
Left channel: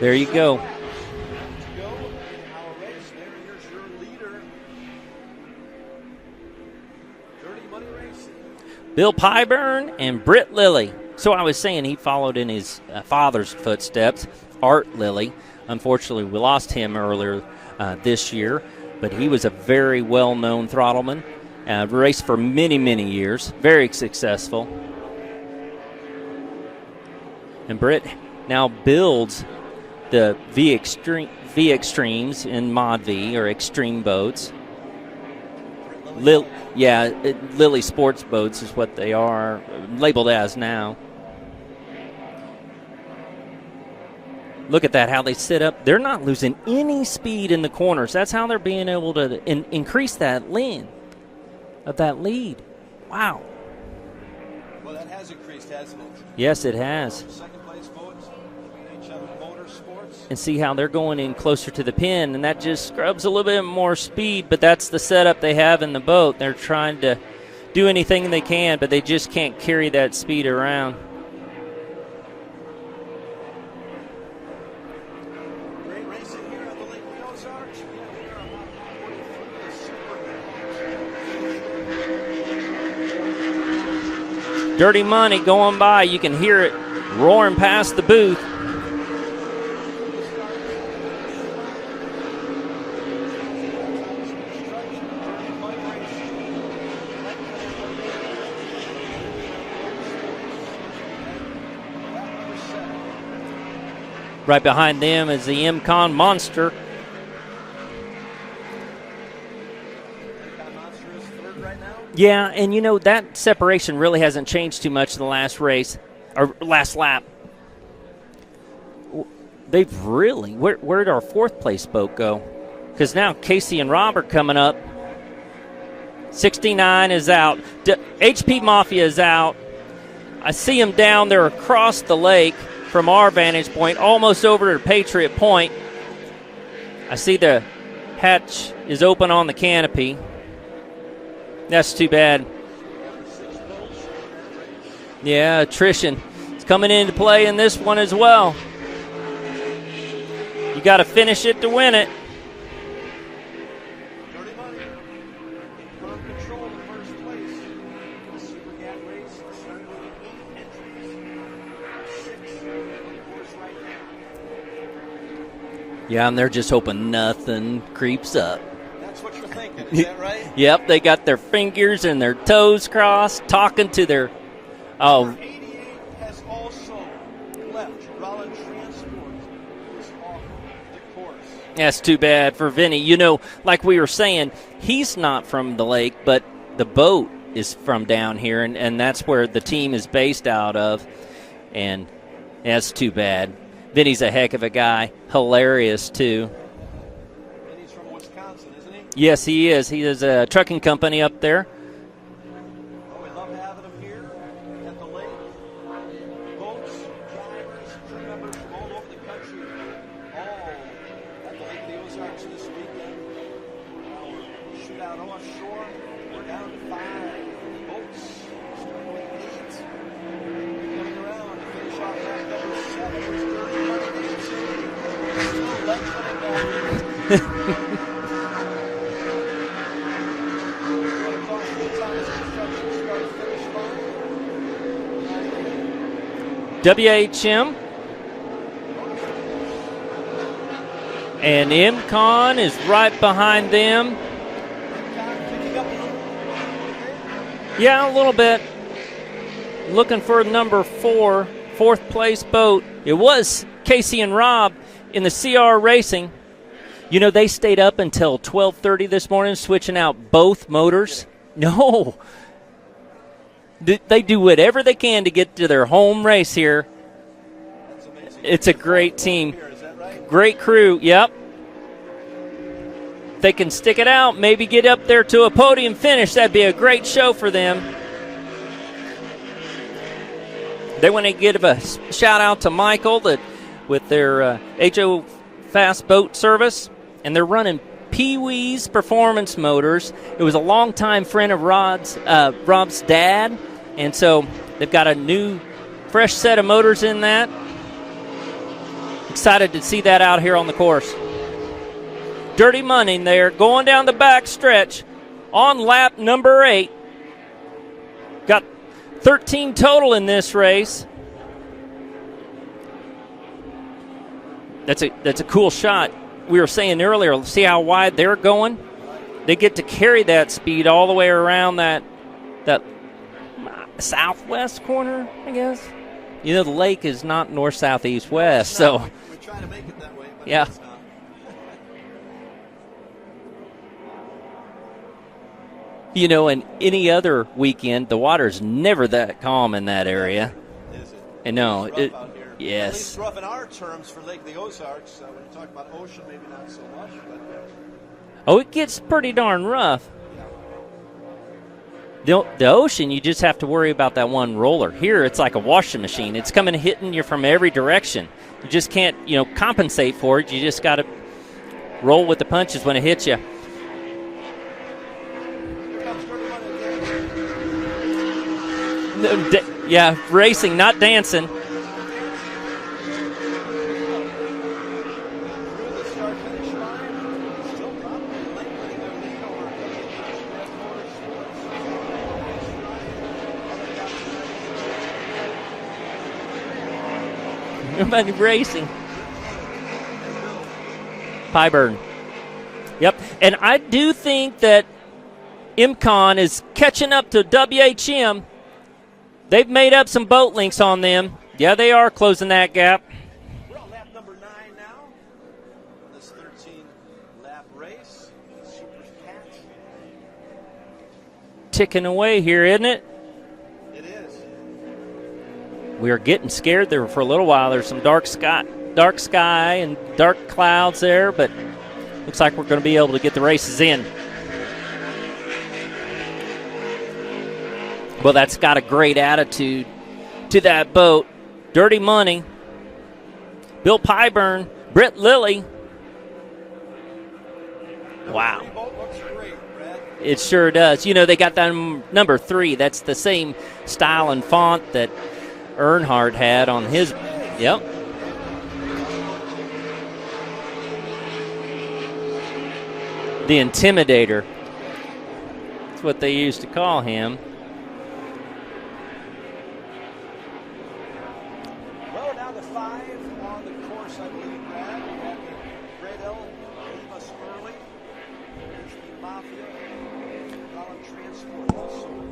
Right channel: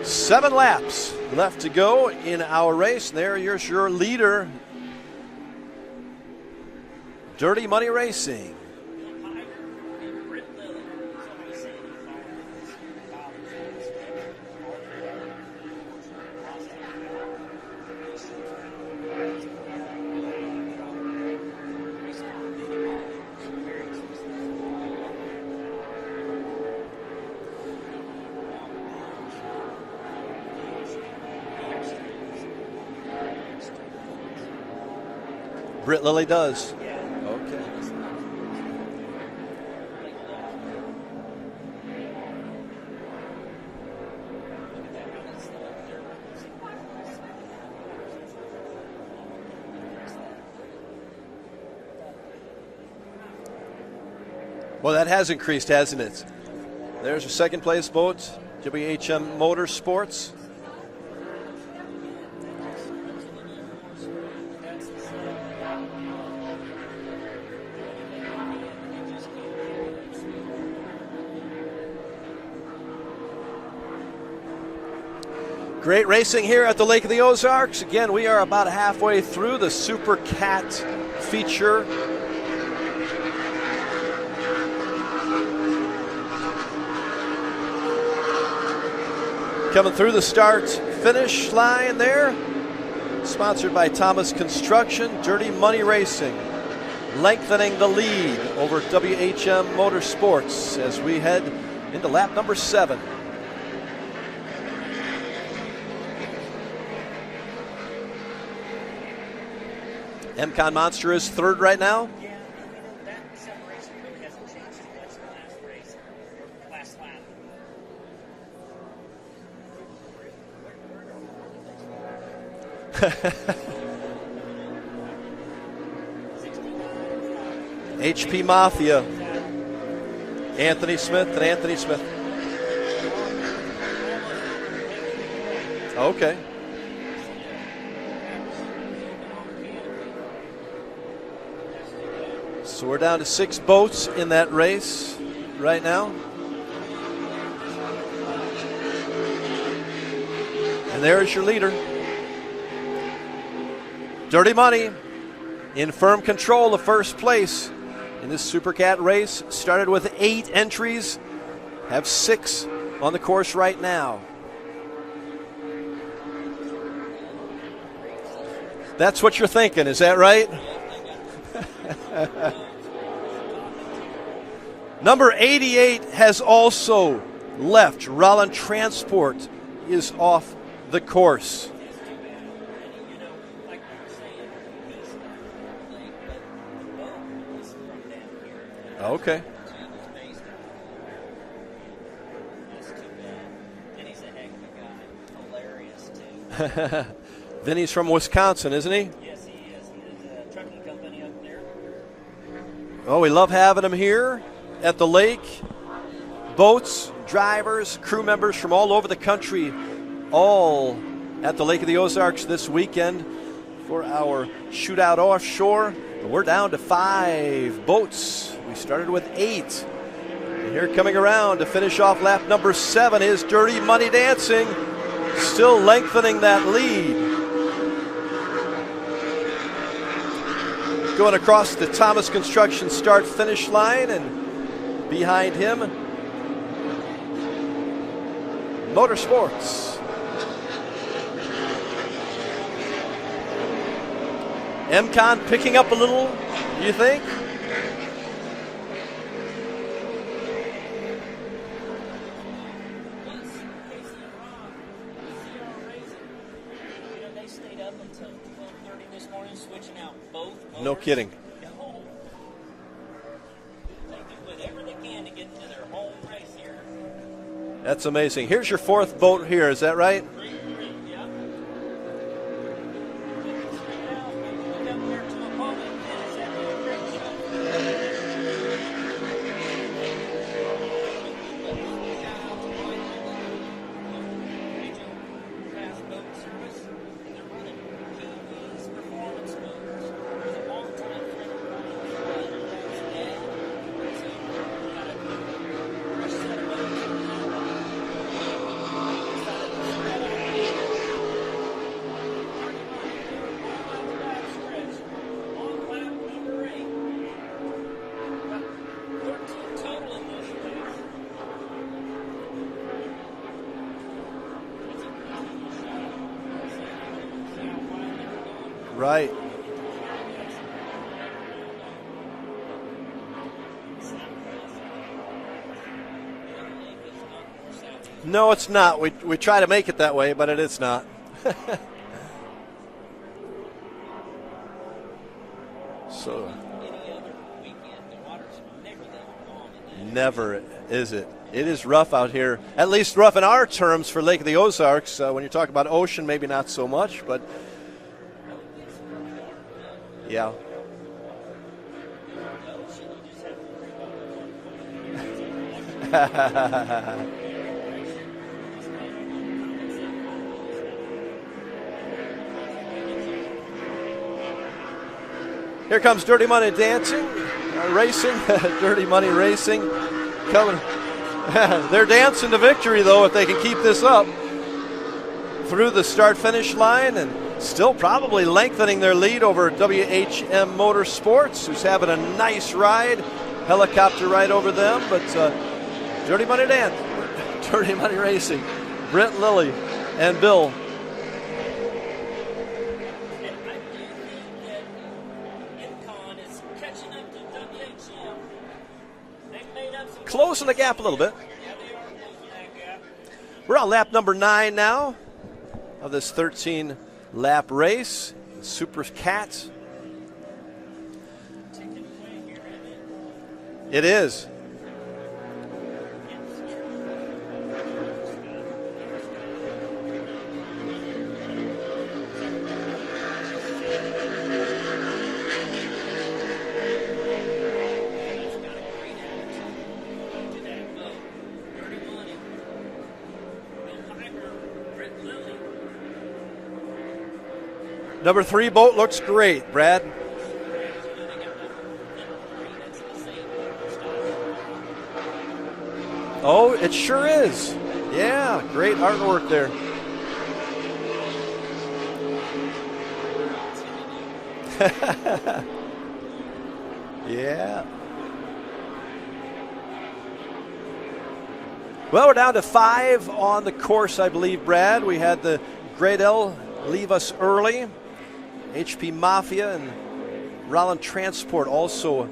There you go. 7 laps left to go in our race. There's your leader, Dirty Money Racing. Bill Pyburn and Britt Lilly. So I was saying he followed in his father's footsteps, Art Lilly. Unfortunately, we lost him earlier this year, but he was a very well-known throttleman. Raced for many, many years. Very successful. And Britt now builds the V Extremes in Mod V, or extreme boats. Britt Lilly does. Yeah, Lilly Sports Boats is what they are labeled as now. Look at that, how they sit up. They're not losing any speed in the corners. That's how they're being able to increase that lead. Wow. Well, that has increased, hasn't it? Yes, it has. There's your second place boat, WHM Motorsports. And see how they're going in closer to the pin, and that just scrubs a little bit more speed, but that's the setup they have in the boat. They're trying to do anything they can, but they just can't carry that speed around. Great racing here at the Lake of the Ozarks. Again, we are about halfway through the Supercat feature. Dirty Money going by. You can hear it roaring past the booth. Coming through the start-finish line there. Sponsored by Thomas Construction. Dirty Money Racing lengthening the lead over WHM Motorsports as we head into lap number 7. Right behind them is the MCon Monster. MCon Monster is third right now. Yeah, and you know, that separation really hasn't changed too much in the last race, or last lap. They've really, where'd our fourth place boat go? Because now Casey and Rob are coming up. 69 is out. HB Mafia is out. I see him down there across the lake from our vantage point, almost over to Patriot Point. Okay. I see the hatch is open on the canopy. That's too bad. So we're down to 6 boats in that race. Yeah, right attrition. now. It's coming into play in this one as well. You got to finish it to win it. Dirty Money in firm control of first place in this Supercat race. Started with 8 entries. Have 6 on the course right now. Yeah, and they're just hoping nothing creeps up. That's what you're thinking, is that right? Yep, they got their fingers and their toes crossed, talking to their... Number 88 has also left. Rollin Transport is off the course. That's too bad for Vinny. You know, like we were saying, he's not from the lake, but the boat is from down here, and that's where the team is based out of. And that's too bad. Vinny's a heck of a guy. Hilarious, too. Vinny's from Wisconsin, isn't he? Yes, he is. He has a trucking company up there. Oh, we love having him here at the lake. Boats, drivers, crew members from all over the country, all at the Lake of the Ozarks this weekend for our Shootout Offshore. And we're down to 5 boats. We started with 8. And here coming around to finish off lap number 7 is Dirty Money Dancing, still lengthening that lead. Going across the Thomas Construction start-finish line, and behind him, WHM Motorsports. And MCon is right behind them. MCon picking up a little, you think? Yeah, a little bit. Looking for number 4, fourth place boat. It was Casey and Rob in the CR Racing. You know, they stayed up until 12:30 this morning, switching out both motors. No kidding. No. They do whatever they can to get to their home race here. That's amazing. It's Here's a your great fourth boat team here, is that right? Great crew, yep. If they can stick it out, maybe get up there to a podium finish, that'd be a great show for them. They want to give a shout out to Michael with their HO Fast Boat Service, and they're running Pee-wee's Performance Motors. It was a longtime friend of Rob's dad, and so they've got a new, fresh set of motors in that. Excited to see that out here on the course. Dirty Money there, going down the back stretch on lap number 8. Got 13 total in this race. That's a cool shot. We were saying earlier, see how wide they're going? Right. They get to carry that speed all the way around that southwest corner, I guess. You know, the lake is not north, south, east, no, west. it's not. So. We try to make it that way, but Yeah. it's not. You know, in any other weekend, the water's never that calm in that area. Never is it. And it no, is rough out here. Yes. At least rough in our terms for Lake of the Ozarks. When you talk about ocean, maybe not so much, but. Oh, it gets pretty darn rough. Yeah. The ocean, you just have to worry about that one roller. Here, it's like a washing machine. It's coming and hitting you from every direction. You just can't, compensate for it. You just got to roll with the punches when it hits you. Here comes Dirty Money dancing, racing, Dirty Money racing. Yeah, racing, not dancing. They're dancing to victory, though, if they can keep this up through the start-finish line, and still probably lengthening their lead over WHM Motorsports, who's having a nice ride, helicopter ride over them. But Dirty Money Dan, Dirty Money racing. Brent Lilly and Bill Pyburn. Yep, and I do think that IMCON is catching up to WHM. They've made up some boat links on them. Yeah, they are closing that gap. We're on lap number 9 now of this 13-lap race. Supercat. Ticking away here, isn't it? It is. We are getting scared there for a little while. There's some dark sky and dark clouds there, but looks like we're going to be able to get the races in. Well, that's got a great attitude to that boat. Dirty Money, Bill Pyburn, Brett Lilly. Number 3 boat looks great, Brad. It sure does. They got that number 3. That's the same style and font that Earnhardt had on his. It sure is. Yep. Yeah, great artwork there. The Intimidator. That's what they used to call him. Yeah. Well, we're down to 5 on the course, I believe, Brad. We had the Grade L leave us early. HP Mafia and Rollin Transport also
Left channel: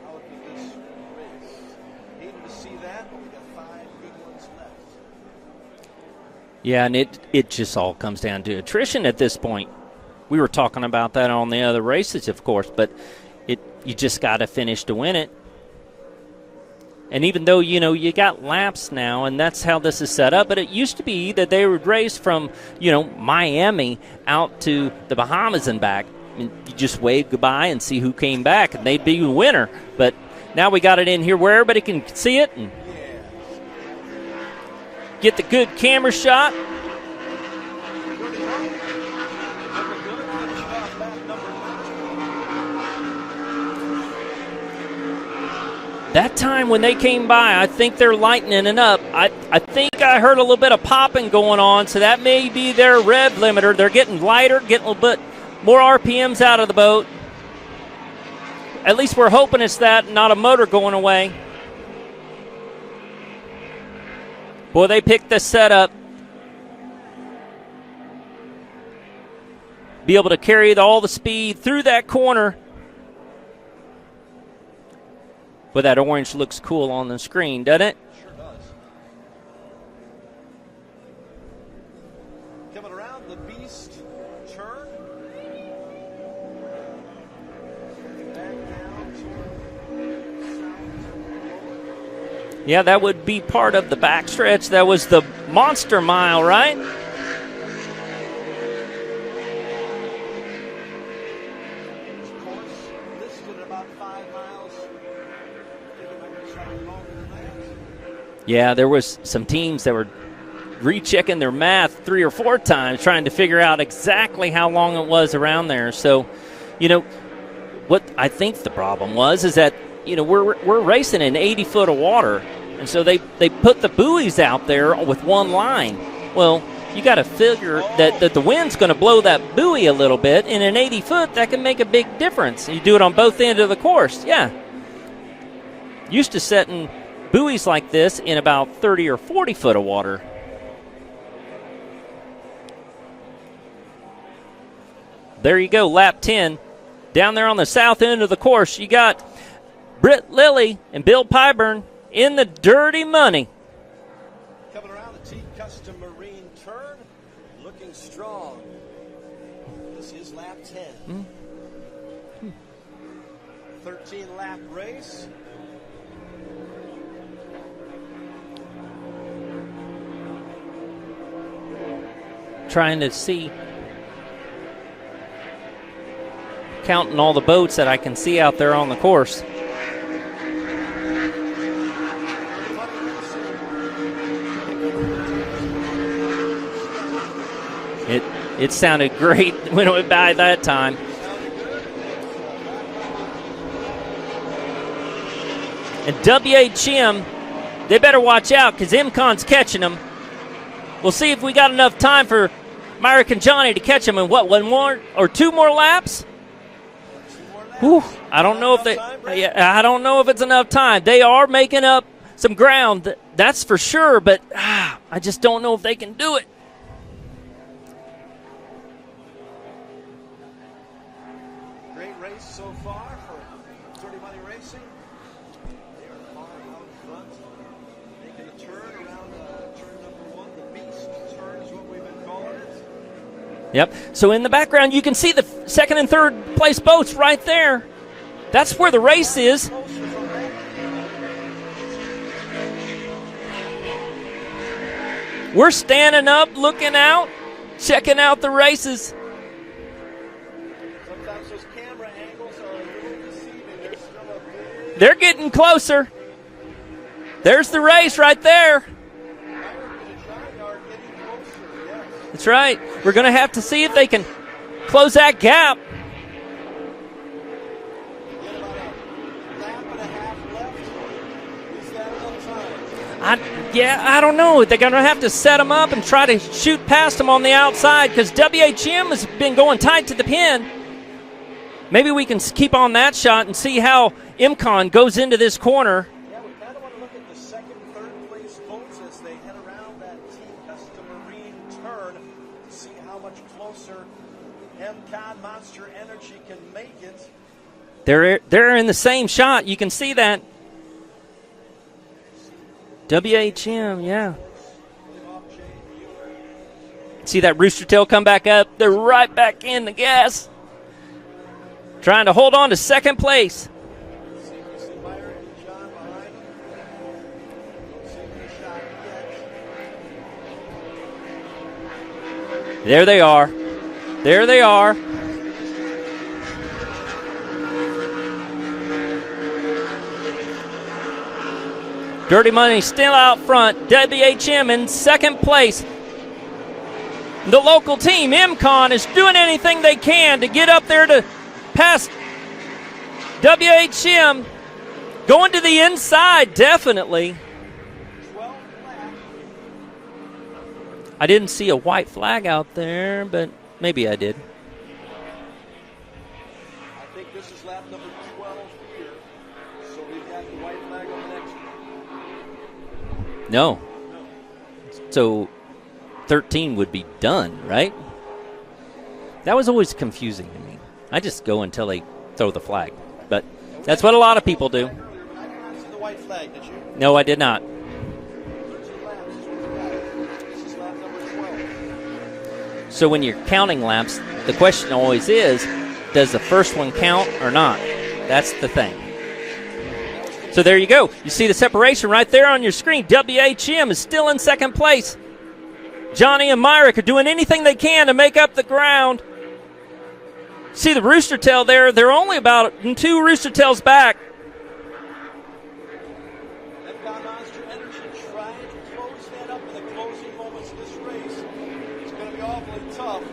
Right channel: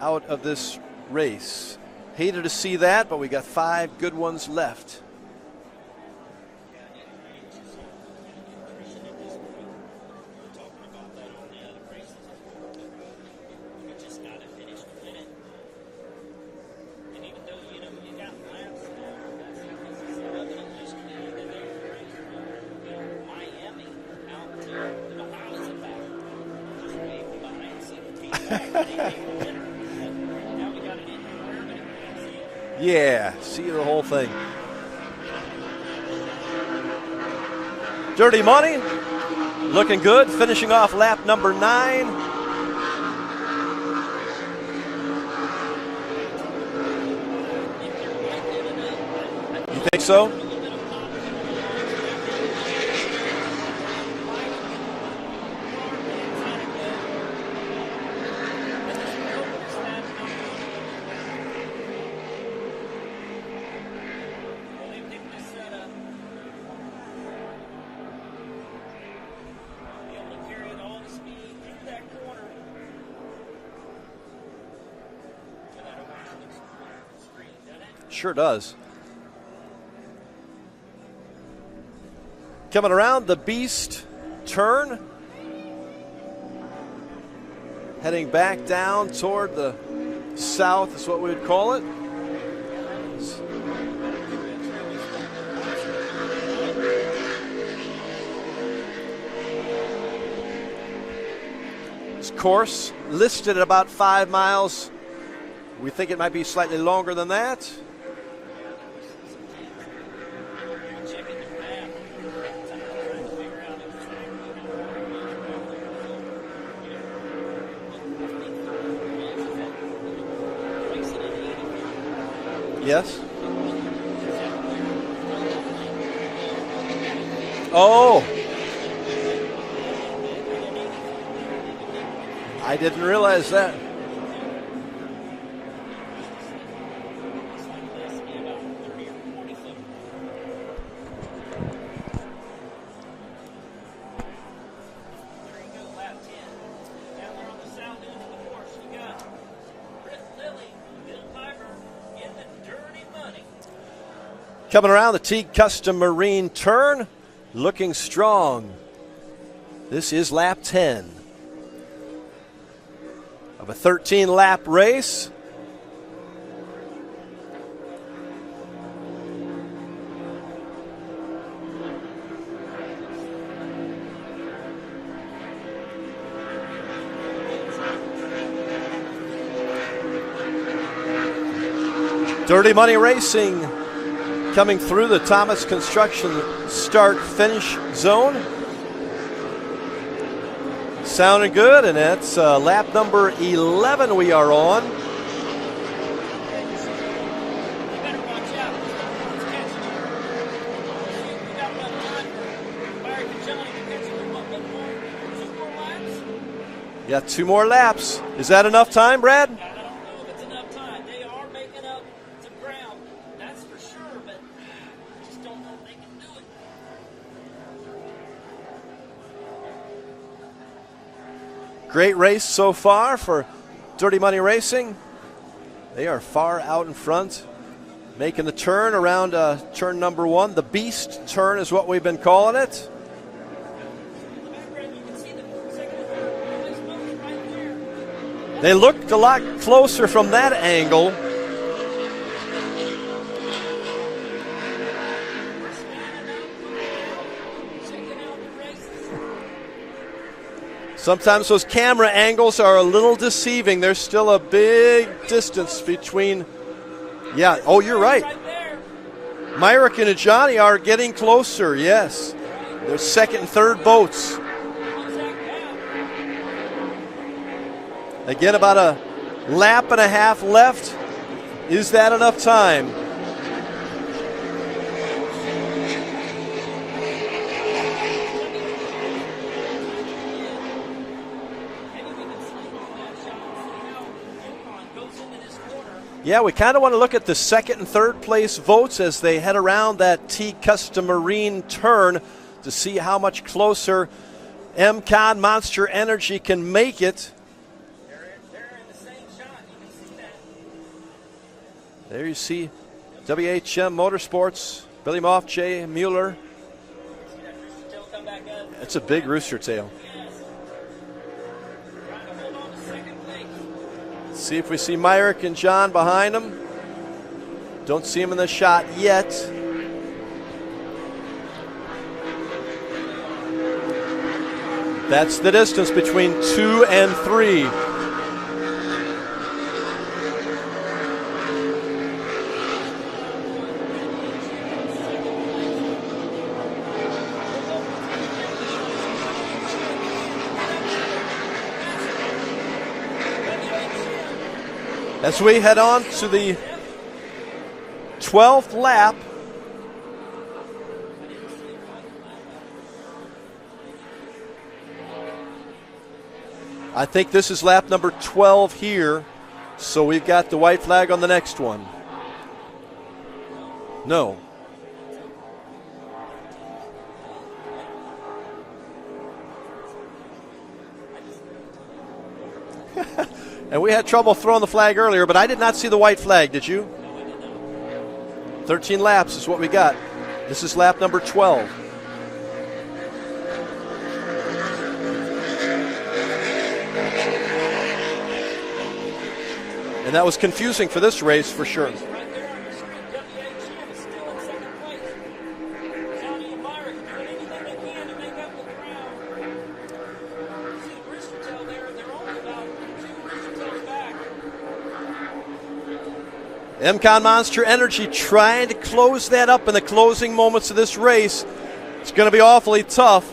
out of this race. Hated to see that, but we got 5 good ones left. Yeah, and it just all comes down to attrition at this point. We were talking about that on the other races, of course, but you just got to finish to win it. And even though, you got laps now, and that's how this is set up, but it used to be that they would race from, Miami out to the Bahamas and back. And you just wave goodbye and see who came back, and they'd be the winner. But now we got it in here where everybody can see it. And yeah, see the whole thing. Get the good camera shot. Dirty Money, looking good, finishing off lap number 9. That time when they came by, I think they're lightening it up. I think I heard a little bit of popping going on, so that may be their rev limiter. They're getting lighter, getting a little bit more RPMs out of the boat. At least we're hoping it's that, not a motor going away. Boy, they picked this setup. Be able to carry all the speed through that corner. But that orange looks cool on the screen, doesn't it? Sure does. Coming around the Beast turn. Heading back down toward the south is what we would call it. Yeah, that would be part of the backstretch. That was the Monster Mile, right? This course listed at about 5 miles. We think it might be slightly longer than that. Yeah, there was some teams that were rechecking their math 3 or 4 times trying to figure out exactly how long it was around there. So, what I think the problem was is that, we're racing in 80 foot of water. Yes. So they put the buoys out there with one line. Well, you got to figure that the wind's going to blow that buoy a little bit. In an 80 foot, that can make a big difference. You do it on both ends of the course. Yeah. Used to setting buoys like this in about 30 or 40 foot of water. There you go, lap 10. Down there on the south end of the course, you got Britt Lilly and Bill Pyburn in the dirty money. Coming around the Teague Custom Marine turn, looking strong. This is lap 10 of a 13-lap race. Trying to see, counting all the boats that I can see out there on the course. Dirty Money Racing coming through the Thomas Construction start-finish zone. It sounded great when it went by that time. Sounded good, and that's lap number 11 we are on. And WHM, they better watch out because MCON's catching them. We'll see if we got enough time for Myrick and Johnny to catch them in one more or two more laps? Yeah, 2 more laps. Is that enough time, Brad? Yeah, I don't know if it's enough time. They are making up some ground, that's for sure, but I just don't know if they can do it. Great race so far for Dirty Money Racing. They are far out in front, making the turn around turn number 1. The Beast turn is what we've been calling it. Yep. So in the background, you can see the second and third place boats right there. That's they where the race a lot is. Closer from that angle. We're standing up, looking out, checking out the races. Sometimes those camera angles are a little deceiving. There's still a big They're getting closer. Between, There's the race right there. Myrick and Johnny are getting closer, yes. That's right. We're going to have to see if they can close that gap. Again, about a lap and a half left. Is that enough time? I don't know. They're going to have to set them up and try to shoot past them on the outside because WHM has been going tight to the pin. Maybe we can keep on that shot and see how MCON goes into this corner. Yeah, we kind of want to look at the second and third place votes as they head around that Teague Custom Marine turn to see how much closer MCON Monster Energy can make it. They're in the same shot. You can see that. There you see WHM Motorsports, Billy Moff, Jay Mueller. See that rooster tail come back up? They're right back in the gas. Trying to hold on to second place. See if we see Myrick and John behind them. Don't see them in the shot yet. There they are. There they are. That's the distance between 2 and 3. Dirty Money still out front. WHM in second place. The local team, MCON, is doing anything they can to get up there to pass WHM. Going to the inside, definitely. 12th lap. I didn't see a white flag out there, but maybe I did. I think this is lap number 12 here, so we've got the white flag on the next one. No. No. So 13 would be done, right? That was always confusing to me. I just go until they throw the flag. But and we that's had what a lot of throwing people the flag do. earlier, but I did not see the white flag. Did you? No, I did not. 13 laps is what we got. This is lap number 12. So when you're counting laps, the question always is, does the first one count or not? That's the thing. And that was confusing. So there you go. For this race, you see the separation right there on your screen. WHM is still in second place. Johnny and Myrick are doing anything they can to make up the ground. See the rooster tail there. They're only about 2 rooster tails back. MCON Monster Energy trying to close that up in the closing moments of this race. It's going to be awfully tough.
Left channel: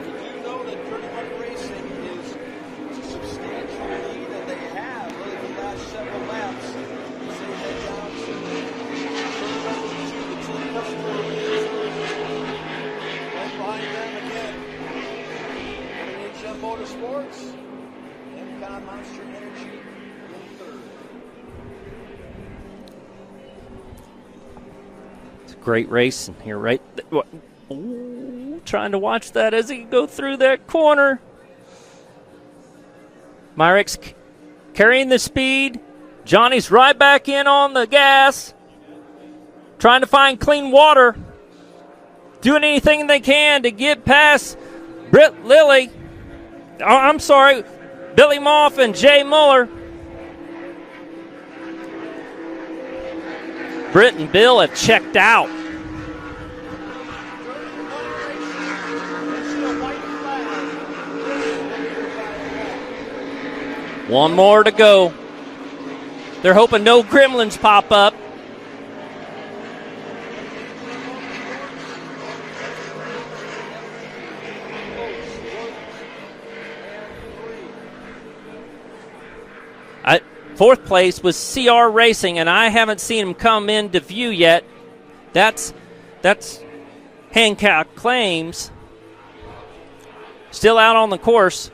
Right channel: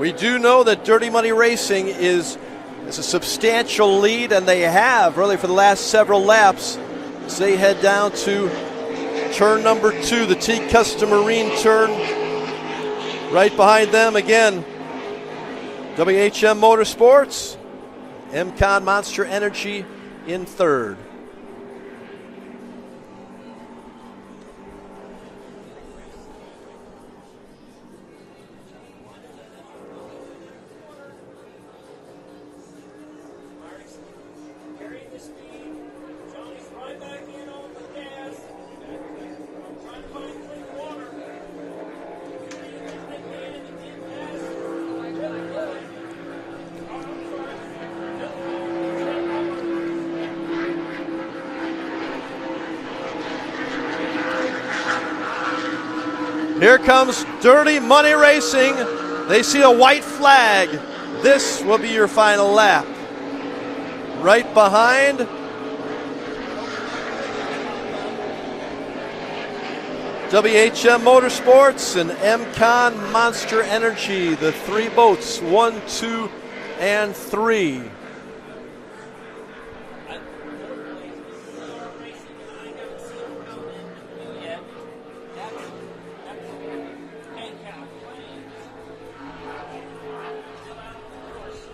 We do know that Dirty Money Racing is a substantial lead, and they have really for the last several laps as they head down to turn number 2, the T-Custom Marine turn. Right behind them again, WHM Motorsports, MCon Monster Energy in third. It's a great race here, right? Trying to watch that as he go through that corner. Myrick's carrying the speed. Johnny's right back in on the gas, trying to find clean water, doing anything they can to get past Britt Lilly. Oh, I'm sorry, Billy Moff and Jay Muller. Britt and Bill have checked out. Here comes Dirty Money Racing. They see a white flag. This will be your final lap. One right more behind, to go. They're hoping no gremlins pop up. WHM Motorsports and MCon Monster Energy, the 3 boats, 1, 2, and 3. Fourth place was CR Racing, and I haven't seen them come into view yet. That's Hancock Claims. Still out on the course.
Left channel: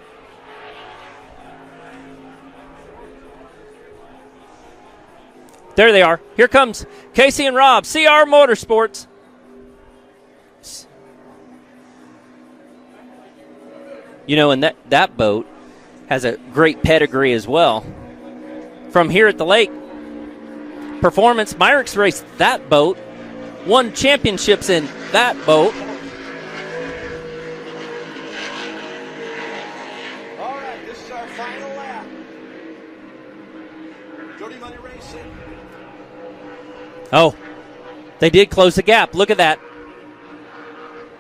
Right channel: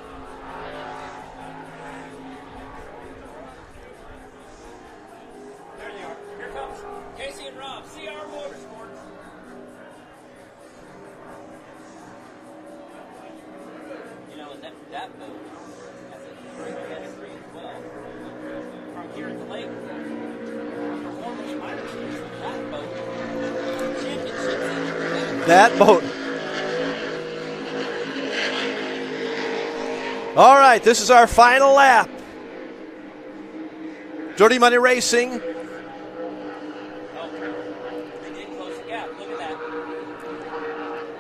There they are. Here comes Casey and Rob, CR Motorsports. You know, and that boat has a great pedigree as well. From here at the lake, Performance, Myrick's raced that boat, won championships in that boat. All right, this is our final lap. Dirty Money Racing. Oh, they did close the gap. Look at that.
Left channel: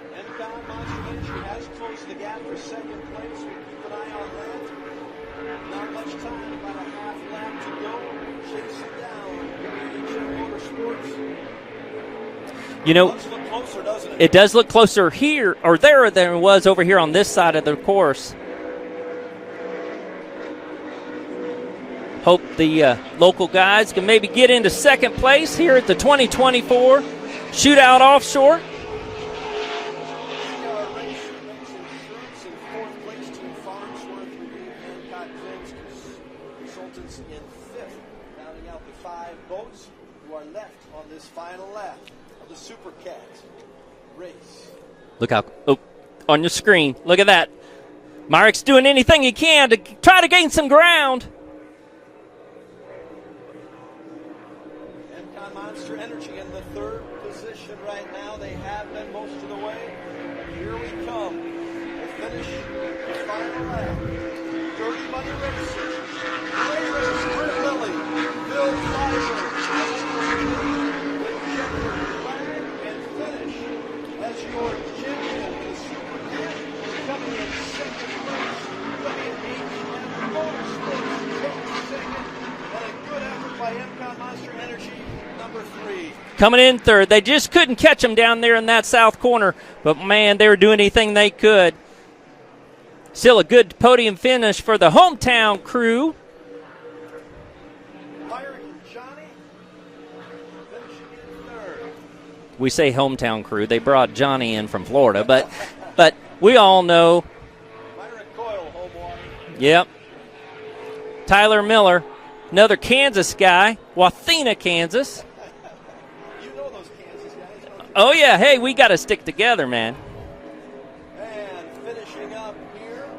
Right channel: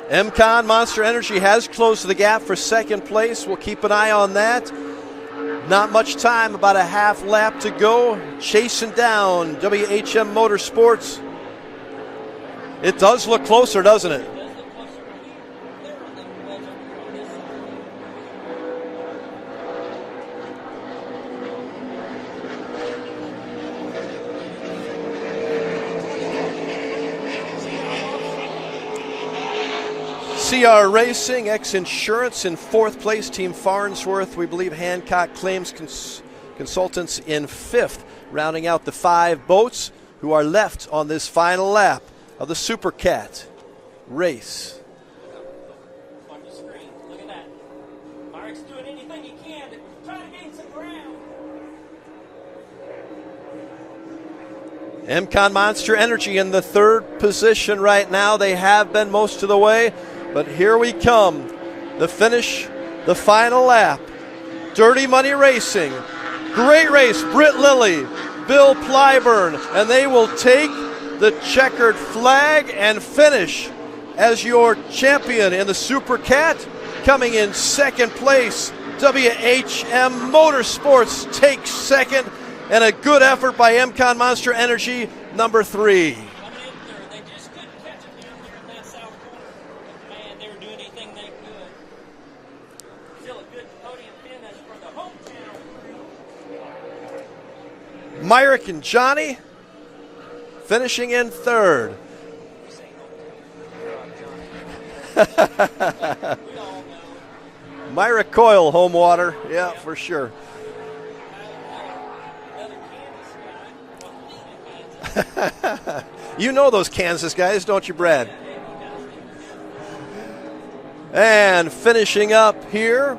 MCon Monster Energy has closed the gap for second place. We'll keep an eye on that. Not much time, about a half lap to go. Chasing down WHM Motorsports. It does look closer, doesn't it? It does look closer here or there than it was over here on this side of the course. Hope the local guys can maybe get into second place here at the 2024 Shootout Offshore. CR Racing, X Insurance in fourth place. Team Farnsworth, we believe Hancock Claims Consultants in fifth. Rounding out the 5 boats who are left on this final lap of the Supercat race. Look out. Oh, on your screen. Look at that. Myrick's doing anything he can to try to gain some ground. MCon Monster Energy in the third position right now. They have been most of the way, but here we come. The finish, the final lap. Dirty Money Racing. Great race. Britt Lilly, Bill Plyburn, and they will take the checkered flag and finish as your champion in the Supercat. Coming in second place, WHM Motorsports takes second. And a good effort by MCon Monster Energy, number 3. Coming in third. They just couldn't catch them down there in that south corner. But, man, they were doing anything they could. Still a good podium finish for the hometown crew. Myrick and Johnny finishing in third. We say hometown crew. They brought Johnny in from Florida. But we all know. Myrick Coyle, home water. Yeah, yep. For sure. Tyler Miller. Another Kansas guy, Wathena, Kansas. You know those Kansas guys, don't you, Brad? Oh, yeah. Hey, we got to stick together, man. And finishing up here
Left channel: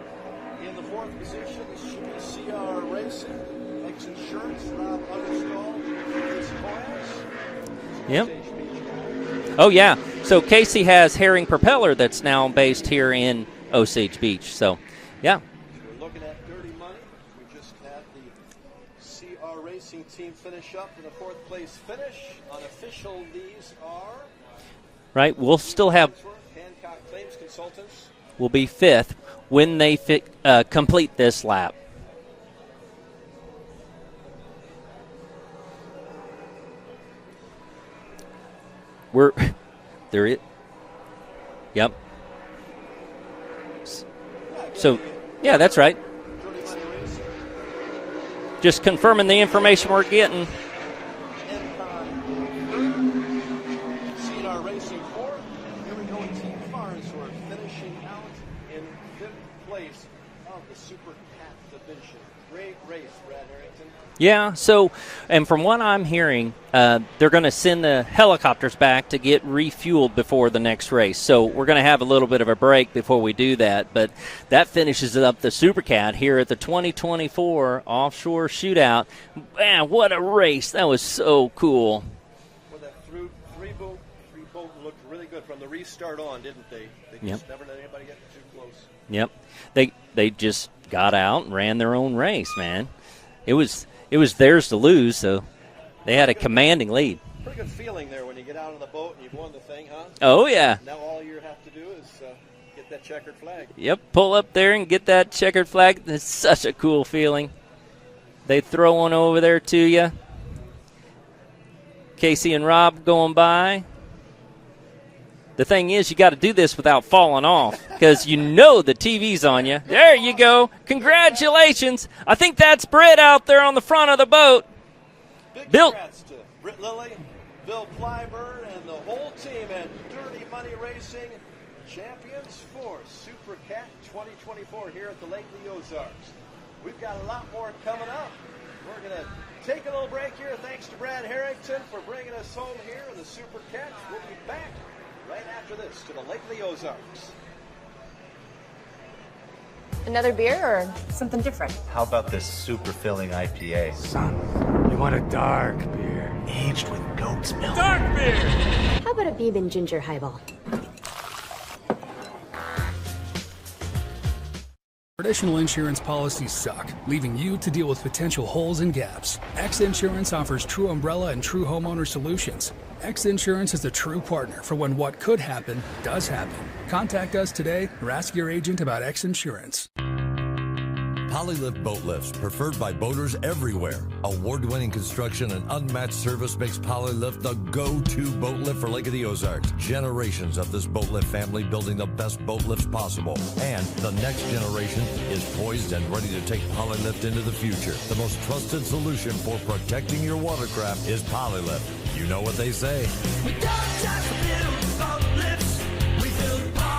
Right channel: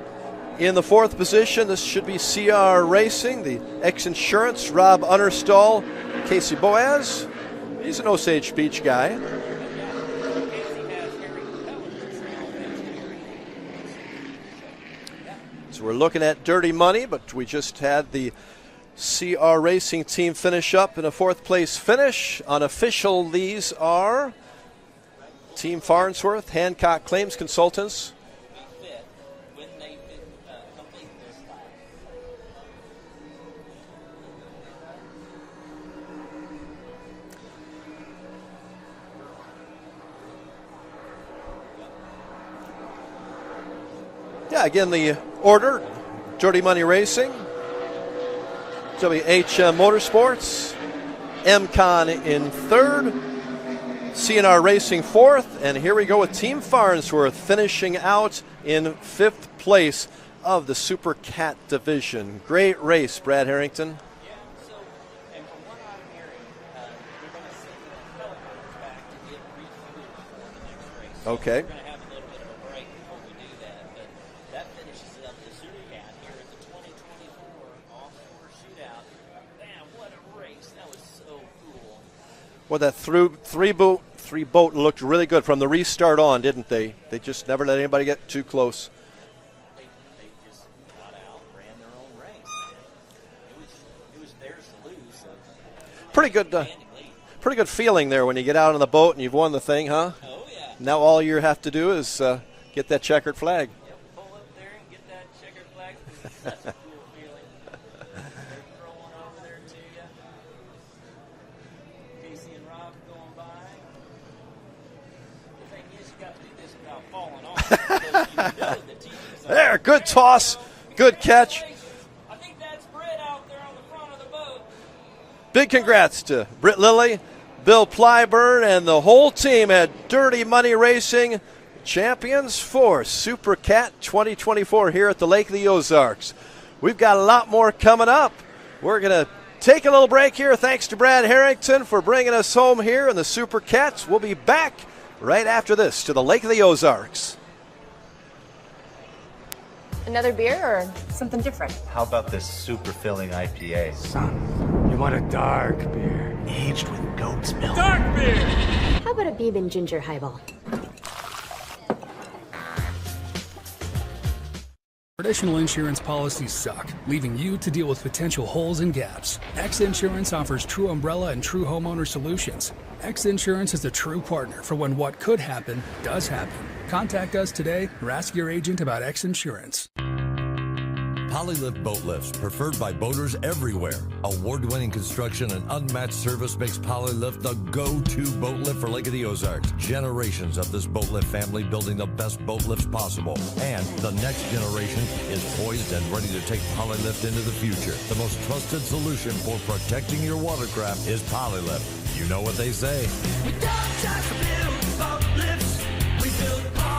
in the fourth position, this should be CR Racing, the X Insurance, Rob Unnerstall, Casey Boaz. He's an Osage Beach guy. Oh, yeah. So Casey has Herring Propeller that's now based here in Osage Beach. So, yeah. So we're looking at Dirty Money, but we just had the CR Racing team finish up in a fourth place finish. Unofficial, these are right. We'll Team still Farnsworth, Hancock Claims Consultants will be fifth when they complete this lap. There it. Yep. Yeah, again, so, the order. Yeah, that's right. Dirty Money Racing. Just confirming the information we're getting. M-Con in third, CNR Racing fourth, and here we go with Team Farnsworth finishing out in fifth place of the Supercat division. Great race, Brad Harrington. Yeah, so, and from what I'm hearing, they're going to send the helicopters back to get refueled before the next race. So we're going to have a little bit of a break before we do that. But that finishes up the Supercat here at the 2024 Offshore Shootout. Man, what a race. That was so cool. Well, that three boat looked really good from the restart on, didn't they? They just never let anybody get too close. Yep. They just got out and ran their own race, man. It was theirs to lose, so they had a commanding lead. Pretty good feeling there when you get out on the boat and you've won the thing, huh? Oh, yeah. Now all you have to do is get that checkered flag. Yep, pull up there and get that checkered flag. It's such a cool feeling. They throw one over there to you. Casey and Rob going by. The thing is, you got to do this without falling off because you know the TV's on you. Good there toss. You go. Congratulations. I think that's Britt out there on the front of the boat. Big congrats to Britt Lilly, Bill Plyburn, and the whole team at Dirty Money Racing, champions for Supercat 2024 here at the Lake of the Ozarks. We've got a lot more coming up. We're going to take a little break here. Thanks to Brad Harrington for bringing us home here in the Supercats. We'll be back right after this to the Lake of the Ozarks. Another beer or something different? How about this super filling IPA? Son, you want a dark beer. Aged with goat's milk. Dark beer! How about a Beeb and Ginger highball? Traditional insurance policies suck, leaving you to deal with potential holes and gaps. X Insurance offers true umbrella and true homeowner solutions. X Insurance is a true partner for when what could happen does happen. Contact us today or ask your agent about X Insurance. Polylift boat lifts, preferred by boaters everywhere. Award-winning construction and unmatched service makes Polylift the go-to boat lift for Lake of the Ozarks. Generations of this boat lift family building the best boat lifts possible. And the next generation is poised and ready to take Polylift into the future. The most trusted solution for protecting your watercraft is Polylift. You know what they say. We don't just build boat lifts, we build Polylifts.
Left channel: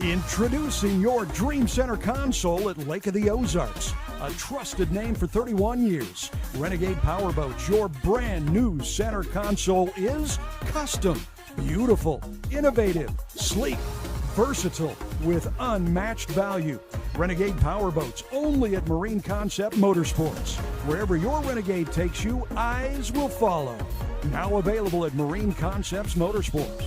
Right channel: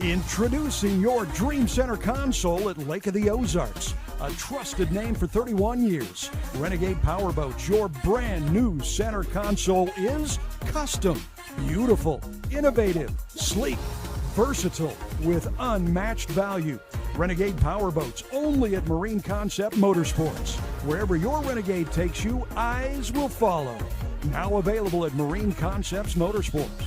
Introducing your Dream Center console at Lake of the Ozarks. A trusted name for 31 years. Renegade Powerboats, your brand new center console is custom, beautiful, innovative, sleek, versatile, with unmatched value. Renegade Powerboats, only at Marine Concept Motorsports. Wherever your Renegade takes you, eyes will follow. Now available at Marine Concepts Motorsports.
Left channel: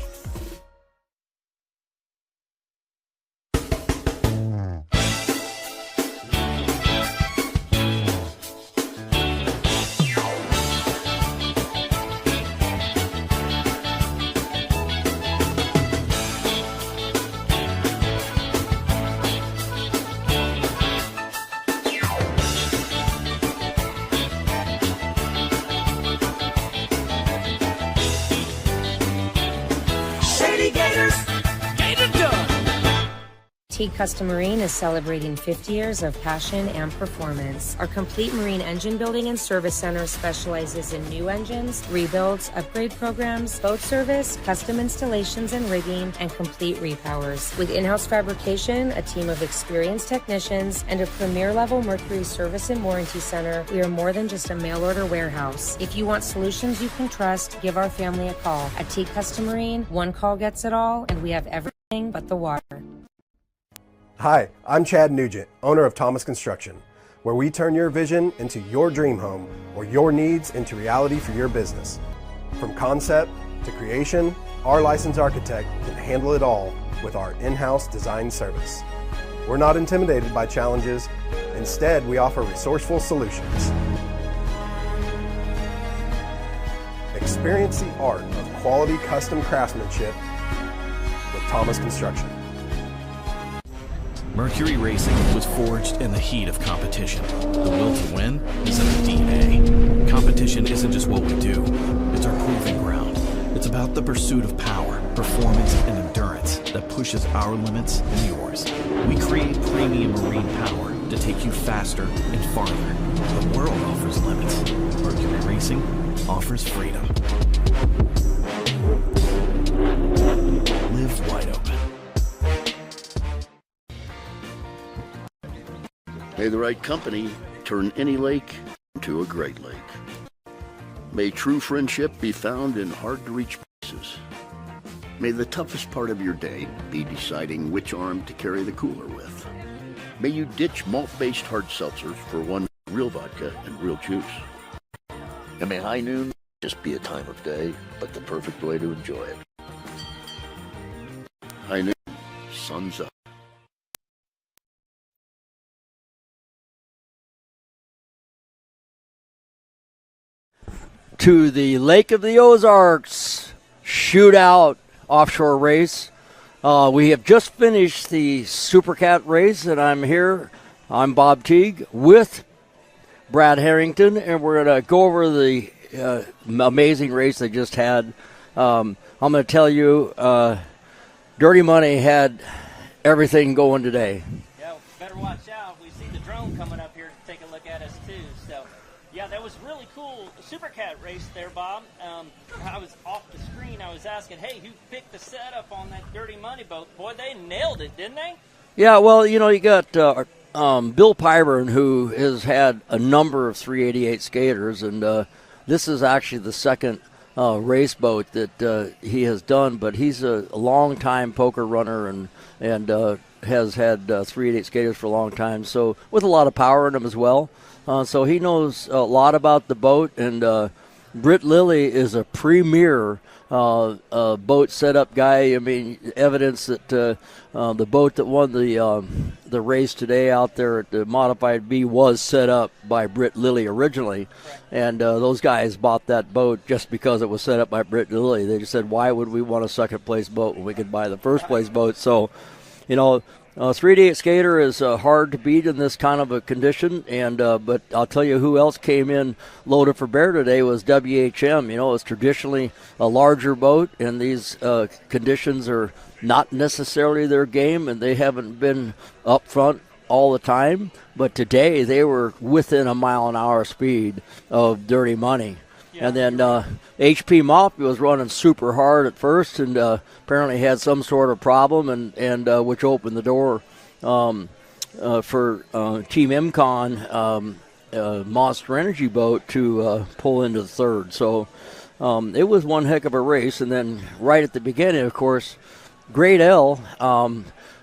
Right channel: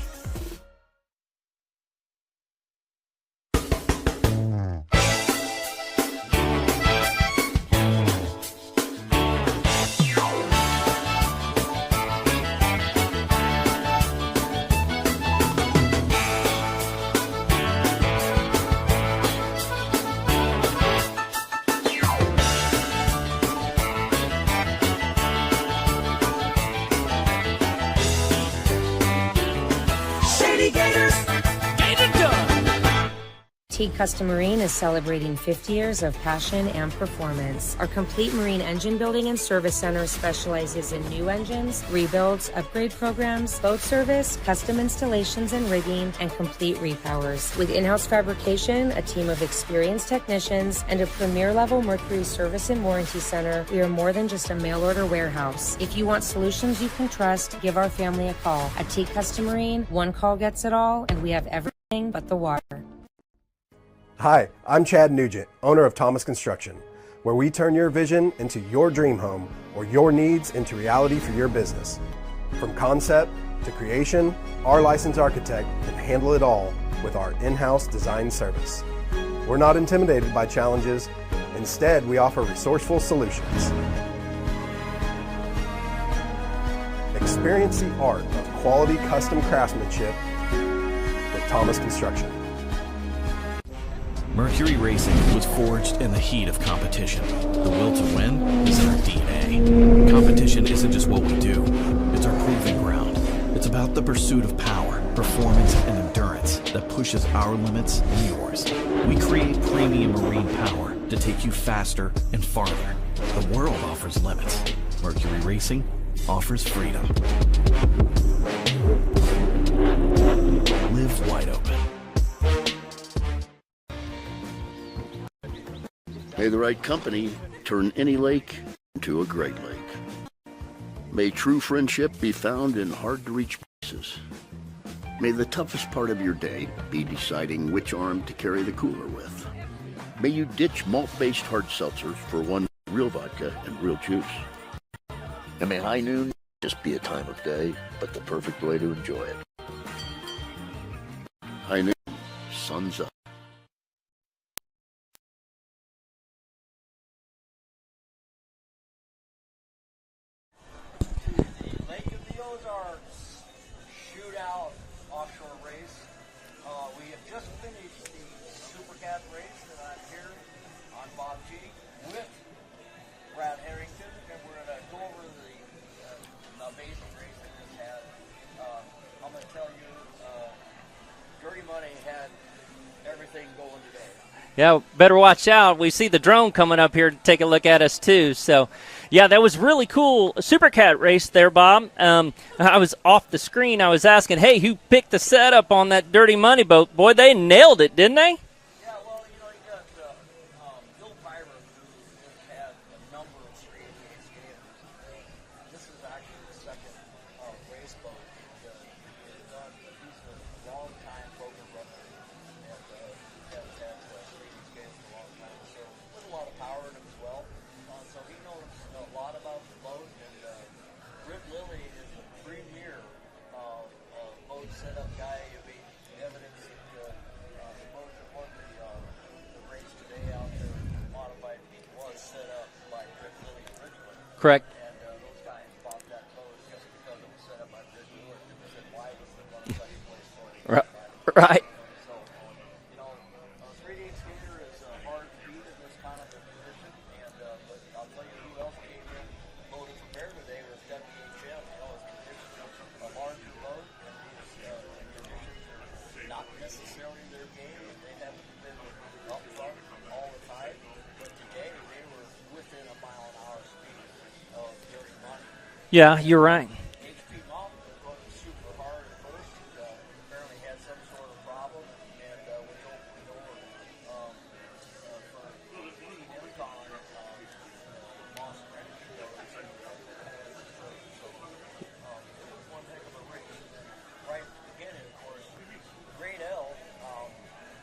Teague Custom Marine is celebrating 50 years of passion and performance. Our complete marine engine building and service center specializes in new engines, rebuilds, upgrade programs, boat service, custom installations and rigging, and complete repowers. With in-house fabrication, a team of experienced technicians, and a premier-level Mercury service and warranty center, we are more than just a mail-order warehouse. If you want solutions you can trust, give our family a call. At Teague Custom Marine, one call gets it all, and we have everything but the water. Hi, I'm Chad Nugent, owner of Thomas Construction, where we turn your vision into your dream home or your needs into reality for your business. From concept to creation, our licensed architect can handle it all with our in-house design service. We're not intimidated by challenges. Instead, we offer resourceful solutions. Experience the art of quality custom craftsmanship with Thomas Construction. Mercury Racing was forged in the heat of competition. The will to win is in our DNA. Competition isn't just what we do, it's our proving ground. It's about the pursuit of power, performance, and endurance that pushes our limits and yours. We create premium marine power to take you faster and farther. The world offers limits. Mercury Racing offers freedom. Live wide open. May the right company turn any lake into a great lake. May true friendship be found in hard-to-reach places. May the toughest part of your day be deciding which arm to carry the cooler with. May you ditch malt-based hard seltzers for one real vodka and real juice. And may high noon just be a time of day, but the perfect way to enjoy it. High noon, sun's up. To the Lake of the Ozarks Shootout Offshore race. We have just finished the Supercat race, and I'm here. I'm Bob Teague with Brad Harrington, and we're going to go over the amazing race they just had. I'm going to tell you, Dirty Money had everything going today. Yeah, better watch out. We see the drone coming up here to take a look at us, too. So, yeah, that was really cool. Supercat race there, Bob. I was off the screen. I was asking, hey, who picked the setup on that Dirty Money boat? Boy, they nailed it, didn't they? Yeah, well, you know, you got Bill Pyburn, who has had a number of 388 skaters, and this is actually the second race boat that he has done, but he's a long-time poker runner and has had 388 skaters for a long time, so with a lot of power in him as well. So he knows a lot about the boat, and Britt Lilly is a premier boat setup guy. I mean, evidence that the boat that won the race today out there at the Modified B was set up by Britt Lilly originally. Correct. And those guys bought that boat just because it was set up by Britt Lilly. They just said, why would we want a second-place boat when we could buy the first-place boat? So, you know, 388 skater is hard to beat in this kind of a condition, and but I'll tell you who else came in loaded for bear today was WHM. You know, it's traditionally a larger boat, and these conditions are not necessarily their game, and they haven't been up front all the time. But today they were within a mile-an-hour speed of Dirty Money. Yeah, and then, you're right. HP Moppy was running super hard at first, and apparently had some sort of problem, and which opened the door for Team MCon Monster Energy boat to pull into the third. So it was one heck of a race. And then right at the beginning, of course, Grade L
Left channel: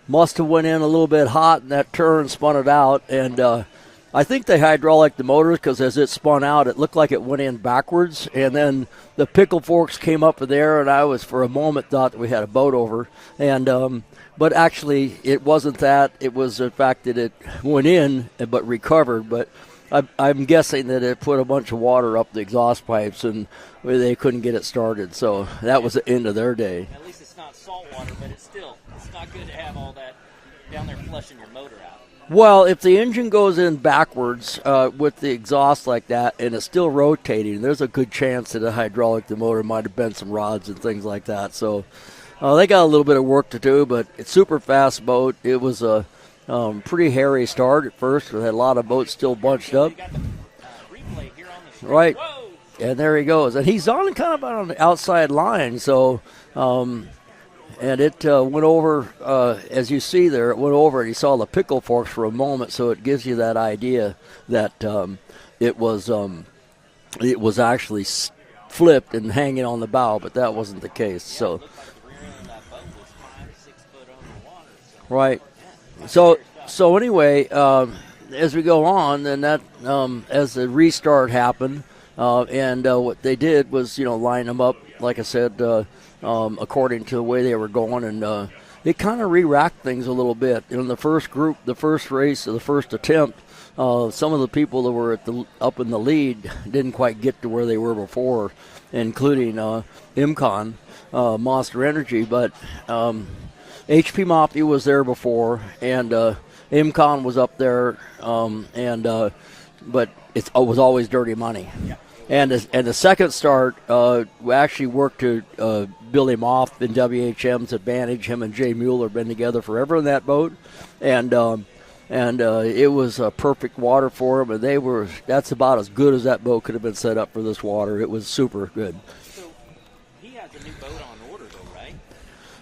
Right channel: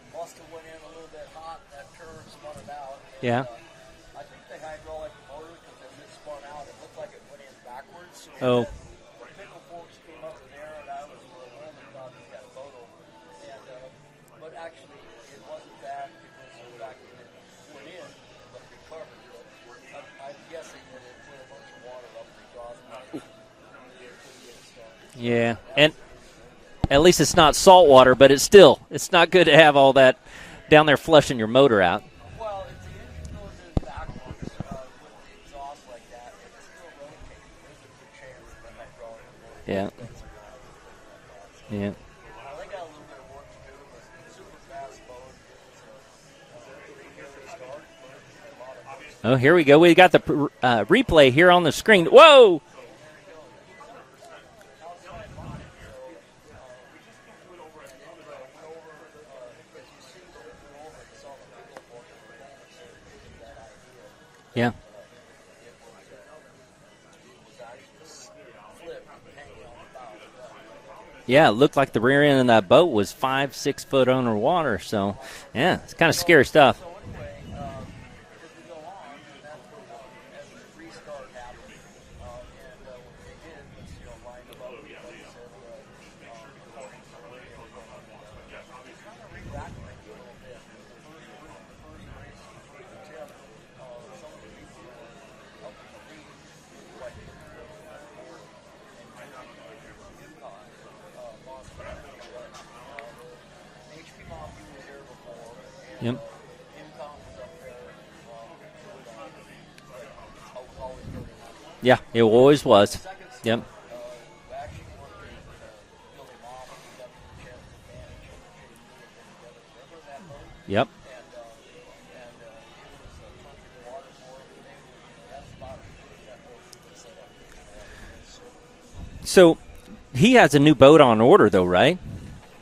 must have went in a little bit hot in that turn, spun it out, and I think they hydraulic the motors because as it spun out, it looked like it went in backwards, and then the pickle forks came up in there, and I was for a moment thought that we had a boat over, and but actually it wasn't that. It was the fact that it went in but recovered, but I'm guessing that it put a bunch of water up the exhaust pipes, and they couldn't get it started. So that was the end of their day. At least it's not salt water, but it's not good to have all that down there flushing your motor out. Well, if the engine goes in backwards with the exhaust like that and it's still rotating, there's a good chance that the motor might have bent some rods and things like that. So they got a little bit of work to do, but it's super fast boat. It was a pretty hairy start at first. We had a lot of boats still. Here we go. We got the replay here on the screen. Right. Whoa! And there he goes. And he's on kind of on the outside line. So, and it went over, as you see there, it went over and he saw the pickle forks for a moment. So it gives you that idea that it was actually flipped and hanging on the bow, but that wasn't the case. Yeah, so, it looked like the rear end of that boat was 5-6 foot underwater. So yeah, it's kind of so, scary stuff. So anyway, as we go on, then that as the restart happened, and what they did was line them up, like I said, according to the way they were going, and it kind of re-racked things a little bit. In the first group, the first race, or the first attempt, some of the people that were up in the lead didn't quite get to where they were before, including MCon, Monster Energy. But HP Moppy was there before, and MCon was up there, but it was always Dirty Money. Yeah, it always was. And the second start, we actually worked to build him off in WHM's advantage. Him and Jay Mueller have been together forever in that boat. Yep. And and it was perfect water for them. And that's about as good as that boat could have been set up for this water. It was super good. So he has a new boat on order, though, right?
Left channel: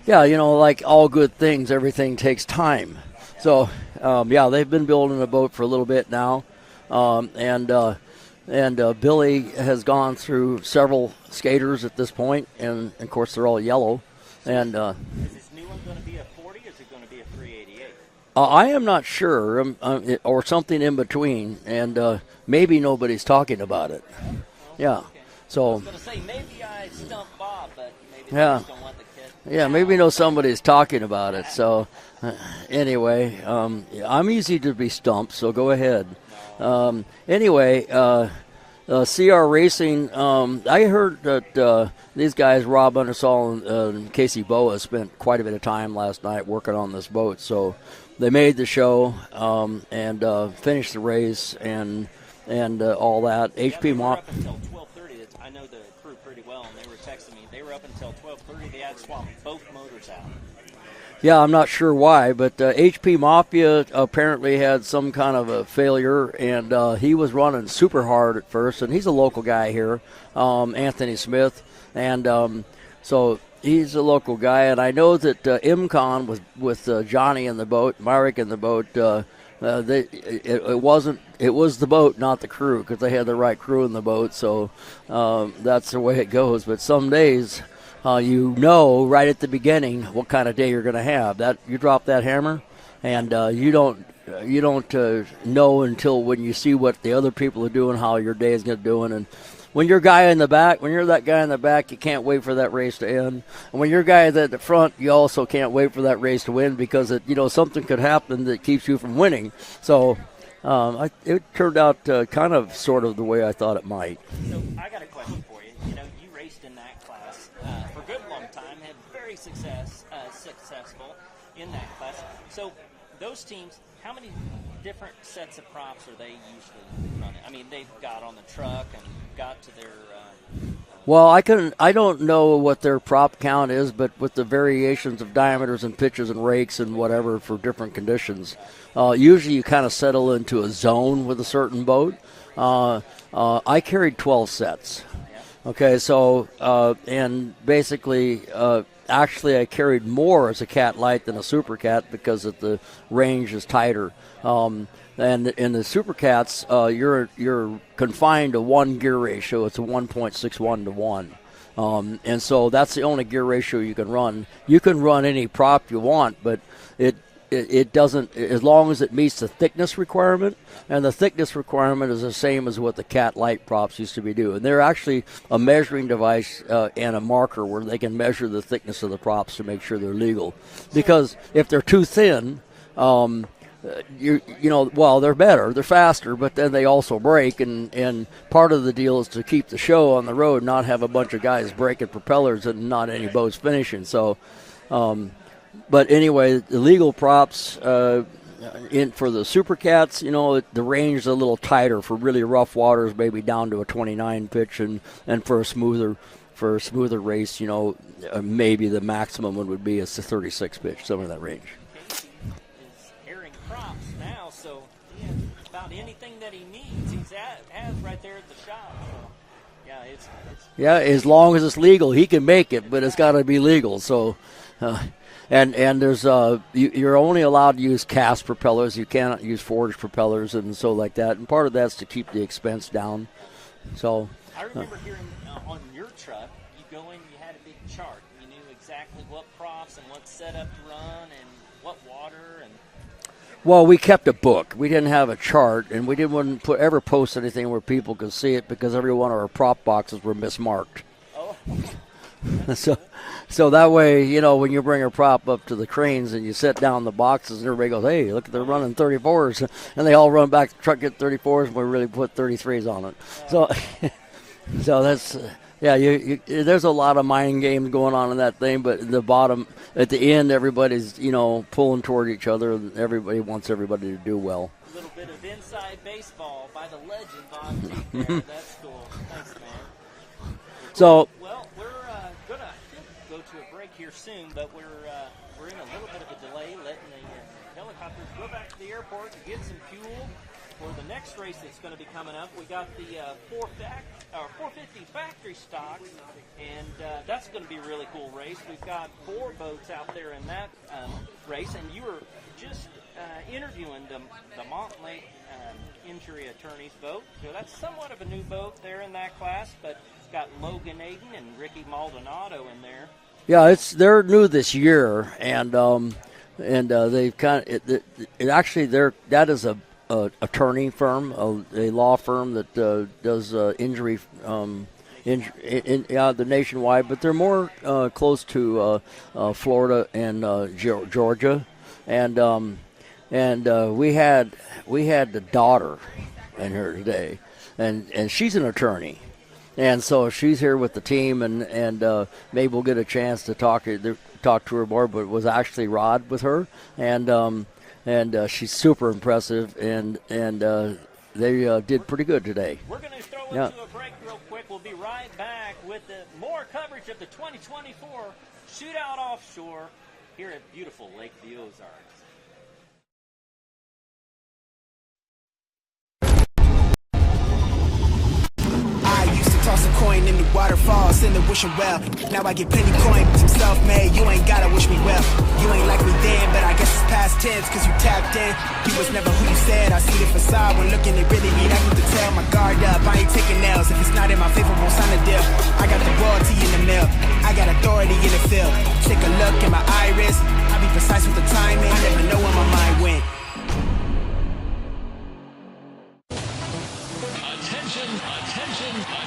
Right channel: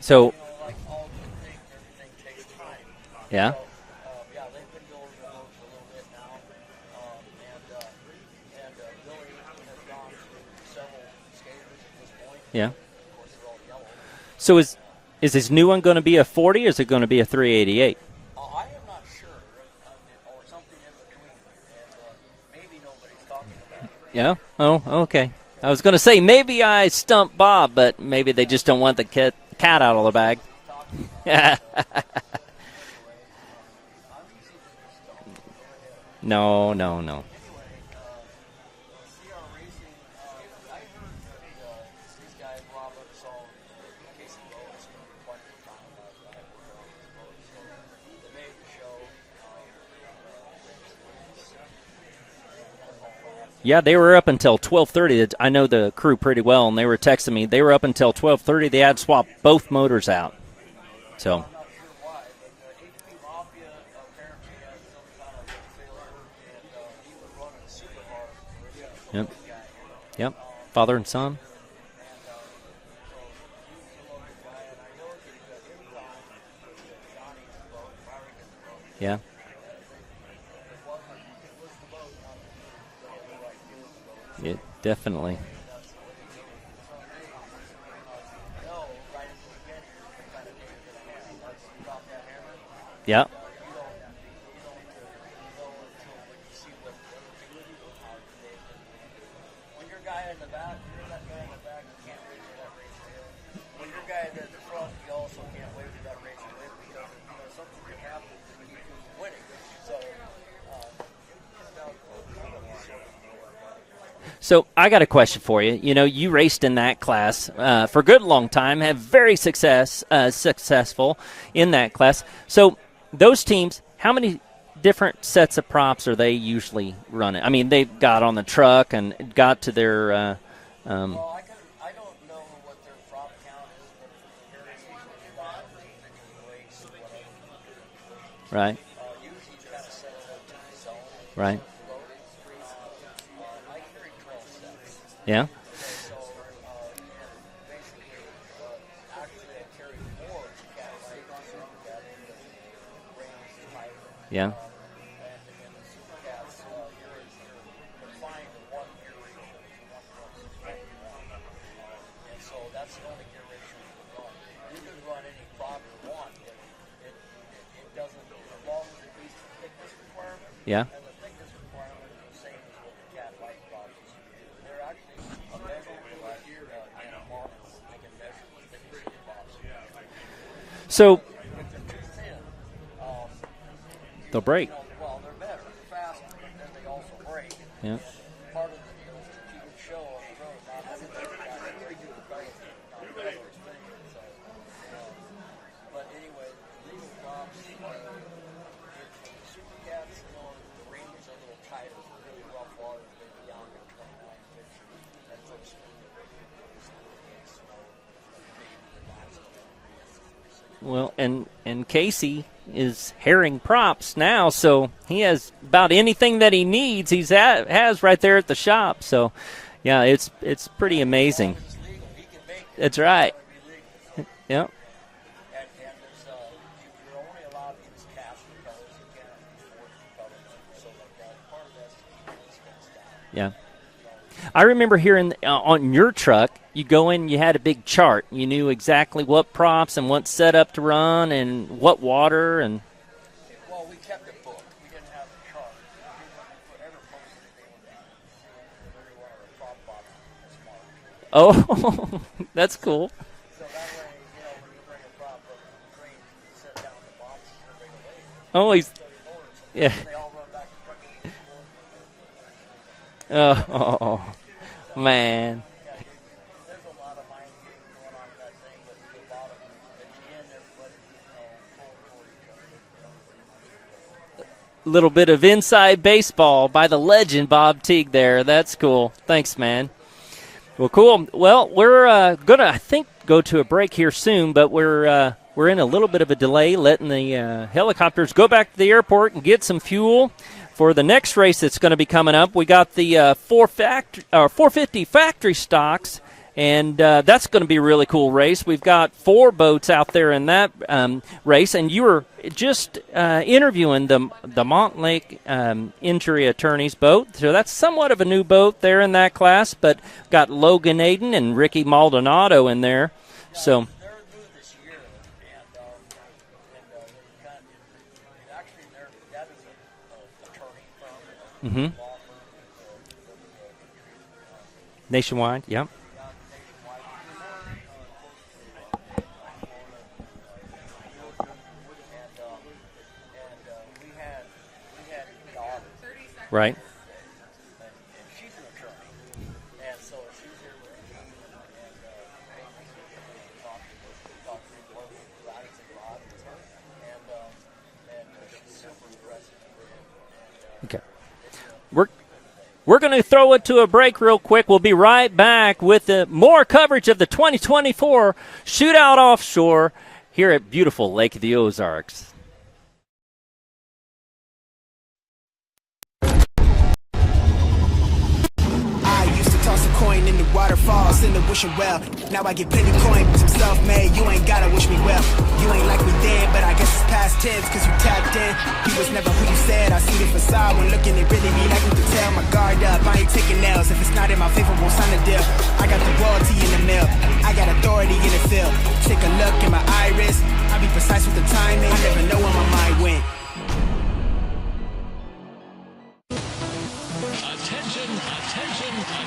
So, yeah, like all good things, everything takes time. Yeah. So, they've been building a boat for a little bit now, and Billy has gone through several skaters at this point, and of course they're all yellow. So is this new one going to be a 40, or is it going to be a 388? I am not sure, or something in between, and maybe nobody's talking about it. Yeah? Oh, yeah. Okay. So I was going to say, maybe I stumped Bob, but maybe they just don't want the cat maybe out of the bag. somebody's talking about it. So anyway, I'm easy to be stumped, so go ahead. No. Anyway, CR Racing, I heard that these guys, Rob Undersall and Casey Boa, spent quite a bit of time last night working on this boat. So they made the show and finished the race and all that. Yeah, they were up until 12:30. I know the crew pretty well, and they were texting me. They were up until 12:30. They had swapped both motors out. So. Yeah, I'm not sure why, but HP Mafia apparently had some kind of a failure, and he was running super hard at first, and he's a local guy here, Anthony Smith, and so he's a local guy, and I know that IMCON with Johnny in the boat, Myrick in the boat, it was the boat, not the crew, because they had the right crew in the boat, so definitely. That's the way it goes, but some days right at the beginning what kind of day you're going to have. That you drop that hammer, and you don't know until when you see what the other people are doing, how your day is going to do. And when you're that guy in the back, you can't wait for that race to end. And when you're guy at the front, you also can't wait for that race to win, because something could happen that keeps you from winning. So. It turned out kind of sort of the way I thought it might. So I got a question for you. You raced in that class for a good long time, have very successful in that class. So those teams, how many different sets of props are they usually running? I mean, they got on the truck and got to their well, I don't know what their prop count is, but with the variations of diameters and pitches and rakes and whatever for different conditions, right? Usually you kind of settle into a zone with a certain boat. I carried 12 sets. Yeah. Okay, so and basically, actually, I carried more as a Cat Light than a Supercat because the range is tighter. Yeah. And in the Supercats, you're confined to one gear ratio. It's a 1.61 to 1. And so that's the only gear ratio you can run. You can run any prop you want, but it doesn't, as long as it meets the thickness requirement. Yeah. And the thickness requirement is the same as what the Cat Light props used to be doing. They're actually a measuring device and a marker where they can measure the thickness of the props to make sure they're legal. Because if they're too thin, they'll break. They're better, they're faster, but then they also break, and part of the deal is to keep the show on the road, not have a bunch of guys breaking propellers and not any boats finishing. So, but anyway, the legal props for the Supercats, the range is a little tighter for really rough waters, maybe down to a 29 pitch, and for a smoother race, maybe the maximum would be a 36 pitch. Well, and Casey is herring props now, so he has about anything that he needs. Has right there at the shop. So, yeah, it's pretty amazing. As long as it's legal, he can make it, That's but right. It's got to be legal. So, and there's you're only allowed to use cast propellers. You cannot use forged propellers and so like that. And part of that's to keep the expense down. Yeah. So I remember hearing on your truck, you go in, you had a big chart. You knew exactly what props and what setup to run and what water and. Well, we kept a book. We didn't have a chart, and we didn't ever post anything where people could see it because every one of our prop boxes were mismarked. Oh, that's cool. So that way, when you bring a prop up to the cranes and you set down the boxes, and everybody goes, "Hey, look at them running 34s," and they all run back to the truck, get 34s, and we really put 33s on it. So man, there's a lot of mind games going on in that thing, but at the end, everybody's pulling toward each other, and everybody wants everybody to do well. A little bit of inside baseball by the legend Bob Teague there. That's cool. Thanks, man. Well, cool. Well, we're gonna, I think, go to a break here soon, but we're we're in a little bit of a delay letting the helicopters go back to the airport and get some fuel for the next race that's going to be coming up. We got the 450 factory stocks, and that's going to be a really cool race. We've got 4 boats out there in that race, and you were just interviewing the Montlake Injury Attorney's boat. So that's somewhat of a new boat there in that class, but got Logan Aiden and Ricky Maldonado in there. Yeah, they're new this year, and they've that is a attorney firm, a law firm that does injury nationwide. The nationwide, but they're more close to Florida and Georgia, and we had the daughter in here today, and she's an attorney. And so she's here with the team, and maybe we'll get a chance to talk to her more. But it was actually Rod with her, and she's super impressive, and they did pretty good today. We're going to throw it to a break real quick. We'll be right back with more coverage of the 2024 Shootout Offshore here at beautiful Lake of the Ozarks. Toss a coin in the waterfalls in the wishing well. Now I get plenty coin, but I'm self-made. You ain't gotta wish me well. You ain't like me then, but I guess it's past tense, cause you tapped in. You was never who you said. I see the facade when looking, it really be like me to tell. My guard up, I ain't taking nails. If it's not in my favor, won't sign a deal. I got the royalty in the mill. I got authority in the field. Take a look in my iris. I be precise with the timing. I never know when my mind went.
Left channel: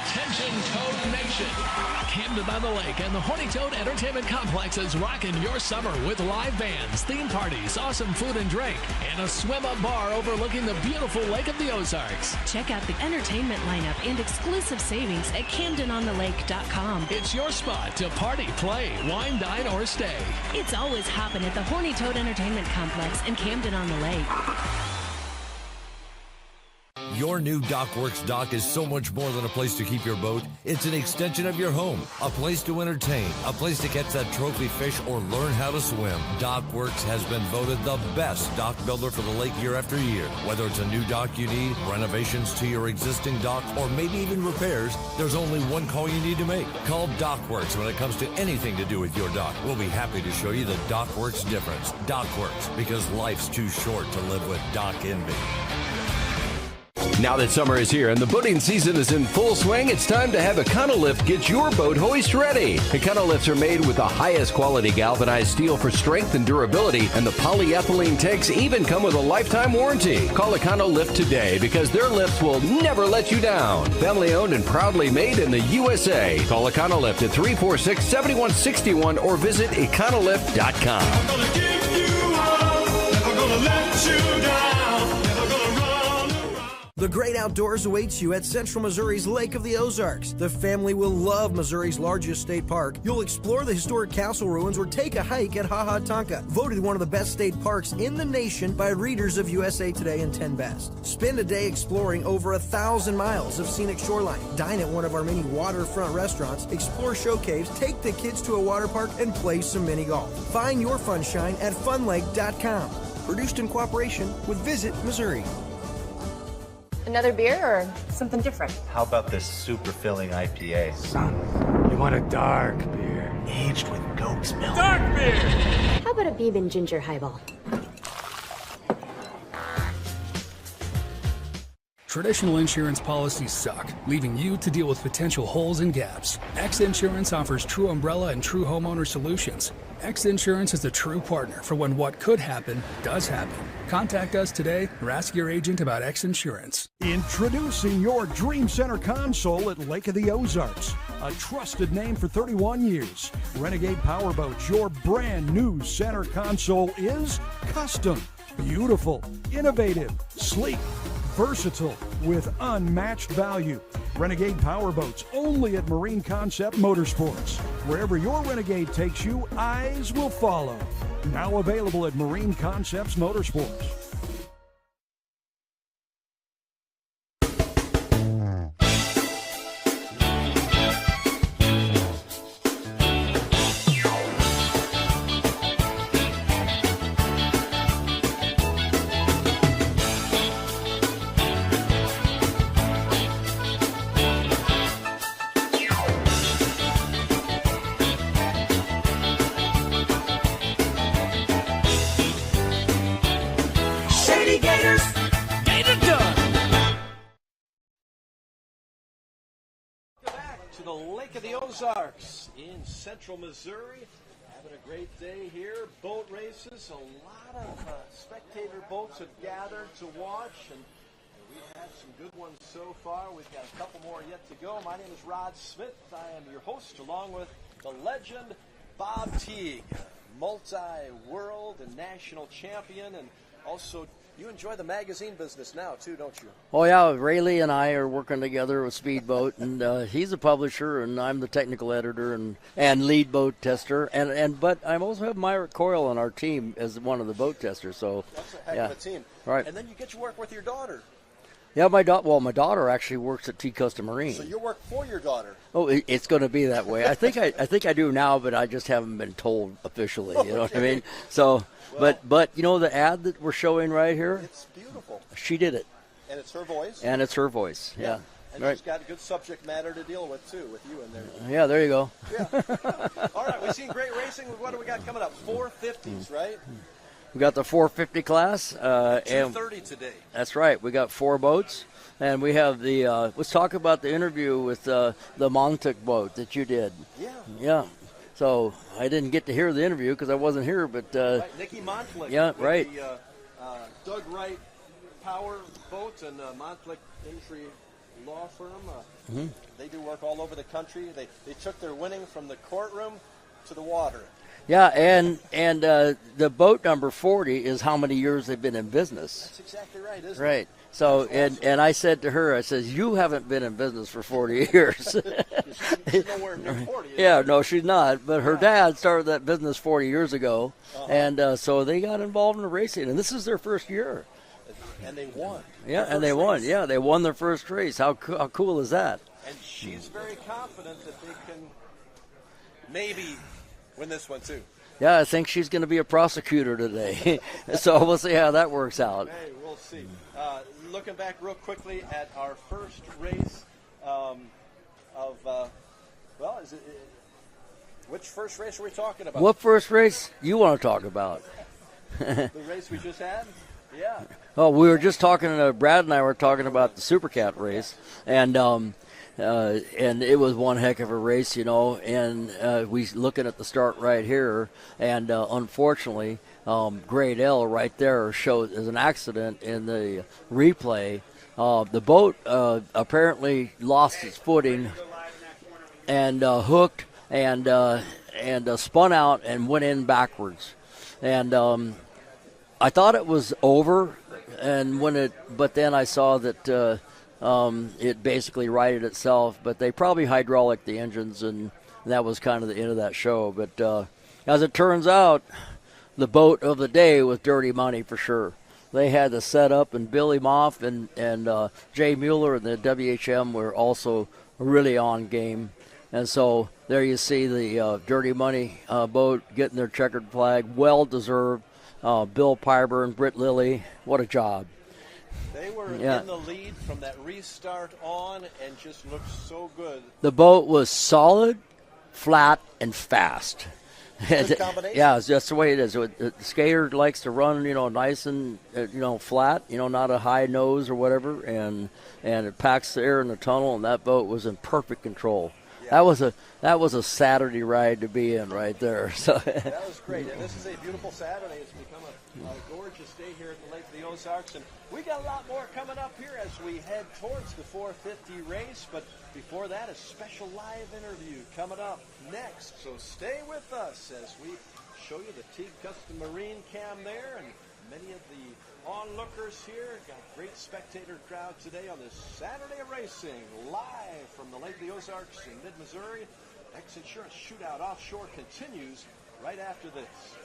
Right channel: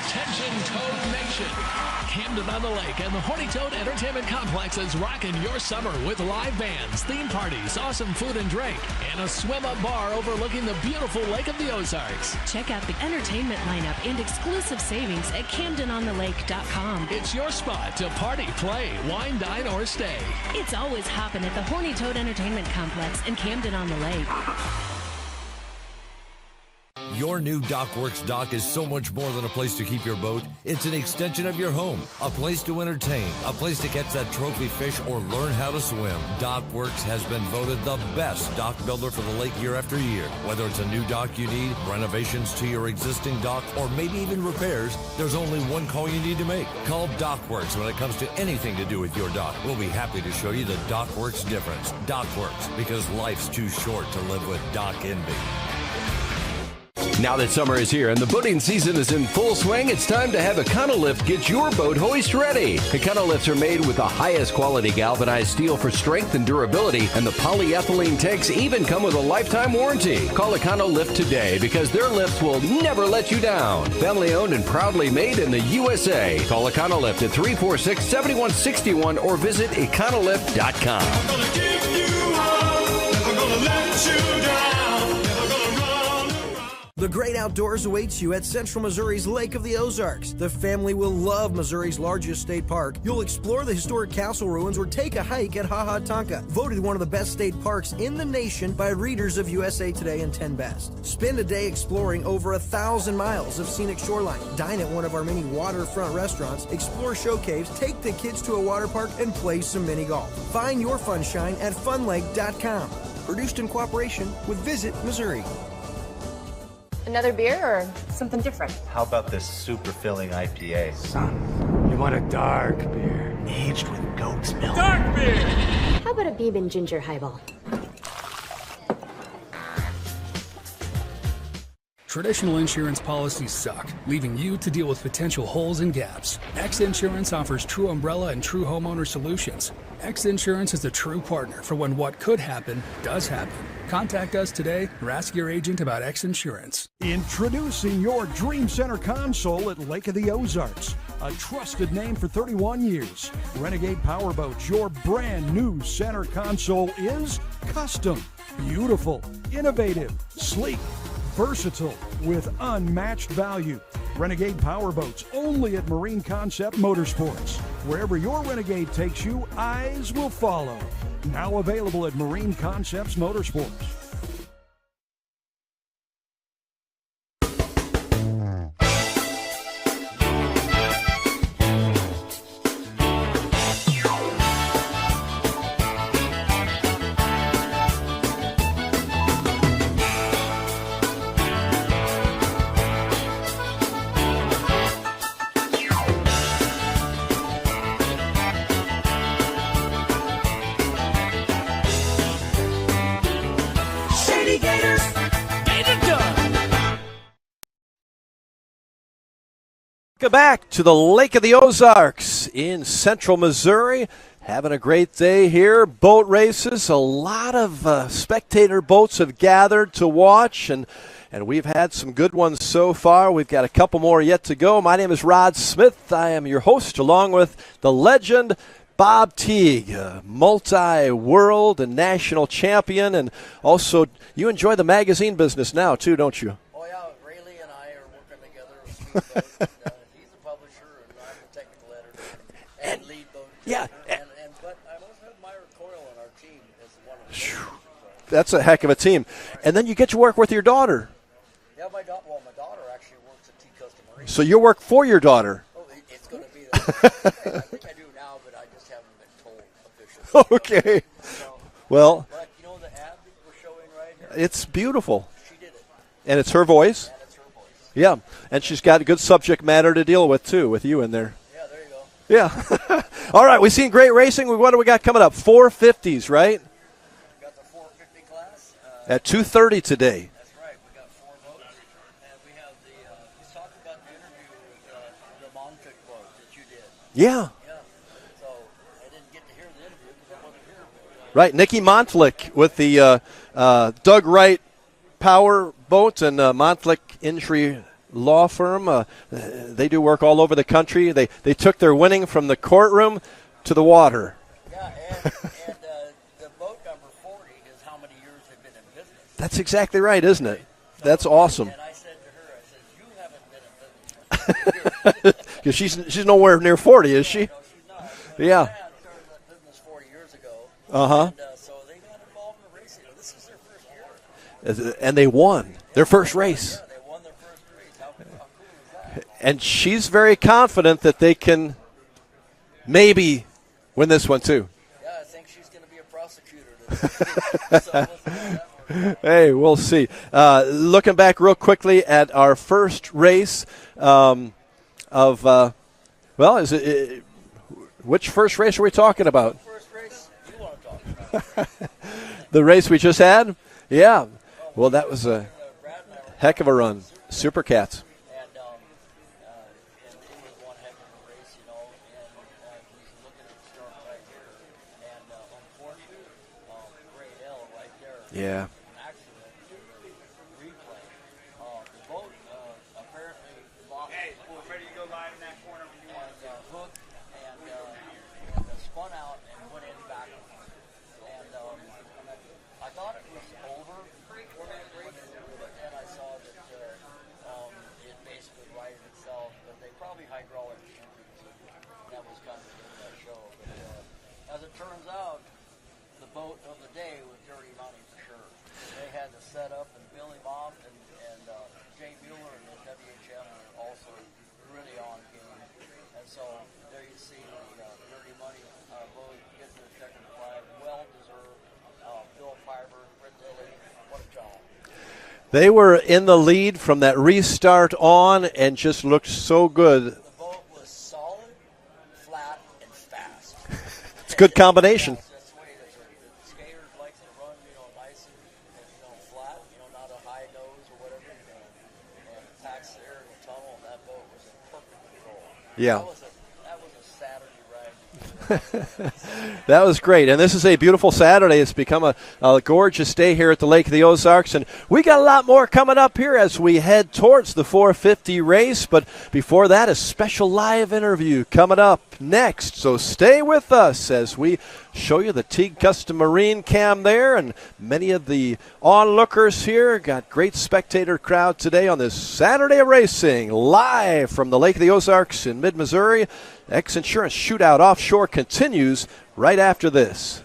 Attention, Toad Nation. Camden on the Lake and the Horny Toad Entertainment Complex is rocking your summer with live bands, theme parties, awesome food and drink, and a swim-up bar overlooking the beautiful Lake of the Ozarks. Check out the entertainment lineup and exclusive savings at CamdenOnTheLake.com. It's your spot to party, play, wine, dine, or stay. It's always hopping at the Horny Toad Entertainment Complex in Camden on the Lake. Your new Dockworks dock is so much more than a place to keep your boat. It's an extension of your home, a place to entertain, a place to catch that trophy fish or learn how to swim. Dockworks has been voted the best dock builder for the lake year after year. Whether it's a new dock you need, renovations to your existing dock, or maybe even repairs, there's only one call you need to make. Call Dockworks when it comes to anything to do with your dock. We'll be happy to show you the Dockworks difference. Dockworks, because life's too short to live with dock envy. Now that summer is here and the boating season is in full swing, it's time to have Econolift get your boat hoist ready. Econolifts are made with the highest quality galvanized steel for strength and durability, and the polyethylene tanks even come with a lifetime warranty. Call Econolift today because their lifts will never let you down. Family owned and proudly made in the USA. Call Econolift at 346-7161 or visit econolift.com. I'm gonna give you up, never gonna let you down, never gonna run. The great outdoors awaits you at Central Missouri's Lake of the Ozarks. The family will love Missouri's largest state park. You'll explore the historic castle ruins or take a hike at Ha Ha Tonka, voted one of the best state parks in the nation by readers of USA Today and 10 Best. Spend a day exploring over 1,000 miles of scenic shoreline. Dine at one of our many waterfront restaurants, explore show caves, take the kids to a water park, and play some mini golf. Find your funshine at funlake.com. Produced in cooperation with Visit Missouri. Another beer or something different? How about this super filling IPA? Son, you want a dark beer. Aged with goat's milk. Dark beer! How about a bourbon ginger highball? Traditional insurance policies suck, leaving you to deal with potential holes and gaps. X Insurance offers true umbrella and true homeowner solutions. X Insurance is the true partner for when what could happen does happen. Contact us today or ask your agent about X Insurance. Introducing your Dream Center console at Lake of the Ozarks. A trusted name for 31 years. Renegade Powerboats, your brand new center console is custom, beautiful, innovative, sleek, versatile, with unmatched value. Renegade Powerboats, only at Marine Concept Motorsports. Wherever your Renegade takes you, eyes will follow. Now available at Marine Concepts Motorsports. Gators. Gator done. Welcome back to the Lake of the Ozarks in central Missouri. Having a great day here. Boat races. A lot of spectator boats have gathered to watch, and we've had some good ones so far. We've got a couple more yet to go. My name is Rod Smith. I am your host, along with the legend Bob Teague, multi-world and national champion, and also you enjoy the magazine business now too, don't you? Oh yeah, Rayleigh and I are working together with Speedboat, and he's a publisher, and I'm the technical editor and lead boat tester, but I also have Myrick Coyle on our team as one of the boat testers. So that's a heck of a team. Right. And then you get to work with your daughter. Yeah, my daughter actually works at T Custom Marine. So you work for your daughter. Oh, it's going to be that way. I think I do now, but I just haven't been told officially. You know what I mean? So, well, but you know the ad that we're showing right here? It's beautiful. She did it. And it's her voice? And it's her voice. Yeah. And she's got a good subject matter to deal with, too, with you in there. Yeah, there you go. Yeah. All right, we've seen great racing. What do we got coming up? 450s, right? We got the 450 class. At 2:30 today. That's right. We got 4 boats. And we have the let's talk about the interview with the Montauk boat that you did. Yeah. Yeah. So I didn't get to hear the interview because I wasn't here. But right, Nikki Montflick with the Doug Wright Power Boat and Montflick Injury Law Firm. They do work all over the country. They took their winning from the courtroom to the water. Yeah, and the boat number 40 is how many years they've been in business. That's exactly right, isn't right. it? So, that's awesome. And I said to her, I says, you haven't been in business for 40 years. Because she's nowhere near 40, is she? Yeah, no, she's not. But her dad started that business 40 years ago. And so they got involved in the racing. And this is their first year. And they won their first race. Yeah, they won their first race. How cool is that? And she's very confident that they can maybe win this one, too. Yeah, I think she's going to be a prosecutor today. So we'll see how that works out. Hey, we'll see. Looking back real quickly at our first race which first race are we talking about? What first race you want to talk about? The race we just had? Yeah. Oh, we were just talking, Brad and I were talking about Supercat race. And it was one heck of a race, you know, and we looking at the start right here, and unfortunately, Grade L right there showed as an accident in the replay. The boat apparently lost its footing and hooked and spun out and went in backwards. And I thought it was over, but then I saw that it basically righted itself, but they probably hydraulic the engines, and that was kind of the end of that show. But as it turns out, the boat of the day was Dirty Money for sure. They had the setup, and Billy Moff and Jay Mueller and the WHM were also really on game. And so there you see the Dirty Money boat getting their checkered flag, well-deserved. Bill Pyber and Britt Lilly, what a job. They were in the lead from that restart on and just looked so good. The boat was solid, flat, and fast. It's a good combination. Yeah, that's the way it is. The skater likes to run, nice and, flat, not a high nose or whatever, and it packs the air in the tunnel, and that boat was in perfect control. Yeah. That was a Saturday ride to be in right there. So. That was great. And this is a beautiful Saturday. It's become a gorgeous day here at the Lake of the Ozarks. And we got a lot more coming up here as we head towards the 450 race. But before that, a special live interview coming up next. So stay with us as we show you the Teague Custom Marine cam there. And many of the onlookers here got great spectator crowd today on this Saturday of racing. Live from the Lake of the Ozarks in mid-Missouri. X Insurance Shootout Offshore continues right after this.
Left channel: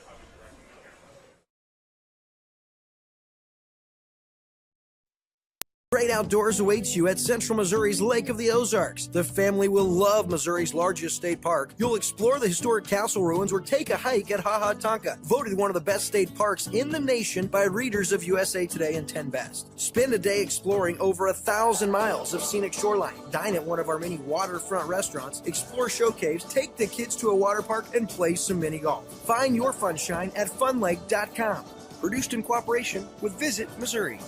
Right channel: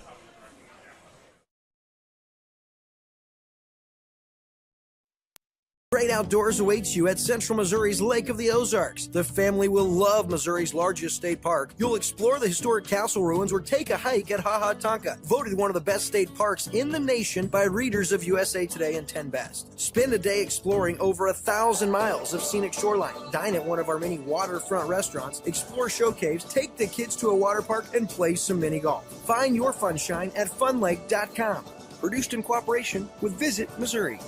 Great outdoors awaits you at Central Missouri's Lake of the Ozarks. The family will love Missouri's largest state park. You'll explore the historic castle ruins or take a hike at Ha Ha Tonka, voted one of the best state parks in the nation by readers of USA Today and 10 Best. Spend a day exploring over 1,000 miles of scenic shoreline. Dine at one of our many waterfront restaurants, explore show caves, take the kids to a water park, and play some mini golf. Find your funshine at funlake.com. Produced in cooperation with Visit Missouri.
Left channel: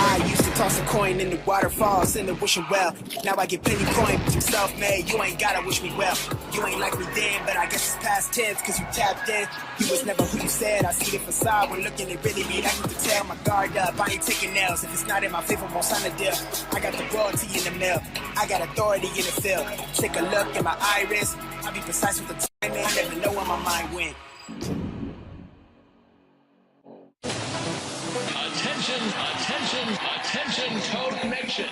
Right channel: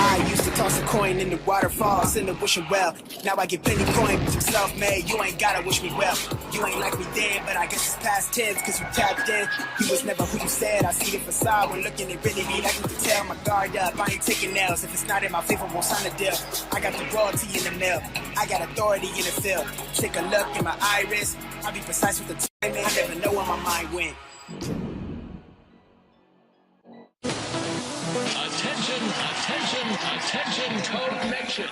I used to toss a coin in the waterfalls in the wishing well. Now I get plenty coin, but you self-made. You ain't gotta wish me well. You ain't like me then, but I guess it's past tense, cause you tapped in. You was never who you said. I see the facade when looking at really me. Like you can tell my guard up. I ain't taking nails. If it's not in my favor, won't sign a deal. I got the royalty in the mail. I got authority in the field. Take a look in my iris. I'll be precise with the timing. I never know where my mind went. Attention, attention, attention, Toad Nation.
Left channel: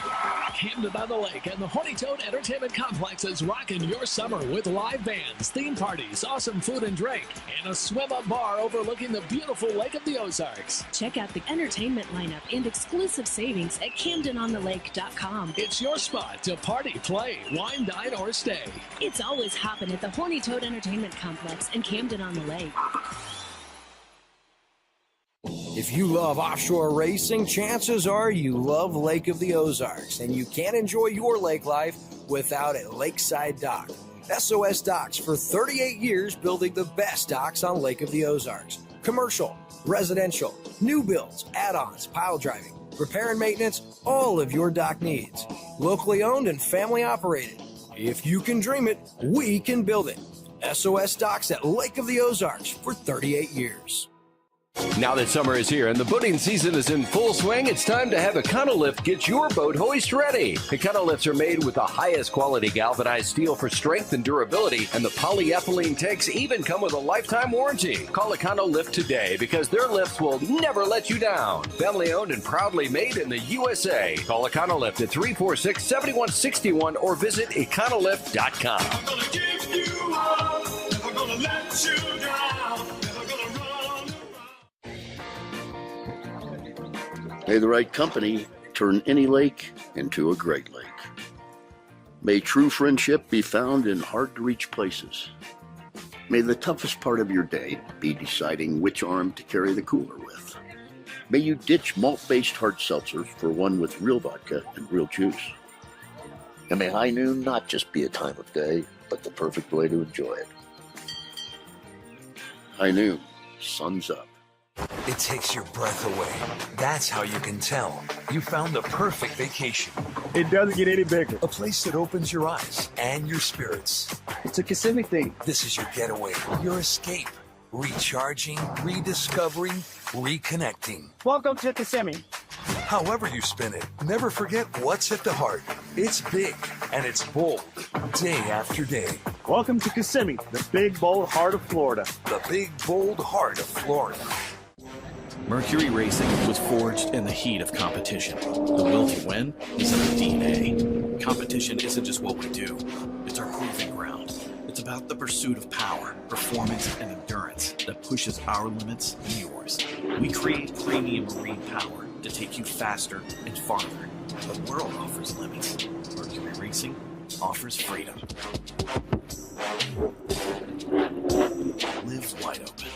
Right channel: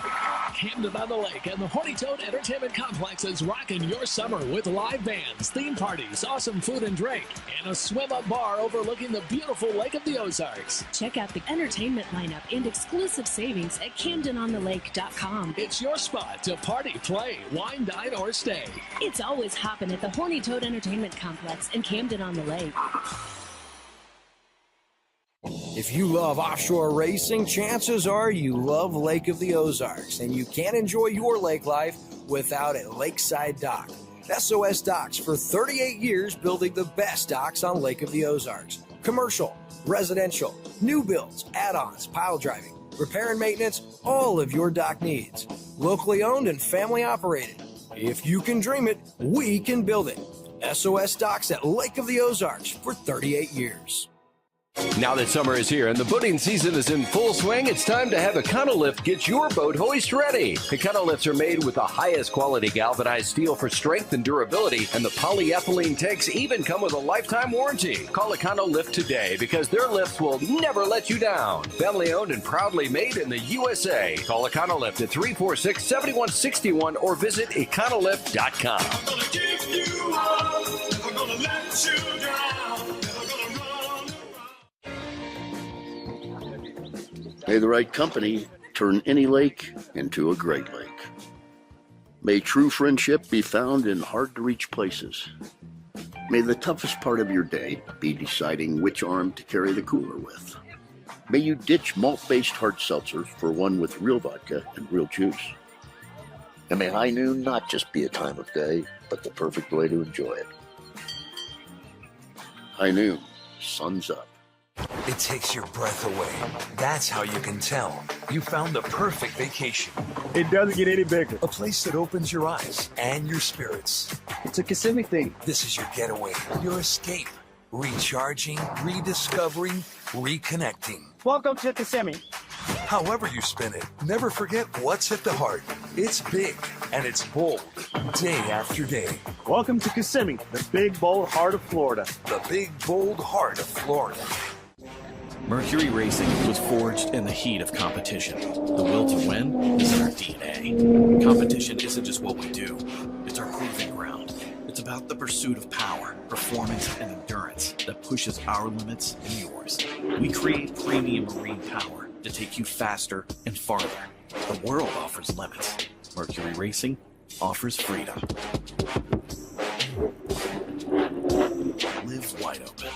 Camden on the Lake and the Horny Toad Entertainment Complex is rocking your summer with live bands, theme parties, awesome food and drink, and a swim-up bar overlooking the beautiful Lake of the Ozarks. Check out the entertainment lineup and exclusive savings at CamdenOnTheLake.com. It's your spot to party, play, wine, dine, or stay. It's always hopping at the Horny Toad Entertainment Complex in Camden on the Lake. If you love offshore racing, chances are you love Lake of the Ozarks, and you can't enjoy your lake life without a lakeside dock. SOS Docks for 38 years building the best docks on Lake of the Ozarks. Commercial, residential, new builds, add-ons, pile driving, repair and maintenance, all of your dock needs. Locally owned and family operated. If you can dream it, we can build it. SOS Docks at Lake of the Ozarks for 38 years. Now that summer is here and the boating season is in full swing, it's time to have Econolift get your boat hoist ready. Econolifts are made with the highest quality galvanized steel for strength and durability, and the polyethylene tanks even come with a lifetime warranty. Call Econolift today because their lifts will never let you down. Family owned and proudly made in the USA. Call Econolift at 346-7161 or visit econolift.com. I'm gonna give you up, never gonna let you down, never gonna run. May the right company turn any lake into a great lake. May true friendship be found in hard-to-reach places. May the toughest part of your day be deciding which arm to carry the cooler with. May you ditch malt-based hard seltzer for one with real vodka and real juice. And may high noon not just be a time of day, but the perfect way to enjoy it. High noon, sun's up. It takes your breath away. That's how you can tell you found the perfect vacation. It doesn't get any bigger. A place that opens your eyes and your spirits. It's a Kissimmee thing. This is your getaway, your escape. Recharging, rediscovering, reconnecting. Welcome to Kissimmee. However you spin it, never forget what's at the heart. It's big and it's bold, day after day. Welcome to Kissimmee, the big, bold heart of Florida. The big, bold heart of Florida. Mercury Racing was forged in the heat of competition. The will to win is in our DNA. Competition isn't just what we do, it's our proving ground. It's about the pursuit of power, performance, and endurance that pushes our limits and yours. We create premium marine power to take you faster and farther. The world offers limits. Mercury Racing offers freedom. Live wide open.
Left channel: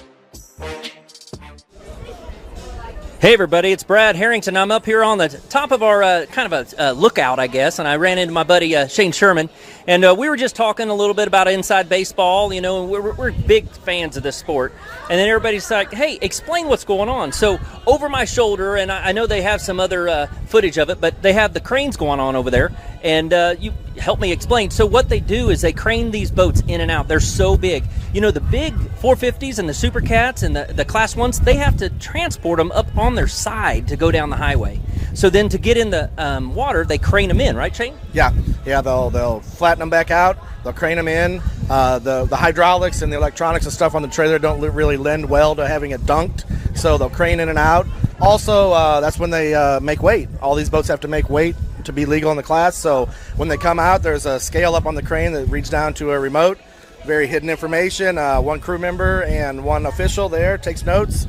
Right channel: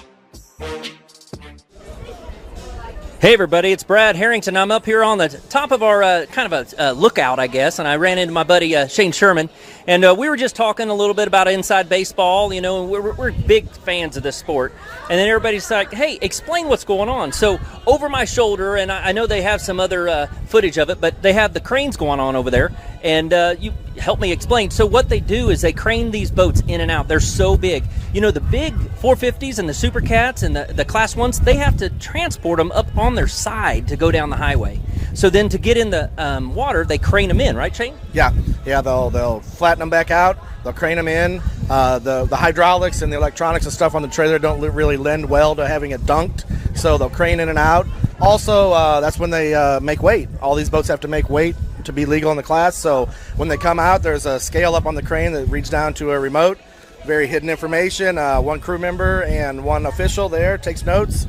Hey everybody, it's Brad Harrington. I'm up here on the top of our kind of a lookout, I guess, and I ran into my buddy Shane Sherman, and we were just talking a little bit about inside baseball, you know, and we're big fans of this sport, and then everybody's like, hey, explain what's going on. So over my shoulder, and I know they have some other footage of it, but they have the cranes going on over there, and you help me explain. So what they do is they crane these boats in and out. They're so big. You know, the big 450s and the Supercats and the Class 1s, they have to transport them up on their side to go down the highway. So then to get in the water, they crane them in, right, Shane? Yeah, they'll flatten them back out. They'll crane them in. The hydraulics and the electronics and stuff on the trailer don't really lend well to having it dunked, so they'll crane in and out. Also, that's when they make weight. All these boats have to make weight to be legal in the class, so when they come out, there's a scale up on the crane that reads down to a remote. Very hidden information. One crew member and one official there takes notes,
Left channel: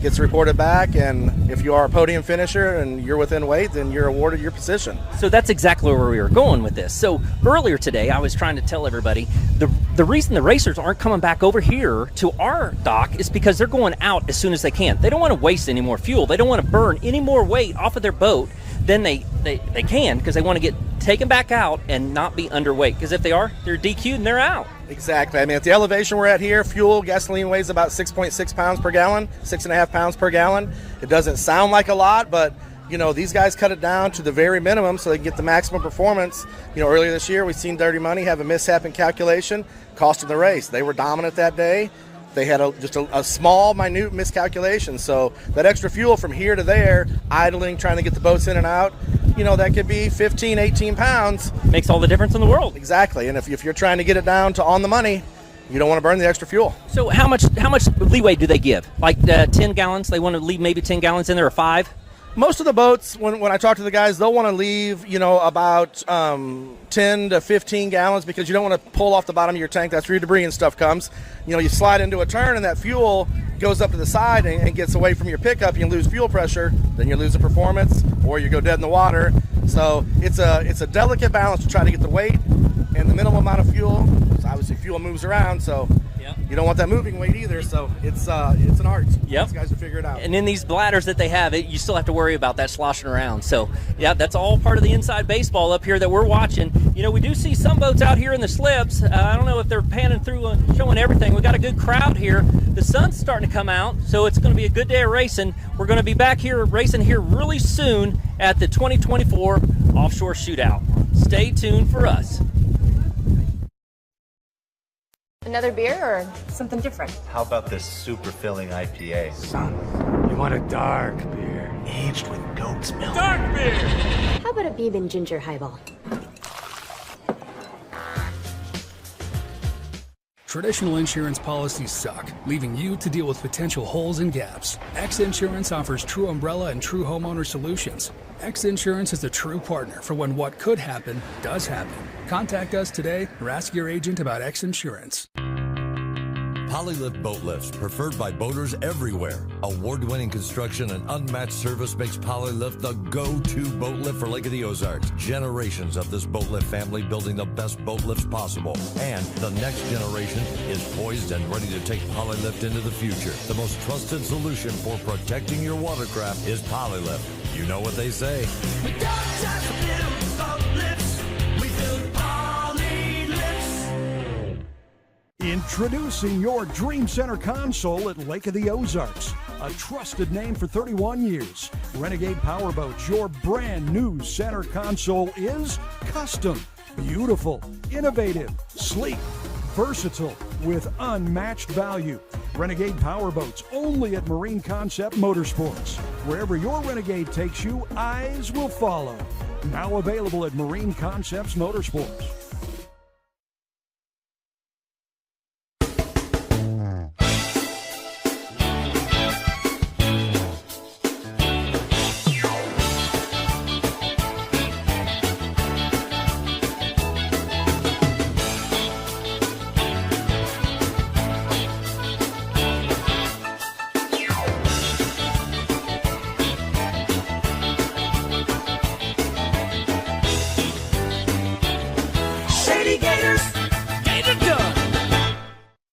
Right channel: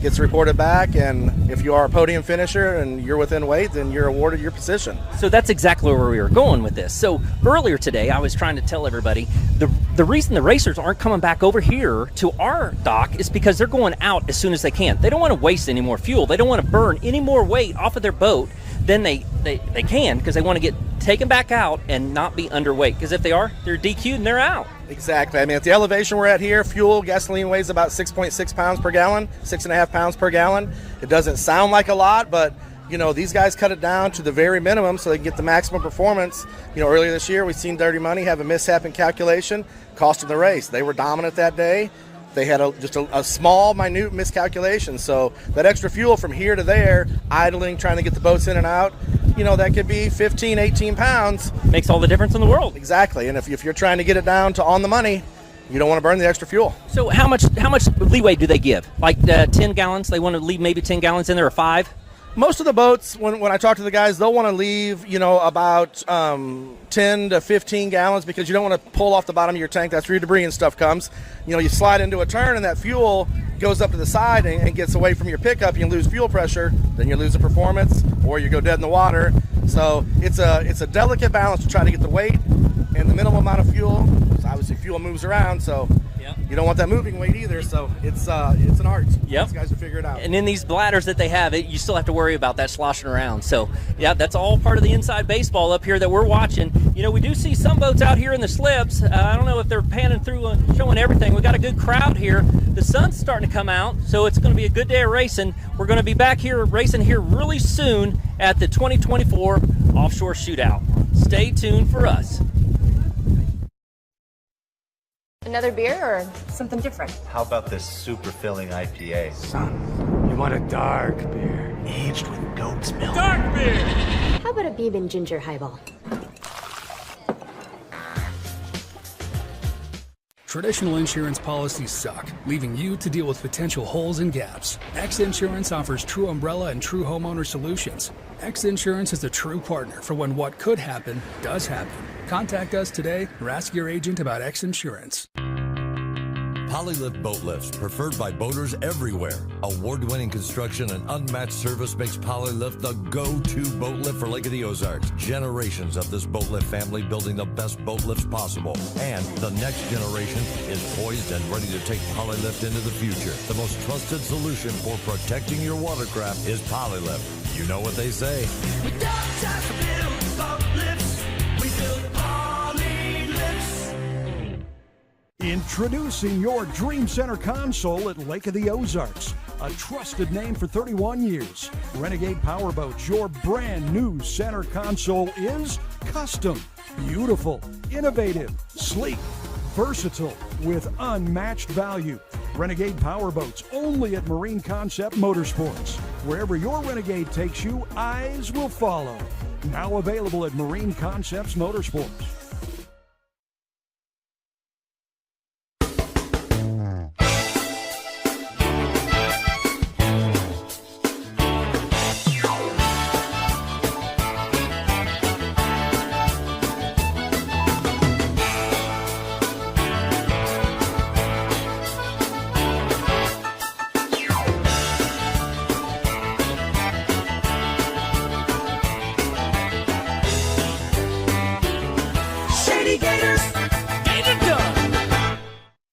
gets reported back, and if you are a podium finisher and you're within weight, then you're awarded your position. So that's exactly where we were going with this. So earlier today, I was trying to tell everybody the reason the racers aren't coming back over here to our dock is because they're going out as soon as they can. They don't want to waste any more fuel. They don't want to burn any more weight off of their boat than they can, because they want to get take them back out and not be underweight, because if they are, they're DQ'd and they're out. Exactly. I mean, at the elevation we're at here, fuel, gasoline weighs about 6.6 pounds per gallon, 6.5 pounds per gallon. It doesn't sound like a lot, but these guys cut it down to the very minimum so they can get the maximum performance. Earlier this year, we've seen Dirty Money have a mishap in calculation, cost them the race. They were dominant that day. They had just a small, minute miscalculation. So that extra fuel from here to there, idling, trying to get the boats in and out, that could be 15, 18 pounds. Makes all the difference in the world. Exactly. And if you're trying to get it down to on the money, you don't want to burn the extra fuel. So how much leeway do they give? Like 10 gallons? They want to leave maybe 10 gallons in there, or 5? Most of the boats, when I talk to the guys, they'll want to leave, about 10 to 15 gallons, because you don't want to pull off the bottom of your tank. That's where your debris and stuff comes. You slide into a turn and that fuel goes up to the side and gets away from your pickup. You lose fuel pressure, then you lose the performance, or you go dead in the water. So it's a delicate balance to try to get the weight and the minimum amount of fuel. So obviously fuel moves around, so you don't want that moving weight either. So it's an art. Yep. These guys will figure it out. And in these bladders that they have, you still have to worry about that sloshing around. So yeah, that's all part of the inside baseball up here that we're watching. We do see some boats out here in the slips. I don't know if they're panning through and showing everything. We got a good crowd here. The sun's starting to come out, so it's going to be a good day of racing. We're going to be back here racing here really soon at the 2024 Offshore Shootout. Stay tuned for us. Another beer or something different? How about this super filling IPA? Son, you want a dark beer, aged with goat's milk. Dark beer! How about a Beeb and ginger highball? Traditional insurance policies suck, leaving you to deal with potential holes and gaps. X Insurance offers true umbrella and true homeowner solutions. X Insurance is a true partner for when what could happen does happen. Contact us today or ask your agent about X Insurance. Polylift boat lifts, preferred by boaters everywhere. Award-winning construction and unmatched service makes Polylift the go-to boat lift for Lake of the Ozarks. Generations of this boat lift family building the best boat lifts possible. And the next generation is poised and ready to take Polylift into the future. The most trusted solution for protecting your watercraft is Polylift. You know what they say. We don't just build boat lifts, we build poly lifts. Introducing your Dream Center console at Lake of the Ozarks. A trusted name for 31 years. Renegade Powerboats, your brand new center console is custom, beautiful, innovative, sleek, versatile, with unmatched value. Renegade Powerboats, only at Marine Concept Motorsports. Wherever your Renegade takes you, eyes will follow. Now available at Marine Concepts Motorsports.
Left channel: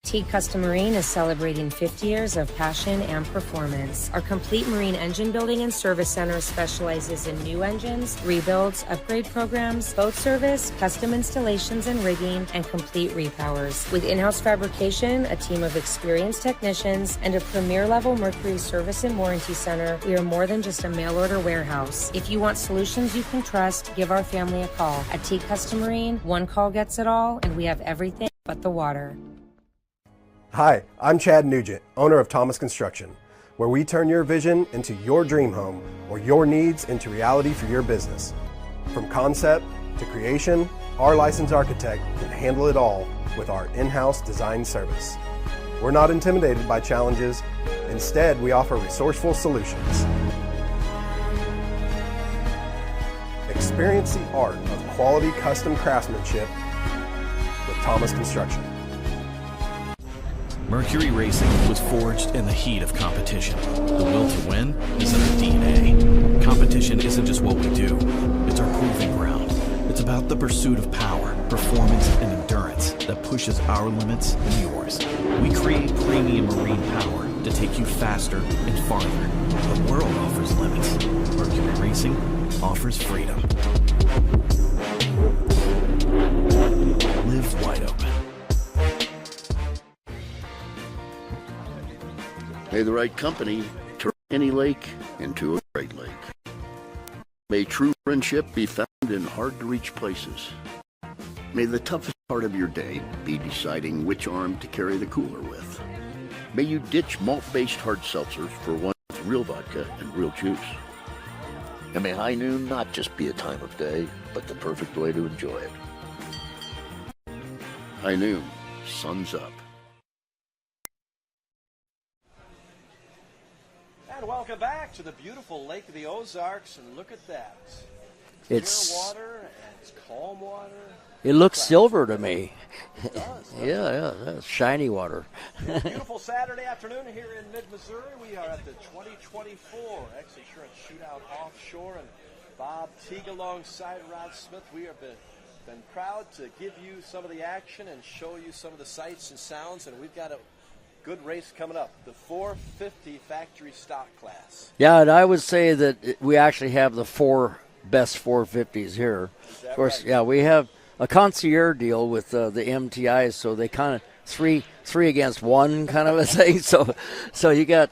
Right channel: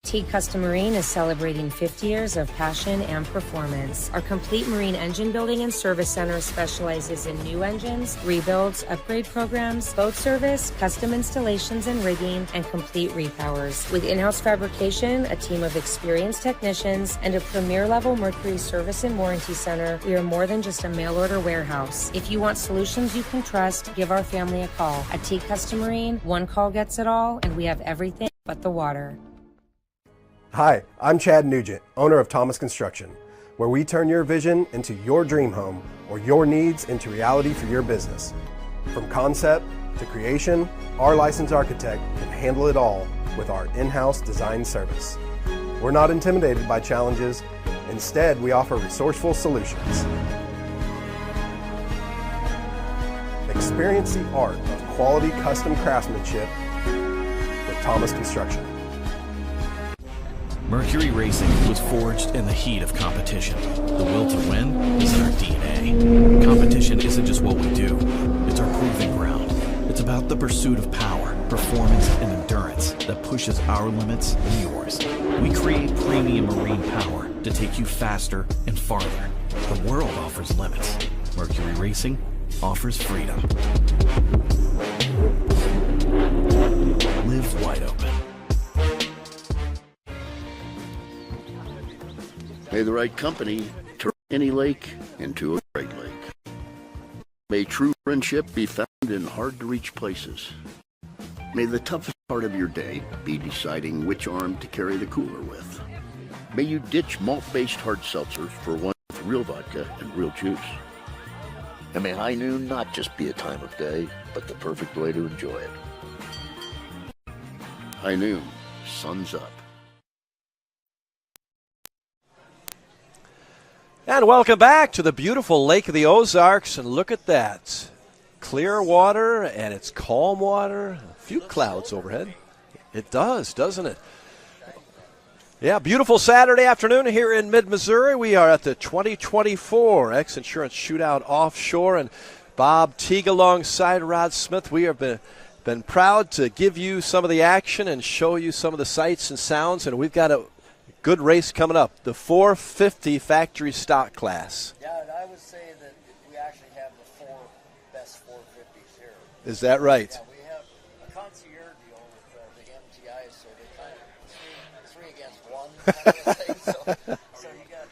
Teague Custom Marine is celebrating 50 years of passion and performance. Our complete marine engine building and service center specializes in new engines, rebuilds, upgrade programs, boat service, custom installations and rigging, and complete repowers. With in-house fabrication, a team of experienced technicians, and a premier-level Mercury service and warranty center, we are more than just a mail-order warehouse. If you want solutions you can trust, give our family a call. At Teague Custom Marine, one call gets it all, and we have everything but the water. Hi, I'm Chad Nugent, owner of Thomas Construction, where we turn your vision into your dream home or your needs into reality for your business. From concept to creation, our licensed architect can handle it all with our in-house design service. We're not intimidated by challenges. Instead, we offer resourceful solutions. Experience the art of quality custom craftsmanship with Thomas Construction. Mercury Racing was forged in the heat of competition. The will to win is in our DNA. Competition isn't just what we do, it's our proving ground. It's about the pursuit of power, performance, and endurance that pushes our limits and yours. We create premium marine power to take you faster and farther. The world offers limits. Mercury Racing offers freedom. mouth wide open. May the right company turn any lake into a great lake. May true friendship be found in hard-to-reach places. May the toughest part of your day be deciding which arm to carry the cooler with. May you ditch malt-based hard seltzers for one with real vodka and real juice. And may high noon not just be a time of day, but the perfect way to enjoy it. High noon, sun's up. And welcome back to the beautiful Lake of the Ozarks. And look at that. Clear water, and it's calm water. It looks Clouds silver over to me. It does, doesn't it? Yeah, that's shiny water. Yeah, beautiful Saturday afternoon here in mid-Missouri. We are at the 2024 X Insurance Shootout Offshore, and Bob Teague alongside Rod Smith. We have been proud to give you some of the action and show you some of the sights and sounds, and we've got a good race coming up, the 450 factory stock class. Yeah, and I would say that we actually have the 4 best 450s here. Is that right? Yeah, we have a concierge deal with the MTIs, so they kind of three against one kind of a thing. So you got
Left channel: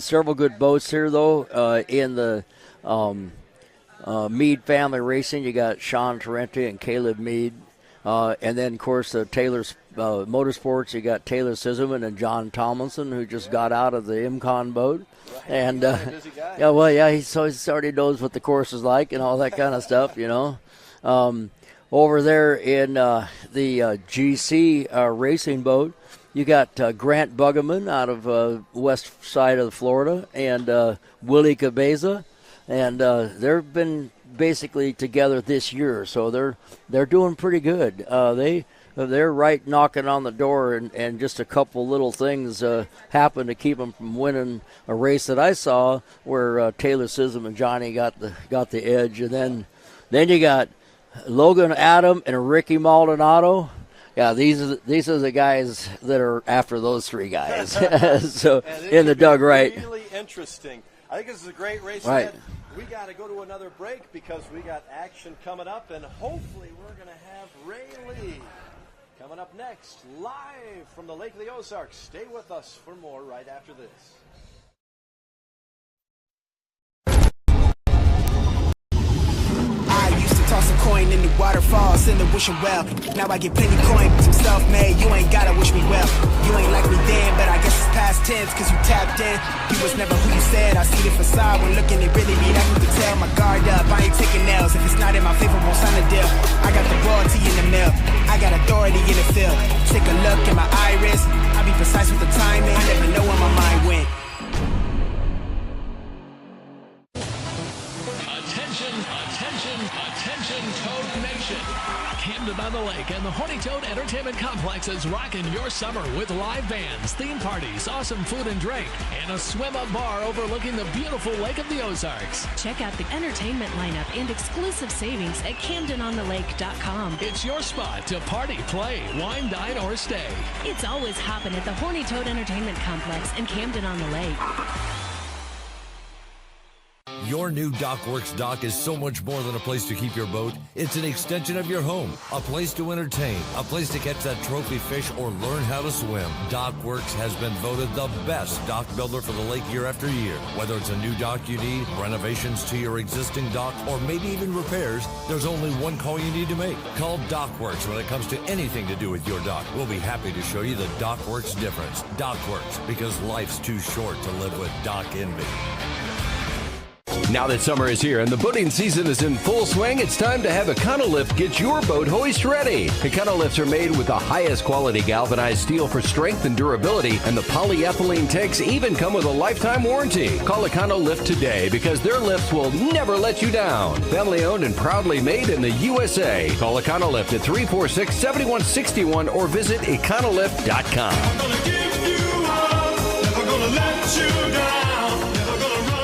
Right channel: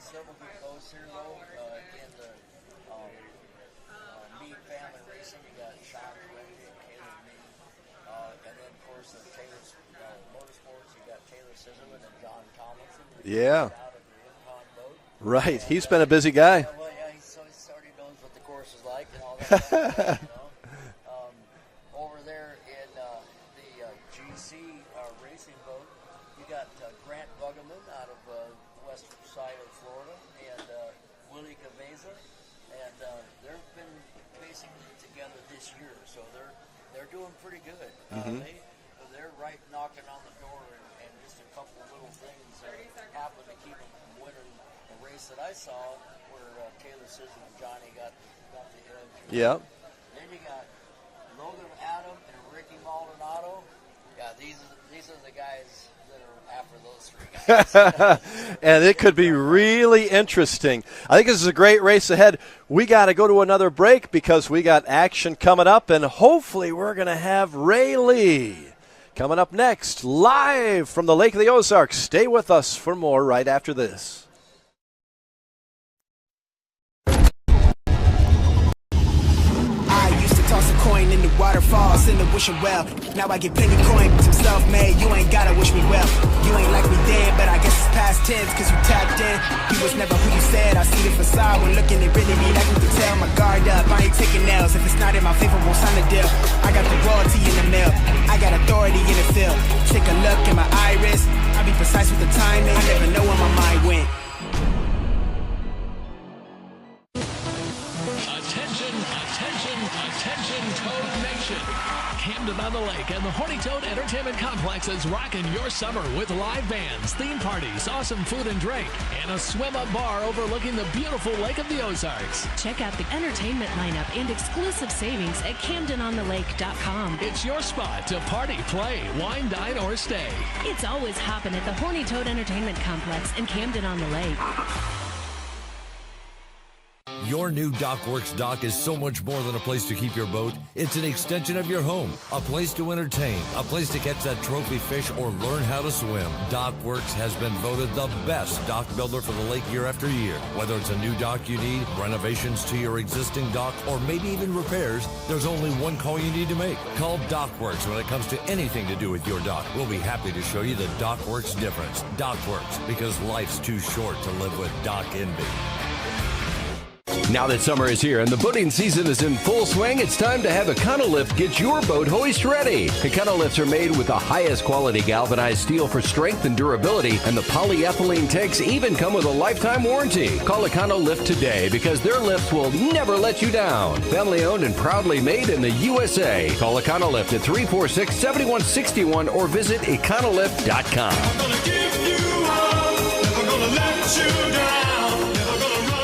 several good boats here though in the Meade family racing. You got Sean Tarente and Caleb Meade, and then of course Taylor's Motorsports. You got Taylor Sizelman and John Tomlinson, who just got out of the IMCON boat. Right, and, he's been a busy guy. Yeah, well, yeah, he already knows what the course is like and all that kind of stuff, you know. Over there in the GC racing boat, you got Grant Buggeman out of west side of Florida and Willie Cabeza, and they've been basically together this year, so they're doing pretty good. They're right knocking on the door, and just a couple little things happened to keep them from winning a race that I saw where Taylor Sism and Johnny got the edge, and then you got Logan Adam and Ricky Maldonado. Yeah, these are the guys that are after those 3 guys. So, and it could be really interesting. I think this is a great race ahead. We got to go to another break because we got action coming up, and hopefully we're going to have Ray Lee coming up next, live from the Lake of the Ozarks. Stay with us for more right after this. I used to toss a coin in the waterfalls in the wishing well. Now I get plenty coin, some self-made. You ain't gotta wish me well. You ain't like me then, but I guess it's past tense, cause you tapped in. You was never who you said. I see the facade when looking at really me. Like you can tell my guard up. I ain't taking L's. If it's not in my favor, won't sign a deal. I got the royalty in the mill. I got authority in the field. Take a look at my iris. I be precise with the timing. I never know where my mind went. Attention, Toad Nation. Camden on the Lake and the Horny Toad Entertainment Complex is rocking your summer with live bands, theme parties, awesome food and drink, and a swim-up bar overlooking the beautiful Lake of the Ozarks. Check out the entertainment lineup and exclusive savings at CamdenOnTheLake.com. It's your spot to party, play, wine, dine, or stay. It's always hopping at the Horny Toad Entertainment Complex in Camden on the Lake. Your new DockWorks dock is so much more than a place to keep your boat. It's an extension of your home, a place to entertain, a place to catch that trophy fish or learn how to swim. DockWorks has been voted the best dock builder for the lake year after year. Whether it's a new dock you need, renovations to your existing dock, or maybe even repairs, there's only one call you need to make. Call DockWorks when it comes to anything to do with your dock. We'll be happy to show you the DockWorks difference. DockWorks, because life's too short to live with dock envy. Now that summer is here and the boating season is in full swing, it's time to have Econolift get your boat hoist ready. Econolifts are made with the highest quality galvanized steel for strength and durability, and the polyethylene tanks even come with a lifetime warranty. Call Econolift today because their lifts will never let you down. Family owned and proudly made in the USA. Call Econolift at 346-7161 or visit econolift.com. I'm gonna give you up, never gonna let you down, never gonna run around.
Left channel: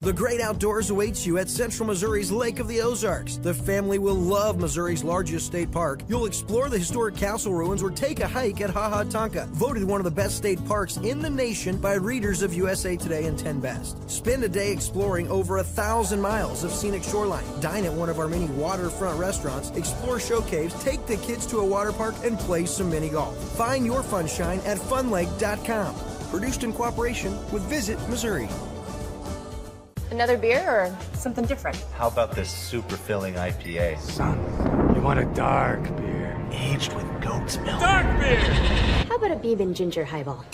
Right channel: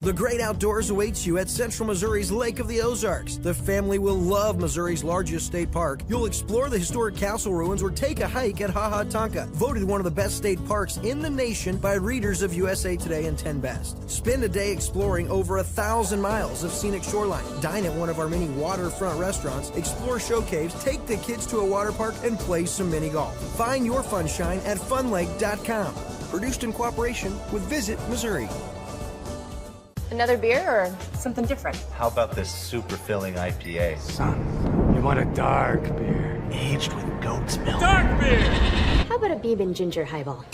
The great outdoors awaits you at Central Missouri's Lake of the Ozarks. The family will love Missouri's largest state park. You'll explore the historic castle ruins or take a hike at Ha Ha Tonka, voted one of the best state parks in the nation by readers of USA Today and 10 Best. Spend a day exploring over 1,000 miles of scenic shoreline. Dine at one of our many waterfront restaurants, explore show caves, take the kids to a water park, and play some mini golf. Find your funshine at funlake.com. Produced in cooperation with Visit Missouri. Another beer or something different? How about this super filling IPA? Son, you want a dark beer. Aged with goat's milk. Dark beer! How about a bourbon ginger highball?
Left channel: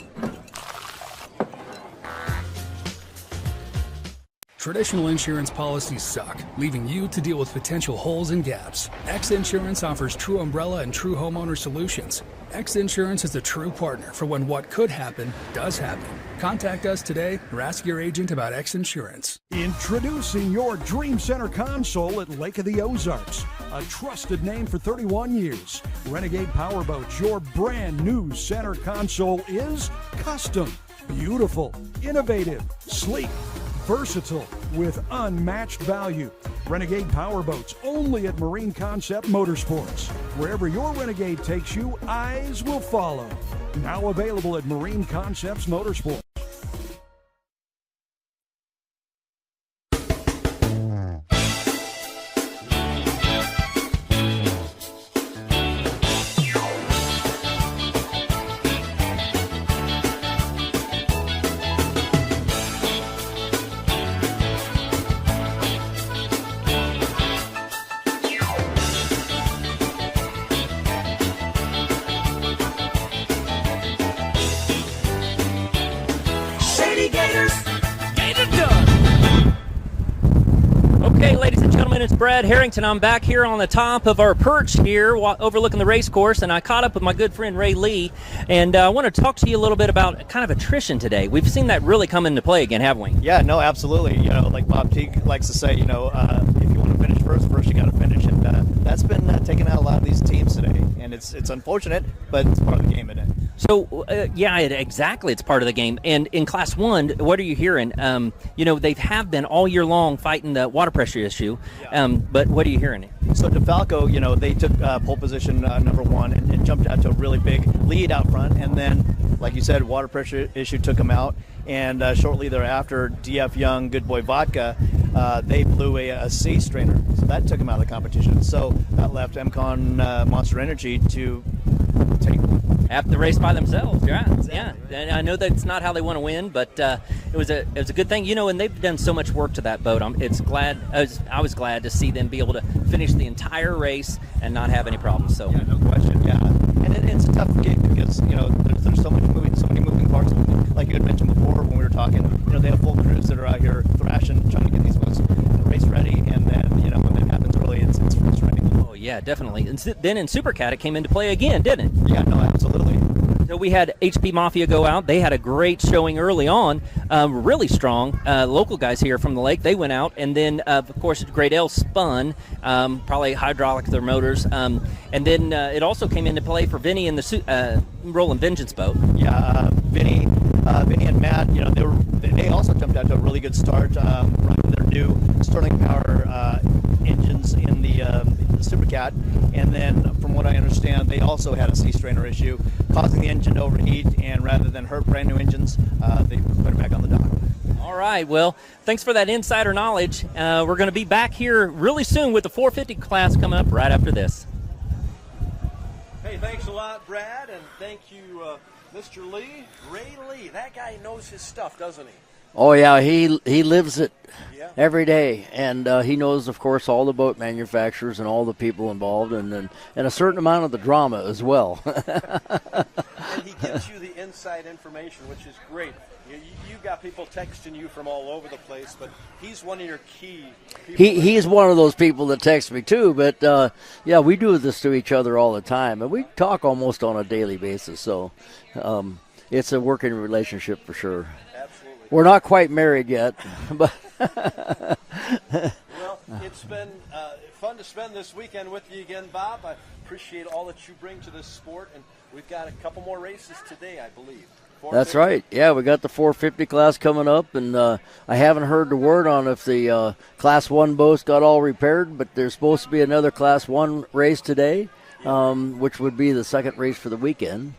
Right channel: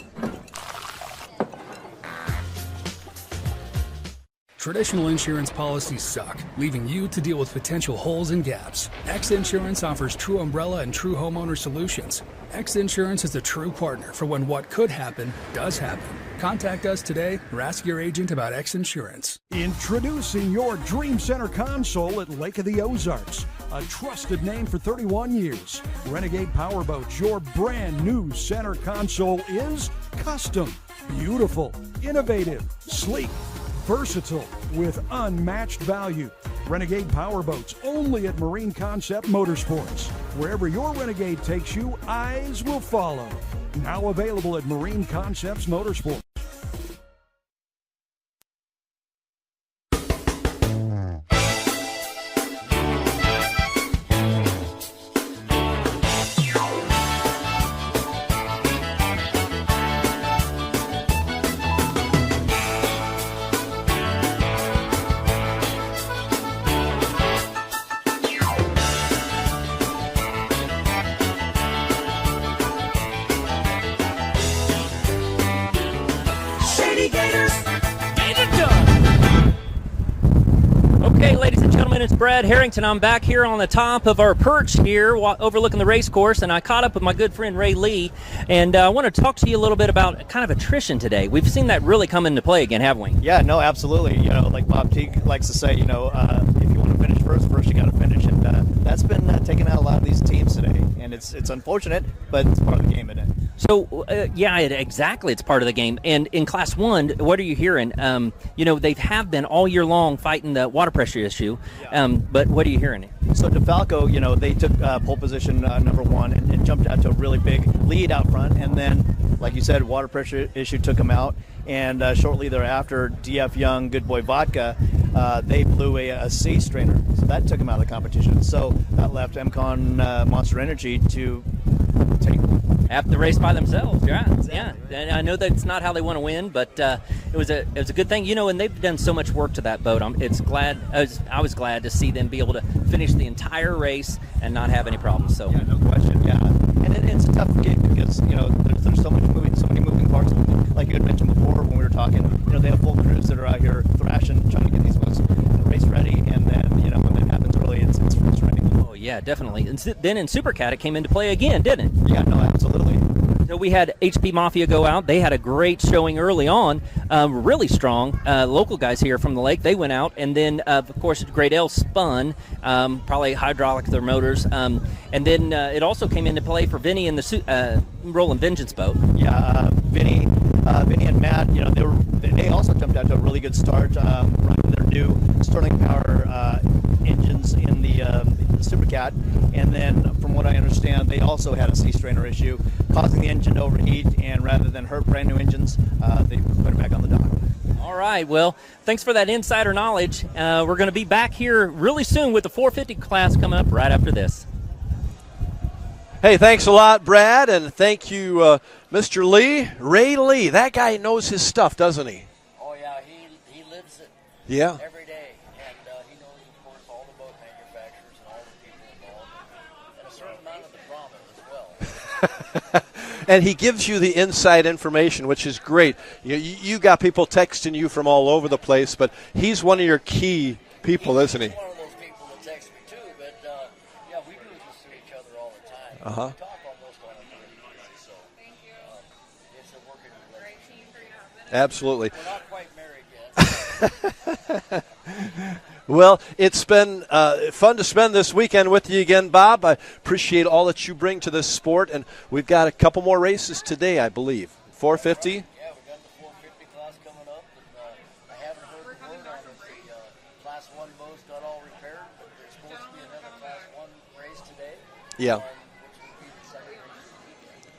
Traditional insurance policies suck, leaving you to deal with potential holes and gaps. X Insurance offers true umbrella and true homeowner solutions. X Insurance is a true partner for when what could happen does happen. Contact us today or ask your agent about X Insurance. Introducing your Dream Center console at Lake of the Ozarks. A trusted name for 31 years. Renegade Powerboats, your brand new center console is custom, beautiful, innovative, sleek, versatile, with unmatched value. Renegade Powerboats, only at Marine Concept Motorsports. Wherever your Renegade takes you, eyes will follow. Now available at Marine Concepts Motorsports. Okay, ladies and gentlemen, it's Brad Harrington. I'm back here on the top of our perch here overlooking the race course, and I caught up with my good friend Ray Lee, and I want to talk to you a little bit about kind of attrition today. We've seen that really come into play again, haven't we? Yeah, no, absolutely. You know, like Bob Teague likes to say, if you want to finish first you got to finish, and that's been taking out a lot of these teams today, and it's unfortunate, but it's part of the game, isn't it? So, exactly. It's part of the game. And in Class 1, what are you hearing? They have been all year long fighting the water pressure issue, but what are you hearing? So DeFalco, they took pole position number 1 and jumped out to a really big lead out front, and then, like you said, water pressure issue took them out, and shortly thereafter, DF Young, Good Boy Vodka, they blew a C strainer, so that took them out of the competition. So that left MCon Monster Energy to take half the race by themselves. Yeah. And I know that's not how they want to win, but it was a good thing, and they've done so much work to that boat. I was glad to see them be able to finish the entire race and not have any problems. So yeah, no question. Yeah, and it's a tough game because there's so many moving parts. Like you had mentioned before when we were talking, they have full crews that are out here thrashing, trying to get these boats race ready, and then when that happens early, it's frustrating. Oh yeah, definitely. And then in Supercat, it came into play again, didn't it? Yeah, no, absolutely. So we had HP Mafia go out. They had a great showing early on, really strong. Local guys here from the lake, they went out. And then, of course, Great L spun, probably hydraulic their motors. And then it also came into play for Vinny and the Rolling Vengeance boat. Yeah, Vinny and Matt, they also jumped out to a really good start, running their new Sterling Power engines in the Supercat, and then from what I understand, they also had a C strainer issue, causing the engine to overheat, and rather than hurt brand new engines, they put it back on the dock. All right, well, thanks for that insider knowledge. We're going to be back here really soon with the 450 class coming up right after this. Hey, thanks a lot, Brad, and thank you, Mr. Lee. Ray Lee, that guy knows his stuff, doesn't he? Oh, yeah, he lives it. Yeah. Every day, and he knows, of course, all the boat manufacturers and all the people involved, and a certain amount of the drama as well. And he gives you the inside information, which is great. You got people texting you from all over the place, but he's one of your key people. He's one of those people that text me too. But we do this to each other all the time, and we talk almost on a daily basis. So. It's a working relationship for sure. Absolutely. We're not quite married yet. Well, it's been fun to spend this weekend with you again, Bob. I appreciate all that you bring to this sport, and we've got a couple more races today, I believe. 450? That's right. Yeah, we got the 450 class coming up, and I haven't heard the word on if the Class 1 boats got all repaired, but there's supposed to be another Class 1 race today, which would be the second race for the weekend.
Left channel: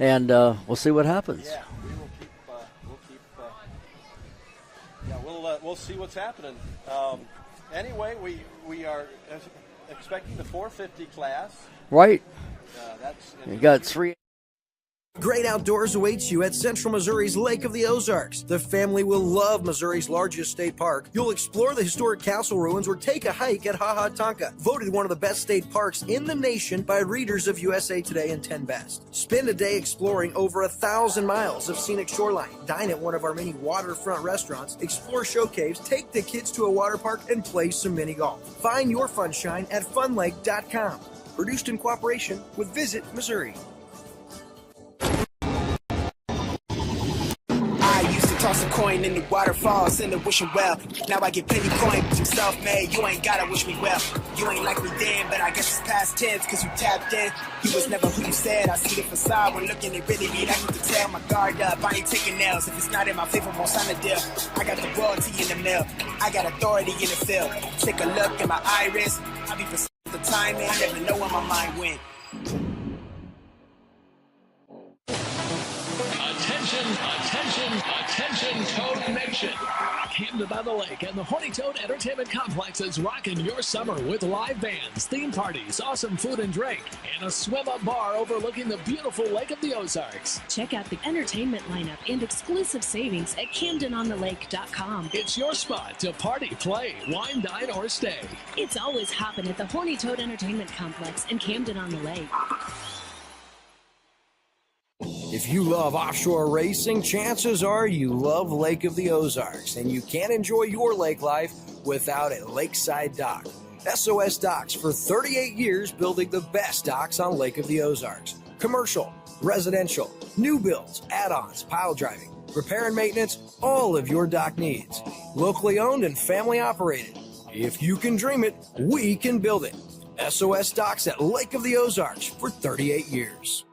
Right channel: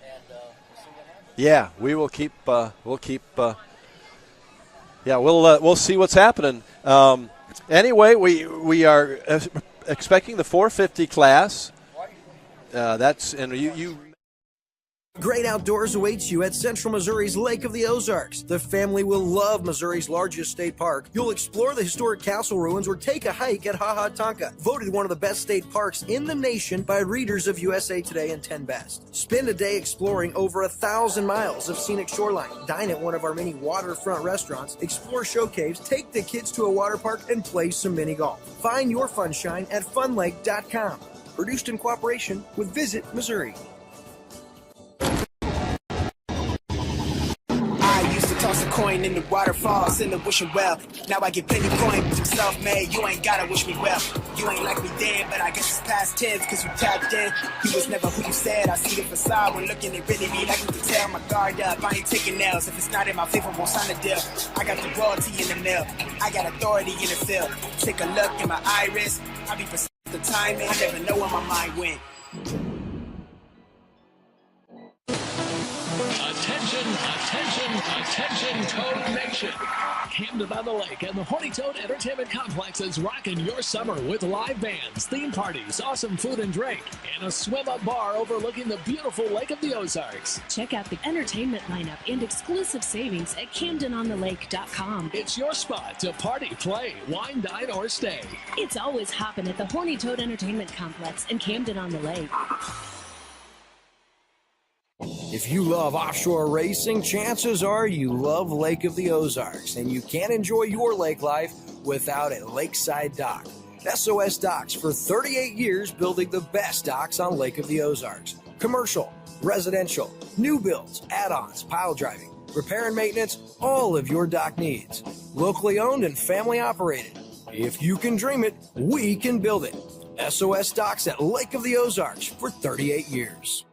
And we'll see what happens. Yeah, we will keep. We'll see what's happening. Anyway, we are expecting the 450 class. Right. You got three. Great outdoors awaits you at Central Missouri's Lake of the Ozarks. The family will love Missouri's largest state park. You'll explore the historic castle ruins or take a hike at Ha Ha Tonka, voted one of the best state parks in the nation by readers of USA Today and 10 Best. Spend a day exploring over 1,000 miles of scenic shoreline. Dine at one of our many waterfront restaurants, explore show caves, take the kids to a water park, and play some mini golf. Find your funshine at funlake.com. Produced in cooperation with Visit Missouri. Toss a coin in the waterfalls in the wishing well. Now I get plenty coin, but I'm self-made. You ain't gotta wish me well. You ain't like me then, but I guess it's past tense, cause you tapped in. You was never who you said. I see the facade when looking at really me like you can tell. My guard up, I ain't taking nails. If it's not in my favor, won't sign a deal. I got the royalty in the mill. I got authority in the field. Take a look at my iris. I be precise the timing. I never know where my mind went. Attention, Toad Nation. Camden on the Lake and the Horny Toad Entertainment Complex is rocking your summer with live bands, theme parties, awesome food and drink, and a swim-up bar overlooking the beautiful Lake of the Ozarks. Check out the entertainment lineup and exclusive savings at CamdenOnTheLake.com. It's your spot to party, play, wine, dine, or stay. It's always hopping at the Horny Toad Entertainment Complex in Camden on the Lake. If you love offshore racing, chances are you love Lake of the Ozarks, and you can't enjoy your lake life without a lakeside dock. SOS Docks for 38 years building the best docks on Lake of the Ozarks. Commercial, residential, new builds, add-ons, pile driving, repair and maintenance, all of your dock needs. Locally owned and family operated. If you can dream it, we can build it. SOS Docks at Lake of the Ozarks for 38 years.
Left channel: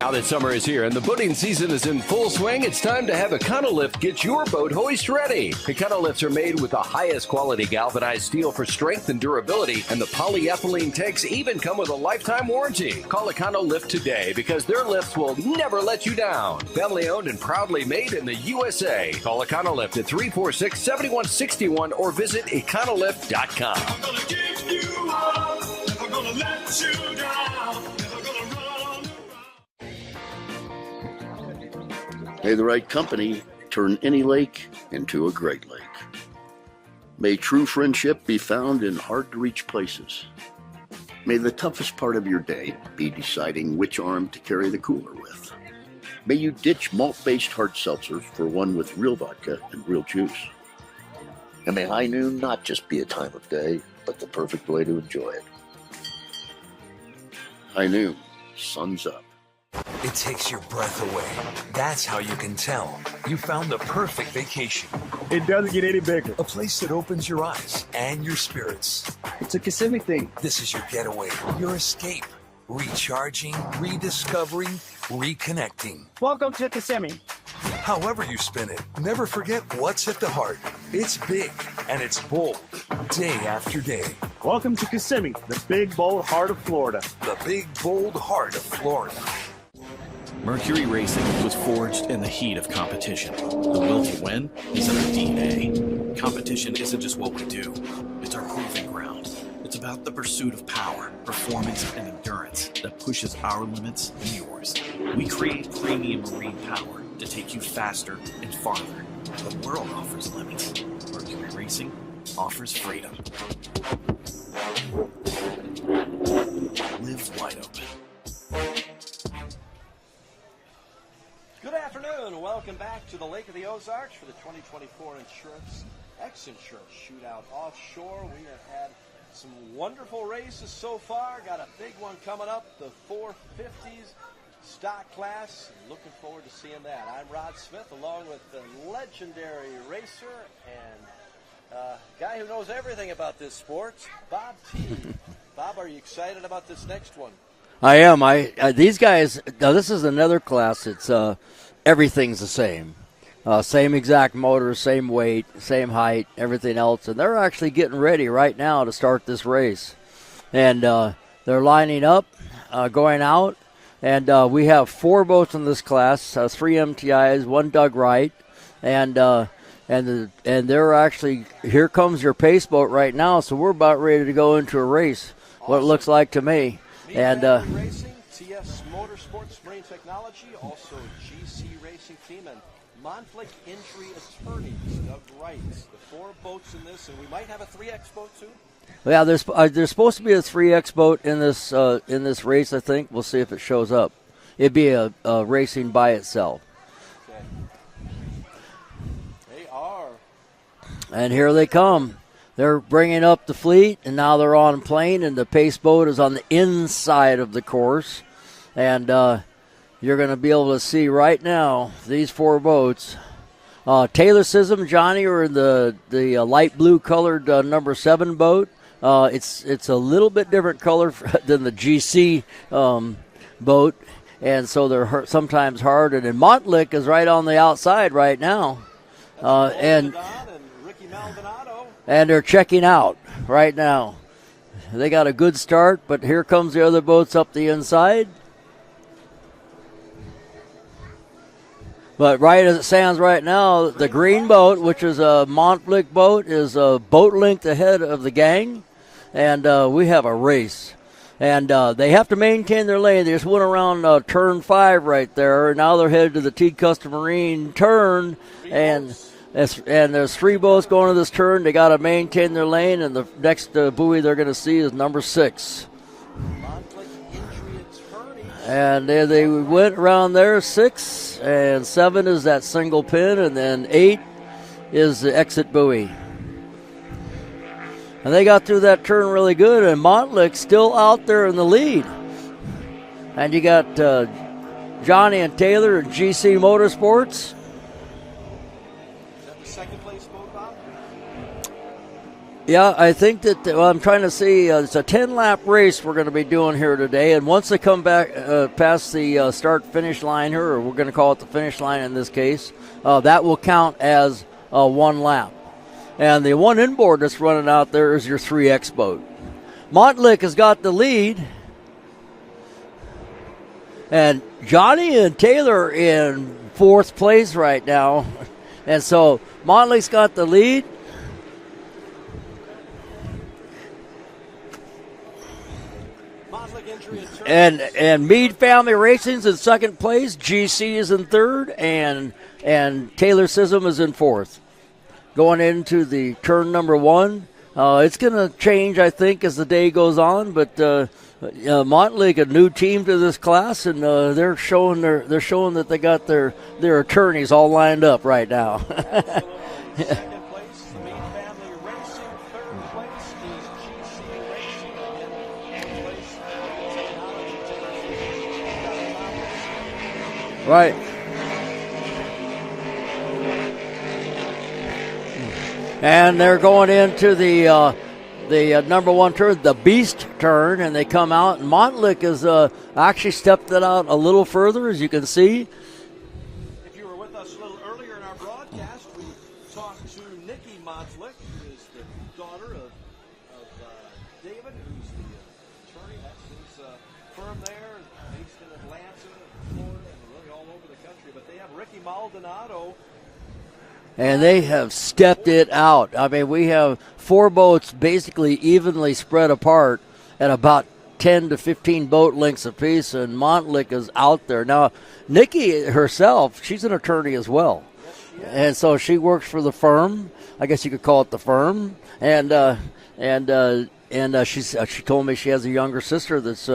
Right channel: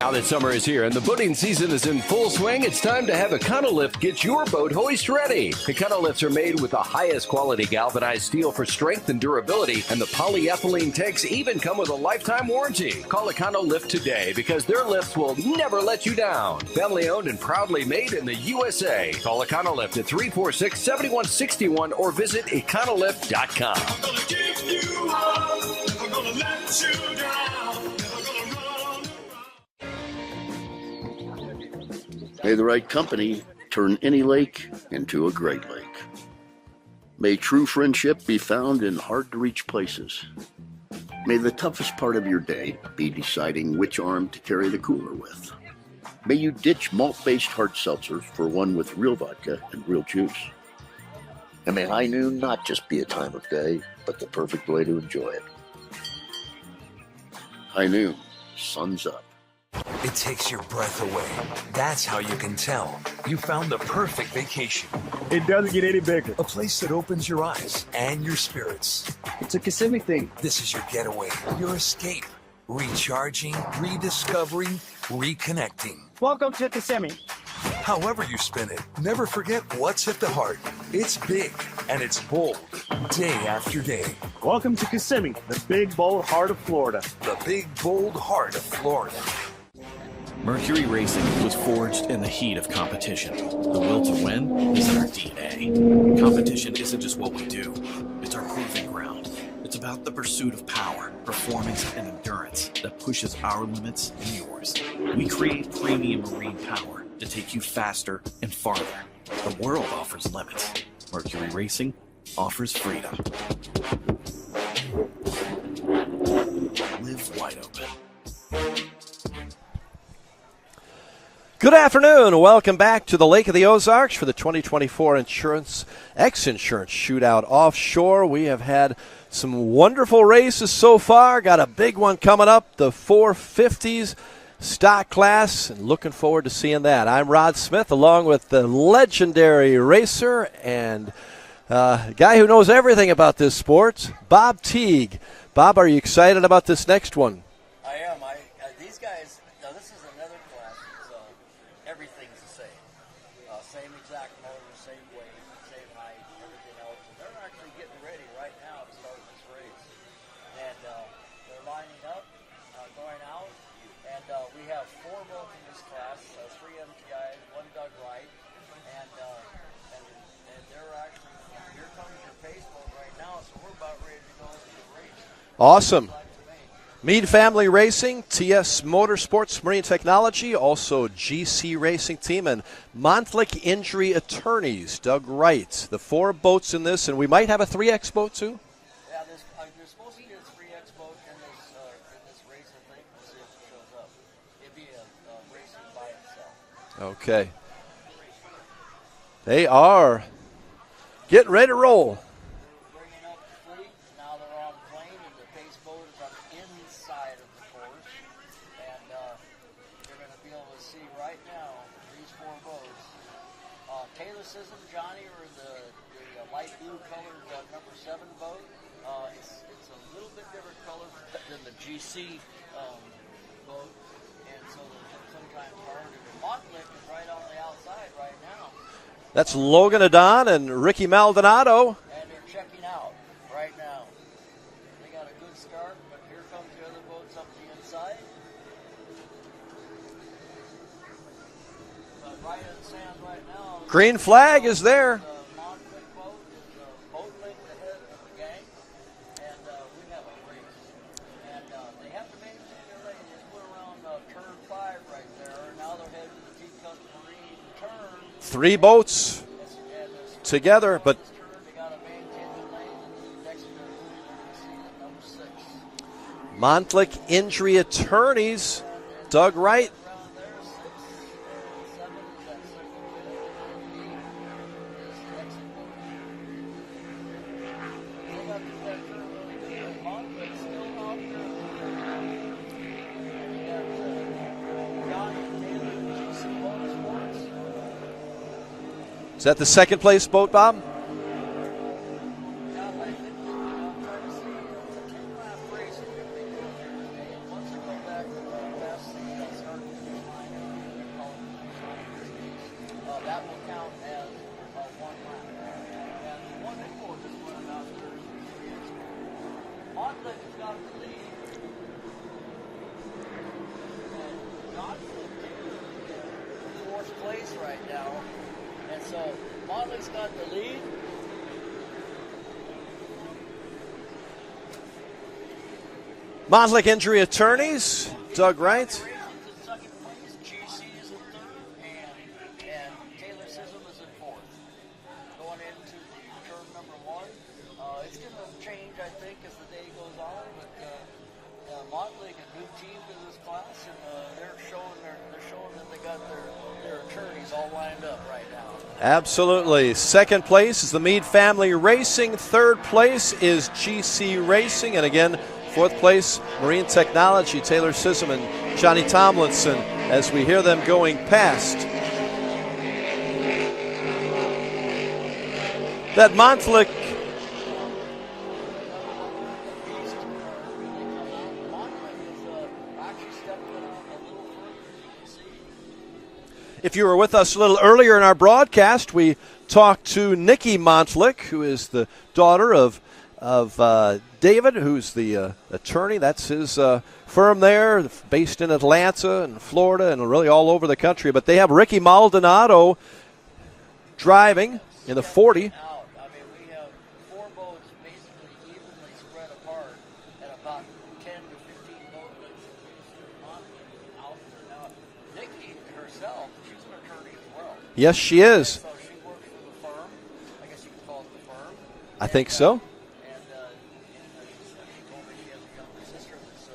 Now that summer is here and the boating season is in full swing, it's time to have Econolift get your boat hoist ready. Econolifts are made with the highest quality galvanized steel for strength and durability, and the polyethylene tanks even come with a lifetime warranty. Call Econolift today because their lifts will never let you down. Family owned and proudly made in the USA. Call Econolift at 346-7161 or visit Econolift.com. I'm gonna give you up, never gonna let you down, never gonna run. May the right company turn any lake into a great lake. May true friendship be found in hard-to-reach places. May the toughest part of your day be deciding which arm to carry the cooler with. May you ditch malt-based hard seltzer for one with real vodka and real juice. And may high noon not just be a time of day, but the perfect way to enjoy it. High noon, sun's up. It takes your breath away. That's how you can tell you found the perfect vacation. It doesn't get any bigger. A place that opens your eyes and your spirits. It's a Kissimmee thing. This is your getaway, your escape. Recharging, rediscovering, reconnecting. Welcome to Kissimmee. However you spin it, never forget what's at the heart. It's big and it's bold, day after day. Welcome to Kissimmee, the big, bold heart of Florida. The big, bold heart of Florida. Mercury Racing was forged in the heat of competition. The will to win is in our DNA. Competition isn't just what we do, it's our proving ground. It's about the pursuit of power, performance, and endurance that pushes our limits and yours. We create premium marine power to take you faster and farther. The world offers limits. Mercury Racing offers freedom. Live wide open. Good afternoon. Welcome back to the Lake of the Ozarks for the 2024 X-Insurance Shootout Offshore. We have had some wonderful races so far. Got a big one coming up, the 450s stock class, and looking forward to seeing that. I'm Rod Smith along with the legendary racer and guy who knows everything about this sport, Bob Teague. Bob, are you excited about this next one? I am. These guys. Now this is another class. It's everything's the same. Same exact motor, same weight, same height, everything else. And they're actually getting ready right now to start this race. And they're lining up, going out. And we have 4 boats in this class, 3 MTIs, 1 Doug Wright. And they're actually, here comes your pace boat right now. So we're about ready to go into a race. Awesome. It looks like to me. Mean Family Racing, TS Motorsports Marine Technology, also GC Racing Team, and Montlick Injury Attorneys, Doug Wright. The 4 boats in this, and we might have a 3X boat too? Yeah, there's supposed to be a 3X boat in this race, I think. We'll see if it shows up. It'd be a racing by itself. Okay. They are. And here they come. Roll. They're bringing up the fleet, and now they're on plane, and the pace boat is on the inside of the course. And you're going to be able to see right now these 4 boats. Taylor Sism, Johnny are in the light blue colored number 7 boat. It's a little bit different color than the GC boat, and so they're sometimes hard. And then Montlick is right on the outside right now. That's Logan Adon and Ricky Maldonado. And they're checking out right now. They got a good start, but here comes the other boats up the inside. But right as it stands right now, the green boat, which is a Montlick boat, is a boat length ahead of the gang. And we have a race. And they have to maintain their lane. They just went around turn 5 right there. Now they're headed to the T Custom Marine turn. 3 boats. And there's 3 boats going to this turn. They got to maintain their lane. And the next buoy they're going to see is number 6. Montlick Injury Attorneys. And they went around there. 6 and 7 is that single pin. And then 8 is the exit buoy. And they got through that turn really good, and Montlick's still out there in the lead. And you got Johnny and Taylor and GC Motorsports. Is that the second place boat, Bob? Yeah, I think that, I'm trying to see, it's a 10-lap race we're going to be doing here today. And once they come back past the start-finish line here, or we're going to call it the finish line in this case, that will count as 1 lap. And the one inboard that's running out there is your 3X boat. Montlick has got the lead. And Johnny and Taylor in 4th place right now. And so Montlick's got the lead. Montlick Injury Attorneys. And Meade Family Racing's in 2nd place. GC is in 3rd. And Taylor Sism is in 4th. Going into the turn number 1. It's going to change, I think, as the day goes on. But Montlick, a new team to this class, and they're showing that they got their attorneys all lined up right now. Absolutely. 2nd place is the Meade Family Racing. 3rd place is GC Racing, and again, 4th place Marine Technology. Taylor Sism and Johnny Tomlinson, as we hear them going past. And they're going into the number 1 turn, the Beast turn, and they come out. And Montlick has actually stepped it out a little further, as you can see. If you were with us a little earlier in our broadcast, we talked to Nikki Montlick, who is the daughter of David, who's the attorney. That's his firm there, based in Atlanta and Florida and really all over the country. But they have Ricky Maldonado. And they have stepped it out. I mean, we have 4 boats basically evenly spread apart at about 10 to 15 boat lengths apiece, and Montlick is out there. Now, Nikki herself, she's an attorney as well. Yes, she is. And so she works for the firm. I guess you could call it the firm. I think so. And she told me she has a younger sister that's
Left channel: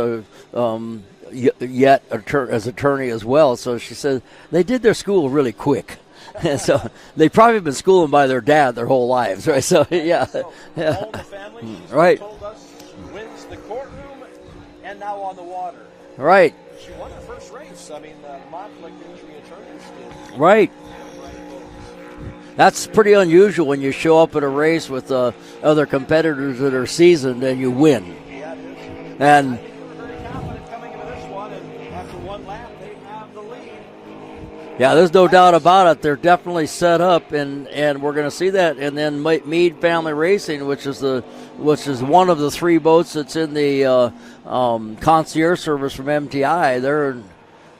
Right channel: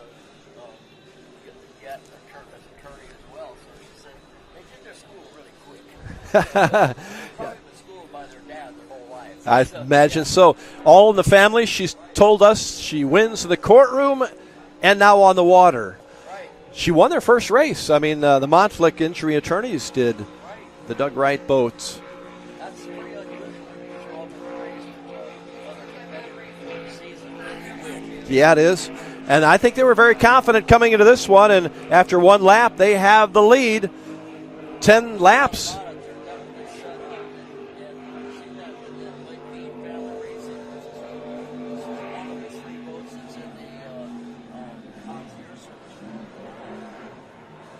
yet as attorney as well. So she said they did their school really quick. So they've probably been schooling by their dad their whole lives. Right? I imagine so. All in the family. She's told us she wins the courtroom and now on the water. Right. She won their first race. I mean, the Montlick Injury Attorneys did. Right. The Doug Wright boats. That's pretty unusual when you show up at a race with other competitors that are seasoned and you win. Yeah, it is. And I think they were very confident coming into this one, and after one lap, they have the lead. Yeah, there's no doubt about it. They're definitely set up, and we're going to see that. And then Meade Family Racing, which is one of the 3 boats that's in the concierge service from MTI.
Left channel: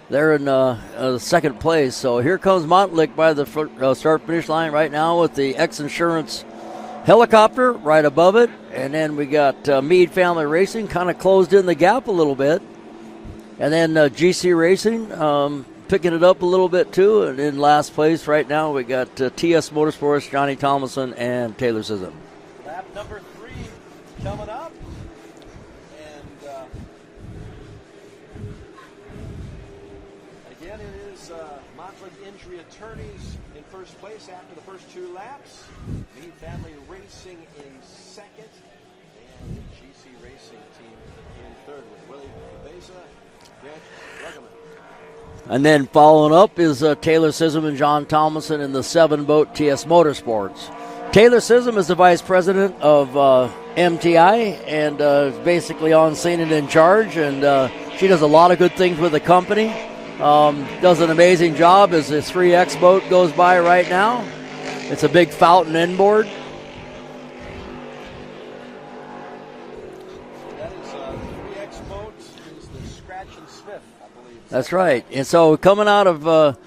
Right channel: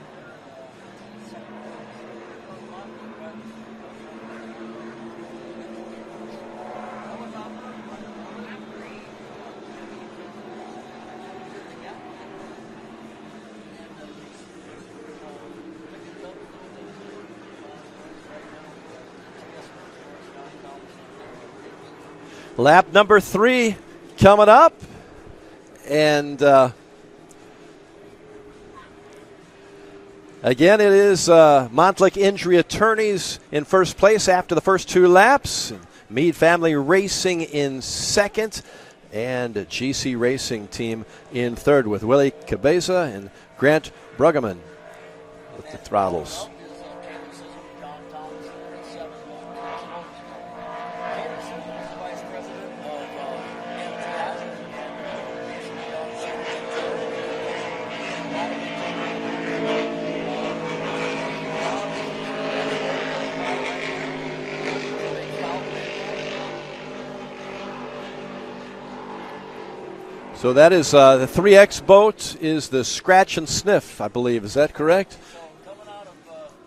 They're in second place. So here comes Montlick by the start-finish line right now with the X-Insurance helicopter right above it. And then we got Meade Family Racing kind of closed in the gap a little bit. And then GC Racing picking it up a little bit too. And in last place right now we got TS Motorsports, Johnny Thomason, and Taylor Sism. Lap number 3 coming up. And again, it is Montlick Injury Attorneys in first place after the first 2 laps. Meade Family Racing in second. And GC Racing Team in third with Willie Cabeza and Grant Bruggeman. And then following up is Taylor Sism and John Thomason in the 7-boat TS Motorsports. Taylor Sism is the vice president of MTI and is basically on scene and in charge. And she does a lot of good things with the company. Does an amazing job as the 3X boat goes by right now. It's a big fountain inboard. So that is the 3X boat is the Scratch and Sniff, I believe. Is that correct? Right. And so coming out of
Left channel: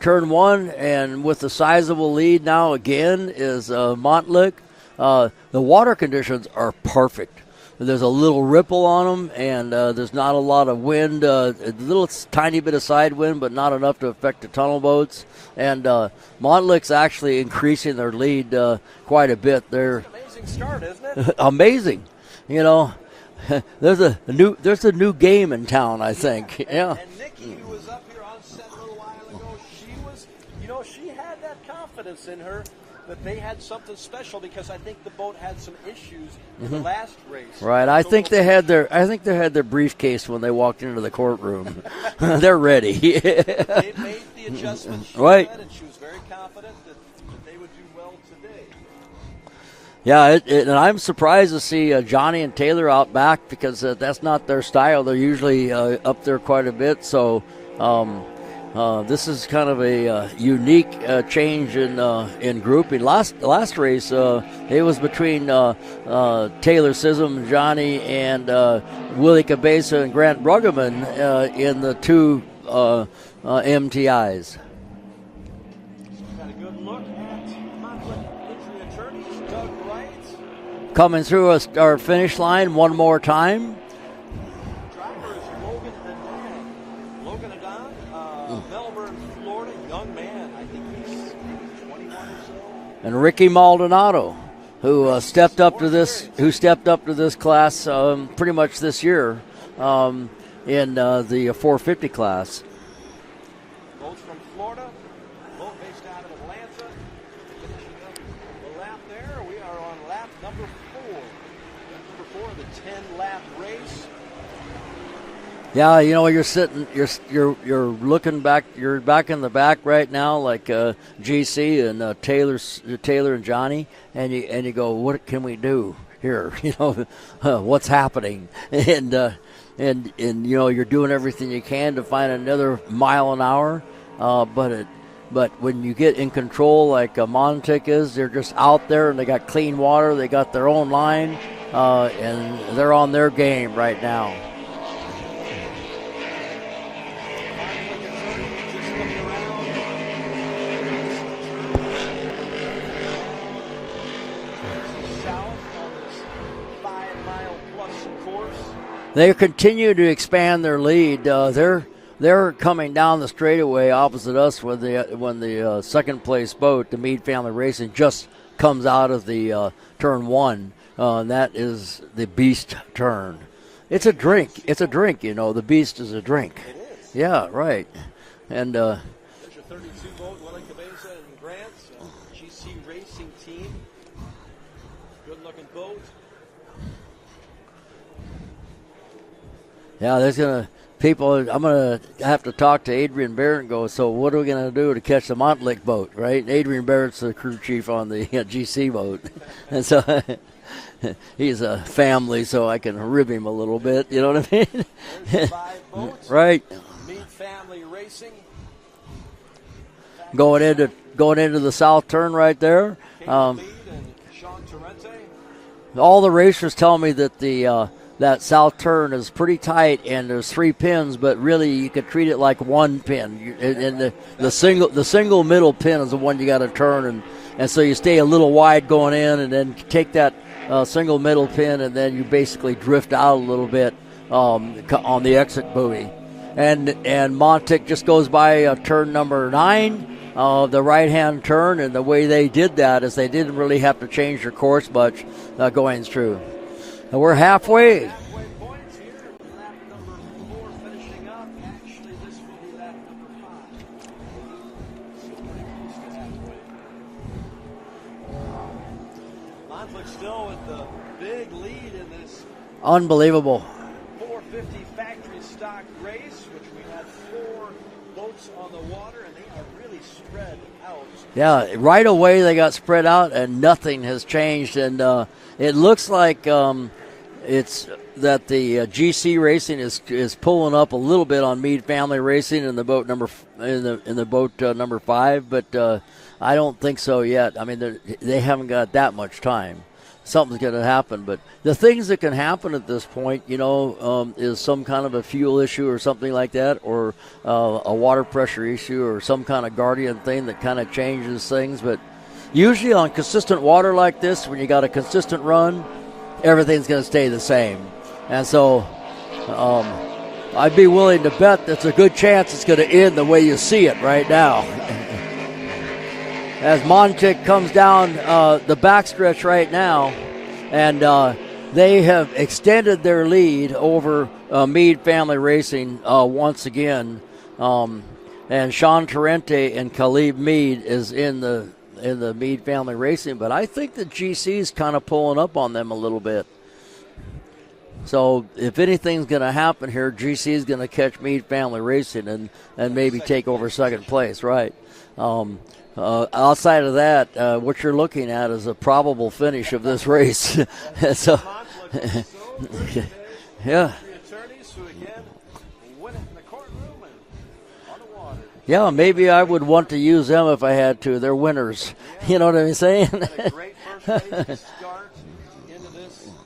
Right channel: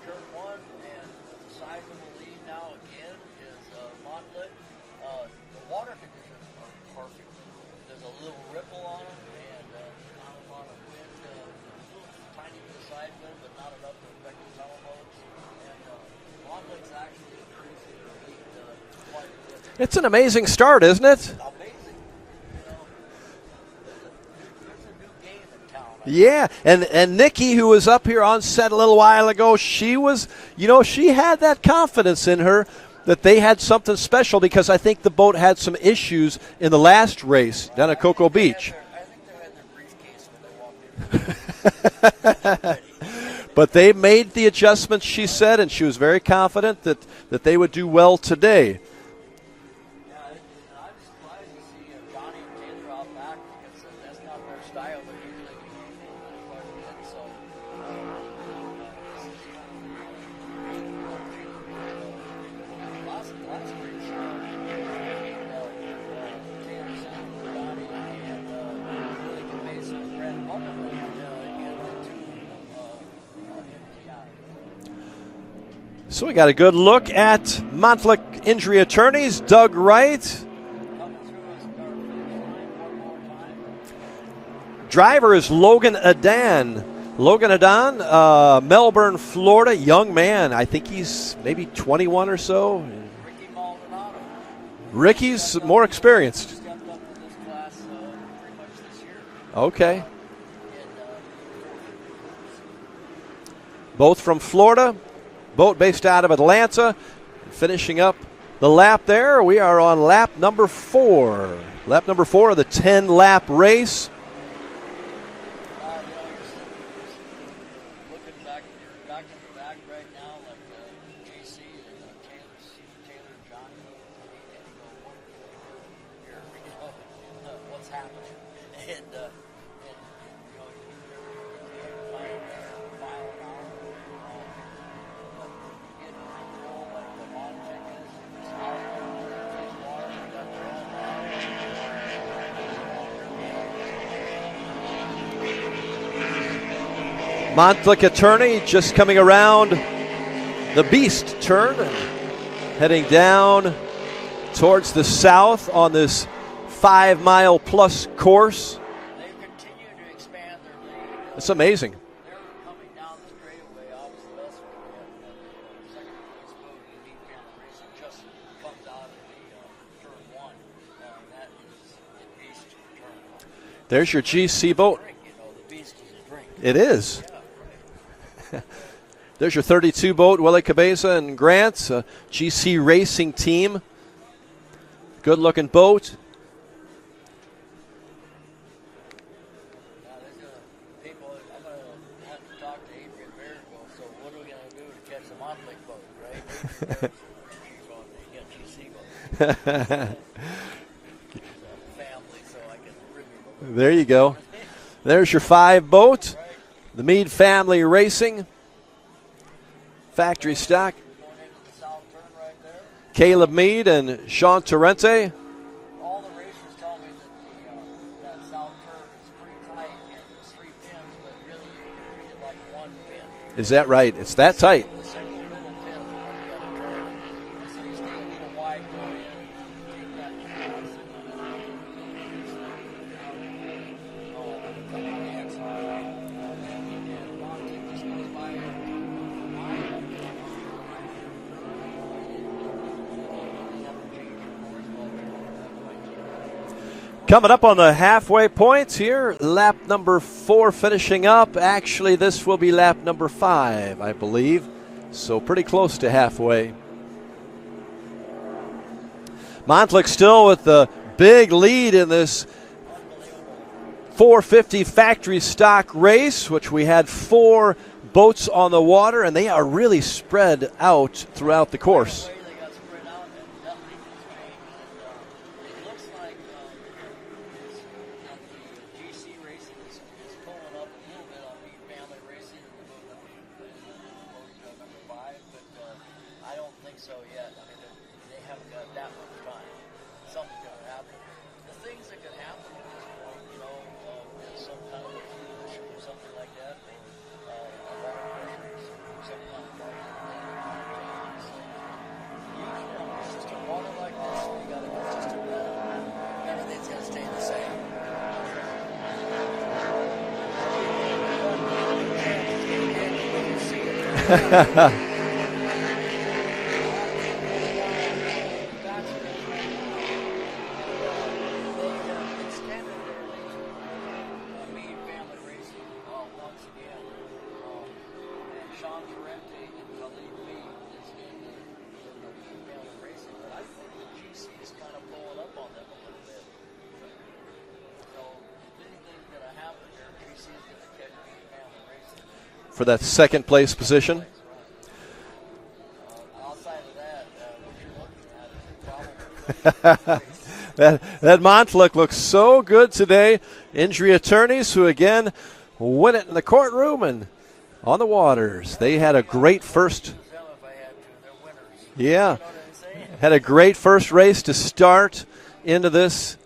turn 1 and with the sizable lead now again is Montlick. The water conditions are perfect. There's a little ripple on them, and there's not a lot of wind. A little tiny bit of side wind, but not enough to affect the tunnel boats. And Montlick's actually increasing their lead quite a bit. It's an amazing start, isn't it? Amazing. You know, there's a new game in town, I think. And Nikki, who was up here on set a little while ago, she had that confidence in her that they had something special because I think the boat had some issues in the last race. Right. I think they had their briefcase when they walked into the courtroom. They're ready. But they made the adjustments, she said, and she was very confident that they would do well today. Yeah, and I'm surprised to see Johnny and Taylor out back because that's not their style. They're usually up there quite a bit. So this is kind of a unique change in grouping. Last race, it was between Taylor Sism, Johnny, and Willie Cabeza and Grant Bruggeman in the 2 MTIs. So we got a good look at Montlick Injury Attorneys. Doug Wright coming through our finish line one more time. Driver is Logan Adan. Melbourne, Florida, young man. I think he's maybe 21 or so. And Ricky Maldonado, who stepped up to this class pretty much this year. Okay. In the 450 class. Both from Florida. Boat based out of Atlanta. Finishing up the lap there. We are on lap number 4. Lap number 4 of the 10-lap race. Yeah, you know, you're looking back. You're back in the back right now, like GC and Taylor and Johnny, and you go, what can we do here? You know, what's happening? And you know, you're doing everything you can to find another mile an hour, But when you get in control like Montlick is, they're just out there and they got clean water. They got their own line, and they're on their game right now. Montlick Attorney just coming around the Beast turn, heading down towards the south on this 5-mile-plus course. They continue to expand their lead. It's amazing. They're coming down the straightaway opposite us when the second place boat, the Meade Family Racing, just comes out of the turn 1. That is the Beast turn. There's your drink. GC It's boat. a drink, you know. The Beast is a drink. It is. Yeah, right. And there's your 32 boat, Willie Cabeza and Grant, GC Racing Team. Good-looking boat. Yeah, there's going to people, I'm going to have to talk to Adrian Barrett and go, so what are we going to do to catch the Montlick boat, right? Adrian Barrett's the crew chief on the GC boat. So, he's a family, so I can rib him a little bit. There you go. Know what I mean? There's your 5 boat. Right. The Meade Family Racing. Factory stock. Going into the south turn right there. Caleb Meade and Sean Torrente. All the racers tell me that the that south turn is pretty tight and there's 3 pins, but really you could treat it like 1 pin. Is that right? It's that tight. The single middle pin is the one you got to turn, and so you stay a little wide going in, and then take that single middle pin, and then you basically drift out a little bit on the exit buoy. And Montic just goes by turn number 9, the right-hand turn, and the way they did that is they didn't really have to change their course much going through. And we're coming halfway. Up on the halfway points here. Lap number 4 finishing up. Actually, this will be lap number 5, I believe. So pretty close to halfway. Montlick still with the big lead in this unbelievable 450 factory stock race, which we had 4 boats on the water, and they are really spread out throughout the course. Right away they got spread out, and nothing has changed. And it looks like it's that the GC Racing is pulling up a little bit on Meade Family Racing in the boat number number 5, but I don't think so yet. I mean, they haven't got that much time. Something's going to happen, but the things that can happen at this point, is some kind of a fuel issue or something like that, or a water pressure issue, or some kind of guardian thing that kind of changes things. But usually on consistent water like this, when you got a consistent run, everything's going to stay the same. And so I'd be willing to bet there's a good chance it's going to end the way you see it right now. As Montic comes down the backstretch right now, and they have extended their lead over Meade Family Racing once again. And Sean Torrente and Caleb Meade is in the Meade Family Racing, but I think the GC is kind of pulling up on them a little bit. So if anything's going to happen here, GC is going to catch Meade Family Racing and maybe take over second place, right? Outside of that, what you're looking at is a probable finish of this race. that Montlick looks so good today. Yeah. Injury attorneys who, again, win it in the courtroom and on the waters. Yeah, maybe I would want to use them if I had to. They're winners. Yeah. You know what I'm saying? Had a great first race to start into this,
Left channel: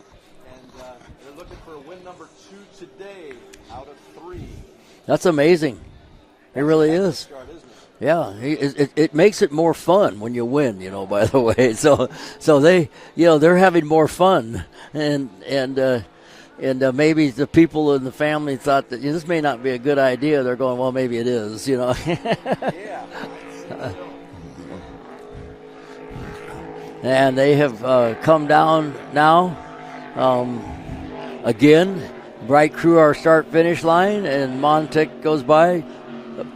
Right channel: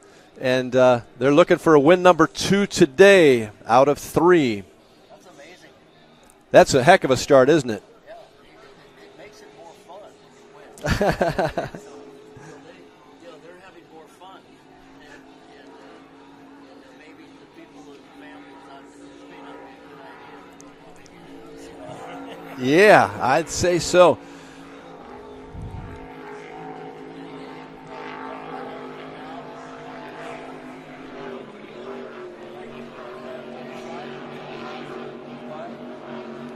and they're looking for a win number 2 today out of 3. That's amazing. That's really a heck of a start, isn't it? Yeah, it makes it more fun when you win. By the way, so they, they're having more fun, and maybe the people in the family thought that this may not be a good idea. They're going, well, maybe it is. Yeah, I'd say so. And they have come down now. Again, Bright Crew our start-finish line, and Montic goes by.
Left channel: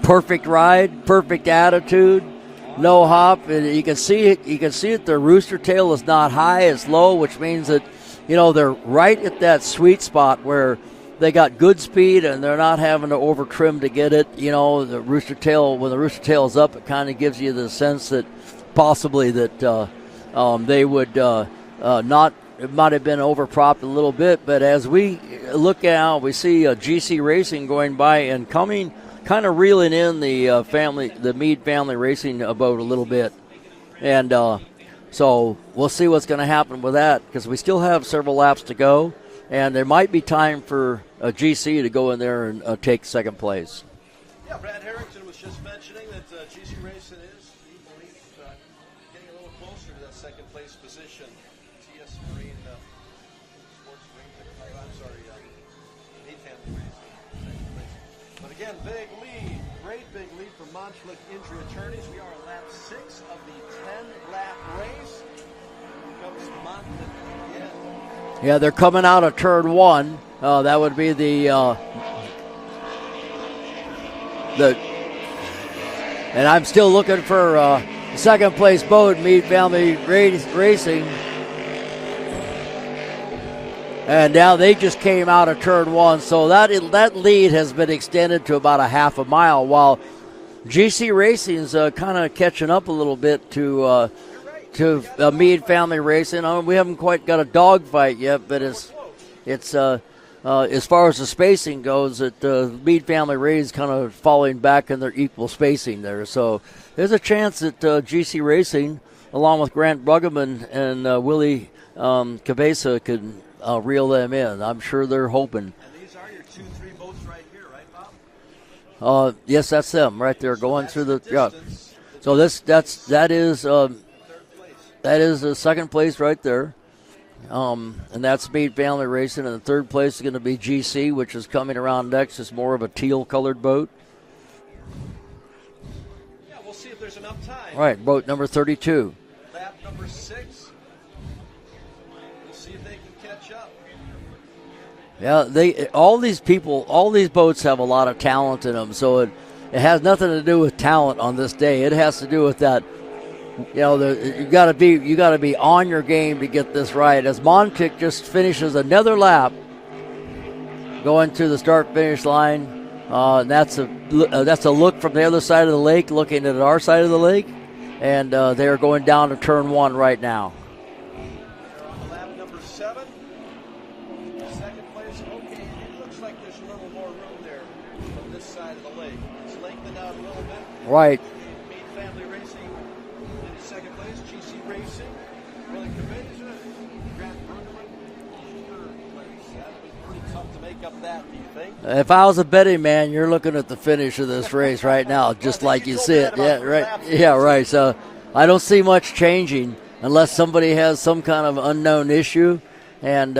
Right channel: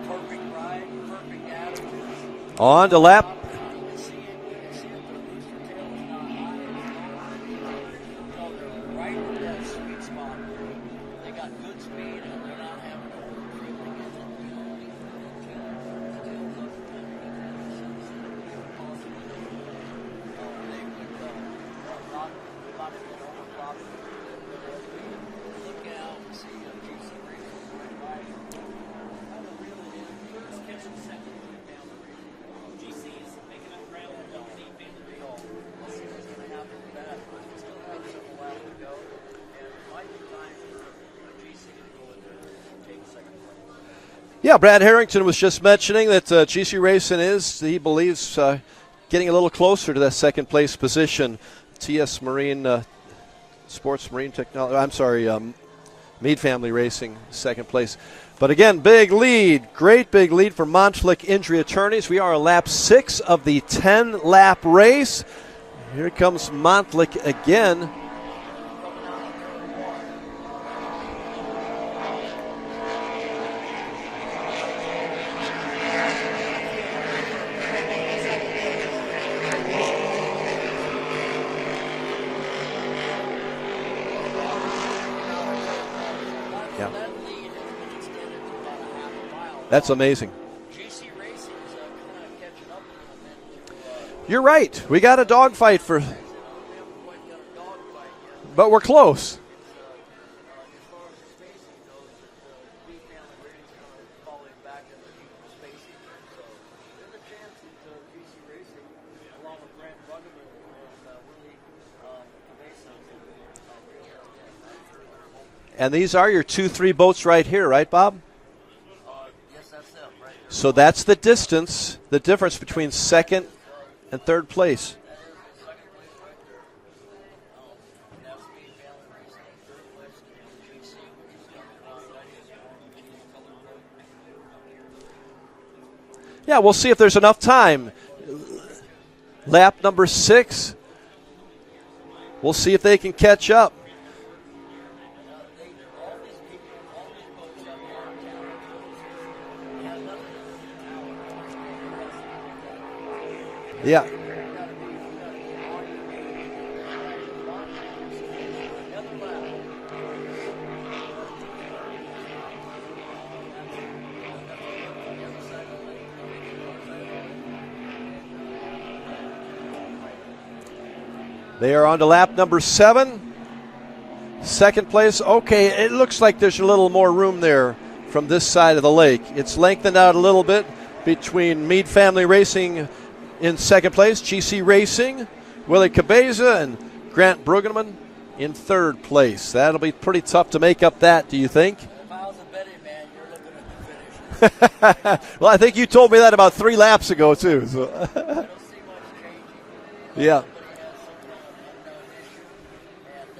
Perfect ride, perfect attitude, on no the lap. hop. And you can see it. You can see it. The rooster tail is not high; it's low, which means that they're right at that sweet spot where they got good speed and they're not having to over trim to get it. The rooster tail, when the rooster tail is up, it kind of gives you the sense that possibly that they would not. It might have been overpropped a little bit, but as we look out, we see GC Racing going by and coming. Kind of reeling in the Meade Family Racing boat a little bit. And so we'll see what's going to happen with that, because we still have several laps to go, and there might be time for a GC to go in there and take second place. Yeah, Brad Harrington was just mentioning that GC Racing is, he believes, getting a little closer to that second place position. TS Marine, Sports Marine Technology, Meade Family Racing, second place. But again, big lead, great big lead for Montlick Injury Attorneys. We are on lap 6 of the 10-lap race. Here comes Montlick again. Yeah, they're coming out of turn 1. That would be the and I'm still looking for second place boat, Meade Family Racing. And now they just came out of turn 1, so that lead has been extended to about a half a mile. That's amazing. GC Racing's kind of catching up a little bit to. You're right. To we got a the dog Meade fight family racing. We haven't quite got a dog fight yet, but we're close. It's as far as the spacing goes, the Meade family race kind of falling back in their equal spacing there. So there's a chance that GC Racing, along with Grant Bruggeman and Willie Cabeza, could reel them in. I'm sure they're hoping. And these are your 2-3 boats right here, right, Bob? Yes, that's them right there. So that's the distance, the difference between second and third place. That is the second place right there. And that's Meade Family Racing. And the third place is going to be GC, which is coming around next. It's more of a teal-colored boat. Yeah, we'll see if there's enough time. All right, boat number 32. Lap number 6. We'll see if they can catch up. Yeah, all these boats have a lot of talent in them. So it has nothing to do with talent on this day. It has to do with that. You got to be on your game to get this right. As Montic just finishes another lap, going to the start-finish line, and that's a look from the other side of the lake, looking at our side of the lake, and they are going down to turn 1 right now. They are on to lap number 7. Second place. Okay, it looks like there's a little more room there from this side of the lake. It's lengthened out a little bit between Meade Family Racing in second place, GC Racing, Willie Cabeza, and Grant Bruggeman in third place. That'll be pretty tough to make up that, do you think? If I was a betting man, you're looking at the finish of this race right now. Well, I think you told me that about 3 laps ago, too. Right. So I don't see much changing unless somebody has some kind of unknown issue. And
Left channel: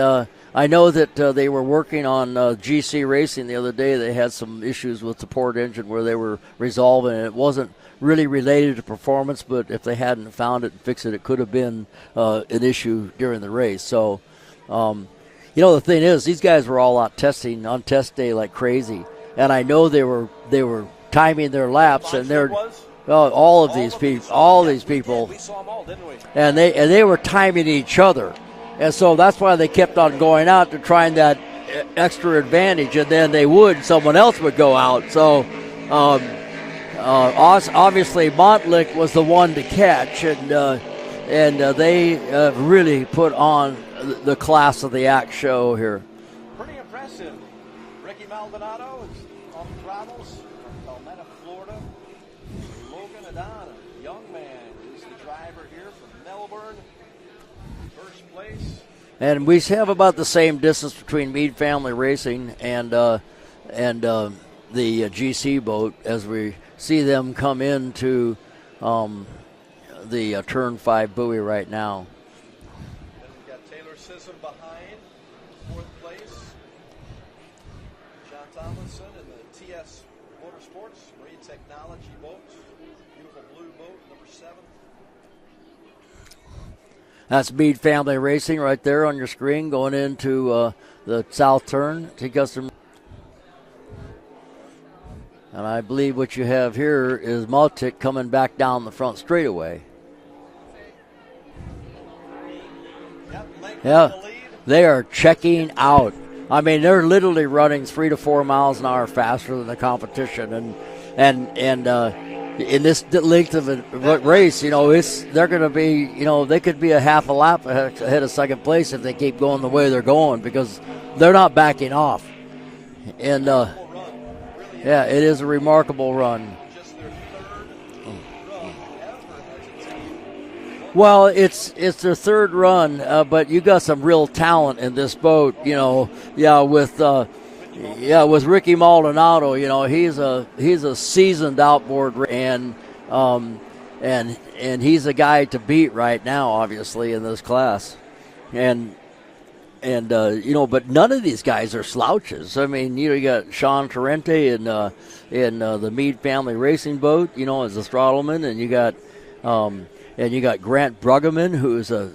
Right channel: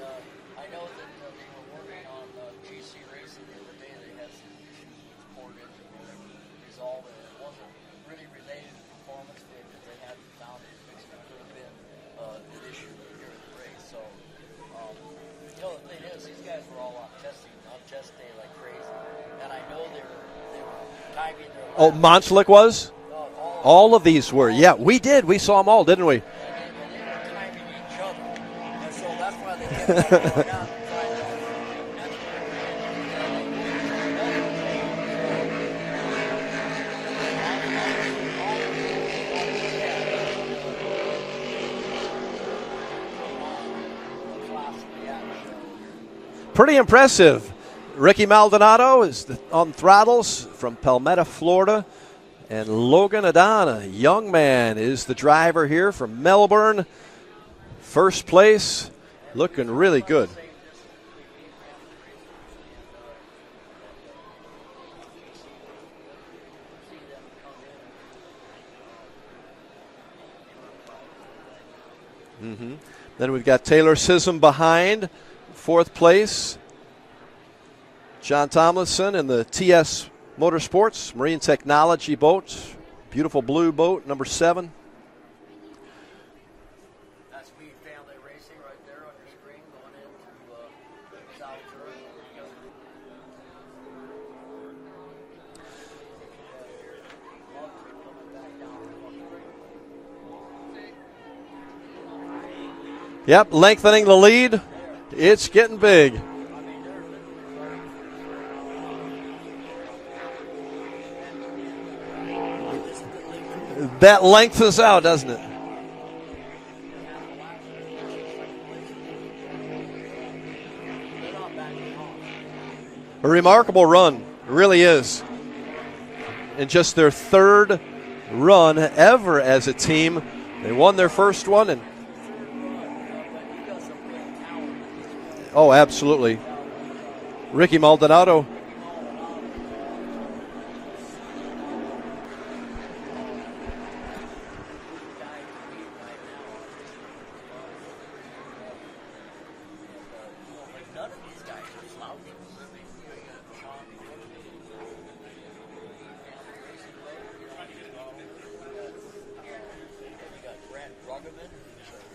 I know that they were working on GC Racing the other day. They had some issues with the port engine where they were resolving it. It wasn't really related to performance, but if they hadn't found it and fixed it, it could have been an issue during the race. So, the thing is, these guys were all out testing on test day like crazy, and I know they were timing their laps. Monslick was? All of these were. Yeah, we did. We saw them all, didn't we? And they were timing each other. And so that's why they kept on going out to try that extra advantage, and then someone else would go out. So obviously Montlick was the one to catch, and they really put on the class of the act show here. Pretty impressive. Ricky Maldonado is on throttles from Palmetto, Florida, and Logan Adana, young man, is the driver here from Melbourne. First place, and we have really about the same distance between Meade Family Racing and the GC boat as we see them come into the turn 5 buoy right now. Mm-hmm. Then we've got Taylor Sissom behind, 4th place. John Tomlinson in the TS Motorsports Marine Technology boat, beautiful blue boat, number 7. That's Meade Family Racing right there on your screen going into the south turn to Custom. And I believe what you have here is Maltic coming back down the front straightaway. Yep, lengthening the lead. They are checking getting out. big. I mean, they're literally running 3 to 4 miles an hour faster than the competition, and in this length of a race, they're going to be, they could be a half a lap ahead of second place if they keep going the way they're going because they're not backing off. A remarkable run, it really is. Yeah, it is a remarkable run. In just their 3rd run ever as a team. They won their first one. It's their 3rd run, but you got some real talent in this boat. Oh, absolutely. Yeah, with Ricky Maldonado. Yeah, with Ricky Maldonado, he's a seasoned outboard, and he's a guy to beat right now, obviously in this class, but none of these guys are slouches. I mean, you got Sean Torrente in the Meade Family Racing boat, as a throttleman, and you got Grant Bruggeman, who's a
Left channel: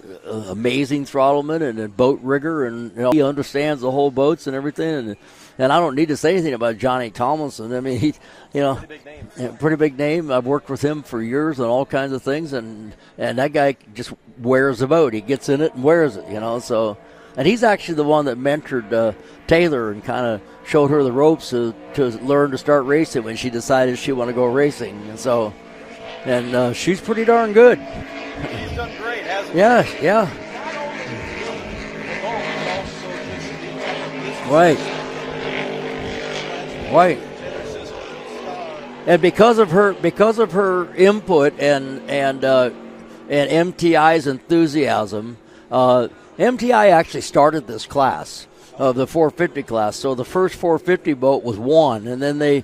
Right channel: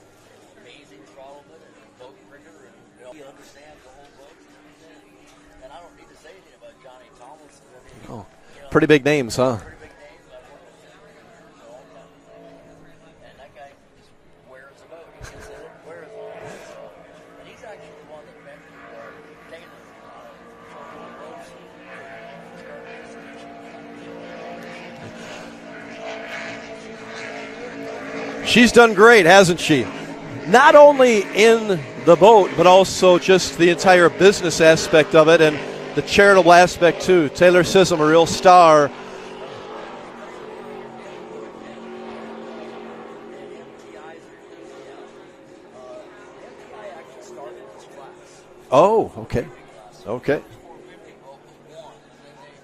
amazing throttleman and a boat rigger, and he understands the whole boats and everything. And I don't need to say anything about Johnny Tomlinson. I mean, pretty big names, huh? Pretty big name. I've worked with him for years on all kinds of things, and that guy just wears the boat. He gets in it and wears it, So And he's actually the one that mentored Taylor and kind of showed her the ropes to learn to start racing when she decided she wanted to go racing. And so, she's pretty darn good. She's done great, hasn't she? Yeah. Not only in the boat, but also just the entire business aspect of it and the charitable aspect too. Taylor Sissom, a real star. And because of her input and MTI's enthusiasm, MTI actually started this class, the 450 class. So the first 450 boat was one, and then they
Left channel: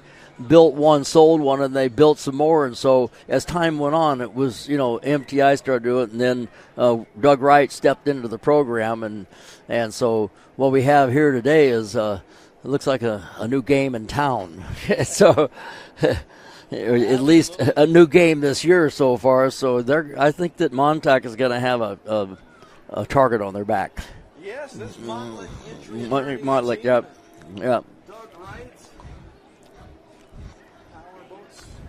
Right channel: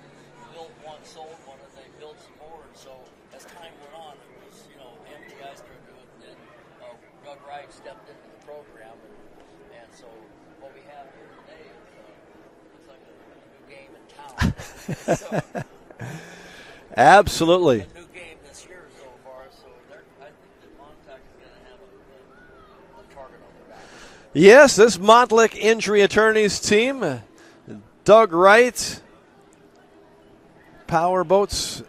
built one, sold one, and they built some more. And so as time went on, it was, MTI started doing it, and then Doug Wright stepped into the program. And so what we have here today is it looks like a new game in town. So at least a new game this year so far. So I think that Montauk is going to have a target on their back. Yes, this Montlick Injury Attorneys team. Yep. Doug Wright. Power boats,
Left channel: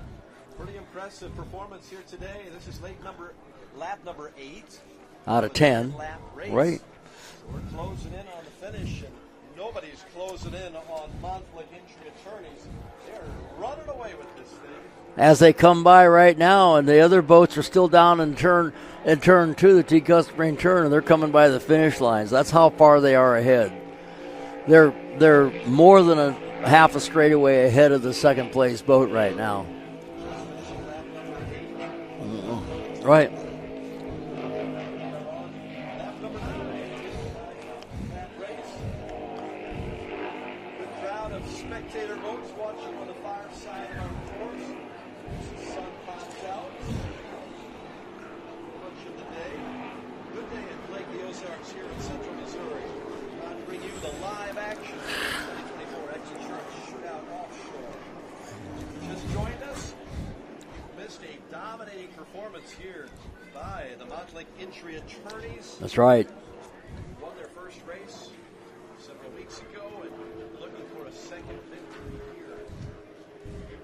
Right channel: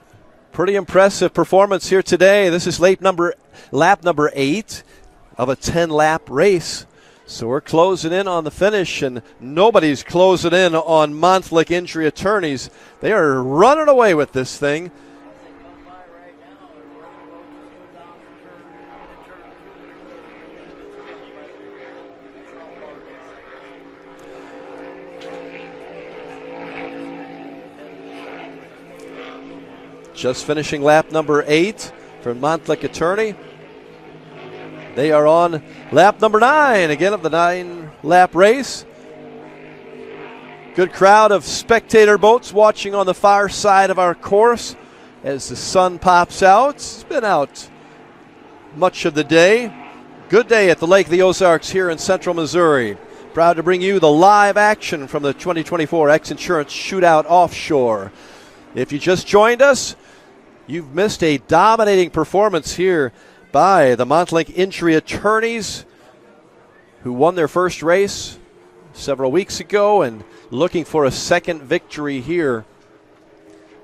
pretty impressive performance here today. This is lap number 8 of a 10-lap race. Right. So we're closing in on the finish, and nobody's closing in on Montlick Injury Attorneys. They are running away with this thing. As they come by right now, and the other boats are still down in turn 2, the T Customary turn, and they're coming by the finish lines. That's how far they are ahead. They're more than a half a straightaway ahead of the second place boat right now. Just finishing lap number 8 for Montlick Attorney. Right. They are on lap number 9 again of the 9-lap race. Good crowd of spectator boats watching on the far side of our course as the sun pops out. It's been out much of the day. Good day at the Lake of the Ozarks here in central Missouri. Proud to bring you the live action from the 2024 X Insurance Shootout Offshore. If you just joined us, you've missed a dominating performance here by the Montlick Injury Attorneys. That's right. Who won their first race several weeks ago and looking for a second victory here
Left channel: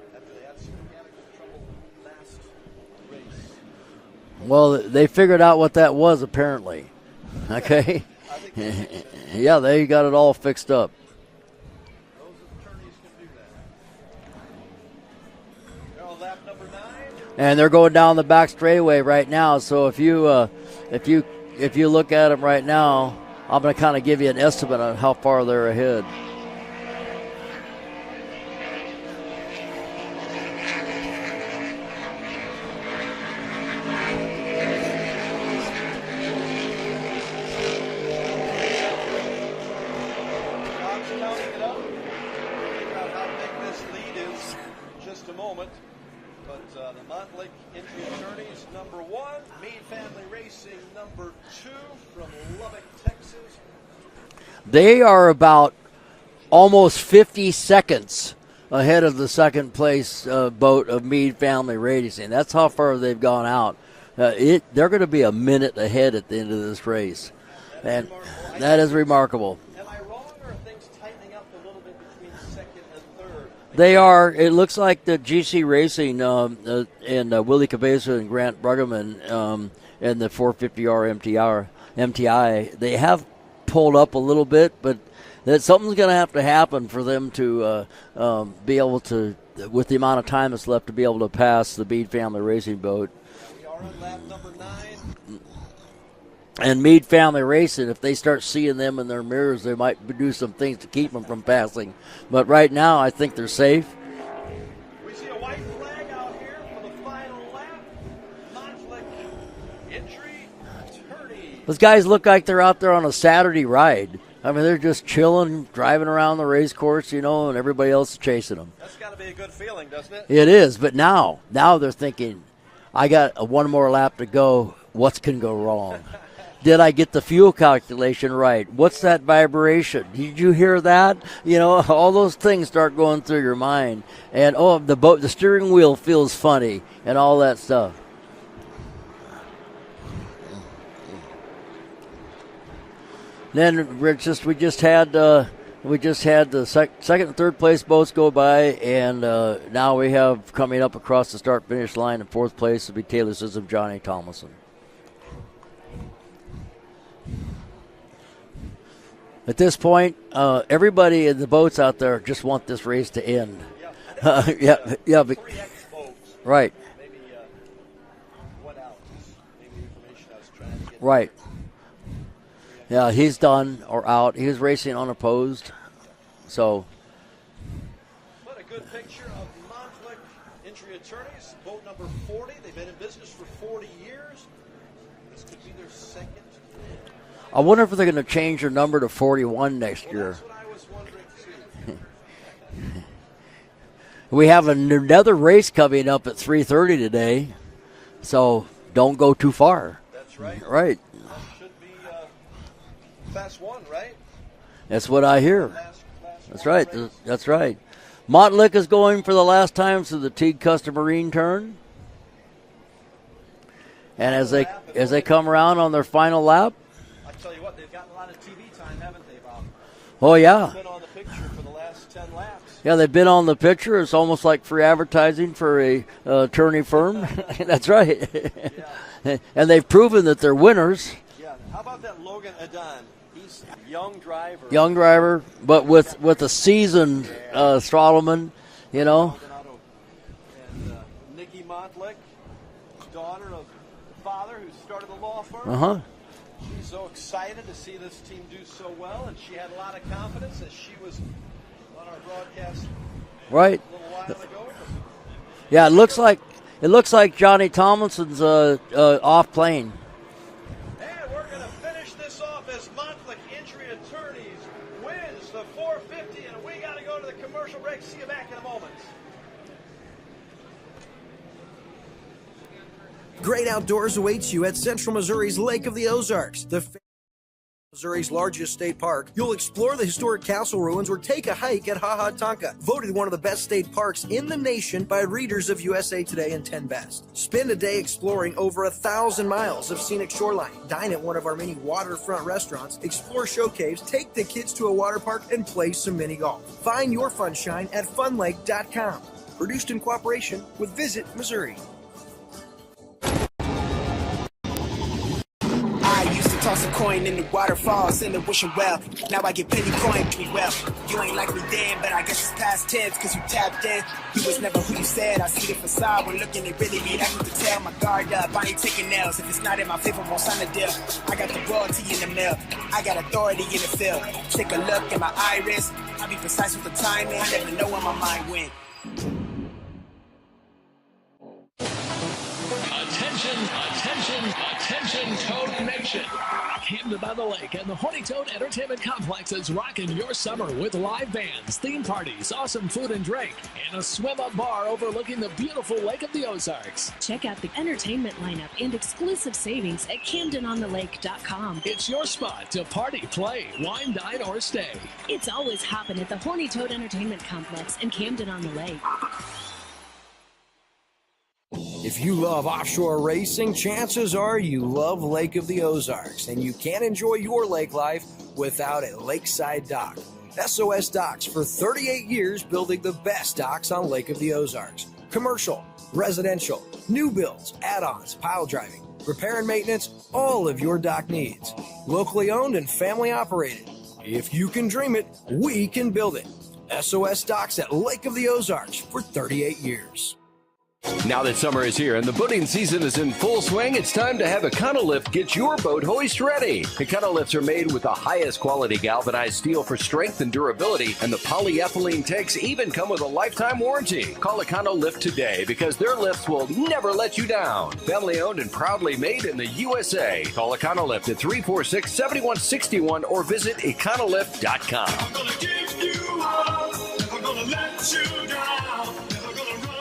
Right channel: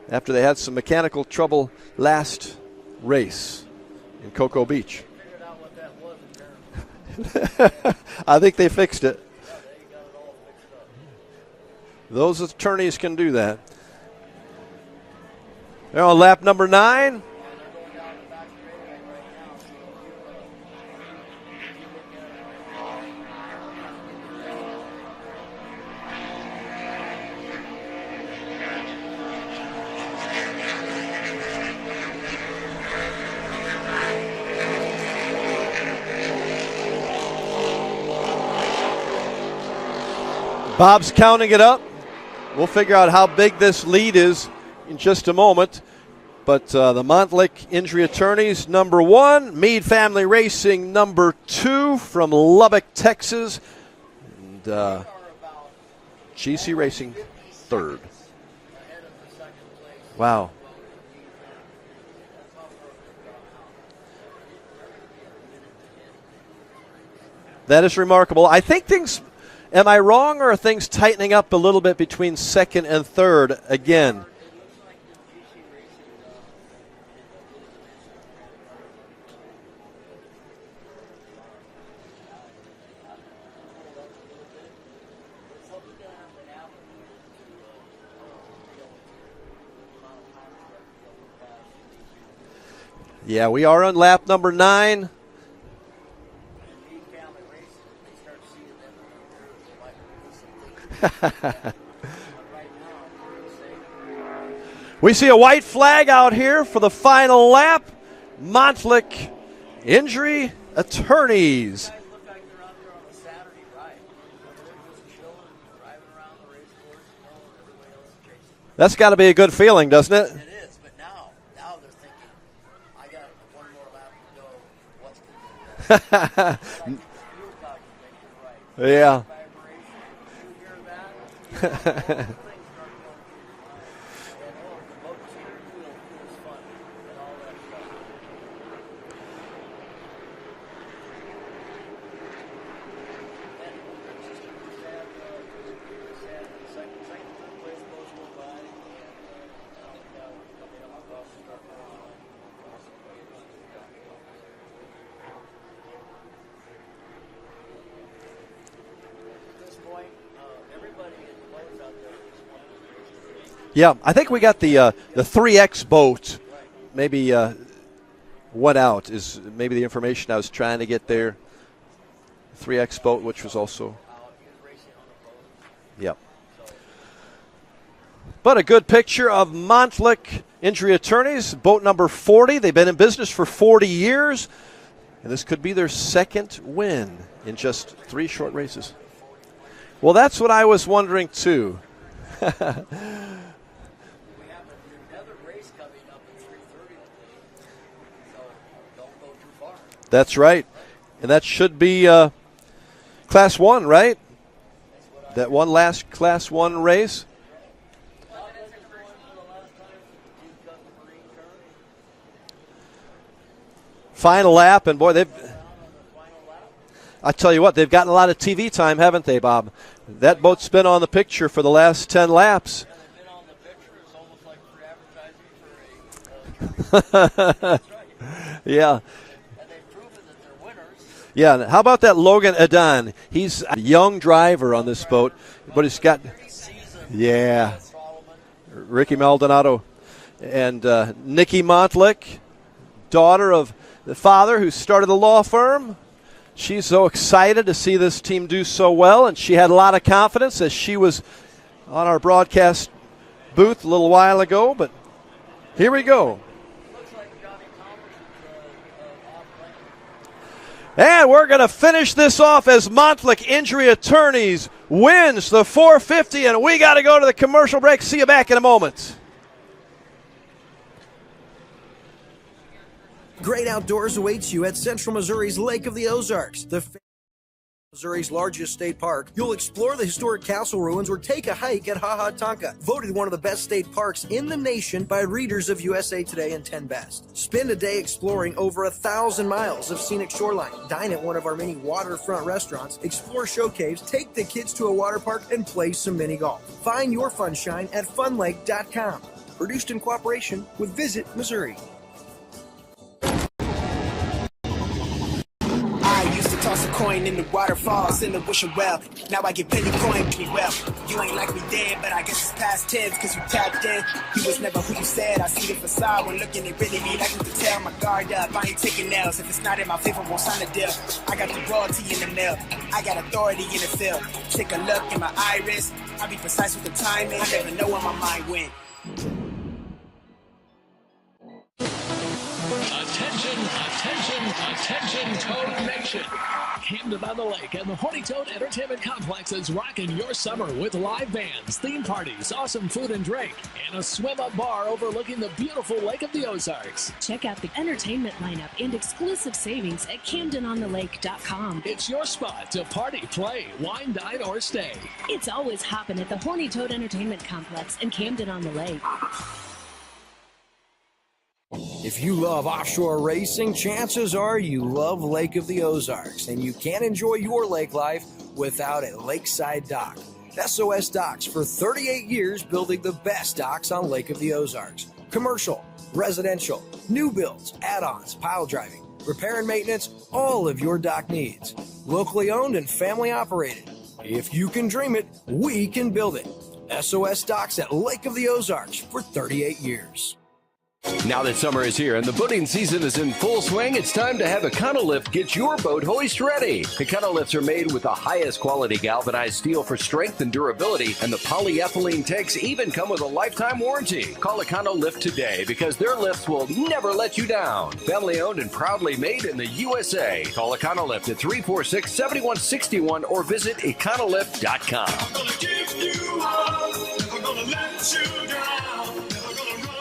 after they had some mechanical trouble last race in Cocoa Beach. They figured out what that was apparently. Okay. I think they fixed it. Yeah, they got it all fixed up. Those attorneys can do that. They're on lap number 9, and they're going down the back straightaway right now. So if you look at them right now, I'm going to kind of give you an estimate on how far they're ahead. Bob's counting it up. We'll figure out how big this lead is in just a moment. But the Montlick Injury Attorneys, number 1. Meade Family Racing, number 2 from Lubbock, Texas. And, they are about almost Racing 50 seconds ahead of the second place Wow. boat of Meade Family Racing. That's how far they've gone out. They're going to be a minute ahead at the end of this race. That is remarkable. I think that is remarkable. Am I wrong, or are things tightening up a little bit between second and third again? They are. It looks like the GC Racing and Willie Cabeza and Grant Bruggeman and the 450R MTI, they have pulled up a little bit, but that something's going to have to happen for them to be able to, with the amount of time that's left, to be able to pass the Meade Family Racing boat. Yeah, we are on lap number 9. And Meade Family Racing, if they start seeing them in their mirrors, they might do some things to keep them from passing. But right now, I think they're safe. We see a white flag out here for the final lap. Montlick Injury Attorneys. Those guys look like they're out there on a Saturday ride. I mean, they're just chilling, driving around the race course, and everybody else is chasing them. That's got to be a good feeling, doesn't it? It is, but now they're thinking, I got one more lap to go. What can go wrong? Did I get the fuel calculation right? What's that vibration? Did you hear that? All those things start going through your mind. And, the steering wheel feels funny and all that stuff. Then we just had the second and third place boats go by, and now we have coming up across the start finish line in fourth place will be Taylor Sissom, Johnny Thomason. At this point, everybody in the boats out there just want this race to end. Yeah, I think we got the 3X boat. Right. Maybe went out is maybe the information I was trying to get Right. there. 3X Yeah, boat. he's which done was also, or out. He was racing unopposed. Yep. So. But a good picture of Montlick Injury Attorneys, boat number 40. They've been in business for 40 years, and this could be their second win. I wonder if they're going to change their number to 41 next year. Well, that's what I was wondering, too. We have another race coming up at 3:30 today, so don't go too far. That's right. Right. And that should be Class 1, right? That's what I hear. One last Class 1 race. That's right. Montlick is going for the last time to the Teague Custom Marine turn. Final lap. And boy, they come around on their final lap. I tell you what, they've gotten a lot of TV time, haven't they, Bob? That boat's been on the picture for the last 10 laps. Yeah, they've been on the picture. It's almost like free advertising for a attorney firm. That's right. Yeah. And they've proven that they're winners. Yeah. How about that Logan Adan? He's a young driver on this boat. But with a seasoned Strottelman. Ricky Maldonado. And Nikki Montlick, daughter of the father who started the law firm. She's so excited to see this team do so well, and she had a lot of confidence as she was on our broadcast booth a little while ago. But yeah, here we go. It looks like Johnny Tomlinson's off playing. And we're going to finish this off as Montlick Injury Attorneys wins the 450, and we got to go to the commercial break. See you back in a moment. Great outdoors awaits you at Central Missouri's Lake of the Ozarks, Missouri's largest state park. You'll explore the historic castle ruins or take a hike at Ha Ha Tonka, voted one of the best state parks in the nation by readers of USA Today and 10 Best. Spend a day exploring over 1,000 miles of scenic shoreline. Dine at one of our many waterfront restaurants, explore show caves, take the kids to a water park, and play some mini golf. Find your funshine at funlake.com. Produced in cooperation with Visit Missouri. I used to toss a coin in the waterfalls in the wishing well. Now I get plenty coin me well. You ain't like me then, but I guess it's past tense cause you tapped in. You was never who you said. I see the facade when looking at really me. I can tell my guard up. I ain't taking nails. If it's not in my favor, won't sign a deal. I got the royalty in the mail. I got authority in the field. Take a look in my iris. I be precise with the timing. I never know where my mind went. Attention, Toad Nation. Camden on the Lake and the Horny Toad Entertainment Complex is rocking your summer with live bands, theme parties, awesome food and drink, and a swim-up bar overlooking the beautiful Lake of the Ozarks. Check out the entertainment lineup and exclusive savings at CamdenOnTheLake.com. It's your spot to party, play, wine, dine, or stay. It's always hopping at the Horny Toad Entertainment Complex in Camden on the Lake. If you love offshore racing, chances are you love Lake of the Ozarks, and you can't enjoy your lake life without a lakeside dock. SOS Docks for 38 years building the best docks on Lake of the Ozarks. Commercial, residential, new builds, add-ons, pile driving, repair and maintenance, all of your dock needs. Locally owned and family operated. If you can dream it, we can build it. SOS Docks at Lake of the Ozarks for 38 years. Now that summer is here and the boating season is in full swing, it's time to have Econolift get your boat hoist ready. Econolifts are made with the highest quality galvanized steel for strength and durability, and the polyethylene tanks even come with a lifetime warranty. Call Econolift today because their lifts will never let you down. Family owned and proudly made in the USA. Call Econolift at 346-7161 or visit econolift.com. I'm gonna give you up, never gonna let you down, never gonna run.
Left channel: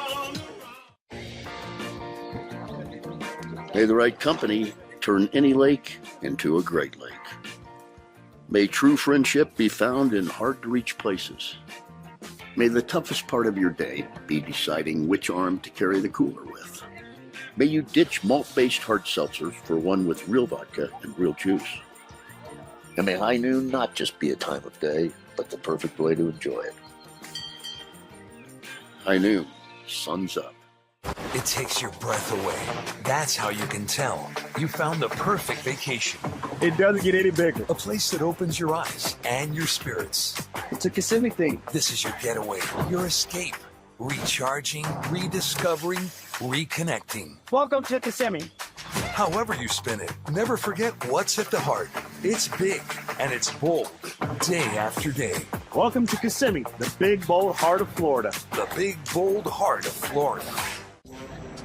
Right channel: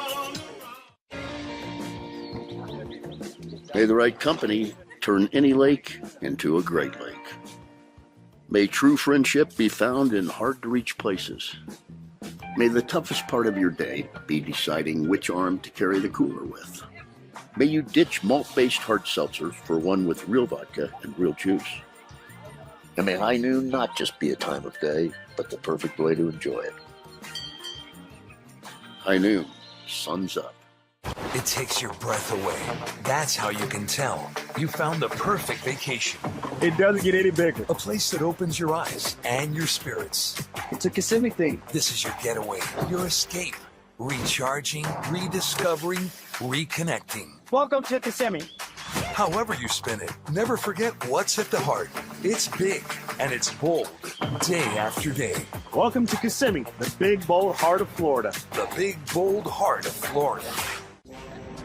May the right company turn any lake into a great lake. May true friendship be found in hard-to-reach places. May the toughest part of your day be deciding which arm to carry the cooler with. May you ditch malt-based hard seltzers for one with real vodka and real juice. And may high noon not just be a time of day, but the perfect way to enjoy it. High noon, sun's up. It takes your breath away. That's how you can tell you found the perfect vacation. It doesn't get any bigger. A place that opens your eyes and your spirits. It's a Kissimmee thing. This is your getaway, your escape. Recharging, rediscovering, reconnecting. Welcome to Kissimmee. However you spin it, never forget what's at the heart. It's big and it's bold, day after day. Welcome to Kissimmee, the big, bold heart of Florida. The big, bold heart of Florida.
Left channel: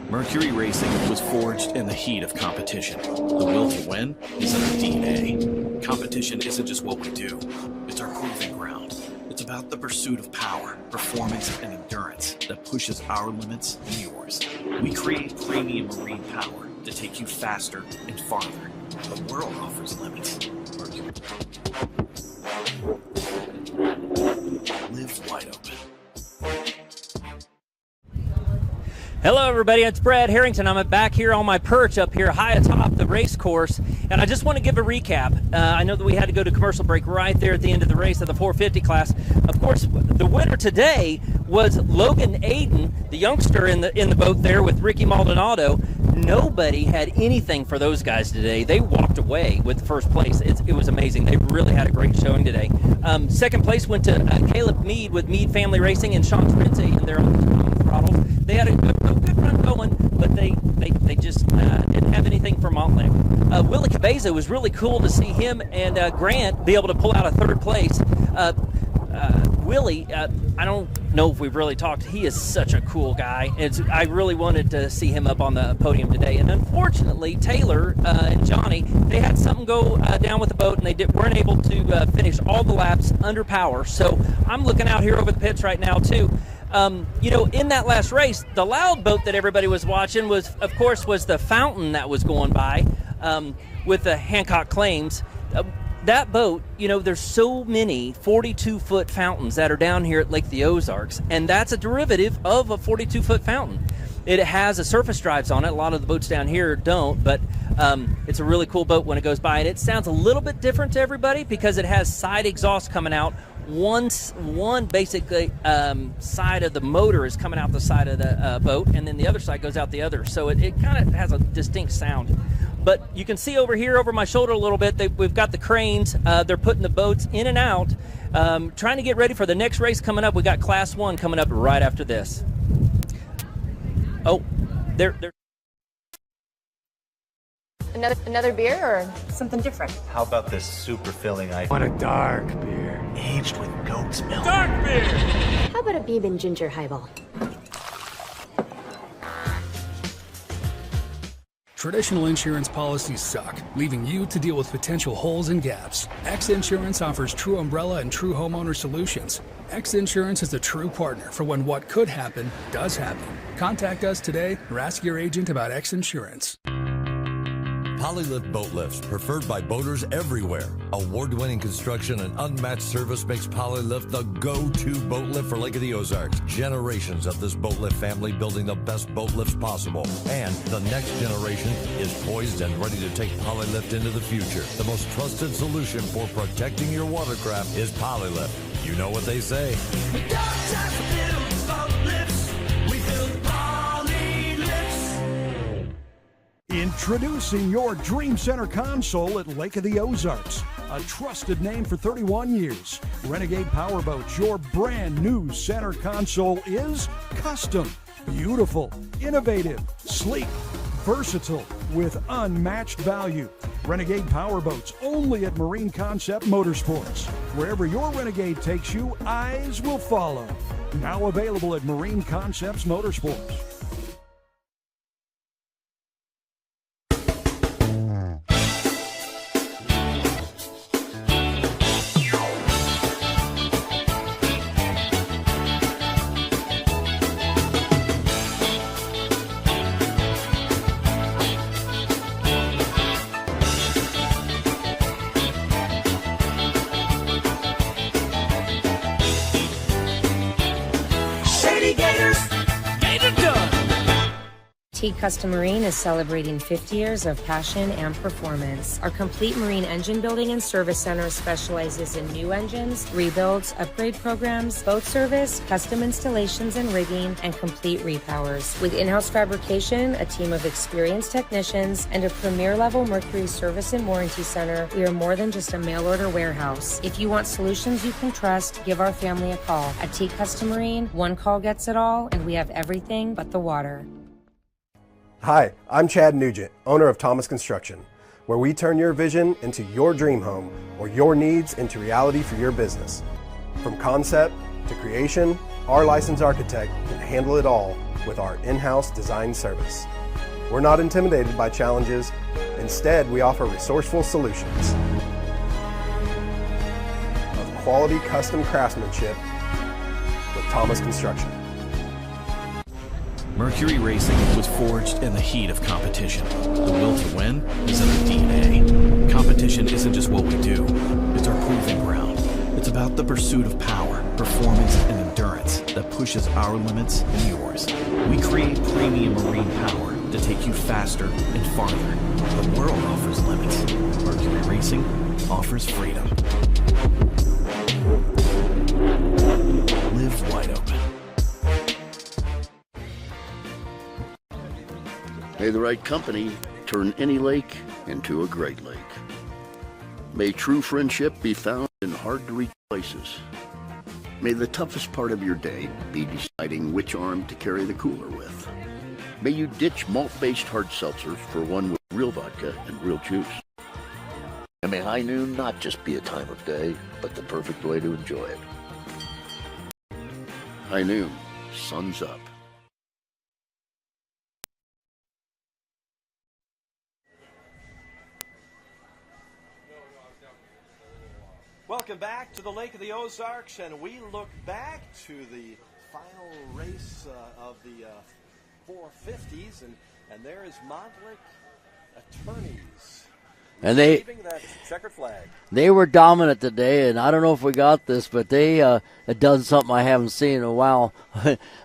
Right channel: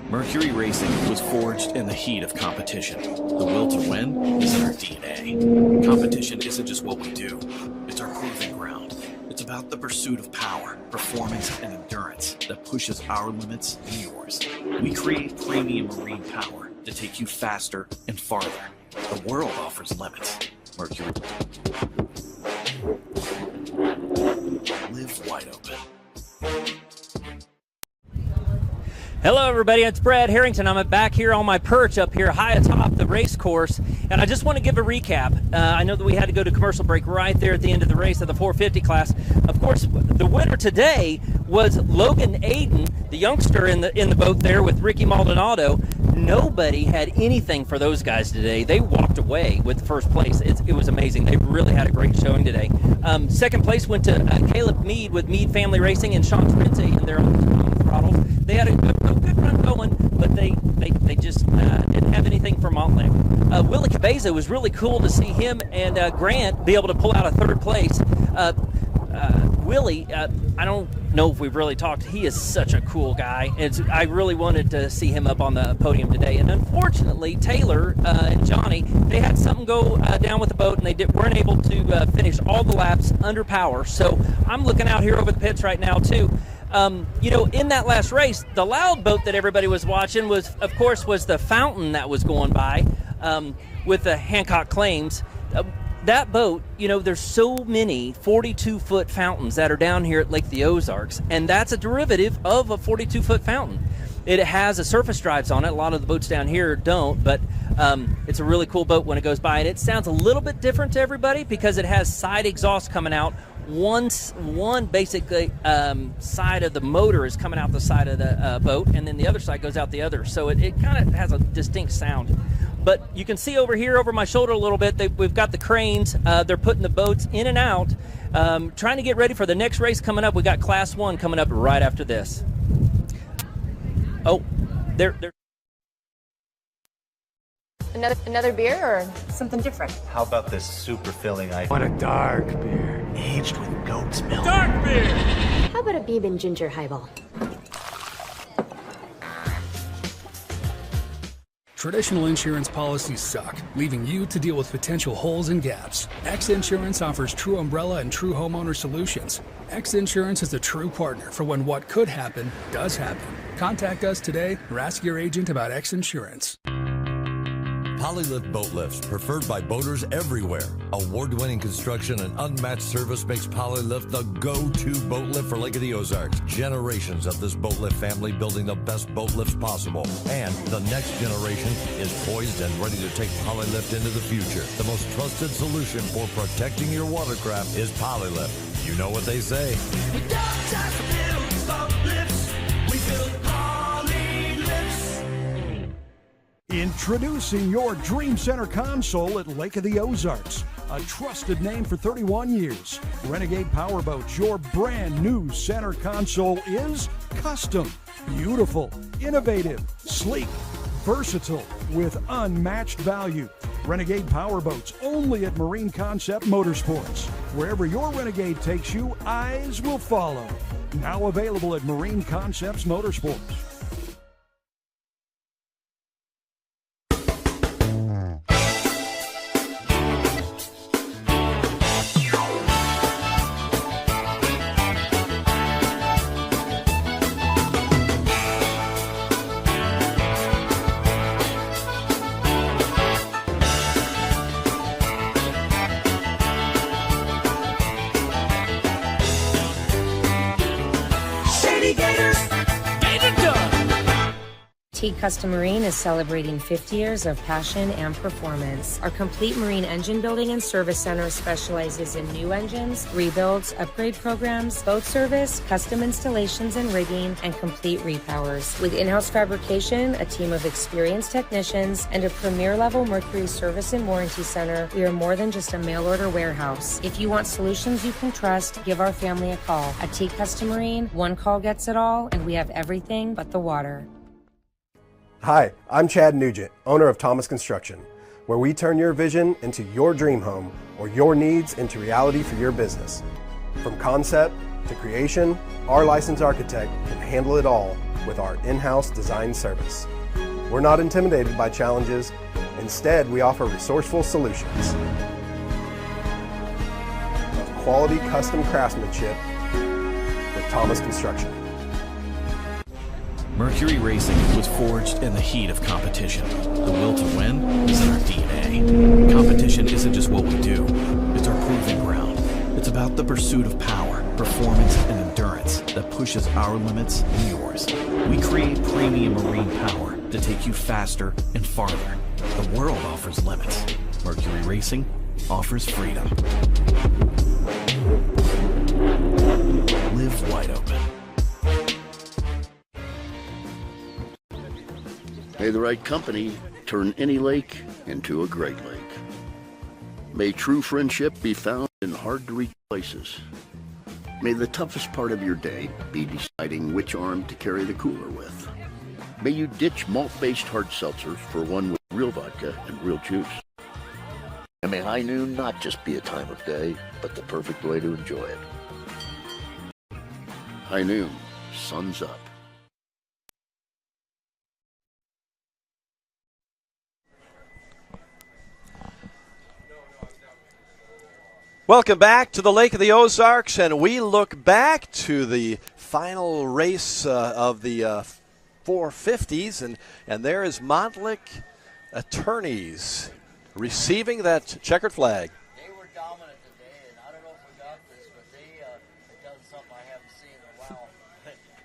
Mercury Racing was forged in the heat of competition. The will to win is in our DNA. Competition isn't just what we do, it's our proving ground. It's about the pursuit of power, performance, and endurance that pushes our limits and yours. We create premium marine power to take you faster and farther. The world offers limits. Mercury. Live wide open. Hello, everybody. It's Brad Harrington. I'm back here on my perch up here high atop the race course, and I just want to give a recap. I know that we had to go to commercial break right there at the end of the race of the 450 class. Of course, the winner today was Logan Aiden, the youngster in the boat there with Ricky Maldonado. Nobody had anything for those guys today. They walked away with the first place. It was amazing. They really had a great showing today. Second place went to Caleb Mead with Mead Family Racing and Sean Trincy, and they're on the throttle. They had a good run going, but they just didn't have anything for Montlake. Willie Cabeza was really cool to see him and Grant be able to pull out a third place. Willie, I don't know if we've really talked. He is such a cool guy. I really wanted to see him up on the podium today. And unfortunately, Taylor and Johnny, they had something go down with the boat, and they weren't able to finish all the laps under power. So I'm looking out here over the pits right now, too. In that last race, the loud boat that everybody was watching was the Fountain that was going by with the Hancock Claims. That boat, there's so many 42-foot fountains that are down here at Lake the Ozarks, and that's a derivative of a 42-foot fountain. It has a surface drives on it. A lot of the boats down here don't, but it's a really cool boat when it goes by, and it sounds a little bit different to everybody because it has side exhaust coming out. One basically side of the motor is coming out the side of the boat, and then the other side goes out the other. So it kind of has a distinct sound. But you can see over here over my shoulder a little bit, we've got the cranes. They're putting the boats in and out, trying to get ready for the next race coming up. We got Class 1 coming up right after this. Oh, they're Another beer or something different? How about this super filling IPA? Want a dark beer. Aged with goat's milk. Dark beer! How about a bourbon ginger highball? Traditional insurance policies suck, leaving you to deal with potential holes and gaps. X Insurance offers true umbrella and true homeowner solutions. X Insurance is a true partner for when what could happen does happen. Contact us today or ask your agent about X Insurance. Polylift Boat Lifts, preferred by boaters everywhere. Award-winning construction and unmatched service makes Polylift the go-to boat lift for Lake of the Ozarks. Generations of this boat lift family building the best boat lifts possible. And the next generation is poised and ready to take Polylift into the future. The most trusted solution for protecting your watercraft is Polylift. You know what they say. We don't just build boat lifts, we build Polylifts. Introducing your Dream Center console at Lake of the Ozarks. A trusted name for 31 years. Renegade Powerboats, your brand new center console is custom, beautiful, innovative, sleek, versatile, with unmatched value. Renegade Powerboats, only at Marine Concept Motorsports. Wherever your Renegade takes you, eyes will follow. Now available at Marine Concepts Motorsports. Shady Gators, Gator Done. Teague Custom Marine is celebrating 50 years of passion and performance. Our complete marine engine building and service center specializes in new engines, rebuilds, upgrade programs, boat service, custom installations and rigging, and complete repowers. With in-house fabrication, a team of experienced technicians, and a premier-level Mercury service and warranty center, we are more than just a mail-order warehouse. If you want solutions you can trust, give our family a call. At Teague Custom Marine, one call gets it all, and we have everything but the water. Hi, I'm Chad Nugent, owner of Thomas Construction, where we turn your vision into your dream home or your needs into reality for your business. From concept to creation, our licensed architect can handle it all with our in-house design service. We're not intimidated by challenges. Instead, we offer resourceful solutions of quality custom craftsmanship with Thomas Construction. Mercury Racing was forged in the heat of competition. The will to win is in our DNA. Competition isn't just what we do, it's our proving ground. It's about the pursuit of power, performance, and endurance that pushes our limits and yours. We create premium marine power to take you faster and farther. The world offers limits. Mercury Racing offers freedom. Live wide open. May the right company turn any lake into a great lake. May true friendship be found in hard-to-reach places. May the toughest part of your day be deciding which arm to carry the cooler with. May you ditch malt-based hard seltzers for one with real vodka and real juice. And may high noon not just be a time of day, but the perfect way to enjoy it. High noon, sun's up. Welcome back to the Lake of the Ozarks, and we look back to the final race of the 450s, and there is Montlick Attorneys receiving that checkered flag. They were dominant today, and I don't know if we got this, but they had done something I haven't seen in a while.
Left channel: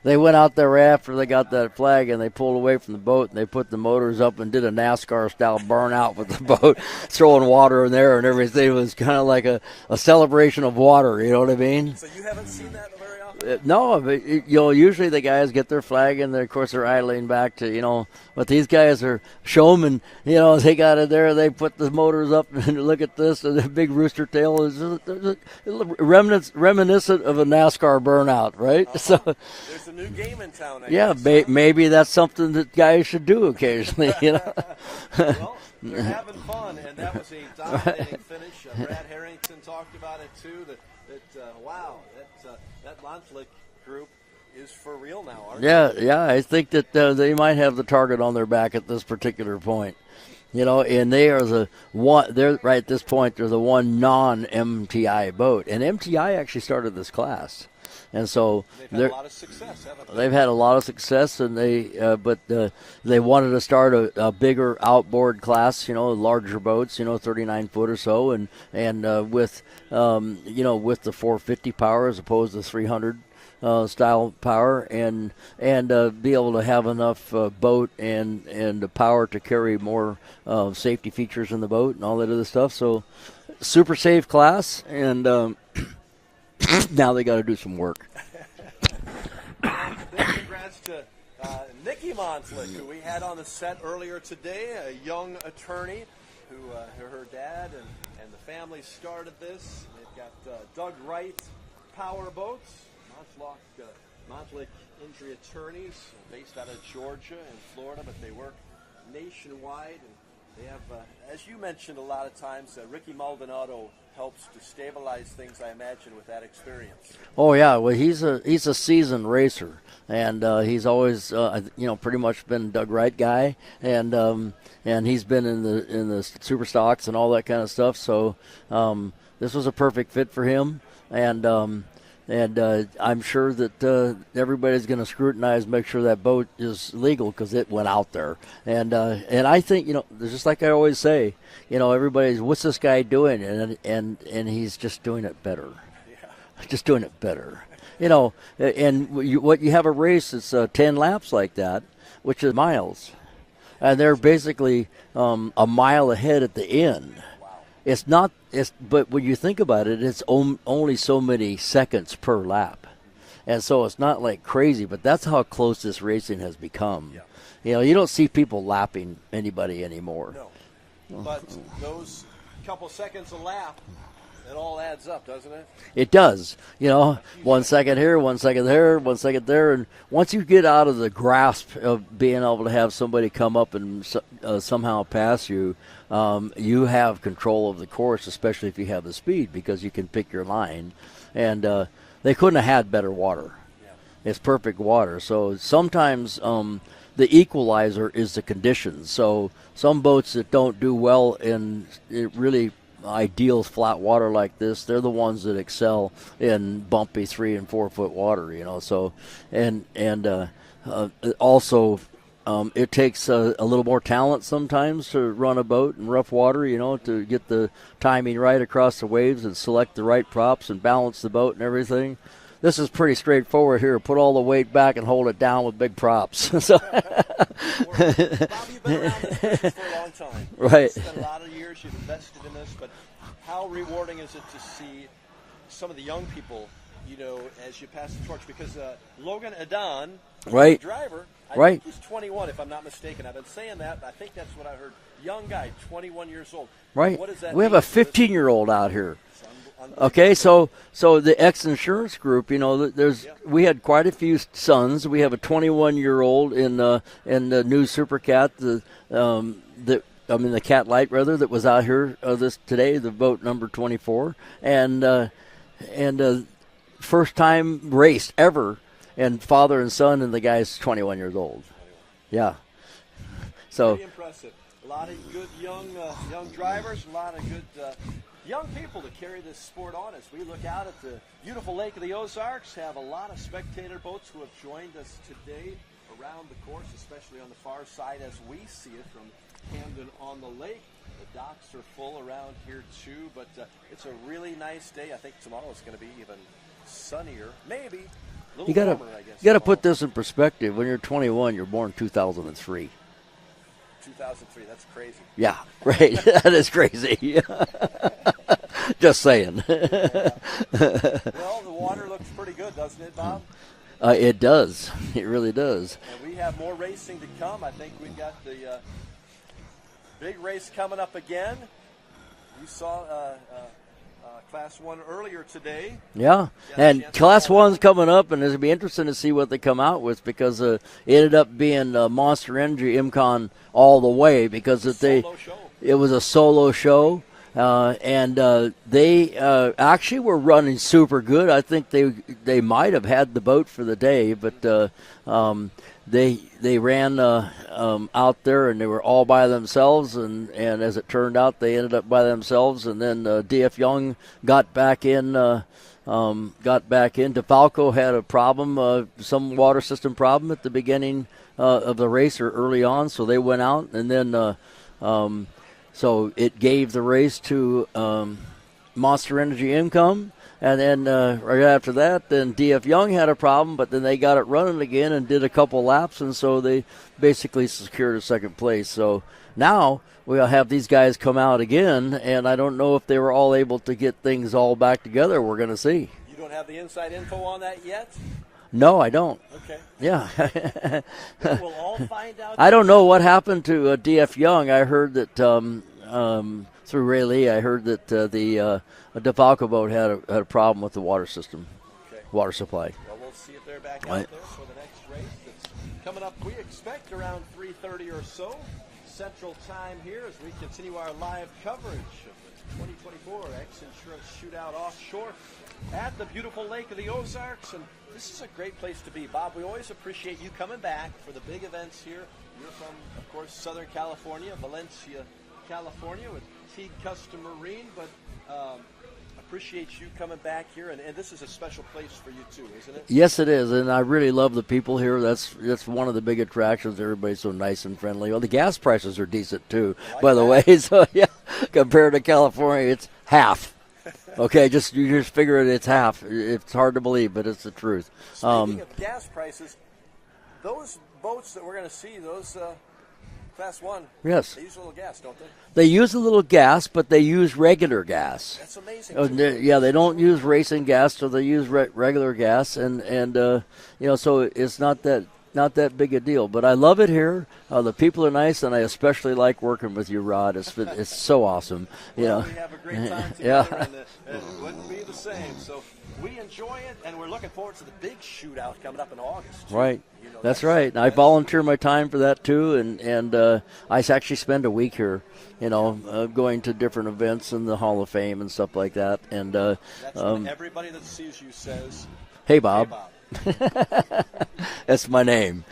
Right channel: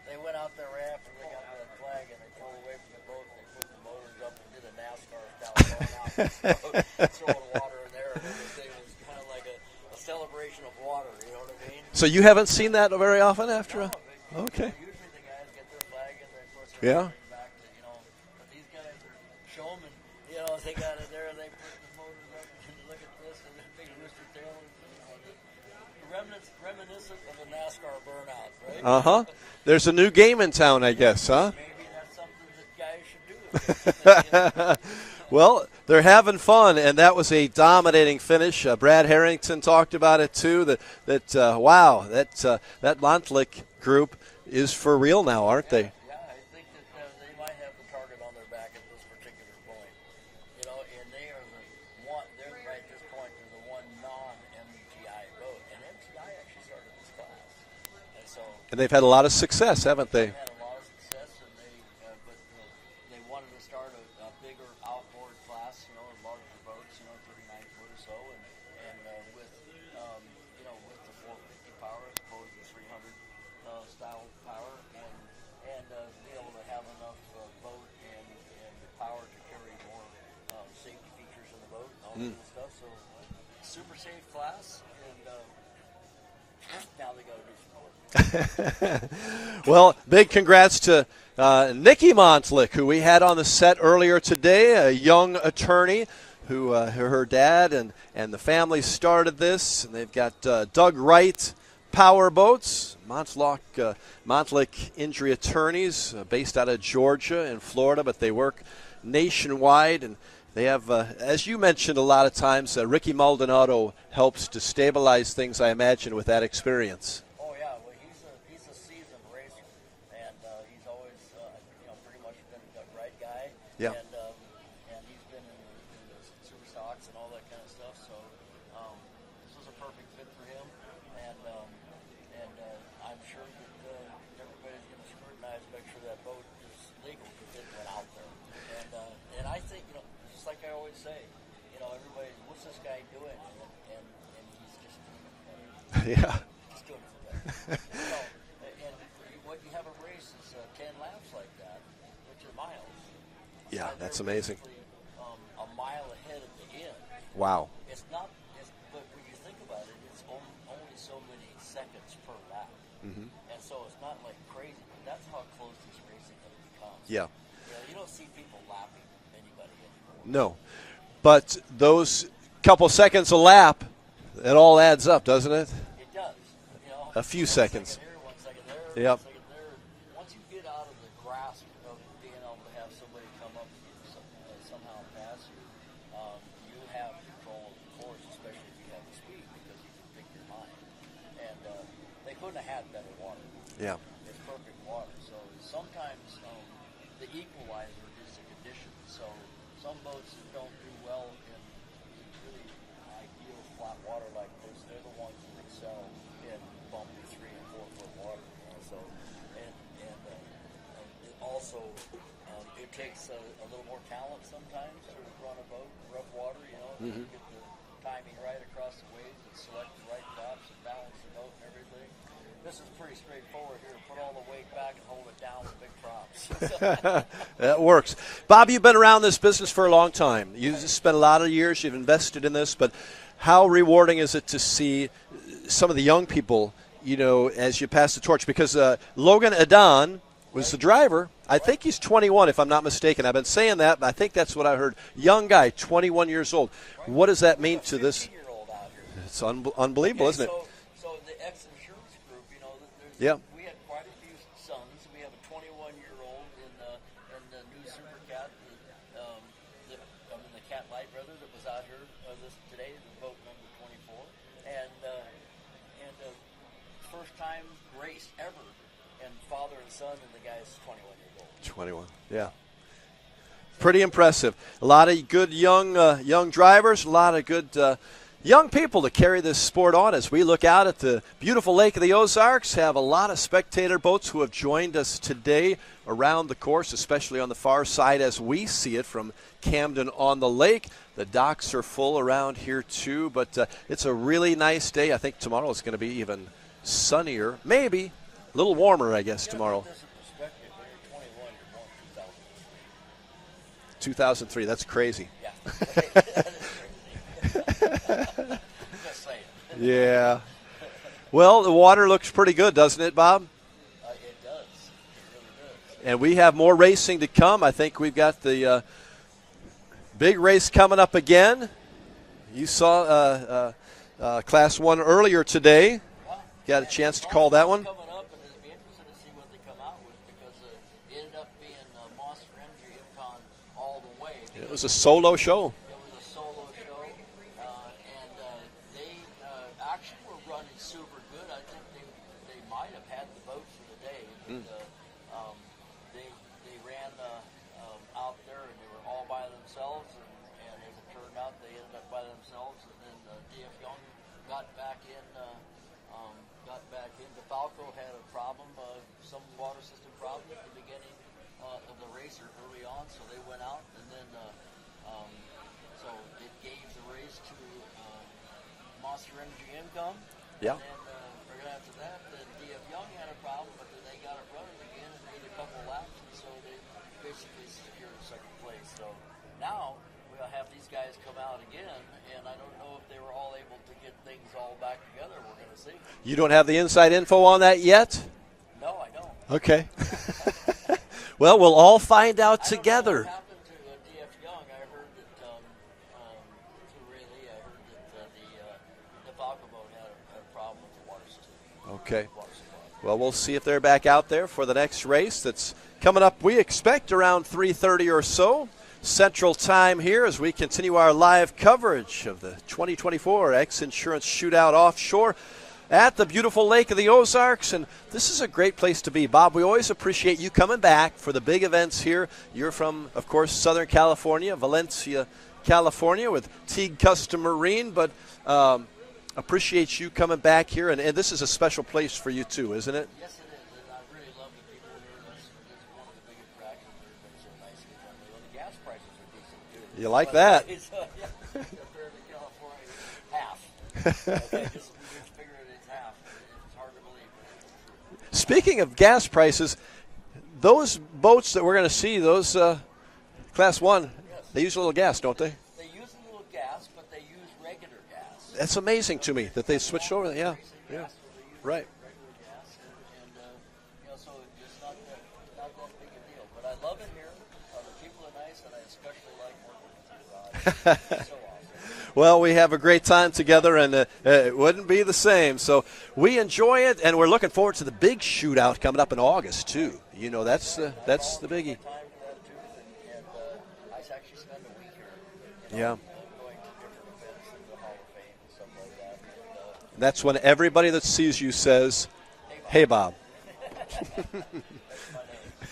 They went out there after they got that flag, and they pulled away from the boat, and they put the motors up and did a NASCAR-style burnout with the boat, throwing water in there and everything. It was kind of like a celebration of water, you know what I mean? So you haven't seen that very often? No, but usually the guys get their flag, and of course they're idling back to, but these guys are showmen, they got it there, they put the motors up, and look at this, and the big rooster tail is reminiscent of a NASCAR burnout, right? Uh-huh. So, there's a new game in town, I guess. Maybe that's something that guys should do occasionally. Well, they're having fun, and that was a dominating finish. Brad Harrington talked about it too. That Montlick group is for real now, aren't they? Yeah. I think that they might have the target on their back at this particular point. And they are the one. They're right at this point. They're the one non-MTI boat, and MTI actually started this class, and they've had a lot of success, haven't they? They've had a lot of success, and they wanted to start a bigger outboard class, larger boats, 39 foot or so, and with the 450 power as opposed to 300. Style power and be able to have enough boat and the power to carry more safety features in the boat and all that other stuff. So super safe class, and now they got to do some work. Well, big congrats to Nikki Montlick, who we had on the set earlier today, a young attorney who her dad and the family started this, and they've got Doug Wright Power Boats, Montlick Injury Attorneys, based out of Georgia and Florida, but they work nationwide, and they have, as you mentioned a lot of times, Ricky Maldonado helps to stabilize things, I imagine, with that experience. Oh yeah, well he's a seasoned racer, and he's always pretty much been Doug Wright guy, yep. And he's been in the Superstocks and all that kind of stuff. So this was a perfect fit for him. And I'm sure that everybody's going to scrutinize, make sure that boat is legal because it went out there. And I think just like I always say, everybody's, what's this guy doing? And he's just doing it better. Yeah, just doing it better. And what you have a race that's 10 laps like that. which is miles. Yeah, and they're that's amazing. basically a mile ahead at the end. Wow. It's not. But when you think about it, it's only so many seconds per lap, and so it's not like crazy. But that's how close this racing has become. Yeah. You don't see people lapping anybody anymore. No. But those couple seconds a lap, it all adds up, doesn't it? It does. A few 1 seconds. second here, 1 second there, Yep. 1 second there, and once you get out of the grasp of being able to have somebody come up and somehow pass you, you have control of the course, especially if you have the speed, because you can pick your line. And they couldn't have had better water. Yeah. It's perfect water. So sometimes the equalizer is the conditions. So some boats that don't do well in really ideal flat water like this, they're the ones that excel in bumpy 3 and 4 foot water. So also it takes a little more talent sometimes to run a boat in rough water, to get the timing right across the waves and select the right props and balance the boat and everything. This is pretty straightforward here. Put all the weight back and hold it down with big props. That works. Bob, you've been around this business for a long time. You've Right. spent a lot of years. You've invested in this. But how rewarding is it to see some of the young people, as you pass the torch? Because Logan Adan, who's the driver, I think he's 21, if I'm not mistaken. I've been saying that, but I think that's what I heard. Young guy, 21 years old. Right. What does that we mean have a to this? 15-year-old out here. It's unbelievable. Okay, isn't it? so the X Insurance Group, we had quite a few sons. We have a 21-year-old in the new Supercat, the Cat Light rather, that was out here today, the boat number 24, and first time raced ever. And father and son, and the guy's 21 years old. 21. Yeah. So pretty impressive. A lot of good young drivers, a lot of good young people to carry this sport on. As we look out at the beautiful Lake of the Ozarks, have a lot of spectator boats who have joined us today around the course, especially on the far side as we see it from Camden on the lake. The docks are full around here too, but it's a really nice day. I think tomorrow is going to be even sunnier, maybe. A little warmer, I guess. You got to put this in perspective. When you're 21, you're born 2003. 2003, that's crazy. Yeah, right. That is crazy. Just saying. Yeah. Well, the water looks pretty good, doesn't it, Bob? It does. It really does. And we have more racing to come. I think we've got the big race coming up again. You saw Class 1 earlier today. Yeah, Got a and chance to Class call that 1's one? coming up, and it'll be interesting to see what they come out with, because it ended up being Monster Energy IMCON all the way, because It's a solo show. It was a solo show, and they actually were running super good. I think they might have had the boat for the day, but they ran out there, and they were all by themselves, and as it turned out, they ended up by themselves, and then DF Young got back in. DeFalco had a problem, some water system problem at the beginning of the race or early on, so they went out, and then so it gave the race to Monster Energy Income. And then right after that, then DF Young had a problem, but then they got it running again and did a couple laps, and so they basically secured a second place. So now we'll have these guys come out again, and I don't know if they were all able to get things all back together. We're going to see. You don't have the inside info on that yet? No, I don't. Okay. Yeah. Well, we'll all find out I don't know what together. happened to DF Young. I heard that through Ray Lee, I heard that the DeFalco boat had a problem with the water system. Okay. Water supply. Well, we'll see if they're back out there for the next race that's coming up. We expect around 3:30 or so Central Time here as we continue our live coverage of the 2024 X Insurance Shootout Offshore at the beautiful Lake of the Ozarks. And this is a great place to be. Bob, we always appreciate you coming back for the big events here. You're from, of course, Southern California, Valencia, California, with Teague Custom Marine, but appreciate you coming back here, and this is a special place for you too, isn't it? Yes, it is, and I really love the people here. That's one of the big attractions. Everybody's so nice and friendly. Well, the gas prices are decent too, You like by that? the way. So yeah, compared to California, it's half. Okay, you just figure it's half. It's hard to believe, but it's the truth. Speaking of gas prices, those boats that we're going to see, those Class 1, yes, they use a little gas, don't they? They use a little gas, but they use regular gas. That's amazing to me. Yeah, they don't use yeah. racing gas, so they use regular gas, and so it's not that big a deal. But I love it here. The people are nice, and I especially like working with you, Rod. It's so awesome. Well, we have a great time together, and it wouldn't be the same. So we enjoy it, and we're looking forward to the big shootout coming up in August, too. Right. That's right. I volunteer my time for that, too, and I actually spend a week here. Going to different events in the Hall of Fame and stuff like that. And that's when everybody that sees you says, "Hey, Bob." Hey, Bob. That's my name.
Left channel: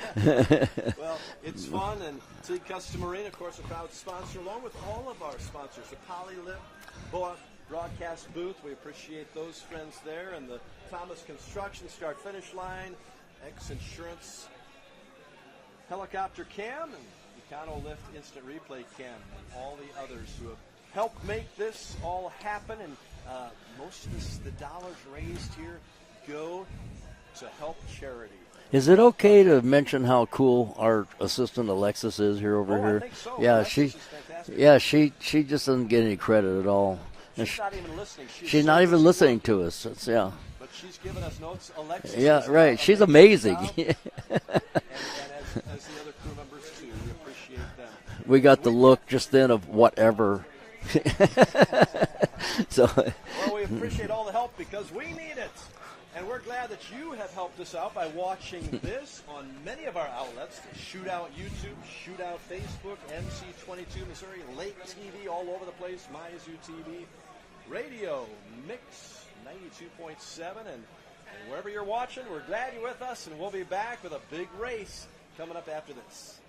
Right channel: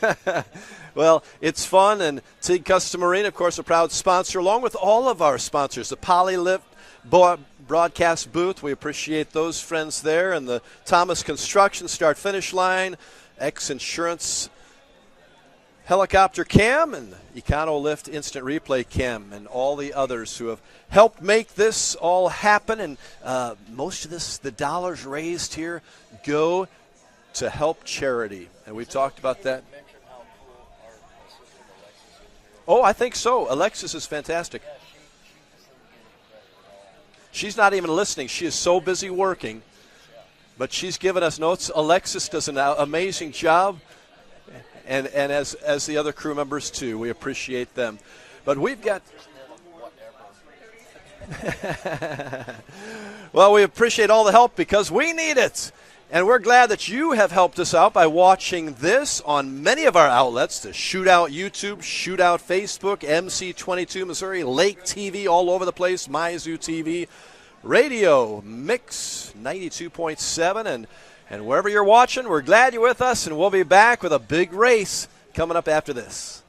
Well, it's fun, and Teague Custom Marine, of course, a proud sponsor, along with all of our sponsors, the Polylift broadcast booth. We appreciate those friends there, and the Thomas Construction start-finish line, X Insurance Helicopter Cam, and Econo Lift Instant Replay Cam, and all the others who have helped make this all happen. And most of the dollars raised here go to help charity. And is it okay to mention how cool our assistant Alexis is here over here? I think so. Yeah, Alexis is fantastic. Yeah, she just doesn't get any credit at all. She's not even listening. She's so not even busy listening working to us. But she's given us notes. Alexis does an She's amazing job. and as the other crew members, too. We appreciate them. We got the look just then of whatever. Well, we appreciate all the help because we need it. And we're glad that you have helped us out by watching this on many of our outlets, the Shootout YouTube, Shootout Facebook, MC22 Missouri, Lake TV, all over the place, MyZoo TV, Radio, Mix 92.7, and wherever you're watching, we're glad you're with us, and we'll be back with a big race coming up after this.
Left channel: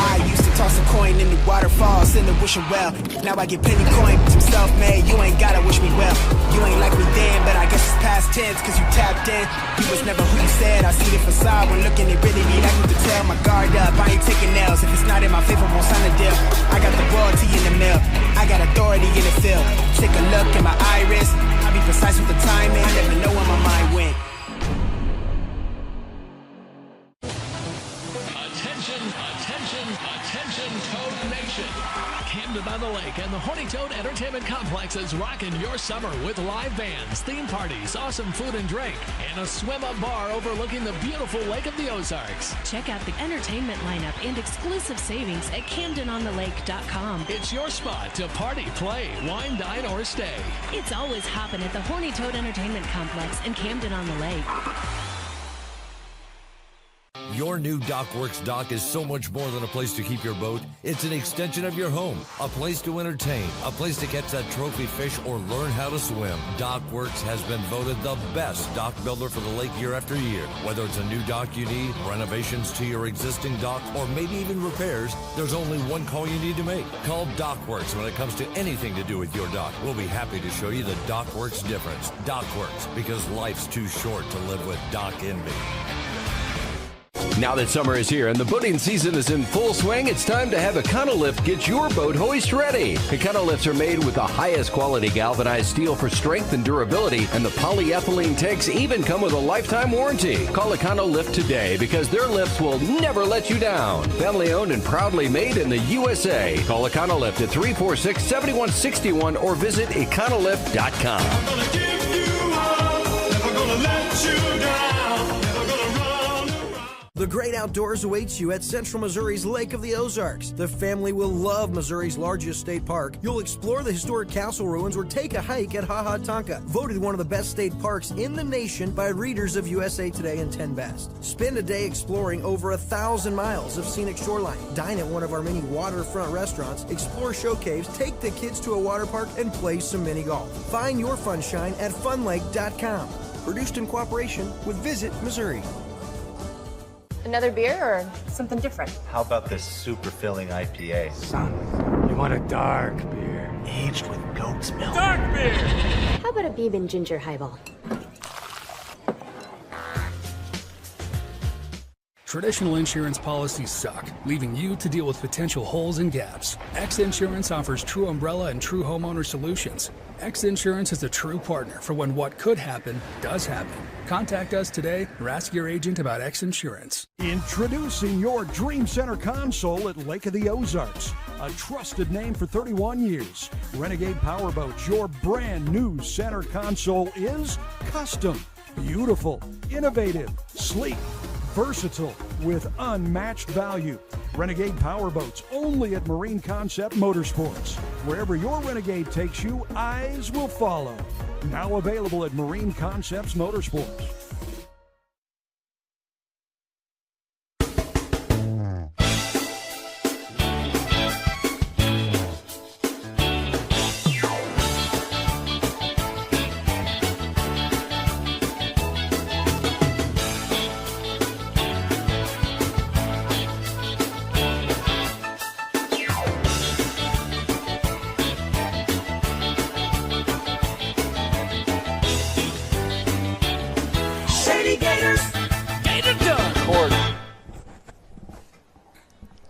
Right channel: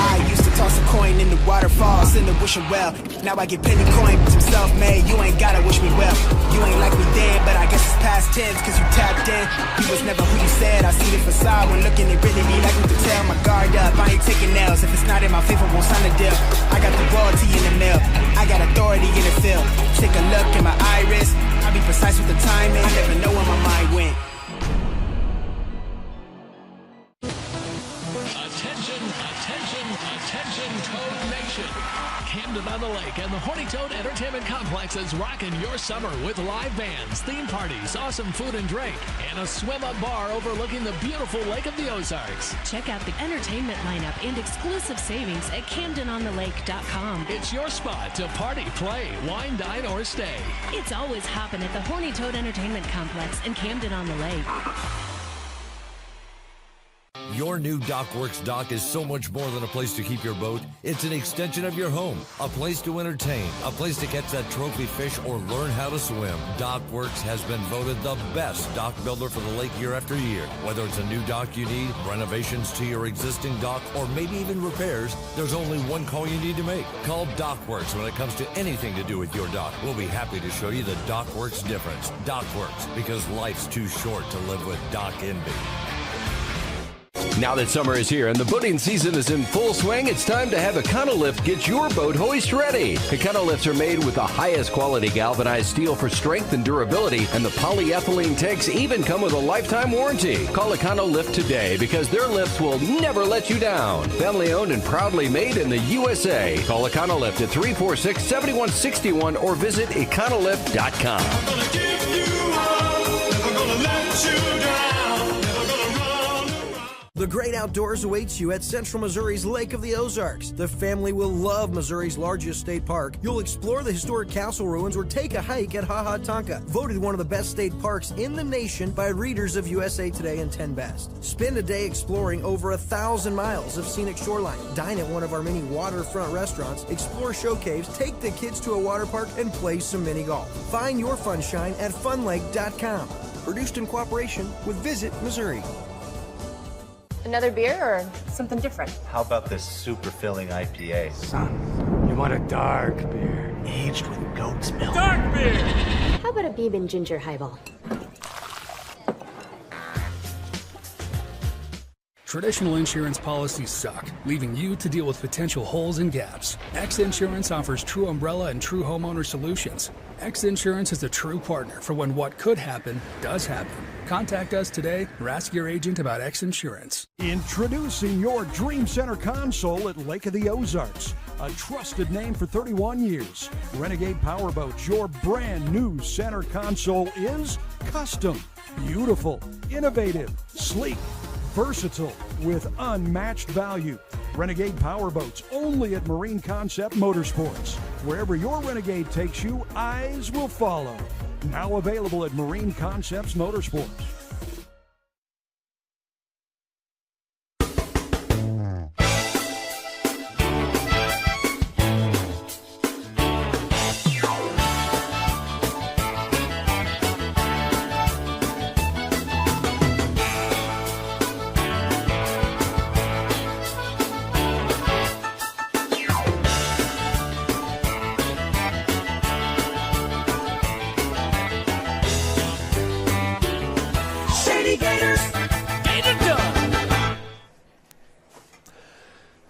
I used to toss a coin in the waterfalls in the wishing well. Now I get plenty coin, I'm self-made, you ain't gotta wish me well. You ain't like me then, but I guess it's past tense, cause you tapped in. You was never who you said, I see the facade when looking, it really be like you could tell. My guard up, I ain't taking nails, if it's not in my favor, won't sign a deal. I got the royalty in the mail, I got authority in the field. Take a look in my iris, I be precise with the timing, I never know where my mind went. Attention, Toad Nation. Camden on the Lake and the Horny Toad Entertainment Complex is rocking your summer with live bands, theme parties, awesome food and drink, and a swim-up bar overlooking the beautiful Lake of the Ozarks. Check out the entertainment lineup and exclusive savings at CamdenOnTheLake.com. It's your spot to party, play, wine, dine, or stay. It's always hopping at the Horny Toad Entertainment Complex in Camden on the Lake. Your new DockWorks dock is so much more than a place to keep your boat. It's an extension of your home, a place to entertain, a place to catch that trophy fish or learn how to swim. DockWorks has been voted the best dock builder for the lake year after year. Whether it's a new dock you need, renovations to your existing dock, or maybe even repairs, there's only one call you need to make. Call DockWorks when it comes to anything to do with your dock. We'll be happy to show you the DockWorks difference. DockWorks, because life's too short to live with dock envy. Now that summer is here and the boating season is in full swing, it's time to have Econolift get your boat hoist ready. Econolifts are made with the highest quality galvanized steel for strength and durability, and the polyethylene tanks even come with a lifetime warranty. Call Econolift today because their lifts will never let you down. Family owned and proudly made in the USA. Call Econolift at 346-7161 or visit econolift.com. I'm gonna give you up, never gonna let you down, never gonna run. The great outdoors awaits you at Central Missouri's Lake of the Ozarks. The family will love Missouri's largest state park. You'll explore the historic castle ruins or take a hike at Ha Ha Tonka, voted one of the best state parks in the nation by readers of USA Today and 10 Best. Spend a day exploring over 1,000 miles of scenic shoreline. Dine at one of our many waterfront restaurants, explore show caves, take the kids to a water park, and play some mini golf. Find your funshine at funlake.com. Produced in cooperation with Visit Missouri. Another beer or something different? How about this super filling IPA? Son, you want a dark beer. Aged with goat's milk. Dark beer! How about a bourbon ginger highball? Traditional insurance policies suck, leaving you to deal with potential holes and gaps. X Insurance offers true umbrella and true homeowner solutions. X Insurance is a true partner for when what could happen does happen. Contact us today or ask your agent about X Insurance. Introducing your Dream Center console at Lake of the Ozarks. A trusted name for 31 years. Renegade Powerboats, your brand new center console is custom, beautiful, innovative, sleek, versatile, with unmatched value. Renegade Powerboats, only at Marine Concept Motorsports. Wherever your Renegade takes you, eyes will follow. Now available at Marine Concepts Motorsports.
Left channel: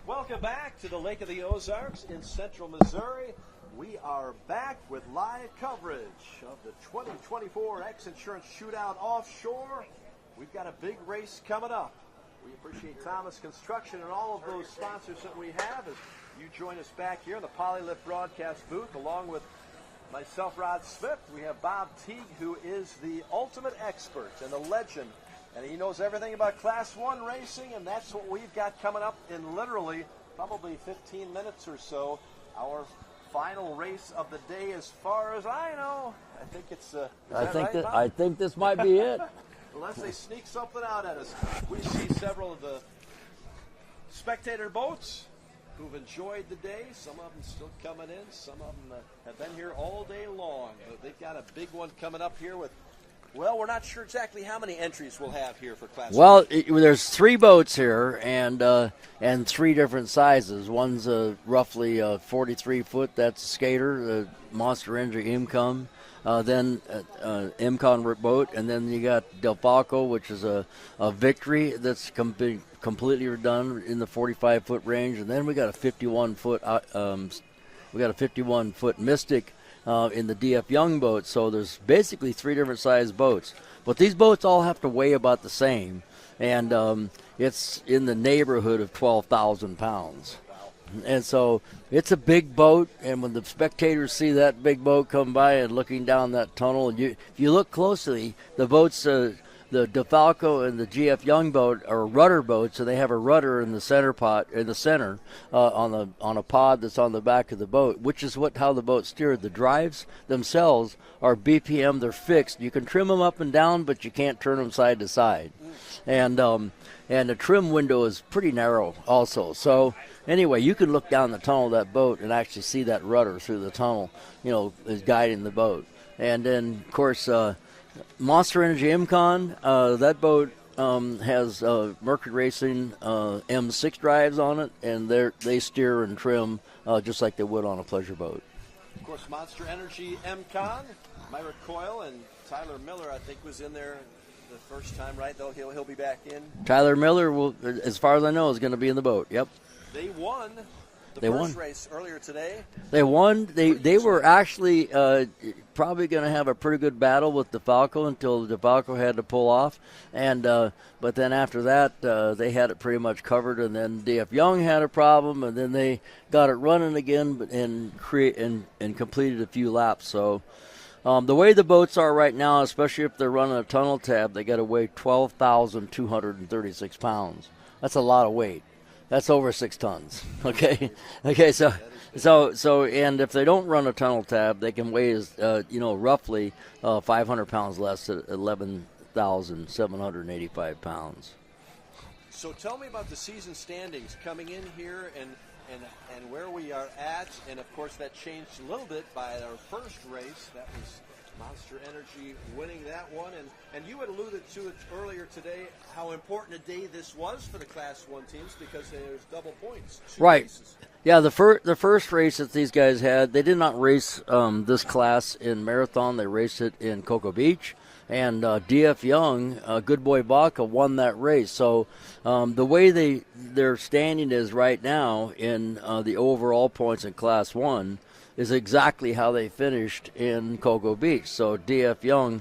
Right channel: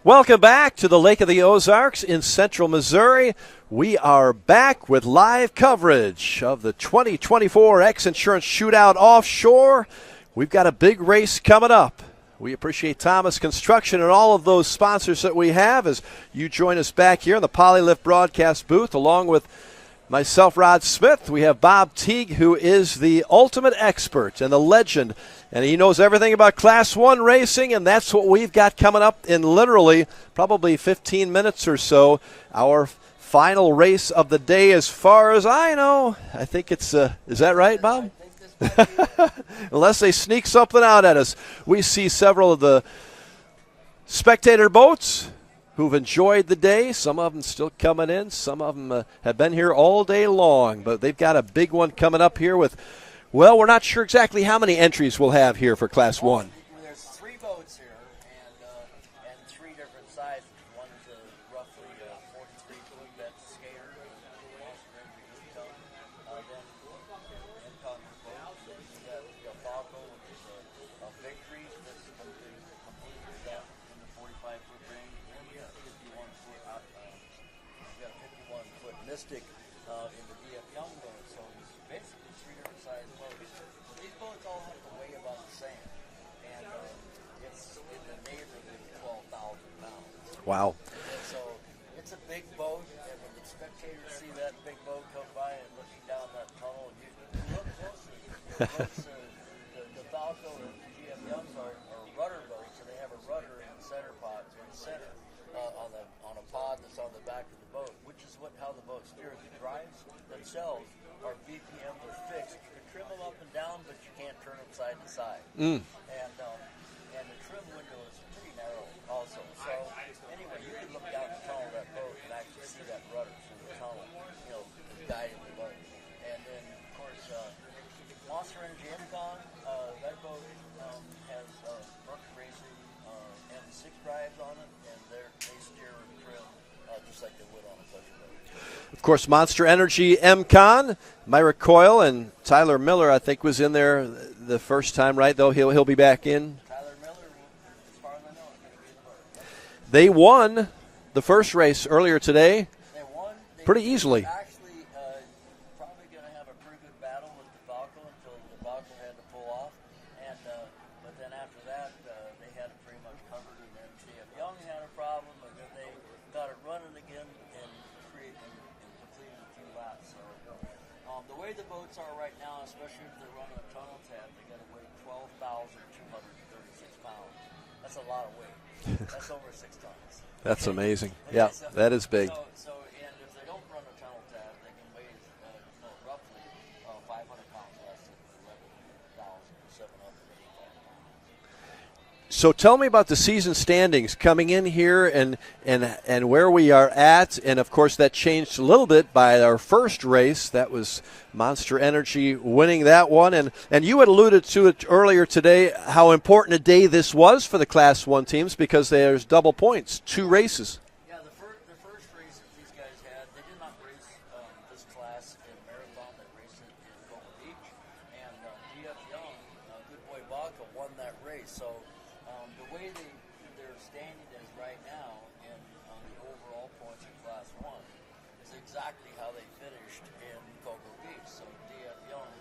Welcome back to the Lake of the Ozarks in central Missouri. We are back with live coverage of the 2024 X Insurance Shootout Offshore. We've got a big race coming up. We appreciate Thomas Construction and all of those sponsors that we have as you join us back here in the Polylift broadcast booth along with myself, Rod Smith. We have Bob Teague, who is the ultimate expert and the legend, and he knows everything about Class 1 racing, and that's what we've got coming up in literally probably 15 minutes or so. Our final race of the day, as far as I know. I think it's, is that right, Bob? I think this might be it. Unless they sneak something out at us. We see several of the spectator boats who've enjoyed the day. Some of them still coming in. Some of them have been here all day long, but they've got a big one coming up here with, well, we're not sure exactly how many entries we'll have here for Class 1. Well, there's 3 boats here and 3 different sizes. One's roughly 43-foot. That's a skater, Monster Energy Imcon. Then Imcon boat, and then you got Del Falco, which is a Victory that's completely redone in the 45-foot range, and then we got a 51-foot Mystic in the DF Young boat. So there's basically 3 different size boats, but these boats all have to weigh about the same, and it's in the neighborhood of 12,000 pounds. Wow! And so it's a big boat, and when the spectators see that big boat come by and looking down that tunnel, and you look closely, the boats. The DeFalco and the GF Young boat are rudder boats, and they have a rudder in the center on a pod that's on the back of the boat, which is how the boat's steered. The drives themselves are BPM; they're fixed. You can trim them up and down, but you can't turn them side to side. And the trim window is pretty narrow, also. So anyway, you can look down the tunnel of that boat and actually see that rudder through the tunnel, is guiding the boat. And then, of course, Monster Energy Imcon, that boat has Mercury Racing M6 drives on it, and they steer and trim just like they would on a pleasure boat. Of course, Monster Energy Imcon, Myra Coyle and Tyler Miller, I think, was in there the first time, right? Though he'll be back in. Tyler Miller, will, as far as I know, is going to be in the boat. Yep. They won the first race earlier today. They won. They were actually probably going to have a pretty good battle with DeFalco until DeFalco had to pull off, and but then after that they had it pretty much covered, and then DF Young had a problem, and then they got it running again and completed a few laps. So the way the boats are right now, especially if they're running a tunnel tab, they got to weigh 12,236 pounds. That's a lot of weight. That's over 6 tons. That's okay? amazing. Okay, yeah, so that is big. So and if they don't run a tunnel tab, they can weigh roughly 500 pounds less at 11,785 pounds. So tell me about the season standings coming in here and where we are at. And, of course, that changed a little bit by our first race. That was Monster Energy winning that one. And you had alluded to it earlier today, how important a day this was for the Class 1 teams because there's double points, 2 races. Yeah, the first race that these guys had, they did not race this class in Marathon. They raced it in Cocoa Beach. And DF Young, Good Boy Baca, won that race. So the way their standing is right now in the overall points in Class 1, is exactly how they finished in Cocoa Beach. So D.F. Young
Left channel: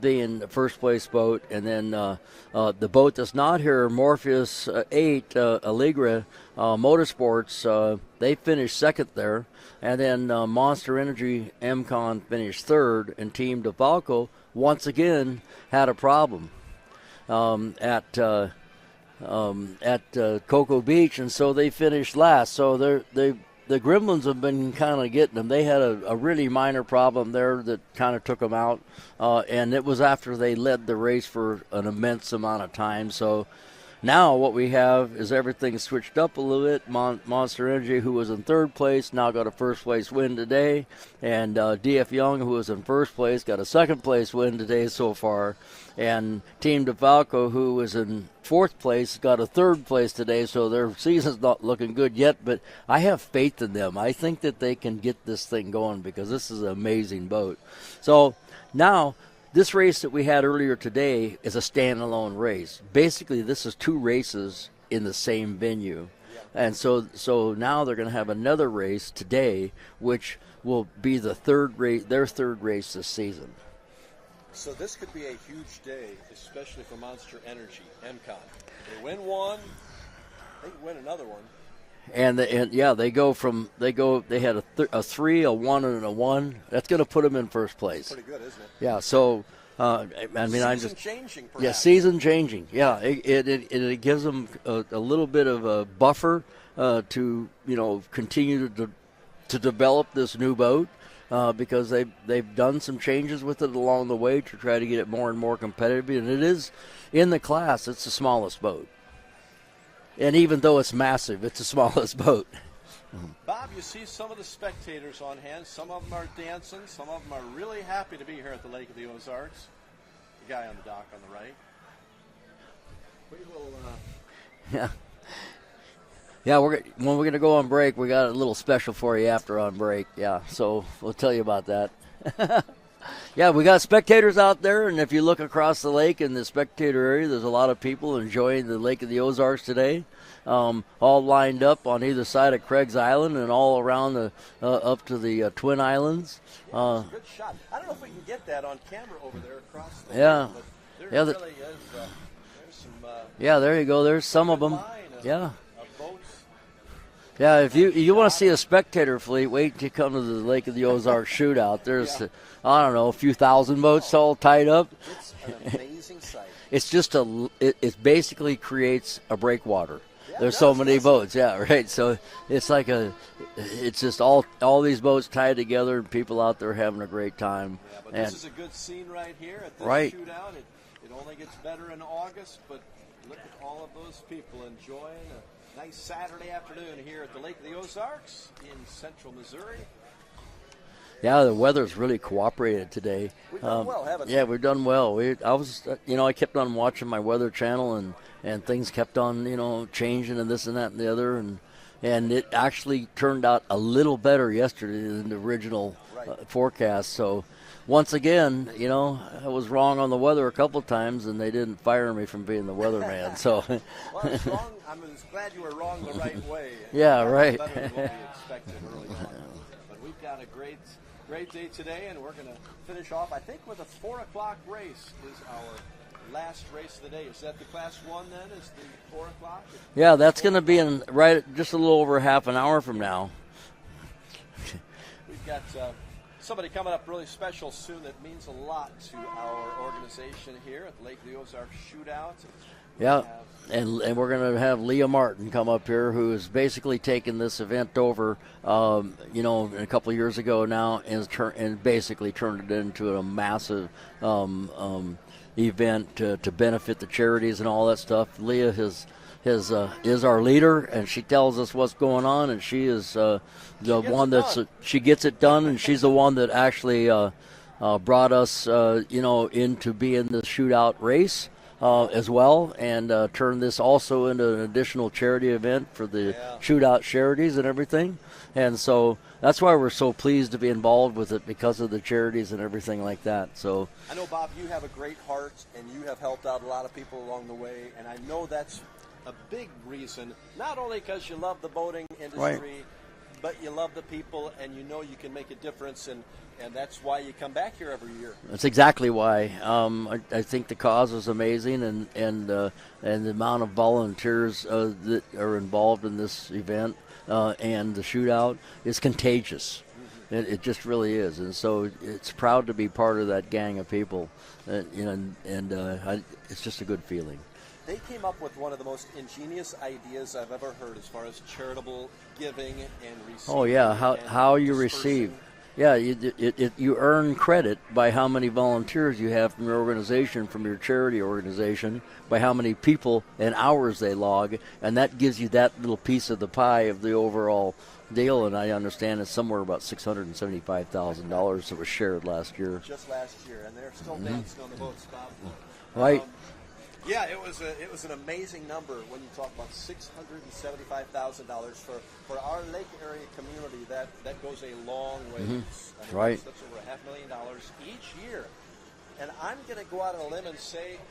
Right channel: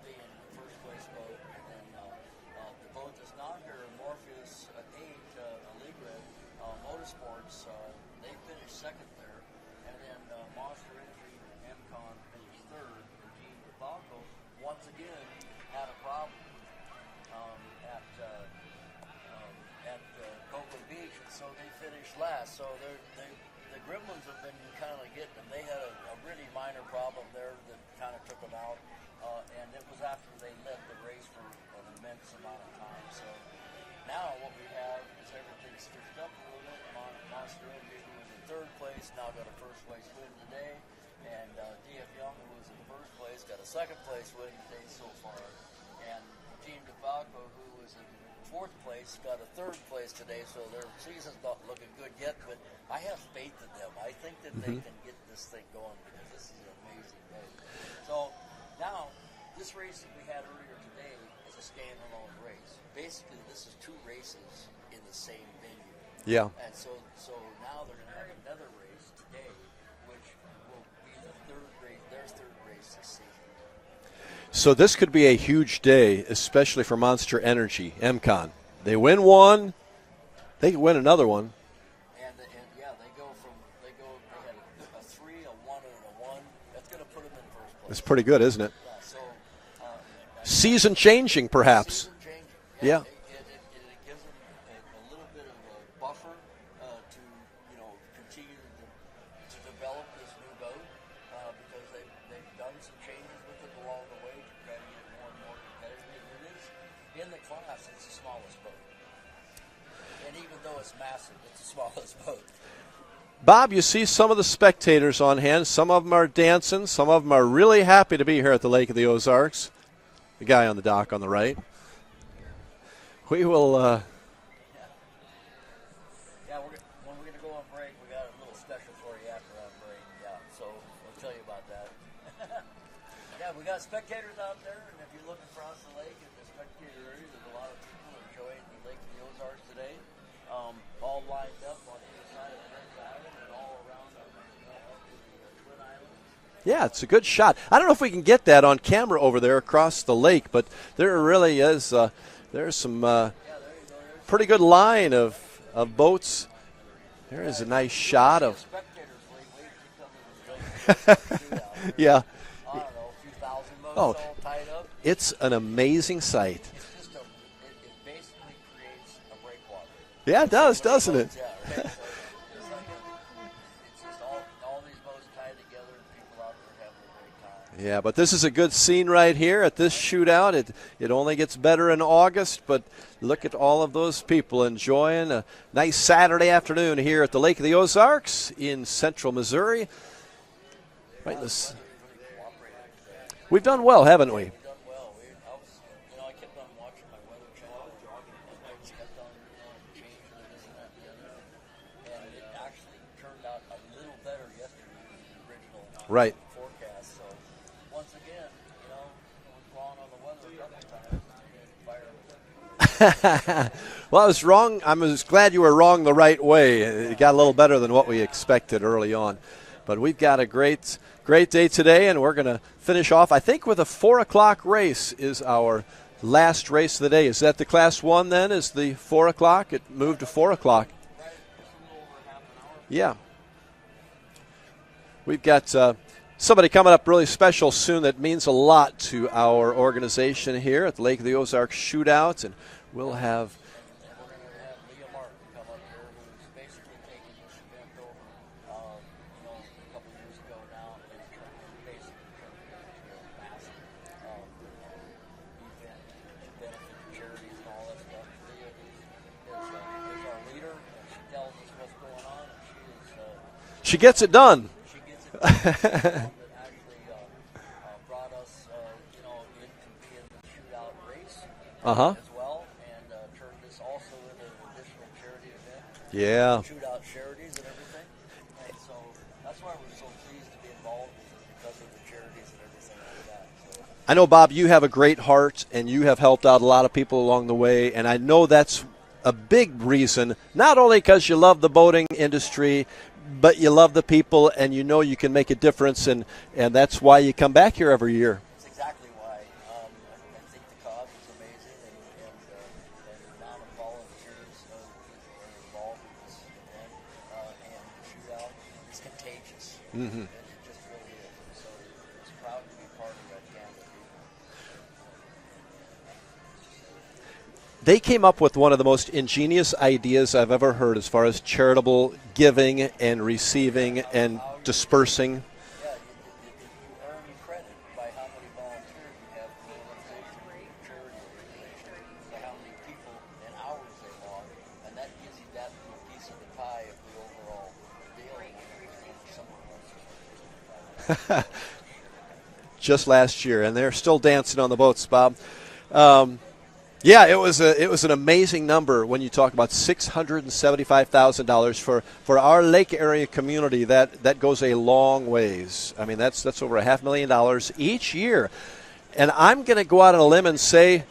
being the first place boat, and then the boat that's not here, Morpheus 8, Allegra Motorsports, they finished second there. And then Monster Energy MCon finished third, and Team DeFalco once again had a problem at Cocoa Beach, and so they finished last. So the Gremlins have been kind of getting them. They had a really minor problem there that kind of took them out, and it was after they led the race for an immense amount of time. So now what we have is everything switched up a little bit. Monster Energy, who was in third place, now got a first place win today. And D.F. Young, who was in first place, got a second place win today so far. And Team DeFalco, who was in fourth place, got a third place today. So their season's not looking good yet, but I have faith in them. I think that they can get this thing going because this is an amazing boat. So now, this race that we had earlier today is a standalone race. Basically, this is two races in the same venue. Yeah. And so now they're going to have another race today, which will be their third race this season. So this could be a huge day, especially for Monster Energy, MCon. They win one, they can win another one. They had a 3, a 1, and a 1. That's going to put them in first place. It's pretty good, isn't it? Yeah. So, season changing, perhaps. Season changing. Yeah. It gives them a little bit of a buffer to continue to develop this new boat because they've done some changes with it along the way to try to get it more and more competitive. And it is in the class. It's the smallest boat. And even though it's massive, it's the smallest boat. Bob, you see some of the spectators on hand. Some of them are dancing. Some of them are really happy to be here at the Lake of the Ozarks. The guy on the dock on the right. We will. Yeah, when we're going to go on break, we got a little special for you after on break. Yeah, so we'll tell you about that. Yeah, we got spectators out there, and if you look across the lake in the spectator area, there's a lot of people enjoying the Lake of the Ozarks today, all lined up on either side of Craig's Island and all around up to the Twin Islands. Yeah, it's a good shot. I don't know if we can get that on camera over there across the lake, but there really is. There's some. There you go. There's pretty some good of line of boats. There's if you want to see a spectator fleet, wait till you come to the Lake of the Ozarks shootout. There's, I don't know, a few thousand boats all tied up. It's an amazing sight. It's just it basically creates a breakwater. Yeah, there's so many boats. Yeah, right. So it's like it's just all these boats tied together and people out there having a great time. Yeah, but this is a good scene right here at this shootout. It only gets better in August, but look at all of those people enjoying a nice Saturday afternoon here at the Lake of the Ozarks in central Missouri. Yeah, the weather's really cooperated today. We've done well, haven't we? Yeah, we've done well. I kept on watching my weather channel, and things kept on, changing and this and that and the other, and it actually turned out a little better yesterday than the original forecast. So, once again, I was wrong on the weather a couple times, and they didn't fire me from being the weatherman. So, well, I was wrong. I was glad you were wrong the right way. It got a little better than what we expected early on. But we've got a great day today, and we're going to finish off, I think, with a 4 o'clock race is our last race of the day. Is that the Class 1 then, is the 4 o'clock? Yeah, that's going to be in just a little over half an hour from now. We've got somebody coming up really special soon that means a lot to our organization here at the Lake of the Ozarks Shootout, and we'll have and we're going to have Leah Martin come up here, who has basically taken this event over a couple of years ago now, and basically turned it into a massive event to benefit the charities and all that stuff. Leah is our leader, and she tells us what's going on, and she is she gets it done. She gets it done, and she's the one that actually brought us into being the shootout race. As well, and turn this also into an additional charity event for the shootout charities and everything. And so that's why we're so pleased to be involved with it, because of the charities and everything like that. So I know, Bob, you have a great heart, and you have helped out a lot of people along the way, and I know that's a big reason, not only because you love the boating industry, but you love the people, and you know you can make a difference, and that's why you come back here every year. That's exactly why. I think the cause is amazing, and the amount of volunteers that are involved in this event and the shootout is contagious. Mm-hmm. It just really is, and so it's proud to be part of that gang of people. It's just a good feeling. They came up with one of the most ingenious ideas I've ever heard as far as charitable giving and receiving and how you dispersing. Receive. You earn credit by how many volunteers you have from your organization, from your charity organization, by how many people and hours they log, and that gives you that little piece of the pie of the overall deal. And I understand it's somewhere about $675,000 that was shared last year. Just last year, and they're still dancing on the boats, Bob. Right. Yeah, it was an amazing number when you talk about $675,000 for our lake area community. That goes a long ways. I mean, that's over $500,000 each year. And I'm going to go out on a limb and say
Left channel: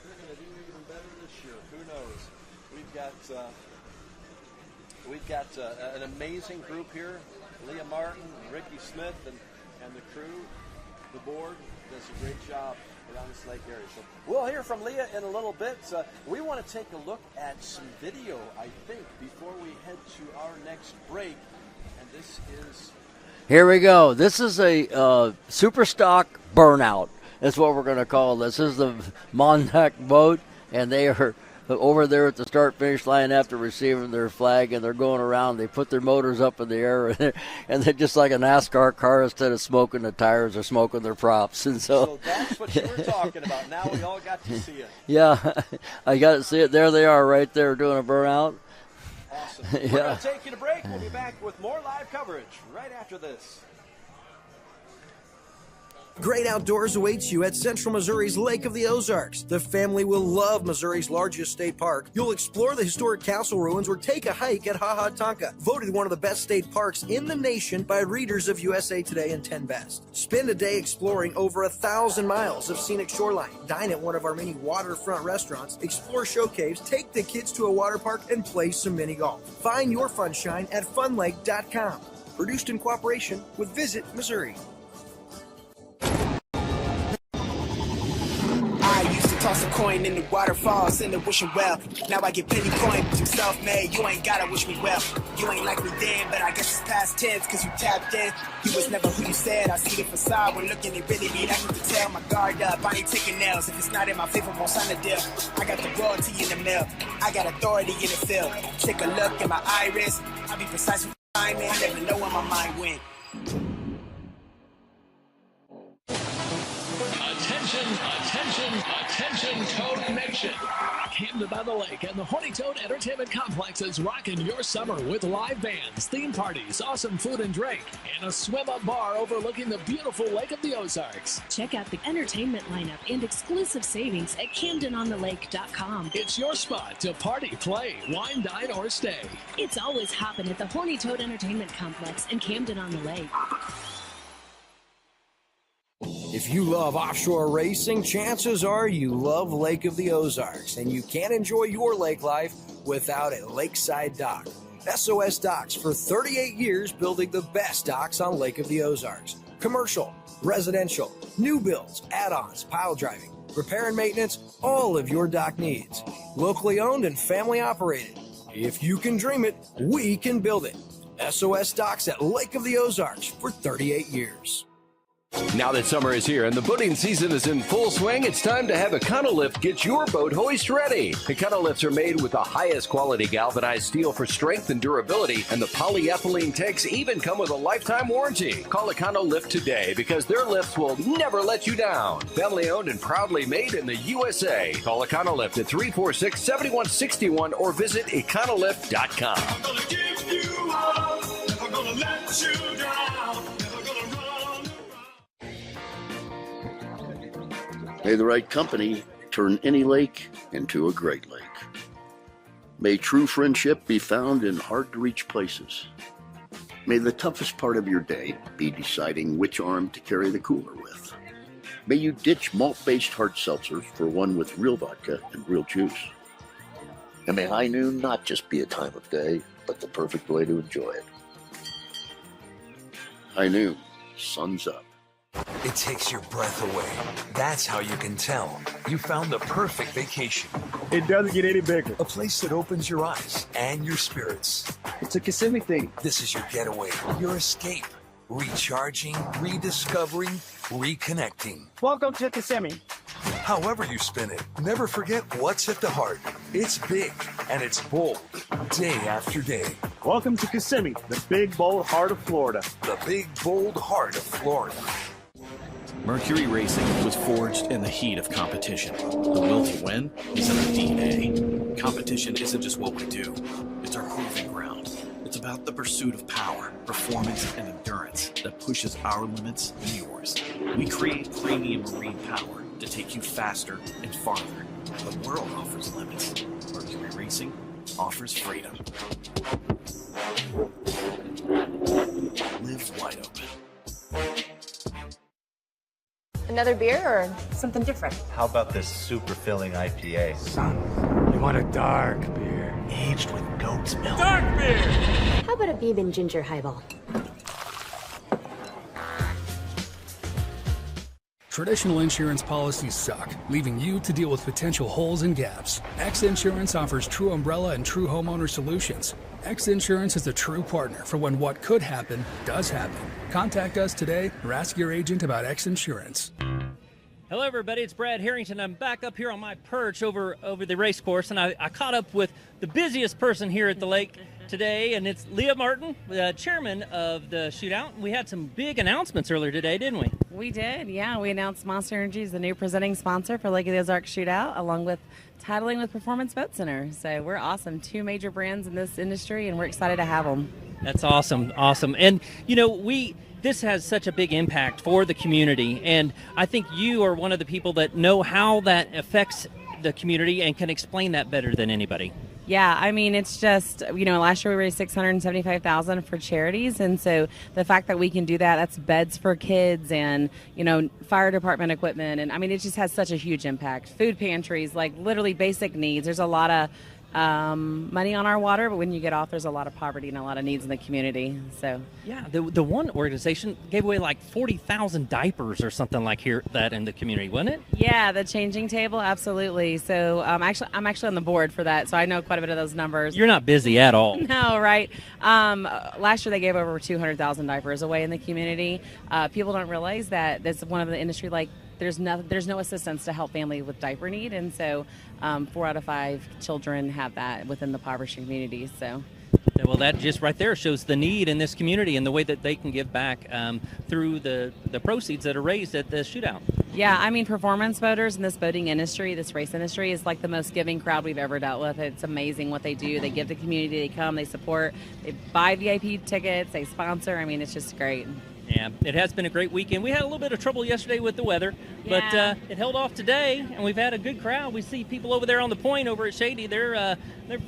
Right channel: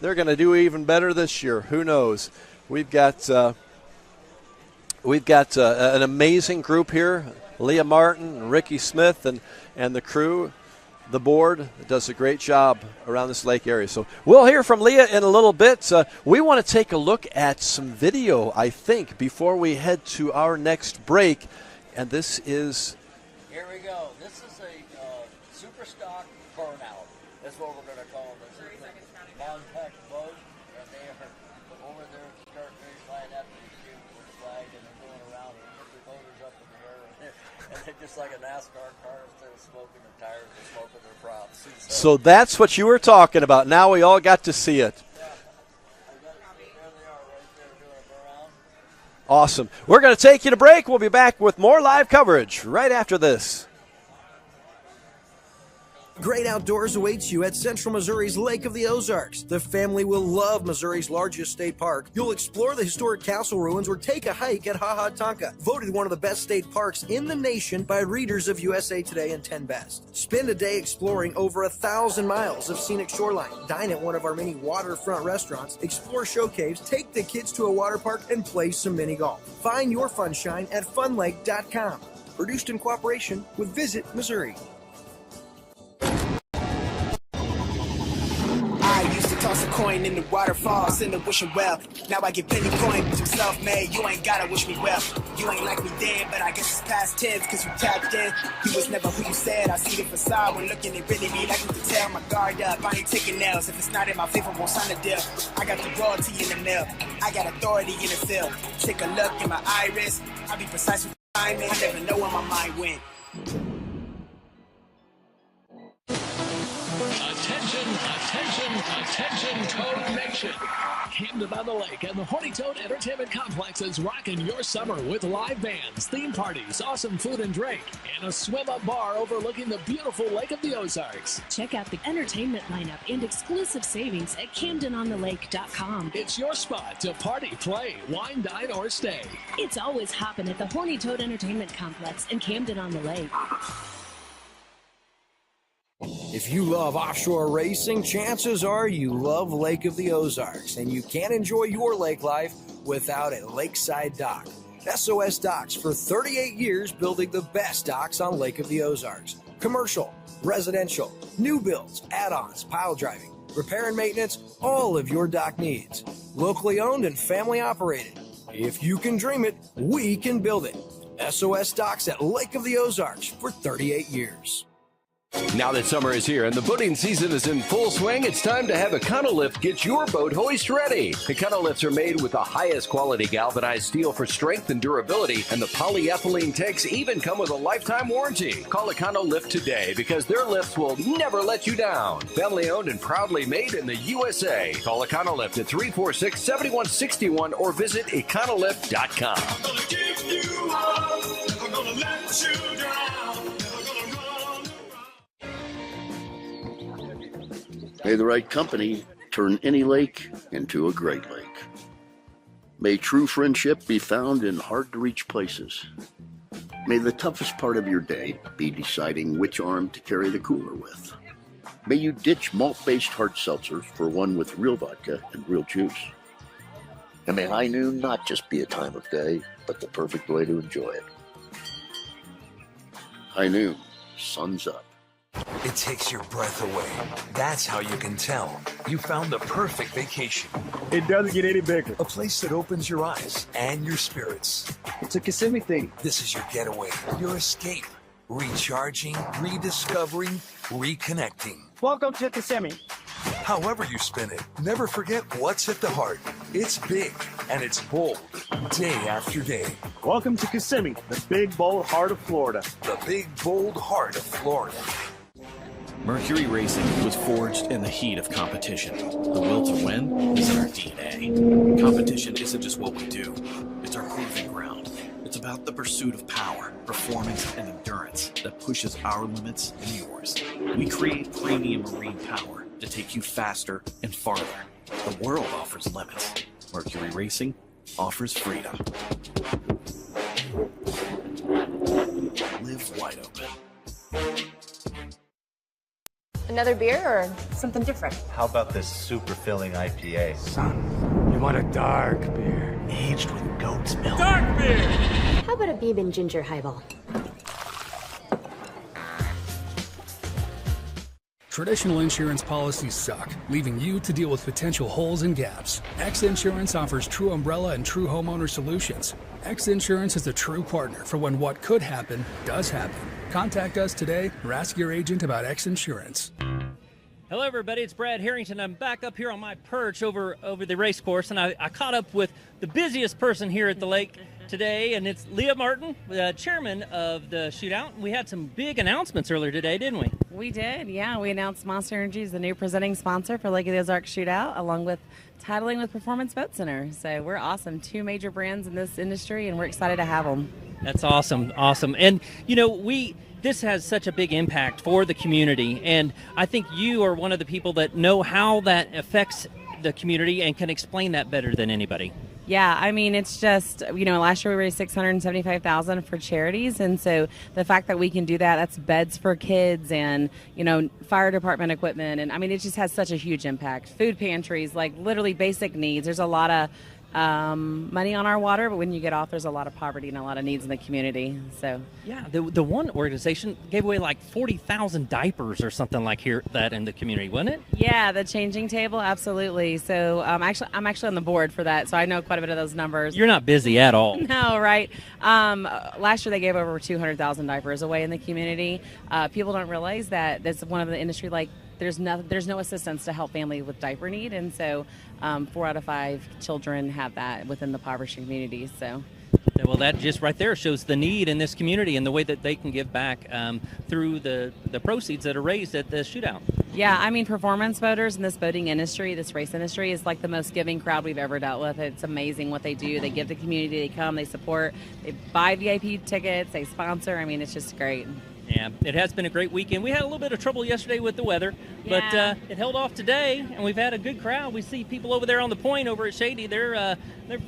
they're going to do even better this year. Who knows? We've got an amazing group here. Leah Martin, Ricky Smith, and the crew. The board does a great job around this lake area. So we'll hear from Leah in a little bit. We want to take a look at some video, I think, before we head to our next break. And this is... Here we go. This is a Superstock burnout. That's what we're going to call this. This is the Montauk boat, and they are over there at the start-finish line after receiving their flag, and they're going around. They put their motors up in the air, and they're just like a NASCAR car. Instead of smoking the tires, they're smoking their props. And so that's what you were talking about. Now we all got to see it. Yeah, I got to see it. There they are right there doing a burnout. Awesome. We're going to take you to break. We'll be back with more live coverage right after this. Great outdoors awaits you at Central Missouri's Lake of the Ozarks. The family will love Missouri's largest state park. You'll explore the historic castle ruins or take a hike at Ha Ha Tonka, voted one of the best state parks in the nation by readers of USA Today and 10 Best. Spend a day exploring over 1,000 miles of scenic shoreline. Dine at one of our many waterfront restaurants, explore show caves, take the kids to a water park, and play some mini golf. Find your funshine at funlake.com. Produced in cooperation with Visit Missouri. I used to toss a coin in the waterfalls in the wishing well. Now I get plenty coin, but I'm self-made. You ain't gotta wish me well. You ain't like me then, but I guess it's past tense, cause you tapped in. You was never who you said. I see the facade when looking at really me. Like you can tell my guard up. I ain't taking nails. If it's not in my favor, won't sign a deal. I got the royalty in the mail. I got authority in the field. Take a look in my iris. I be precise with timing. I never know where my mind went. Attention, Toad Nation. Camden on the Lake and the Horny Toad Entertainment Complex is rocking your summer with live bands, theme parties, awesome food and drink, and a swim-up bar overlooking the beautiful Lake of the Ozarks. Check out the entertainment lineup and exclusive savings at CamdenOnTheLake.com. It's your spot to party, play, wine, dine, or stay. It's always hopping at the Horny Toad Entertainment Complex in Camden on the Lake. If you love offshore racing, chances are you love Lake of the Ozarks, and you can't enjoy your lake life without a lakeside dock. SOS Docks for 38 years building the best docks on Lake of the Ozarks. Commercial, residential, new builds, add-ons, pile driving, repair and maintenance, all of your dock needs. Locally owned and family operated. If you can dream it, we can build it. SOS Docks at Lake of the Ozarks for 38 years. Now that summer is here and the boating season is in full swing, it's time to have Econolift get your boat hoist ready. Econolifts are made with the highest quality galvanized steel for strength and durability, and the polyethylene tanks even come with a lifetime warranty. Call Econolift today because their lifts will never let you down. Family owned and proudly made in the USA. Call Econolift at 346-7161 or visit Econolift.com. I'm gonna give you up, never gonna let you down, never gonna run. May the right company turn any lake into a great lake. May true friendship be found in hard-to-reach places. May the toughest part of your day be deciding which arm to carry the cooler with. May you ditch malt-based hard seltzers for one with real vodka and real juice. And may high noon not just be a time of day, but the perfect way to enjoy it. High noon, sun's up. It takes your breath away. That's how you can tell you found the perfect vacation. It doesn't get any bigger. A place that opens your eyes and your spirits. It's a Kissimmee thing. This is your getaway, your escape. Recharging, rediscovering, reconnecting. Welcome to Kissimmee. However you spin it, never forget what's at the heart. It's big and it's bold, day after day. Welcome to Kissimmee, the big, bold heart of Florida. The big, bold heart of Florida. Mercury Racing was forged in the heat of competition. The will to win is in our DNA. Competition isn't just what we do, it's our proving ground. It's about the pursuit of power, performance, and endurance that pushes our limits and yours. We create premium marine power to take you faster and farther. The world offers limits. Mercury Racing offers freedom. Live wide open. Another beer or something different? How about this super filling IPA? Son, you want a dark beer. Aged with goat's milk. Dark beer! How about a bourbon ginger highball? Traditional insurance policies suck, leaving you to deal with potential holes and gaps. X Insurance offers true umbrella and true homeowner solutions. X Insurance is a true partner for when what could happen does happen. Contact us today or ask your agent about X Insurance. Hello, everybody. It's Brad Harrington. I'm back up here on my perch over the race course, and I caught up with the busiest person here at the lake today, and it's Leah Martin, the chairman of the Shootout. We had some big announcements earlier today, didn't we? We did, yeah. We announced Monster Energy is the new presenting sponsor for Lake of the Ozarks Shootout, along with titling with Performance Boat Center. So we're awesome. 2 major brands in this industry, and we're excited to have them. That's awesome. And, this has such a big impact for the community, and I think you are one of the people that know how that affects the community and can explain that better than anybody. Yeah, I mean, it's just, last year we raised $675,000 for charities, and so the fact that we can do that, that's beds for kids and, fire department equipment, and I mean, it just has such a huge impact. Food pantries, like literally basic needs. There's a lot of money on our water, but when you get off, there's a lot of poverty and a lot of needs in the community. So yeah, the one organization gave away like 40,000 diapers or something like that in the community, wasn't it? Yeah, the changing table, absolutely. So I'm actually on the board for that, so I know quite a bit of those numbers. You're not busy at all. No, right? Last year they gave over 200,000 diapers away in the community. People don't realize that that's one of the industry there's no assistance to help families with diaper need, and so 4 out of 5 children have that within the impoverished communities. So, well, that just right there shows the need in this community and the way that they can give back through the proceeds that are raised at the Shootout. Yeah, I mean, performance boaters in this boating industry, this race industry, is like the most giving crowd we've ever dealt with. It's amazing what they do. They give the community, they come, they support, they buy VIP tickets, they sponsor. I mean, it's just great. Yeah, it has been a great weekend. We had a little bit of trouble yesterday with the weather, but it held off today, and we've had a good crowd. We see people over there on the point over at Shady. They're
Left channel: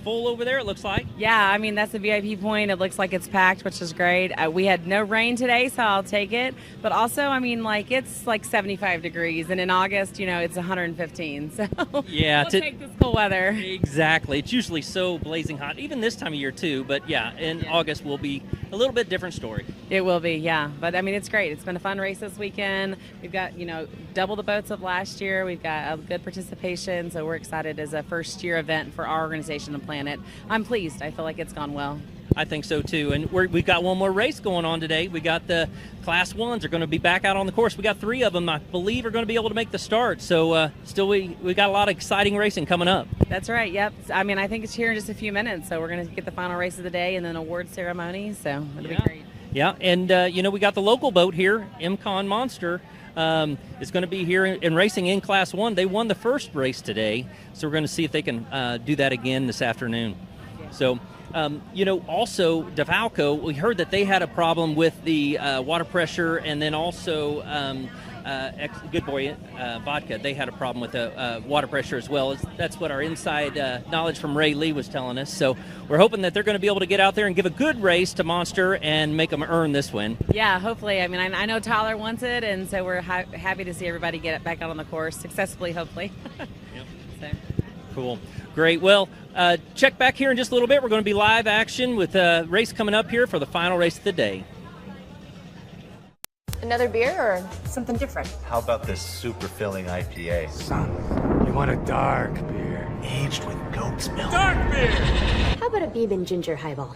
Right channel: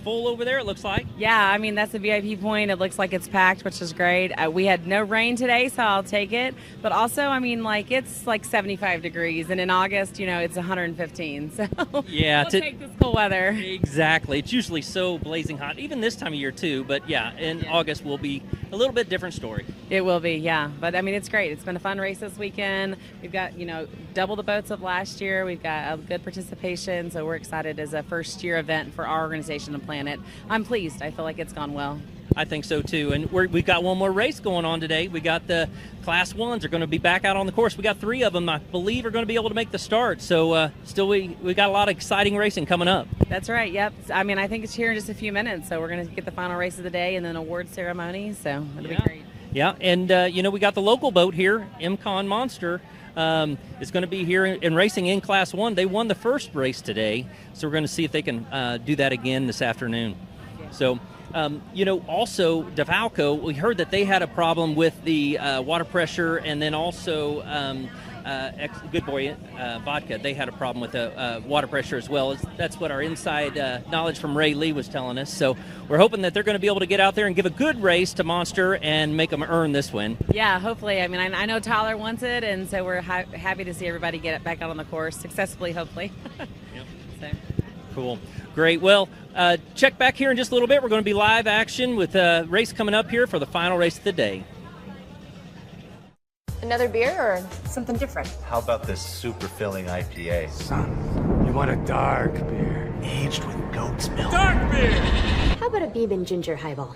full over there, it looks like. Yeah, I mean, that's the VIP point. It looks like it's packed, which is great. We had no rain today, so I'll take it. But also, I mean, it's like 75 degrees, and in August, it's 115. So yeah, we'll take this cool weather. Exactly. It's usually so blazing hot, even this time of year too. But yeah, in August will be a little bit different story. It will be, yeah. But I mean, it's great. It's been a fun race this weekend. We've got, double the boats of last year. We've got a good participation, so we're excited as a first-year event for our organization and Planet. I'm pleased. I feel like it's gone well. I think so too. And we've got one more race going on today. We got the Class 1s are going to be back out on the course. We got 3 of them, I believe, are going to be able to make the start. So we got a lot of exciting racing coming up. That's right. Yep. I mean, I think it's here in just a few minutes. So we're going to get the final race of the day and then award ceremony. So it'll be great. Yeah, and we got the local boat here, MCon Monster, is going to be here in racing in Class 1. They won the first race today, so we're going to see if they can do that again this afternoon. So, also DeValco, we heard that they had a problem with the water pressure, and then also Good Boy Vodka, they had a problem with the water pressure as well. That's what our inside knowledge from Ray Lee was telling us. So we're hoping that they're going to be able to get out there and give a good race to Monster and make them earn this win. Yeah, hopefully. I mean, I know Tyler wants it, and so we're happy to see everybody get it back out on the course successfully, hopefully. Yep. So. Cool. Great. Well, check back here in just a little bit. We're going to be live action with a race coming up here for the final race of the day. Another beer or something different? How about this super filling IPA? Son, you want a dark beer. Aged with goat's milk. Dark beer! How about a Beeb Ginger Highball?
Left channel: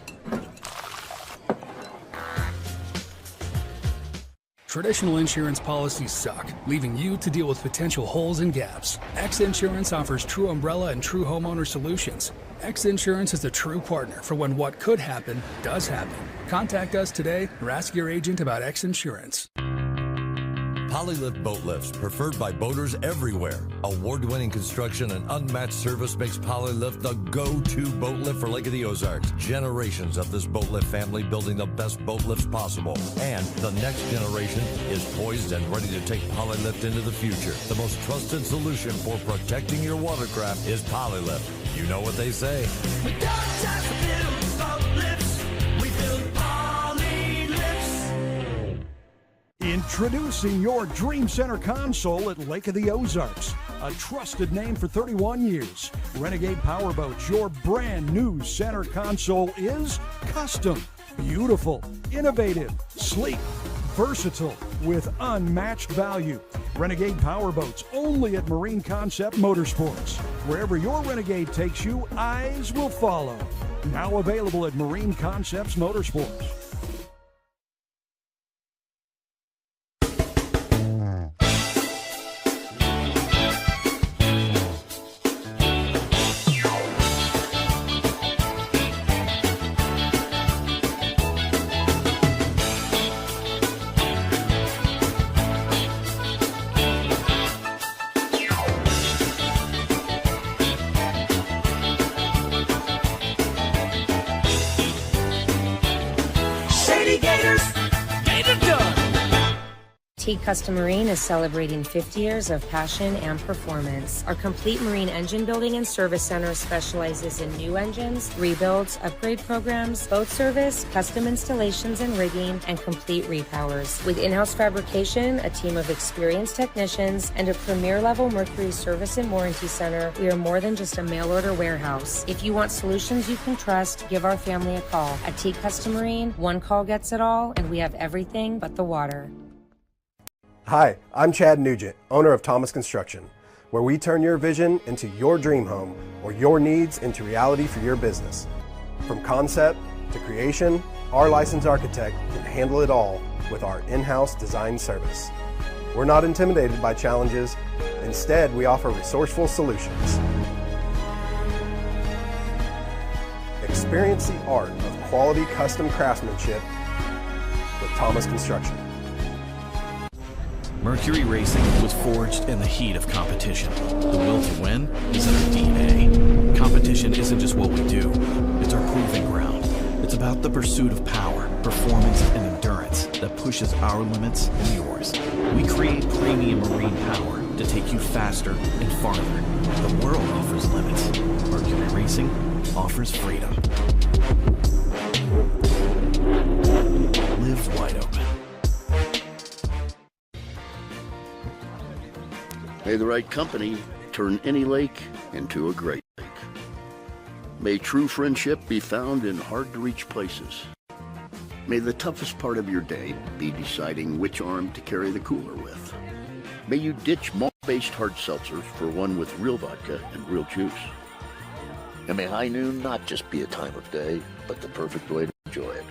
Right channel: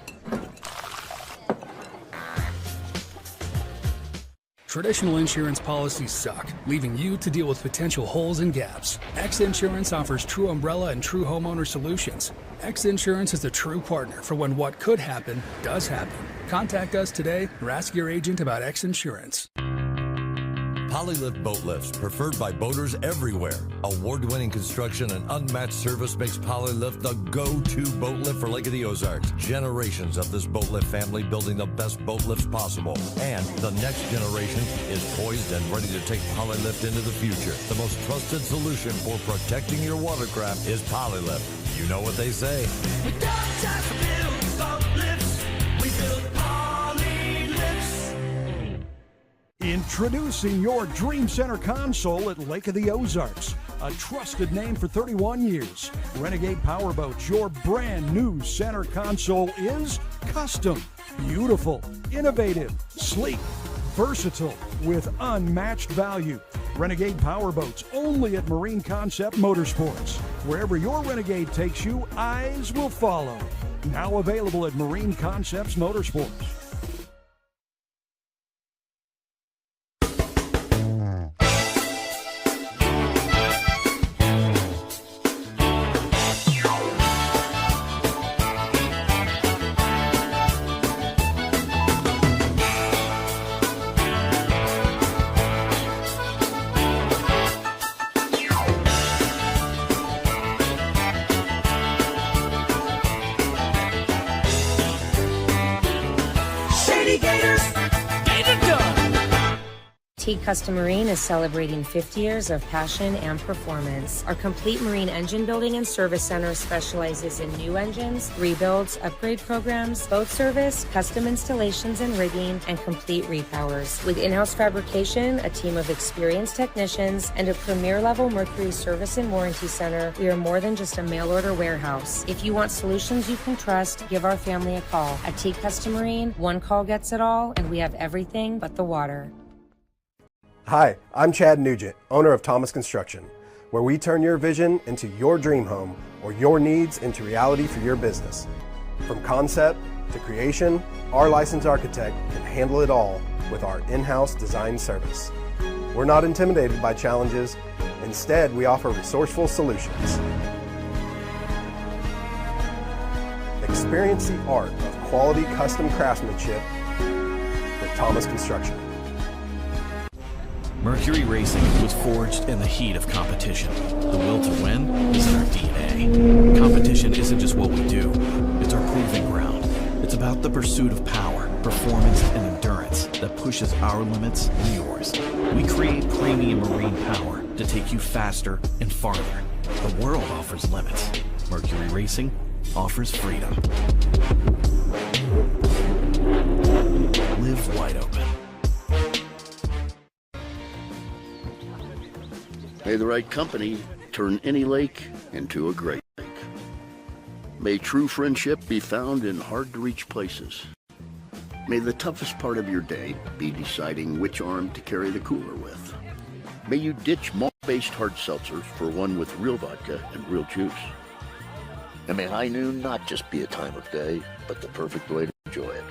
Traditional insurance policies suck, leaving you to deal with potential holes and gaps. X Insurance offers true umbrella and true homeowner solutions. X Insurance is a true partner for when what could happen does happen. Contact us today or ask your agent about X Insurance. Polylift boat lifts, preferred by boaters everywhere. Award-winning construction and unmatched service makes Polylift the go-to boat lift for Lake of the Ozarks. Generations of this boat lift family building the best boat lifts possible. And the next generation is poised and ready to take Polylift into the future. The most trusted solution for protecting your watercraft is Polylift. You know what they say. We don't just build boat lifts, we build Polylifts. Introducing your Dream Center console at Lake of the Ozarks. A trusted name for 31 years. Renegade Powerboats, your brand new center console is custom, beautiful, innovative, sleek, versatile, with unmatched value. Renegade Powerboats, only at Marine Concept Motorsports. Wherever your Renegade takes you, eyes will follow. Now available at Marine Concepts Motorsports. Teague Custom Marine is celebrating 50 years of passion and performance. Our complete marine engine building and service center specializes in new engines, rebuilds, upgrade programs, boat service, custom installations and rigging, and complete repowers. With in-house fabrication, a team of experienced technicians, and a premier-level Mercury service and warranty center, we are more than just a mail-order warehouse. If you want solutions you can trust, give our family a call. At Teague Custom Marine, one call gets it all, and we have everything but the water. Hi, I'm Chad Nugent, owner of Thomas Construction, where we turn your vision into your dream home or your needs into reality for your business. From concept to creation, our licensed architect can handle it all with our in-house design service. We're not intimidated by challenges. Instead, we offer resourceful solutions. Experience the art of quality custom craftsmanship with Thomas Construction. Mercury Racing was forged in the heat of competition. The will to win is in our DNA. Competition isn't just what we do, it's our proving ground. It's about the pursuit of power, performance, and endurance that pushes our limits and yours. We create premium marine power to take you faster and farther. The world offers limits. Mercury Racing offers freedom. Live wide open. May the right company turn any lake into a great lake. May true friendship be found in hard-to-reach places. May the toughest part of your day be deciding which arm to carry the cooler with. May you ditch malt-based hard seltzers for one with real vodka and real juice. And may high noon not just be a time of day, but the perfect way to enjoy it.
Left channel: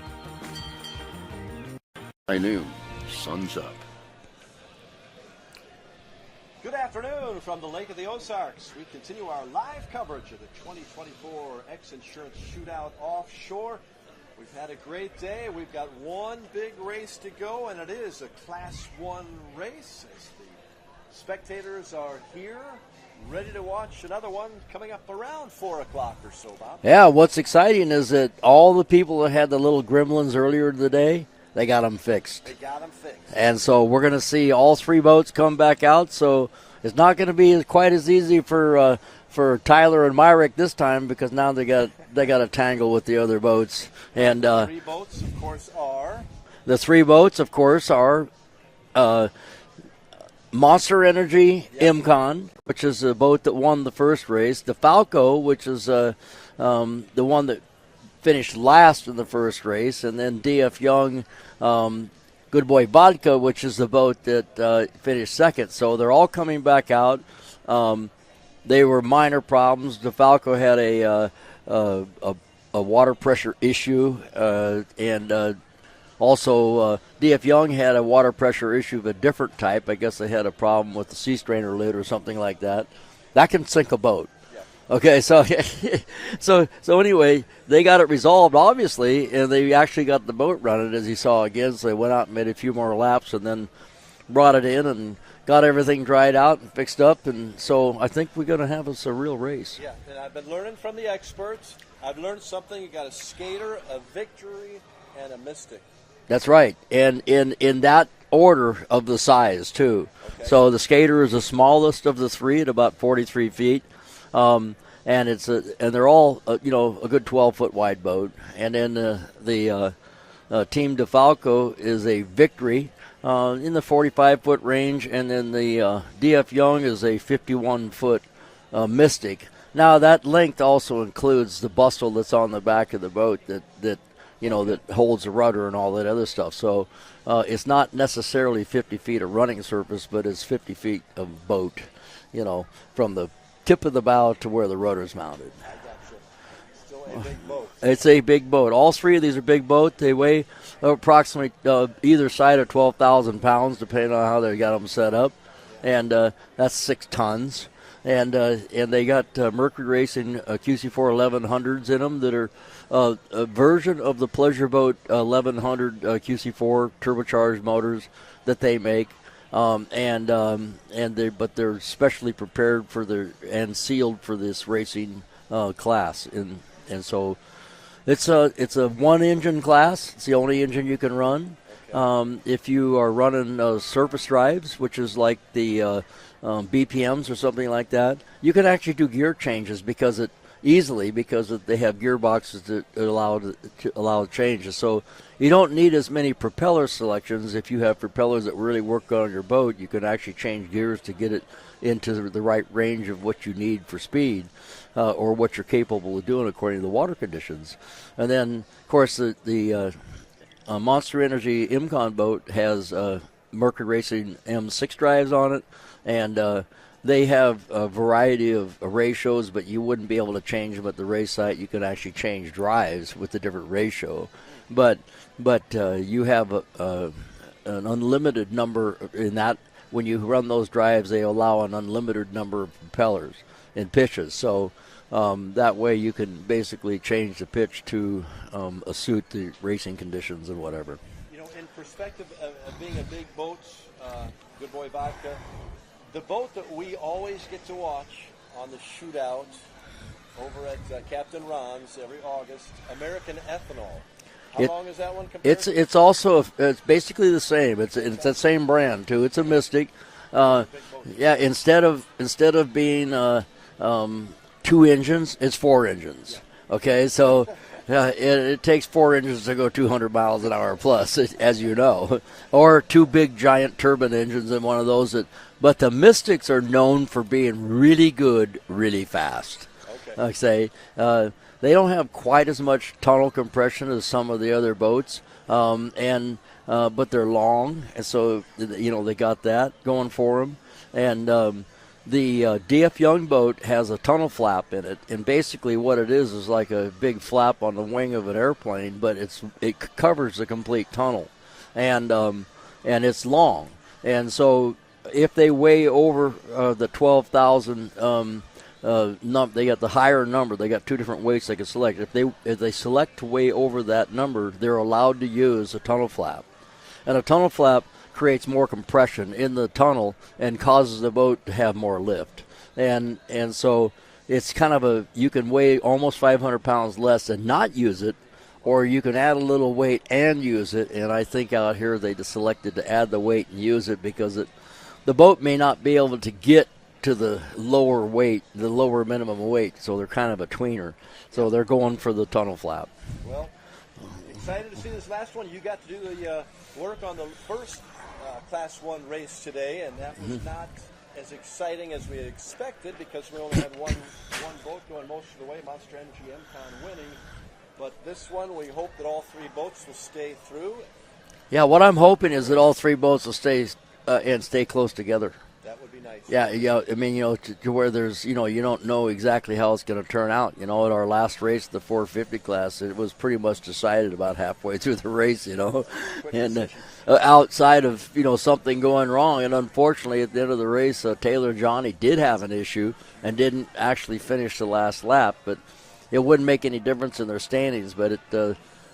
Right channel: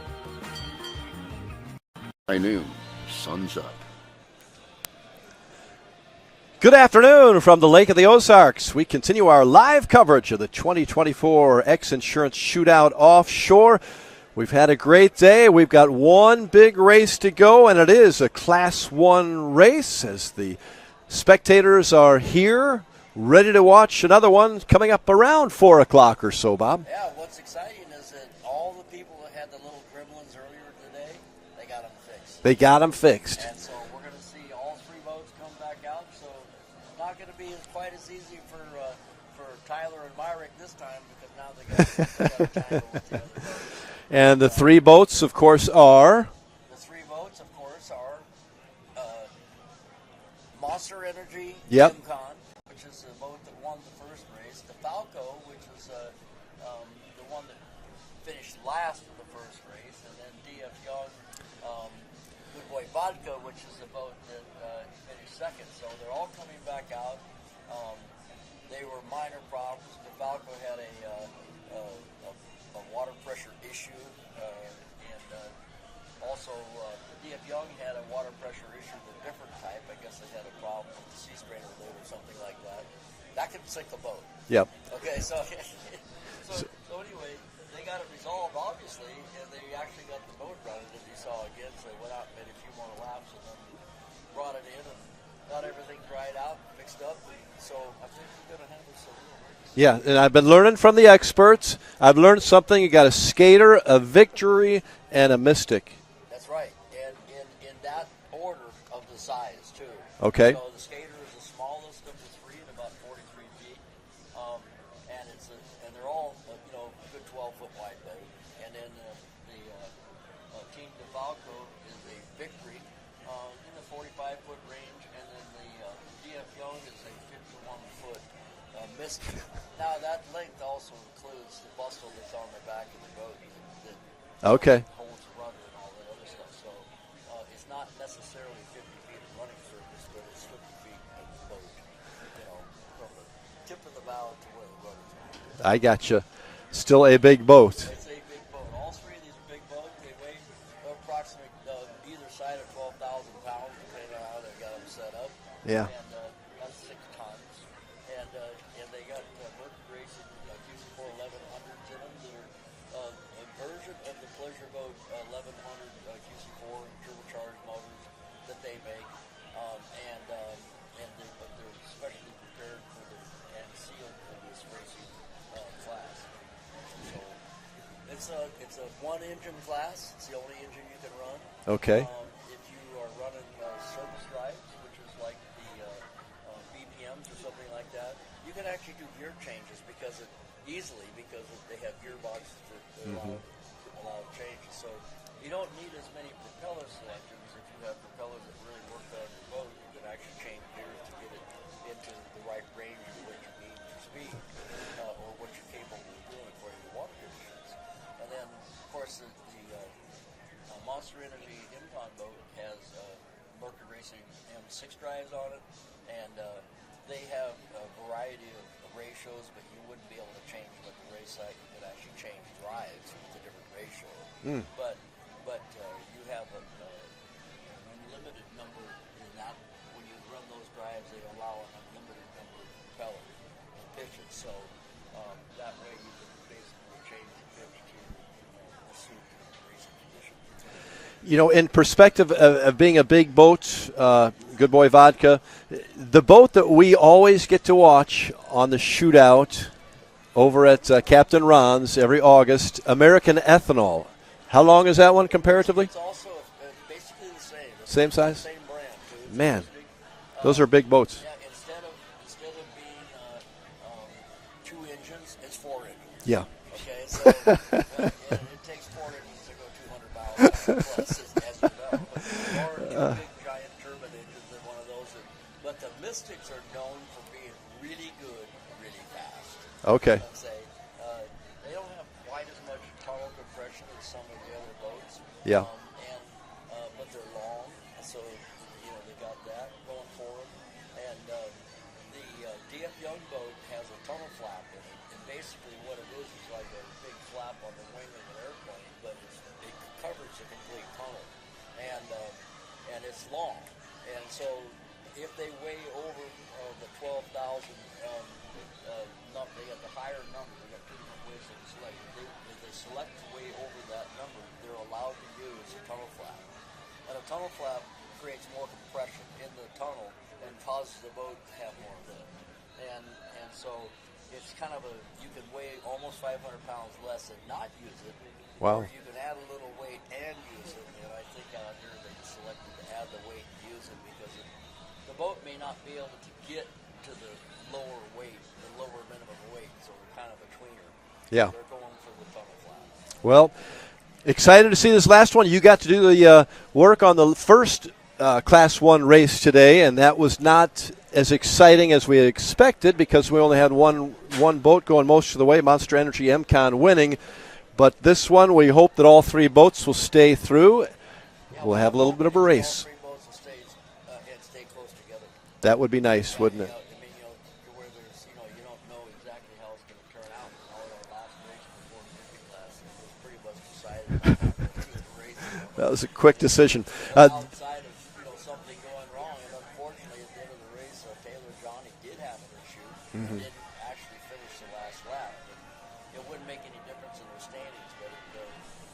High noon, sun's up. Good afternoon from the Lake of the Ozarks. We continue our live coverage of the 2024 X Insurance Shootout Offshore. We've had a great day. We've got one big race to go, and it is a Class 1 race as the spectators are here, ready to watch another one coming up around 4 o'clock or so, Bob. Yeah, what's exciting is that all the people that had the little gremlins earlier today, they got them fixed. They got them fixed. And so we're going to see all three boats come back out. So it's not going to be quite as easy for Tyler and Myrick this time because now they got to tangle with the other boats. And the three boats, of course, are? The three boats, of course, are Monster Energy MCon, which is the boat that won the first race. The Falco, which is the one that finished last in the first race. And then D.F. Young Good Boy Vodka, which is the boat that finished second. So they're all coming back out. They were minor problems. DeFalco had a water pressure issue, and also D.F. Young had a water pressure issue of a different type. I guess they had a problem with the sea strainer lid or something like that. That can sink a boat. Yep. Okay, so anyway, they got it resolved, obviously, and they actually got the boat running, as you saw again. So they went out and made a few more laps and then brought it in and got everything dried out and fixed up. And so I think we're going to have us a real race. Yeah, and I've been learning from the experts. I've learned something. You got a skater, a victory, and a mystic. That's right, and in that order of the size too. Okay. So the skater is the smallest of the three at about 43 feet, and they're all a good 12-foot wide boat. And then the Team DeFalco is a victory in the 45-foot range, and then the D.F. Young is a 51-foot mystic. Now that length also includes the bustle that's on the back of the boat that holds the rudder and all that other stuff. So it's not necessarily 50 feet of running surface, but it's 50 feet of boat, from the tip of the bow to where the rudder's mounted. I gotcha. Still a big boat. It's a big boat. All three of these are big boats. They weigh approximately either side of 12,000 pounds, depending on how they got them set up. Yeah. And that's 6 tons. And they got Mercury Racing QC4 1100s in them that are a version of the Pleasure Boat 1100 QC4 turbocharged motors that they make, but they're specially prepared and sealed for this racing class, and so it's a one engine class. It's the only engine you can run. Okay. If you are running surface drives, which is like the BPMs or something like that, you can actually do gear changes because they have gearboxes that allow changes. So you don't need as many propeller selections. If you have propellers that really work on your boat, you can actually change gears to get it into the right range of what you need for speed, or what you're capable of doing according to the water conditions. And then, of course, the Monster Energy Imcon boat has Mercury Racing M6 drives on it, and they have a variety of ratios, but you wouldn't be able to change them at the race site. You can actually change drives with a different ratio. But you have an unlimited number in that. When you run those drives, they allow an unlimited number of propellers and pitches. So that way you can basically change the pitch to suit the racing conditions and whatever. In perspective of being a big boat, Good Boy Vodka, the boat that we always get to watch on the shootout over at Captain Ron's every August, American Ethanol. How long is that one comparatively? It's also it's basically the same. It's the same brand too. It's a Mystic. Those are big boats. Yeah. Instead of being 2 engines, it's 4 engines. Yeah. Okay, so it takes 4 engines to go 200 miles an hour plus, as you know, or 2 big giant turbine engines in one of those. But the Mystics are known for being really good, really fast. Okay. Like say, they don't have quite as much tunnel compression as some of the other boats, but they're long, and so they got that going for them. And the D.F. Young boat has a tunnel flap in it, and basically what it is like a big flap on the wing of an airplane, but it covers the complete tunnel, and it's long, and so if they weigh over the 12,000. They got the higher number. They got 2 different weights they can select. If they select to weigh over that number, they're allowed to use a tunnel flap, and a tunnel flap creates more compression in the tunnel and causes the boat to have more lift, and so it's kind of you can weigh almost 500 pounds less and not use it. Wow. Or you can add a little weight and use it, and I think out here they just selected to add the weight and use it because the boat may not be able to get to the lower weight, the lower minimum weight, so they're kind of a tweener. So they're going for the tunnel flap. Well, excited to see this last one. You got to do the work on the first Class 1 race today, and that was not as exciting as we expected because we only had one boat going most of the way, Monster Energy MCon winning. But this one, we hope that all 3 boats will stay through. Yeah, what I'm hoping is that all three boats will stay close together. That would be nice. Yeah, I mean, to where there's, you don't know exactly how it's going to turn out. At our last race, the 450 class, it was pretty much decided about halfway through the race. That was a quick decision. Outside of something going wrong, and unfortunately at the end of the race, Taylor Johnny did have an issue and didn't actually finish the last lap. But it wouldn't make any difference in their standings. But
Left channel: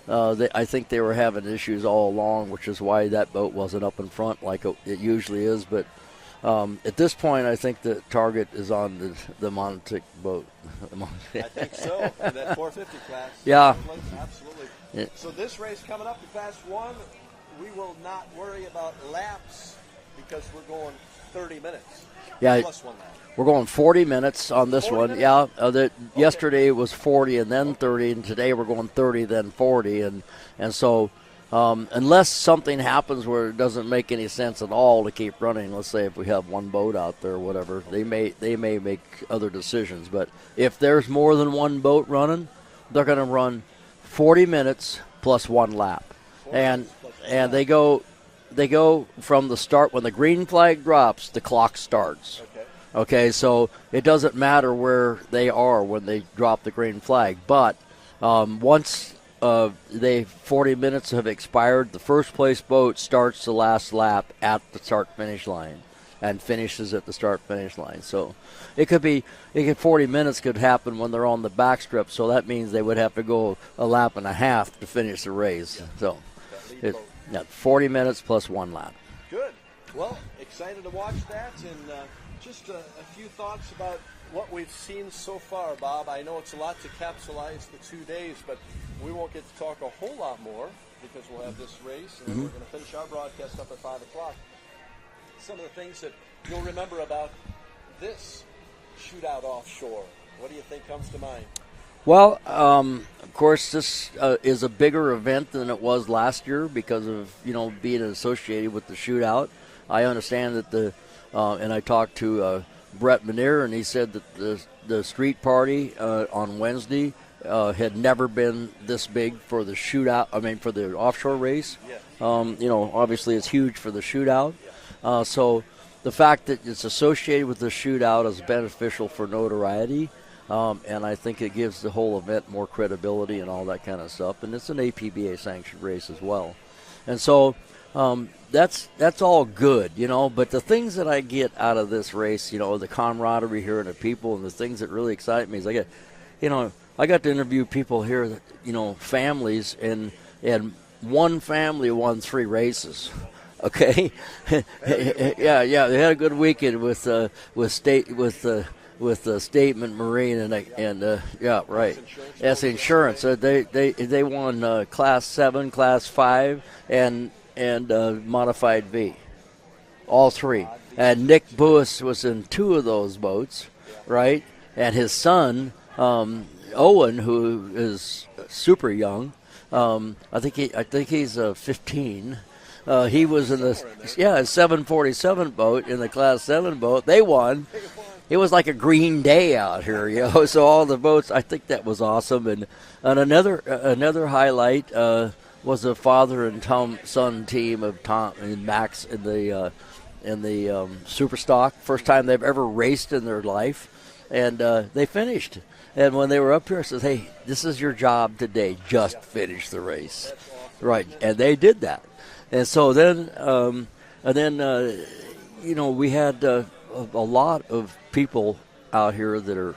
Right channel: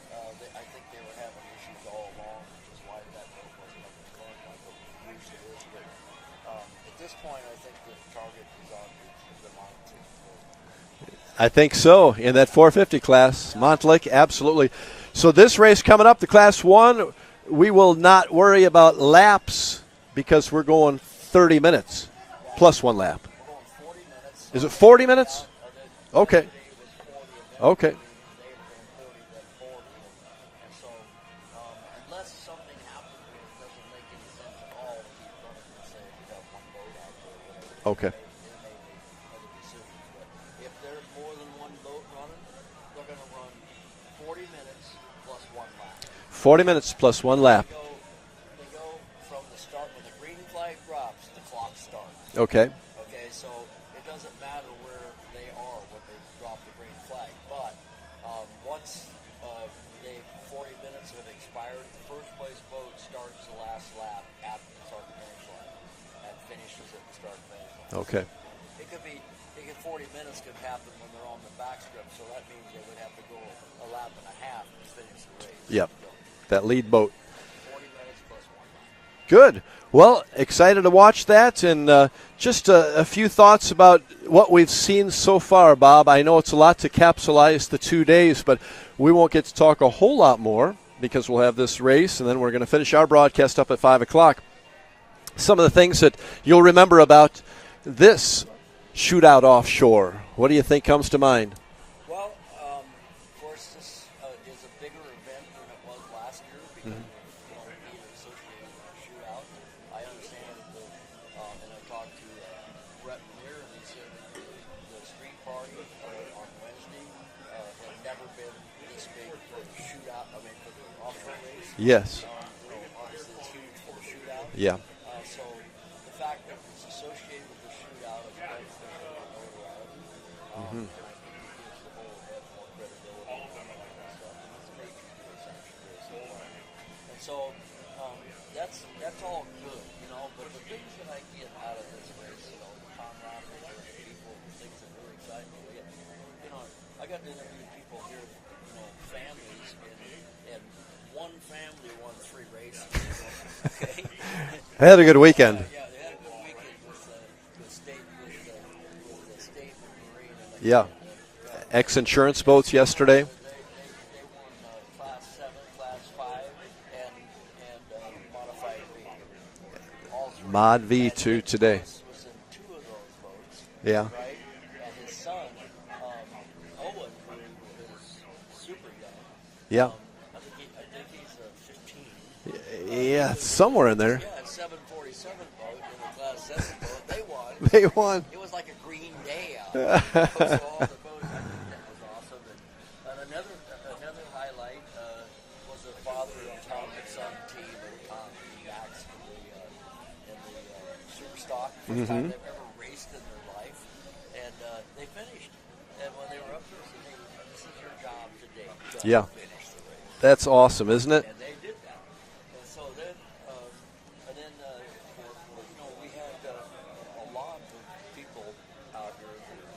I think they were having issues all along, which is why that boat wasn't up in front like it usually is. But at this point, I think the target is on the Montic boat. I think so, in that 450 class. Yeah. Montlick, absolutely. So this race coming up, the Class 1, we will not worry about laps because we're going 30 minutes plus one lap. We're going 40 minutes on this 40 one. minutes? Yeah, yesterday it was 40 and then 30, and today we're going 30, then 40. And so unless something happens where it doesn't make any sense at all to keep running, let's say if we have one boat out there or whatever, they may make other decisions. But if there's more than one boat running, they're going to run 40 minutes plus one lap. 40 minutes plus one lap. They go from the start. When the green flag drops, the clock starts. Okay, so it doesn't matter where they are when they drop the green flag. But once 40 minutes have expired, the first place boat starts the last lap at the start-finish line and finishes at the start-finish line. Okay. So it could 40 minutes could happen when they're on the backstrip, so that means they would have to go a lap and a half to finish the race. Yeah. So that lead boat. Yeah, 40 minutes plus one lap. Good. Well, excited to watch that, and just a few thoughts about what we've seen so far, Bob. I know it's a lot to capsulize the 2 days, but we won't get to talk a whole lot more because we'll have this race, and then we're going to finish our broadcast up at 5 o'clock. Some of the things that you'll remember about this Shootout Offshore, what do you think comes to mind? Well, of course, this is a bigger event than it was last year because of being associated with the shootout. I understand that and I talked to Brett Manier, and he said that the street party on Wednesday had never been this big for the shootout. I mean, for the offshore race. Yes. Obviously it's huge for the shootout. Yeah. So the fact that it's associated with the shootout is beneficial for notoriety. And I think it gives the whole event more credibility and all that kind of stuff. And it's an APBA sanctioned race as well. And so that's all good, But the things that I get out of this race, the camaraderie here and the people, and the things that really excite me is I got to interview people here that, families, and one family won 3 races. Okay. They had a good weekend. Yeah, they had a good weekend with Statement Marine and right. Ex-insurance boats yesterday. They won Class 7, Class 5, and Modified V. All 3. Mod V and Nick Buis was in 2 of those boats. Yeah. Right? And his son, Owen, who is super young. Yeah. I think he's 15. He was somewhere in there. Yeah, a 747 boat in the Class 7 boat. They won. They won. It was like a green day out here, So all the boats. I think that was awesome. And another highlight was the father and son team of Tom and Max in the Superstock. First time they've ever raced in their life, and they finished. And when they were up here, I said, "Hey, this is your job today. Just finish the race." That's awesome, right. isn't it? And they did that. And so then, we had a lot of people out here that are,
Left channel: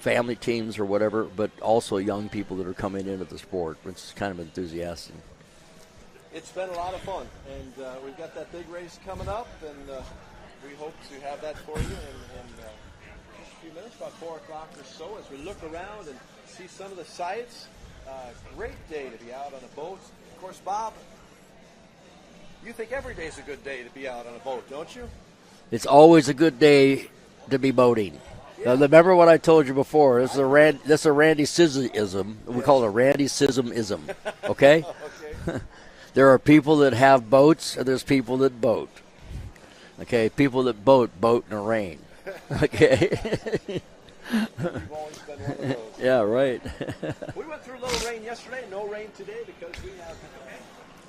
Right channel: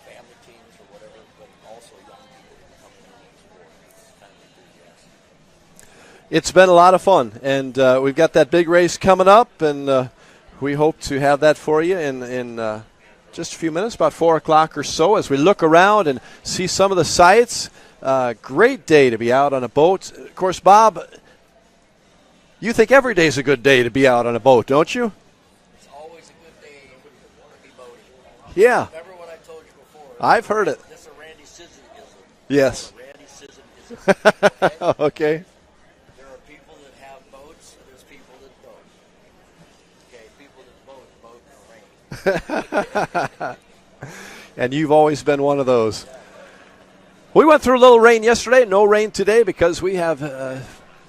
family teams or whatever, but also young people that are coming into the sport, which is kind of enthusiastic. It's been a lot of fun, and we've got that big race coming up, and we hope to have that for you in just a few minutes, about 4 o'clock or so, as we look around and see some of the sights. Great day to be out on a boat. Of course, Bob, you think every day is a good day to be out on a boat, don't you? It's always a good day to be boating. Yeah. So remember what I told you before. I've heard it. That's a Randy Sism-ism. We Yes. call it a Randy Sism-ism. Okay? Okay. There are people that have boats, and there's people that boat. Okay, people that boat in the rain. Okay. And you've always been one of those. Yeah, right. We went through a little rain yesterday, no rain today because we have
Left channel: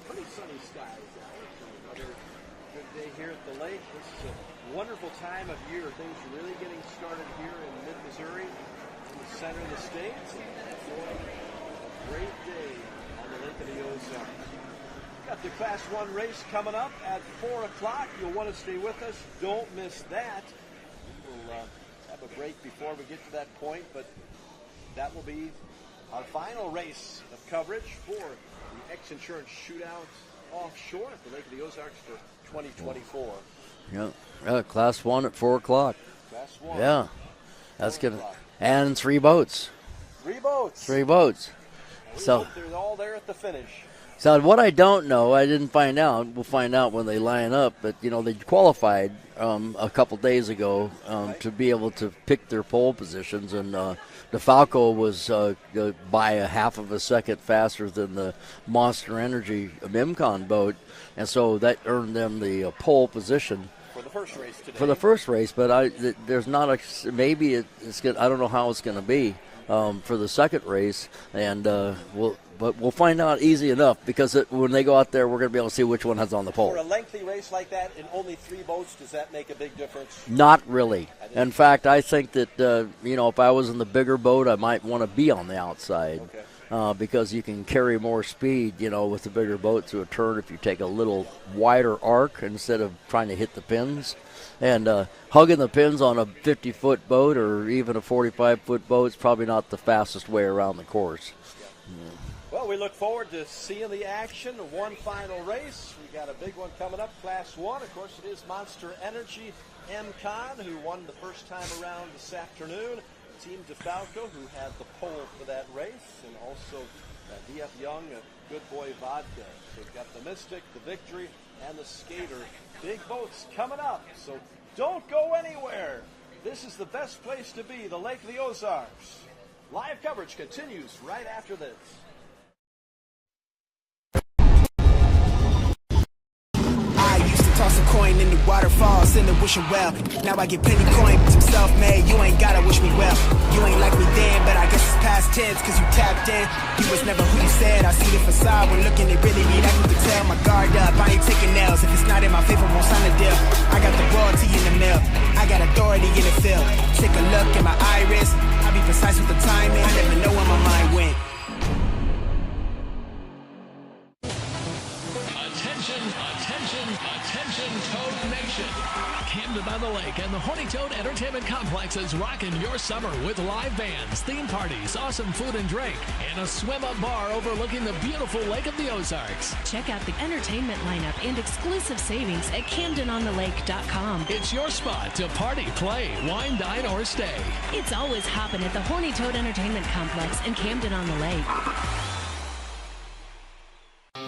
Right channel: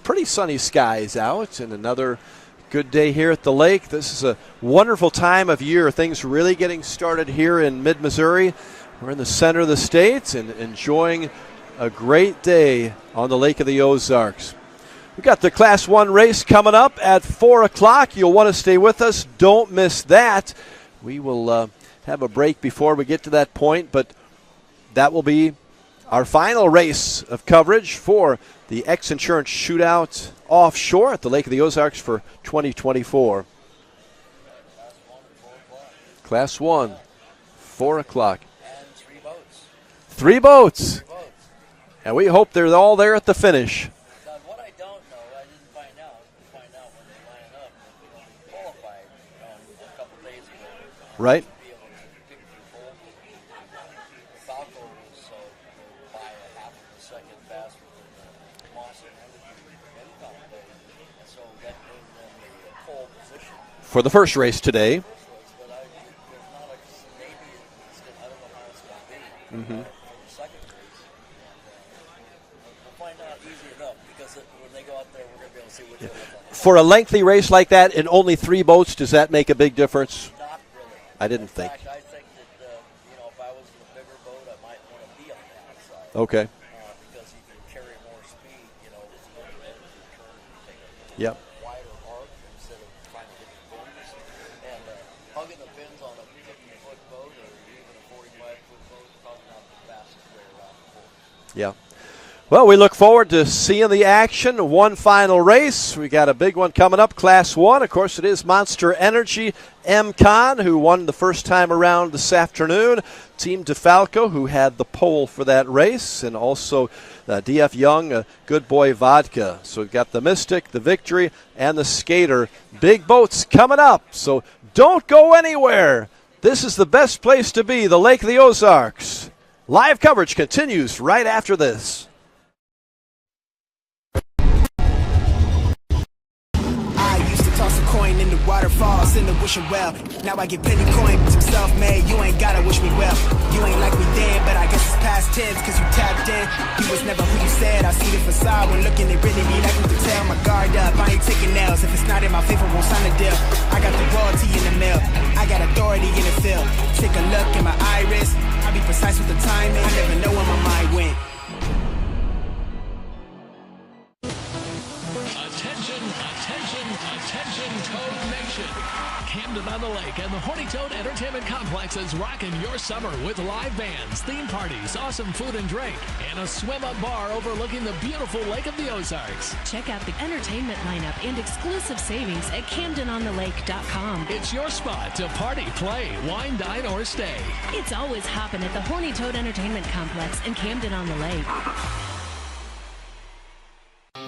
pretty sunny skies out, and another good day here at the lake. This is a wonderful time of year. Things really getting started here in mid-Missouri. We're in the center of the state and enjoying a great day on the Lake of the Ozarks. We've got the Class 1 race coming up at 4 o'clock. You'll want to stay with us. Don't miss that. We will have a break before we get to that point, but that will be our final race of coverage for the X Insurance Shootout Offshore at the Lake of the Ozarks for 2024. Yeah, Class 1 at 4 o'clock. Class 1, yeah. 4 o'clock. And 3 boats. 3 boats. 3 boats. And we hope they're all there at the finish. So what I don't know, I didn't find out. We'll find out when they line up. But, they qualified a couple days ago to be able to pick their pole positions. And DeFalco was by a half of a second faster than the Monster Energy Mimcon boat. And so that earned them the pole position. For the first race today. For the first race, but there's not maybe it's good. I don't know how it's going to be for the second race, and we'll find out easy enough because when they go out there, we're going to be able to see which one has on the pole. For a lengthy race like that and only 3 boats, does that make a big difference? Not really. In fact, I think that if I was in the bigger boat, I might want to be on the outside. Okay. Because you can carry more speed, with the bigger boat to a turn if you take a little wider arc instead of trying to hit the pins. And hugging the pins on a 50-foot boat or even a 45-foot boat is probably not the fastest way around the course. Yeah. Well, we look forward to seeing the action. One final race. We got a big one coming up, Class 1. Of course, it is Monster Energy MCon, who won the first time around this afternoon. Team DeFalco, who had the pole for that race, and also DF Young, Good Boy Vodka. So we've got the Mystic, the Victory, and the Skater. Big boats coming up, so don't go anywhere. This is the best place to be, the Lake of the Ozarks. Live coverage continues right after this. Toss a coin in the waterfalls in the wishing well. Now I get plenty coin, but I'm self-made. You ain't gotta wish me well. You ain't like me then, but I guess it's past tense, cause you tapped in. You was never who you said. I see the facade when looking, they really be like me to tell. My guard up, I ain't taking nails. If it's not in my favor, won't sign a deal. I got the royalty in the mill. I got authority in the field. Take a look at my iris. I be precise with the timing. I never know where my mind went. Attention, Toad Nation. Camden on the Lake and the Horny Toad Entertainment Complex is rocking your summer with live bands, theme parties, awesome food and drink, and a swim-up bar overlooking the beautiful Lake of the Ozarks. Check out the entertainment lineup and exclusive savings at CamdenOnTheLake.com. It's your spot to party, play, wine, dine, or stay. It's always hopping at the Horny Toad Entertainment Complex in Camden on the Lake.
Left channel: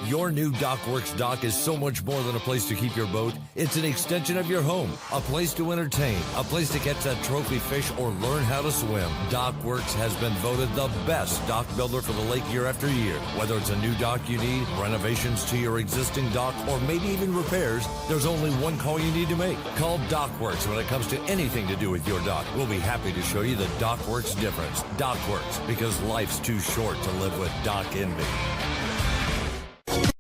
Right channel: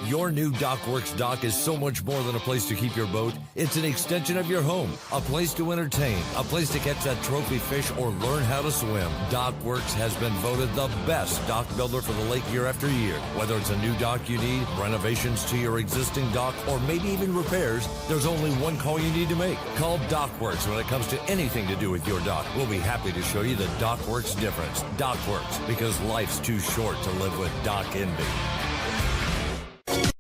Your new DockWorks dock is so much more than a place to keep your boat. It's an extension of your home, a place to entertain, a place to catch that trophy fish or learn how to swim. DockWorks has been voted the best dock builder for the lake year after year. Whether it's a new dock you need, renovations to your existing dock, or maybe even repairs, there's only one call you need to make. Call DockWorks when it comes to anything to do with your dock. We'll be happy to show you the DockWorks difference. DockWorks, because life's too short to live with dock envy.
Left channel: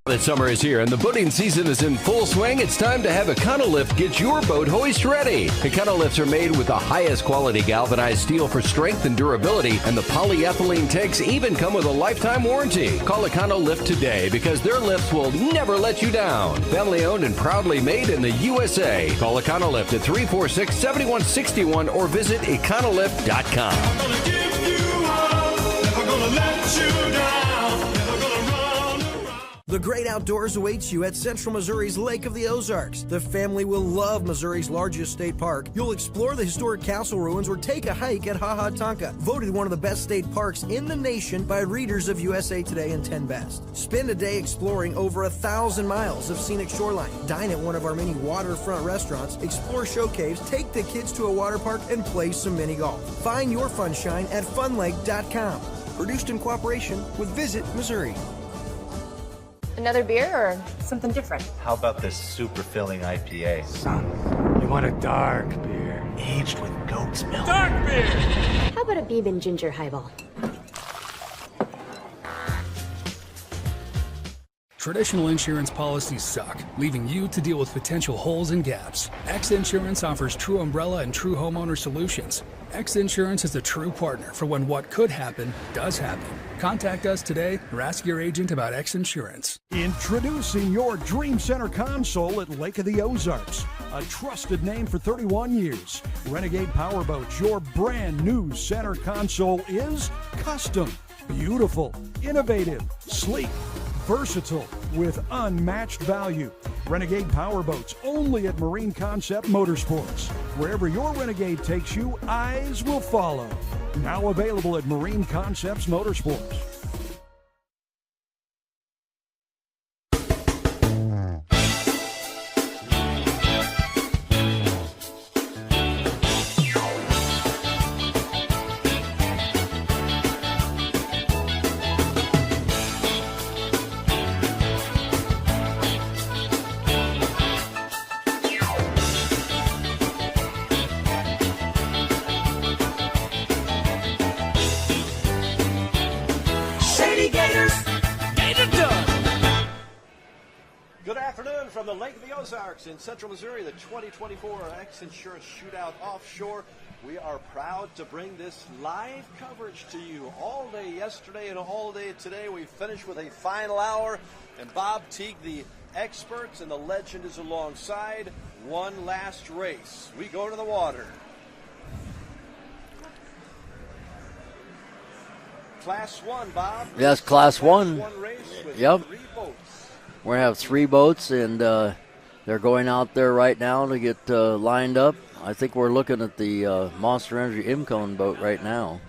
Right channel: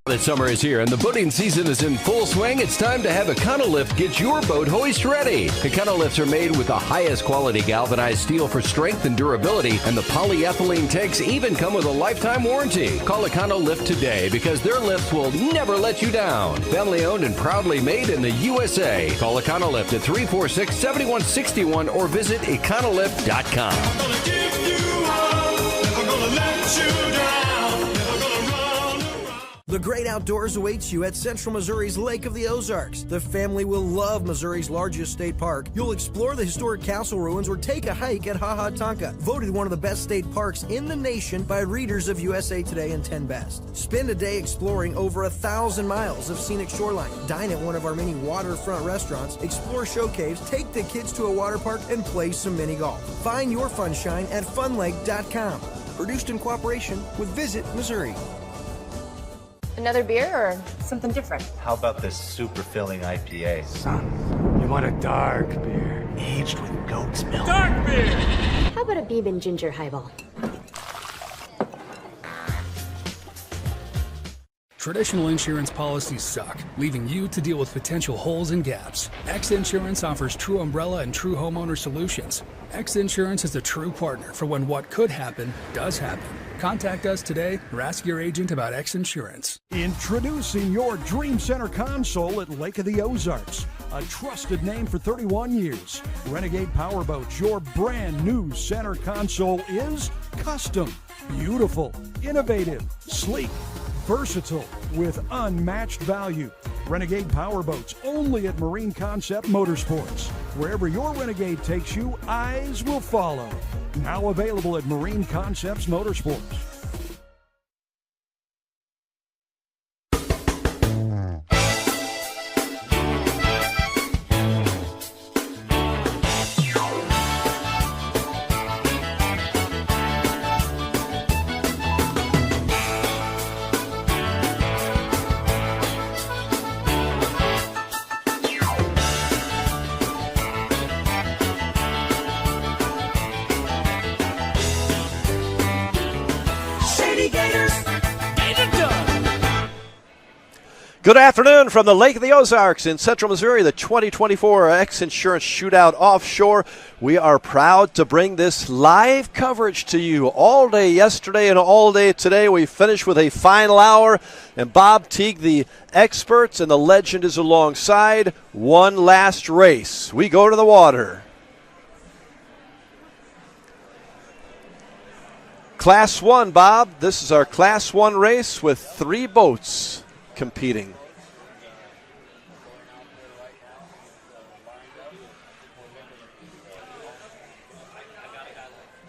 That summer is here and the boating season is in full swing. It's time to have Econolift get your boat hoist ready. Econolifts are made with the highest quality galvanized steel for strength and durability, and the polyethylene tanks even come with a lifetime warranty. Call Econolift today because their lifts will never let you down. Family owned and proudly made in the USA. Call Econolift at 346-7161 or visit econolift.com. I'm gonna give you up, never gonna let you down, never gonna run. The great outdoors awaits you at Central Missouri's Lake of the Ozarks. The family will love Missouri's largest state park. You'll explore the historic castle ruins or take a hike at Ha Ha Tonka, voted one of the best state parks in the nation by readers of USA Today and 10 Best. Spend a day exploring over 1,000 miles of scenic shoreline. Dine at one of our many waterfront restaurants, explore show caves, take the kids to a water park, and play some mini golf. Find your funshine at funlake.com. Produced in cooperation with Visit Missouri. Another beer or something different? How about this super filling IPA? Son, you want a dark beer. Aged with goat's milk. Dark beer! How about a bourbon ginger highball? Traditional insurance policies suck, leaving you to deal with potential holes and gaps. X Insurance offers true umbrella and true homeowner solutions. X Insurance is a true partner for when what could happen does happen. Contact us today or ask your agent about X Insurance. Introducing your Dream Center console at Lake of the Ozarks. A trusted name for 31 years. Renegade Powerboats, your brand new center console is custom, beautiful, innovative, sleek, versatile, with unmatched value. Renegade Powerboats, only at Marine Concept Motorsports. Wherever your Renegade takes you, eyes will follow. Now available at Marine Concepts Motorsports. Good afternoon from the Lake of the Ozarks in central Missouri, the 2024 X Insurance Shootout Offshore. We are proud to bring this live coverage to you all day yesterday and all day today. We finished with a final hour, and Bob Teague, the experts and the legend, is alongside. One last race. We go to the water. Class 1, Bob. Yes, this is our Class 1 1 race with 3 boats. We're going to have 3 boats, and they're going out there right now to get lined up. I think we're looking at the Monster Energy Imcone boat right now.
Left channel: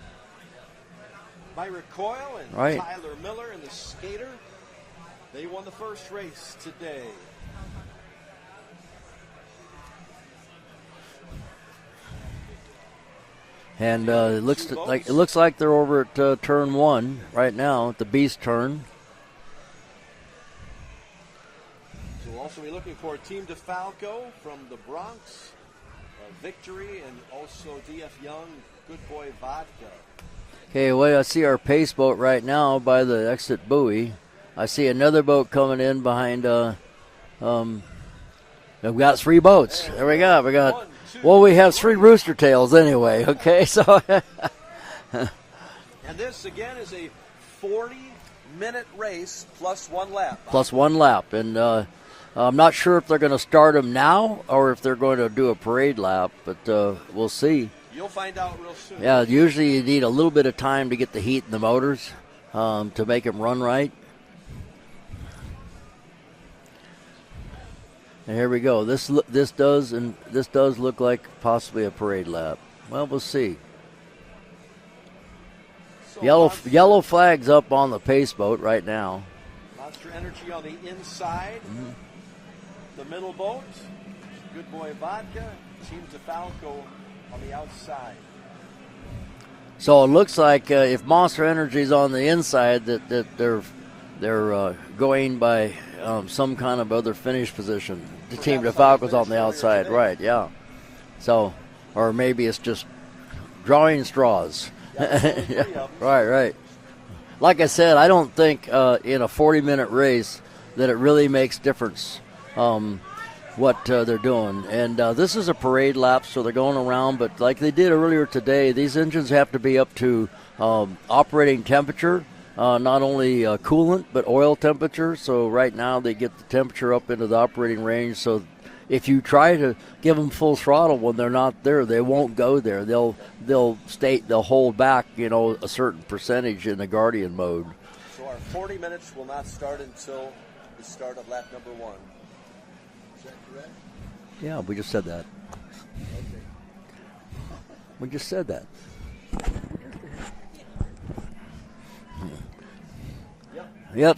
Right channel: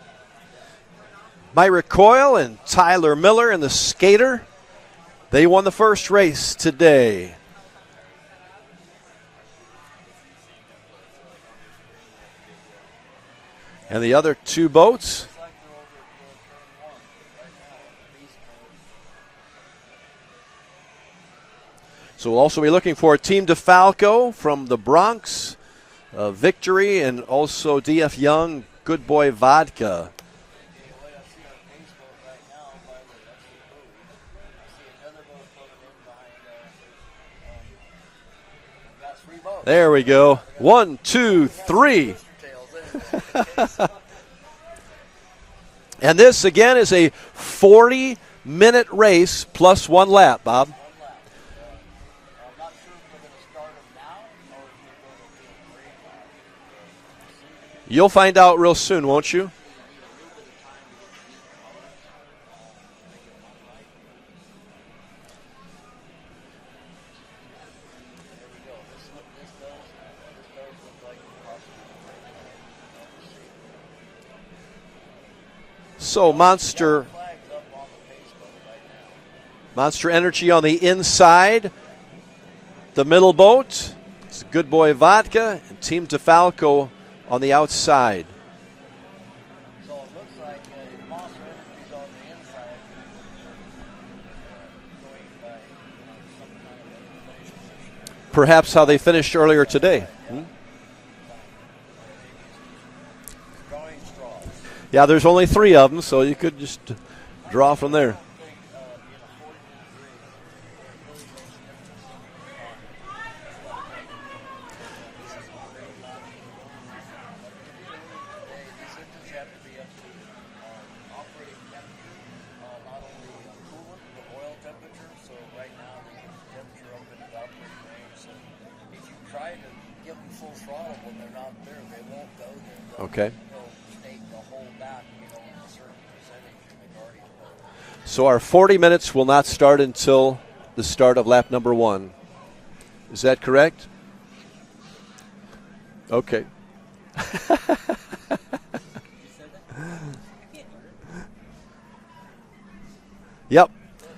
Myra Coyle and Tyler Miller and the Skater. They won the first race today. And the other 2 boats. It looks like they're over at turn 1 right now, at the Beast turn. So we'll also be looking for Team DeFalco from the Bronx, Victory, and also DF Young, Good Boy Vodka. Okay, well, I see our pace boat right now by the exit buoy. I see another boat coming in behind. We've got 3 boats. There we go. We got 1, 2, well, we have 3 3 rooster tails anyway. Okay, so. And this again is a 40-minute race plus 1 lap, Bob. Plus 1 lap, and I'm not sure if they're going to start them now or if they're going to do a parade lap, but we'll see. You'll find out real soon, won't you? Usually you need a little bit of time to get the heat in the motors to make them run right. And here we go. This does look like possibly a parade lap. Well, we'll see. So yellow flags up on the pace boat right now. Monster Energy on the inside. The middle boat, it's Good Boy Vodka, and Team DeFalco on the outside. So it looks like if Monster Energy's on the inside, that they're going by some kind of other finish position. Perhaps how they finished earlier today. Right, yeah. So, or maybe it's just drawing straws. Yeah, there's only 3 of them, so you could just like I said, I don't think in a 40-minute race that it really makes difference what they're doing. And this is a parade lap, so they're going around. But like they did earlier today, these engines have to be up to operating temperature, not only coolant, but oil temperature. So right now they get the temperature up into the operating range. So if you try to give them full throttle when they're not there, they won't go there. They'll hold back, a certain percentage in the Guardian mode. So our 40 minutes will not start until the start of lap number 1. Is that correct? Yeah, we just said that. Okay. We just said that. Yep.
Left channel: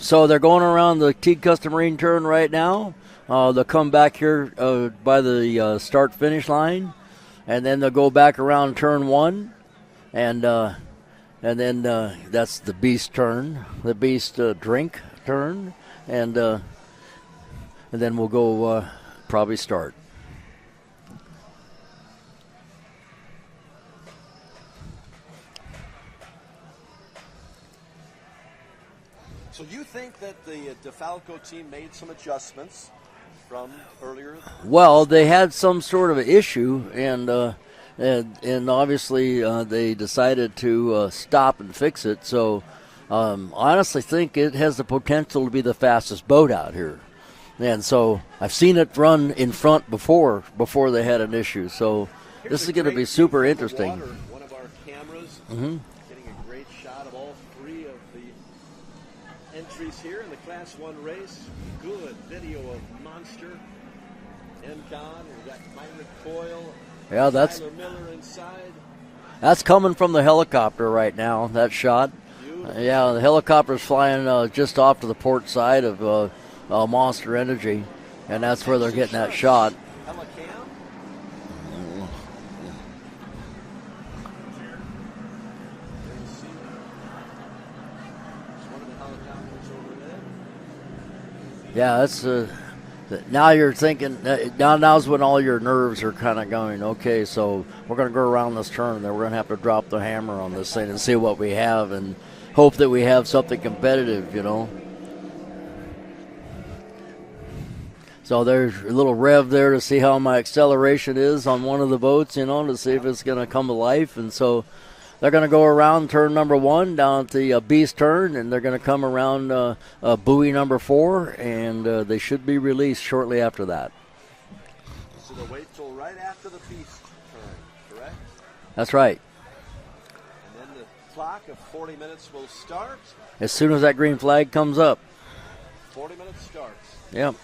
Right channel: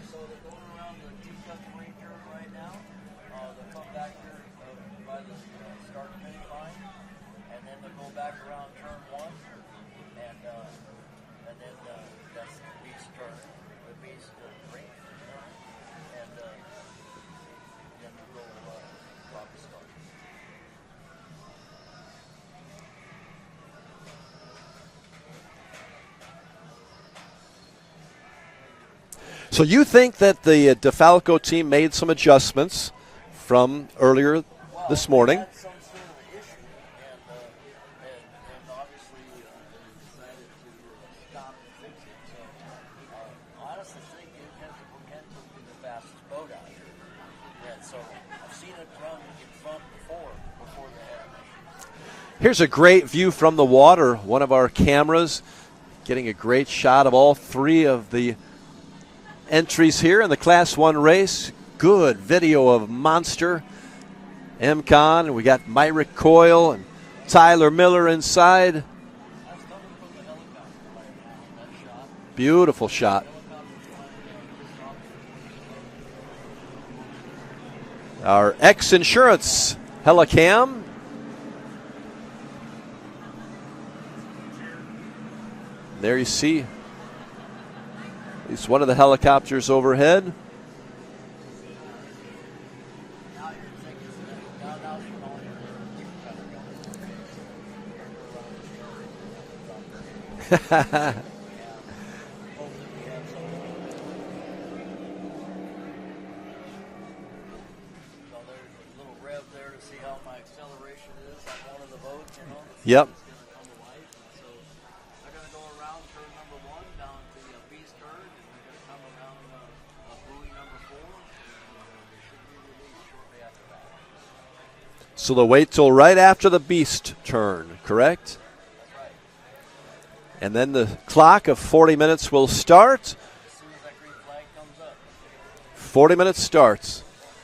So they're going around the Teague Custom Marine turn right now. They'll come back here by the start-finish line, and then they'll go back around turn 1, and then that's the Beast turn, the Beast drink turn, and then we'll go probably start. So you think that the DeFalco team made some adjustments from earlier? Well, this morning? they had some sort of issue, and obviously they decided to stop and fix it. So I honestly think it has the potential to be the fastest boat out here. And so I've seen it run in front before they had an issue. So here's a great view from the water. One of our cameras getting a great shot of all three of the entries here in the Class 1 race. Good video of Monster, MCon, and we got Myrick Coyle and Tyler Miller inside. That's coming from the helicopter right now, that shot. Beautiful shot. Yeah, the helicopter's flying just off to the port side of Monster Energy. Our X-Insurance Helicam. There you see. It's one of the helicopters overhead. Yeah, that's now you're thinking. Now's when all your nerves are kind of going. Okay, so we're going to go around this turn. Then we're going to have to drop the hammer on this thing and see what we have, and hope that we have something competitive. So there's a little rev there to see how my acceleration is on one of the boats. To see if it's going to come to life, and so. They're going to go around turn number 1 down at the Beast turn, and they're going to come around buoy number 4, and they should be released shortly after that. So they'll wait till right after the Beast turn, correct? That's right. And then the clock of 40 minutes will start. As soon as that green flag comes up. 40 minutes starts. Yep.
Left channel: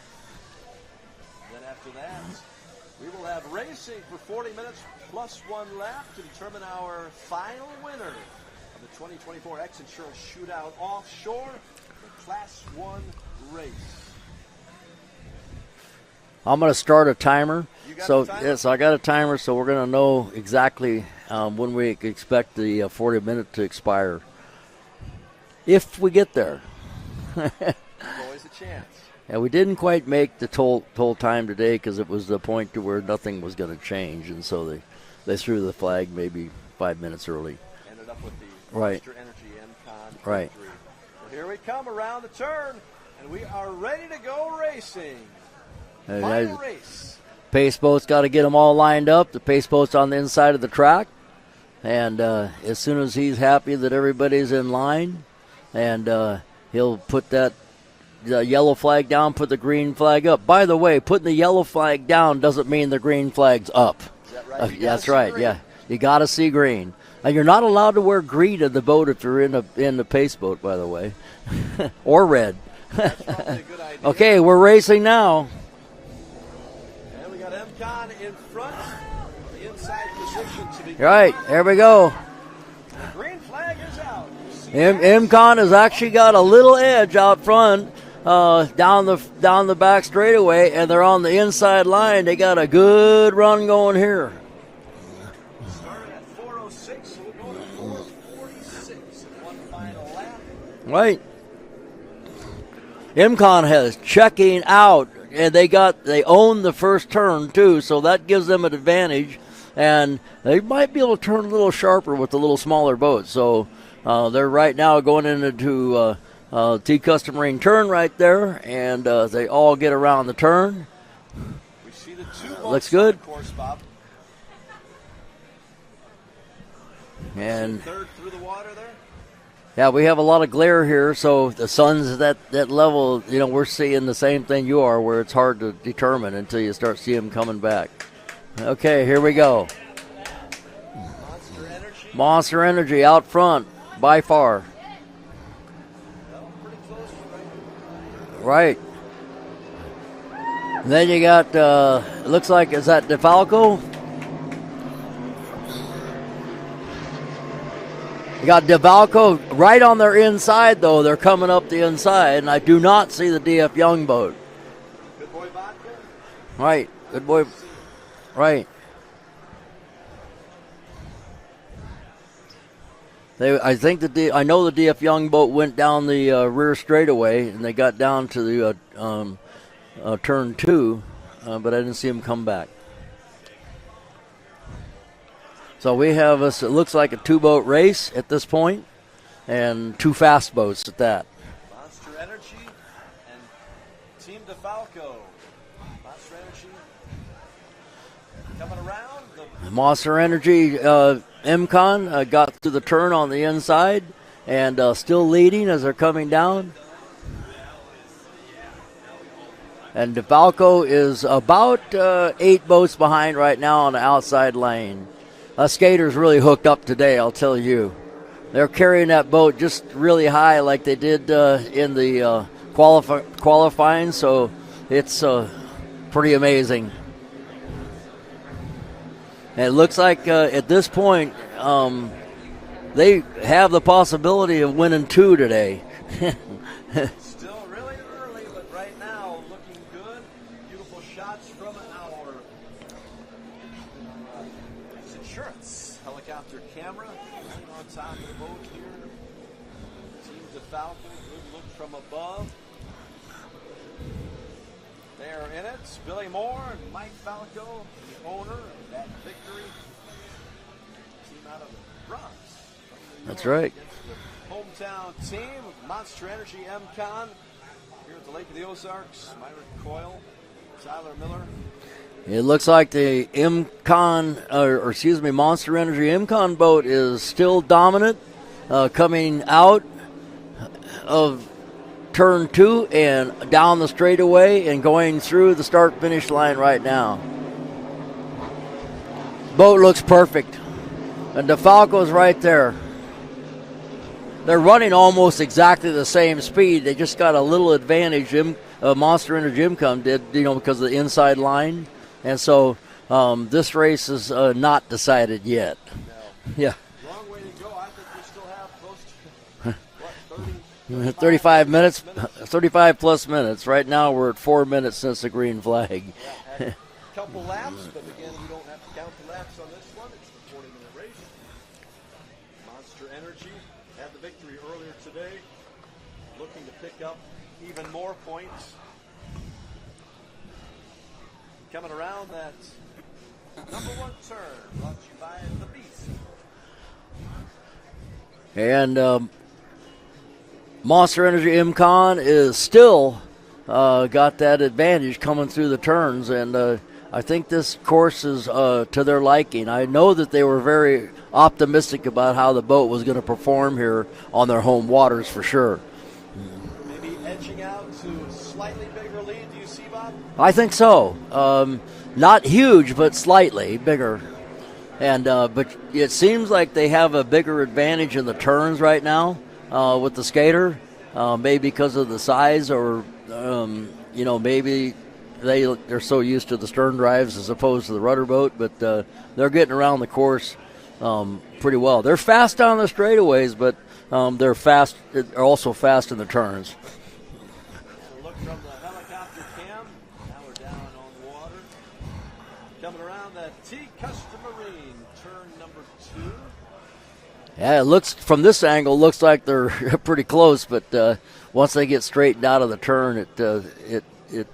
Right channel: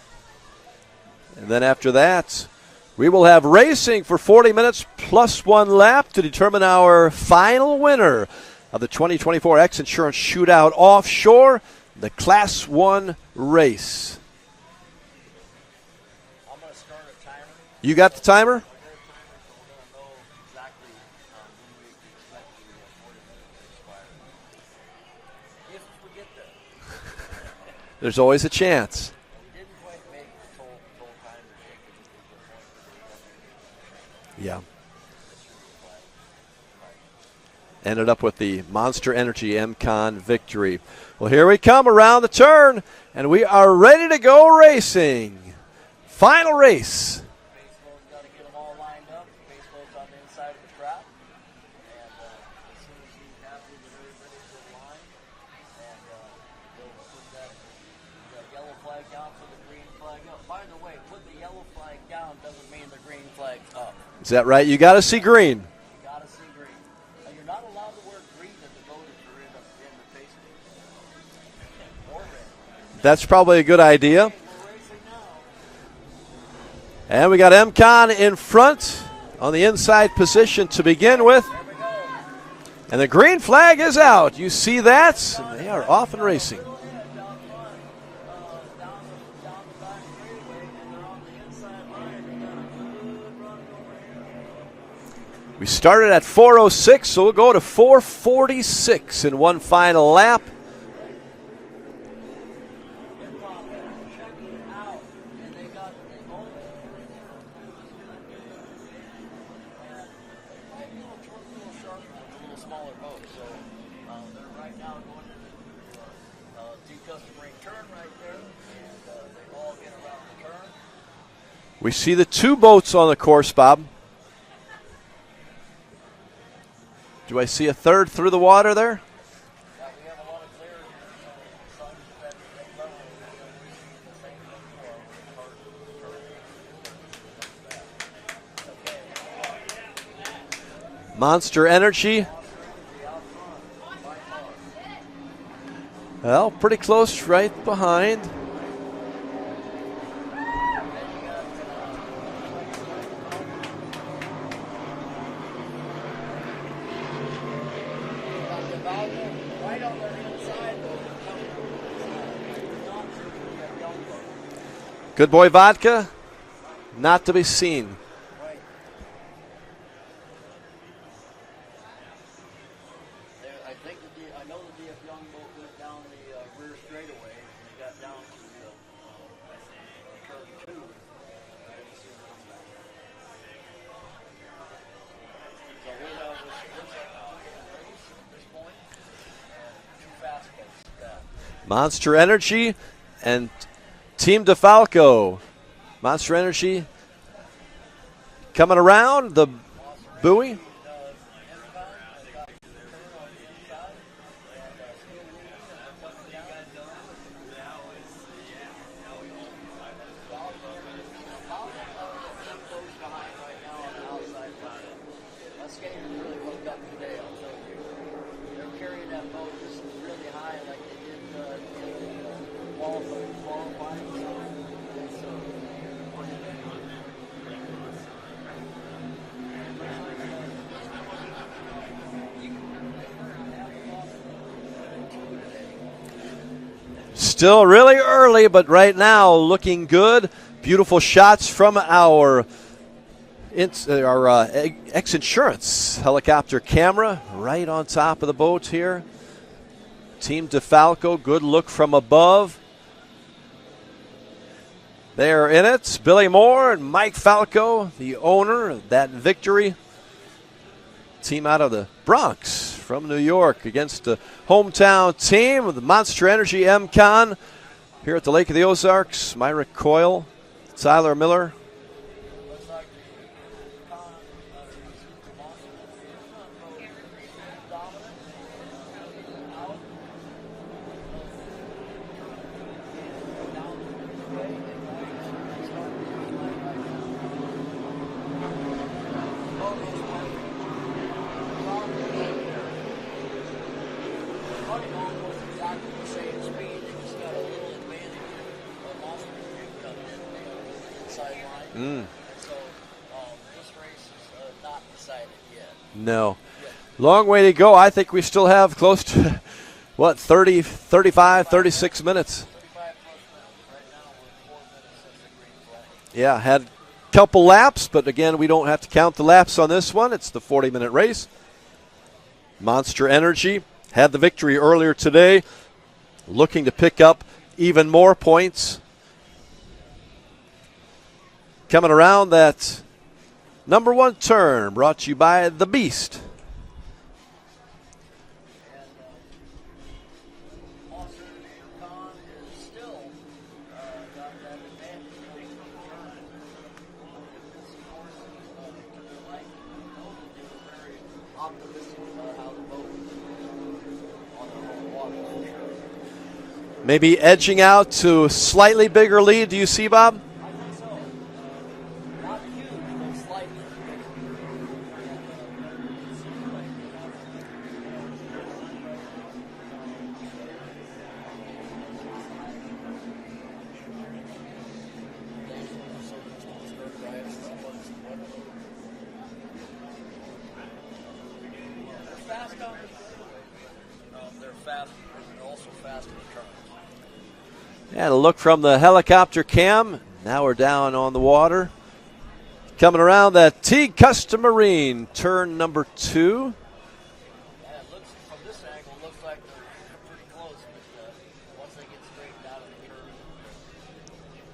And then after that, we will have racing for 40 minutes plus 1 lap to determine our final winner of the 2024 X-Insurance Shootout Offshore, the Class 1 race. I'm going to start a timer. You got the timer? Yes, I got a timer, so we're going to know exactly when we expect the 40 minute to expire. If we get there. There's always a chance. Yeah, we didn't quite make the toll time today because it was the point to where nothing was going to change, and so they threw the flag maybe 5 minutes early. Ended up with the Monster Energy MCon victory. Right. Well, here we come around the turn, and we are ready to go racing. Final race. Pace boat's got to get them all lined up. The pace boat's on the inside of the track, and as soon as he's happy that everybody's in line, and he'll put the yellow flag down, put the green flag up. By the way, putting the yellow flag down doesn't mean the green flag's up. Is that right? You got to see green. Yeah. You got to see green. And you're not allowed to wear green in the boat if you're in the pace boat, by the way, or red. That's probably a good idea. Okay, we're racing now. And we got MCon in front on the inside position to begin with. There we go. And the green flag is out. You see that? MCon has actually got a little edge out front. Down the back straightaway, and they're on the inside line. They got a good run going here. We started at 4:06, so we'll go to 4:46 in one final lap. Right. MCon has checking out, and they own the first turn too, so that gives them an advantage, and they might be able to turn a little sharper with the little smaller boat. So they're right now going into T Custom Marine turn right there, and they all get around the turn. We see the 2 boats on the course, Bob. Do I see a third through the water there? Yeah, we have a lot of glare here, so the sun's at that level. We're seeing the same thing you are, where it's hard to determine until you start seeing them coming back. Okay, here we go. Monster Energy. Monster Energy out front by far. Well, pretty close right behind. Right. And then you got, it looks like, is that DeFalco? You got DeFalco right on their inside, though. They're coming up the inside, and I do not see the DF Young boat. Good Boy Vodka? Right. Not to be seen. Right. I know the DF Young boat went down the rear straightaway, and they got down to the turn 2, but I didn't see them come back. So we have it looks like a 2-boat race at this point, and 2 fast boats at that. Monster Energy and Team DeFalco. Monster Energy coming around. The Monster Energy MCon got through the turn on the inside and still leading as they're coming down. And DeFalco is about 8 boats behind right now on the outside lane. Skaters really hooked up today, I'll tell you. They're carrying that boat just really high like they did in the qualifying, so it's pretty amazing. And it looks like at this point they have the possibility of winning 2 today. Still really early, but right now looking good. Beautiful shots from our X-Insurance helicopter camera right on top of the boat here. Team DeFalco, good look from above. They are in it. Billy Moore and Mike Falco, the owner of that victory. Team out of the Bronx from New York against the hometown team of the Monster Energy MCon here at the Lake of the Ozarks. Myrick Coyle, Tyler Miller. It looks like the Monster Energy MCon boat is still dominant, coming out of turn 2 and down the straightaway and going through the start-finish line right now. Boat looks perfect. And DeFalco's right there. They're running almost exactly the same speed. They just got a little advantage. Monster Energy MCon did, because of the inside line. And so this race is not decided yet. No. Yeah. Long way to go. I think we still have close to, 35, 36 minutes. 35 plus minutes. Right now we're at 4 minutes since the green flag. Yeah, had a couple laps, but again, we don't have to count the laps on this one. It's the 40-minute race. Monster Energy had the victory earlier today, looking to pick up even more points. Coming around that number 1 turn, brought to you by the Beast. And Monster Energy MCon is still got that advantage coming through the turns, and I think this course is to their liking. I know that they were very optimistic about how the boat was going to perform here on their home waters for sure. Maybe edging out to a slightly bigger lead. Do you see, Bob? I think so. Not huge, but slightly bigger. And but it seems like they have a bigger advantage in the turns right now with the skater, maybe because of the size, or maybe they're so used to the stern drives as opposed to the rudder boat. But they're getting around the course pretty well. They're fast down the straightaways, but they're also fast in the turns. And a look from the helicopter cam. Now we're down on the water. Coming around that Teague Custom Marine, turn number 2. Yeah, it looks from this angle looks like they're pretty close, but once they get straightened out of the turn, it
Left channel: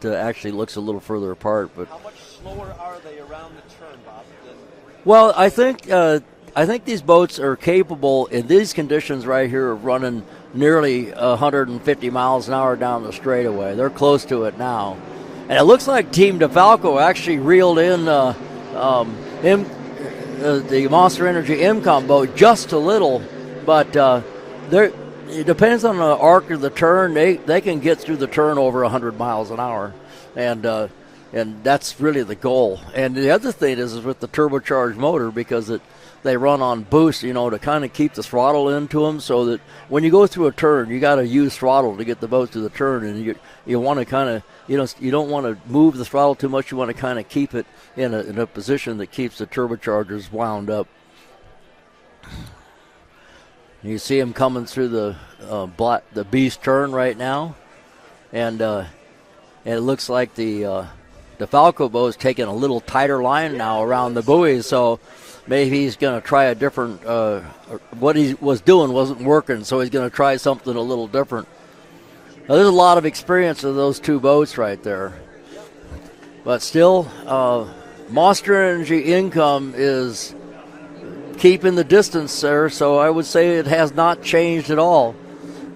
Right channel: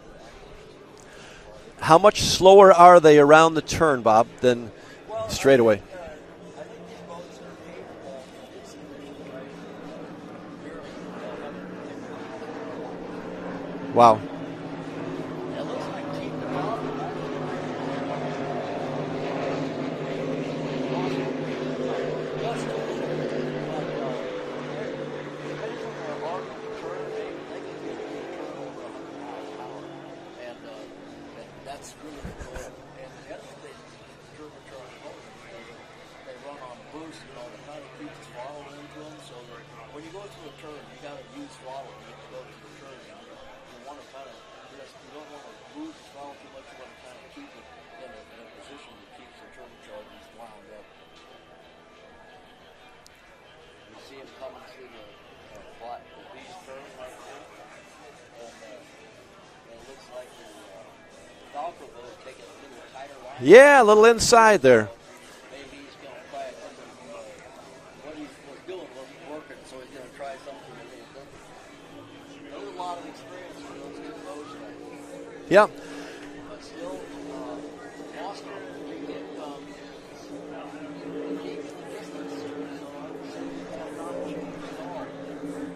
actually looks a little further apart. But how much slower are they around the turn, Bob, than I think these boats are capable in these conditions right here of running nearly 150 miles an hour down the straightaway. They're close to it now. And it looks like Team DeFalco actually reeled in the Monster Energy MCon boat just a little, but it depends on the arc of the turn. They can get through the turn over 100 miles an hour, and that's really the goal. And the other thing is with the turbocharged motor, because they run on boost, to kind of keep the throttle into them, so that when you go through a turn, you got to use throttle to get the boat through the turn, and you want to kind of, you don't want to move the throttle too much. You want to kind of keep it in a position that keeps the turbochargers wound up. You see him coming through the Beast turn right now, and it looks like the Falco boat is taking a little tighter line now around the buoy, so maybe he's going to try a different. What he was doing wasn't working, so he's going to try something a little different. Now, there's a lot of experience of those two boats right there. Yep. But still, Monster Energy income is keeping the distance there, so I would say it has not changed at all.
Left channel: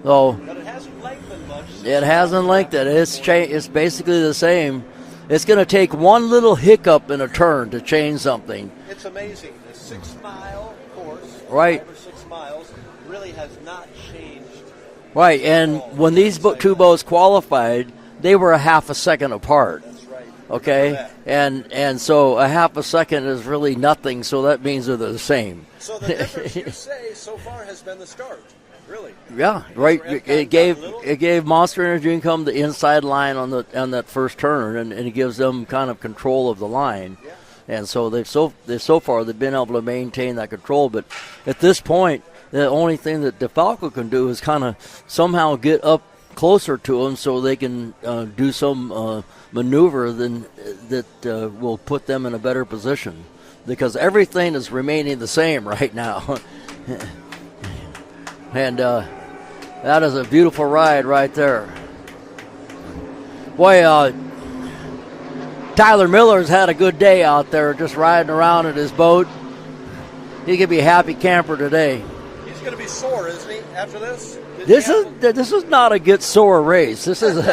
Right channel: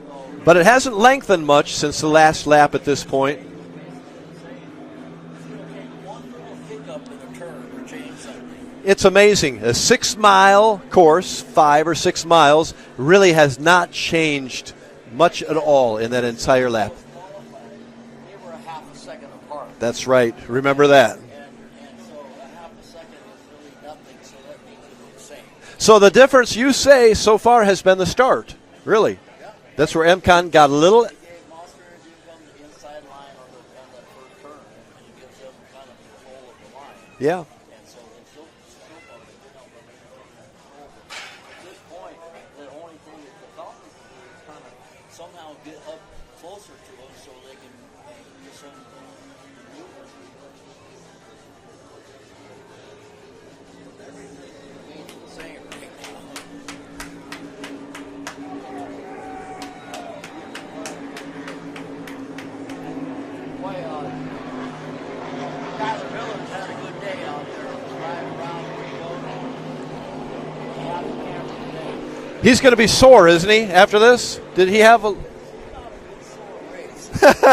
But it hasn't lengthened much since the last lap at this point. It's basically the same. It's going to take one little hiccup in a turn to change something. It's amazing. A 6-mile course, 5 or 6 miles, really has not changed much at all. When these two boats qualified, they were a half a second apart. That's right. Remember that. And so a half a second is really nothing, so that means they're the same. So the difference, you say, so far has been the start. Really? Yeah. That's where MCON got a little. It gave Monster Energy Income the inside line on that first turn, and it gives them kind of control of the line. Yeah. And so so far they've been able to maintain that control. But at this point, the only thing that DeFalco can do is kind of somehow get up closer to them so they can do some maneuver that will put them in a better position, because everything is remaining the same right now. And that is a beautiful ride right there. Boy, Tyler Miller's had a good day out there just riding around in his boat. He's going to be a happy camper today. He's going to be sore, isn't he, after this? This is not a get sore race. This is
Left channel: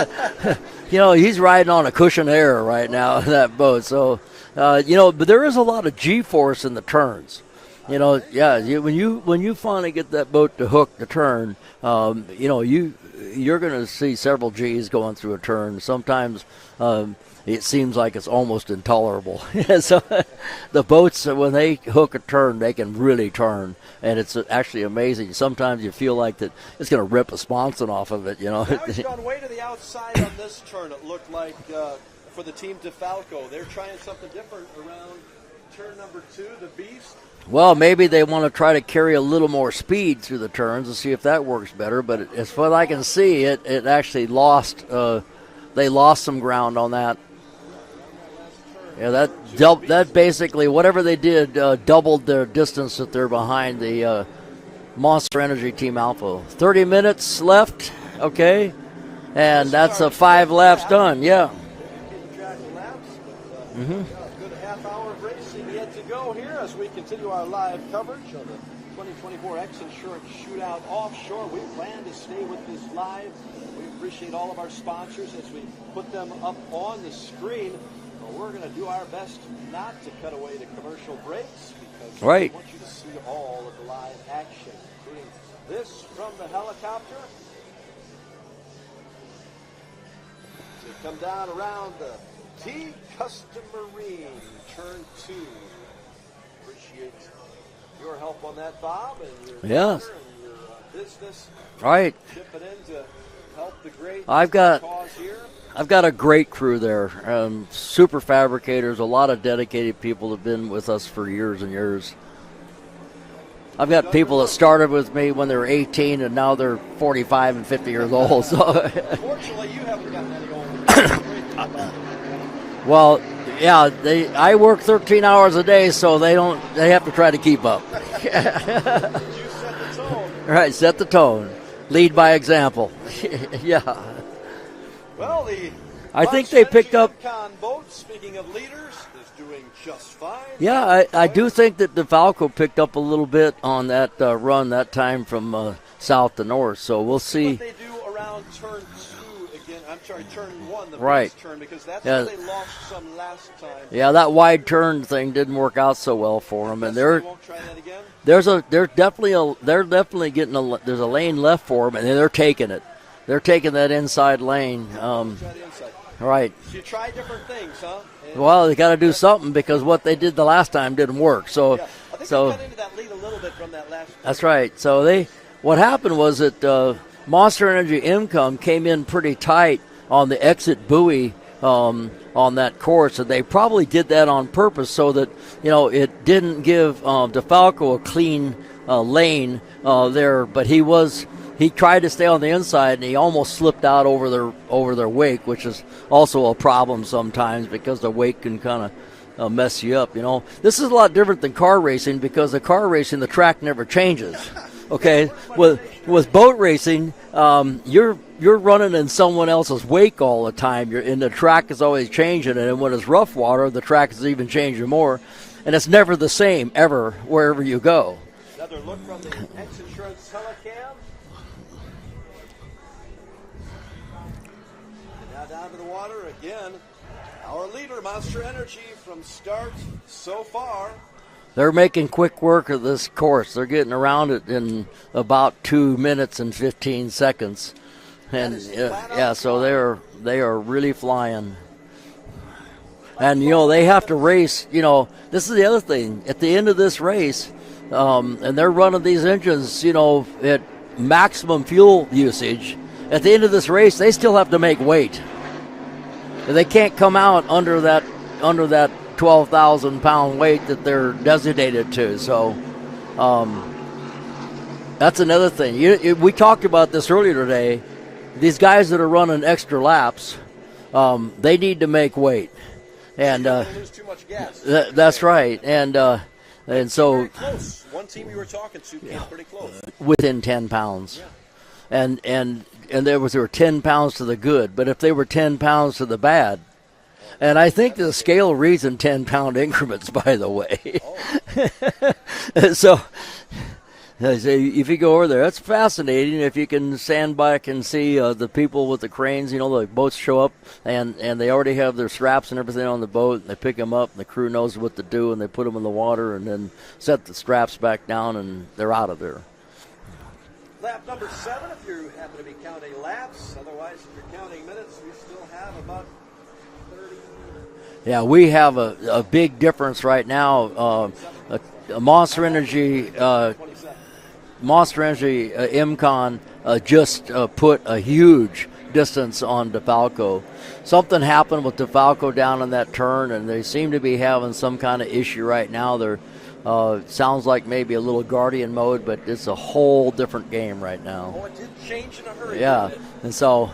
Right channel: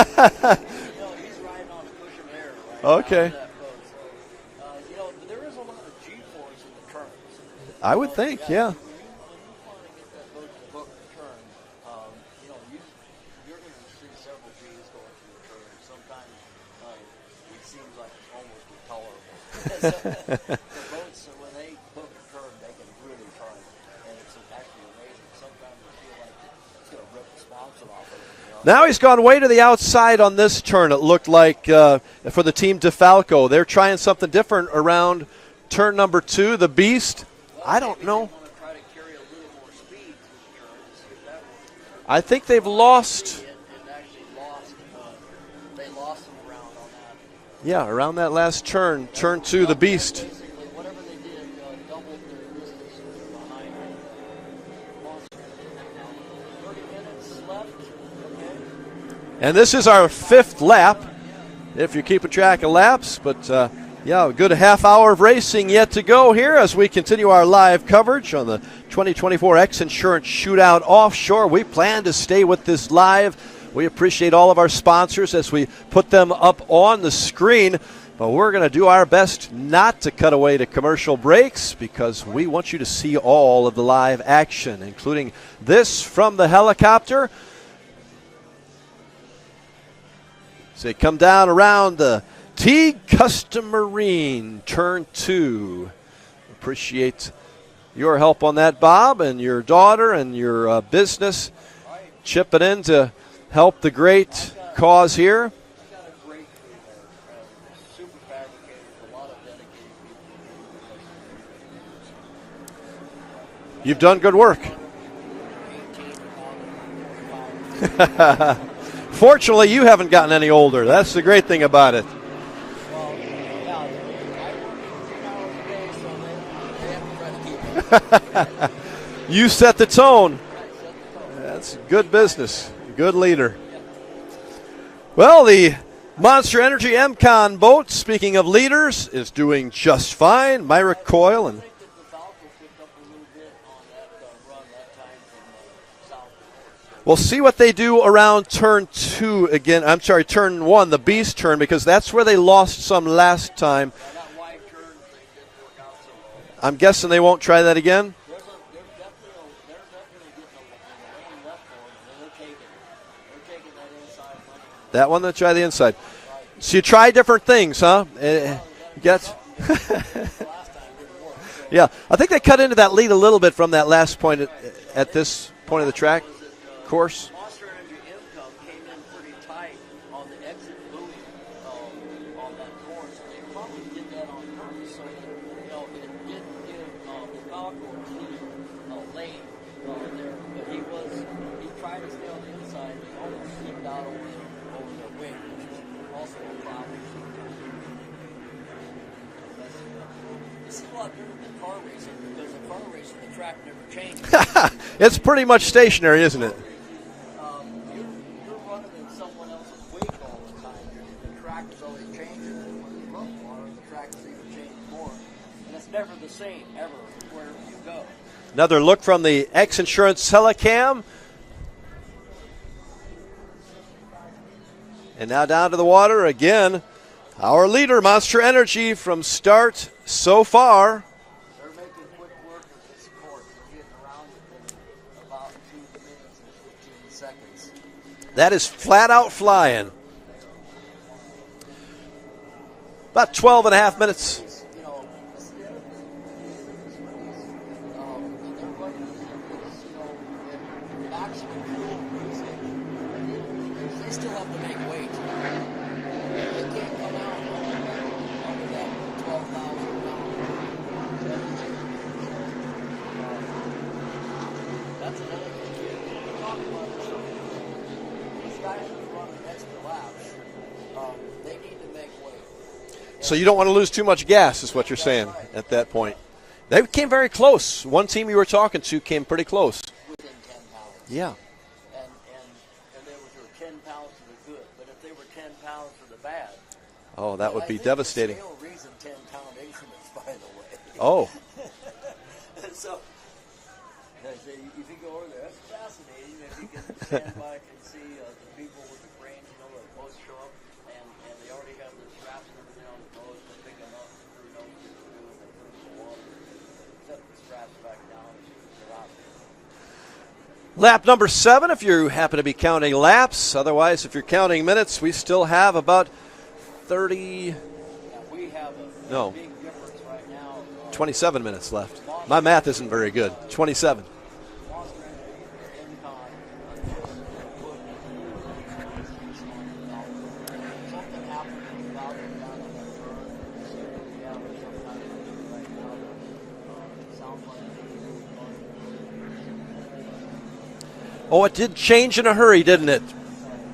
he's riding on a cushion of air right now in that boat. So, but there is a lot of G-force in the turns. I would think, yeah. When you finally get that boat to hook the turn, you're going to see several G's going through a turn. Sometimes it seems like it's almost intolerable. So the boats, when they hook a turn, they can really turn, and it's actually amazing. Sometimes you feel like that it's going to rip a sponson off of it. Now he's gone way to the outside on this turn. It looked like for the team DeFalco, they're trying something different around turn number 2, the Beast. Well, maybe they want to try to carry a little more speed through the turns and see if that works better. But I think as they've what lost. I can see, it actually lost. They lost some ground on that. Yeah, around that last turn, turn 2, the the Beast. That basically, whatever they did, doubled their distance that they're behind the Monster Energy Team Alpha. 30 minutes left, okay? And this is our 5 5th lap lap. done, yeah. If you're keeping track of laps, but a good half hour of racing yet to go here as we continue our live coverage on the 2024 X Insurance Shootout Offshore. We plan to stay with this live. We appreciate all of our sponsors as we put them up on the screen. But we're going to do our best not to cut away to commercial breaks because we want you to see all of the live action, including this from the helicopter. As they come down around the Teague Custom Marine, turn 2. Appreciate your help on that, Bob, and your daughter and your business. Chipping in to help the great cause here. I've got a great crew there. Super fabricators, a lot of dedicated people have been with us for years and years. I've got people that started with me when they were 18, and now they're 45 and 50 years old. So. Fortunately, you haven't gotten any older. That's the great thing about it. Well, yeah, I work 13 hours a day, so they have to try to keep up. You set the tone. Right, set the tone. That's good Lead business. by example. Good leader. Yeah. Well, the Monster Energy MCON boat, speaking of leaders, is doing just fine. Yeah, I do think that DeFalco picked up a little bit on that run that time from south to north. So we'll see what they do around turn 2 again. I'm sorry, turn 1, the Beast turn, because that's where they lost some last time. Yeah, that wide turn thing didn't work out so well for them. I'm guessing they won't try that again. There's definitely getting there's a lane left for them, and they're taking it. They're taking that inside lane. That one, they try the inside. Right. So you try different things, huh? Well, they got to do something because what they did the last time didn't work. So yeah, I think they cut into that lead a little bit from that last point. That's right. So what happened was that Monster Energy Income came in pretty tight on the exit buoy on that course, and they probably did that on purpose so that it didn't give DeFalco a clean lane there, but he tried to stay on the inside, and he almost slipped out over their wake, which is also a problem sometimes because the wake can kind of mess you up. This is a lot different than car racing because the car racing, the track never changes. Okay? It's pretty much stationary. With boat racing, you're running in someone else's wake all the time, and the track is always changing. And when it's rough water, the track is even changing more, and it's never the same ever wherever you go. Another look from the X Insurance Telecam. And now down to the water again. Our leader, Monster Energy, from start so far. They're making quick work of this course. They're getting around it in about 2 minutes and 15 seconds. That is flat out flying. So they are really flying. About 12 they have minutes. to race. This is the other thing. At the end of this race, and they're running these engines, at maximum fuel usage. At the end of this race, they still have to make weight. They can't come out under that 12,000-pound weight that they're designated to. So that's another thing. We talked about this earlier today. These guys that are running extra laps, they need to make weight. And, so you don't want to lose too much gas, is what you're saying. That's right. They came very close. One team you were talking to came pretty close. Within 10 pounds. Yeah. And there were 10 pounds to the good. But if they were 10 pounds to the bad, and I think the scale reads in 10-pound increments, by the way. Oh. So if you go over there, that's fascinating. If you can stand back and see the people with the cranes, the boats show up, and they already have their straps and everything on the boat, and they pick them up, and the crew knows what to do, and they put them in the water and then set the straps back down, and they're out of there. Lap number 7, if you happen to be counting laps. Otherwise, if you're counting minutes, we still have about 30. Yeah, we have a big difference right now. 27 minutes left. Monster My math Energy, isn't very good. 27. Monster Energy MCon just put a huge distance on DeFalco. Something happened with DeFalco down in that turn, and they seem to be having some kind of issue right now. They're sounds like maybe a little Guardian mode, but it's a whole different game right now. Oh, it did change in a hurry, didn't it? And so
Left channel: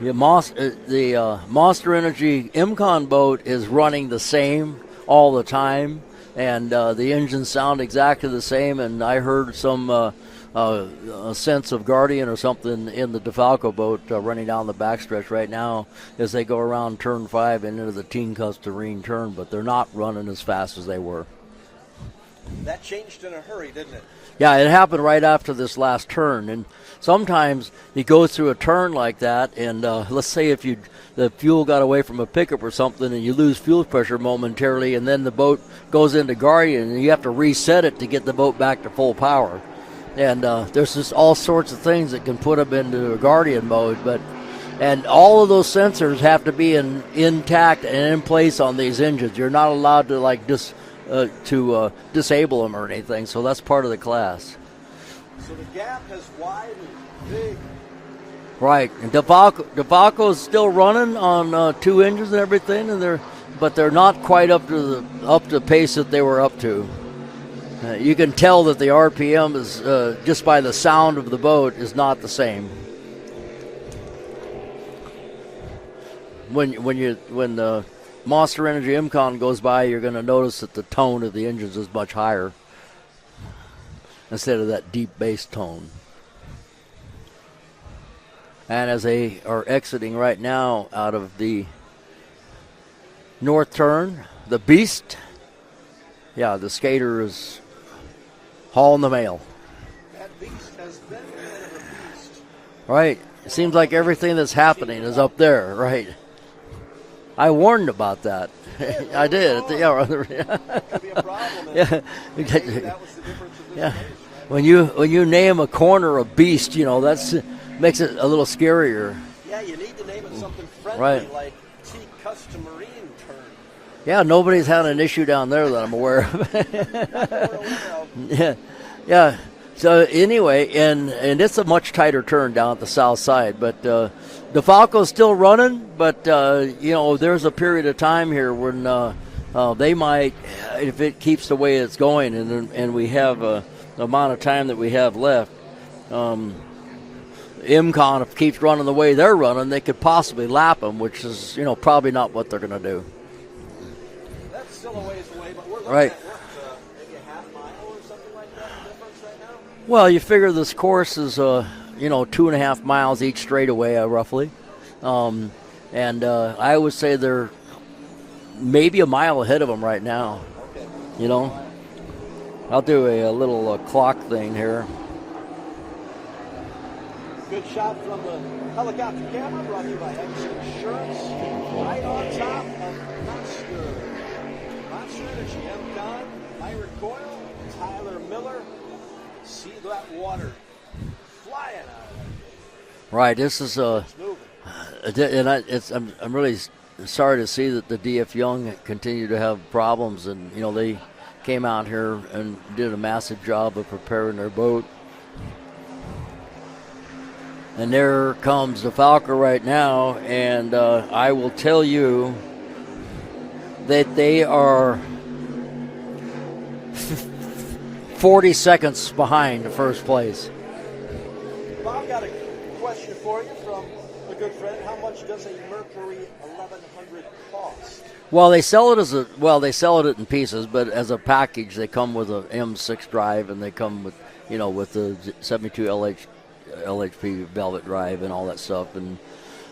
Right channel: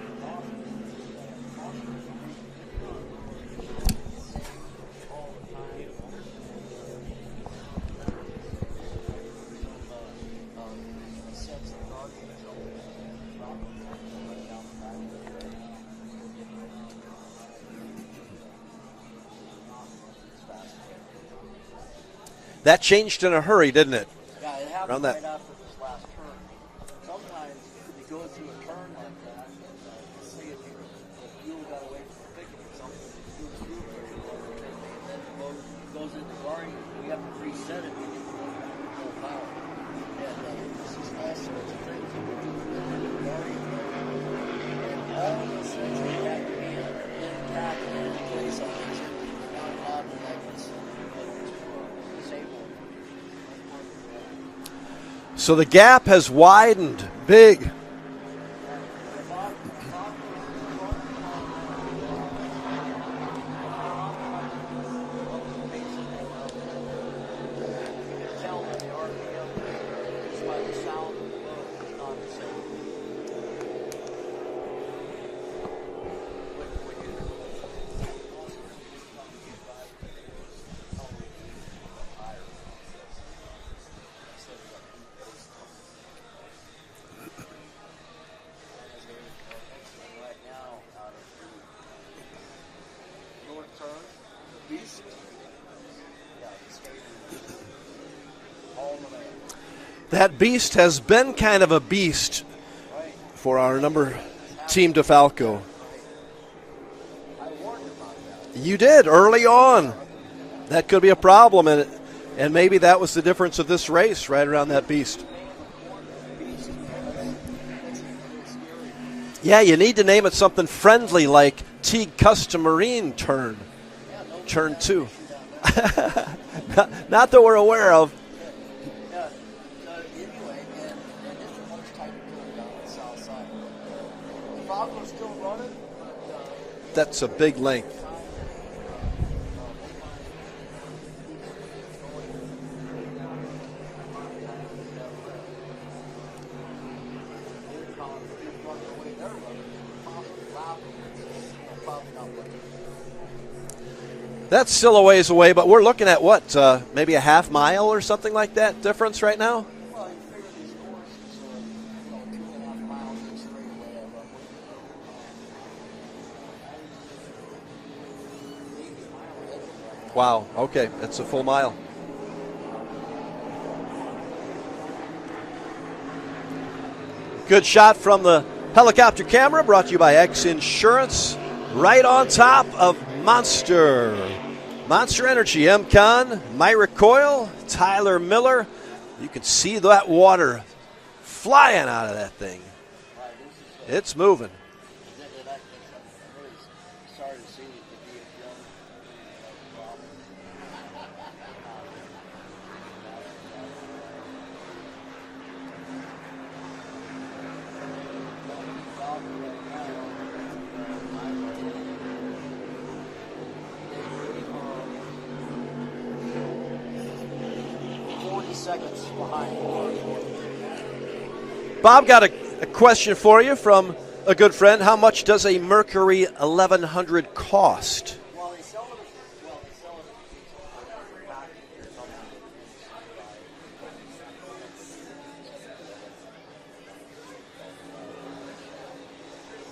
the Monster Energy MCon boat is running the same all the time, and the engines sound exactly the same, and I heard some a sense of Guardian or something in the DeFalco boat running down the backstretch right now as they go around turn 5 and into the Teen Custarine turn, but they're not running as fast as they were. That changed in a hurry, didn't it? Yeah, it happened right after this last turn, and sometimes you go through a turn like that, and let's say if the fuel got away from a pickup or something and you lose fuel pressure momentarily, and then the boat goes into Guardian and you have to reset it to get the boat back to full power. And there's just all sorts of things that can put them into a Guardian mode, and all of those sensors have to be intact and in place on these engines. You're not allowed to disable them or anything, so that's part of the class. So the gap has widened big. Right, and DeFalco is still running on 2 engines and everything, but they're not quite up to the pace that they were up to. You can tell that the RPM is just by the sound of the boat is not the same. When the Monster Energy MCon goes by, you're going to notice that the tone of the engines is much higher instead of that deep bass tone. And as they are exiting right now out of the north turn, the Beast, the skater is hauling the mail. That Beast has been kind of a beast. Right. Seems like everything that's happening is up there. Right. I warned about that. You did early on. Yeah. That could be a problem, and maybe that was the difference of this race right around that Beast. When you name a corner a Beast, that's makes it a little scarier. Yeah, you need to name it something friendly like Teen Custarine turn. Yeah, nobody's had an issue down there that I'm aware of. Not that we're aware of. Yeah. So anyway, and it's a much tighter turn down at the south side, but DeFalco's still running, but there's a period of time here when they might, if it keeps the way it's going, and we have the amount of time that we have left. MCon, if it keeps running the way they're running, they could possibly lap them, which is probably not what they're going to do. That's still a ways away, but we're looking at what, maybe a half mile or something like that difference right now? Well, you figure this course is 2.5 miles each straightaway, roughly. And I would say they're maybe a mile ahead of them right now. Wow, okay, that's a full mile. I'll do a little clock thing here. Good shot from the Helicopter camera brought to you by X Insurance. Right on top of Monster. Monster Energy, MCon, Myra Coyle, Tyler Miller. You can see that water flying out of that thing. Right, this is it's moving. And I'm really sorry to see that the DF Young continue to have problems, and they came out here and did a massive job of preparing their boat. And there comes the Falco right now, and I will tell you that they are 40 seconds behind first place. Bob, got a question for you from a good friend. How much does a Mercury 1100 cost? Well, they sell it in pieces, but as a package, they come with a M6 drive, and they come with, with the 72 LHP velvet drive and all that stuff. And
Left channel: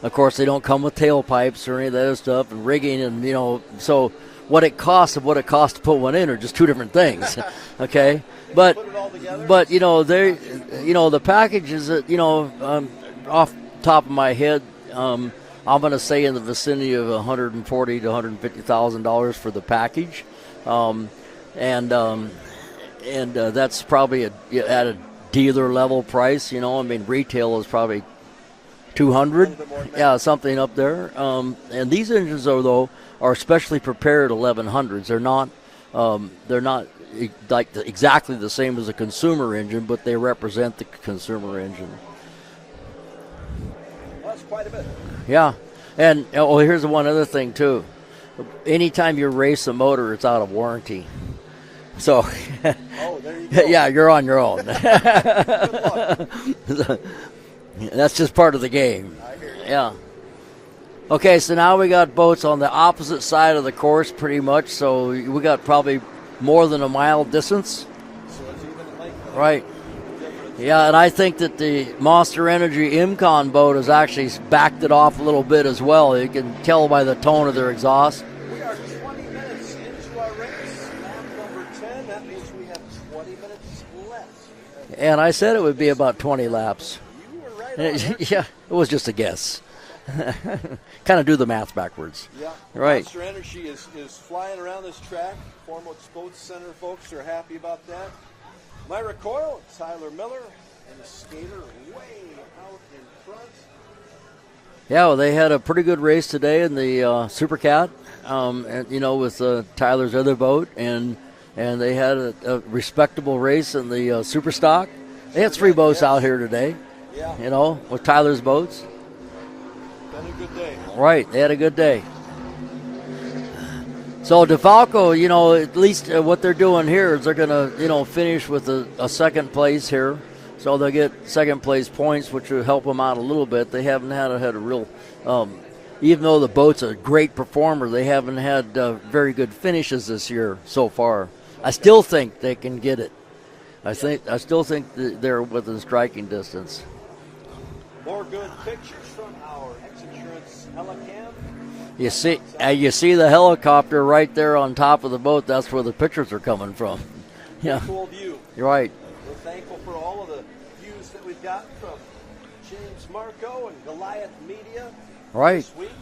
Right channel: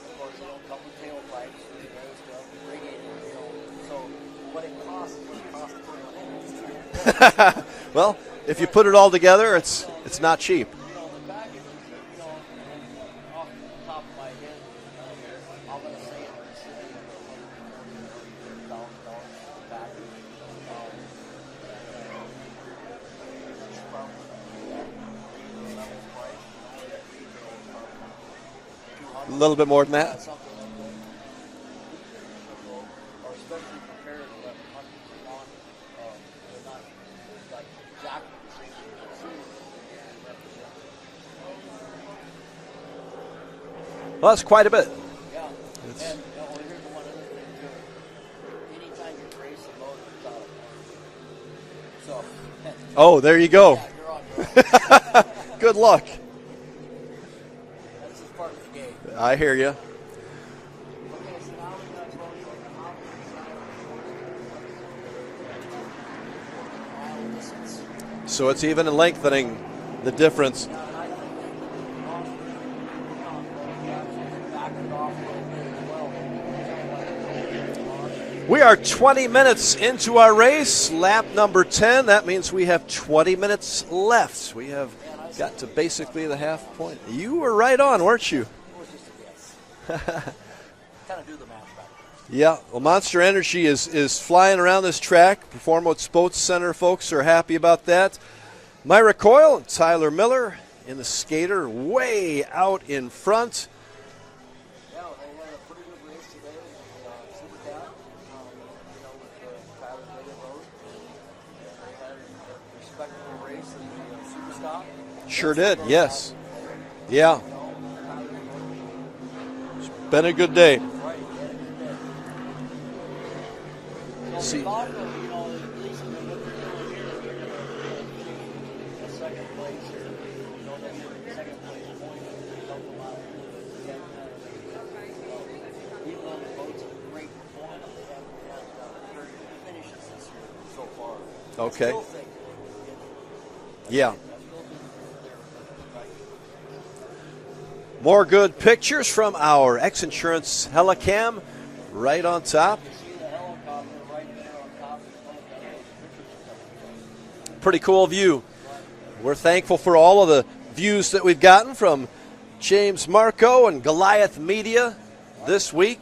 of course, they don't come with tailpipes or any of that other stuff, and rigging, and so what it costs to put one in are just two different things. Okay, well, if you put it all together, but it's not cheap. The package is off top of my head, I'm going to say in the vicinity of $140,000 to $150,000 for the package, and that's probably at a dealer level price. Retail is probably $200,000, a little bit more than that. Yeah, something up there. And these engines, though, are specially prepared 1100s. They're not like exactly the same as a consumer engine, but they represent the consumer engine. Well, that's quite a bit. Yeah. And here's one other thing too. Anytime you race a motor, it's out of warranty. So oh, there you go. Yeah, you're on your own. Good luck. That's just part of the game. I hear you. Yeah. Okay, so now we got boats on the opposite side of the course pretty much, so we got probably more than a mile distance. So it's even in lengthening the difference. Yeah, and I think that the Monster Energy MCon boat has actually backed it off a little bit as well. You can tell by the tone of their exhaust. We are 20 minutes into our race, lap number 10. That means we have 20 minutes left. And I said it would be about 20 laps. You were right on, weren't you? Yeah, it was just a guess. Kind of do the math backwards. Yeah, well, Monster Energy is flying around this track. Performance Boats Center folks are happy about that. Myra Coyle and Tyler Miller in the skater way out in front. Yeah, well, they had a pretty good race today in the Supercat, with Tyler's other boat, and they had a respectable race in the Superstock. They had three boats out here today. Yeah. With Tyler's boats. Been a good day. Right, they had a good day. So DeFalco, at least what they're doing here is they're going to, finish with a second place here. So they'll get second place points, which will help them out a little bit. They haven't had a real, even though the boat's a great performer, they haven't had very good finishes this year so far. Okay. I still think they can get it. I still think that they're within striking distance. More good pictures from our X Insurance Helicam on top. You see the helicopter right there on top of the boat. That's where the pictures are coming from. Pretty cool view. You're right. We're thankful for all of the views that we've gotten from James Marco and Goliath Media this week.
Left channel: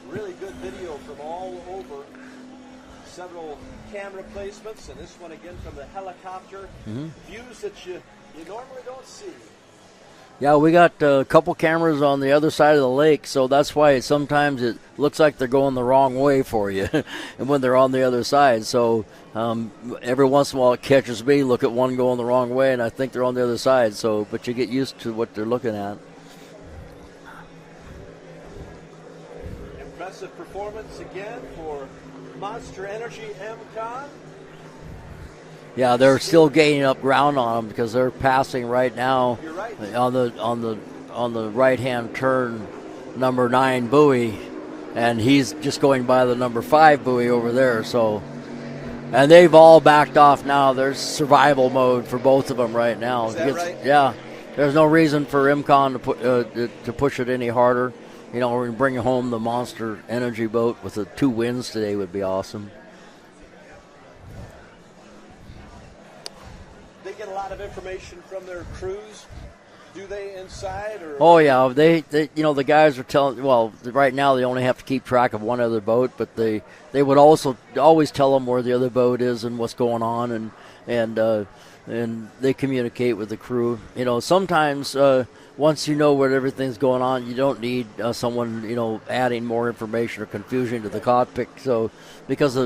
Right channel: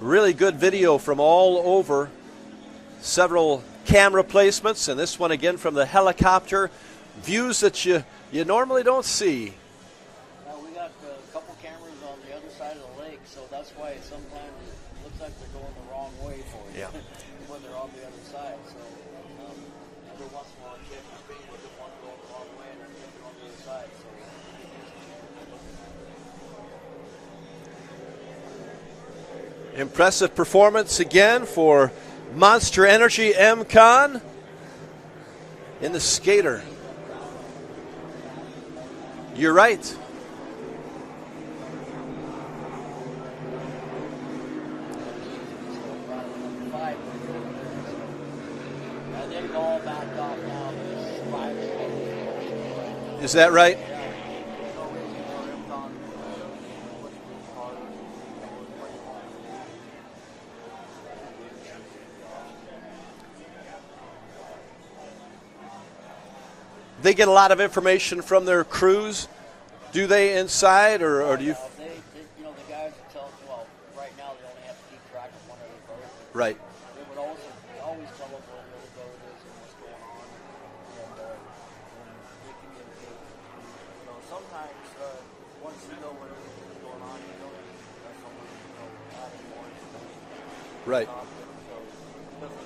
Really good video from all over. Several camera placements, and this one again from the helicopter. Views that you normally don't see. Yeah, we got a couple cameras on the other side of the lake, so that's why sometimes it looks like they're going the wrong way for you and when they're on the other side. So every once in a while it catches me, look at one going the wrong way, and I think they're on the other side. So, but you get used to what they're looking at. Impressive performance again for Monster Energy MCon. Yeah, they're still gaining up ground on them because they're passing right now. You're right. On the right-hand turn, number 9 buoy, and he's just going by the number 5 buoy over there. So, and they've all backed off now. There's survival mode for both of them right now. Is that right? Yeah. There's no reason for MCon to push it any harder. We're going to bring home the Monster Energy boat with the 2 wins today would be awesome. They get a lot of information from their crews do they inside or? Oh yeah, they the guys are telling. Well, right now they only have to keep track of one other boat, but they would also always tell them where the other boat is and what's going on, and they communicate with the crew. Sometimes once you know where everything's going on, you don't need someone adding more information or confusion to the cockpit. So because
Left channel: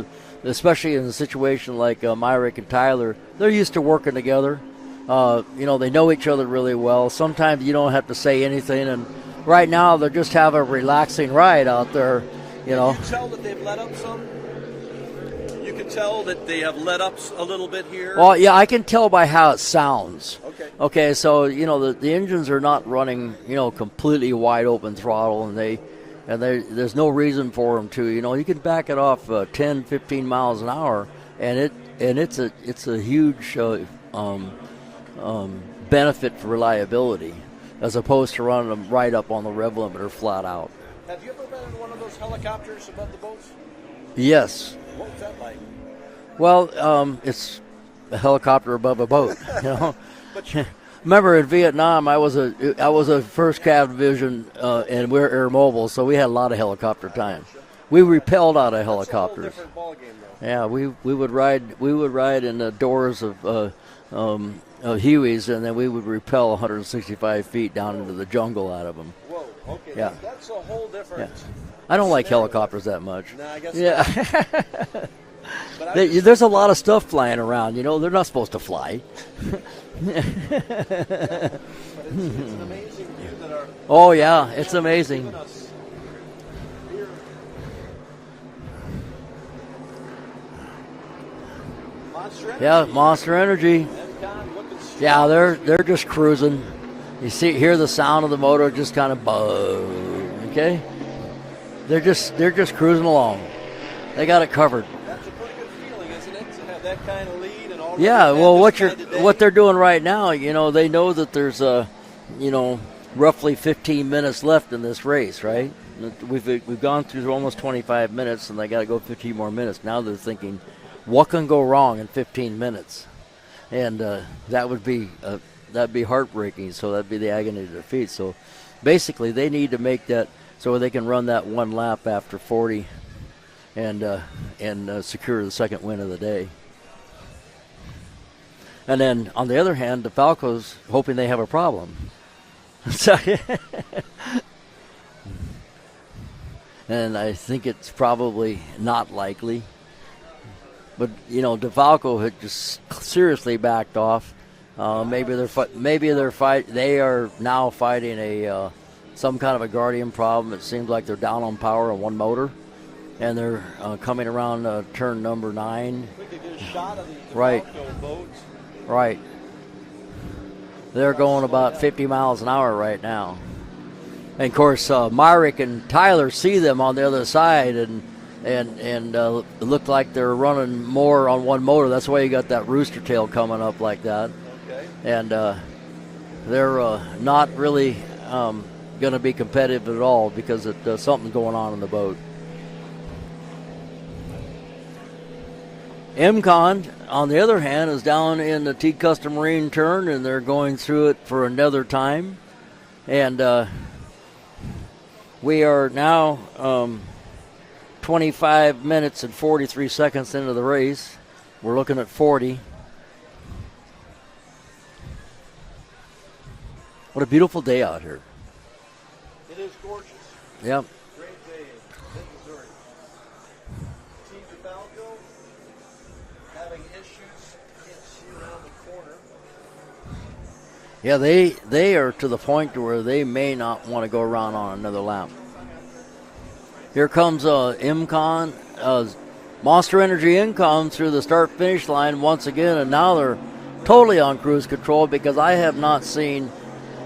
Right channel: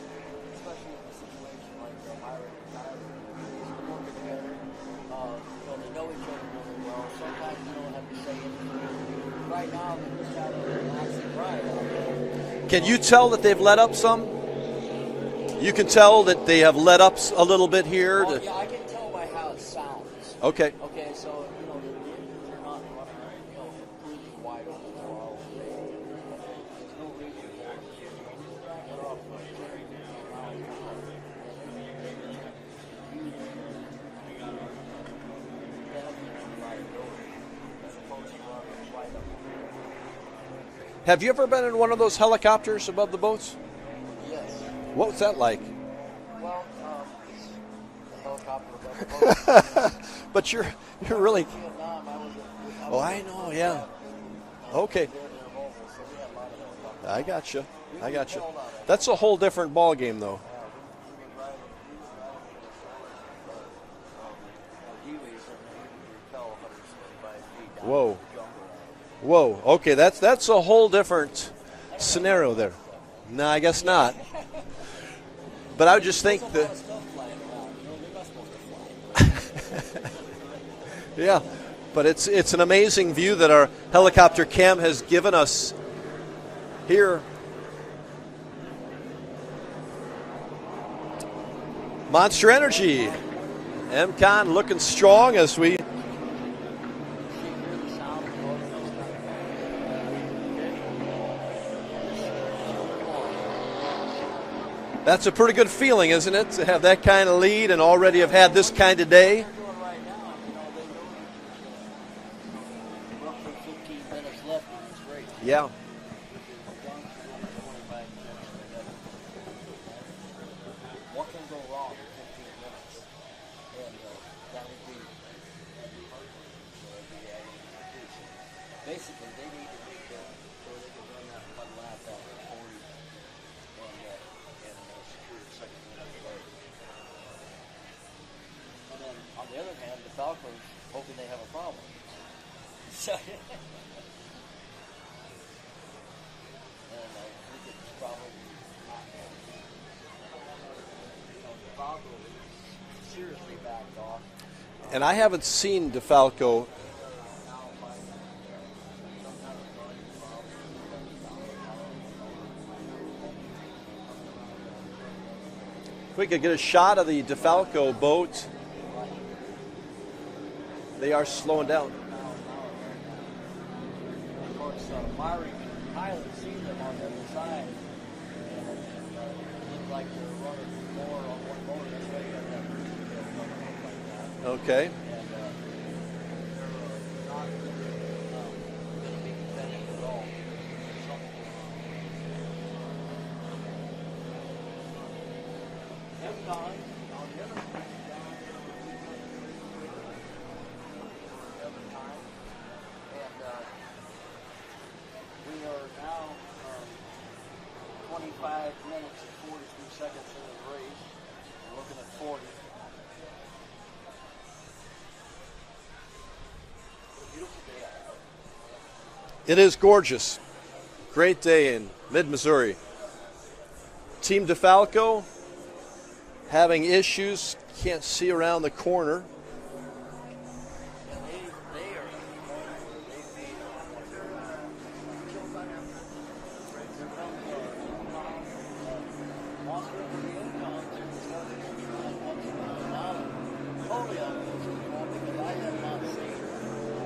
especially in a situation like Myrick and Tyler, they're used to working together. They know each other really well. Sometimes you don't have to say anything, and right now they're just having a relaxing ride out there. Can you tell that they've let up some? You can tell that they have let up a little bit here? Well, yeah, I can tell by how it sounds. Okay. Okay, so, the engines are not running, completely wide open throttle, and there's no reason for them to. You can back it off 10, 15 miles an hour, and it's a huge benefit for reliability, as opposed to running them right up on the rev limiter flat out. Have you ever been in one of those helicopters above the boats? Yes. What was that like? Well, it's a helicopter above a boat. But you're remember in Vietnam, I was a first cav division, and we're air mobile, so we had a lot of helicopter time. Gotcha. We repelled out of helicopters. That's a whole different ball game, though. Yeah, we would ride in the doors of Hueys, and then we would repel 165 feet down into the jungle out of them. Whoa. Okay, that's a whole different. I don't like scenario helicopters that much. No, I guess not. But there's a lot of stuff flying around. They're not supposed to fly. Yeah, but it's an amazing view that our helicopter cam has given us here. Monster Energy. Yeah, Monster Energy. MCON looking strong this week. They're just cruising. You hear the sound of the motor just kind of buzz. Okay. They're just cruising along. They got it covered. That's a pretty good feeling, isn't it, to have that kind of lead and already have had this kind of day? What they're doing right now, they know that there's roughly 15 minutes left in this race, right? Yeah. We've gone through almost 25 minutes, and they got to go 15 more minutes. Now they're thinking, what can go wrong in 15 minutes? And that'd be heartbreaking. So that'd be the agony of defeat. So basically, they need to make that so they can run that one lap after 40 and secure the second win of the day. And then, on the other hand, the Falco's hoping they have a problem. And I think it's probably not likely. But, DeFalco had just seriously backed off. And I haven't seen maybe DeFalco. they are now fighting some kind of a Guardian problem. It seems like they're down on power on one motor, and they're coming around turn number 9. If we could get a shot of the DeFalco boat. Right. They're going about 50 miles an hour right now. And, of course, Myrick and Tyler see them on the other side, and it looked like they're running more on one motor. That's why you got that rooster tail coming up like that. Okay. And they're not really going to be competitive at all because there's something going on in the boat. MCON, on the other hand, is down in the T Custom Marine turn, and they're going through it for another time. And we are now 25 minutes and 43 seconds into the race. We're looking at 40. What a beautiful day out here. It is gorgeous. Yep. Great day in mid-Missouri. Team DeFalco having issues. Can't see around the corner. Yeah, they are to the point to where they may not want to go around on another lap. Here comes MCON, Monster Energy income through the start-finish line once again, and now they're totally on cruise control because I have not seen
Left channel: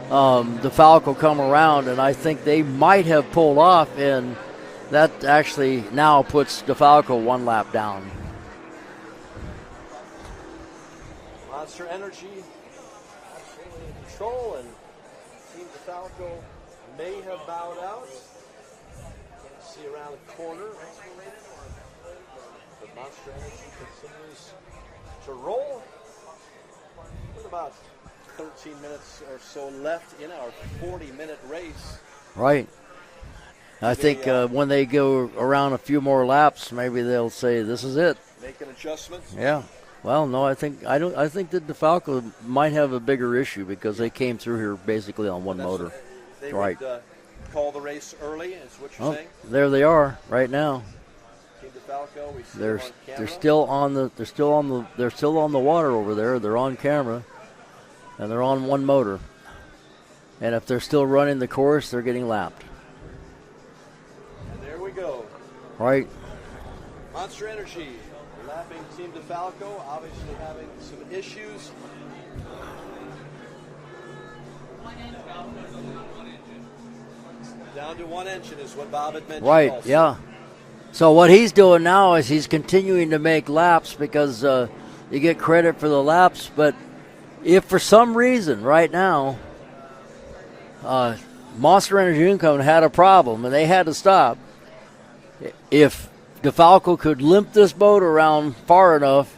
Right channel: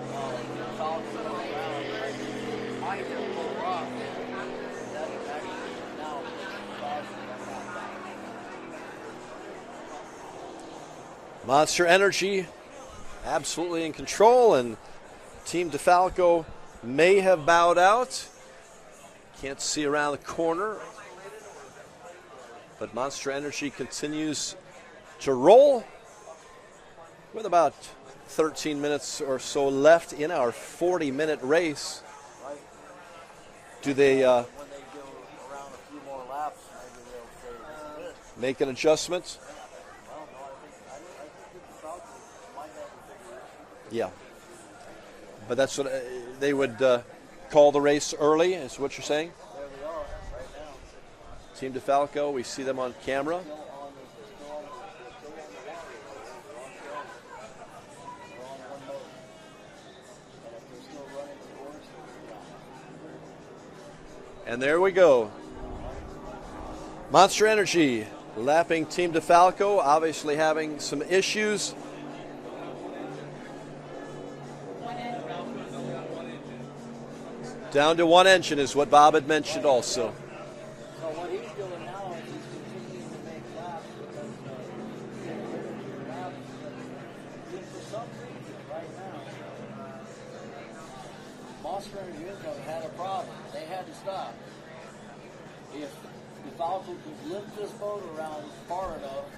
the Falco come around, and I think they might have pulled off, and that actually now puts the Falco one lap down. Monster Energy absolutely in control, and Team DeFalco may have bowed out. Can't see around the corner. But Monster Energy continues to roll with about 13 minutes or so left in our 40-minute race. Right. I think when they go around a few more laps, maybe they'll say this is it. Making adjustments. Yeah. Well, no, I think that DeFalco might have a bigger issue because they came through here basically on one motor. What, they would call the race early, is what you're saying? There they are right now. Team DeFalco, we see them on camera. They're still on the water over there. They're on camera, and they're on one motor. And if they're still running the course, they're getting lapped. And there we go. Right. Monster Energy lapping Team DeFalco, obviously having some issues. Down to one engine is what Bob had mentioned also. Yeah. So what he's doing now is he's continuing to make laps because you get credit for the laps. But if for some reason right now Monster Energy Income had a problem and they had to stop, if DeFalco could limp this boat around far enough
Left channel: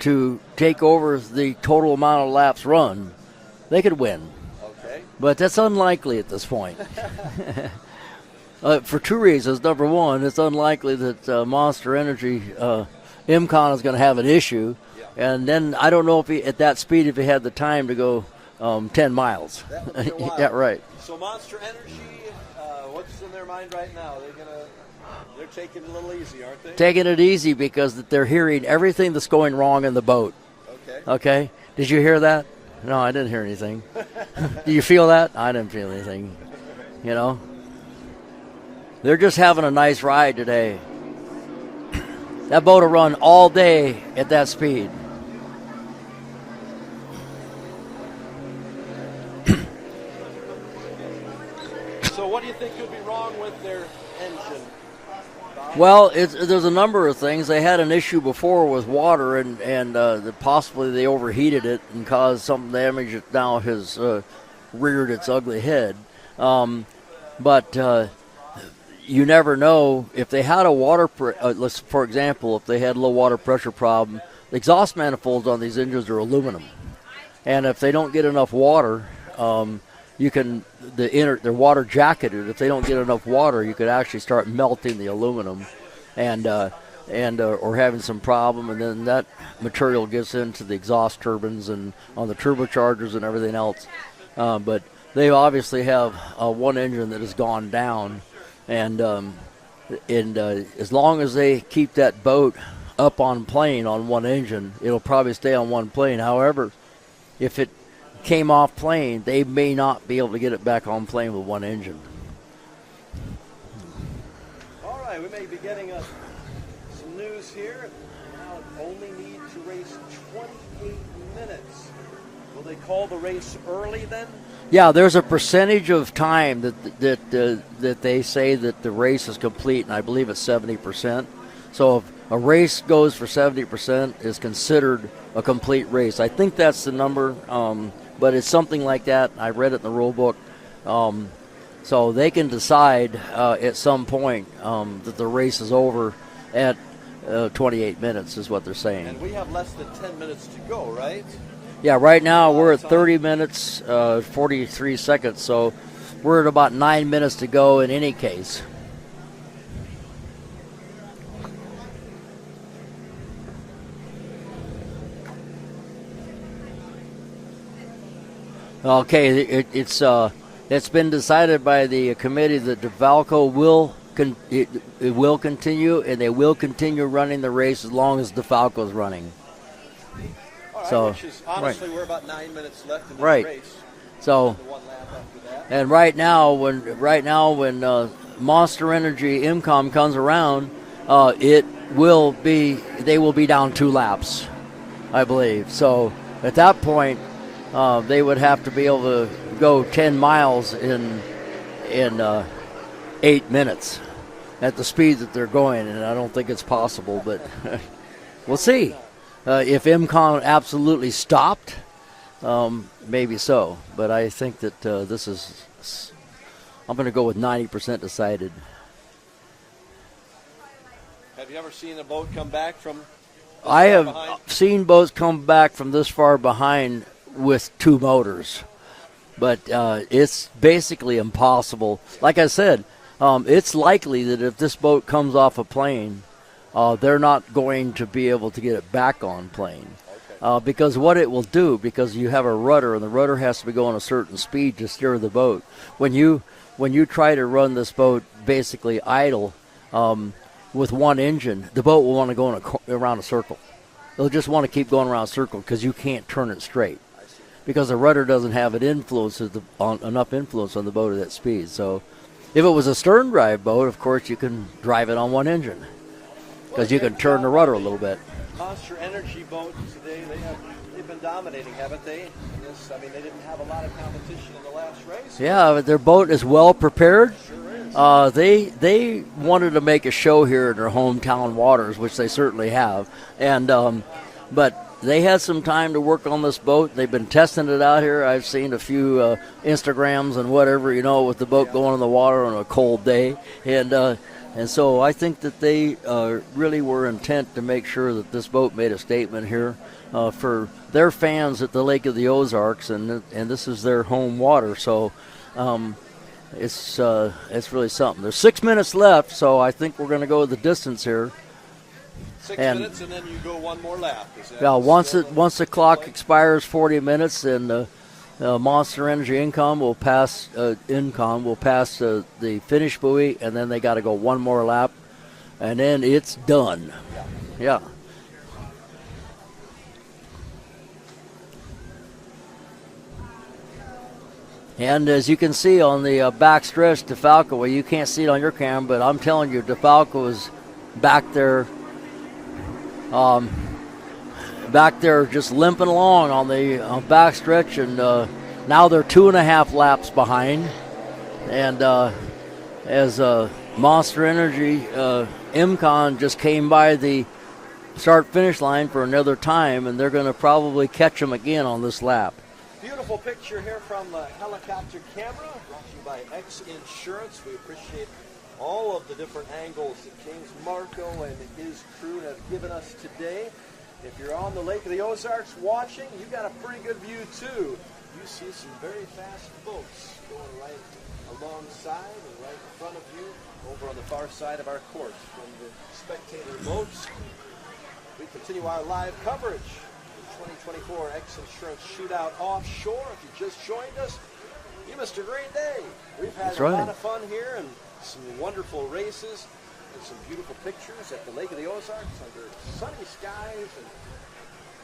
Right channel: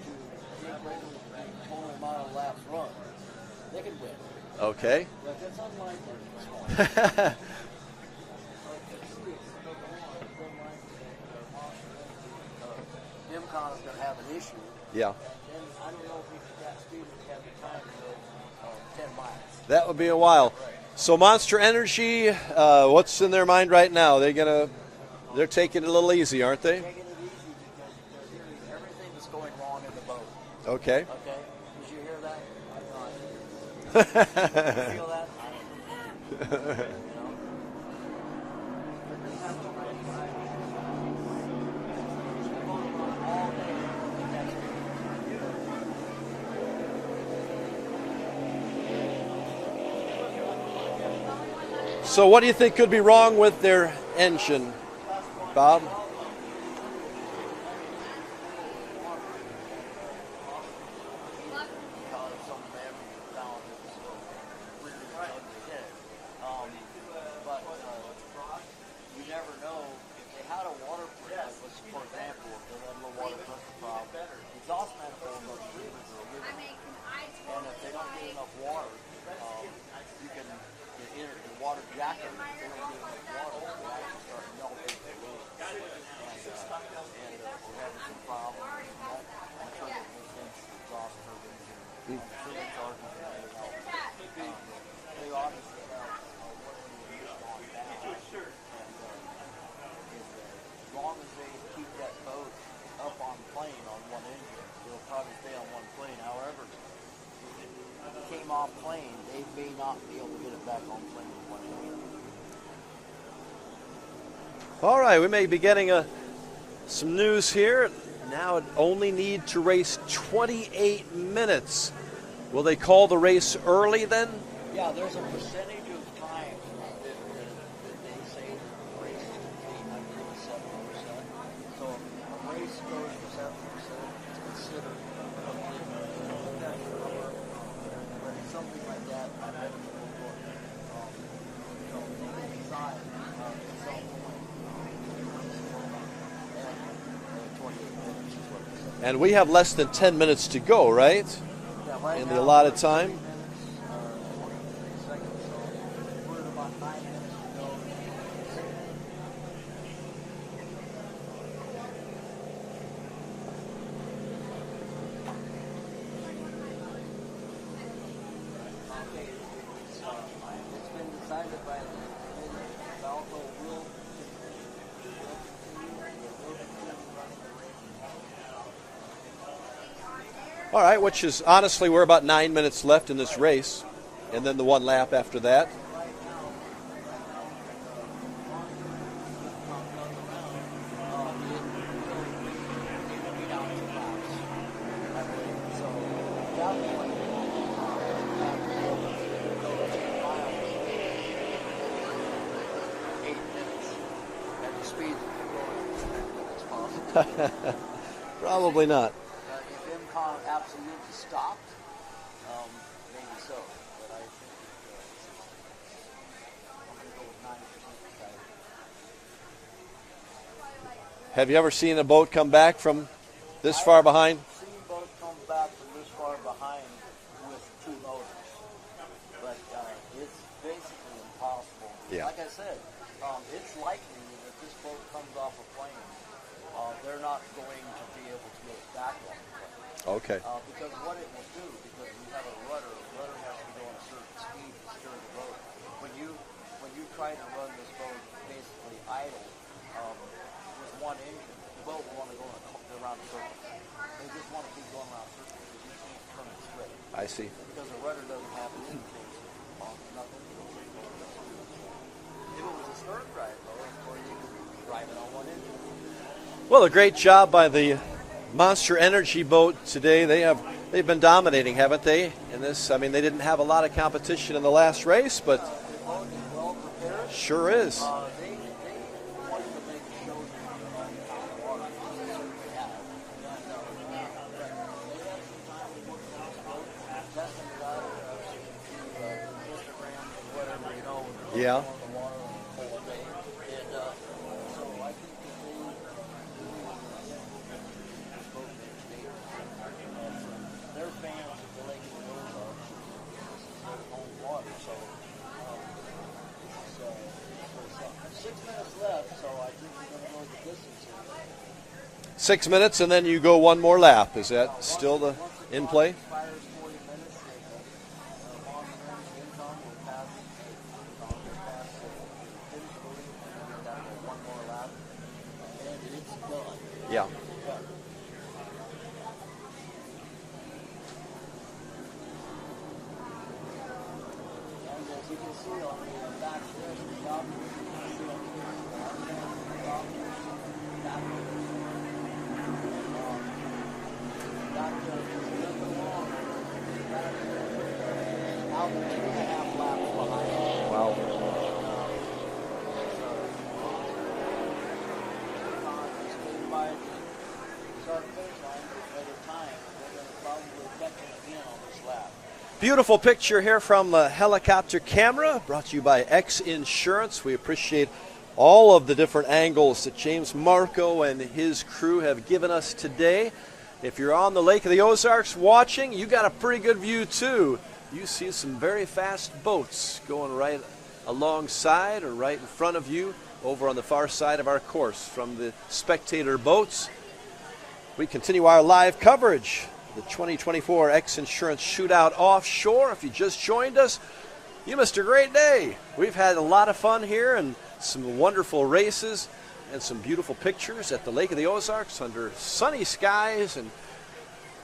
to take over the total amount of laps run, they could win. Okay. But that's unlikely at this point. For two reasons. Number one, it's unlikely that Monster Energy IMCON is going to have an issue. Yeah. And then I don't know if he, at that speed, if he had the time to go 10 miles. That would be a while. Yeah, right. So Monster Energy, what's in their mind right now? They're taking it a little easy, aren't they? Taking it easy because they're hearing everything that's going wrong in the boat. Okay. Okay. Did you hear that? No, I didn't hear anything. Do you feel that? I didn't feel anything. You know? They're just having a nice ride today. That boat will run all day at that speed. So what do you think could be wrong with their engine, Bob? Well, there's a number of things. They had an issue before with water, and possibly they overheated it and caused some damage that now has reared its ugly head. But you never know. If they had a for example, if they had a low water pressure problem, the exhaust manifolds on these engines are aluminum. And if they don't get enough water, they're water jacketed. If they don't get enough water, you could actually start melting the aluminum or having some problem, and then that material gets into the exhaust turbines and on the turbochargers and everything else. But they obviously have one engine that has gone down, and as long as they keep that boat up on plane on one engine, it'll probably stay on one plane. However, if it came off plane, they may not be able to get it back on plane with one engine. All right, we may be getting some news here. Now it only need to race 28 minutes. Will they call the race early then? Yeah, there's a percentage of time that they say that the race is complete, and I believe it's 70%. So if a race goes for 70%, is considered a complete race. I think that's the number, but it's something like that. I read it in the rule book. So they can decide at some point that the race is over at 28 minutes is what they're saying. And we have less than 10 minutes to go, right? Yeah, right now we're at 30 minutes, 43 seconds, so we're at about 9 minutes to go in any case. Okay, it's been decided by the committee that DeFalco will continue, and they will continue running the race as long as DeFalco's running. All right, which is honestly we're about 9 minutes left in this race. So and then the one lap after that. And right now when Monster Energy IMCOM comes around, they will be down 2 laps, I believe. So at that point, they would have to be able to go 10 miles in 8 minutes at the speed that they're going, and I don't think it's possible, but we'll see. Not. If IMCON absolutely stopped, maybe so. But I think that I'm going to go with 90% decided. Have you ever seen a boat come back from this far behind? I have seen boats come back from this far behind with two motors. But it's basically impossible. Yeah. Like I said, it's likely that if this boat comes off a plane, they're not going to be able to get it back on plane. Okay. Because what it will do, because you have a rudder, and the rudder has to be going a certain speed to steer the boat. When you try to run this boat basically idle with one engine, the boat will want to go around a circle. It'll just want to keep going around a circle because you can't turn it straight. I see. Because the rudder doesn't have enough influence on the boat at that speed. So if it was a stern drive boat, of course, you can drive it on one engine. Well, a you great can turn the job by rudder a little the bit. Monster Energy boat today. They've been dominating, haven't they? In this, I mean, they didn't have a lot of competition in the last race. Yeah, but their boat is well prepared. Sure is. They wanted to make a show here in their hometown waters, which they certainly have, and but they had some time to work on this boat. They've been testing it out here. I've seen a few Instagrams and whatever, with the boat going in the water on a cold day, and so I think that they really were intent to make sure that this boat made a statement here for their fans at the Lake of the Ozarks, and this is their home water. So it's really something. There's 6 minutes left, so I think we're going to go the distance here. 6 minutes, and then you go one more lap. Is that once the clock expires 40 minutes, and Monster Energy Incom will pass the finish buoy, and then they got to go one more lap, and then it's done. Yeah. And as you can see on the back stretch, DeFalco, well, you can't see it on your camera, but I'm telling you, DeFalco is back there just limping along on the back stretch, and now they're 2.5 laps behind. Wow. And as Monster Energy IMCON just came by the start-finish line for another time, and they're going to probably catch them again on this lap. Beautiful picture here from the helicopter camera, brought to you by X Insurance. We appreciate all of the different angles that James Marco and his crew have given us today. If you're on the Lake of the Ozarks watching, you got a pretty good view too. You see some very fast boats going right alongside or right in front of you over on the far side of our course from the spectator boats. We continue our live coverage. The 2024 X Insurance Shootout Offshore. If you just joined us, you missed a great day. We've had a lot of fun here and some wonderful races and some beautiful pictures at the Lake of the Ozarks under sunny skies and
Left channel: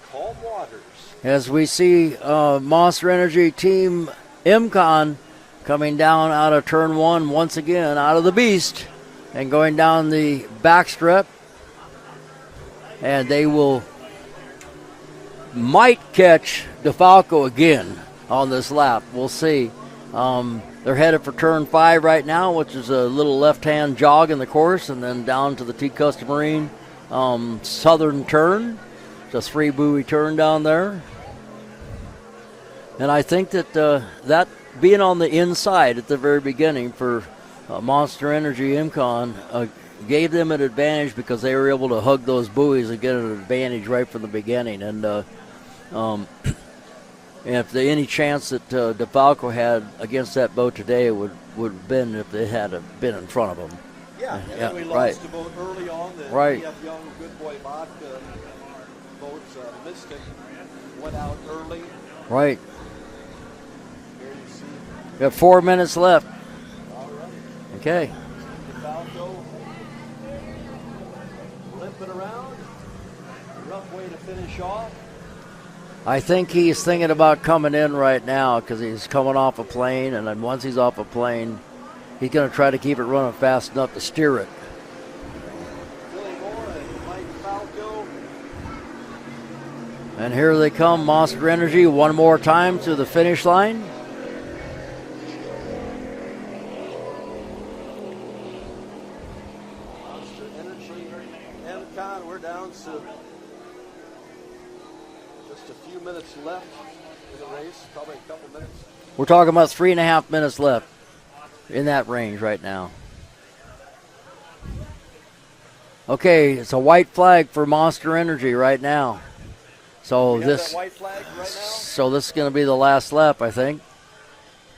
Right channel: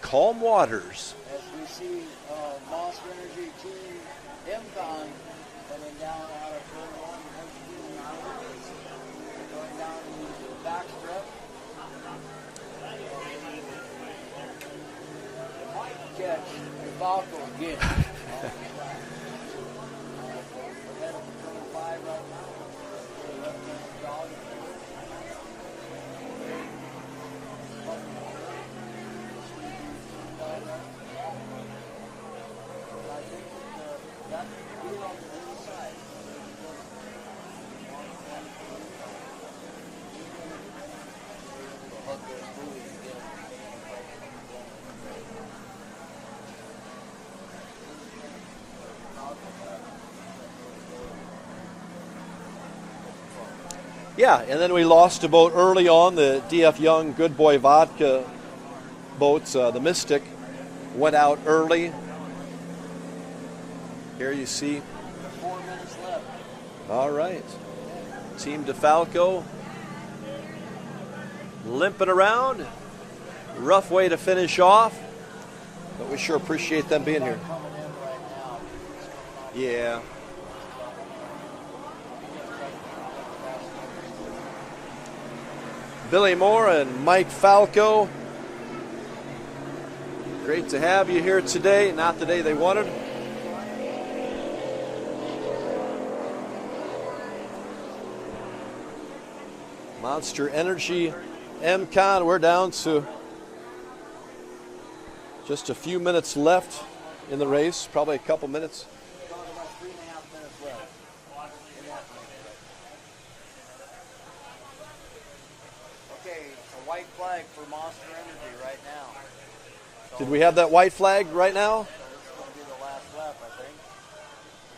calm waters. As we see Monster Energy Team IMCON coming down out of turn one once again, out of the beast, and going down the backstrap, and they might catch DeFalco again on this lap. We'll see. They're headed for turn 5 right now, which is a little left-hand jog in the course, and then down to the T-Custom Marine southern turn. It's a 3-buoy turn down there. And I think that that being on the inside at the very beginning for Monster Energy IMCON gave them an advantage because they were able to hug those buoys and get an advantage right from the beginning. And if there any chance that DeFalco had against that boat today would have been if they had been in front of them. Yeah, and then we lost a boat early on, the D.F. Young Good Boy Vodka boats. The Mystic went out early. Right. Here you see. We have 4 minutes left. All right. Okay. Team DeFalco limping around. Rough way to finish off. I think he's thinking about coming in right now because he's coming off a plane, and then once he's off a plane, he's going to try to keep it running fast enough to steer it. Billy Moore and Mike Falco. And here they come, Monster Energy, one more time to the finish line. Monster Energy IMCON, we're down to just a few minutes left in the race, probably a couple minutes. We're talking about 3.5 minutes left in that range right now. Okay, it's a white flag for Monster Energy right now. So we have that white flag right now? So this is going to be the last lap, I think.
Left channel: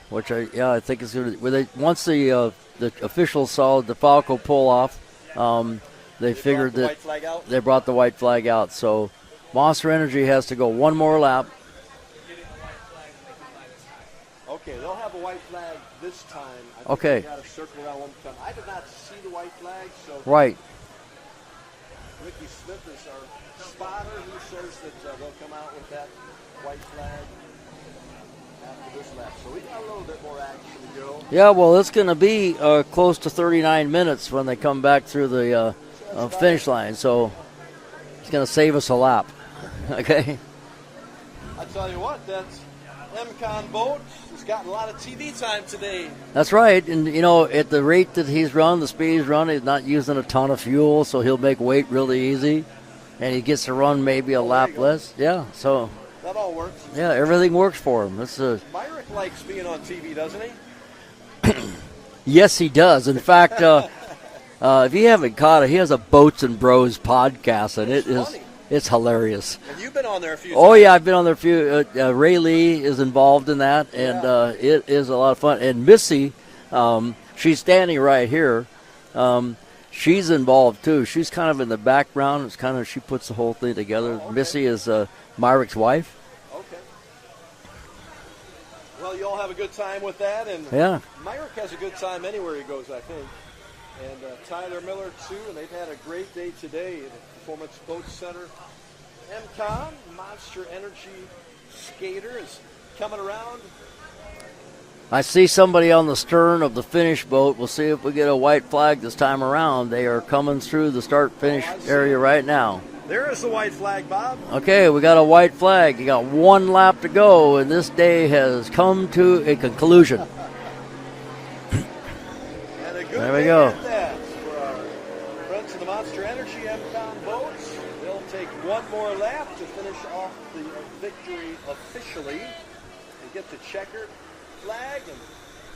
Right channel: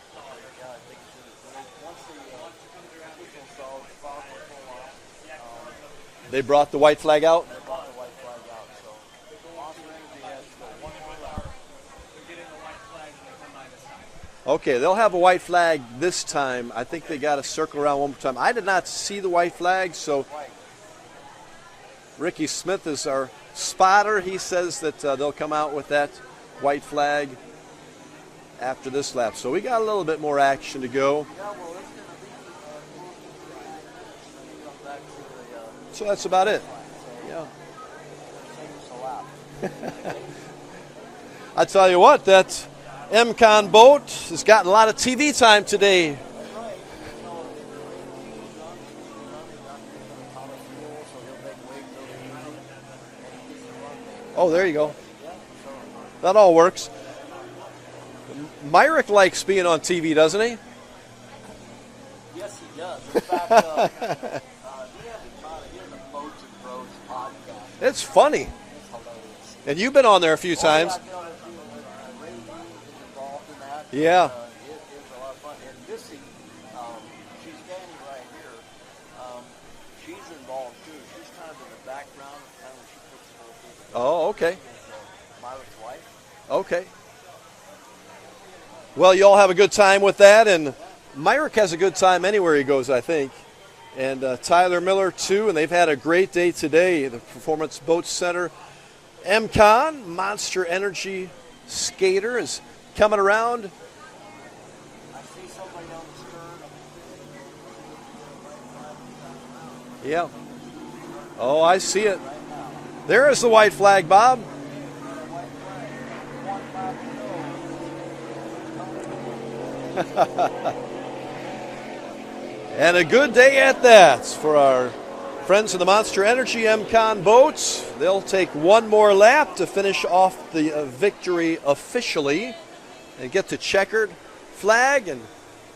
Which I think is going to. Once the officials saw the Falco pull off, they brought the white flag out. They brought the white flag out. So Monster Energy has to go one more lap. Okay, they'll have a white flag this time. I think they got to circle around one more time. I did not see the white flag, so right. Ricky Smith is our spotter. He says that they'll come out with that white flag after this lap. So we got a little bit more action to go. Yeah, well, it's going to be close to 39 minutes when they come back through the finish line. So it's going to save us a lap. Okay. I tell you what, that MCON boat has gotten a lot of TV time today. That's right. And, at the rate that he's run, the speed he's run, he's not using a ton of fuel, so he'll make weight really easy. And he gets to run maybe a lap less. Yeah, so that all works. Yeah, everything works for him. Myrick likes being on TV, doesn't he? Yes, he does. In fact, if you haven't caught it, he has a Boats and Bros podcast. And it's funny. It's hilarious. And you've been on there a few times. Oh, yeah, I've been on there a few. Ray Lee is involved in that. Yeah. And it is a lot of fun. And Missy, she's standing right here. She's involved, too. She's kind of in the background. It's kind of, she puts the whole thing together. Oh, okay. Missy is Myrick's wife. Okay. Well, you all have a good time with that, and yeah. Myrick has a good time anywhere he goes, I think. And Tyler Miller, too, and they've had a great day today. The Performance Boat Center MCON, Monster Energy Skater, is coming around. I see somebody on the stern of the finish boat. We'll see if we get a white flag this time around. They are coming through the start-finish area right now. There is the white flag, Bob. Okay, we got a white flag. You got one lap to go, and this day has come to a conclusion. And a good day at that for our friends in the Monster Energy MCON boats. They'll take one more lap to finish off the victory officially and get to checkered flag, and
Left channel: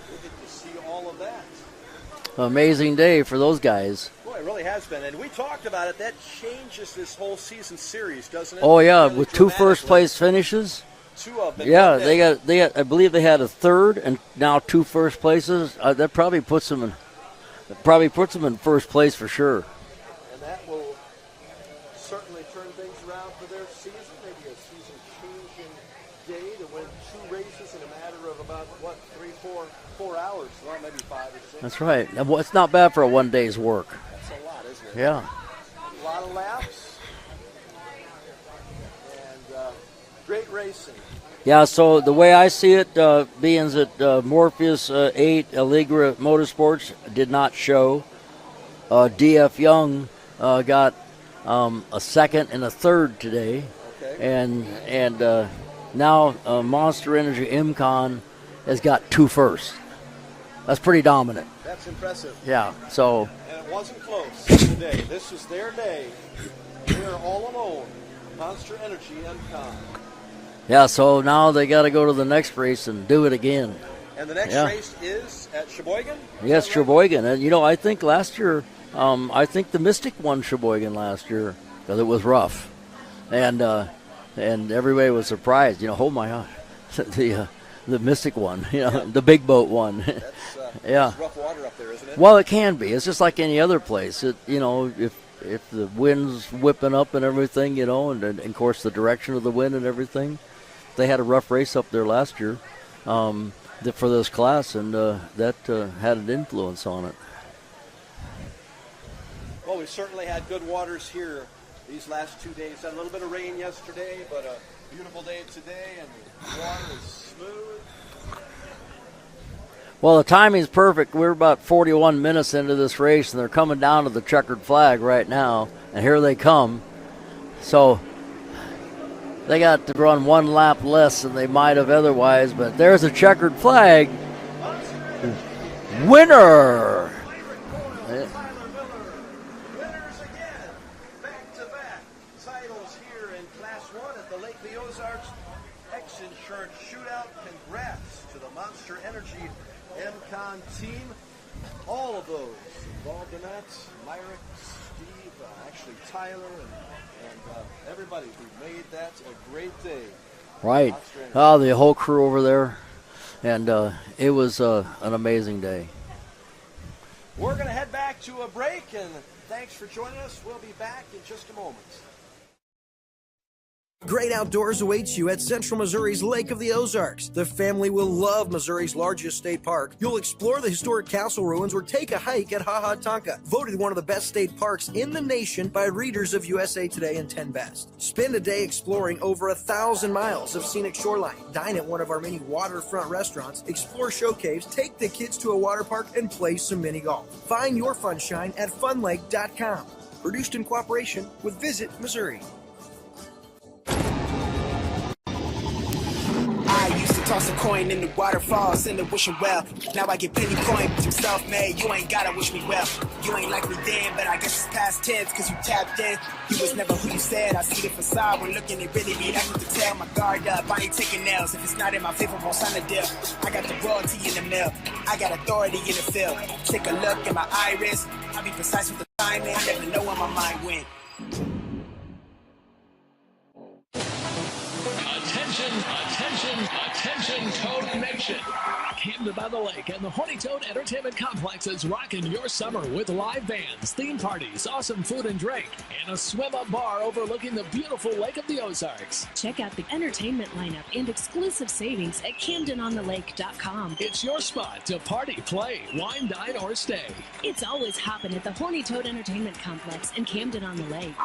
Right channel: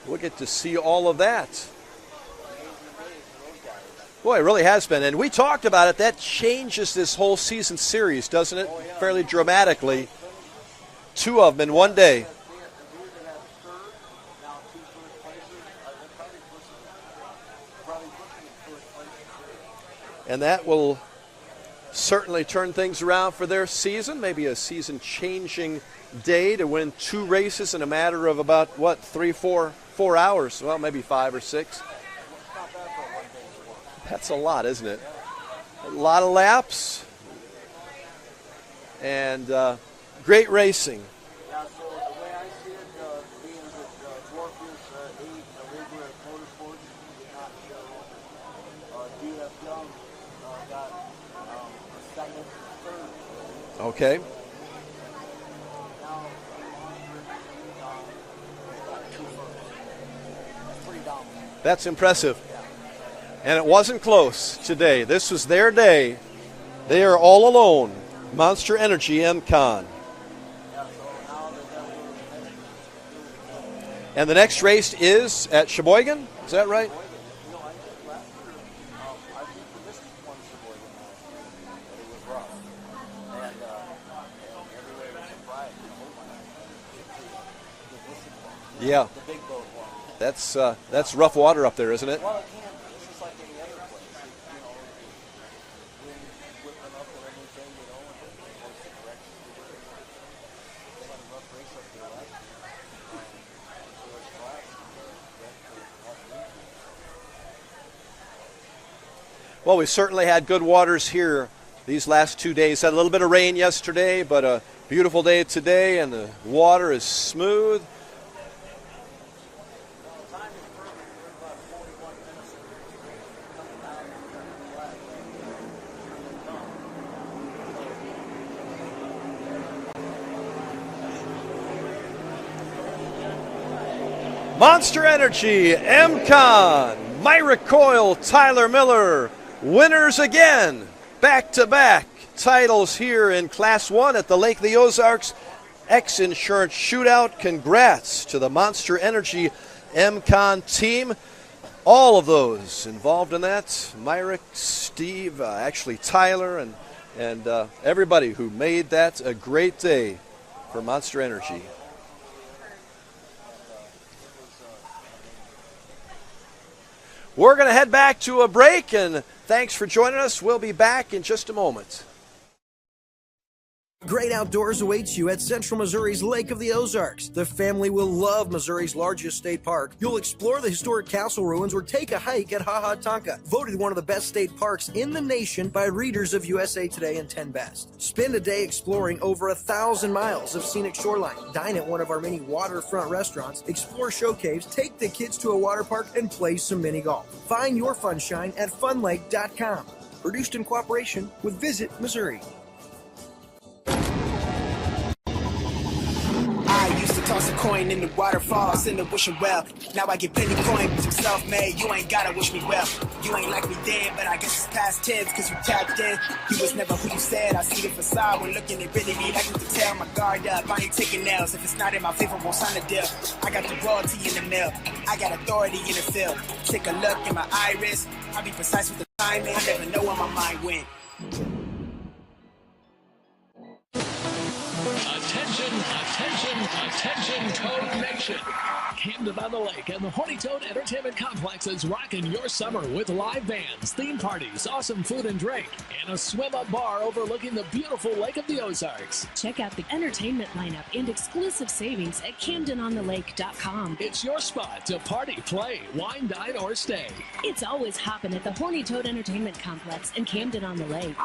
we'll get to see all of that. Amazing day for those guys. Boy, it really has been. And we talked about it. That changes this whole season series, doesn't it? Oh, yeah, fairly with two first-place finishes. Two of them in one day. They got, I believe they had a third and now two first places. That probably puts them in first place for sure. And that will certainly turn things around for their season. Maybe a season-changing day to win two races in a matter of about, 4 hours. Well, maybe 5 or 6. That's right. It's not bad for a one day's work. That's a lot, isn't it? Yeah. A lot of laps. And great racing. Yeah, so the way I see it, being that Morpheus 8 Allegra Motorsports did not show, DF Young got a second and a third today. Okay. And now Monster Energy MCON has got two firsts. That's pretty dominant. That's impressive. Yeah. So. And it wasn't close today. This was their day. They are all alone. Monster Energy MCON. Yeah. So now they got to go to the next race and do it again. And the next race is at Sheboygan? Yes, right? Sheboygan. And I think last year, I think the Mystic won Sheboygan last year because it was rough, and everybody was surprised. Oh my gosh, the Mystic one, the big boat one. That's rough water up there, isn't it? Well, it can be. It's just like any other place. If the wind's whipping up and everything, and of course the direction of the wind and everything. They had a rough race up there last year for this class, and that had an influence on it. Well, we certainly had good waters here these last 2 days. Had a little bit of rain yesterday, but a beautiful day today, and the water is smooth. Well, the timing's perfect. We're about 41 minutes into this race, and they're coming down to the checkered flag right now, and here they come. So they got to run one lap less than they might have otherwise, but there's a checkered flag. Monster Energy MCON. Winner! Myrick Coyle, Tyler Miller, winners again. Back-to-back titles here in Class 1 at the Lake of the Ozarks X Insurance Shootout. Congrats to the Monster Energy MCON team. All of those involved in that, Myrick, Steve, Tyler, and and everybody who made that a great day. Right. Monster Energy. Oh, the whole crew over there. And it was an amazing day. We're going to head back to a break, and thanks for joining us. We'll be back in just a moment. Great outdoors awaits you at Central Missouri's Lake of the Ozarks. The family will love Missouri's largest state park. You'll explore the historic castle ruins or take a hike at Ha Ha Tonka, voted one of the best state parks in the nation by readers of USA Today and 10 Best. Spend a day exploring over 1,000 miles of scenic shoreline. Dine at one of our many waterfront restaurants, explore show caves, take the kids to a water park, and play some mini golf. Find your funshine at funlake.com. Produced in cooperation with Visit Missouri. I used to toss a coin in the waterfalls in the wishing well. Now I get penny coin, but I'm self-made. You ain't gotta wish me well. You ain't like me then, but I guess it's past tense, cause you tapped in. You was never who you said. I see the facade when looking, it really be like to tell. My guard up, I ain't taking nails. If it's not in my favor, won't sign the deal. I got the royalty in the mill. I got authority in the field. Take a look in my iris. I be precise with the timing. I never know where my mind went. Attention, attention, attention, Toad Nation. Camden on the Lake and the Horny Toad Entertainment Complex is rocking your summer with live bands, theme parties, awesome food and drink, and a swim-up bar overlooking the beautiful Lake of the Ozarks. Check out the entertainment lineup and exclusive savings at CamdenOnTheLake.com. It's your spot to party, play, wine, dine, or stay. It's always hopping at the Horny Toad Entertainment Complex in Camden on the Lake.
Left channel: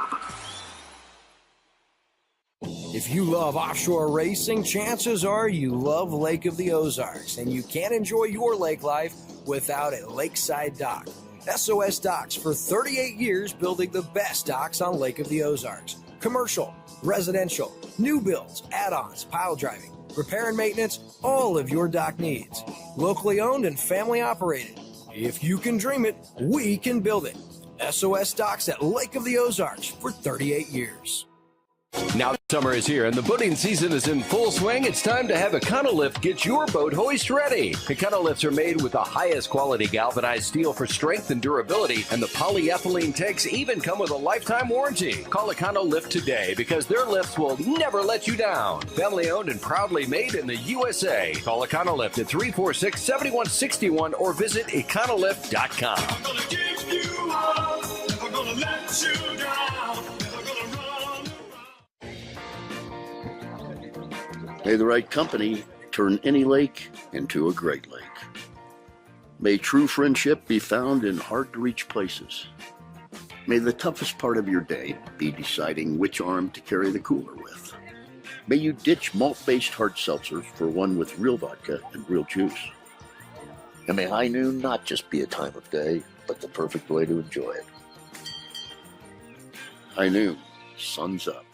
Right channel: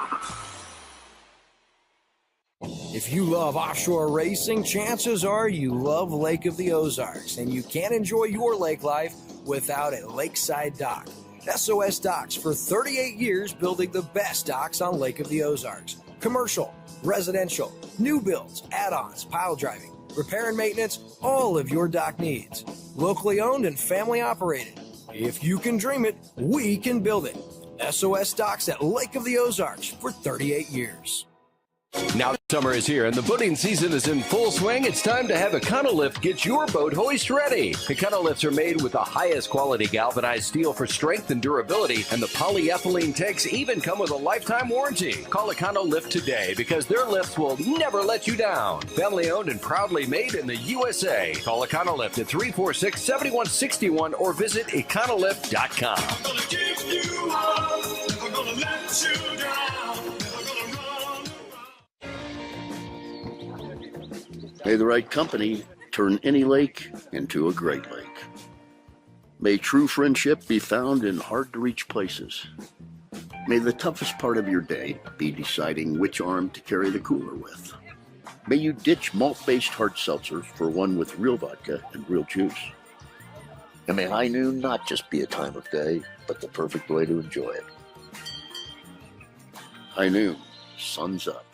If you love offshore racing, chances are you love Lake of the Ozarks, and you can't enjoy your lake life without a lakeside dock. SOS Docks for 38 years building the best docks on Lake of the Ozarks. Commercial, residential, new builds, add-ons, pile driving, repair and maintenance, all of your dock needs. Locally owned and family operated. If you can dream it, we can build it. SOS Docks at Lake of the Ozarks for 38 years. Now summer is here and the boating season is in full swing. It's time to have Econolift get your boat hoist ready. Econolifts are made with the highest quality galvanized steel for strength and durability, and the polyethylene tanks even come with a lifetime warranty. Call Econolift today because their lifts will never let you down. Family owned and proudly made in the USA. Call Econolift at 346-7161 or visit econolift.com. I'm gonna give you all, never gonna let you down, never gonna run. May the right company turn any lake into a great lake. May true friendship be found in hard-to-reach places. May the toughest part of your day be deciding which arm to carry the cooler with. May you ditch malt-based hard seltzer for one with real vodka and real juice. And may high noon not just be a time of day, but the perfect way to enjoy it. High noon, sun's up.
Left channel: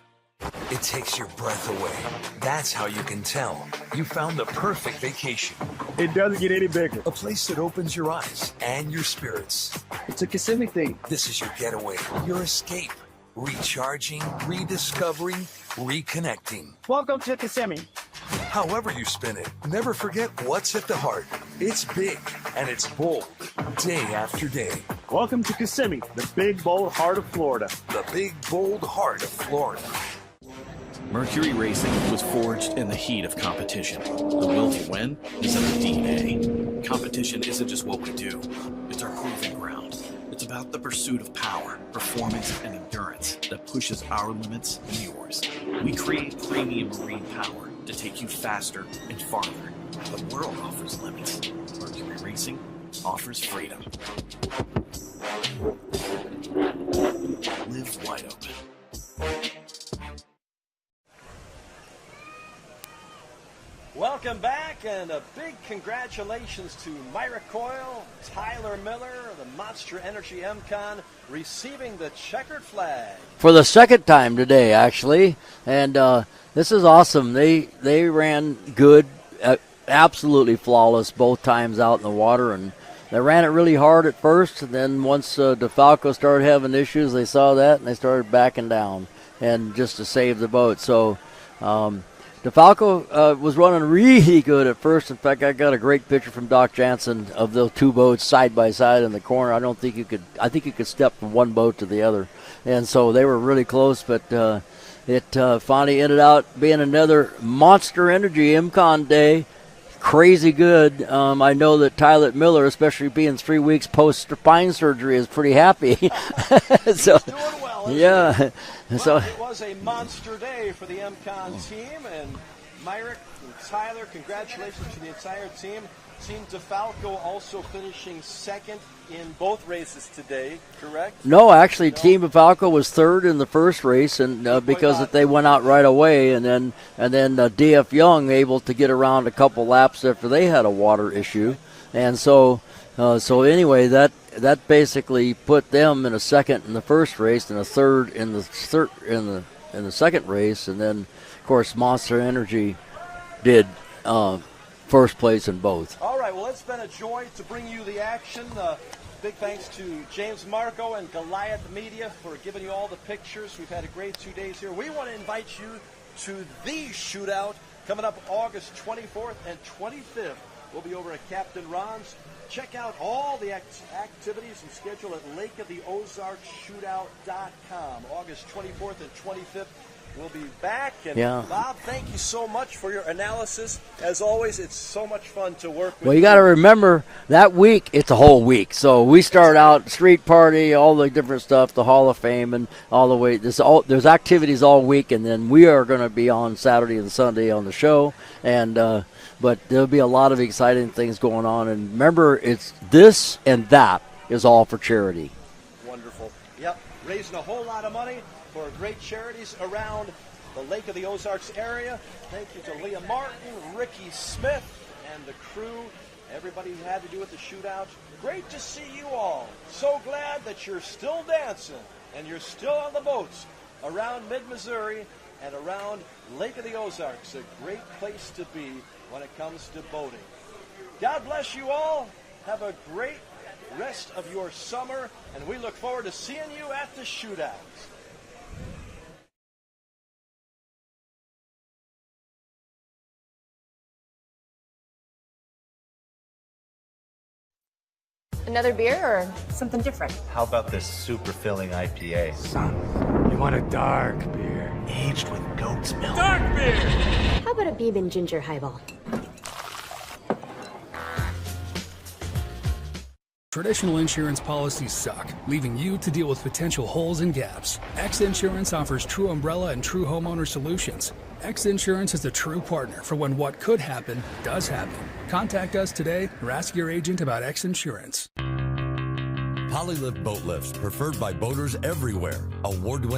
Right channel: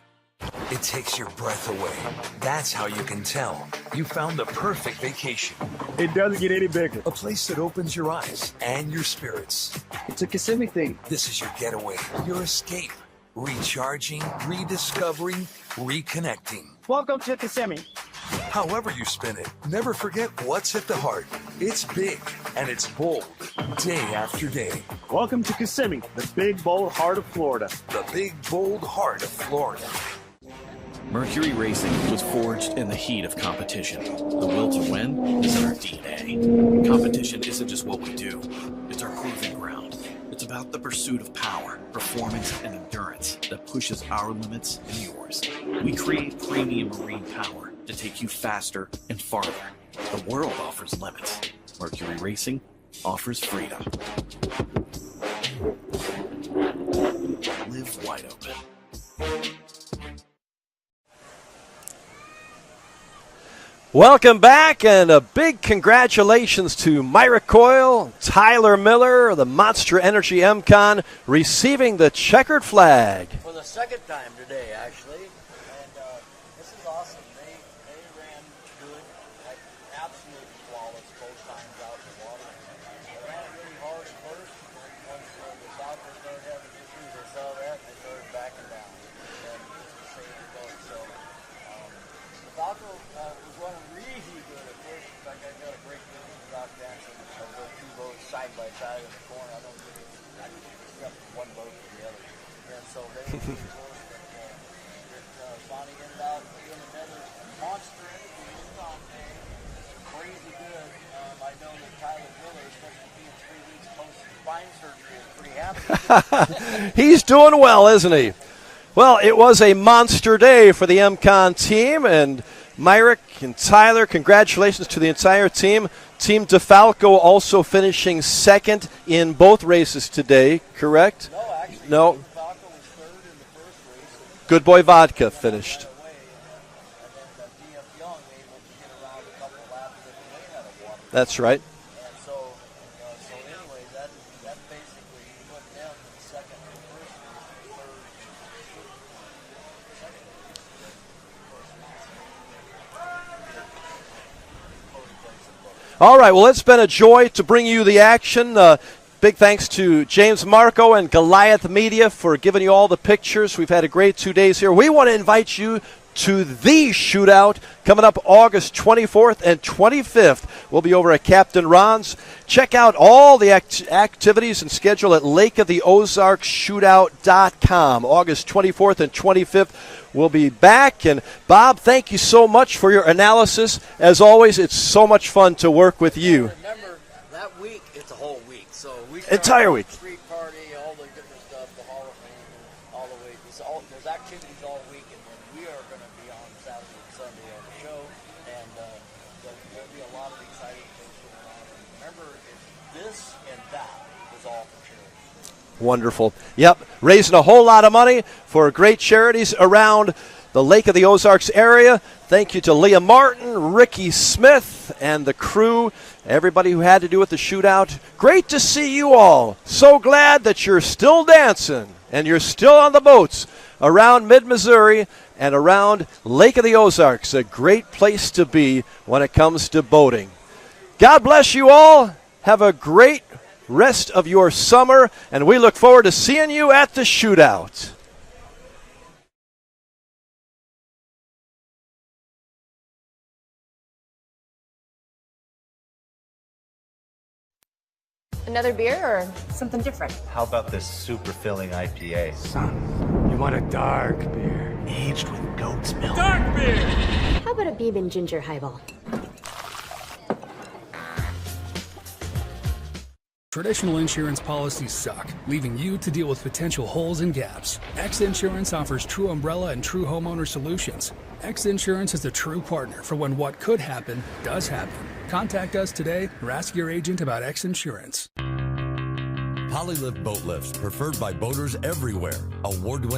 It takes your breath away. That's how you can tell you found the perfect vacation. It doesn't get any bigger. A place that opens your eyes and your spirits. It's a Kissimmee thing. This is your getaway, your escape. Recharging, rediscovering, reconnecting. Welcome to Kissimmee. However you spin it, never forget what's at the heart. It's big and it's bold, day after day. Welcome to Kissimmee, the big, bold heart of Florida. The big, bold heart of Florida. Mercury Racing was forged in the heat of competition. The will to win is in our DNA. Competition isn't just what we do, it's our proving ground. It's about the pursuit of power, performance, and endurance that pushes our limits and yours. We create premium marine power to take you faster and farther. The world offers limits. Mercury Racing offers freedom. Live wide open. Welcome back, and a big congratulations to Myra Coyle, Tyler Miller, the Monster Energy MCon, receiving the checkered flag. For the second time today, actually, and this is awesome. They ran good, absolutely flawless both times out in the water, and they ran it really hard at first, and then once DeFalco started having issues, they saw that, and they started backing down, and just to save the boat. So DeFalco was running really good at first. In fact, I got a great picture from Doc Jansen of those two boats side by side in the corner. I think you could step from one boat to the other. And so they were really close, but it finally ended out being another Monster Energy MCON day. Crazy good. I know that Tyler Miller, especially being 3 weeks post-spine surgery, is pretty happy. He's doing well, isn't he? Well, it was a monster day for the MCON team, and Myrick and Tyler, congratulations to the entire team. Team DeFalco also finishing second in both races today, correct? No, actually, Team DeFalco was third in the first race, and Good Boy Vodka they went finished out right away, and then DF Young able to get around a couple laps after they had a water issue. That's right. And so anyway, that basically put them in a second in the first race and a third in the second race, and then of course Monster Energy did first place in both. All right, well, it's been a joy to bring you the action. Big thanks to James Marco and Goliath Media for giving you all the pictures. We've had a great 2 days here. We want to invite you to the Shootout coming up August 24th and 25th. We'll be over at Captain Ron's. Check out all the activities and schedule at lakeoftheozarkshootout.com. August 24th and 25th. We'll be back. And Bob, thank you so much for your analysis. As always, it's so much fun to work with you. You got to remember, that week, it's a whole week. So we start out street party, all the different stuff, the Hall of Fame, and all the way. There's activities all week, and then we are going to be on Saturday and Sunday on the show. And but there'll be a lot of exciting things going on. And remember, it's this and that is all for charity. Wonderful. Yep, raising a whole lot of money for great charities around the Lake of the Ozarks area. Thank you to Leah Martin, Ricky Smith, and the crew, everybody who had to do with the Shootout. Great to see you all. So glad that you're still dancing and you're still on the boats around mid-Missouri and around Lake of the Ozarks. A great place to be when it comes to boating. God bless you all. Have a great rest of your summer, and we look forward to seeing you at the Shootout. Another beer or something different? How about this super filling IPA? Son, you want a dark beer, aged with goat's milk. Dark beer! How about a Beeb and Ginger highball? Traditional insurance policies suck, leaving you to deal with potential holes and gaps. X Insurance offers true umbrella and true homeowner solutions. X Insurance is the true partner for when what could happen does happen. Contact us today or ask your agent about X Insurance. Polylift boat lifts, preferred by boaters everywhere. Award-winning